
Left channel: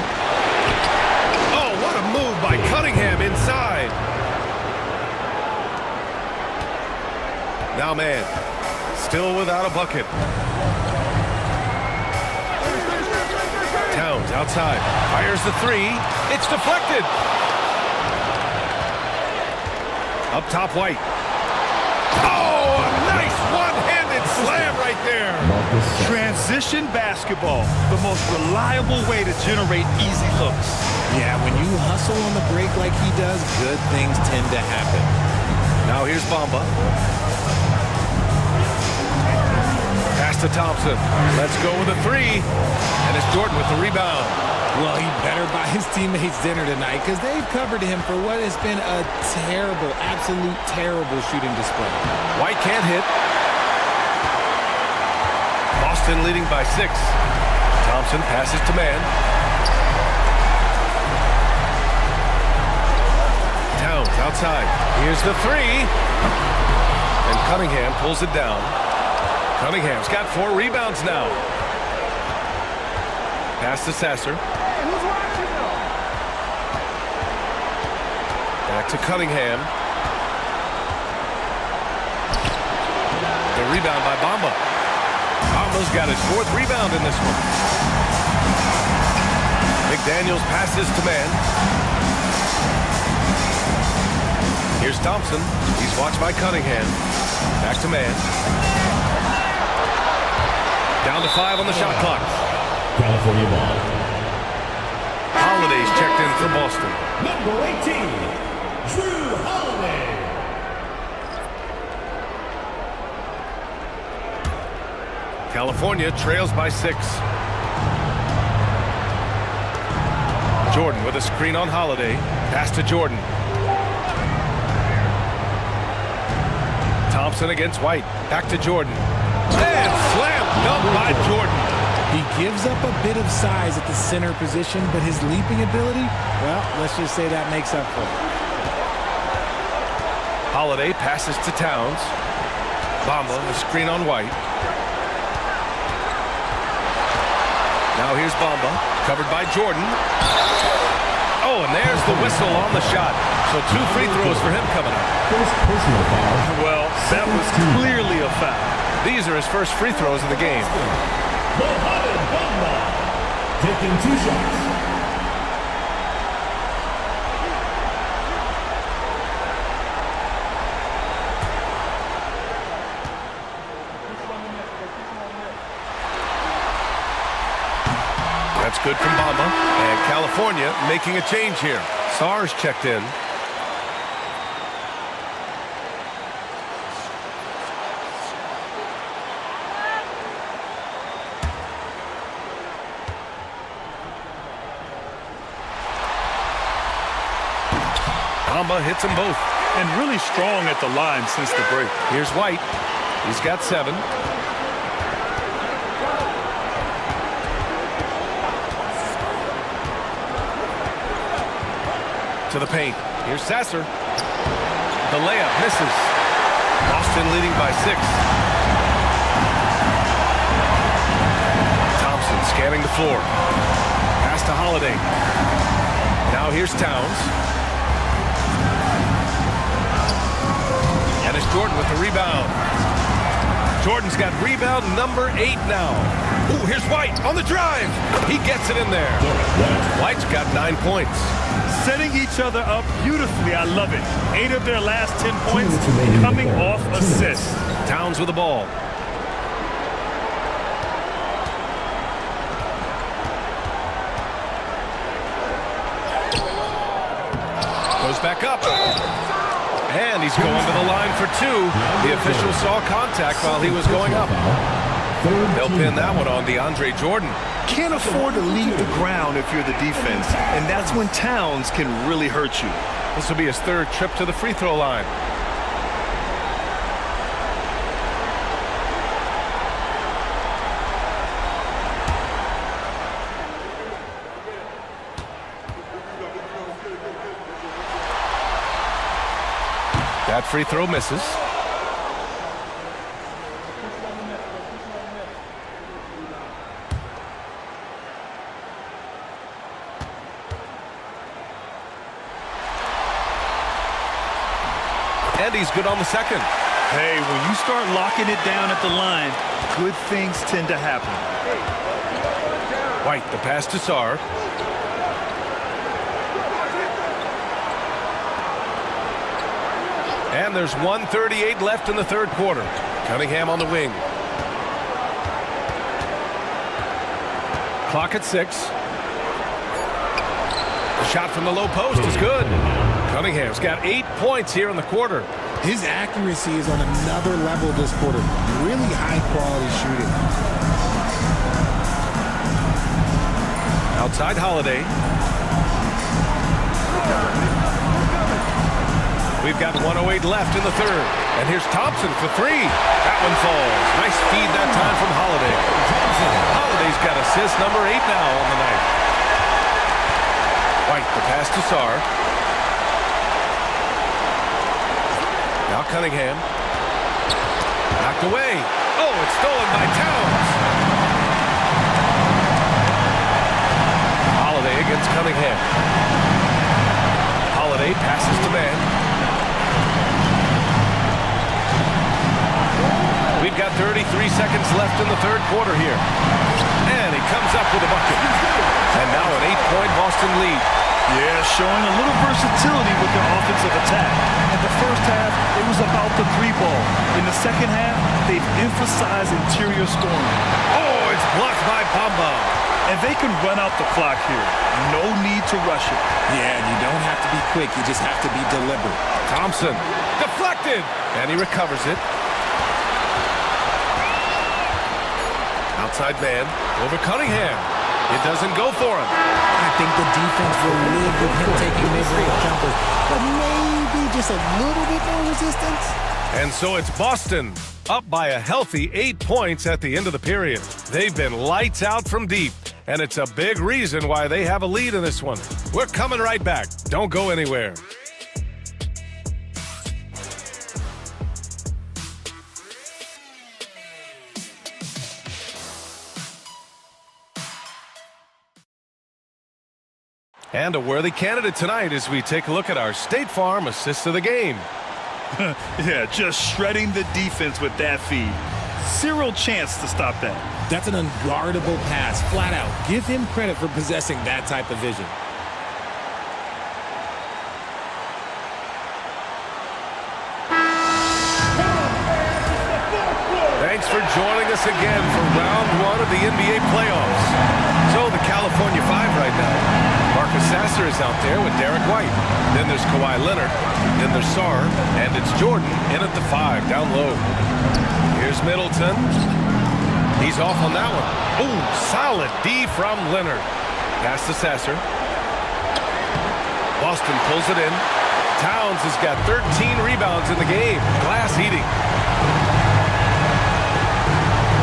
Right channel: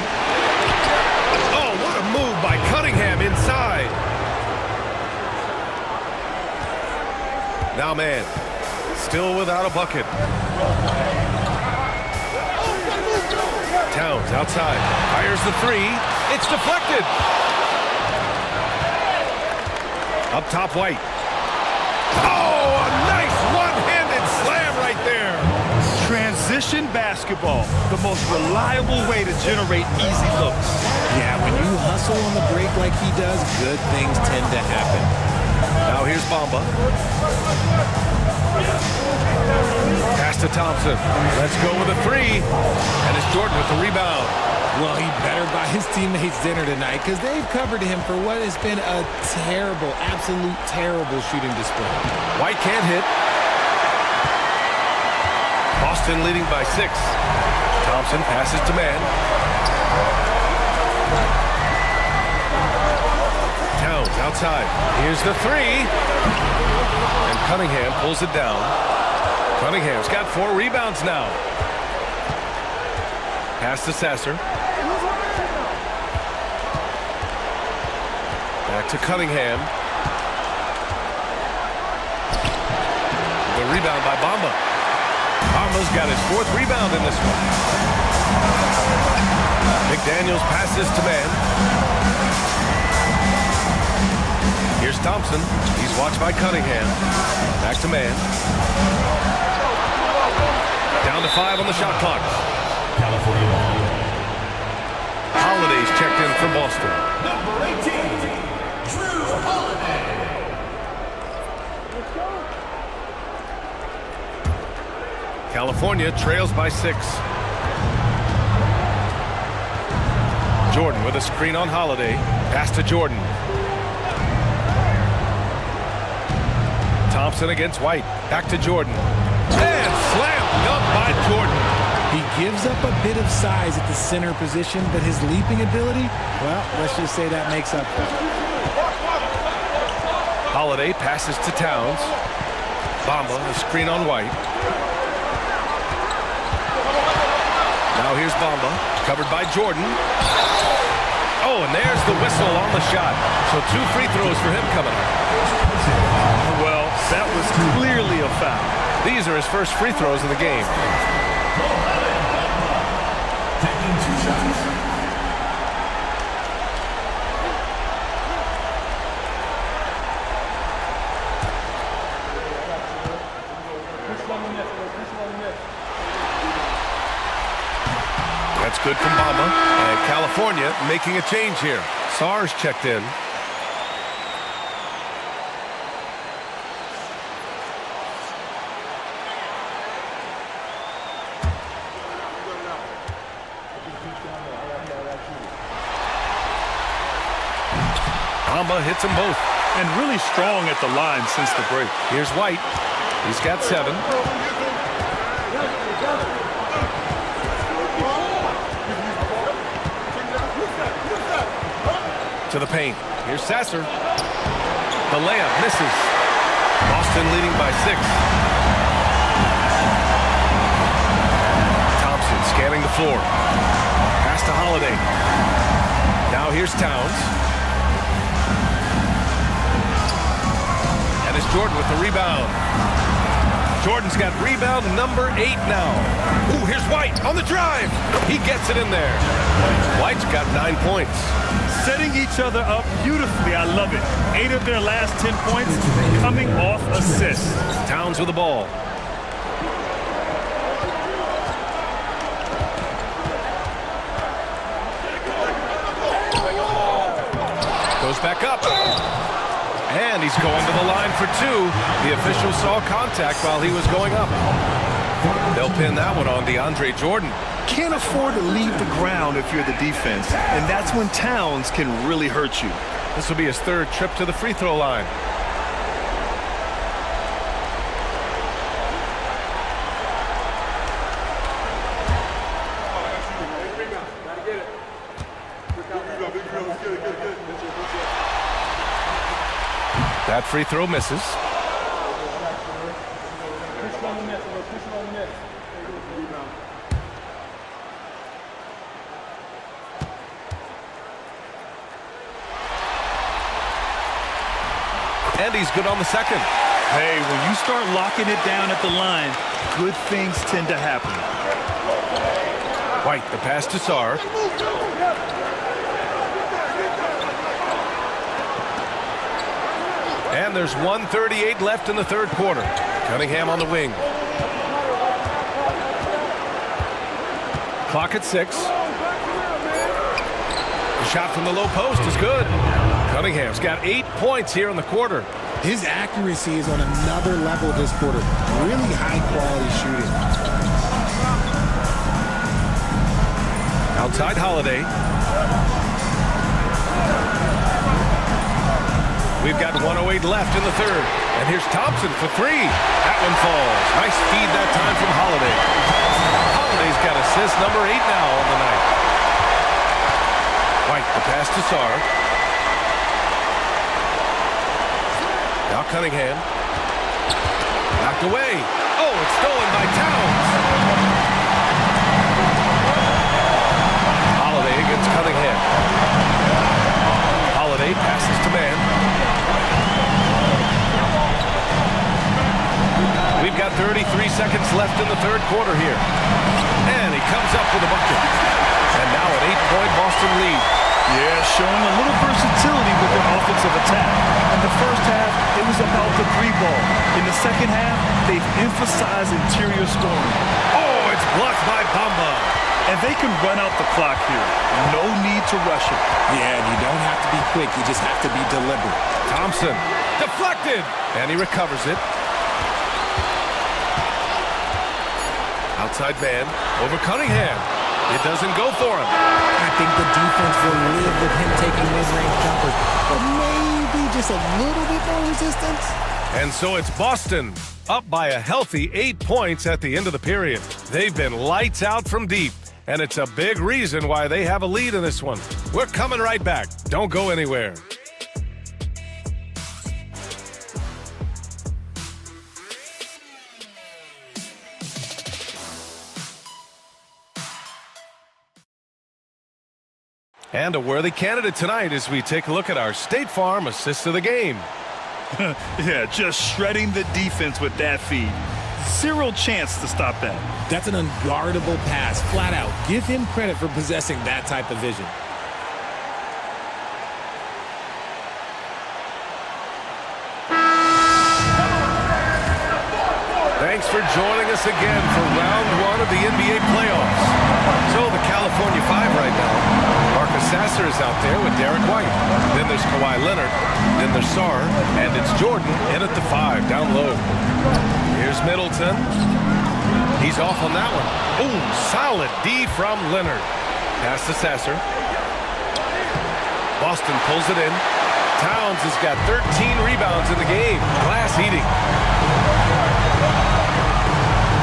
Oh, what a move by Cunningham inside. Now man, still without a bucket. Towns outside, fires the three. It's deflected. Up top, White. Oh, a nice one-handed slam right there. Transition basketball, the most reliable way to generate easy looks. Yeah, when you hustle on the break like he does, good things tend to happen. Now here's Bamba. Pass to Thompson. Let's go with a three. And it's Jordan with the rebound. Well, he better buy his teammates dinner tonight because they've covered him for what has been a terrible, absolute terrible shooting display. White can't hit. Boston leading by 6. Thompson passes to man. Towns outside. Here's the three. And Cunningham pulls it down. Cunningham's got 4 rebounds now. Pass to Sasser. Back to Cunningham. The rebound by Bamba. Bamba's got his 4th rebound in this one. McDaniels passes to man. Here's Thompson. He's watched by Cunningham. Back to man. Down to 5 on the shot clock. California ball. Holiday's checked in for Boston. Number 18, Drew Holiday. California trails by 6. Jordan with a screen on Holiday. Pass to Jordan. Thompson against White. Back to Jordan. And slam dunk by Jordan. He gives up a bit of size at the center position, but his leaping ability, well, let's just say that makes up for it. Holiday passes to Towns. Bamba, a screen on White. Now here's Bamba, covered by Jordan. Oh, and there's the whistle on the shot. So 2 free throws for him coming up. Well, that was clearly a foul. These are his first free throws of the game. Mohamed Bamba taking 2 shots. That's good from Bamba. And California making a change here. Sarge checked in. Bamba hits them both. And really strong at the line since the break. Here's White. He's got 7. To the paint. Here's Sasser. The layup misses. Boston leading by 6. Thompson scanning the floor. Pass to Holiday. Now here's Towns. And it's Jordan with the rebound. Jordan's got rebound number 8 now. Ooh, here's White on the drive. He gets it in there. White's got 9 points. Setting each other up beautifully. I love it. 8 of their last 10 points coming off assists. Towns with the ball. Goes back up. And he's going to the line for two. The official saw contact while he was going up. They'll pin that one on DeAndre Jordan. Can't afford to leave the ground if you're the defense, and that's when Towns can really hurt you. This will be his third trip to the free throw line. That free throw misses. And he's good on the second. Hey, when you start locking it down at the line, good things tend to happen. White, the pass to Sarr. And there's 1:38 left in the third quarter. Cunningham on the wing. Clock at 6. The shot from the low post is good. Cunningham's got 8 points here in the quarter. His accuracy is on another level this quarter. Really high-quality shooting. Outside Holiday. We've got 1:08 left in the third. And here's Thompson for three. That one falls. Nice feed that time from Holiday. Holiday's got assist number 8 now on the night. White, the pass to Sarr. Now Cunningham. Knocked away. Oh, it's stolen by Towns. Holiday against Cunningham. Holiday passes to man. We've got 33 seconds left in the third quarter here. And he comes up with a bucket. And now an 8-point Boston lead. Yeah, showing a little versatility with their offensive attack. In the first half, it was about the three ball. In the second half, they've emphasized interior scoring. Oh, it's blocked by Bamba. And they can run out the clock here. No need to rush it. Yeah, and you don't have to be quick. You just have to be deliberate. Thompson deflected. And he recovers it. Outside man over Cunningham. It doesn't go for him. I think the defense will live with him taking mid-range jumpers, but maybe just a little bit more resistance. And so it's Boston up by a healthy 8 points at the end of the period. They've been lights out from deep, and it's a big reason why they have a lead in this one. We're coming right back. Don't go anywhere. And a worthy candidate tonight as we take a look at our State Farm assist of the game. Yeah, just shredding the defense with that feed. Zero chance to stop that. That's an unguardable pass, flat out. Give him credit for possessing that type of vision. Thanks for joining us again for round 1 of the NBA playoffs. So the California 5 right now. Marcus Sasser is out there with Derek White. Then there's Kawhi Leonard. Then there's Sarr. And it's Jordan in at the 5 down low. Here's Middleton. He's off on that one. Oh, solid D from Leonard. Pass to Sasser. Boston pulls it in. Towns has got 13 rebounds in the game. Glass eating.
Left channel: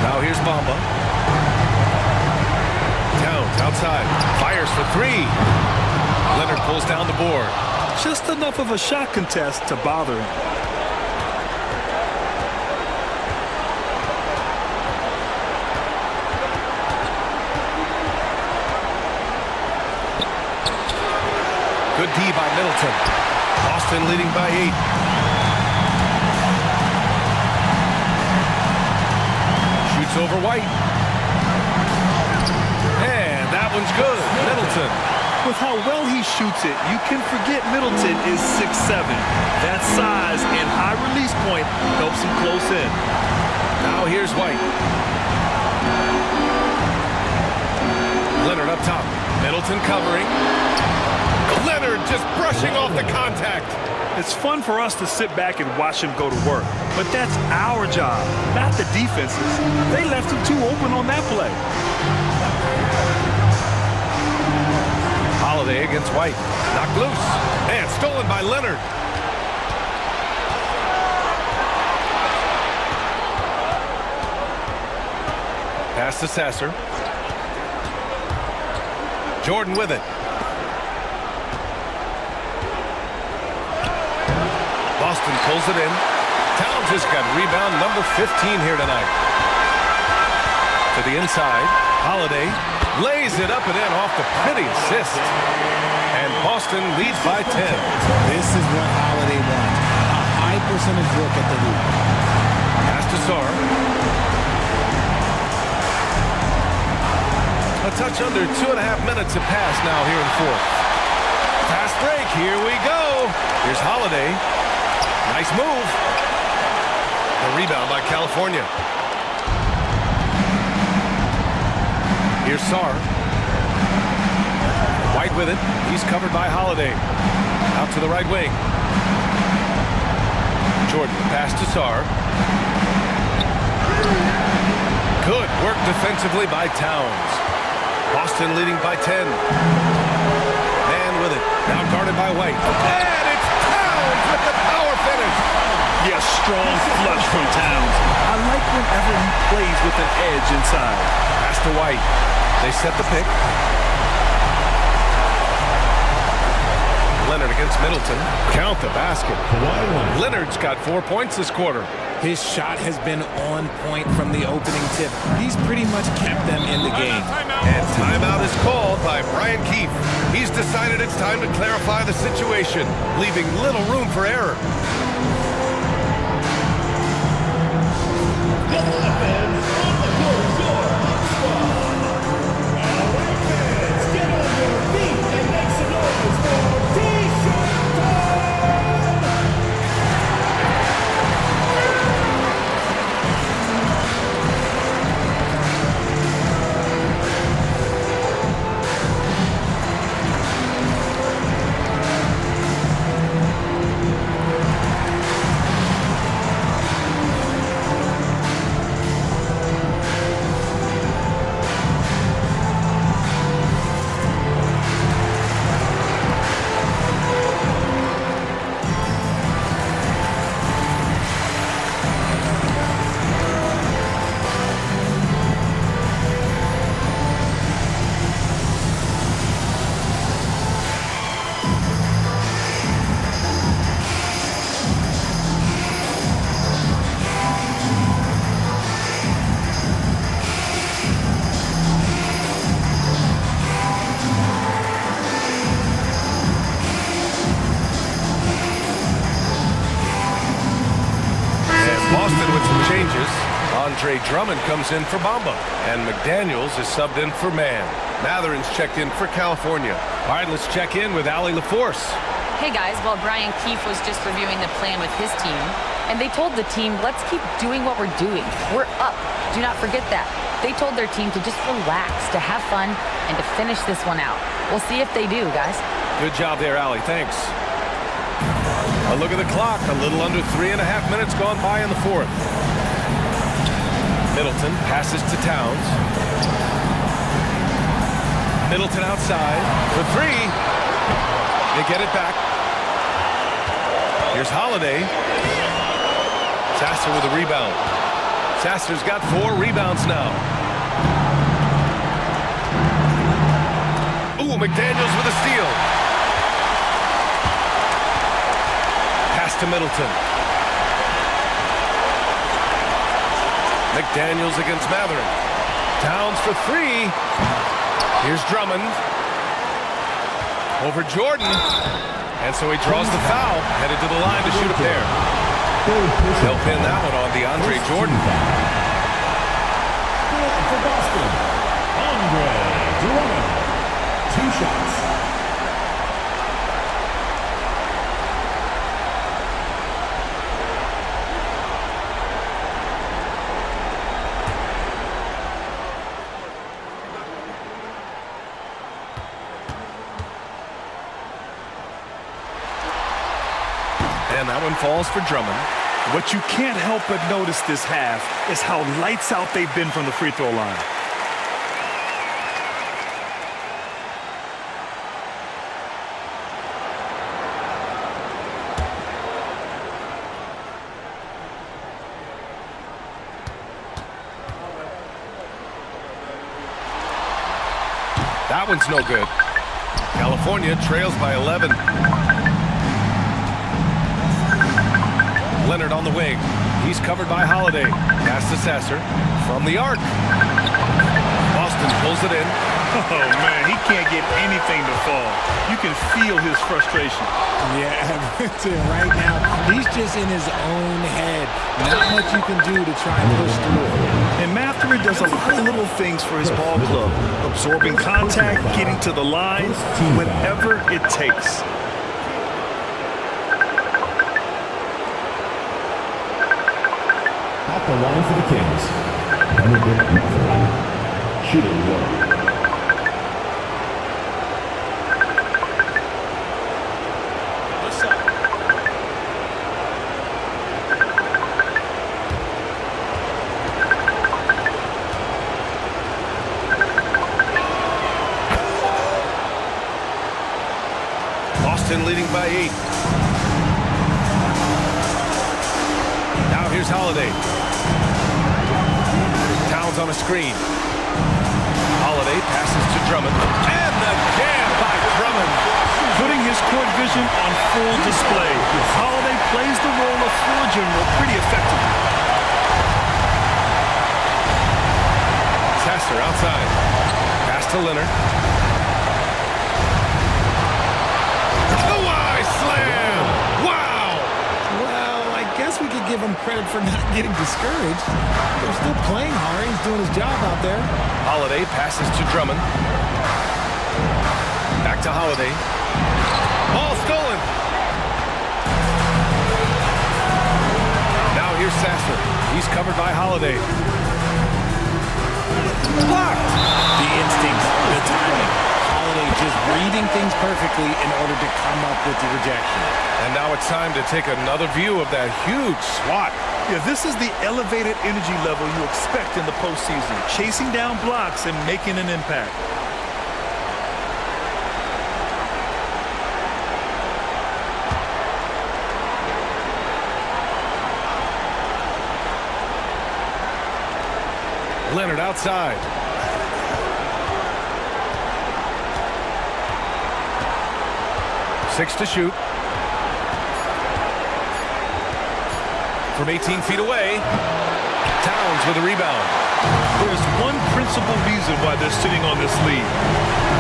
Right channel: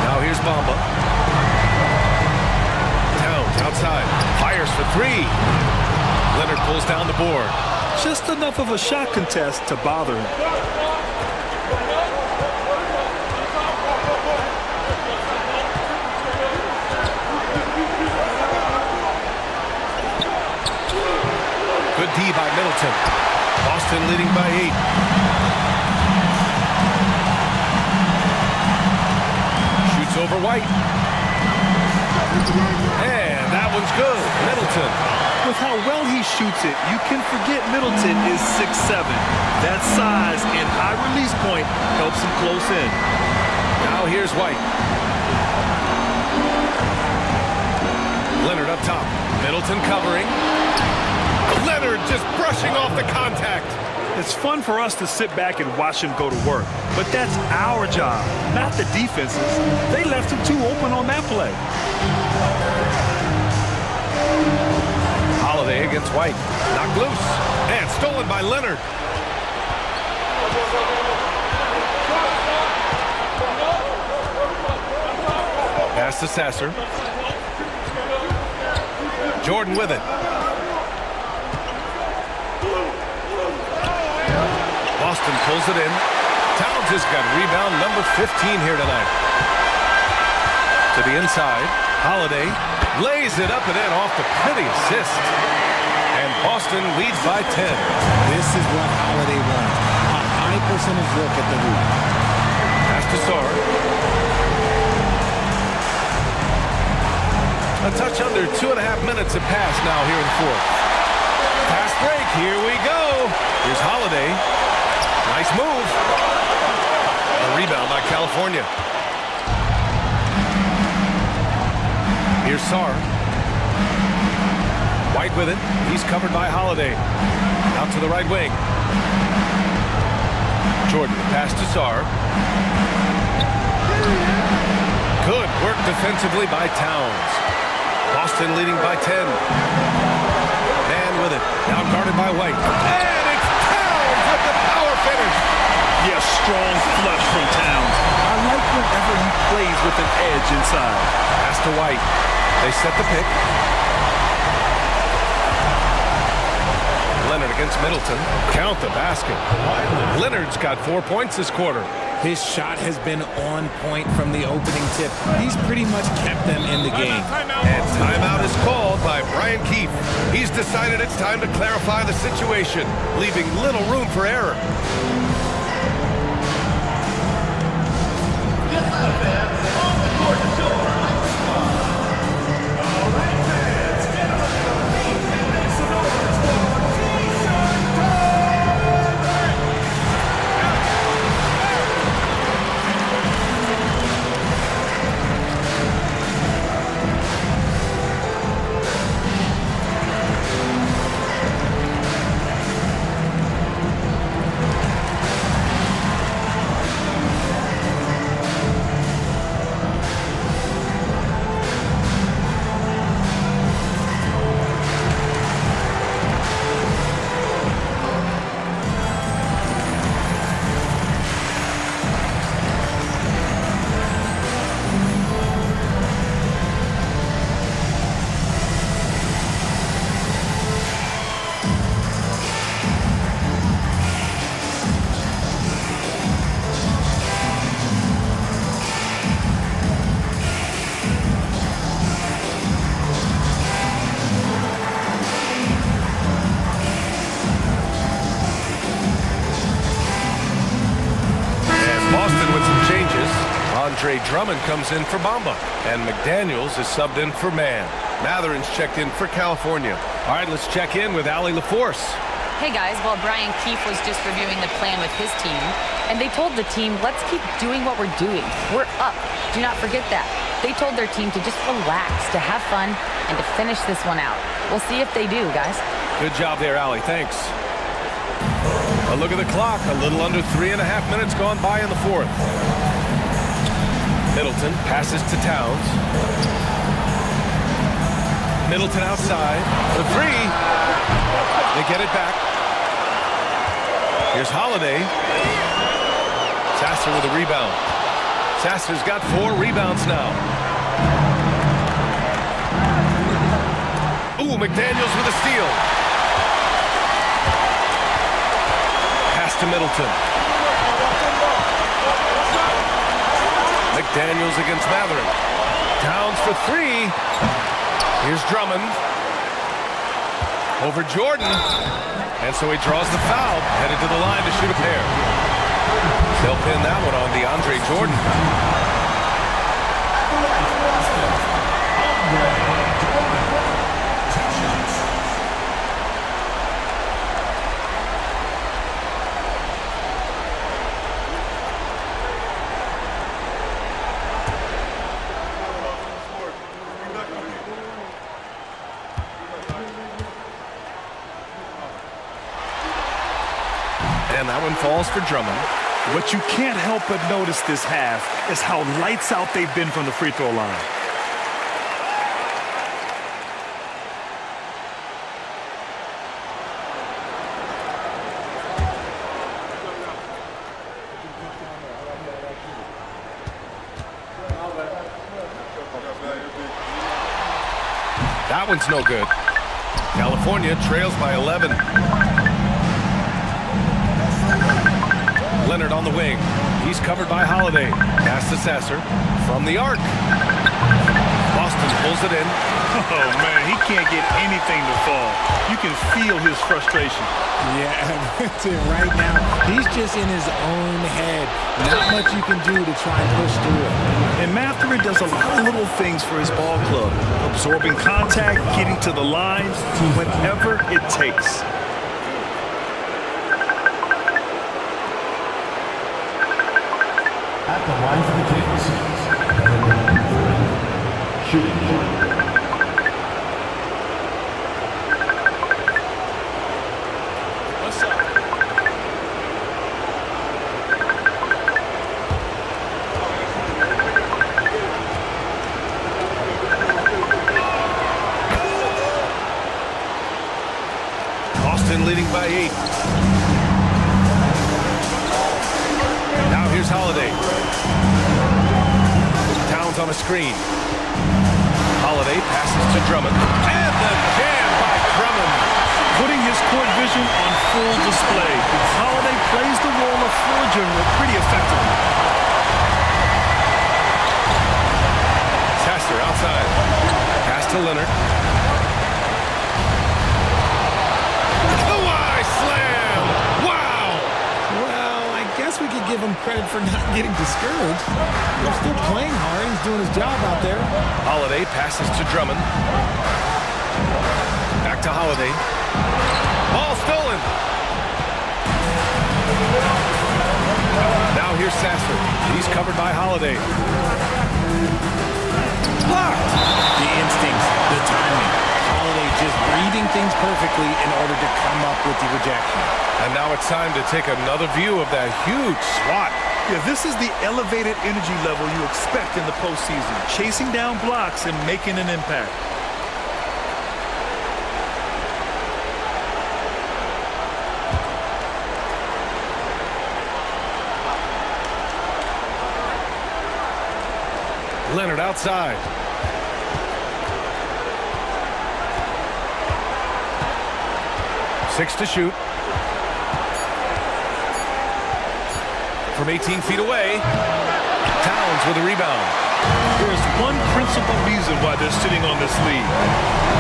Now here's Bamba. Towns outside. Fires for 3. Leonard pulls down the board. Just enough of a shot contest to bother him. Good D by Middleton. Boston leading by 8. Shoots over White. And that one's good. Middleton. With how well he shoots it, you can forget Middleton is 6'7". That size and high release point helps him close in. Now here's White. Leonard up top. Middleton covering. Leonard just brushing off the contact. It's fun for us to sit back and watch him go to work, but that's our job, not the defense's. They left him too open on that play. Holiday against White. Knocked loose. And stolen by Leonard. Pass to Sasser. Jordan with it. Boston pulls it in. Towns has got rebound number 15 here tonight. To the inside. Holiday lays it up and in off the pretty assist. And Boston leads by 10. This is what Holiday wants. A high percentage look at the hoop. Pass to Sarr. A touch under 2.5 minutes have passed now here in the fourth. Fast break. Here we go. Here's Holiday. Nice move. The rebound by California. Here's Sarr. White with it. He's covered by Holiday. Out to the right wing. Jordan, the pass to Sarr. Good work defensively by Towns. Boston leading by 10. Man with it. Now guarded by White. And it's Towns with the power finish. Yes, strong flush from Towns. I like whenever he plays with an edge inside. Pass to White. They set the pick. Leonard against Middleton. Count the basket. Leonard's got 4 points this quarter. His shot has been on point from the opening tip. He's pretty much kept them in the game. And timeout is called by Brian Keefe. He's decided it's time to clarify the situation, leaving little room for error. Boston with some changes. Andre Drummond comes in for Bamba. And McDaniels is subbed in for Mann. Matherin's checked in for California. All right, let's check in with Allie LaForce. Hey guys, well, Brian Keefe was just reviewing the plan with his team, and they told the team, let's keep doing what we're doing. We're up. Do not forget that. They told their team to just relax, to have fun, and to finish this one out. We'll see if they do, guys. Good job there, Allie. Thanks. A look at the clock. A little under 3.5 minutes gone by in the fourth. Middleton passes to Towns. Middleton outside. The three. They get it back. Here's Holiday. Sasser with a rebound. Sasser's got 4 rebounds now. Ooh, McDaniels with a steal. Pass to Middleton. McDaniels against Matherin. Towns for 3. Here's Drummond. Over Jordan. And so he draws the foul. Headed to the line to shoot a pair. They'll pin that one on DeAndre Jordan. Boston, Andre Drummond. 2 shots. And that one falls for Drummond. What you can't help but notice this half is how lights out they've been from the free throw line. That one's no good. California trails by 11. Leonard on the wing. He's covered by Holiday. Pass to Sasser from the arc. Boston pulls it in. Oh, man, he can't get anything to fall. You can feel his frustration. Yeah, right now, he's just in his own head. Not much you can do to try and push through it. And Matherin does a lot of little things for his ball club. Absorbing contact, getting to the line, whatever it takes. At the line for the Kings, shooting 1. What's up? Boston leading by 8. Now here's Holiday. Towns on a screen. Holiday passes to Drummond. And the jam by Drummond. Putting his court vision on full display. Holiday plays the role of floor general pretty effectively. Sasser outside. Pass to Leonard. Kawhi slam! Wow! Well, I guess we could give him credit for not getting discouraged. They're still playing hard. He's doing his job out there. Holiday passes to Drummond. Back to Holiday. Ball stolen. Now here's Sasser. He's covered by Holiday. Blocked. The instincts, the timing. Holiday just reading things perfectly in order to come up with the rejection. And now it's time to take another view of that huge swat. Yeah, this is the elevated energy level you expect in the postseason. Chasing down blocks and making an impact. Leonard outside. Six to shoot. From 18 feet away. Towns with a rebound. There's one principal reason why they're sitting on this lead.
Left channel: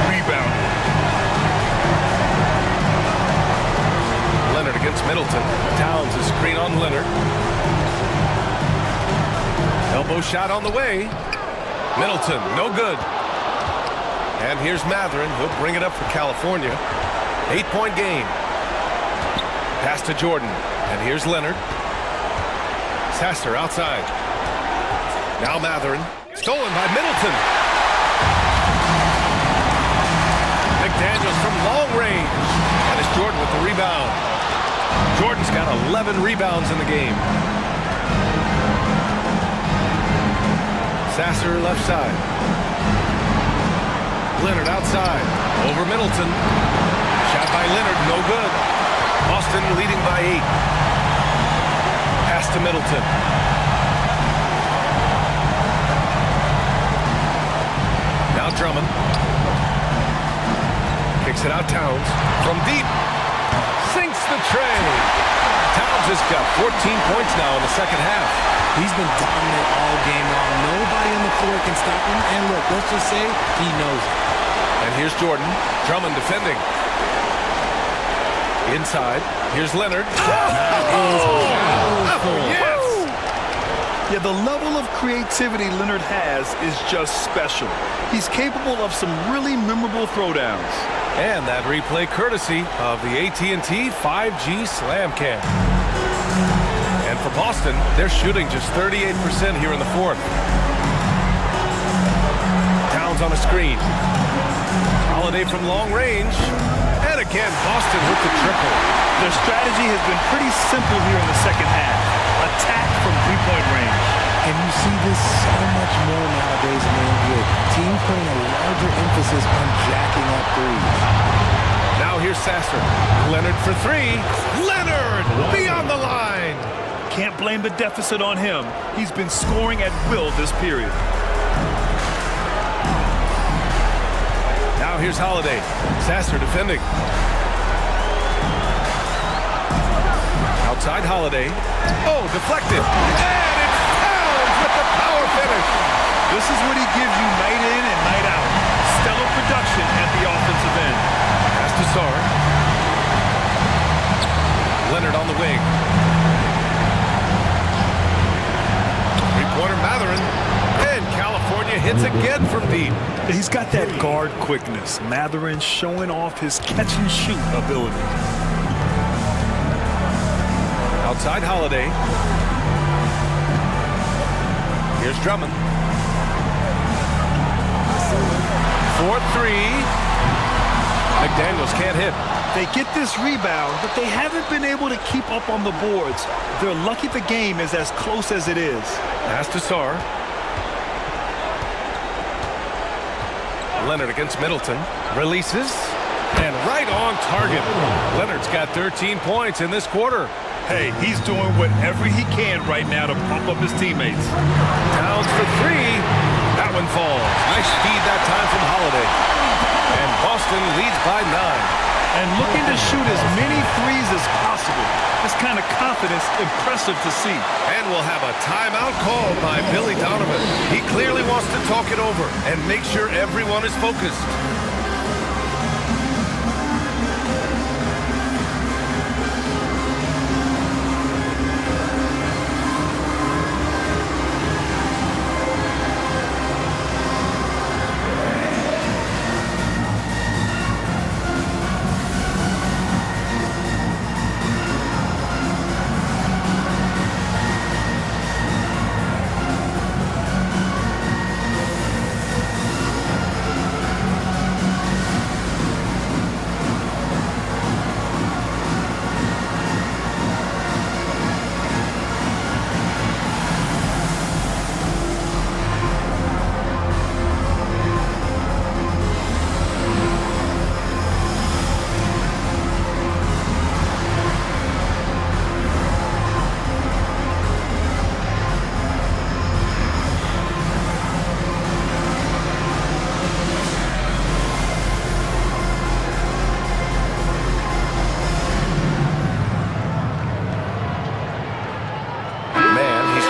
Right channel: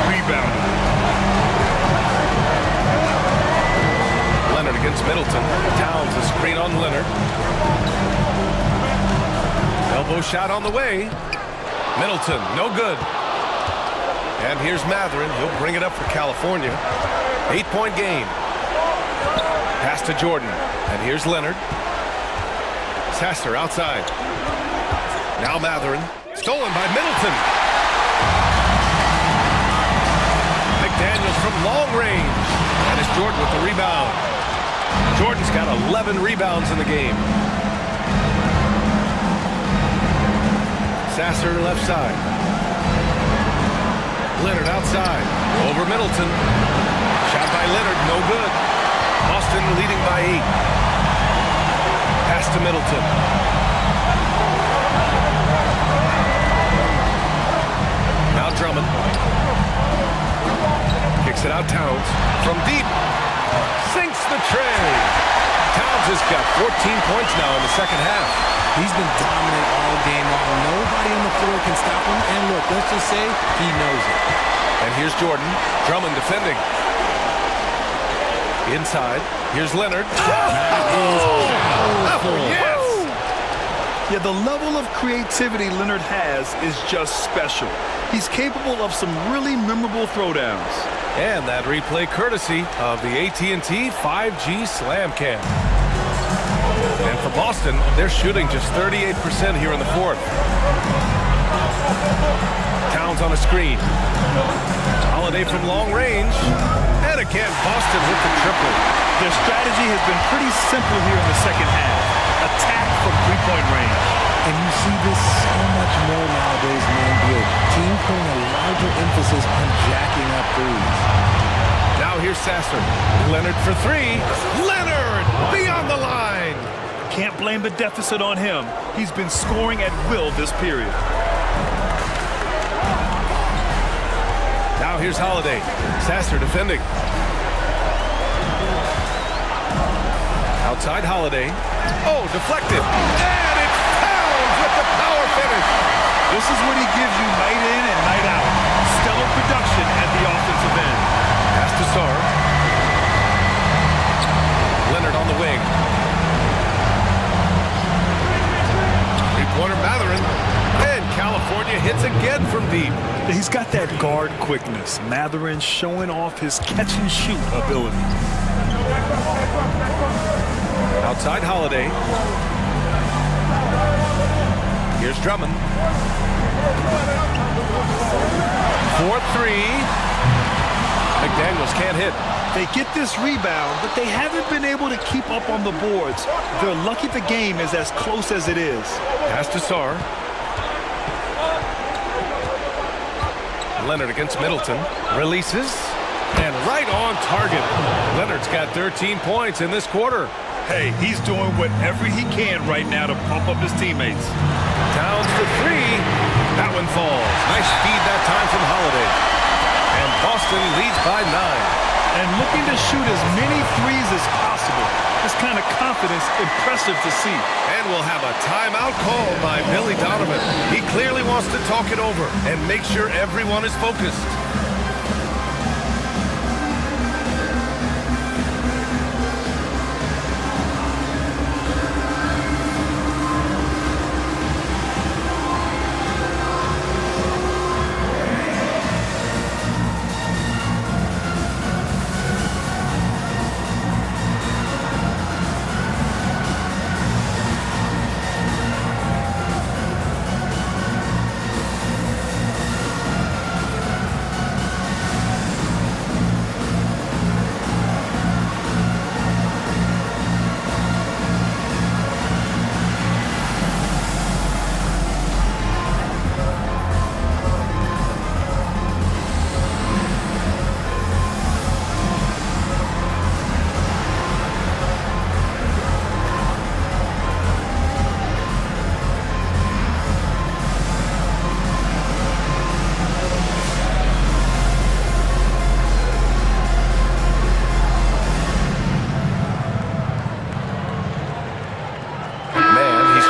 Rebounding. Leonard against Middleton. Towns a screen on Leonard. Elbow shot on the way. Middleton, no good. And here's Matherin. He'll bring it up for California. 8-point game. Pass to Jordan. And here's Leonard. Sasser outside. Now Matherin. Stolen by Middleton. McDaniels from long range. And it's Jordan with the rebound. Jordan's got 11 rebounds in the game. Sasser left side. Leonard outside. Over Middleton. Shot by Leonard, no good. Boston leading by 8. Pass to Middleton. Now Drummond. Kicks it out Towns. From deep. Sinks the tray. Towns has got 14 points now in the second half. He's been dominant all game long. Nobody on the floor can stop him. And look, let's just say he knows it. And here's Jordan. Drummond defending. Inside. Here's Leonard. That is powerful. Oh, yes! Yeah, the level of creativity Leonard has is just special. He's capable of some really memorable throwdowns. And that replay courtesy of the AT&T 5G Slam Cam. And for Boston, they're shooting just 38% here in the fourth. Towns on a screen. Holiday from long range. And again, Boston with the triple. Their strategy has been pretty simple here in the second half. Attack from three-point range. And you see this so much more nowadays in the NBA. Teams putting a larger emphasis on jacking up threes. Now here's Sasser. Leonard for three. Leonard beyond the line. Can't blame the deficit on him. He's been scoring at will this period. Now here's Holiday. Sasser defending. Outside Holiday. Oh, deflected. And it's Towns with the power finish. This is what he gives you night in and night out. Stellar production at the offensive end. Pass to Sarr. Leonard on the wing. Three-pointer Mathurin. And California hits again from deep. He's got that guard quickness. Mathurin showing off his catch-and-shoot ability. Outside Holiday. Here's Drummond. 4-3. McDaniels can't hit. They get this rebound, but they haven't been able to keep up on the boards. They're lucky the game is as close as it is. Pass to Sarr. Leonard against Middleton. Releases. And right on target. Leonard's got 13 points in this quarter. Hey, he's doing whatever he can right now to pump up his teammates. Towns for three. That one falls. Nice feed that time from Holiday. And Boston leads by 9. And looking to shoot as many threes as possible. This kind of confidence, impressive to see. And we'll have a timeout called by Billy Donovan. He clearly wants to talk it over and make sure everyone is focused.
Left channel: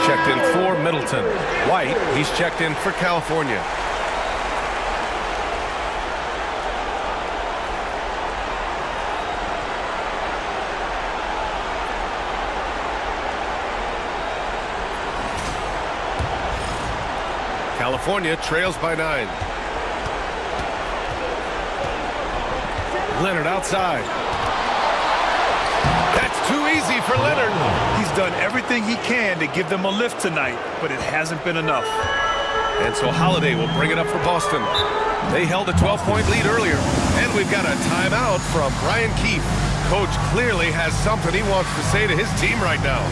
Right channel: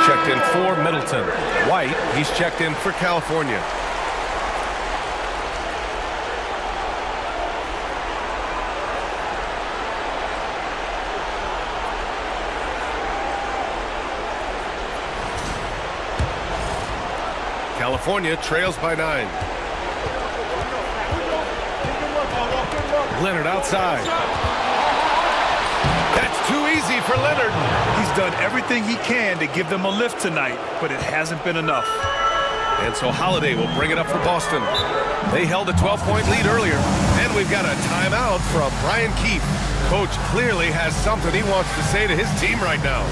Checked in for Middleton. White, he's checked in for California. California trails by 9. Leonard outside. That's too easy for Leonard. He's done everything he can to give them a lift tonight, but it hasn't been enough. And so Holiday will bring it up for Boston. They held a 12-point lead earlier. And we've got a timeout from Brian Keefe. Coach clearly has something he wants to say to his team right now.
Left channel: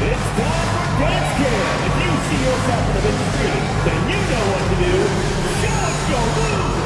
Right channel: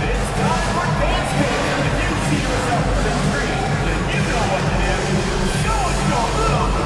It's time for dance cam. If you see yourself on the screen, then you know what to do. Show us your moves.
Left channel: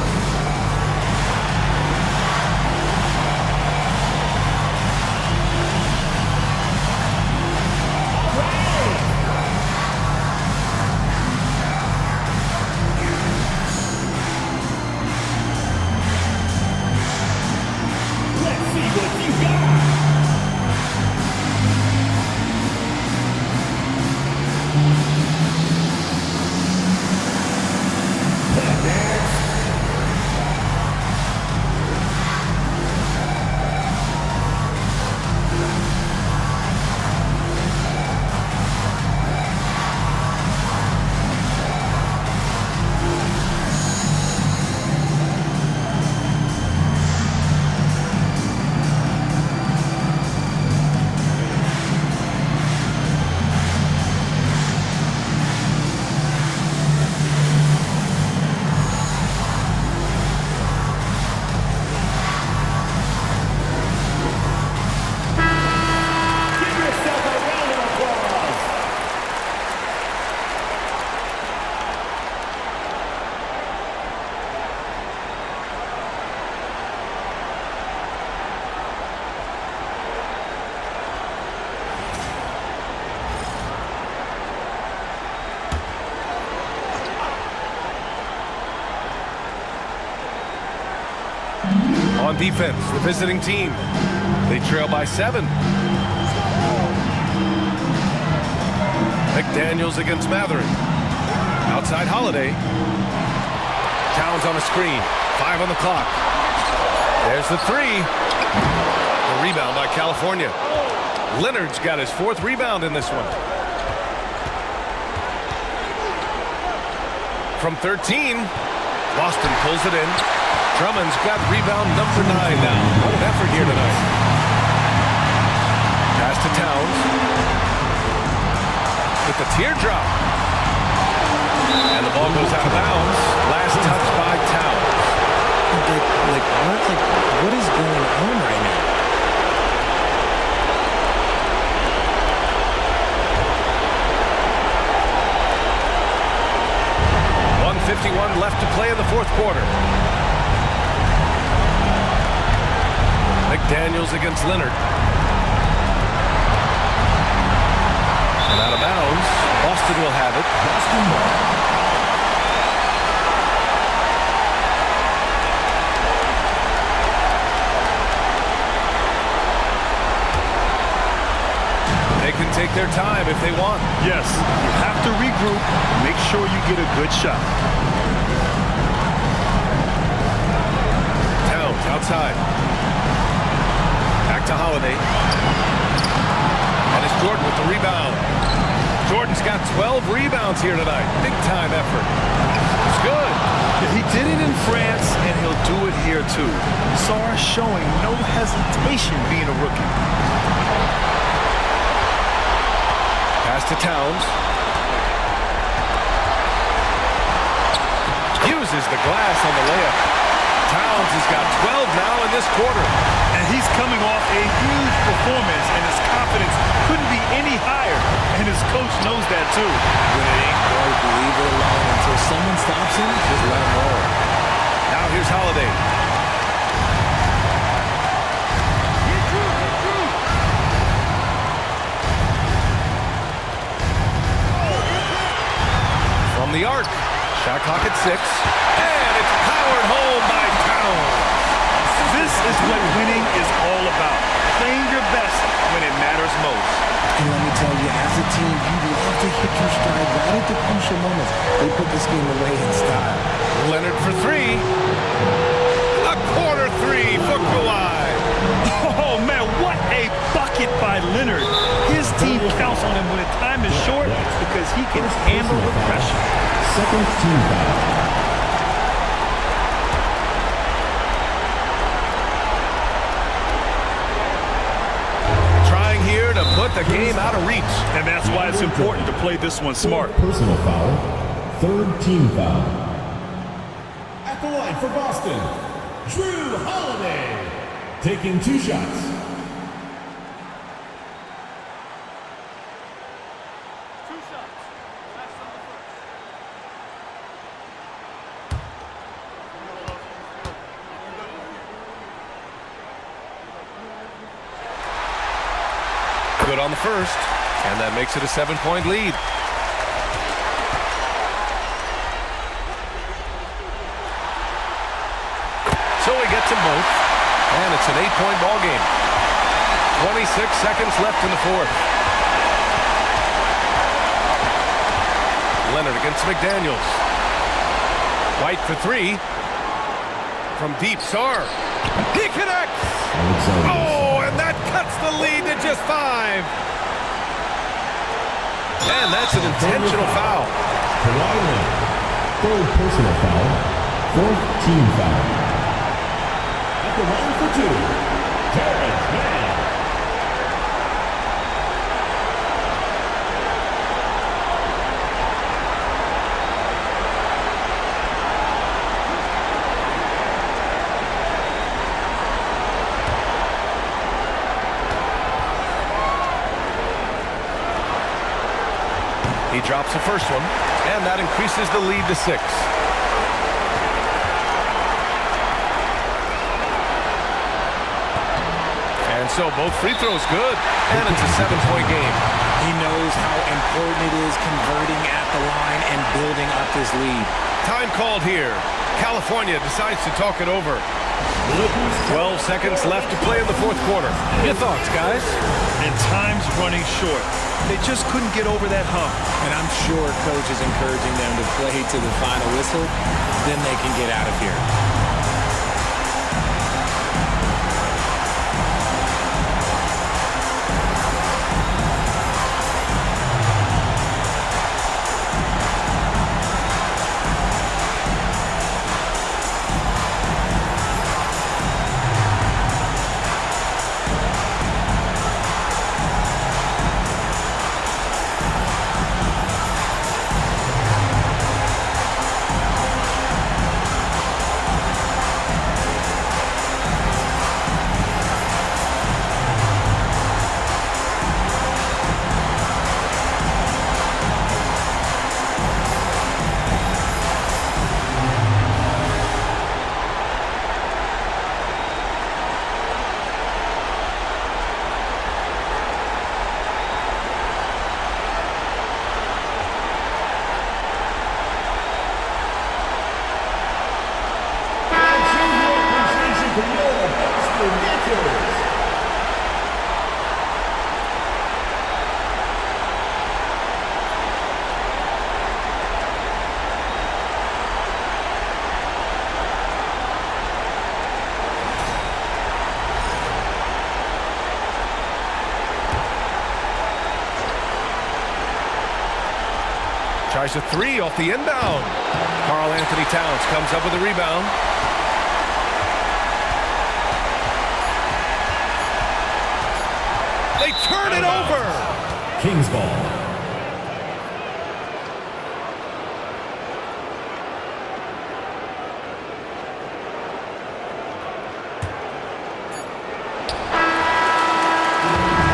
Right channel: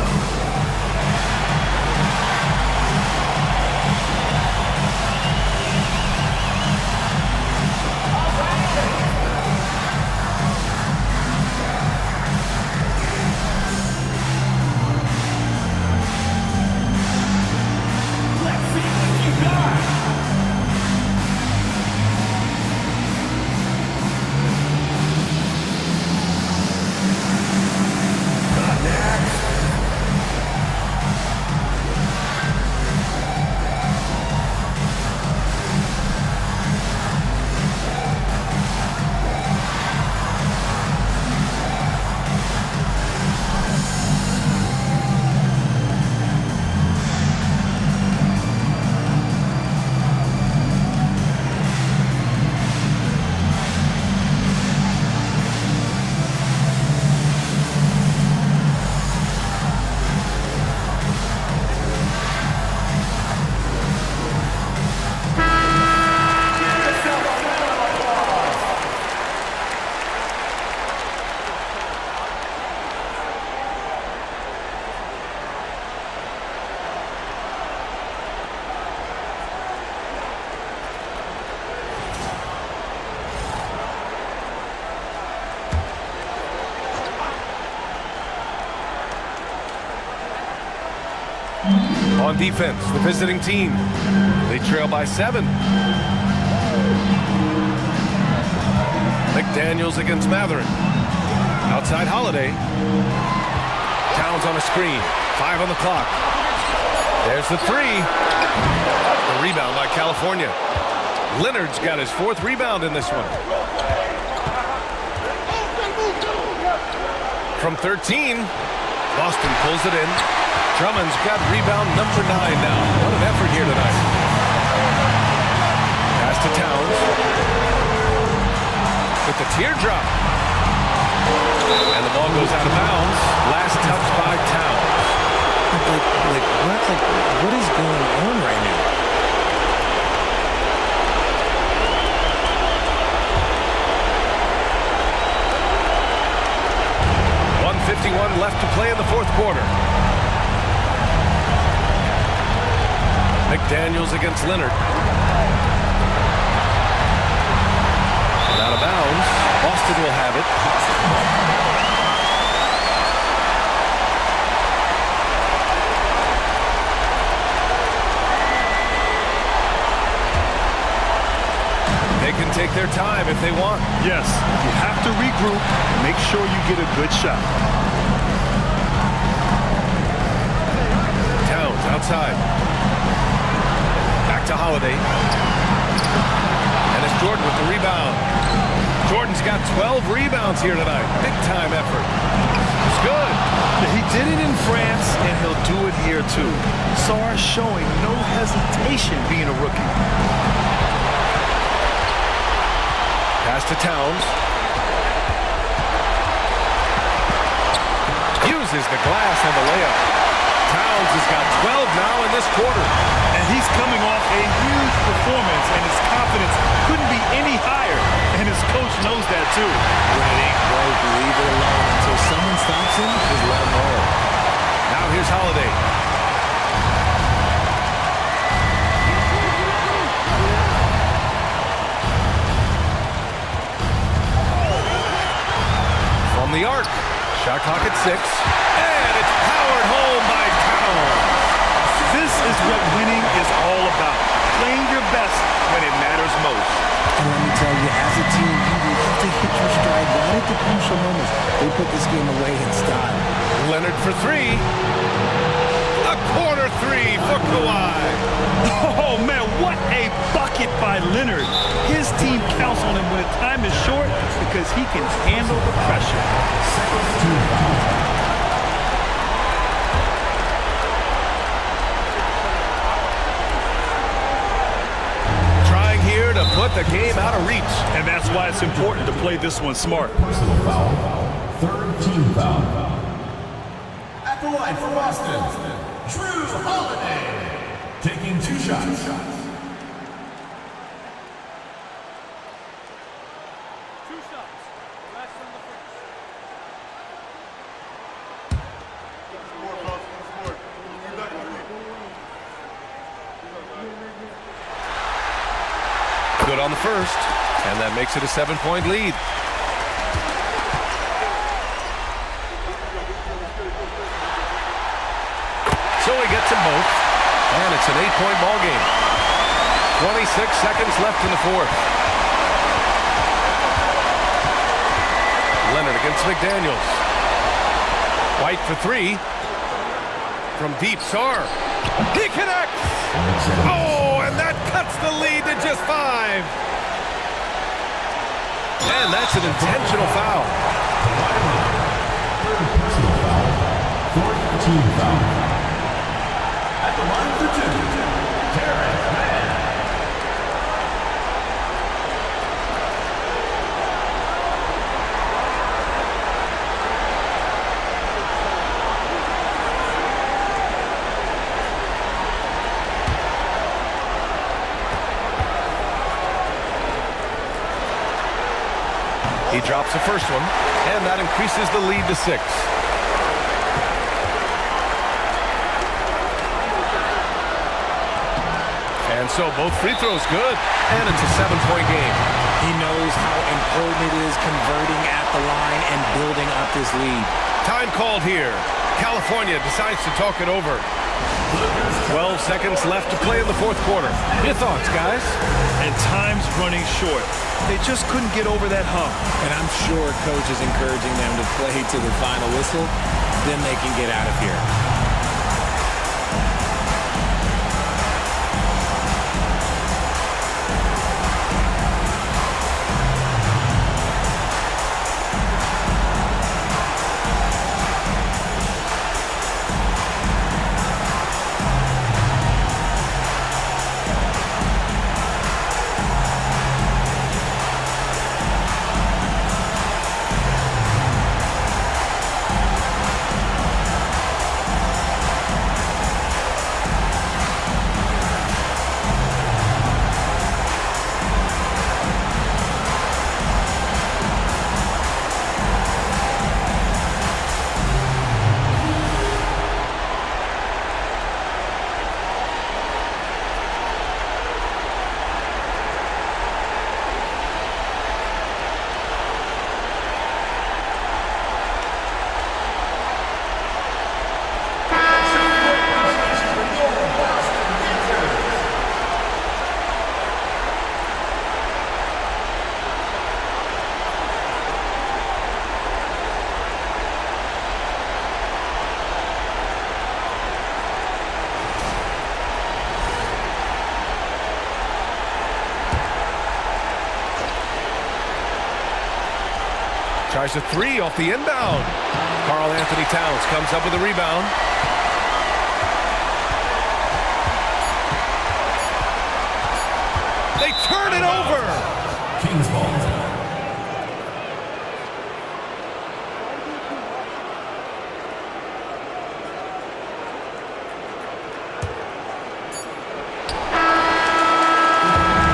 On defense, the visiting team. They trail by 7. McDaniels against Matherin. Outside Holiday. Towns on a screen. 5 on the clock. There's the 3. The rebound by California. Leonard's got his 4th rebound in this one. From 13, Boston pulls it in. Drummond's got rebound number 9 now. What an effort here tonight. Pass to Towns. With the teardrop. And the ball goes out of bounds. Last touch by Towns. What is going on right now? .51 left to play in the 4th quarter. McDaniels against Leonard. And out of bounds. Boston will have it. They can take their time if they want. Yes, you have to regroup. Make sure you get a good shot. Towns outside. Back to Holiday. And it's Jordan with the rebound. Jordan's got 12 rebounds here tonight. Big time effort. It's good. Yeah, he did it in France, and he'll do it here too. Sarr showing no hesitation being a rookie. Pass to Towns. Uses the glass on the layup. Towns has got 12 now in this quarter. And he's coming off a huge performance, and his confidence couldn't be any higher. And his coach knows that too. When it ain't broke, leave it alone. Until someone stops him, just let him roll. Now here's Holiday. From the arc. Shot clock at 6. And it's powered home by Towns. This is what winning is all about. Playing your best when it matters most. And let me tell you, as a team, you love to hit your stride right at the crucial moments. They put this game away in style. Leonard for 3. A corner 3 for Kawhi. Oh, man, what a bucket by Leonard. His team counts on him when the time is short because he can handle the pressure. Second team foul. Trying here to put the game out of reach. And that's why it's important to play this one smart. Personal foul. 3rd team foul. At the line for Boston, Drew Holiday. Taking 2 shots. Good on the first, and that makes it a 7-point lead. So he gets them both, and it's an 8-point ball game. 26 seconds left in the 4th. Leonard against McDaniels. White for 3. From deep, Sarr. He connects! Oh, and that cuts the lead to just 5. And that's an intentional foul. Kawhi Leonard. 3rd personal foul. 4th team foul. At the line for 2, Terrence Mann. He drops the first one, and that increases the lead to 6. And so both free throws good, and it's a 7-point game. He knows how important it is converting at the line and building up this lead. Time called here. California decides to talk it over. 12 seconds left to play in the fourth quarter. Your thoughts, guys? And time's running short. They just couldn't get over that hump. And I'm sure coach is encouraging them to play to the final whistle. Then they can get out of here. Tries a three off the inbound. Karl Anthony Towns comes up with a rebound. They turn it over. Kings ball.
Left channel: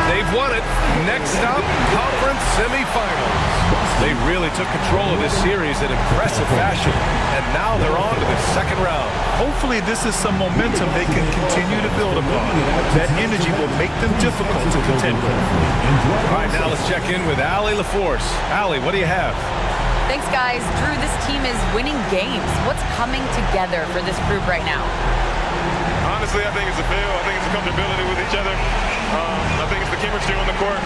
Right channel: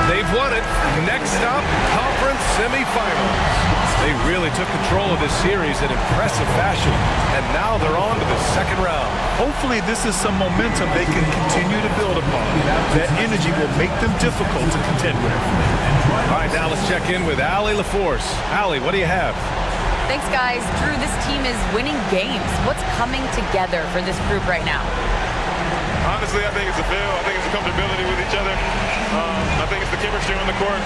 They've won it. Next up, conference semifinals. They really took control of this series in impressive fashion, and now they're on to the second round. Hopefully this is some momentum they can continue to build upon. That energy will make them difficult to contend with. All right, now let's check in with Allie LaForce. Allie, what do you have? Thanks, guys. Drew, this team is winning games. What's coming together for this group right now? Honestly, I think it's a feel. I think it's a comfortability with each other. I think it's the chemistry on the court.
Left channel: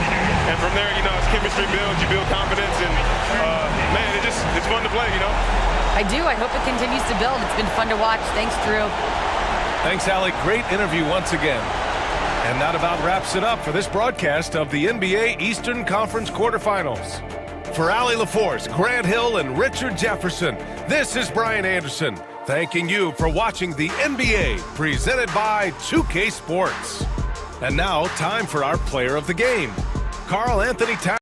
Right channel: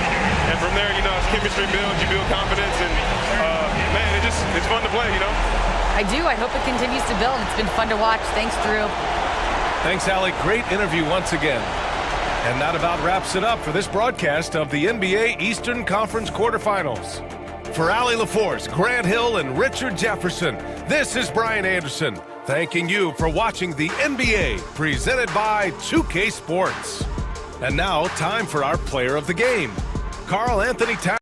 And from there, as chemistry builds, you build confidence. And, man, it's fun to play, I do. I hope it continues to build. It's been fun to watch. Thanks, Drew. Thanks, Allie. Great interview once again. And that about wraps it up for this broadcast of the NBA Eastern Conference quarterfinals. For Allie LaForce, Grant Hill, and Richard Jefferson, this is Brian Anderson, thanking you for watching the NBA presented by 2K Sports. And now, time for our player of the game, Karl Anthony Towns.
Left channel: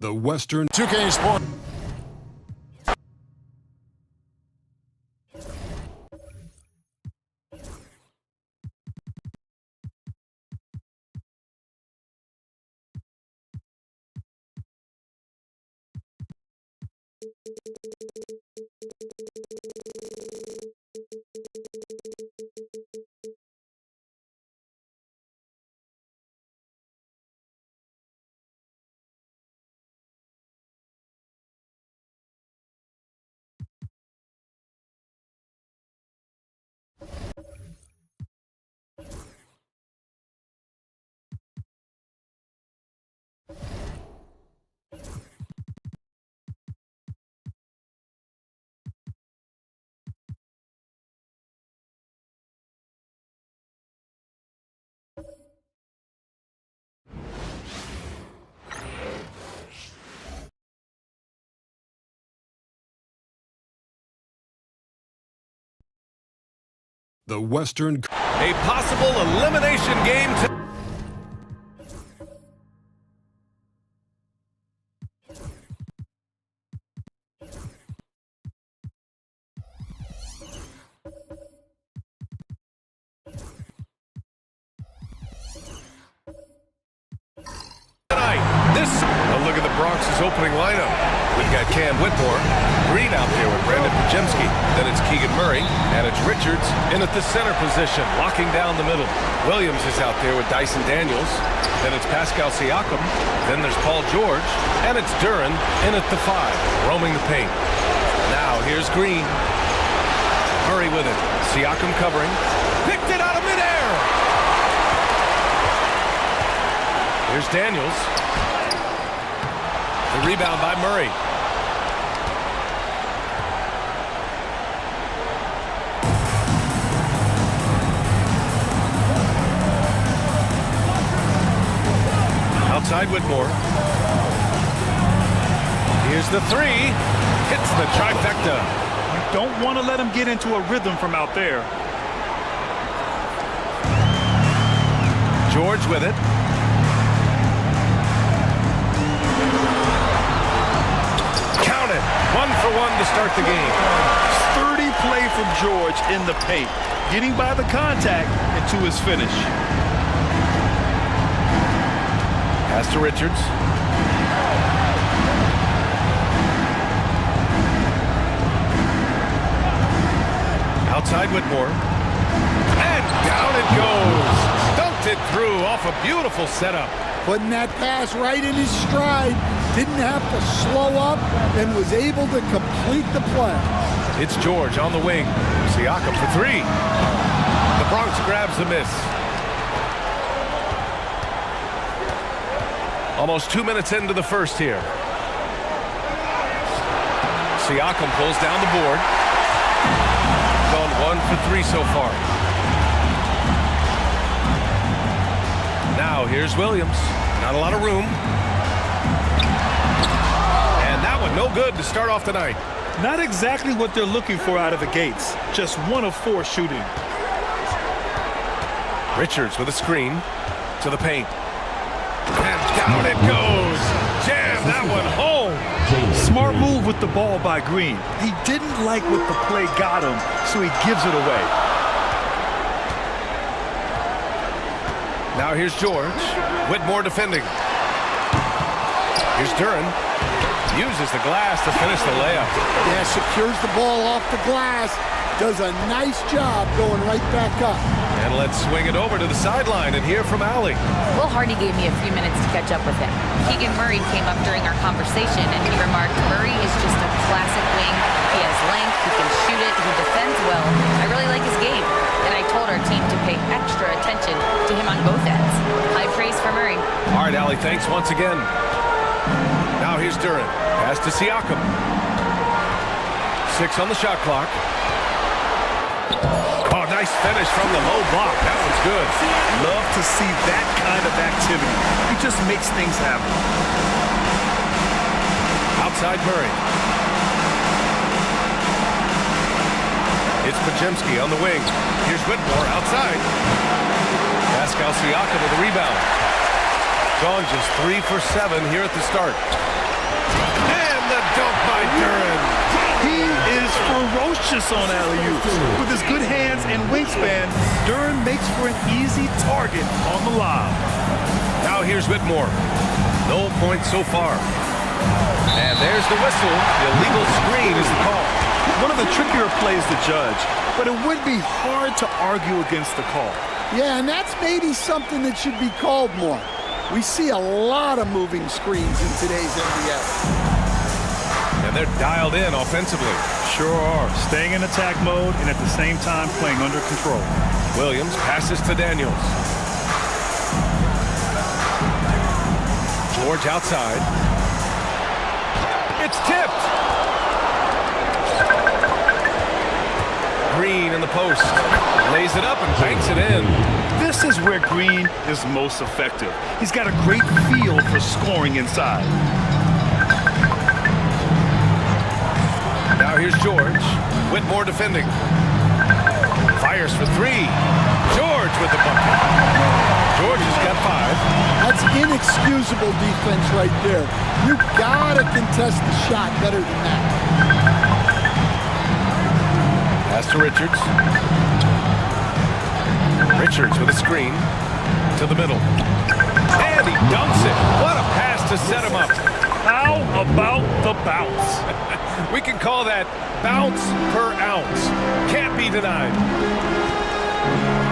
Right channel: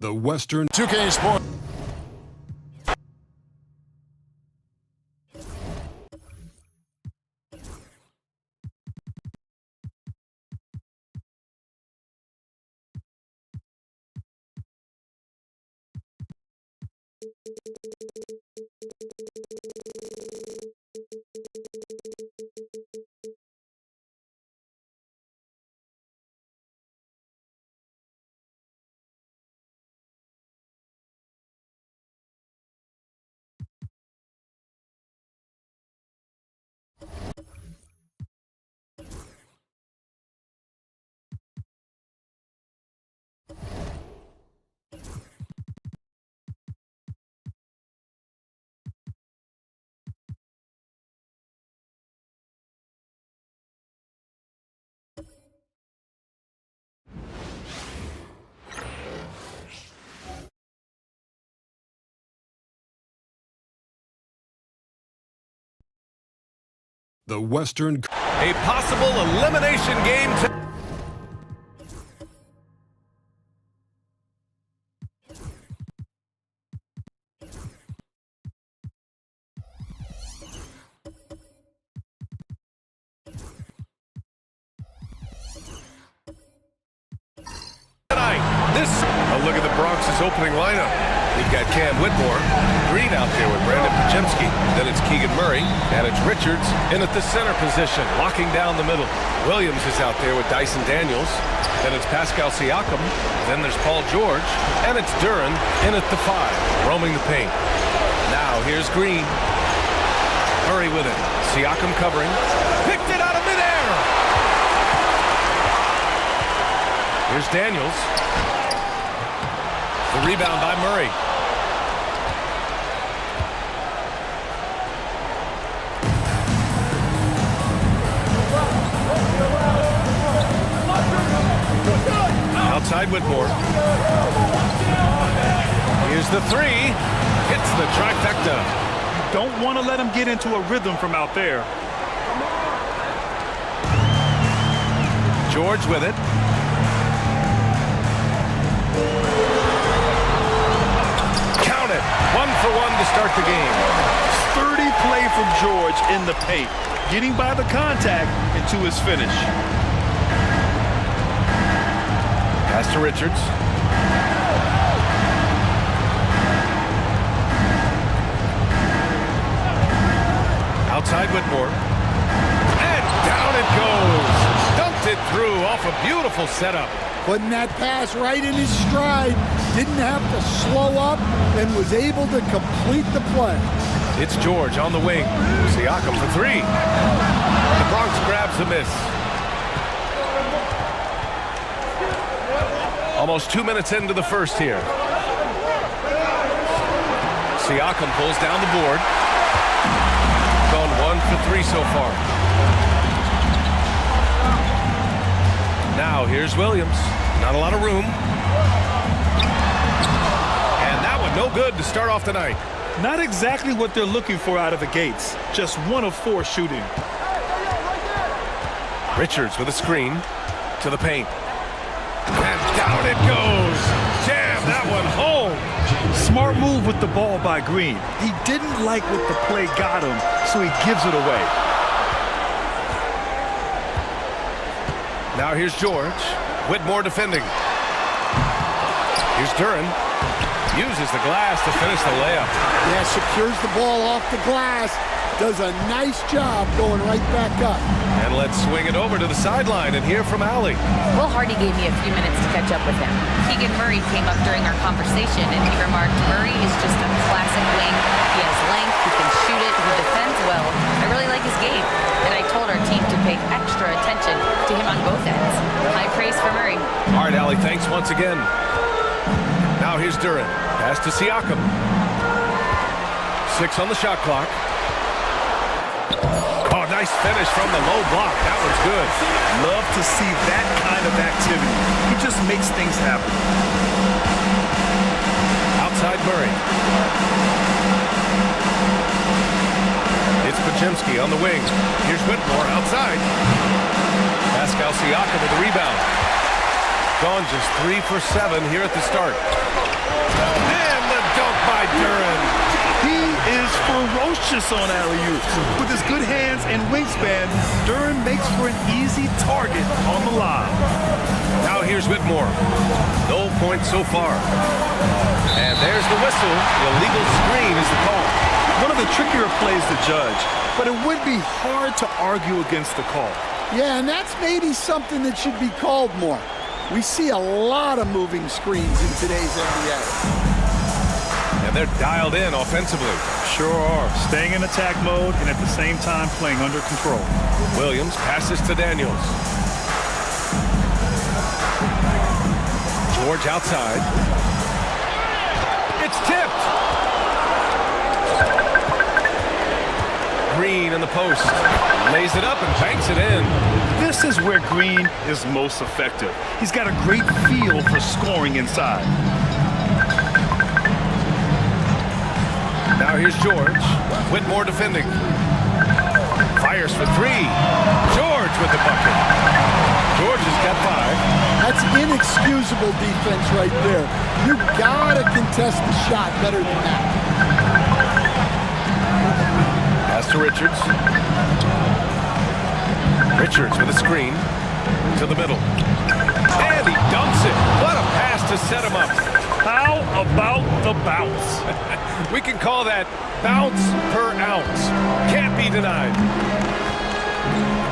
The Western 2K Sports. The Western. A possible elimination game. Tonight, a look at the Bronx' opening lineup. We've got Cam Whitmore, Green out there with Brandon Pajemski. Then it's Keegan Murray, and it's Richards in at the center position, locking down the middle. Williams is out there with Dyson Daniels. Then it's Pascal Siakam. Then there's Paul George, and it's Duren in at the 5, roaming the paint. Now here's Green. Murray with it. Siakam covering. Picked it out of midair. Here's Daniels. The rebound by Murray. Outside Whitmore. Here's the 3. Hits the trifecta. You don't want to let him get into a rhythm from out there. George with it. Count it. 1 for 1 to start the game. Sturdy play from George in the paint, getting by the contact and to his finish. Pass to Richards. Outside Whitmore. And down it goes. Dunked it through off a beautiful setup. Putting that pass right in his stride. Didn't have to slow up and was able to complete the play. It's George on the wing. Siakam for 3. The Bronx grabs a miss. Almost 2 minutes into the first here. Siakam pulls down the board. Gone 1 for 3 so far. Now here's Williams. Not a lot of room. And that one no good to start off the night. Not exactly what they're looking for out of the gates. Just 1 of 4 shooting. Richards with a screen to the paint. And down it goes. Jam that one home. Smart move with the ball by Green. He didn't like what the play got him, so he gives it away. Now here's George. Whitmore defending. Here's Duran. Uses the glass to finish the layup. Yeah, secures the ball off the glass. Does a nice job going right back up. And let's swing it over to the sideline and hear from Allie. Will Hardy gave me a few minutes to catch up with him. Keegan Murray came up during our conversation, and he remarked, Murray is just a classic wing. He has length, he can shoot it, he defends well. I really like his game. And I told our team to pay extra attention to him on both ends. High praise for Murray. All right, Allie, thanks once again. Now here's Duran. Pass to Siakam. 6 on the shot clock. Oh, nice finish from the low block. That one's good. Love to see that kind of activity. He just makes things happen. Outside Murray. It's Podziemski on the wing. Here's Whitmore outside. Pascal Siakam with a rebound. Gone just 3 for 7 here at the start. And the dunk by Duran. He is ferocious on alley-oops. With his good hands and wingspan, Duran makes for an easy target on the lob. Now here's Whitmore. No points so far. And there's the whistle. The illegal screen is the call. One of the trickier plays to judge, but it would be hard to argue against the call. Yeah, and that's maybe something that should be called more. We see a lot of moving screens in today's NBA. And they're dialed in offensively. Sure are. Staying in attack mode and at the same time playing under control. Williams passes to Daniels. George outside. It's tipped. Green in the post. Lays it up and banks it in. This is where Green is most effective. He's got a great feel for scoring inside. Now here's George. Whitmore defending. Fires for 3. George with the bucket. George has got 5. That's inexcusable defense right there. You gotta contest the shot better than that. Pass to Richards. Richards with a screen to the middle. And he dunks it. What a pass to set him up. How about the bounce? We can call that bounce per ounce. Can't be denied.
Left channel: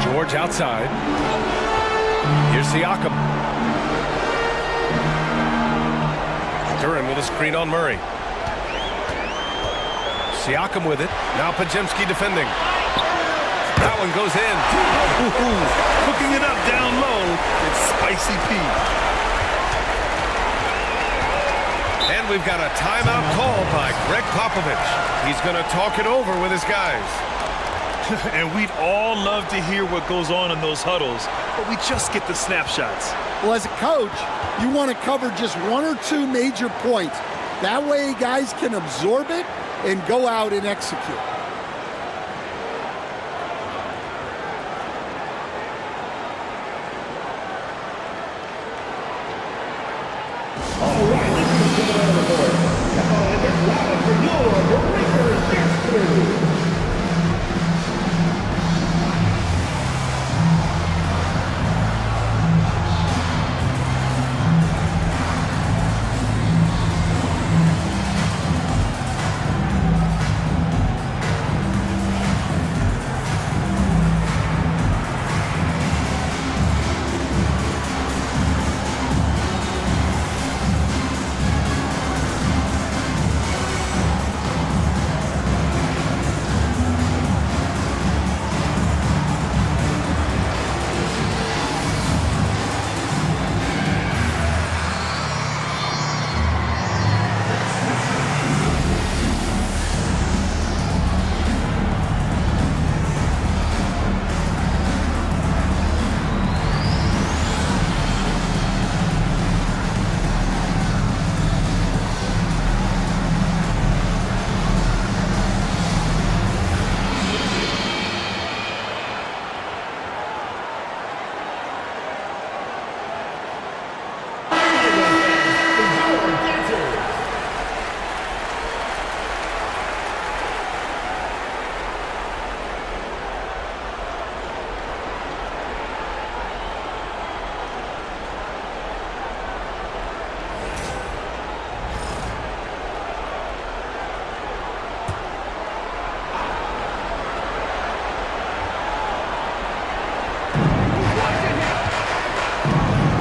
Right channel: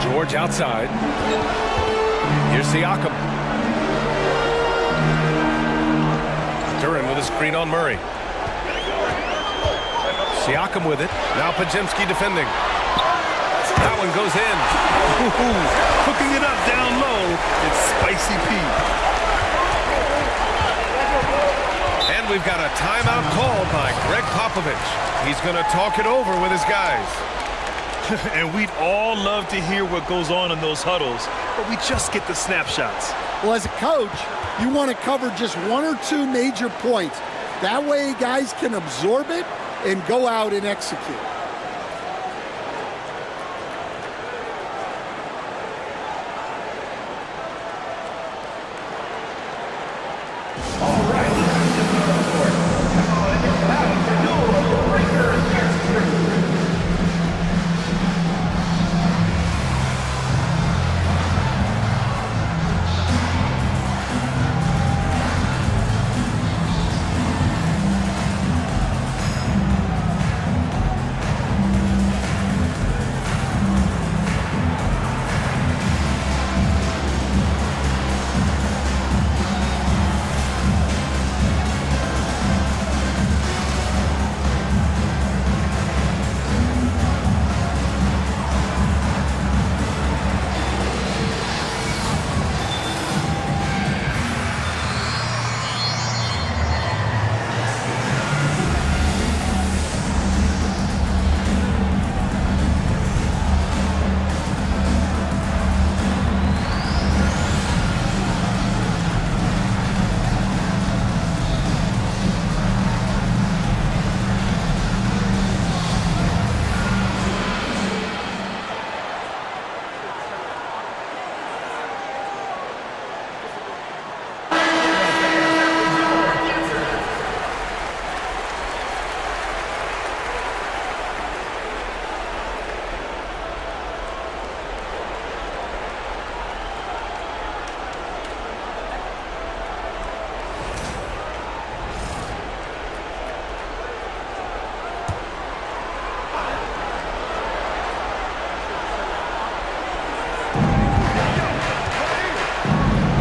George outside. Here's Siakam. Duran with a screen on Murray. Siakam with it. Now Podziemski defending. That one goes in. Ooh, cooking it up down low. It's Spicy P. And we've got a timeout called by Greg Popovich. He's going to talk it over with his guys. And we'd all love to hear what goes on in those huddles, but we just get the snapshots. Well, as a coach, you want to cover just 1 or 2 major points. That way guys can absorb it and go out and execute.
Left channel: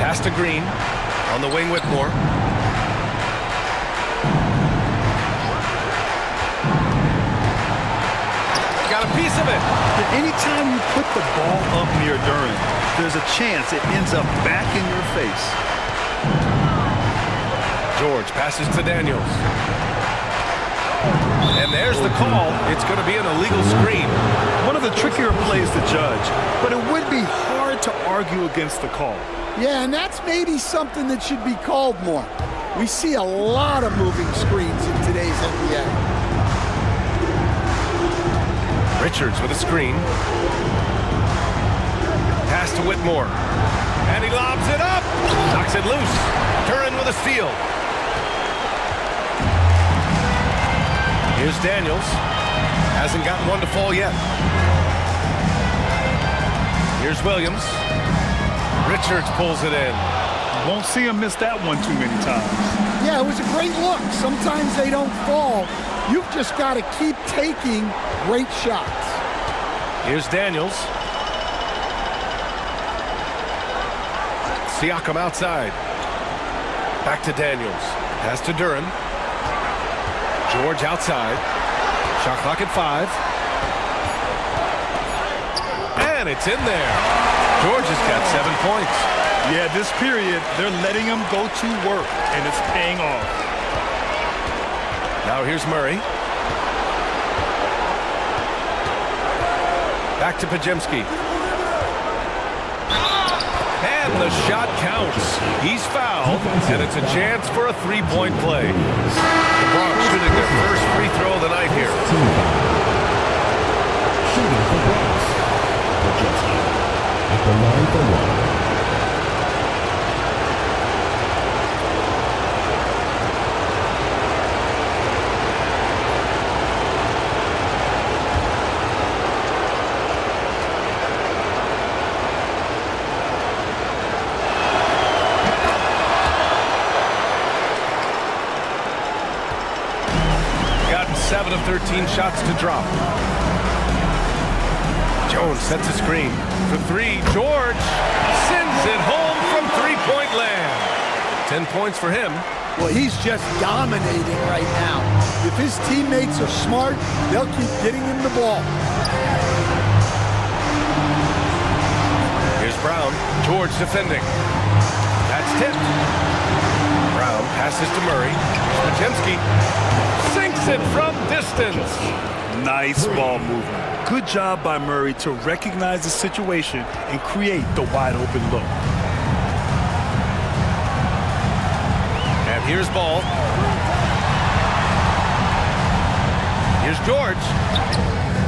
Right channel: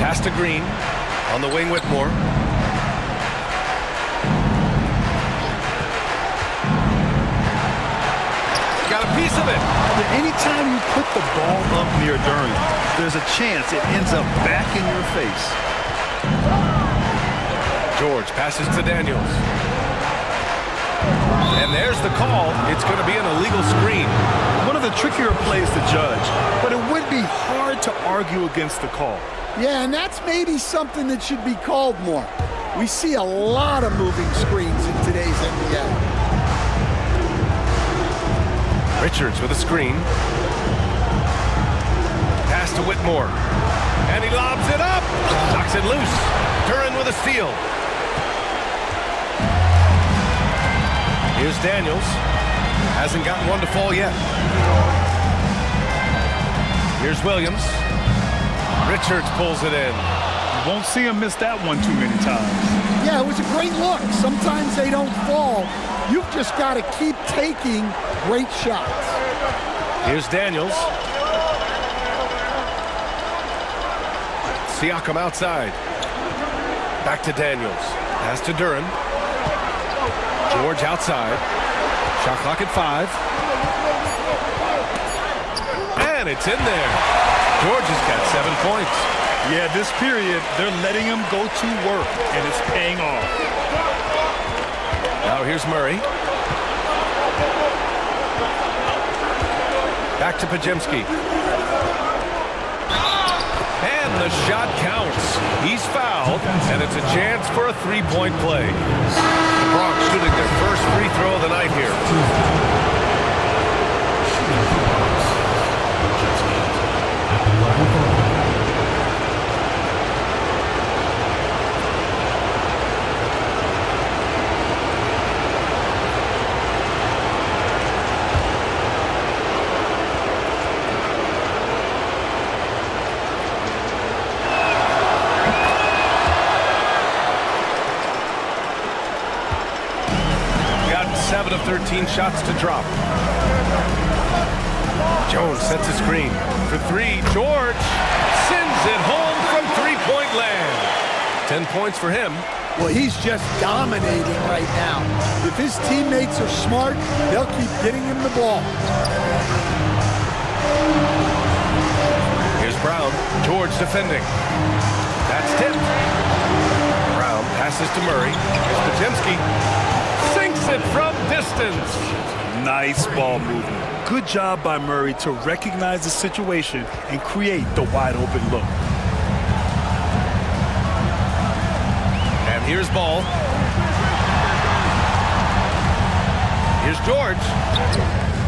Pass to Green. On the wing, Whitmore. Got a piece of it. Anytime you put the ball up near Duran, there's a chance it ends up back in your face. George passes to Daniels. And there's the call. It's going to be an illegal screen. One of the trickier plays to judge, but it would be hard to argue against the call. Yeah, and that's maybe something that should be called more. We see a lot of moving screens in today's NBA. Richards with a screen. Pass to Whitmore. And he lobs it up. Knocks it loose. Duran with a steal. Here's Daniels. Hasn't gotten one to fall yet. Here's Williams. Richards pulls it in. You won't see him miss that one too many times. Yeah, it was a great look. Sometimes they don't fall. You've just got to keep taking great shots. Here's Daniels. Siakam outside. Back to Daniels. Pass to Duran. George outside. Shot clock at 5. And it's in there. George has got 7 points. Yeah, this period, they're letting him go to work, and it's paying off. Now here's Murray. Back to Pajemski. And the shot counts. He's fouled, and it's a chance for a three-point play. The Bronx shooting their first free throw of the night here. Shooting for Bronx. Pajemski at the line for one. Got 7 of 13 shots to drop. Jones sets a screen for 3. George sends it home from three-point land. 10 points for him. Well, he's just dominating right now. If his teammates are smart, they'll keep getting him the ball. Here's Brown. George defending. That's tipped. Brown passes to Murray. Here's Pajemski. Sinks it from distance. Nice ball movement. Good job by Murray to recognize the situation and create the wide open look. And here's Ball. Here's George.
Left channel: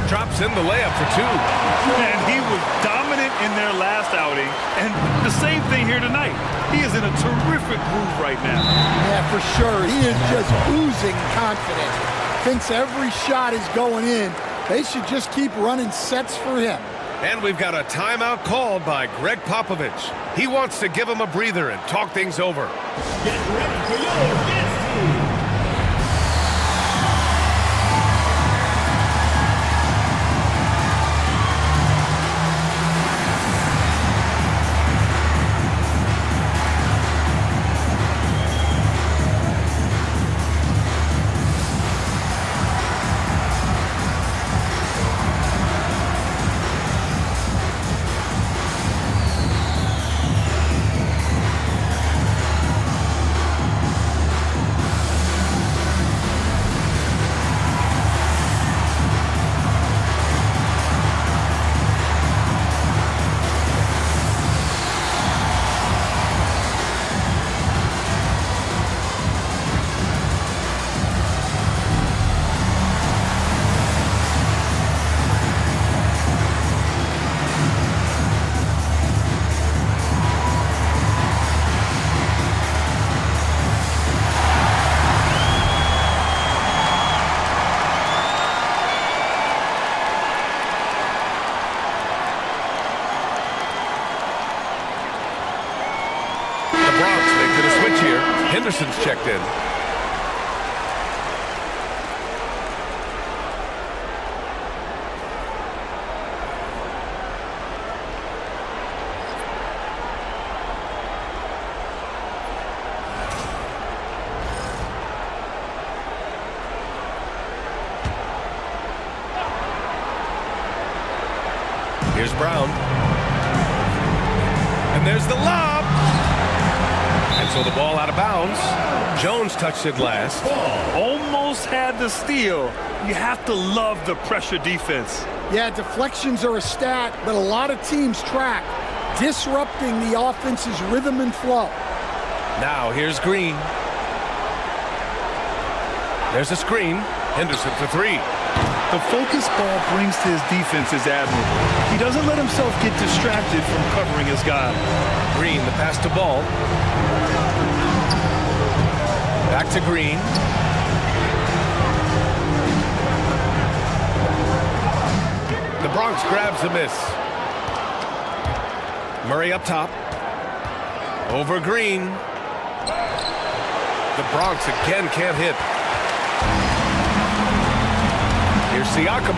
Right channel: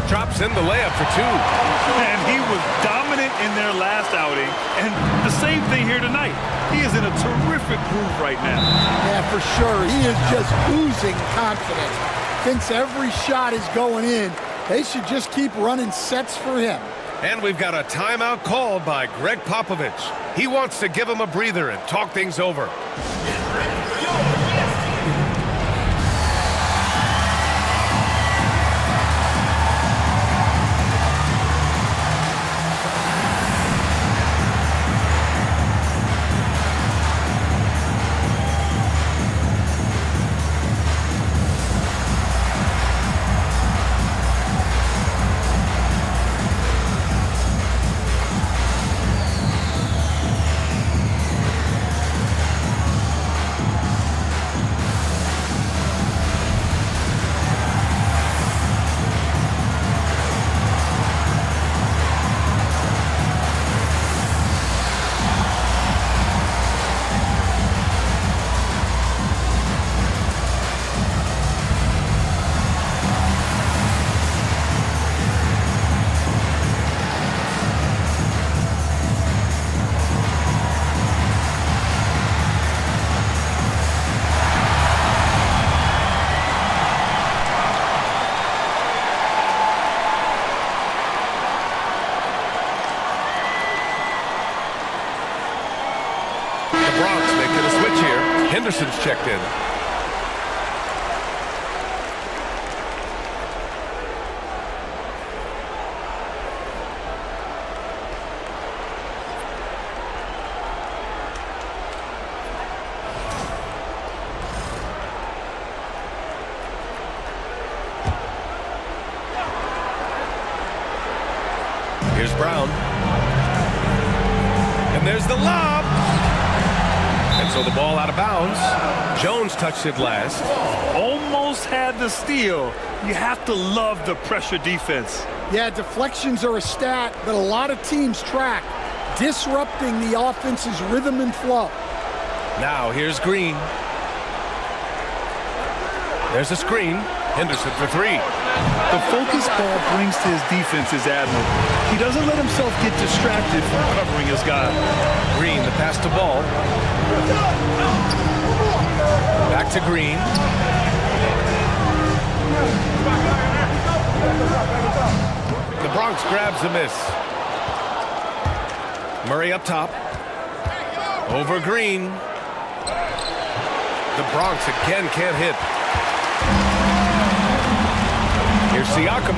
Drops in the layup for 2. And he was dominant in their last outing, and the same thing here tonight. He is in a terrific groove right now. Yeah, for sure. He is just oozing confidence. Thinks every shot is going in. They should just keep running sets for him. And we've got a timeout called by Greg Popovich. He wants to give him a breather and talk things over. Get ready for your dance team. Bronx making a switch here. Henderson's checked in. Here's Brown. And there's the lob. And so the ball out of bounds. Jones touched it last. Almost had the steal. You have to love the pressure defense. Yeah, deflections are a stat that a lot of teams track, disrupting the offense's rhythm and flow. Now here's Green. There's a screen. Henderson for three. The focus ball brings to his defense is admirable. He doesn't let himself get distracted from covering his guy. Green, the pass to Ball. Back to Green. The Bronx grabs the miss. Murray up top. Over Green. The Bronx again can't hit. Here's Siakam.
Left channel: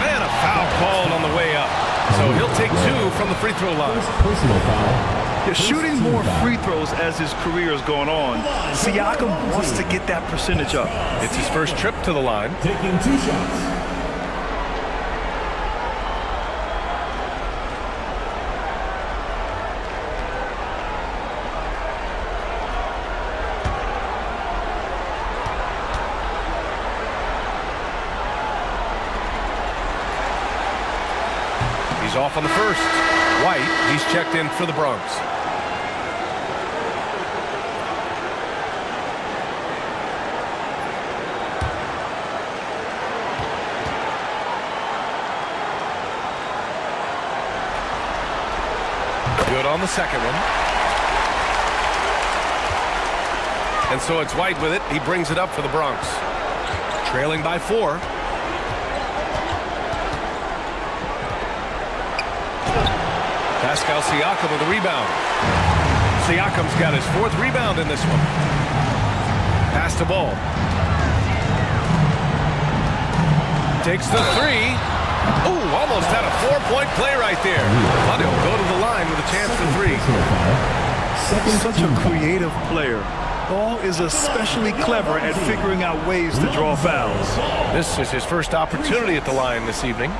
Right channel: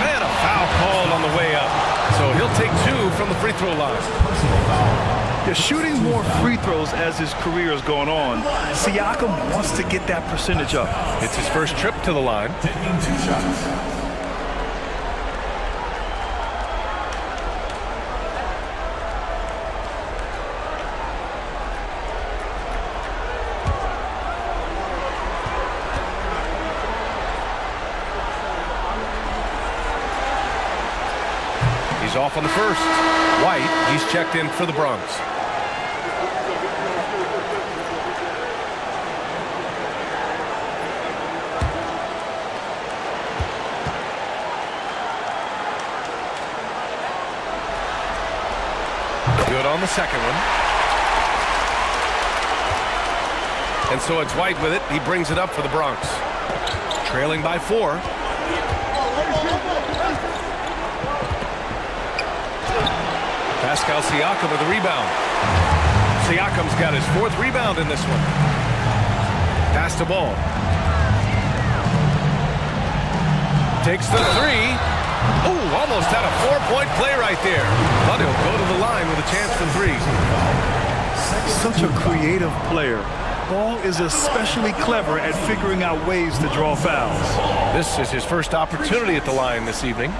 Man, a foul called on the way up. So he'll take two from the free throw line. Personal foul. They're shooting more free throws as his career is going on. Siakam wants to get that percentage up. It's his first trip to the line. Taking 2 shots. He's off on the first. White, he's checked in for the Bronx. Good on the second one. And so it's White with it. He brings it up for the Bronx. Trailing by 4. Pascal Siakam with a rebound. Siakam's got his 4th rebound in this one. Pass to Ball. Takes the 3. Ooh, almost had a 4-point play right there. But he'll go to the line with a chance for 3. Such a creative player. Ball is especially clever at figuring out ways to draw fouls. This is his first opportunity at the line this evening.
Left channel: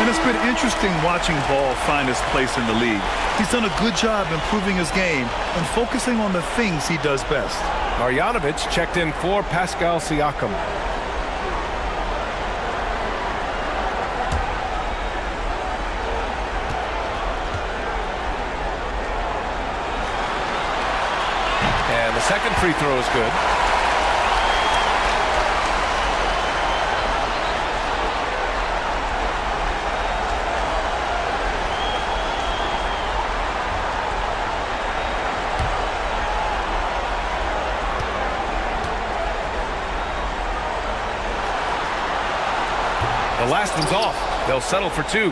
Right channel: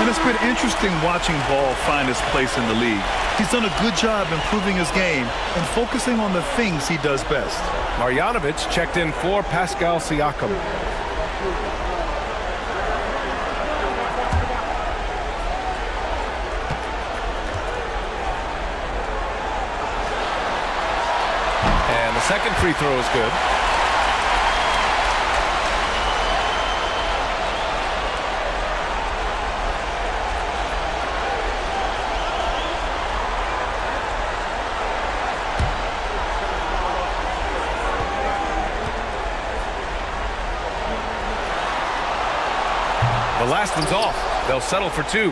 And it's been interesting watching Ball find his place in the league. He's done a good job improving his game and focusing on the things he does best. Marjanovic checked in for Pascal Siakam. And the second free throw is good. The last one's off. They'll settle for 2.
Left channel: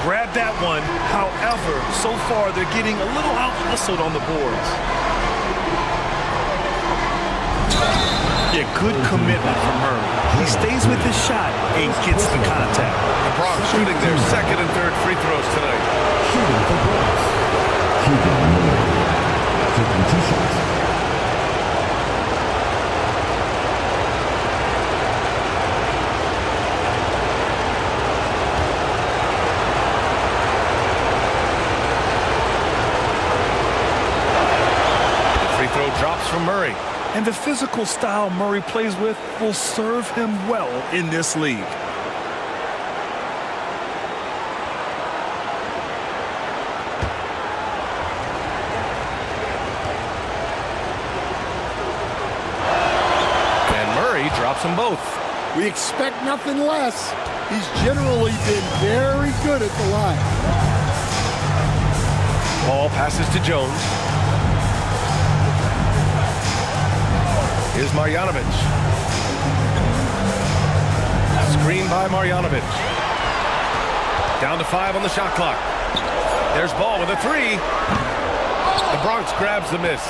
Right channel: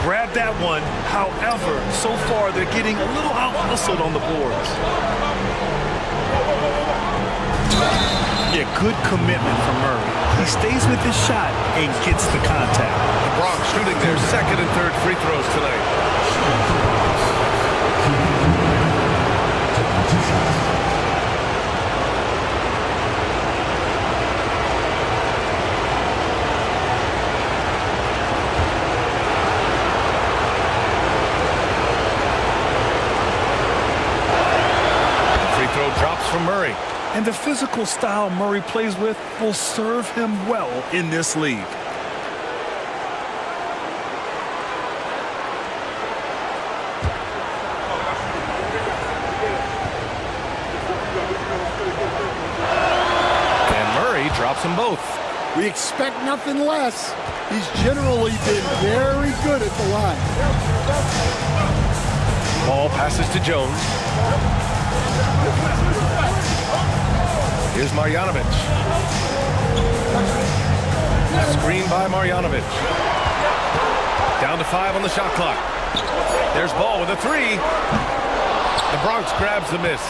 Grab that one. However, so far they're getting a little out-hustled on the boards. Yeah, good commitment from Murray. He stays with his shot and gets the contact. The Bronx shooting their 2nd and 3rd free throws tonight. Shooting for Bronx. Taking 2 shots. Throw drops from Murray. And the physical style Murray plays with will serve him well in this league. And Murray drops them both. We expect nothing less. He's generally been very good at the line. Ball passes to Jones. Here's Marjanovic. Screen by Marjanovic. Down to 5 on the shot clock. There's Ball with a 3. The Bronx grabs the miss.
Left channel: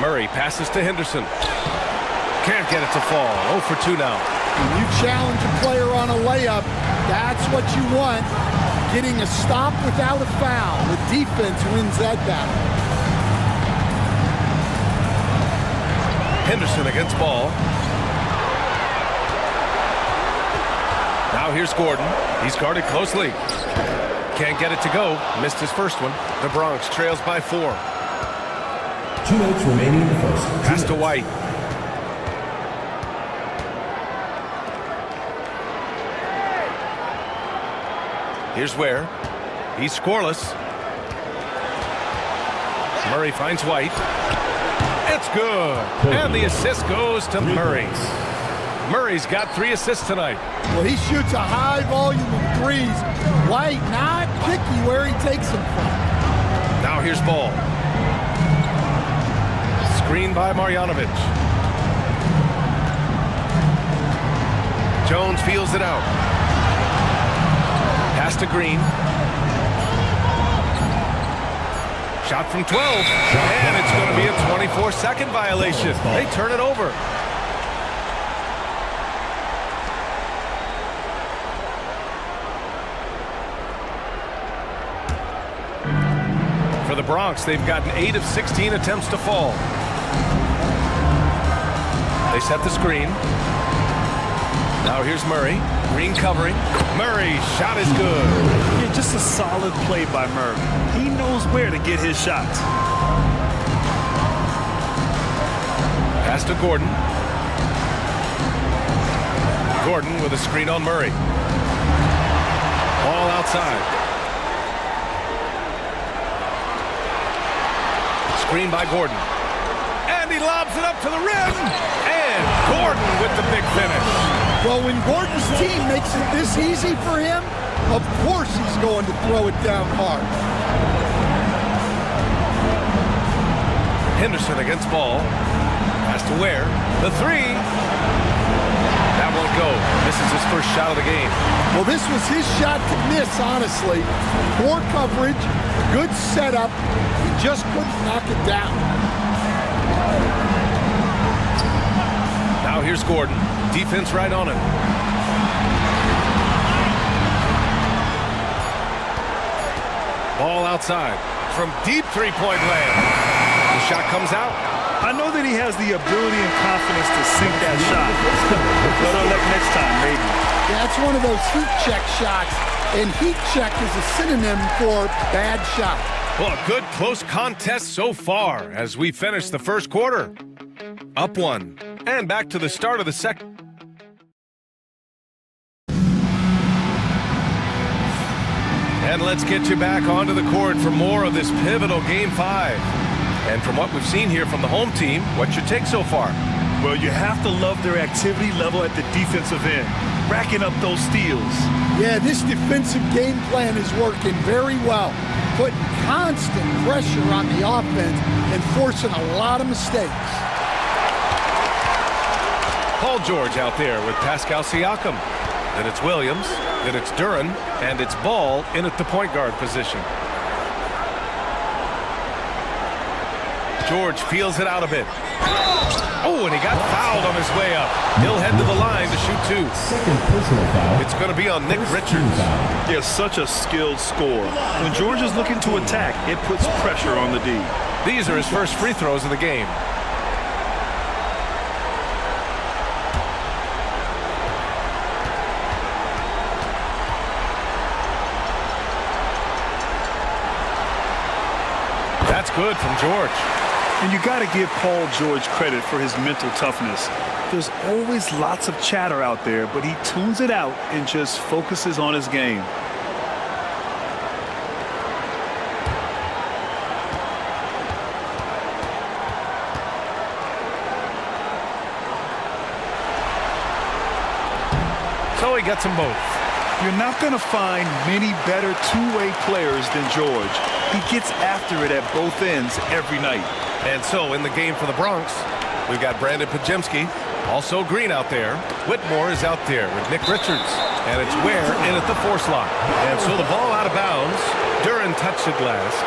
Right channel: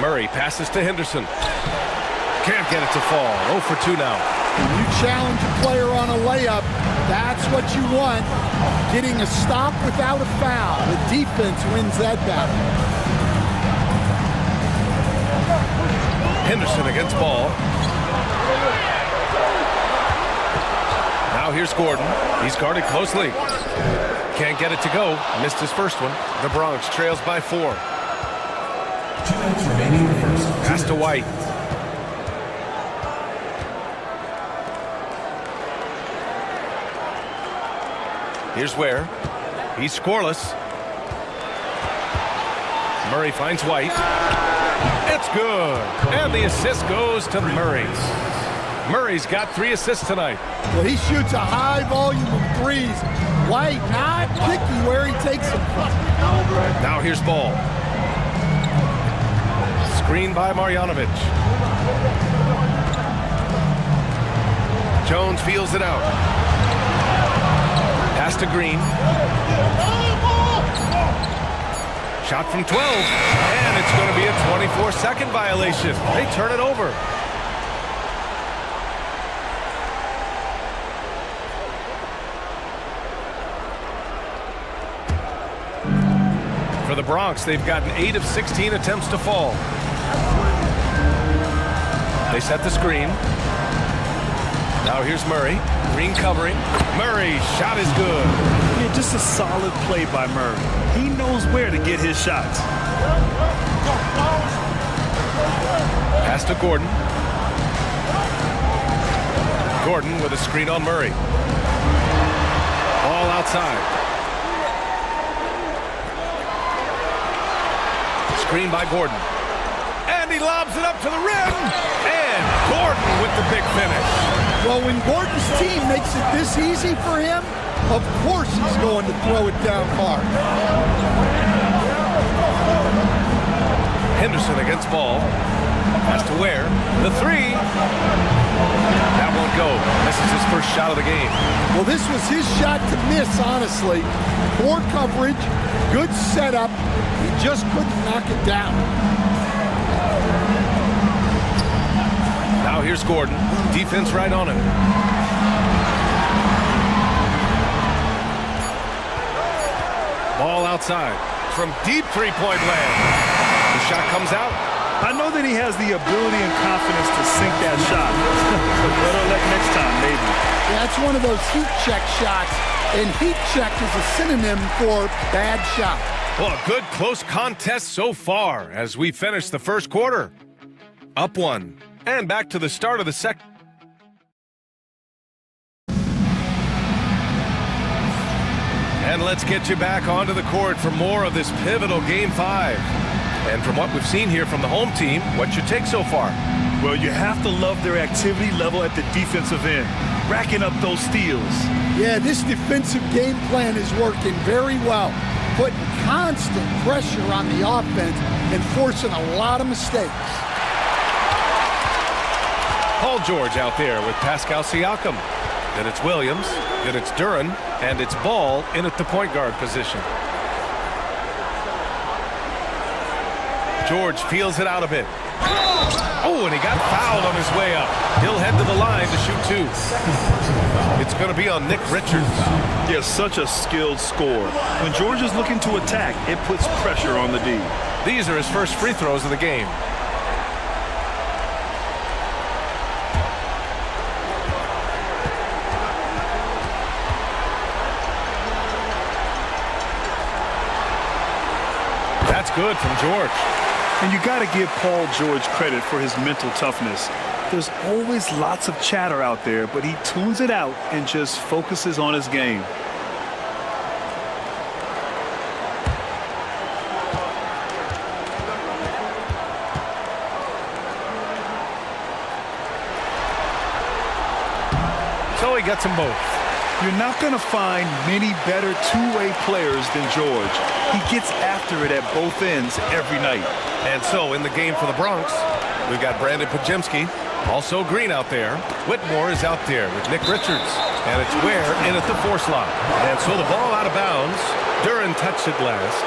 Murray passes to Henderson. Can't get it to fall. 0 for 2 now. When you challenge a player on a layup, that's what you want. Getting a stop without a foul. The defense wins that battle. Henderson against ball. Now here's Gordon. He's guarded closely. Can't get it to go. Missed his first one. The Bronx trails by 4. 2 minutes remaining in the first. Pass to White. Here's Ware. He's scoreless. Murray finds White. It's good. And the assist goes to Murray. Murray's got 3 assists tonight. Well, he shoots a high volume of threes. White not picky where he takes them from. Now here's Ball. Screen by Marjanovic. Jones feels it out. Pass to Green. Shot from 12. And it's going to be a 24-second violation. They turn it over. For the Bronx, they've gotten 8 of 16 attempts to fall. They set the screen. Now here's Murray. Green covering. Murray's shot is good. Yeah, just a solid play by Murray. He knows where to get his shots. Pass to Gordon. Gordon with a screen on Murray. Ball outside. Screen by Gordon. And he lobs it up to the rim. And Gordon with the big finish. Well, when Gordon's team makes it this easy for him, of course he's going to throw it down hard. Henderson against Ball. Pass to Ware. The 3. That won't go. This is his first shot of the game. Well, this was his shot to miss, honestly. Poor coverage, good setup. He just couldn't knock it down. Now here's Gordon. Defense right on him. Ball outside. From deep three-point land. The shot comes out. I know that he has the ability and confidence to sink that shot. But better luck next time, maybe. Yeah, it's one of those heat check shots. And heat check is a synonym for bad shot. Well, a good close contest so far as we finish the first quarter. Up 1. And back to the start of the second. And let's get you back onto the court for more of this pivotal Game 5. And from what we've seen here from the home team, what's your take so far? Well, you have to love their activity level at the defensive end, racking up those steals. Yeah, this defensive game plan is working very well, putting constant pressure on the offense and forcing a lot of mistakes. Paul George out there with Pascal Siakam. Then it's Williams, then it's Duren, and it's Ball in at the point guard position. George feels it out a bit. Oh, and he got fouled on his way up. He'll head to the line to shoot 2. Second personal foul. It's going to be on Nick Richards. Yeah, such a skilled scorer. When George is looking to attack, it puts pressure on the D. These are his first free throws of the game. That's good from George. And you got to give Paul George credit for his mental toughness. There's always lots of chatter out there, but he tunes it out and just focuses on his game. So he gets them both. You're not going to find many better two-way players than George. He gets after it at both ends every night. And so in the game for the Bronx, we've got Brandon Pajemski, also Green out there. Whitmore is out there with Nick Richards. And it's Ware in at the 4 slot. And so the ball out of bounds. Duren touched it last.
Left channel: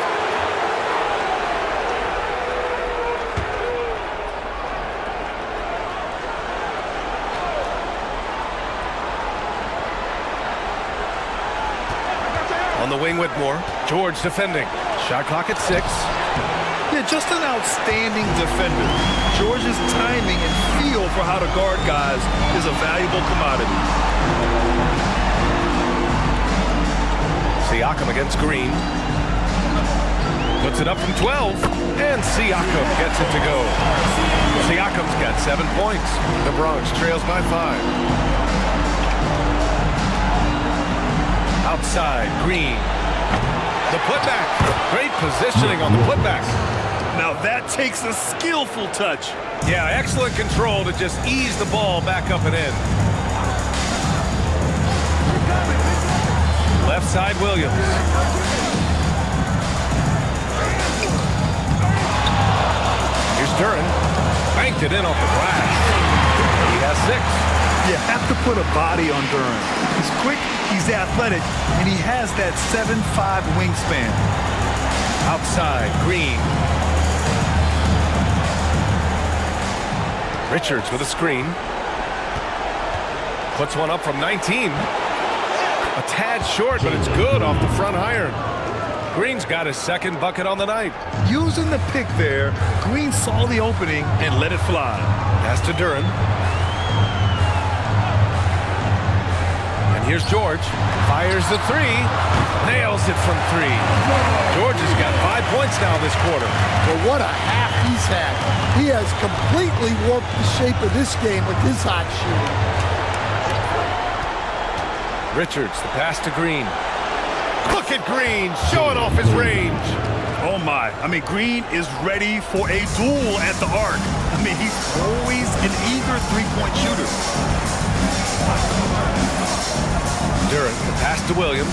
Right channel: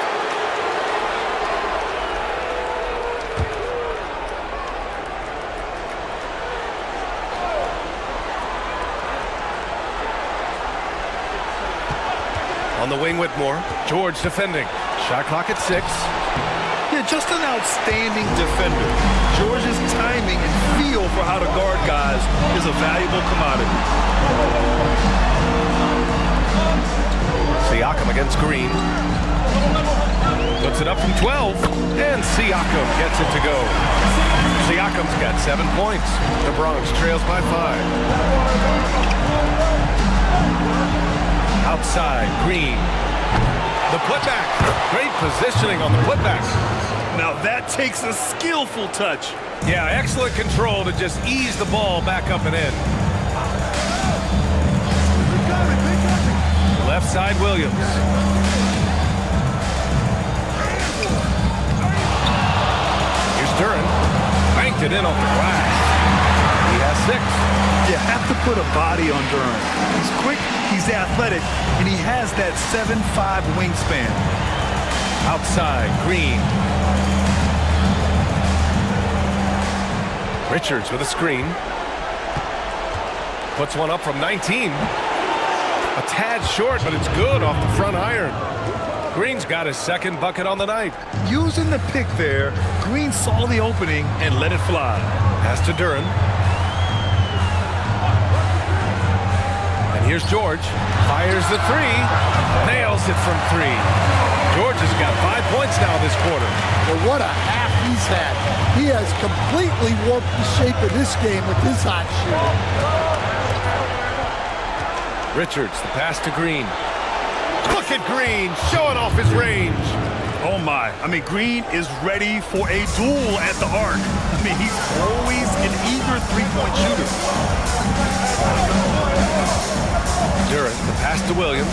On the wing, Whitmore. George defending. Shot clock at 6. Yeah, just an outstanding defender. George's timing and feel for how to guard guys is a valuable commodity. Siakam against Green. Puts it up from 12, and Siakam gets it to go. Siakam's got 7 points. The Bronx trails by 5. Outside, Green. The putback. Great positioning on the putback. Now that takes a skillful touch. Yeah, excellent control to just ease the ball back up and in. Left side, Williams. Here's Duran. Banked it in off the glass. He has 6. You have to put a body on Duran. He's quick, he's athletic, and he has that 7'5" wingspan. Outside, Green. Richards with a screen. Puts one up from 19. A tad short, but it's good off the front iron. Green's got his second bucket on the night. Using the pick there, Green saw the opening and let it fly. Pass to Duran. And here's George. Fires the 3. Nails it from 3. George has got 5 points now this quarter. Well, what a half he's had. He has completely warped the shape of this game with his hot shooting. Richards, the pass to Green. Look at Green showing off his range. Oh my, I mean, Green is ready for a duel at the arc. I mean, he's always an eager three-point shooter. Duran, the pass to Williams.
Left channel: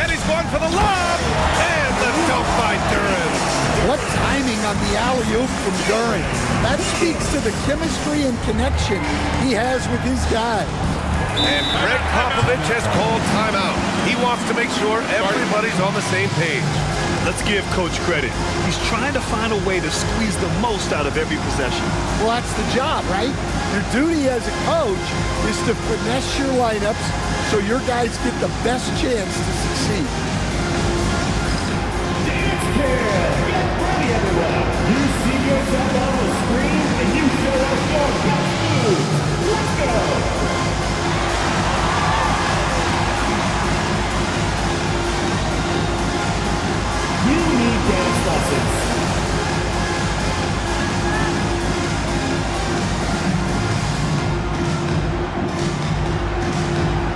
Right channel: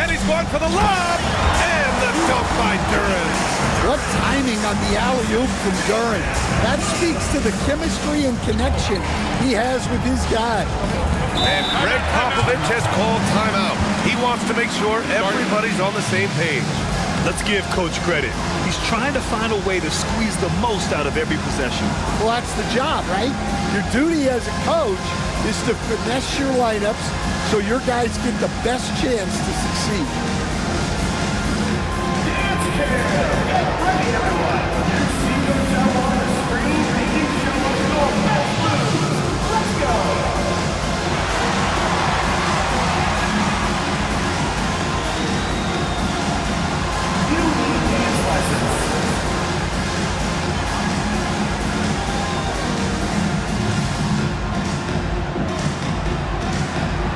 And he's going for the lob! And the dunk by Duran. What timing on the alley-oop from Duran. That speaks to the chemistry and connection he has with his guy. And Greg Popovich has called timeout. He wants to make sure everybody's on the same page. Let's give Coach credit. He's trying to find a way to squeeze the most out of every possession. Well, that's the job, right? Your duty as a coach is to finesse your lineups so your guys get the best chance to succeed. Dance care! Get ready, everyone! You see yourself on the screen and you show us your best moves. Let's go! You need dance lessons.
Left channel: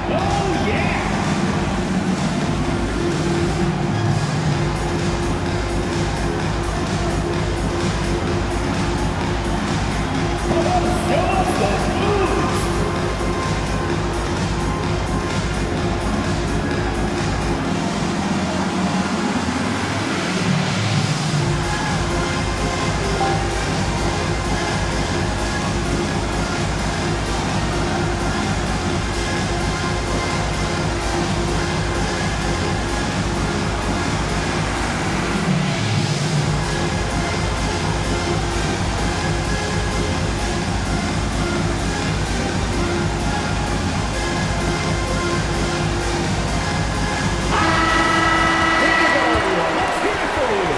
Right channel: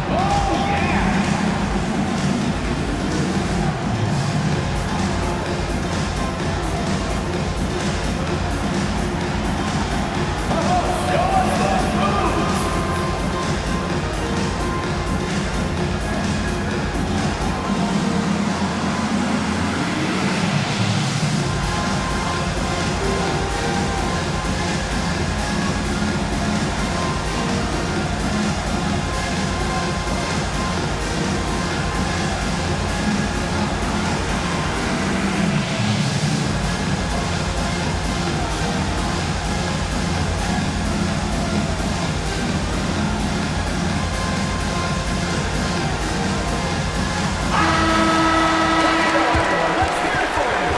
Oh, yeah! Oh, show us those moves! Let's hear it for you!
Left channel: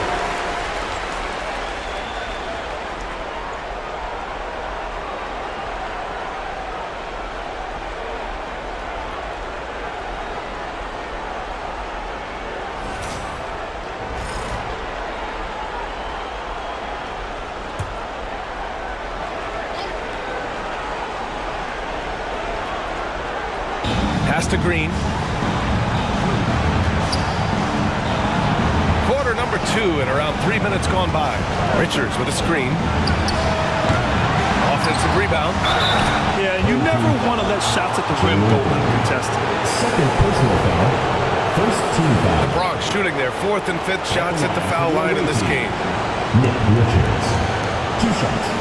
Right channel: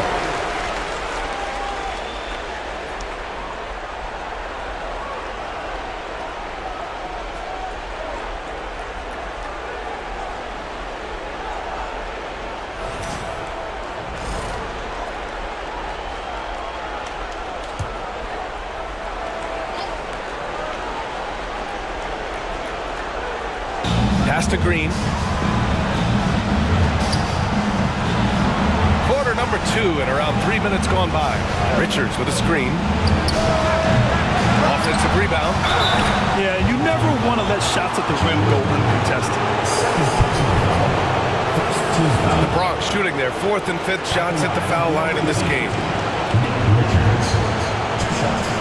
Pass to Green. Quarter number 2 and around 3 minutes gone by. Richards with a screen. Offensive rebound. Yeah, you never want to let shots at the rim go uncontested. Second personal foul. First team foul. The Bronx shooting their 4th and 5th shots at the foul line in this game. Nick Richards. 2 shots.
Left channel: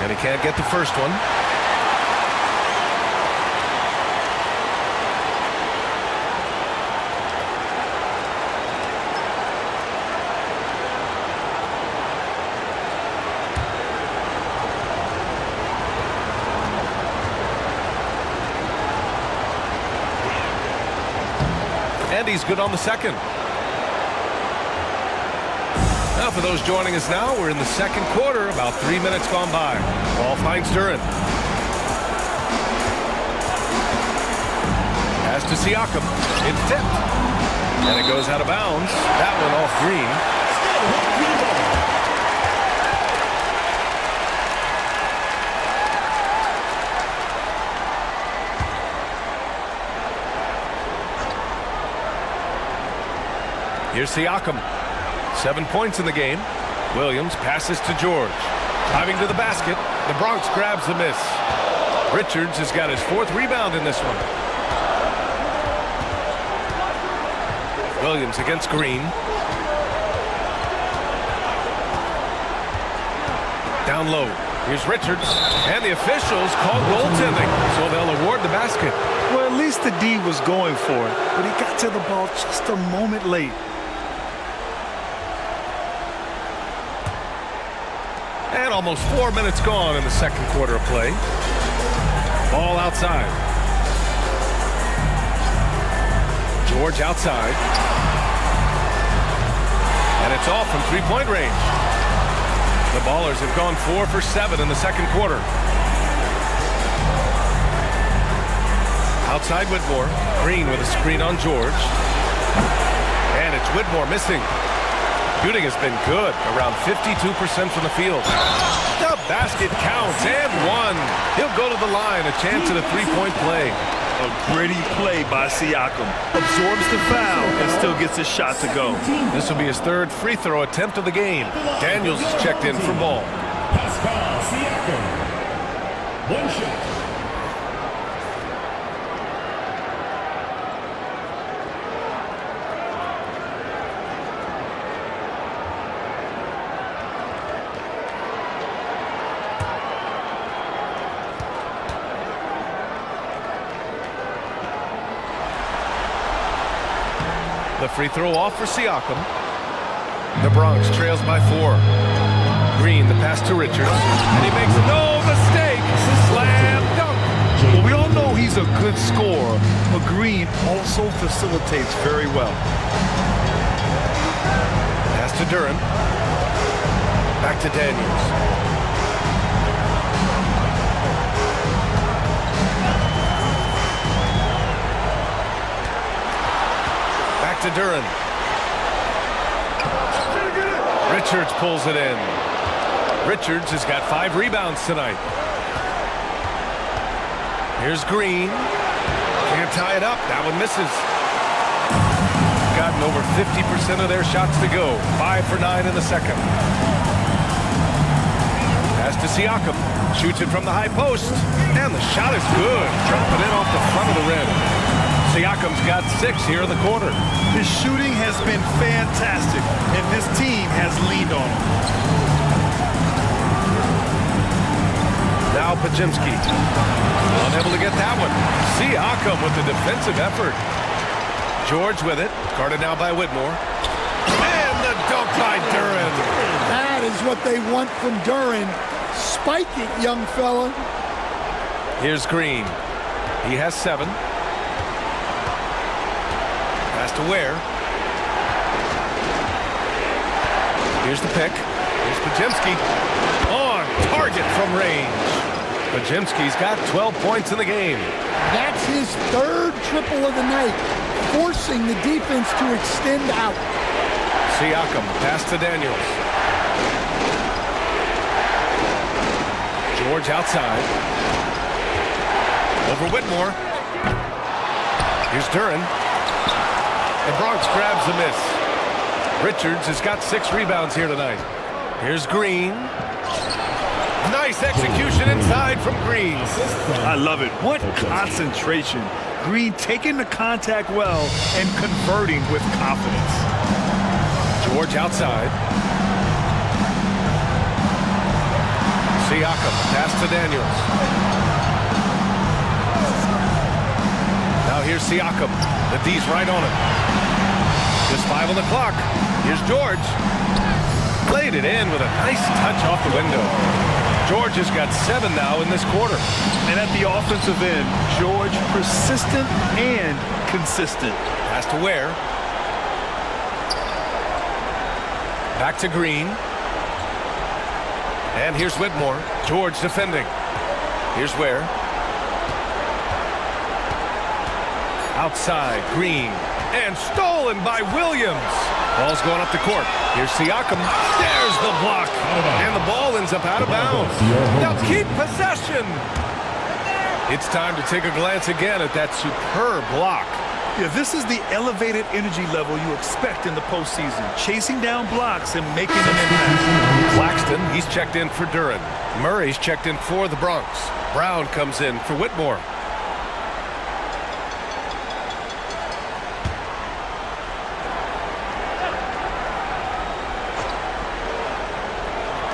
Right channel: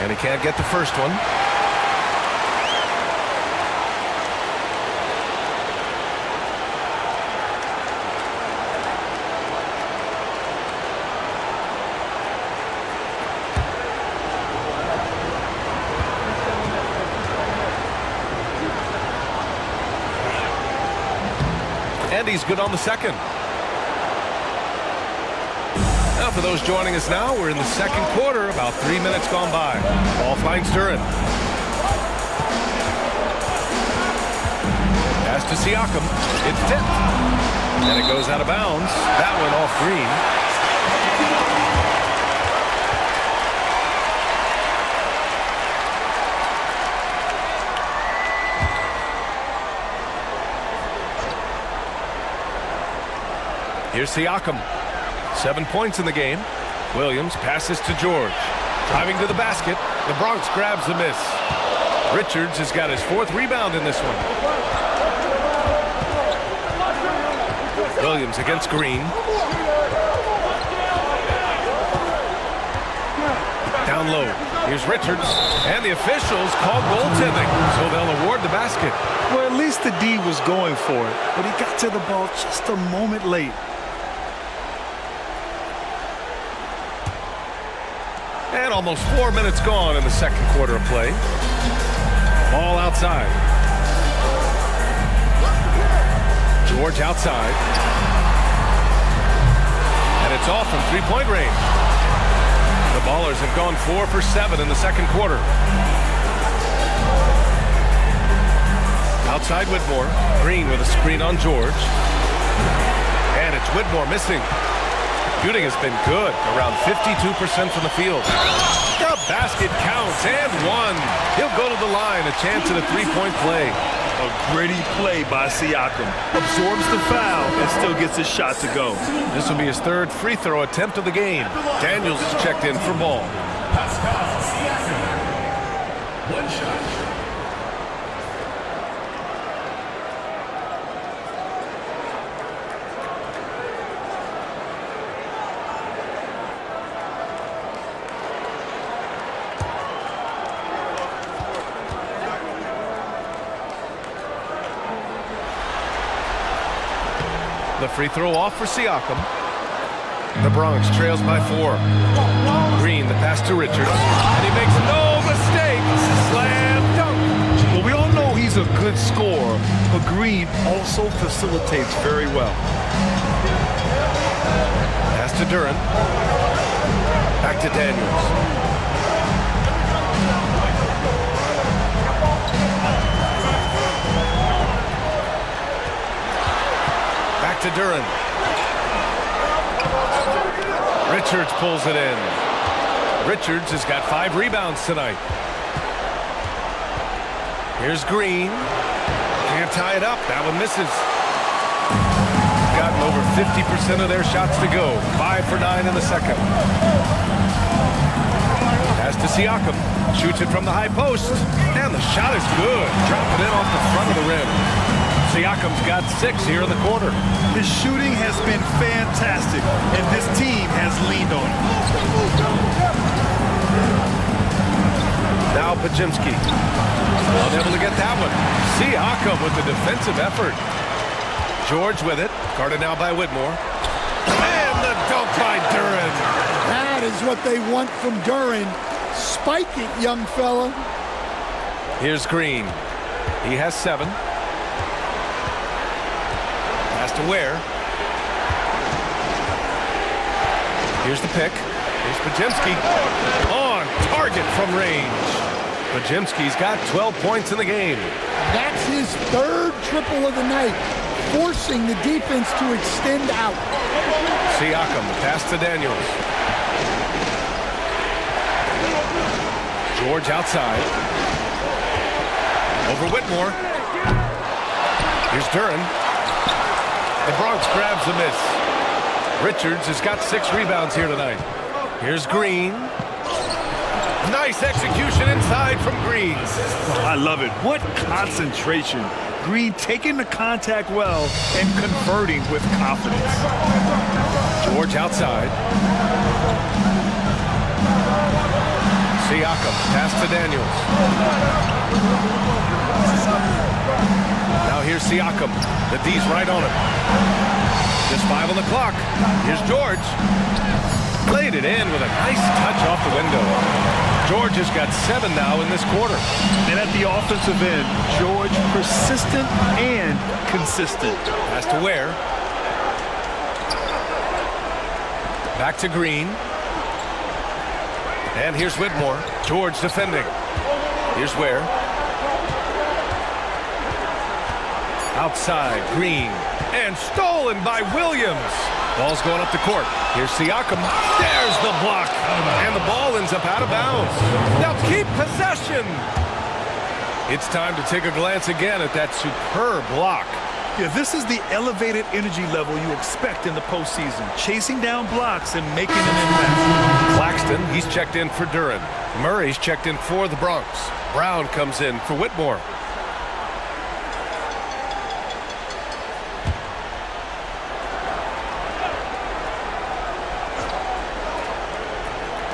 And he can't get the first one. And he's good on the second. Now for those joining us now, we're in the second quarter, about 3 minutes gone by. Ball finds Duran. Pass to Siakam. It's tipped. And it goes out of bounds. That one off Green. Here's Siakam. 7 points in the game. Williams passes to George. Driving to the basket. The Bronx grabs the miss. Richards has got his 4th rebound in this one. Williams against Green. Down low. Here's Richards. And the officials called goaltending, so they'll award the basket. Well, at least the D was going for it, but he got to the ball just a moment late. And almost 4 minutes gone in the second quarter of play. Ball outside. George outside. And it's off from three-point range. The Ballers have gone 4 for 7 in the second quarter. Outside Whitmore. Green with a screen on George. And it's Whitmore missing. Shooting has been good, around 52% from the field. The basket counts, and one. He'll go to the line, a chance at a three-point play. A gritty play by Siakam. Absorbs the foul and still gets his shot to go. This will be his 3rd free throw attempt of the game. Daniels is checked in for ball. Pascal Siakam. 1 shot. The free throw off for Siakam. The Bronx trails by 4. Green, the pass to Richards. And he makes no mistake. Slam dunk. Well, we all know he's a good scorer, but Green also facilitates very well. Pass to Duran. Back to Daniels. Back to Duran. Richards pulls it in. Richards has got 5 rebounds tonight. Here's Green. Can't tie it up. That one misses. Gotten over 50% of their shots to go. 5 for 9 in the second. Pass to Siakam. Shoots it from the high post. And the shot is good. Drop it in off the front of the rim. Siakam's got 6 here in the quarter. His shooting has been fantastic, and this team has leaned on him. Now Pajimski. Unable to get that one. Siakam with the defensive effort. George with it. Guarded now by Whitmore. And the dunk by Duran. That is what they want from Duran. Spike it, young fella. Here's Green. He has 7. Pass to Ware. Here's the pick. Here's Pajimski. On target from range. Pajimski's got 12 points in the game. That's his 3rd triple of the night, forcing the defense to extend out. Siakam, pass to Daniels. George outside. Over Whitmore. Here's Duran. The Bronx grabs the miss. Richards has got 6 rebounds here tonight. Here's Green. Nice execution inside from Green. I love it. What concentration. Green taking the contact well and converting with confidence. George outside. Siakam, pass to Daniels. Now here's Siakam. The D's right on him. Just 5 on the clock. Here's George. Played it in with a nice touch off the window. George has got 7 now in this quarter. And at the offensive end, George persistent and consistent. Has to Ware. Back to Green. And here's Whitmore. George defending. Here's Ware. Outside, Green. And stolen by Williams. Ball's going up the court. Here's Siakam. There's the block. And the ball ends up out of bounds. They'll keep possession. It's time to take a glance again at that superb block. Yeah, this is the elevated energy level you expect in the postseason. Chasing down blocks and making an impact. Claxton, he's checked in for Duren. Murray's checked in for the Bronx. Brown comes in for Whitmore.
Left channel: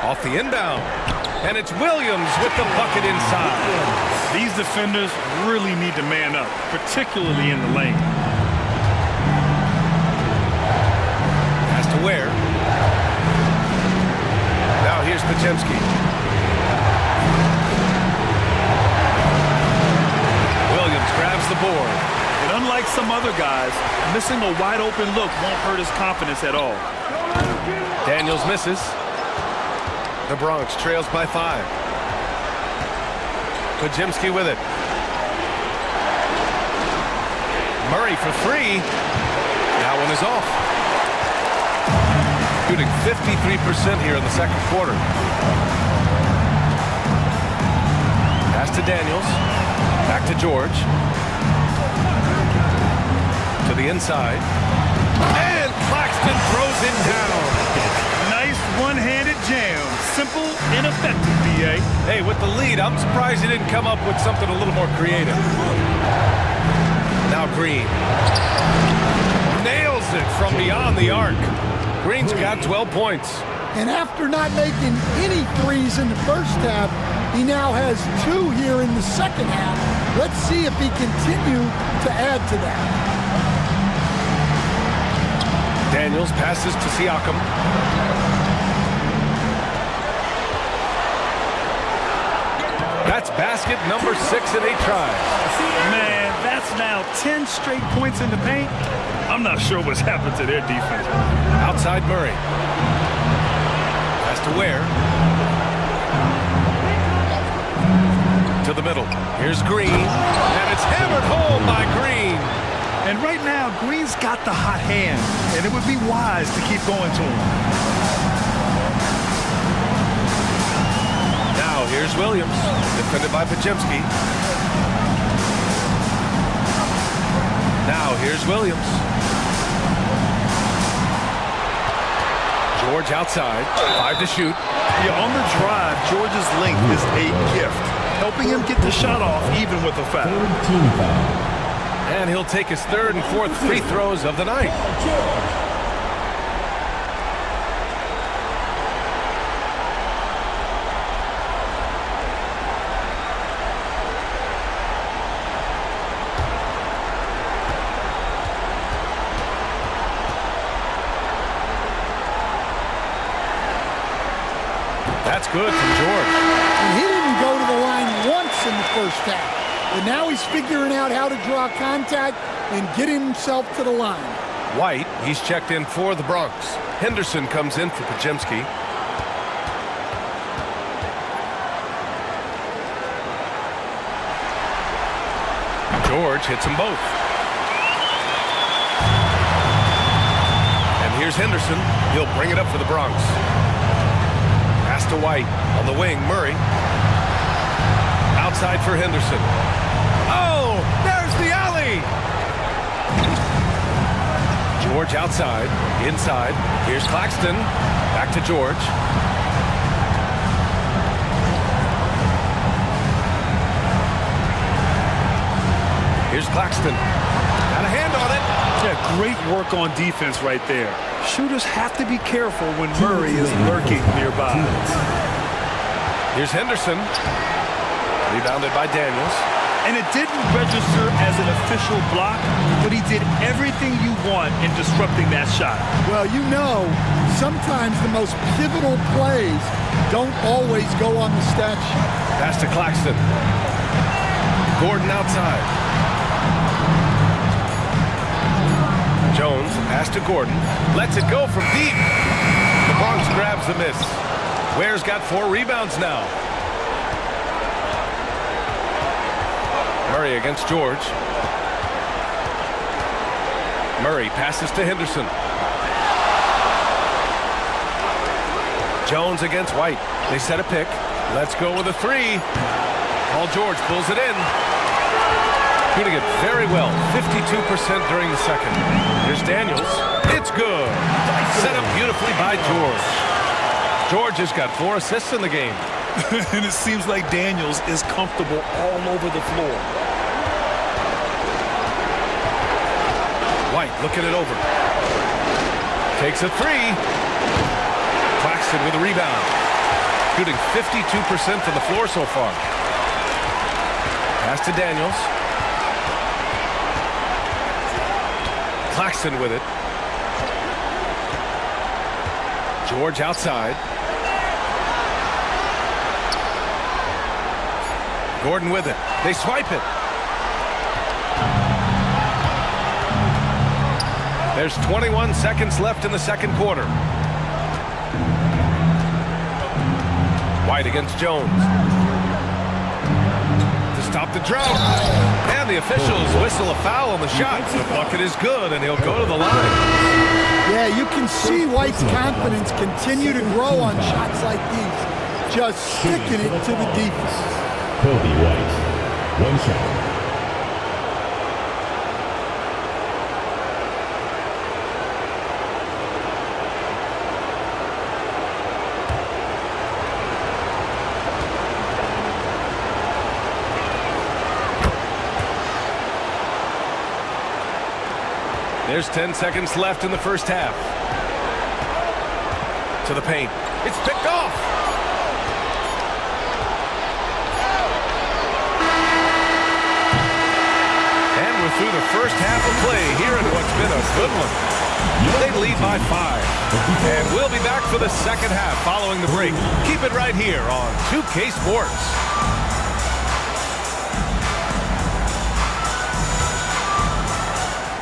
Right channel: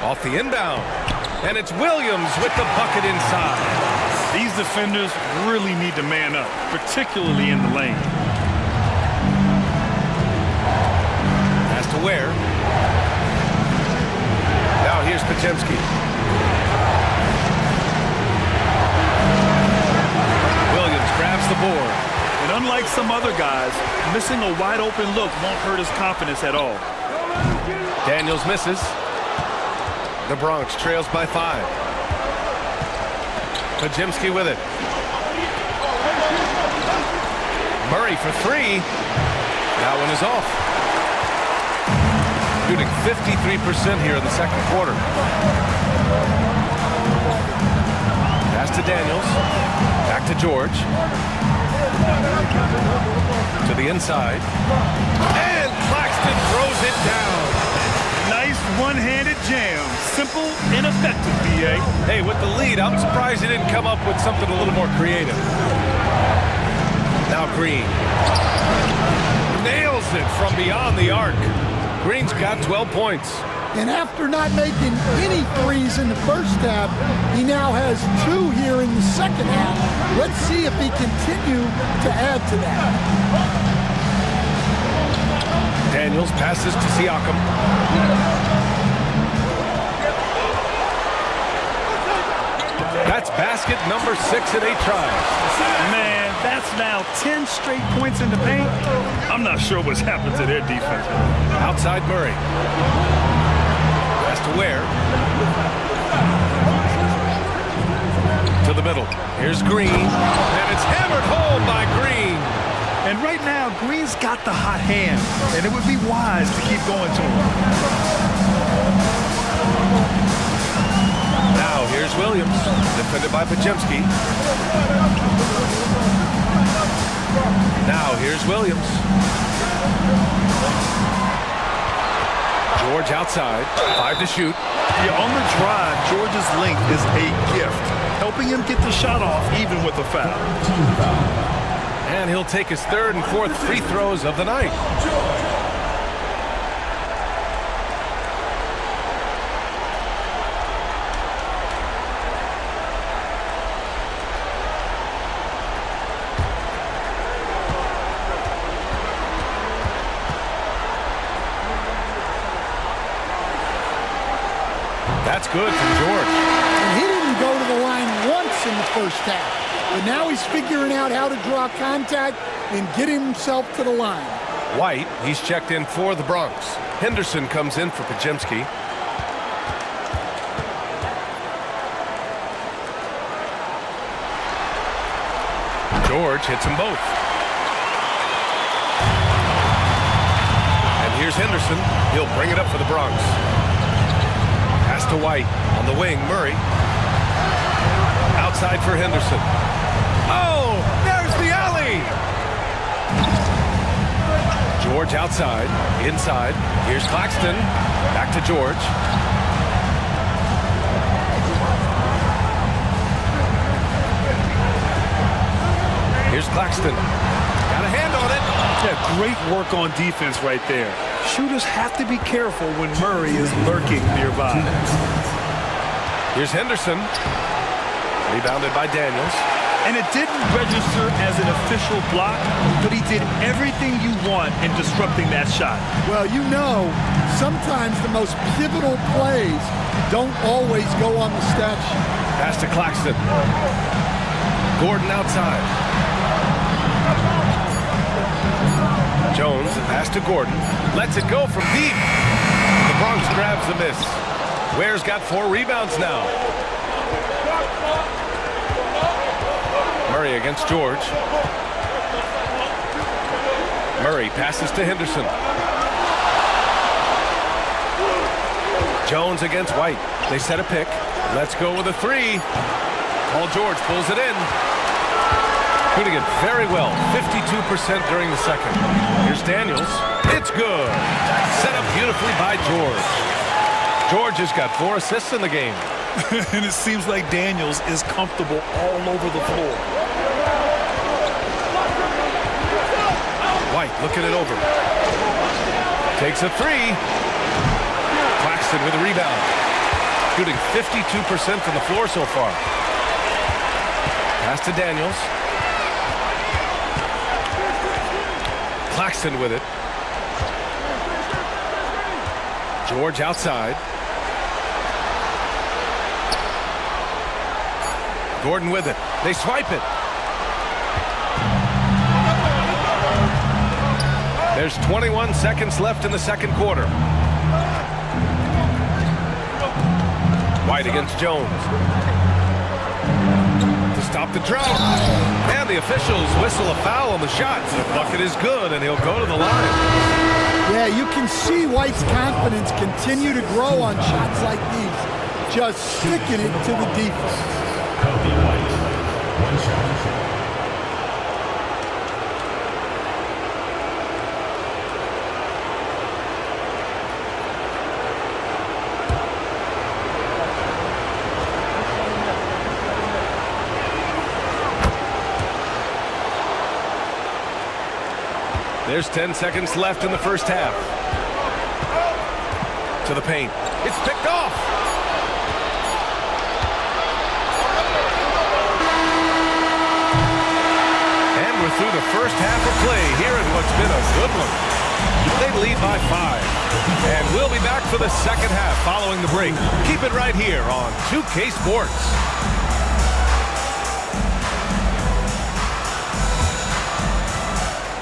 Off the inbound. And it's Williams with the bucket inside. These defenders really need to man up, particularly in the lane. Has to Ware. Now here's Podziemski. Williams grabs the board. And unlike some other guys, missing a wide open look won't hurt his confidence at all. Daniels misses. The Bronx trails by 5. Podziemski with it. Murray for 3. That one is off. Shooting 53% here in the second quarter. Pass to Daniels. Back to George. To the inside. And Claxton throws it down. Nice one-handed jam. Simple and effective, B.A. Hey, with the lead, I'm surprised he didn't come up with something a little more creative. Now Green. Nails it from beyond the arc. Green's got 12 points. And after not making any threes in the first half, he now has 2 here in the second half. Let's see if he continue to add to that. Daniels passes to Siakam. That's basket number 6 in 8 tries. Man, that's now 10 straight points in the paint. I'm not sure what's happened to their defense. Outside Murray. Pass to Ware. To the middle. Here's Green. And it's hammered home by Green. And right now, Green's got the hot hand, and it would be wise to keep going to him. Now here's Williams, defended by Podziemski. Now here's Williams. George outside, 5 to shoot. Yeah, on the drive, George's length is a gift, helping him get the shot off even with a foul. And he'll take his 3rd and 4th free throws of the night. That's good from George. And he didn't go to the line once in the first half. But now he's figuring out how to draw contact and get himself to the line. White, he's checked in for the Bronx. Henderson comes in for Podziemski. George hits them both. And here's Henderson. He'll bring it up for the Bronx. Pass to White. On the wing, Murray. Outside for Henderson. Oh, there's the alley. George outside, inside. Here's Claxton. Back to George. Here's Claxton. Got a hand on it. Yeah, great work on defense right there. Shooters have to be careful when Murray is lurking nearby. Here's Henderson. Rebounded by Daniels. And it didn't register as an official block, but he did everything you want in disrupting that shot. Well, you know, sometimes the most pivotal plays don't always go on the stat sheet. Pass to Claxton. Gordon outside. Jones, pass to Gordon. Lets it go from deep. The Bronx grabs the miss. Ware's got 4 rebounds now. Murray against George. Murray passes to Henderson. Jones against White. They set a pick. Let's go with a 3. Paul George pulls it in. Shooting it very well. 52% during the second. Here's Daniels. It's good. Set up beautifully by George. George has got 4 assists in the game. And it seems like Daniels is comfortable all over the floor. White looking it over. Takes a 3. Claxton with a rebound. Shooting 52% from the floor so far. Pass to Daniels. Claxton with it. George outside. Gordon with it. They swipe it. There's 21 seconds left in the second quarter. White against Jones. To stop the drought. And the officials whistle a foul on the shot. The bucket is good, and he'll go to the line. Yeah, you can see White's confidence continue to grow on shots like these. Just sticking it to the defense. Kobe White, 1 shot. There's 10 seconds left in the first half. To the paint. It's picked off. And we're through the first half of play here in what's been a good one. They lead by 5. And we'll be back for the second half following the break. Keep it right here on 2K Sports.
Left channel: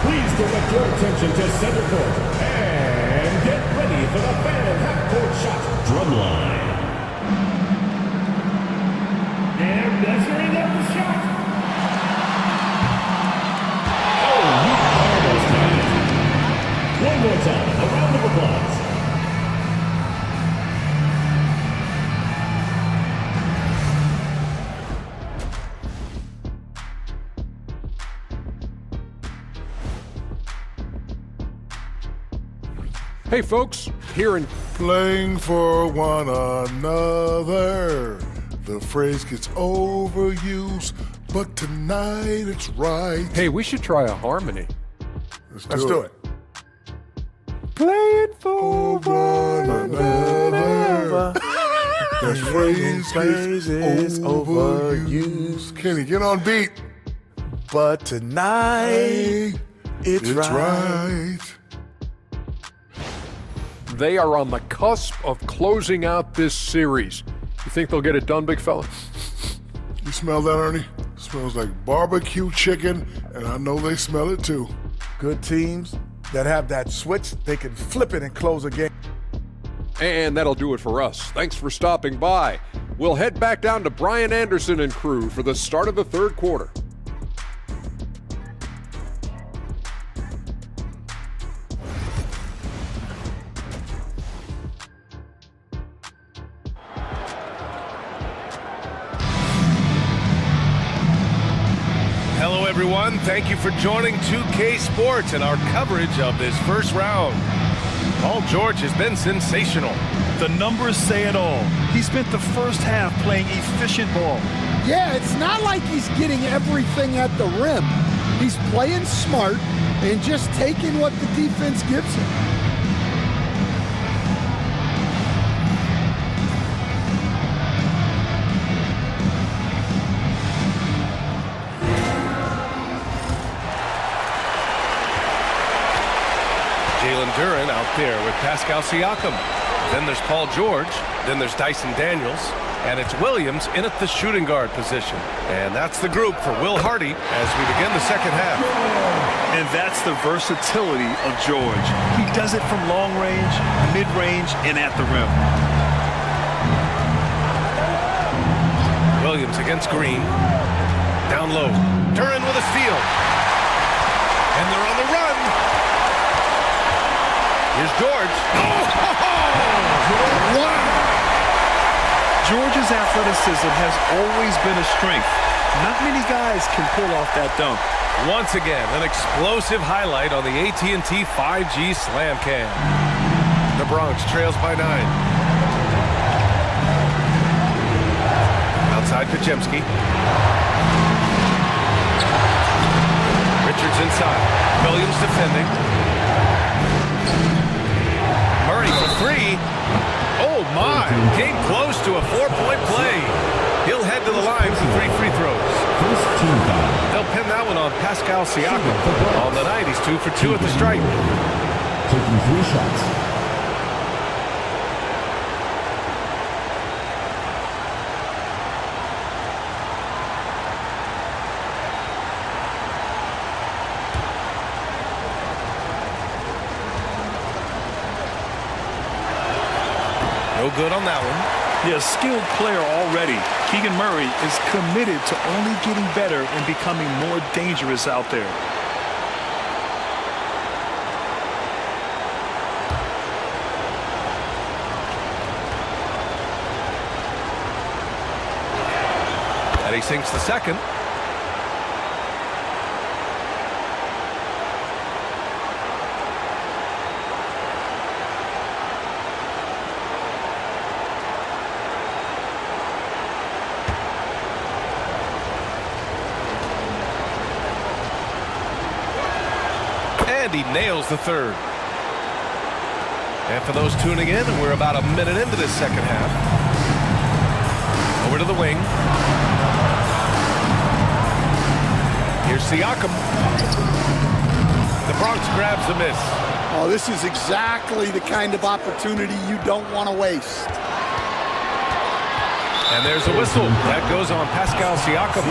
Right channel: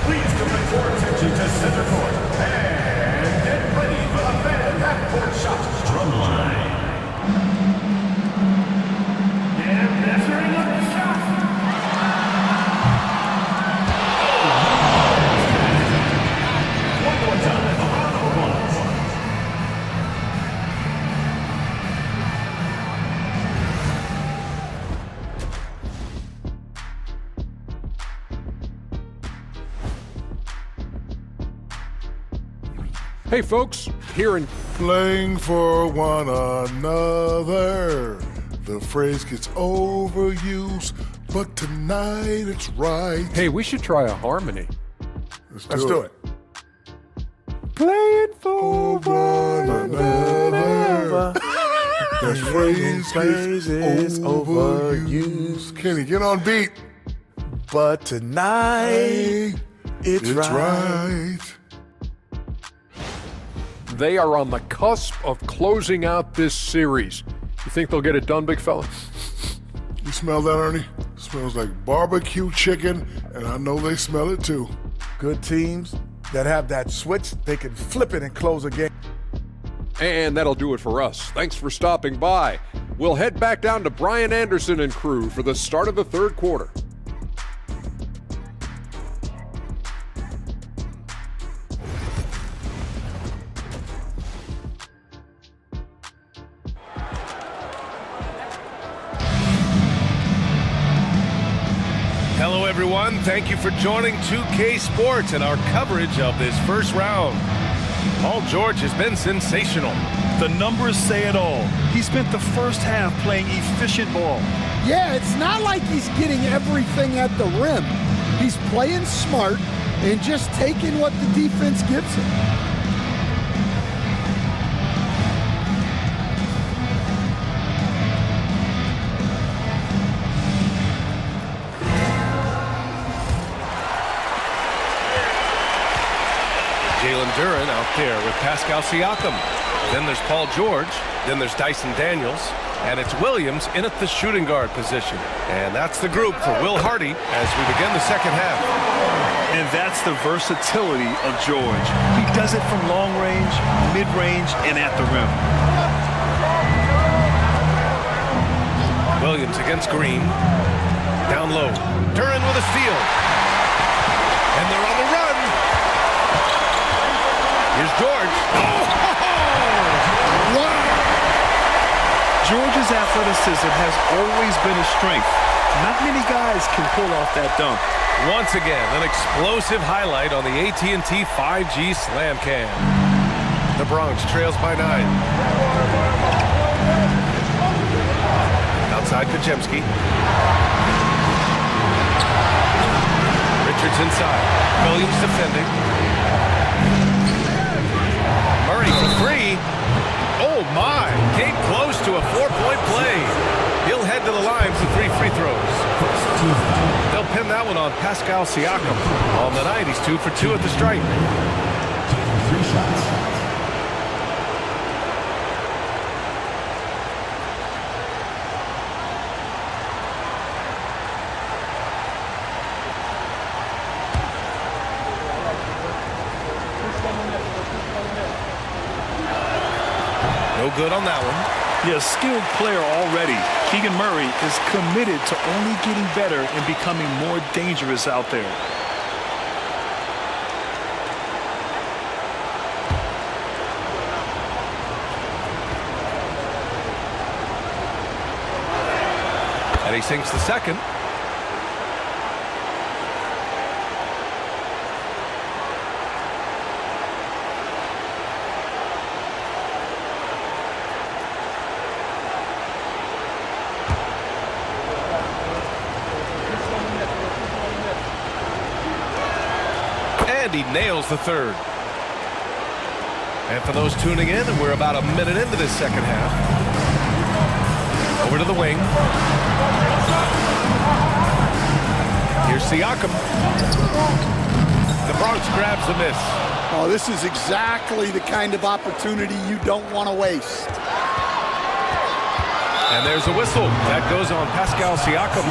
Please direct your attention to center court and get ready for the fan half-court shot drumline. They're measuring up the shot. One more time, a round of applause. Hey folks, here in Playing for one another. The phrase gets overused, but tonight it's right. Hey, we should try a harmony. Let's Let's do it. Playing for one another. That phrase is overused. Kenny, get on beat. But tonight, it's right. They are on the cusp of closing out this series. You think they'll get it done, big fella? You smell that, Ernie? Smells like barbecue chicken, and I know they smell it too. Good teams that have that switch, they can flip it and close a game. And that'll do it for us. Thanks for stopping by. We'll head back down to Brian Anderson and crew for the start of the third quarter. Hello, everyone. Thank you for joining 2K Sports and our coverage of this first round. Paul George has been sensational. The numbers say it all. He spent the first half playing efficient ball. Yeah, it's not like he's getting everything at the rim. He's playing smart and just taking what the defense gives him. Duren out there with Pascal Siakam. Then there's Paul George. Then there's Dyson Daniels. And it's Williams in at the shooting guard position. And that's the group for Will Hardy as we begin the second half. And that's the versatility of George. He does it from long range, mid-range, and at the rim. Williams against Green. Down low. Duren with a steal. And they're on the run. Here's George. Oh! Wow! George's athleticism has always been a strength. Not many guys can pull off that dunk. Once again, an explosive highlight on the AT&T 5G Slam Cam. The Bronx trails by 9. Outside Kajemski. Richards inside. Williams defending. Murray for 3. Oh my! Came close to a 4-point play. He'll head to the line for 3 free throws. They'll pin that one on Pascal Siakam. On the night, he's 2 for 2 at the stripe. Taking 3 shots. No good on that one. Yeah, skilled player already. Keegan Murray is committed to only getting better and becoming more dangerous out there. And he sinks the second. And he nails the third. And for those tuning in, we're about a minute into this second half. Over to the wing. Here's Siakam. The Bronx grabs a miss. Oh, this is exactly the kind of opportunity you don't want to waste. And there's a whistle. That goes on Pascal Siakam.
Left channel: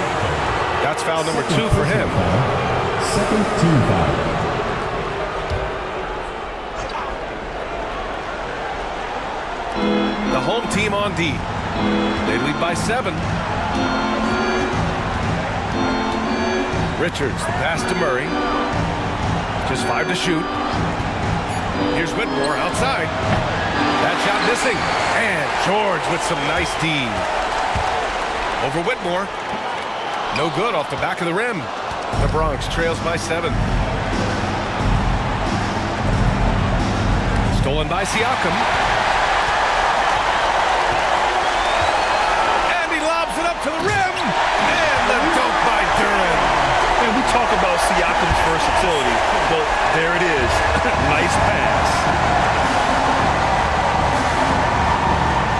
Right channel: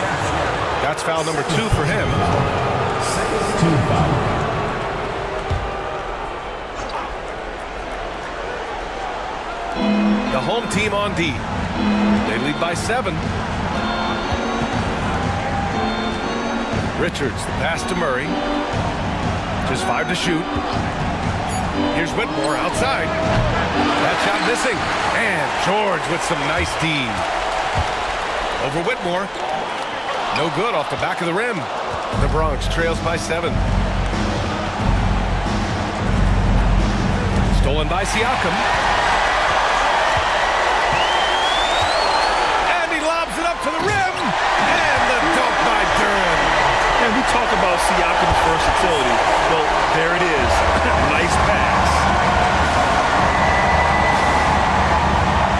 That's foul number 2 for him. Second team foul. The home team on D. They lead by 7. Richards, the pass to Murray. Just 5 to shoot. Here's Whitmore outside. That shot missing. And George with some nice D. Over Whitmore. No good off the back of the rim. The Bronx trails by 7. Stolen by Siakam. Lobs it up to the rim, and the dunk by Duren. And we talk about Siakam's versatility. Well, there it is. Nice pass.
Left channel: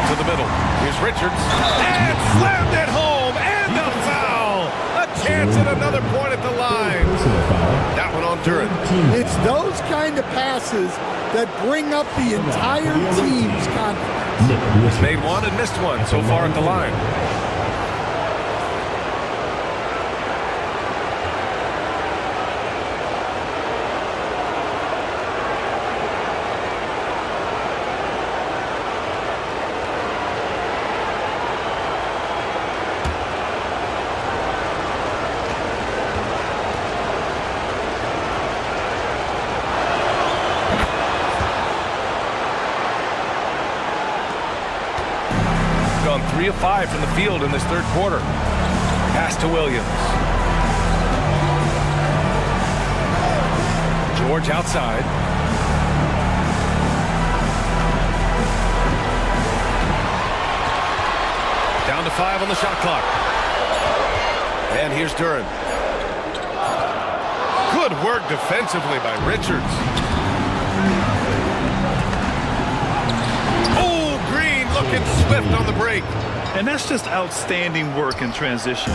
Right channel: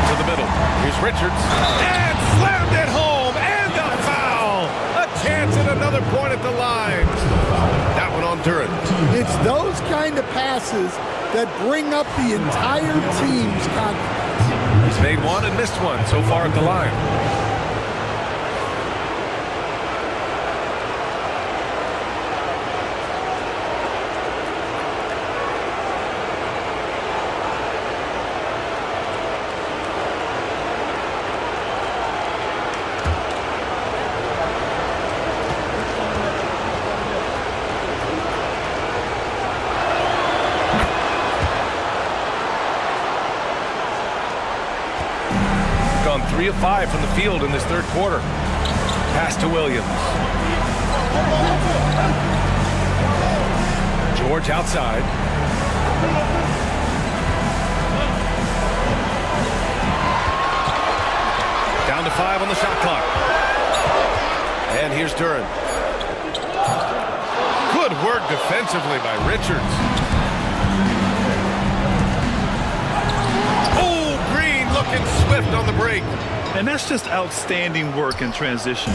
To the middle. Here's Richards. And slammed it home, and a foul. A chance at another point at the line. That one on Duren. It's those kind of passes that bring up the entire team's confidence. He's made one and missed one so far at the line. Gone 3 of 5 from the field in this third quarter. Pass to Williams. George outside. Down to 5 on the shot clock. And here's Duren. Good work defensively by Richards. Looking swift on the break. And that's just outstanding work in transition.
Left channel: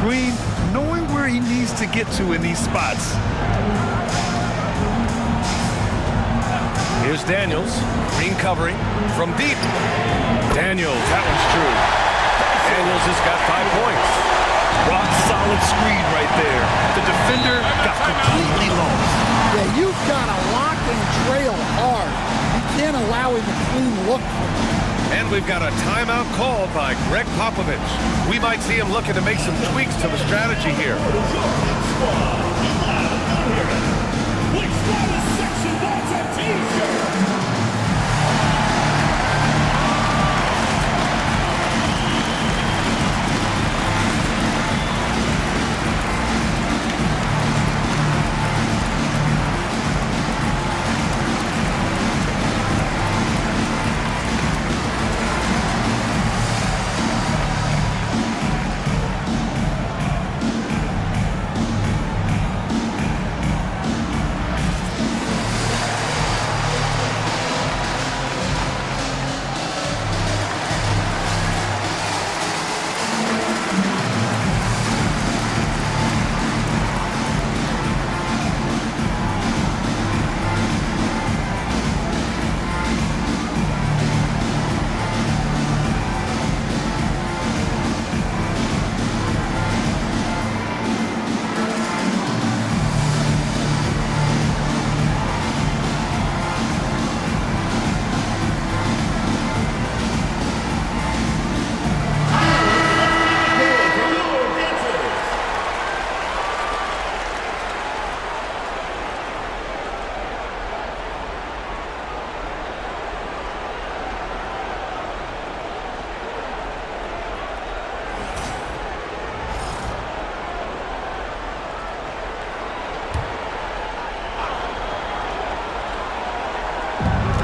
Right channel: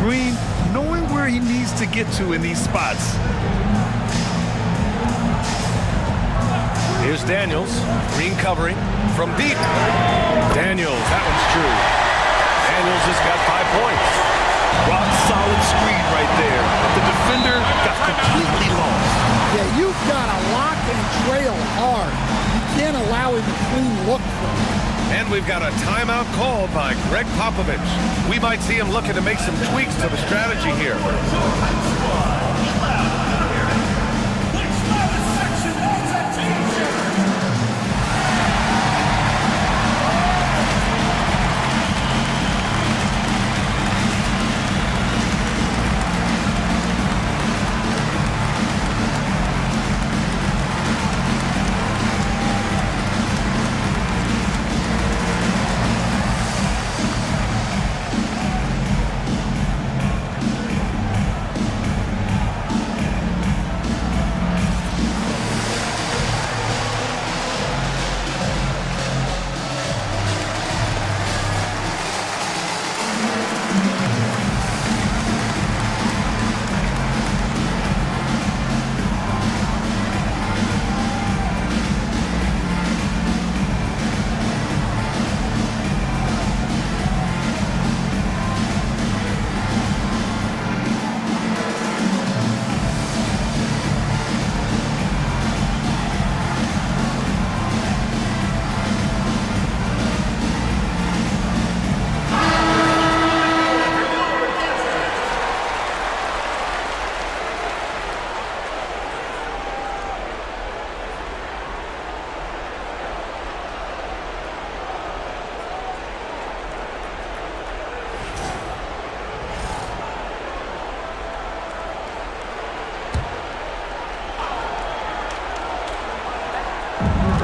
Green knowing where he needs to get to in these spots. Here's Daniels. Green covering from deep. Daniels, that one's true. Daniels has got 5 points. Rock solid screen right there. The defender got completely lost. Yeah, you've got to lock and trail hard. You can't allow him a clean look for him. And we've got a timeout called by Greg Popovich. We might see him looking to make some tweaks to the strategy here.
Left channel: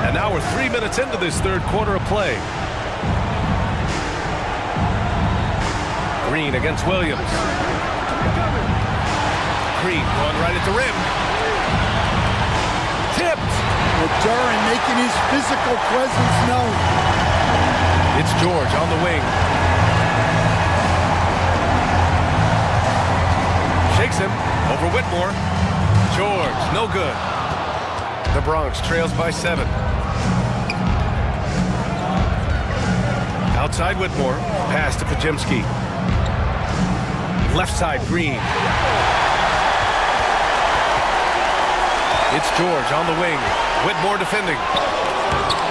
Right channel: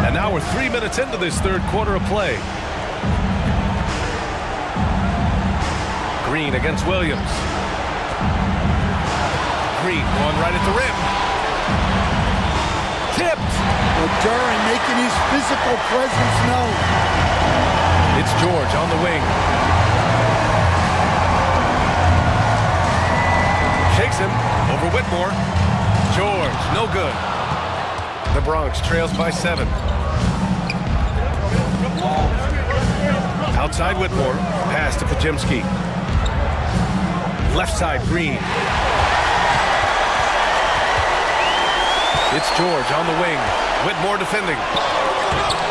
And now we're 3 minutes into this third quarter of play. Green against Williams. Green going right at the rim. Tipped. Well, Duran making his physical presence known. It's George on the wing. Shakes him over Whitmore. George, no good. The Bronx trails by 7. Outside Whitmore, pass to Pajimski. Left side, Green. It's George on the wing. Whitmore defending.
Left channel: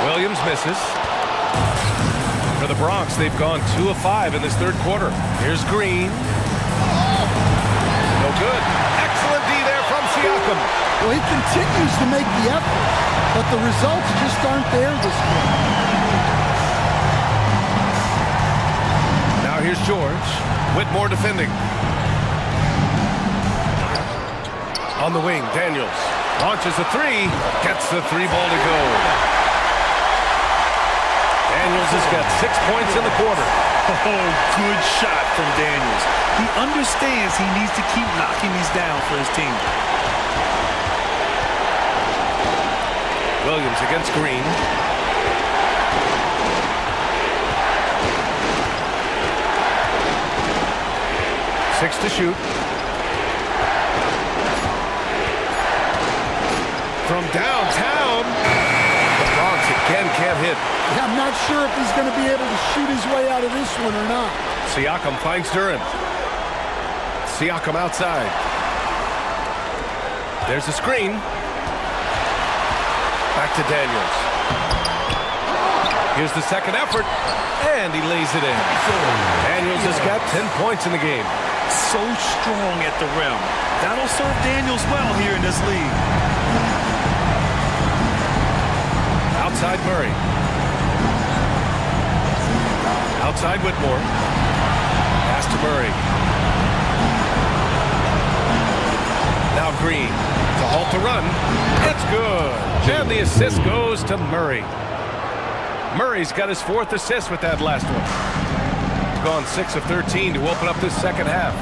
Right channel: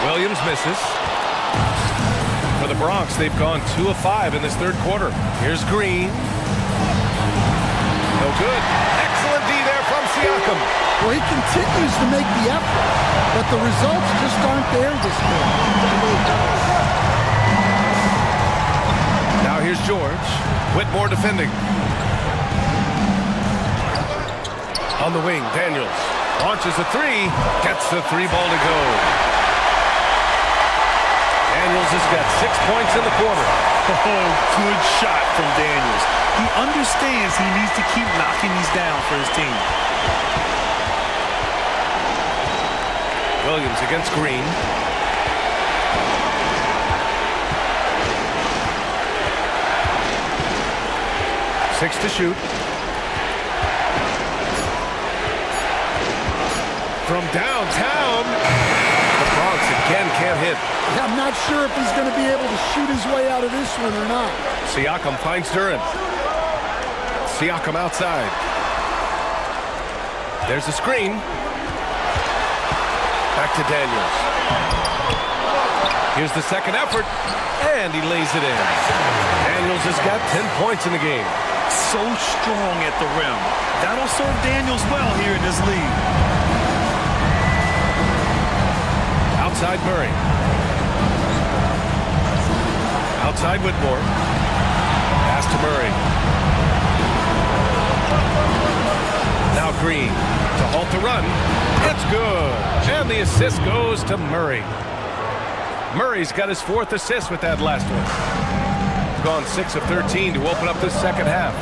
Williams misses. For the Bronx, they've gone 2 of 5 in this third quarter. Here's Green. No good. Excellent D there from Siakam. Well, he continues to make the effort, but the results just aren't there this quarter. Now here's George. Whitmore defending. On the wing, Daniels. Launches a 3. Gets the 3 ball to go. Daniels has got 6 points in the quarter. Oh, good shot from Daniels. He understands he needs to keep knocking these down for his team. Williams against Green. Six to shoot. From downtown, the Bronx again can't hit. Yeah, I'm not sure if he's going to be able to shoot his way out of this one or not. Siakam finds Duran. Siakam outside. There's a screen. Back to Daniels. Here's the second effort, and he lays it in. Daniels has got 10 points in the game. So strong at the rim. That'll serve Daniels well here in this league. Outside Murray. Outside Whitmore. Pass to Murray. Now Green to halt the run. It's good. And the assist goes to Murray. Murray's got his 4th assist with that last one. He's gone 6 of 13 to open up this second half.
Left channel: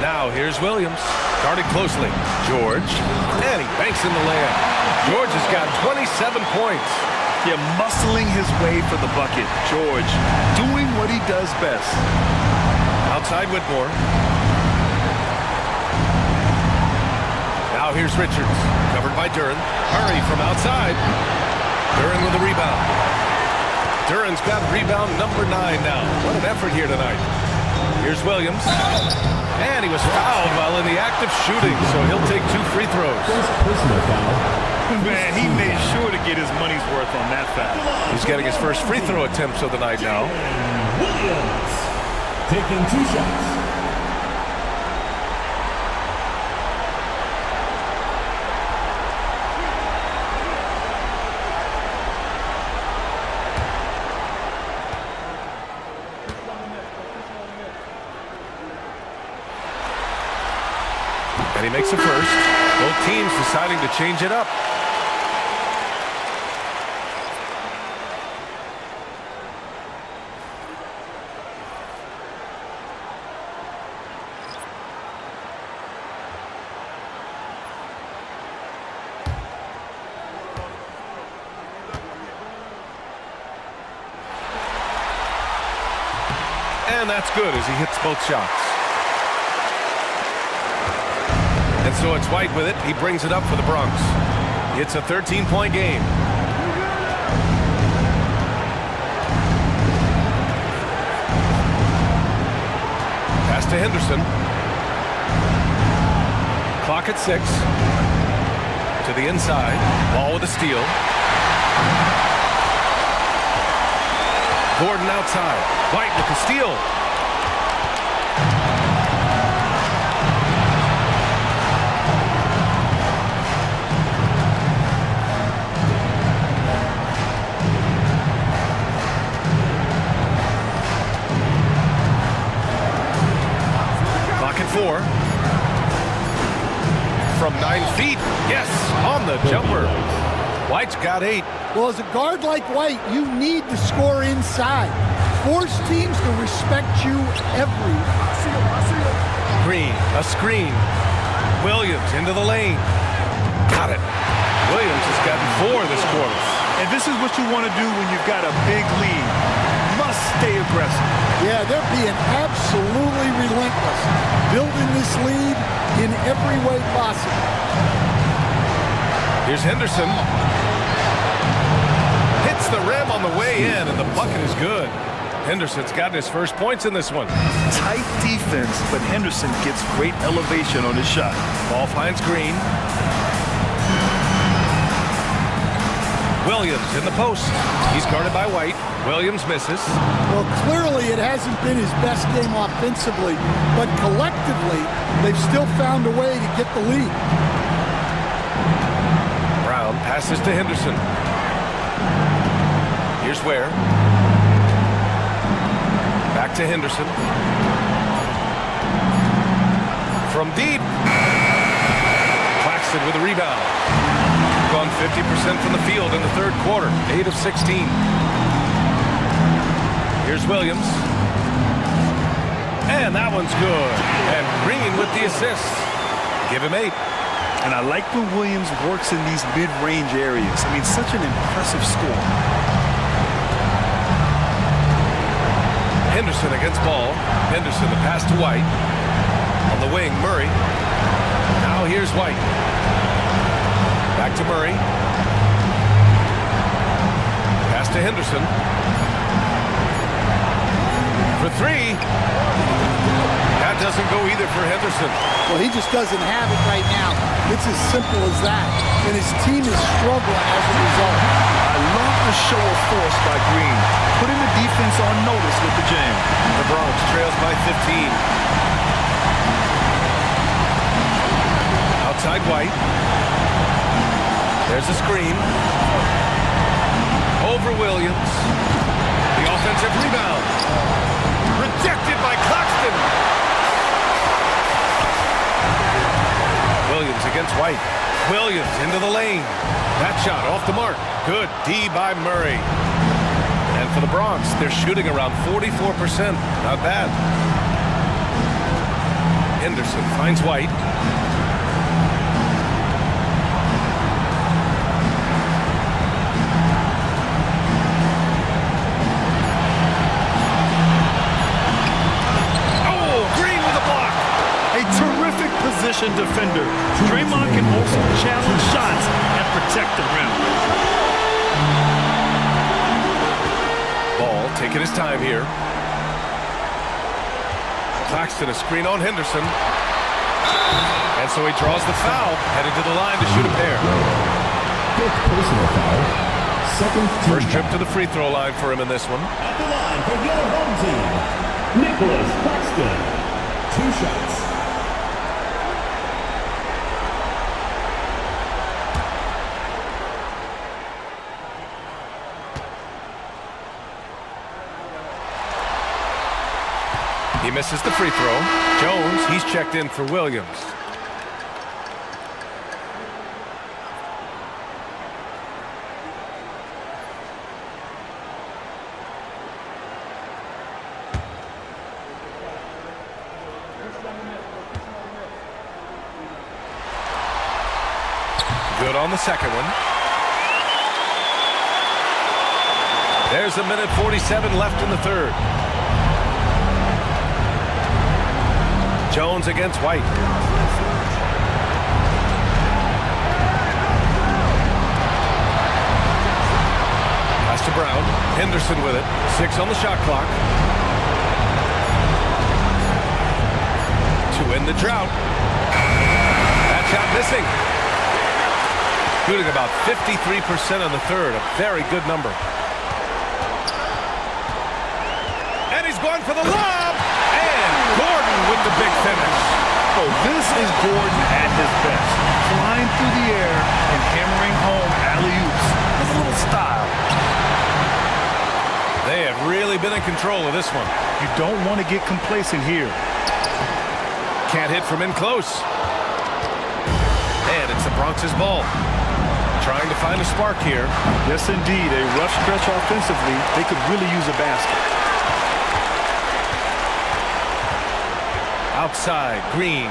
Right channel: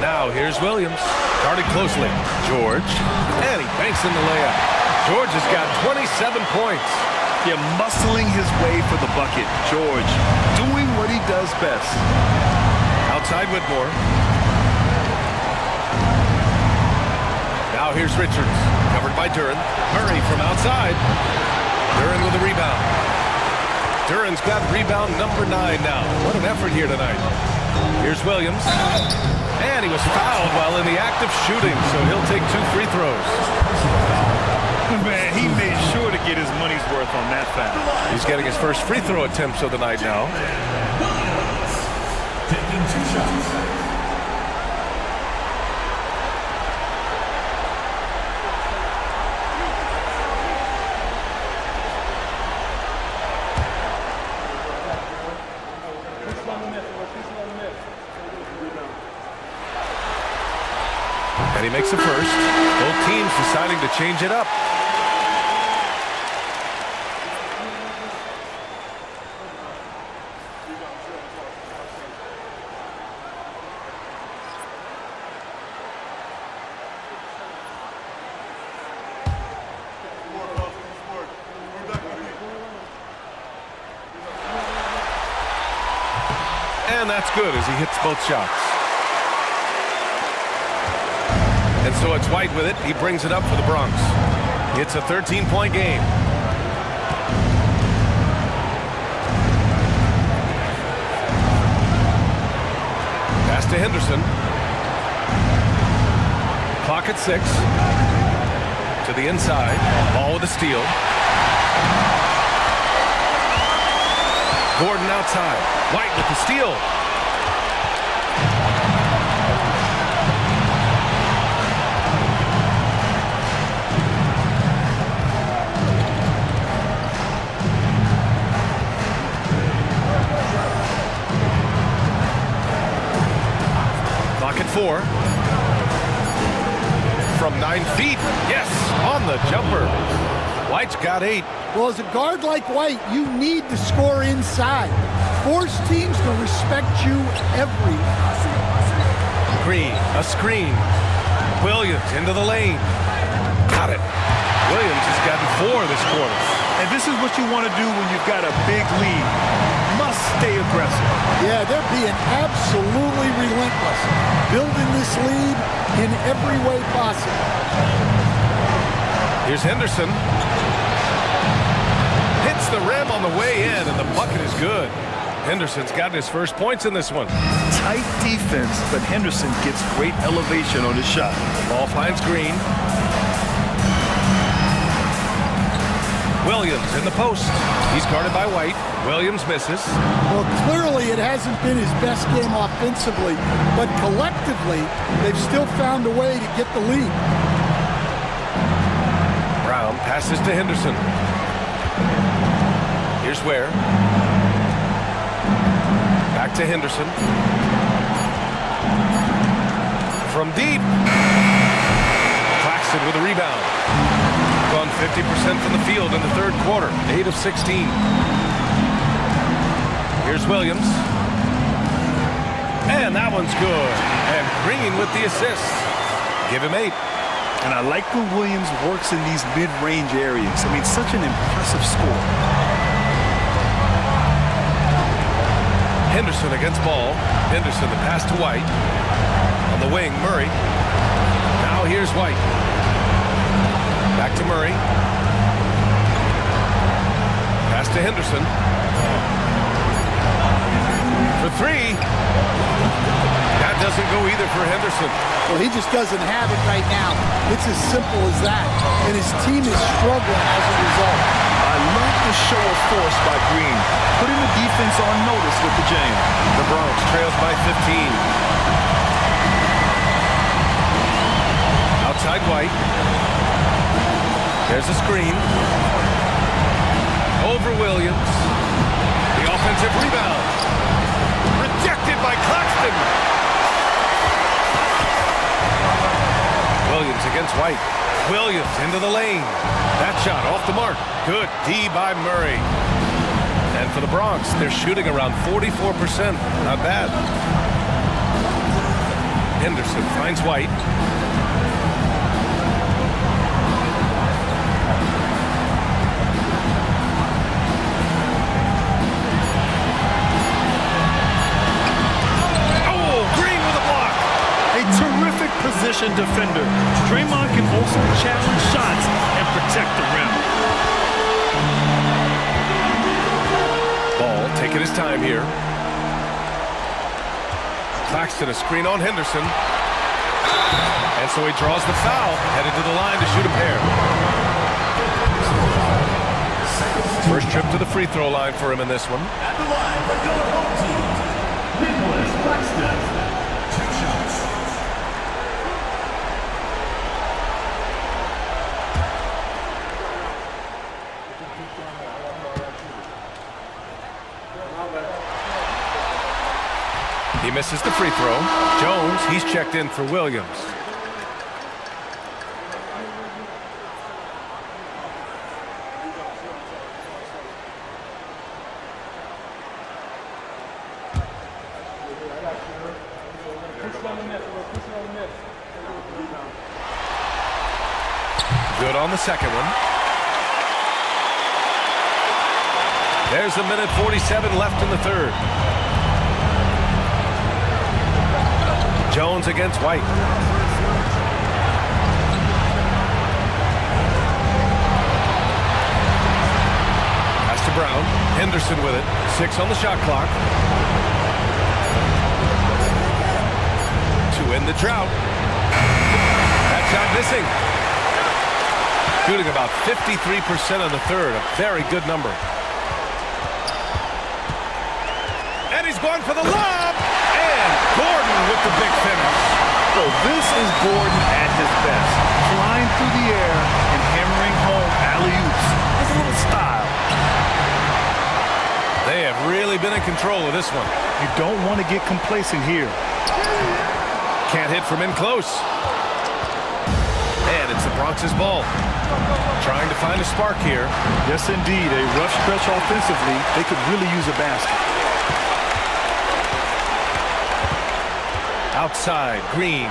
Now here's Williams. Guarded closely. George. And he banks in the layup. George has got 27 points. Yeah, muscling his way for the bucket. George doing what he does best. Outside Whitmore. Now here's Richards, covered by Duran. Murray from outside. Duran with the rebound. Duran's got rebound number 9 now. What an effort here tonight. Here's Williams. And he was fouled while in the act of shooting, so he'll take 2 free throws. Man, he made sure to get his money's worth on that foul. He's getting his first free throw attempts of the night now. Williams taking 2 shots. And he makes the first. Both teams deciding to change it up. And that's good as he hits both shots. And so it's White with it. He brings it up for the Bronx. It's a 13-point game. Pass to Henderson. Clock at 6. To the inside. Ball with a steal. Gordon outside. White with the steal. Clock at 4. From 9 feet. Yes, on the jumper. White's got 8. Well, as a guard like White, you need to score inside. Force teams to respect you everywhere. Green, a screen. Williams into the lane. Got it. Williams has gotten 4 this quarter. And this is what you want to do when you've got a big lead. Must stay aggressive. Yeah, they're being absolutely relentless, building this lead in every way possible. Here's Henderson. Hits the rim on the way in, and the bucket is good. Henderson's gotten his first points in this one. Tight defense, but Henderson gets great elevation on his shot. Ball finds Green. Williams in the post. He's guarded by White. Williams misses. Well, clearly it hasn't been his best game offensively, but collectively, they've still found a way to get the lead. Brown passes to Henderson. Here's Ware. Back to Henderson. From deep. Claxton with a rebound. Gone 50% from the field in the third quarter. 8 of 16. Here's Williams. And that one's good. And Green with the assist. Give him 8. And I like when Williams works in these mid-range areas. I mean, such an impressive score. Henderson against ball. Henderson, the pass to White. On the wing, Murray. Now here's White. Back to Murray. Pass to Henderson. For 3. That doesn't go either for Henderson. Well, he just doesn't have it right now. It's as simple as that. And his team is struggling as a result. I love the show of force by Green, putting the defense on notice with the jam. The Bronx trails by 15. Outside White. There's a screen. Over Williams. The offensive rebound. Rejected by Claxton. Williams against White. Williams into the lane. That shot off the mark. Good D by Murray. And for the Bronx, they're shooting around 44%. Not bad. Henderson finds White. A terrific position position defender. Draymond can also challenge shots and protect the rim. Ball taking his time here. Claxton a screen on Henderson. And so he draws the foul, headed to the line to shoot a pair. Personal foul. First trip to the free throw line for him in this one. At the line for your home team, Nicholas Claxton. 2 shots. He misses the free throw. Jones, he's checked in for Williams. Good on the second one. There's a minute 47 left in the third. Jones against White. Pass to Brown. Henderson with it. 6 on the shot clock. To end the drought. That shot missing. Shooting about 53% on the third. A very good number. And he's going for the lob. And Gordon with the big finish. So this is Gordon at his best. Flying through the air and hammering home alley-oops with a little style. They have really been in control of this one. You don't want to get complacent here. Can't hit from in close. And it's the Bronx's ball. Trying to find a spark here. Yes, indeed. A rough stretch offensively. They could really use a basket. Outside, Green.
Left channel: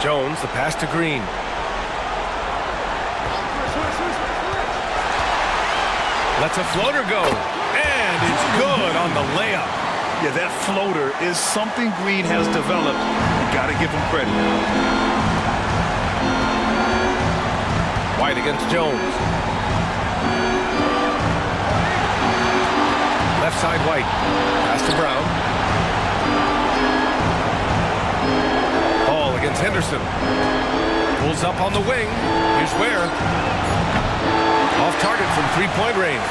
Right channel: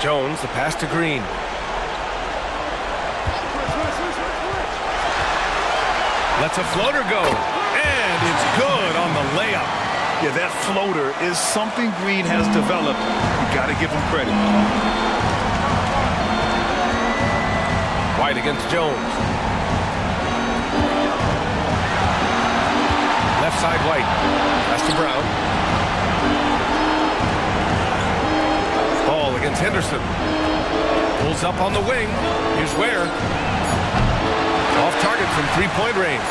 Jones, the pass to Green. Lets a floater go. And it's good on the layup. Yeah, that floater is something Green has developed. You got to give him credit. White against Jones. Left side, White. Pass to Brown. Ball against Henderson. Pulls up on the wing. Here's Ware. Off target from three-point range.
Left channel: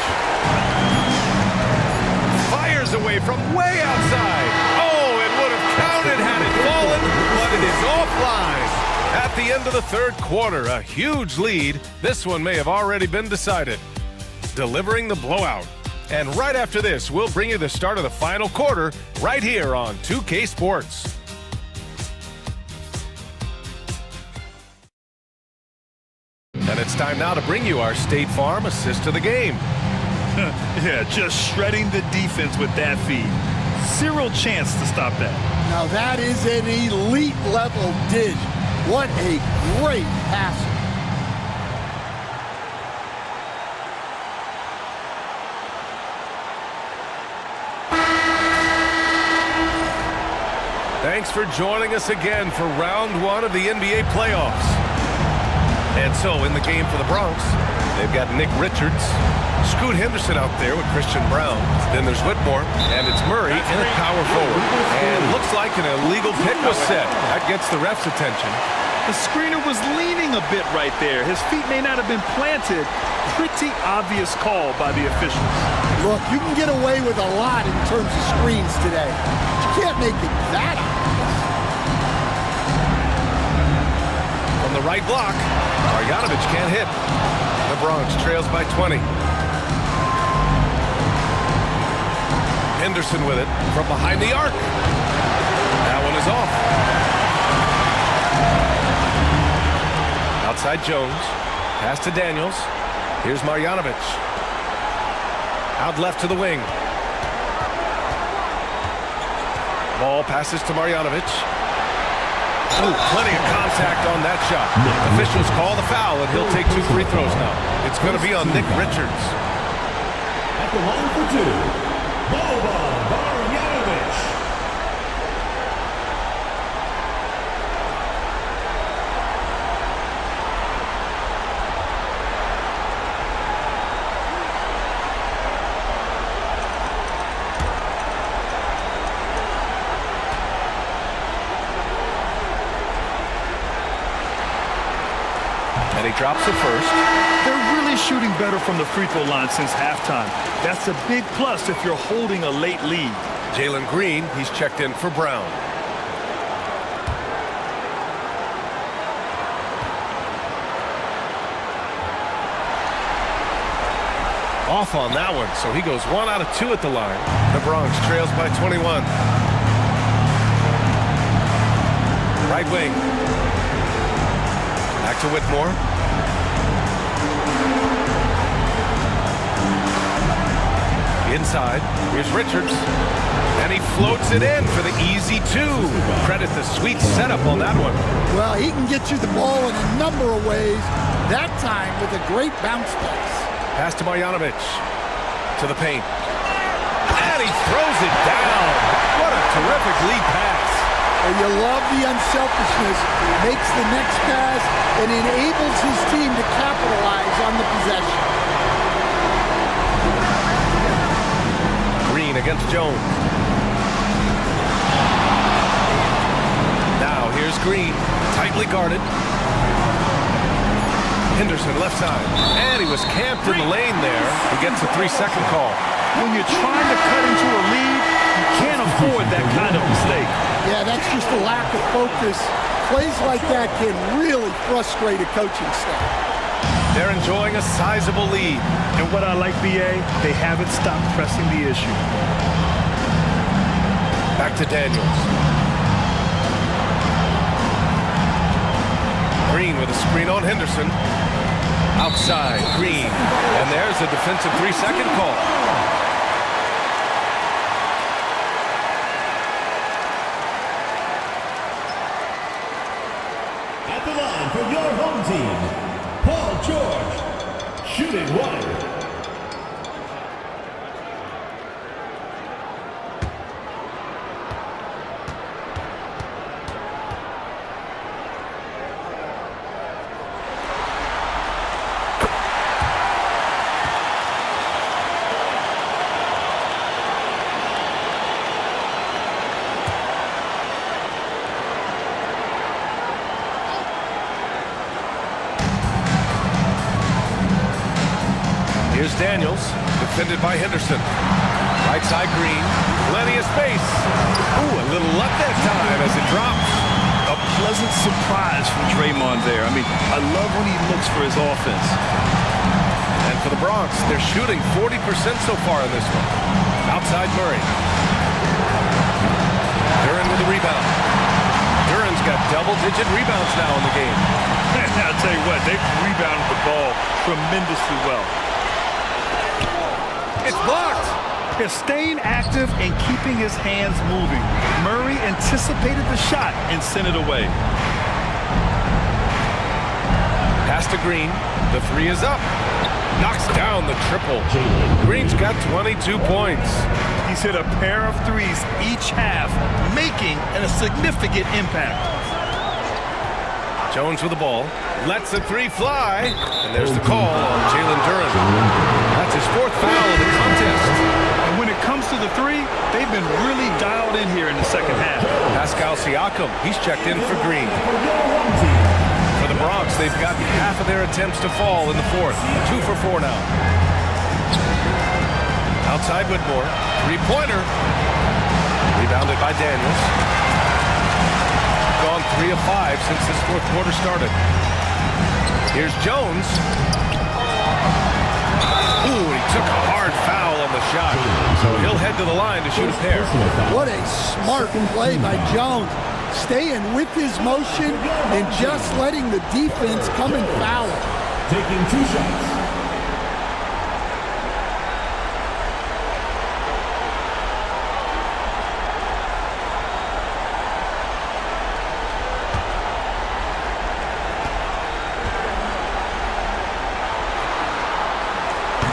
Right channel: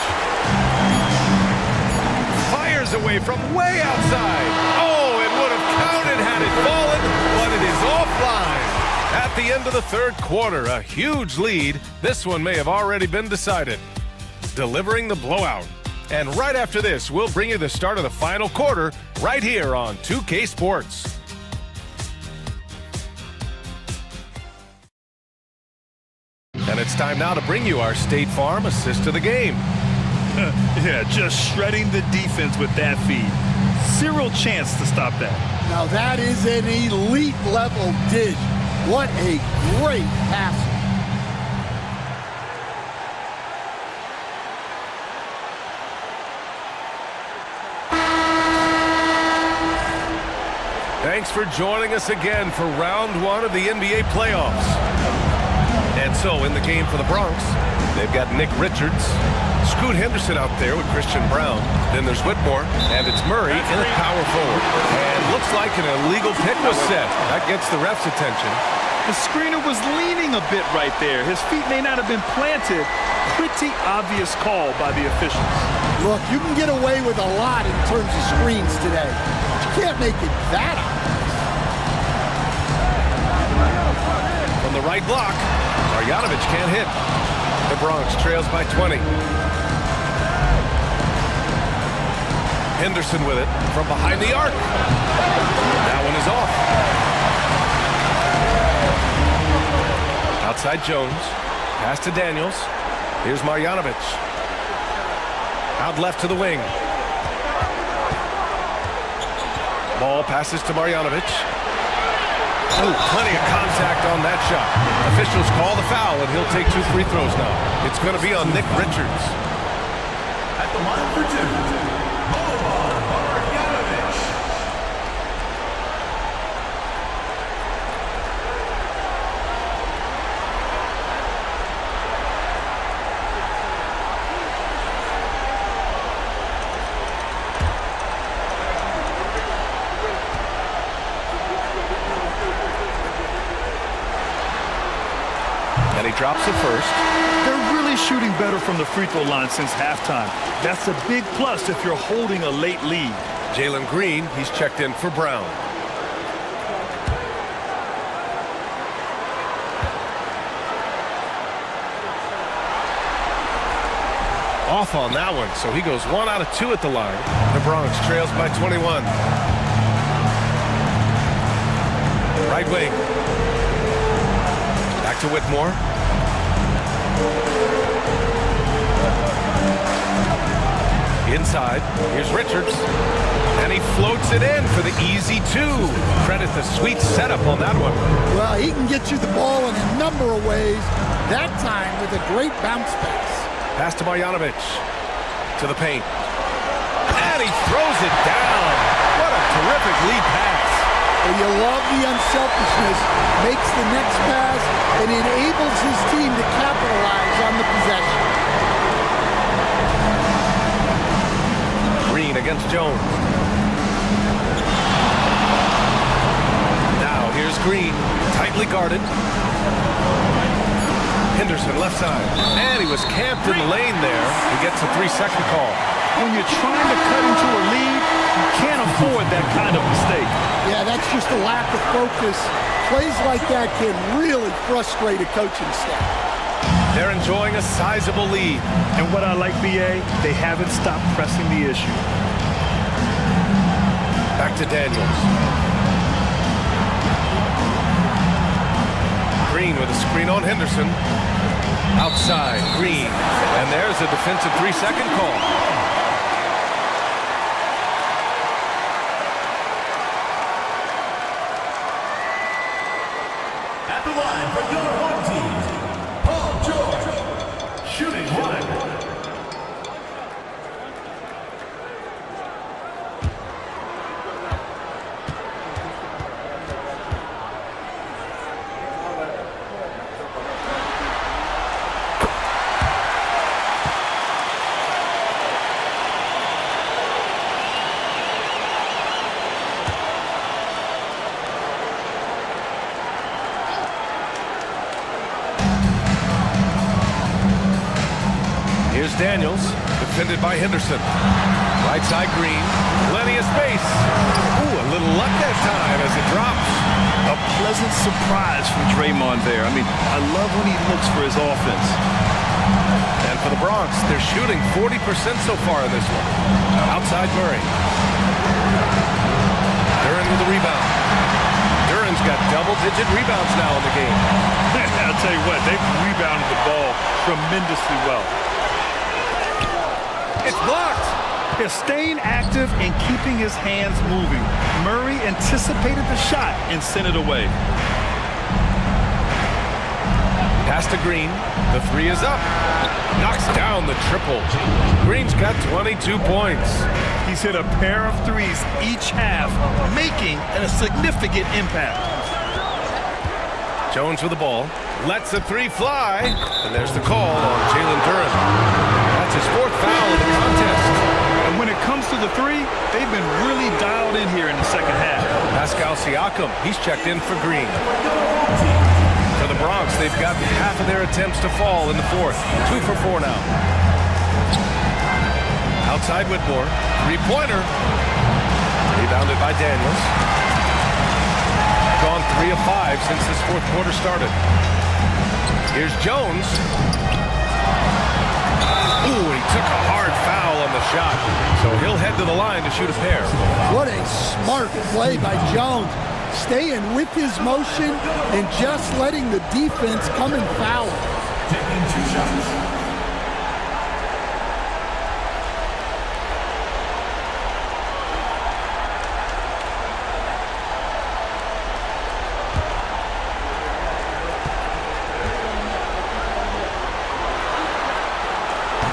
Fires away from way outside. Oh, it would have counted had it fallen, but it is offline. At the end of the third quarter, a huge lead. This one may have already been decided. Delivering the blowout. And right after this, we'll bring you the start of the final quarter right here on 2K Sports. And it's time now to bring you our State Farm assist of the game. Yeah, just shredding the defense with that feed. Zero chance to stop that. Now that is an elite level dish. What a great passer. Thanks for joining us again for round one of the NBA playoffs. And so in the game for the Bronx, they've got Nick Richards, Scoot Henderson out there with Christian Brown. Then there's Whitmore, and it's Murray in at power forward. And looks like an illegal pick was set. That gets the ref's attention. The screener was leaning a bit right there. His feet may not have been planted. Pretty obvious call by the officials. Look, you can get away with a lot in terms of screens today. But you can't make it that obvious. From the right block, Marjanovic can't hit. The Bronx trails by 20. Henderson with it from behind the arc. That one is off. Outside Jones. Pass to Daniels. Here's Marjanovic. Out left to the wing. Ball passes to Marjanovic. Oh, plenty of contact on that shot. Officials call the foul, and he'll take 2 free throws now. It's going to be on Nick Richards. At the line for 2, Boban Marjanovic. And he drops it first. They're really shooting better from the free throw line since halftime. That's a big plus if you're holding a late lead. Jalen Green, he's checked in for Brown. Off on that one, so he goes 1 out of 2 at the line. The Bronx trails by 21. Right wing. Back to Whitmore. Inside, here's Richards. And he floats it in for the easy 2. Credit the sweet setup on that one. Well, he can get you the ball in a number of ways, that time with a great bounce pass. Pass to Marjanovic. To the paint. And he throws it down. What a terrific lead pass. Well, you love the unselfishness. Makes the next pass and enables his team to capitalize on the possession. Green against Jones. Now here's Green. Tightly guarded. Henderson left side. And he was camped in the lane there. He gets a 3-second call. When you're trying to cut into a lead, you can't afford that kind of mistake. Yeah, that's just a lack of focus. Plays like that can really frustrate a coaching staff. They're enjoying a sizable lead. And what I like, BA, they haven't stopped pressing the issue. Back to Daniels. Green with a screen on Henderson. Outside, Green. And there's a defensive 3-second call. At the line for your home team, Paul George, shooting 1. Here's Daniels, defended by Henderson. Right side Green, plenty of space. Ooh, a little luck that time as it drops. A pleasant surprise from Draymond there. I mean, I love when he looks for his offense. And for the Bronx, they're shooting 40% so far in this one. Outside Murray. Duren with the rebound. Duren's got double-digit rebounds now in the game. I'll tell you what, they've rebounded the ball tremendously well. It's blocked. They're staying active and keeping his hands moving. Murray anticipated the shot and sent it away. Pass to Green. The 3 is up. Knocks down the triple. Green's got 22 points. He's hit a pair of 3s each half, making a significant impact. Jones with the ball. Lets a 3 fly. And there's the call on Jalen Duren. That's his 4th foul of the contest. And when it comes to the 3, they've been really dialed in here in the second half. Pascal Siakam, he's checked in for Green. For the Bronx, they've gotten half of their attempts to fall in the 4th. 2 for 4 now. Outside Whitmore, 3-pointer. Rebounded by Daniels. Gone 3 of 5 since this 4th quarter started. Here's Jones. Ooh, he took a hard foul on the shot. So he'll head to the line to shoot a pair. What a smart play by Jones. Staying with his motion and just letting the defense come and foul him. Taking 2 shots.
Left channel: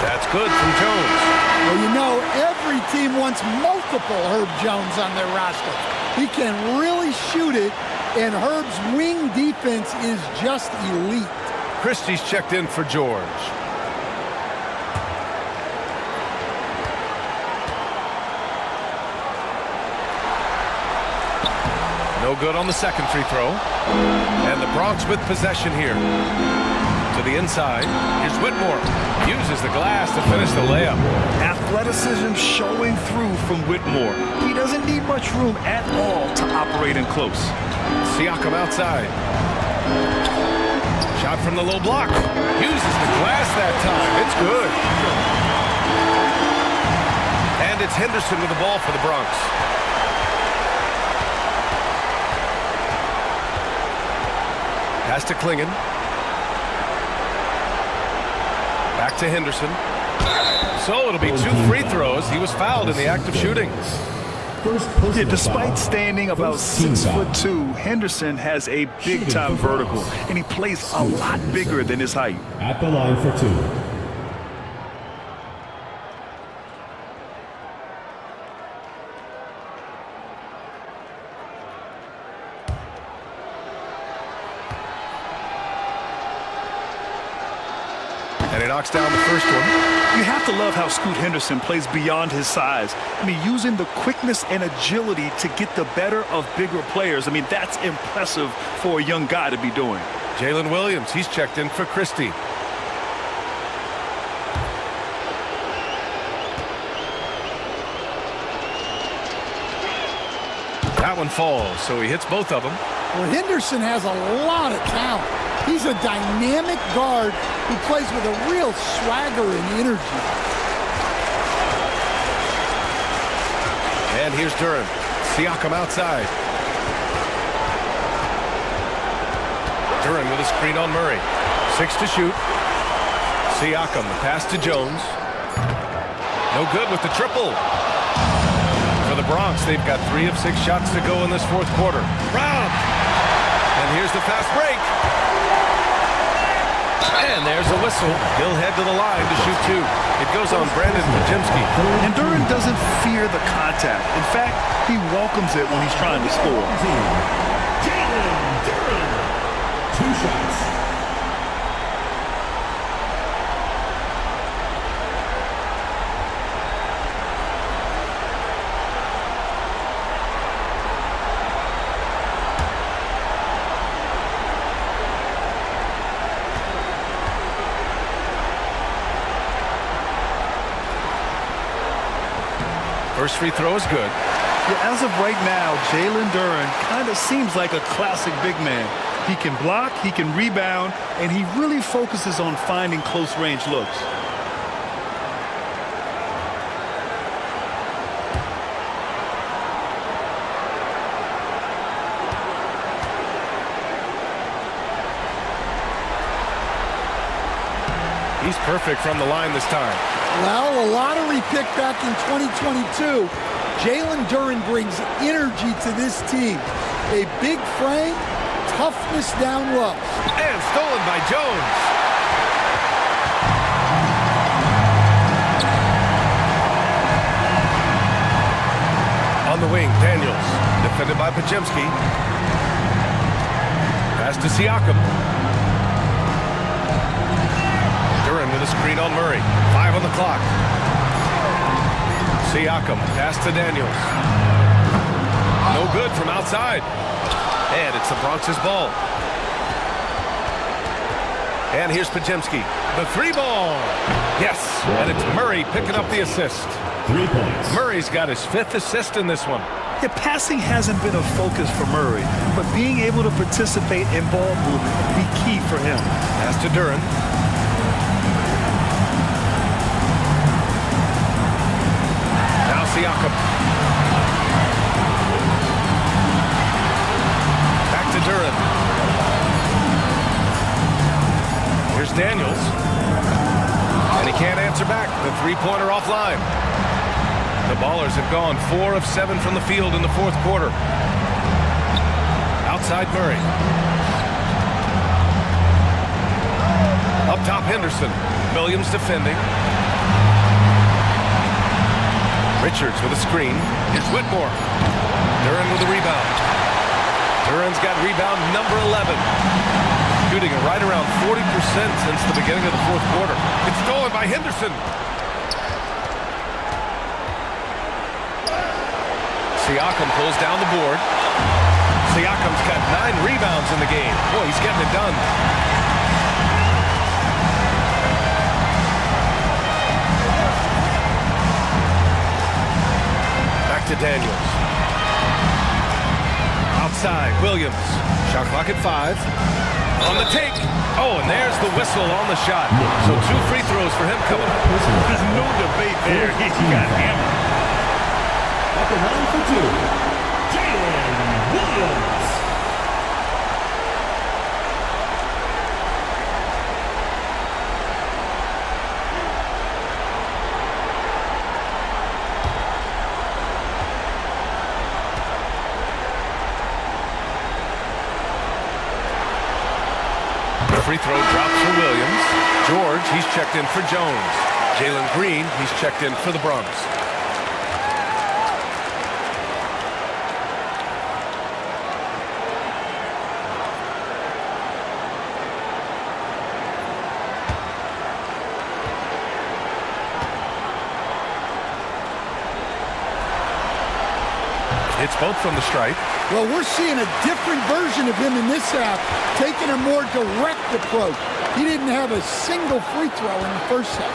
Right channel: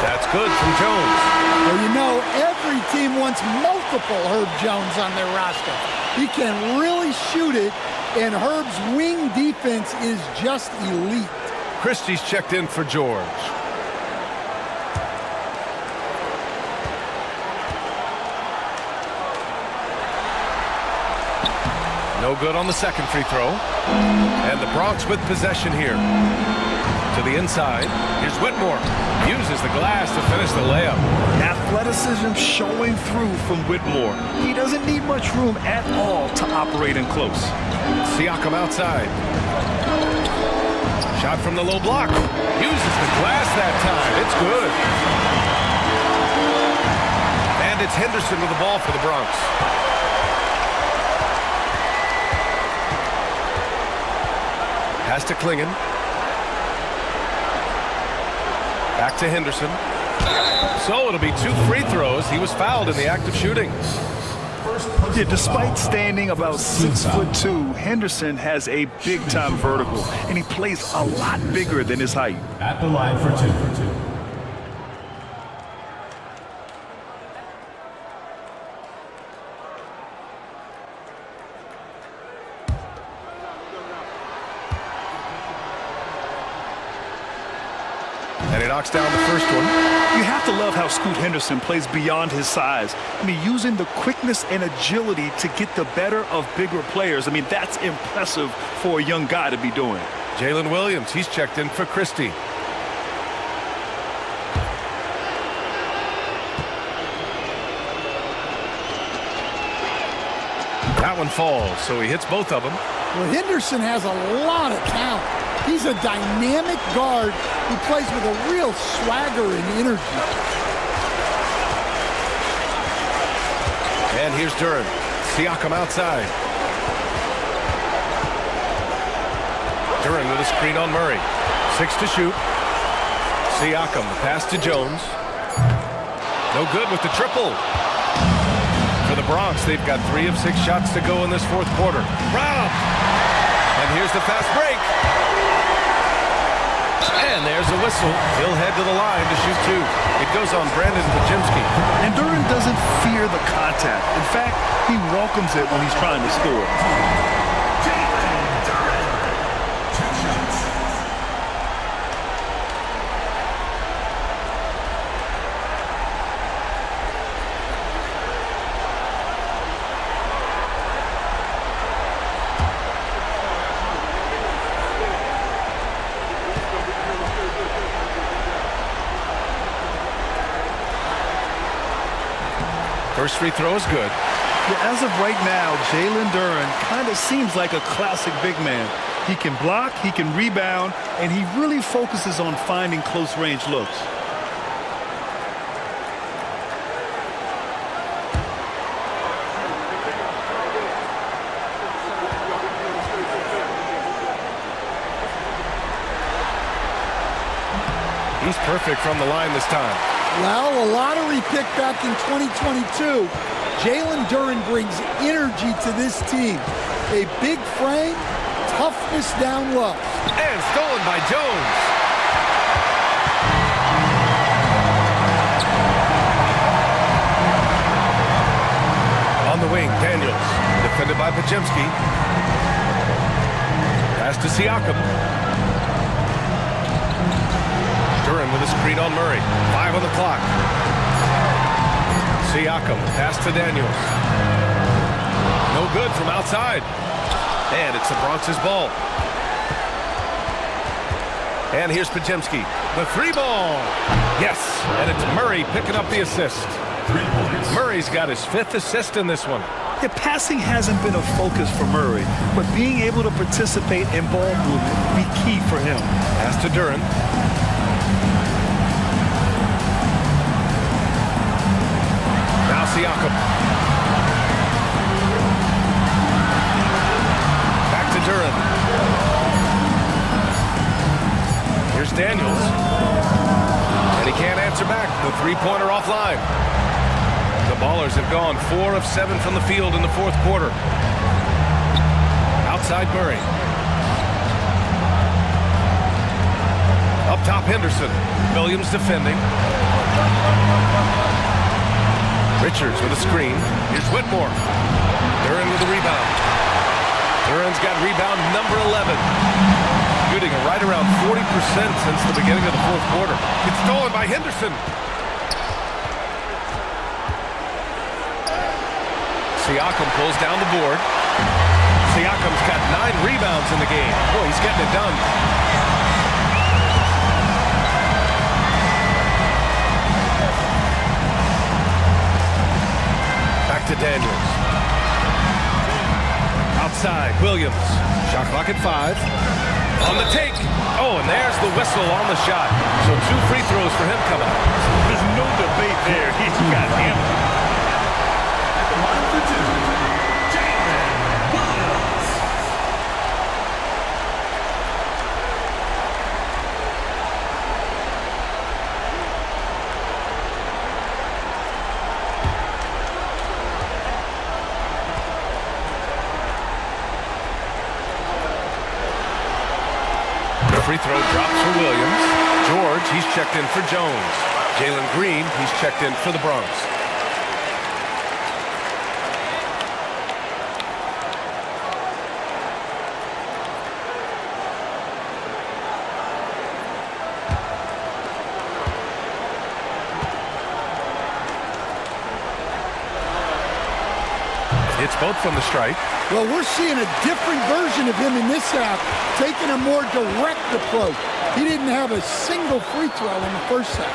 That's good from Jones. Well, you know, every team wants multiple Herb Jones on their roster. He can really shoot it, and Herb's wing defense is just elite. Christie's checked in for George. No good on the second free throw. And the Bronx with possession here. to the inside. Here's Whitmore. Uses the glass to finish the layup. Athleticism showing through from Whitmore. He doesn't need much room at all to operate in close. Siakam outside. Shot from the low block. Uses the glass that time. It's good. And it's Henderson with the ball for the Bronx. Pass to Klingon. Back to Henderson. So it'll be 2 free throws. He was fouled in the act of shooting. Yeah, despite standing about 6'2", Henderson has a big-time vertical, and he plays a lot bigger than his height. At the line for 2. And he knocks down the first one. You have to love how Scoot Henderson plays beyond his size. I mean, using the quickness and agility to get the better of bigger players. I mean, that's impressive for a young guy to be doing. Jalen Williams, he's checked in for Christie. That one falls, so he hits both of them. Well, Henderson has a lot of talent. He's a dynamic guard who plays with a real swagger and energy. And here's Duran. Siakam outside. Duran with a screen on Murray. 6 to shoot. Siakam, the pass to Jones. No good with the triple. For the Bronx, they've got 3 of 6 shots to go in this fourth quarter. Robbed! And here's the fast break. And there's a whistle. He'll head to the line to shoot 2. It goes on Brandon Pajemski. And Duran doesn't fear the contact. In fact, he welcomes it when he's trying to score. Jalen Duran. 2 shots. First free throw is good. Yeah, as of right now, Jalen Duran kind of seems like a classic big man. He can block, he can rebound, and he really focuses on finding close-range looks. He's perfect from the line this time. Well, a lottery pick back in 2022. Jalen Duran brings energy to this team. A big frame, toughness down low. And stolen by Jones. On the wing, Daniels. Defended by Pajemski. Pass to Siakam. Duran with a screen on Murray. 5 on the clock. Siakam, pass to Daniels. No good from outside. And it's the Bronx's ball. And here's Pajemski. The 3 ball. Yes, and it's Murray picking up the assist. 3 points. Murray's got his 5th assist in this one. Yeah, passing hasn't been a focus for Murray, but being able to participate in ball movement will be key for him. Pass to Duran. Now Siakam. Back to Duran. Here's Daniels. And he can't answer back. The 3-pointer offline. The Ballers have gone 4 of 7 from the field in the fourth quarter. Outside Murray. Up top Henderson. Williams defending. Richards with a screen. Here's Whitmore. Duran with a rebound. Duran's got rebound number 11. Shooting right around 40% since the beginning of the fourth quarter. It's stolen by Henderson. Siakam pulls down the board. Siakam's got 9 rebounds in the game. Boy, he's getting it done. to Daniels. Outside, Williams. Shot clock at 5. On the take. Oh, and there's the whistle on the shot. So 2 free throws for him coming up. There's no debate there. He got hammered. At the line for 2, Jalen Williams. Free throw drops for Williams. George, he's checked in for Jones. Jalen Green, he's checked in for the Bronx. It's both from the stripe. Well, we're seeing a different version of him in this half, taking a more direct approach. He didn't have a single free throw in the first half.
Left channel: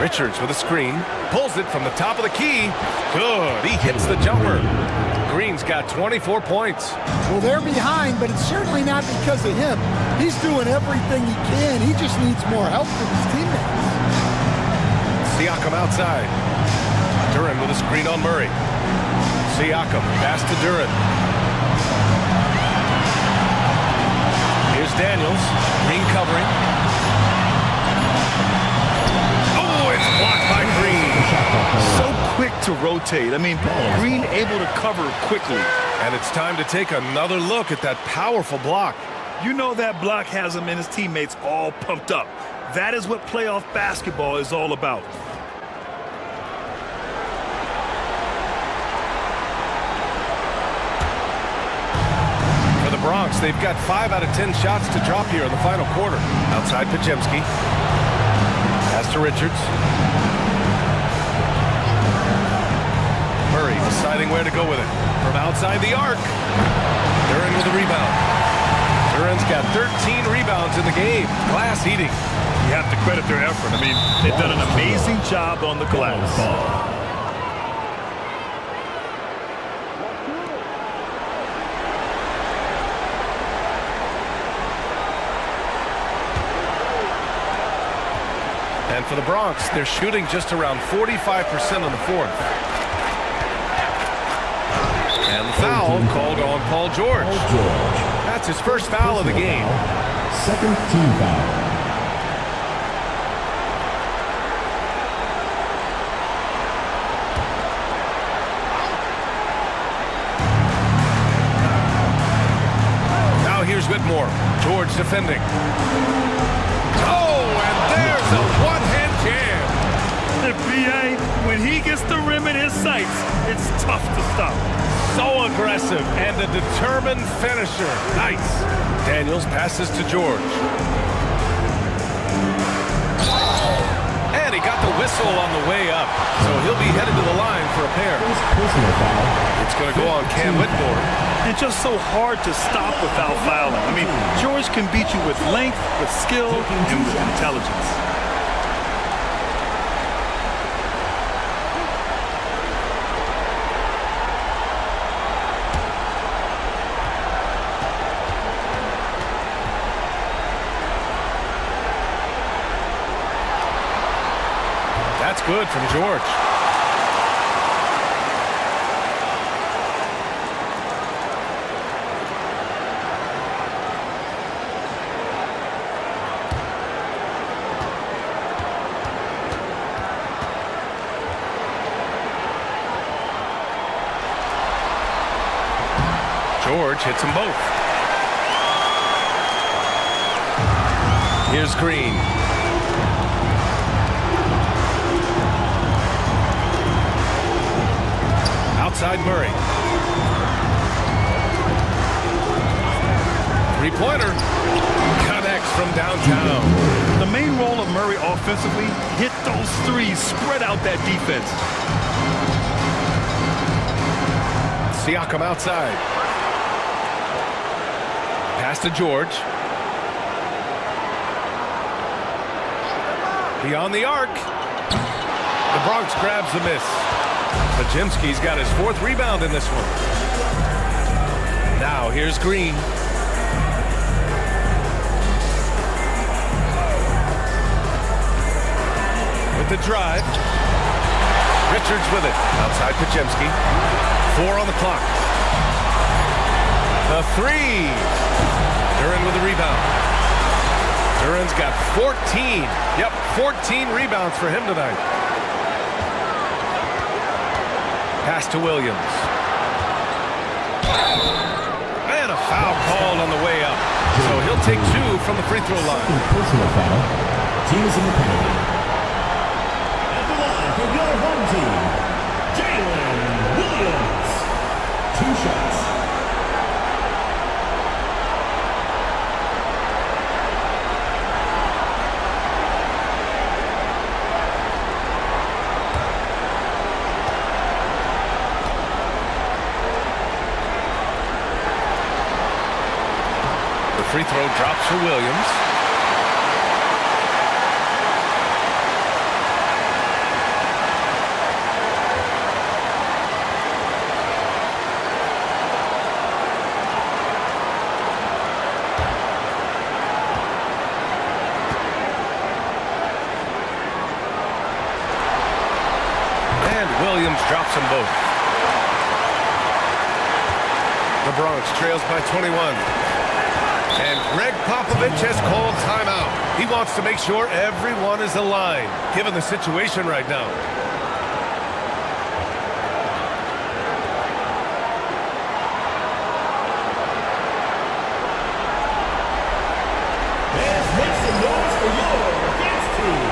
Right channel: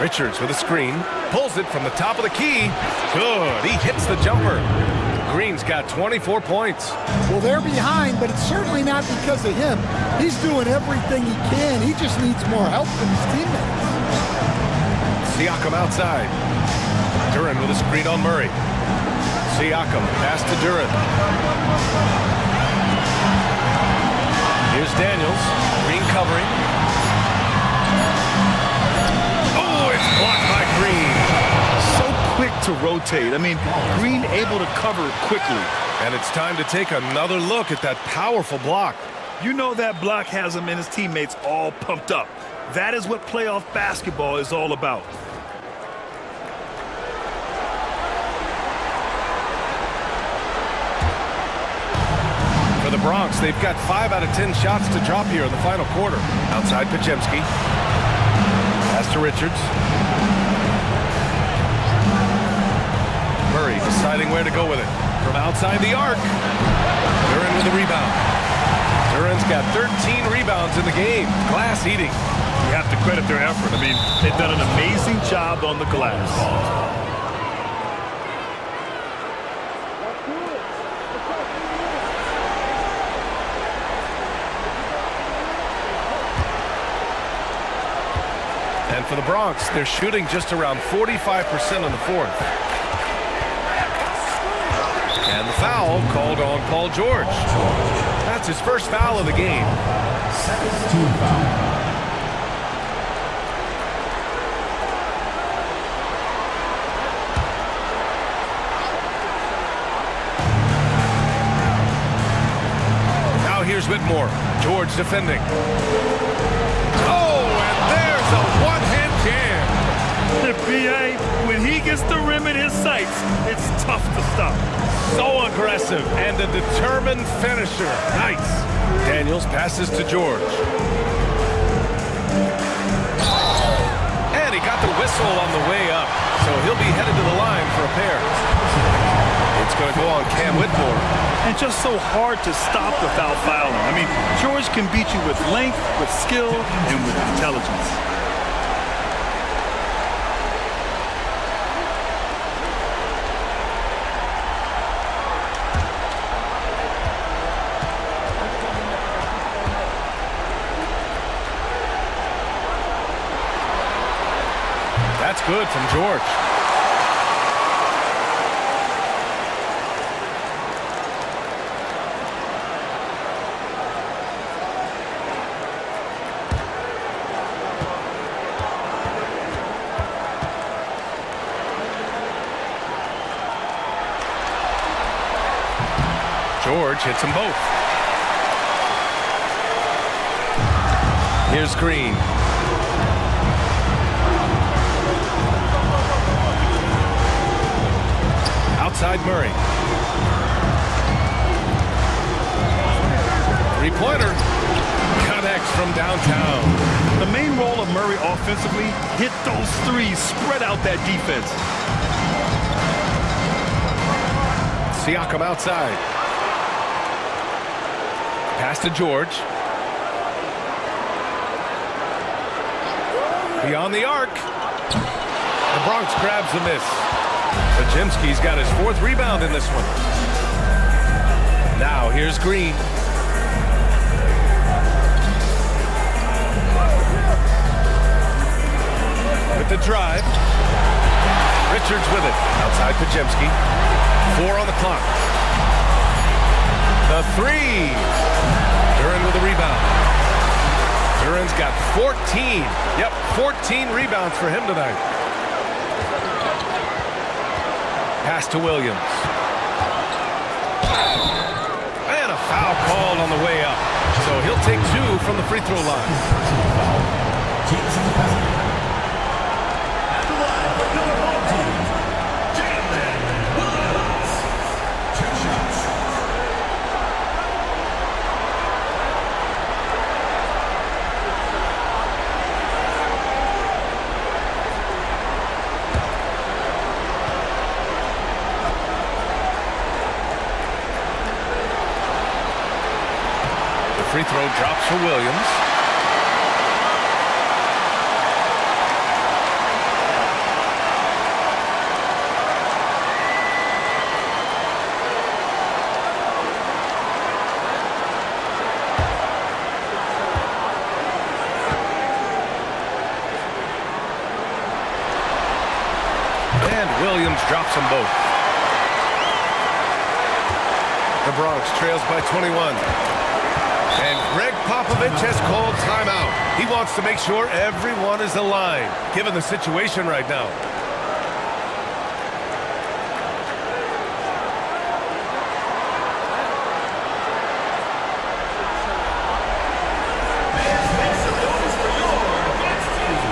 Richards with a screen. Pulls it from the top of the key. Good. He hits the jumper. Green's got 24 points. Well, they're behind, but it's certainly not because of him. He's doing everything he can. He just needs more help from his teammates. Siakam outside. Duran with a screen on Murray. Siakam, pass to Duran. Here's Daniels. Green covering. Oh, it's blocked by Green. So quick to rotate. I mean, Green able to cover quickly. And it's time to take another look at that powerful block. You know that block has him and his teammates all pumped up. That is what playoff basketball is all about. For the Bronx, they've got 5 out of 10 shots to drop here in the final quarter. Outside Pajemski. Pass to Richards. Murray deciding where to go with it. From outside the arc. Duran with a rebound. Duran's got 13 rebounds in the game. Glass eating. You have to credit their effort. I mean, they've done an amazing job on the glass. And for the Bronx, they're shooting just around 45% on the fourth. And the foul called on Paul George. That's his first foul of the game. Second team foul. Now here's Whitmore. George defending. Oh, and there's a one-hand jam. B.A., when he gets the rim in his sights, it's tough to stop. So aggressive and a determined finisher. Nice. Daniels passes to George. And he got the whistle on the way up. So he'll be headed to the line for a pair. It's going to go on Cam Whitmore. And just so hard to stop without fouling. I mean, George can beat you with length, with skill, and with intelligence. That's good from George. George hits them both. Here's Green. Outside Murray. Three-pointer. Connects from downtown. The main role of Murray offensively, hit those threes, spread out that defense. Siakam outside. Pass to George. Beyond the arc. The Bronx grabs the miss. Pajemski's got his 4th rebound in this one. Now here's Green. With the drive. Richards with it. Outside Pajemski. 4 on the clock. The 3. Duran with a rebound. Duran's got 14. Yep, 14 rebounds for him tonight. Pass to Williams. And a foul called on the way up. So he'll take 2 from the free throw line. Personal foul. Teams in the penalty. At the line from your home team, Jalen Williams. 2 shots. The free throw drops for Williams. And Williams drops them both. The Bronx trails by 21. And Greg Popovich has called timeout. He wants to make sure everyone is aligned, given the situation right now. And make some noise for your guest team.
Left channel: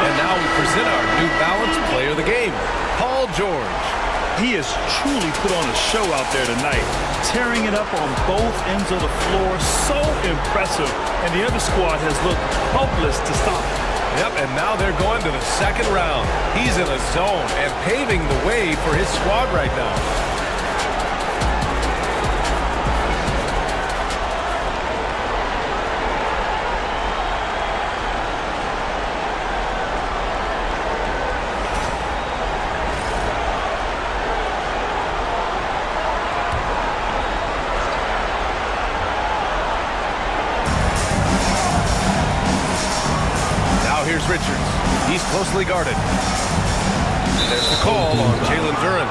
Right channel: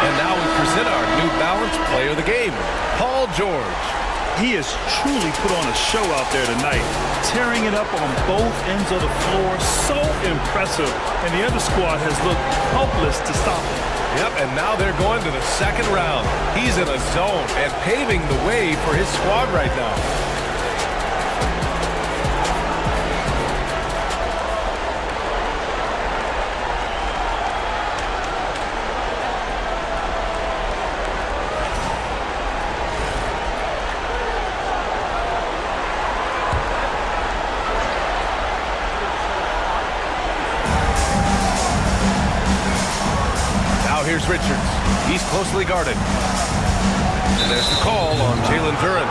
And now we present our New Balance Player of the Game, Paul George. He has truly put on a show out there tonight, tearing it up on both ends of the floor. So impressive, and the other squad has looked helpless to stop him. Yep, and now they're going to the second round. He's in a zone and paving the way for his squad right now. Now here's Richards. He's closely guarded. And there's the call on Jalen Duran.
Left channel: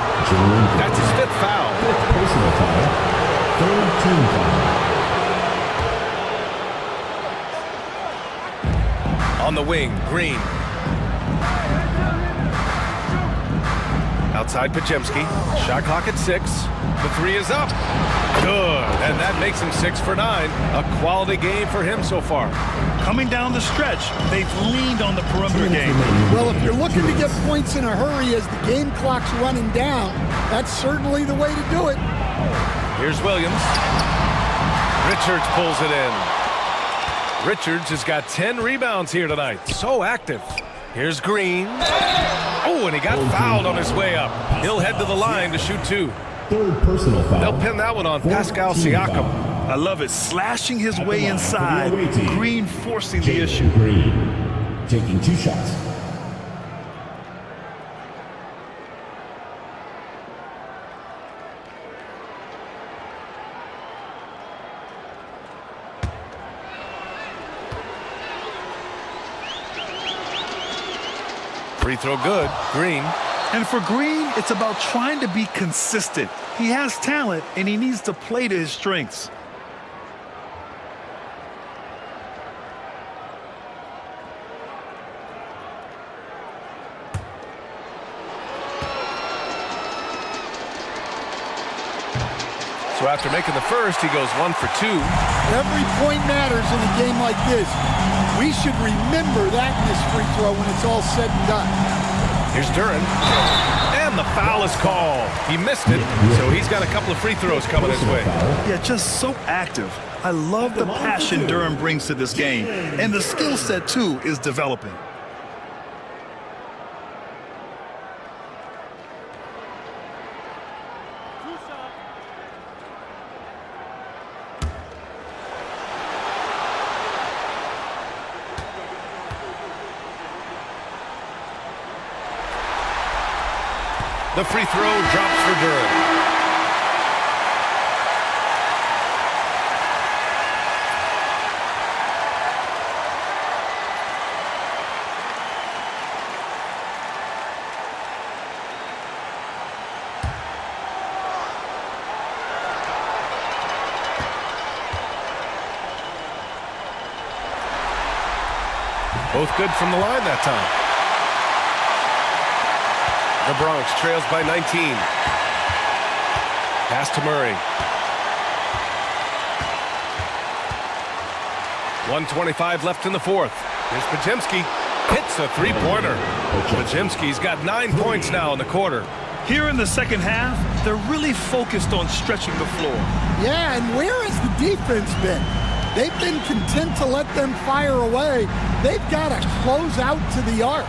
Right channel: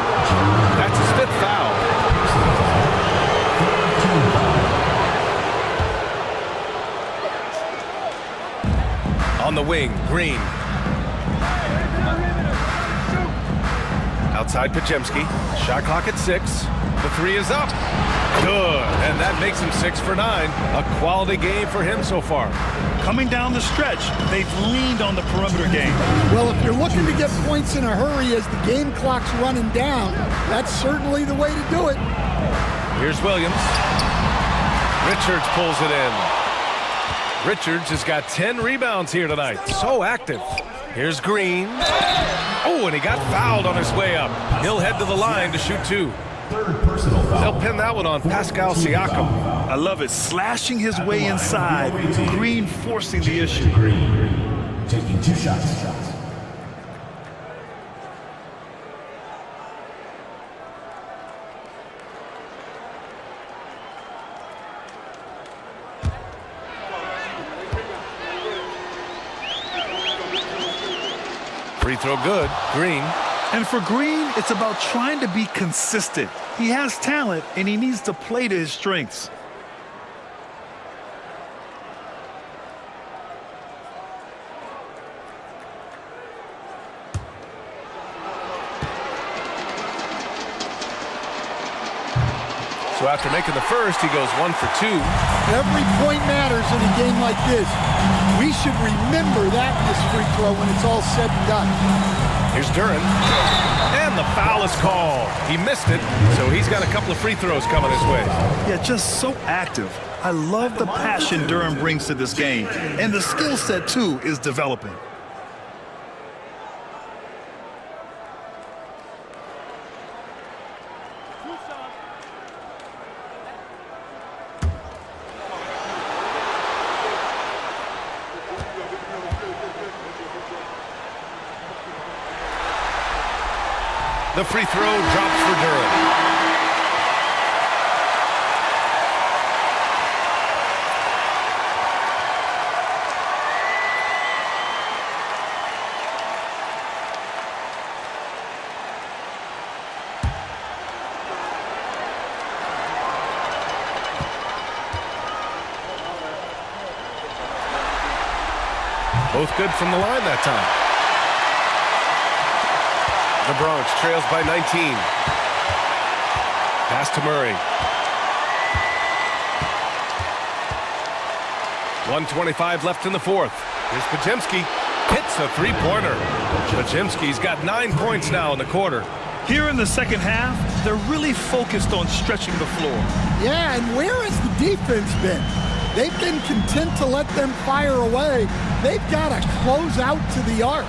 That's his 5th foul. Personal foul. 3rd team foul. On the wing, Green. Outside Pajemski. Shot clock at 6. The 3 is up. Good. And that makes him 6 for 9. A quality game for him so far. Coming down the stretch, they've leaned on the perimeter game. Well, if you're looking to get points in a hurry as the game clock's running down, that's certainly the way to do it. Here's Williams. Richards pulls it in. Richards has got 10 rebounds here tonight. So active. Here's Green. Oh, and he got fouled on his way up. He'll head to the line to shoot 2. 3rd personal foul. They'll pin that one on Pascal Siakam. I love it. Slashing his way inside. Green forcing the issue. Green taking 2 shots. Free throw good. Green. And for Green, it's about trying to be consistent. He has talent, and he needs to play to his strengths. So after making the first, he goes 1 for 2. Every point matters in a game like this. We should remember that in this free throw when it's all said and done. Here's Duren. And the foul is called. He missed it, so he's got a couple of free throws coming his way. Yeah, just so active. I love the passion Duren brings to this game. And the skill set, too, is developing. The free throw drops for Duren. Both good from the line that time. The Bronx trails by 19. Pass to Murray. 1:25 left in the fourth. Here's Podziemski. Hits a three-pointer. Podziemski's got 9 points now in the quarter. Here in the second half, they're really focused on stretching the floor. Yeah, and where has the defense been? They've been content to let them fire away. They've got to close out to the arc.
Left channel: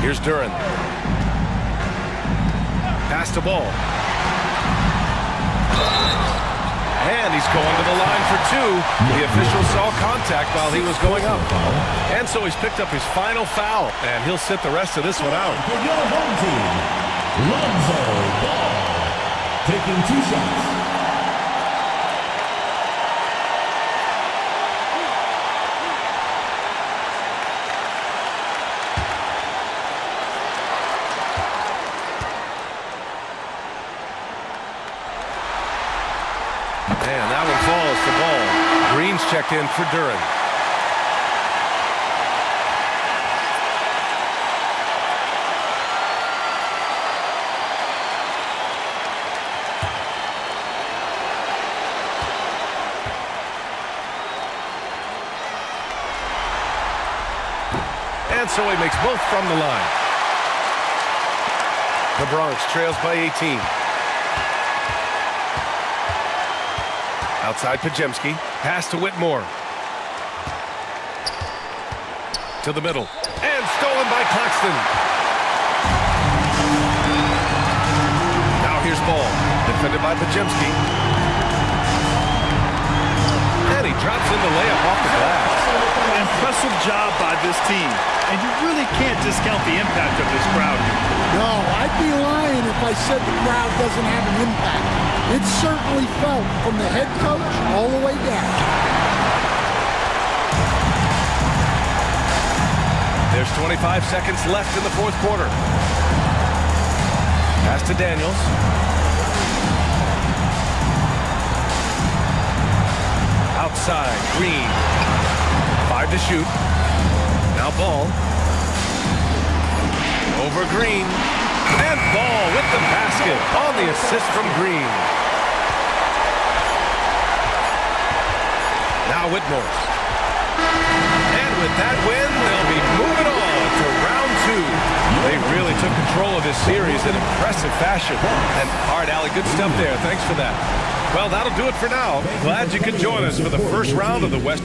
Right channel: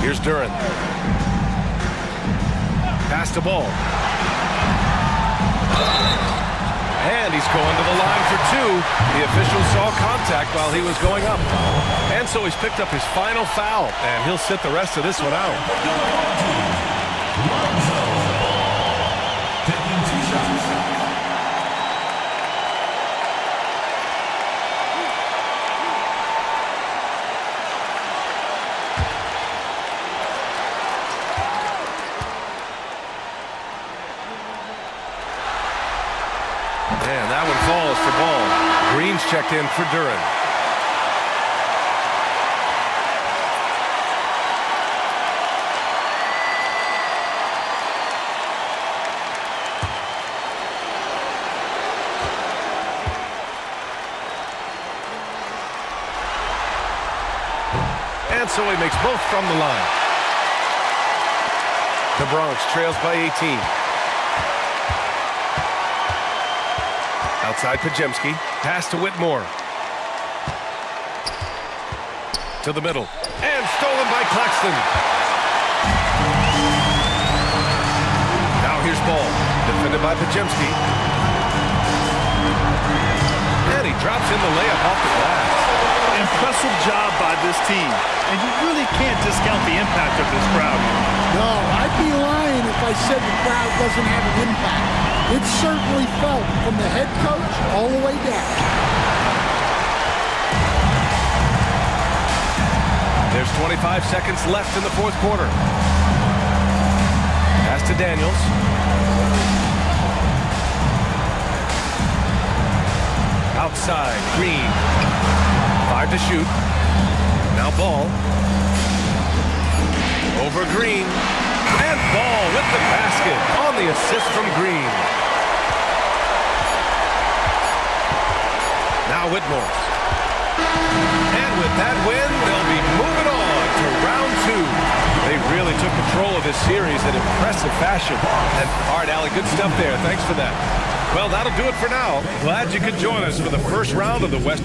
Here's Duren. Pass to Ball. And he's going to the line for 2. The official saw contact while he was going up. And so he's picked up his final foul, and he'll sit the rest of this one out. Taking 2 shots. And that one falls for Ball. Green's checked in for Duren. And so he makes both from the line. The Bronx trails by 18. Outside Podziemski. Pass to Whitmore. To the middle. And stolen by Claxton. Now here's Ball. Defended by Podziemski. And he drops in the layup off the glass. Impressive job by this team. And you really can't discount the impact of this crowd here. No, I'd be lying if I said the crowd doesn't have an impact. It's certainly felt from the head coach all the way down. There's 25 seconds left in the fourth quarter. Pass to Daniels. Outside, Green. 5 to shoot. Now Ball. Over Green. And Ball with the basket on the assist from Green. Now Whitmore. And with that win, they'll be moving on to round 2. They really took control of this series in impressive fashion. And all right, Allie, good stuff there. Thanks for that. Well, that'll do it for now. Glad you could join us for the first round of the West.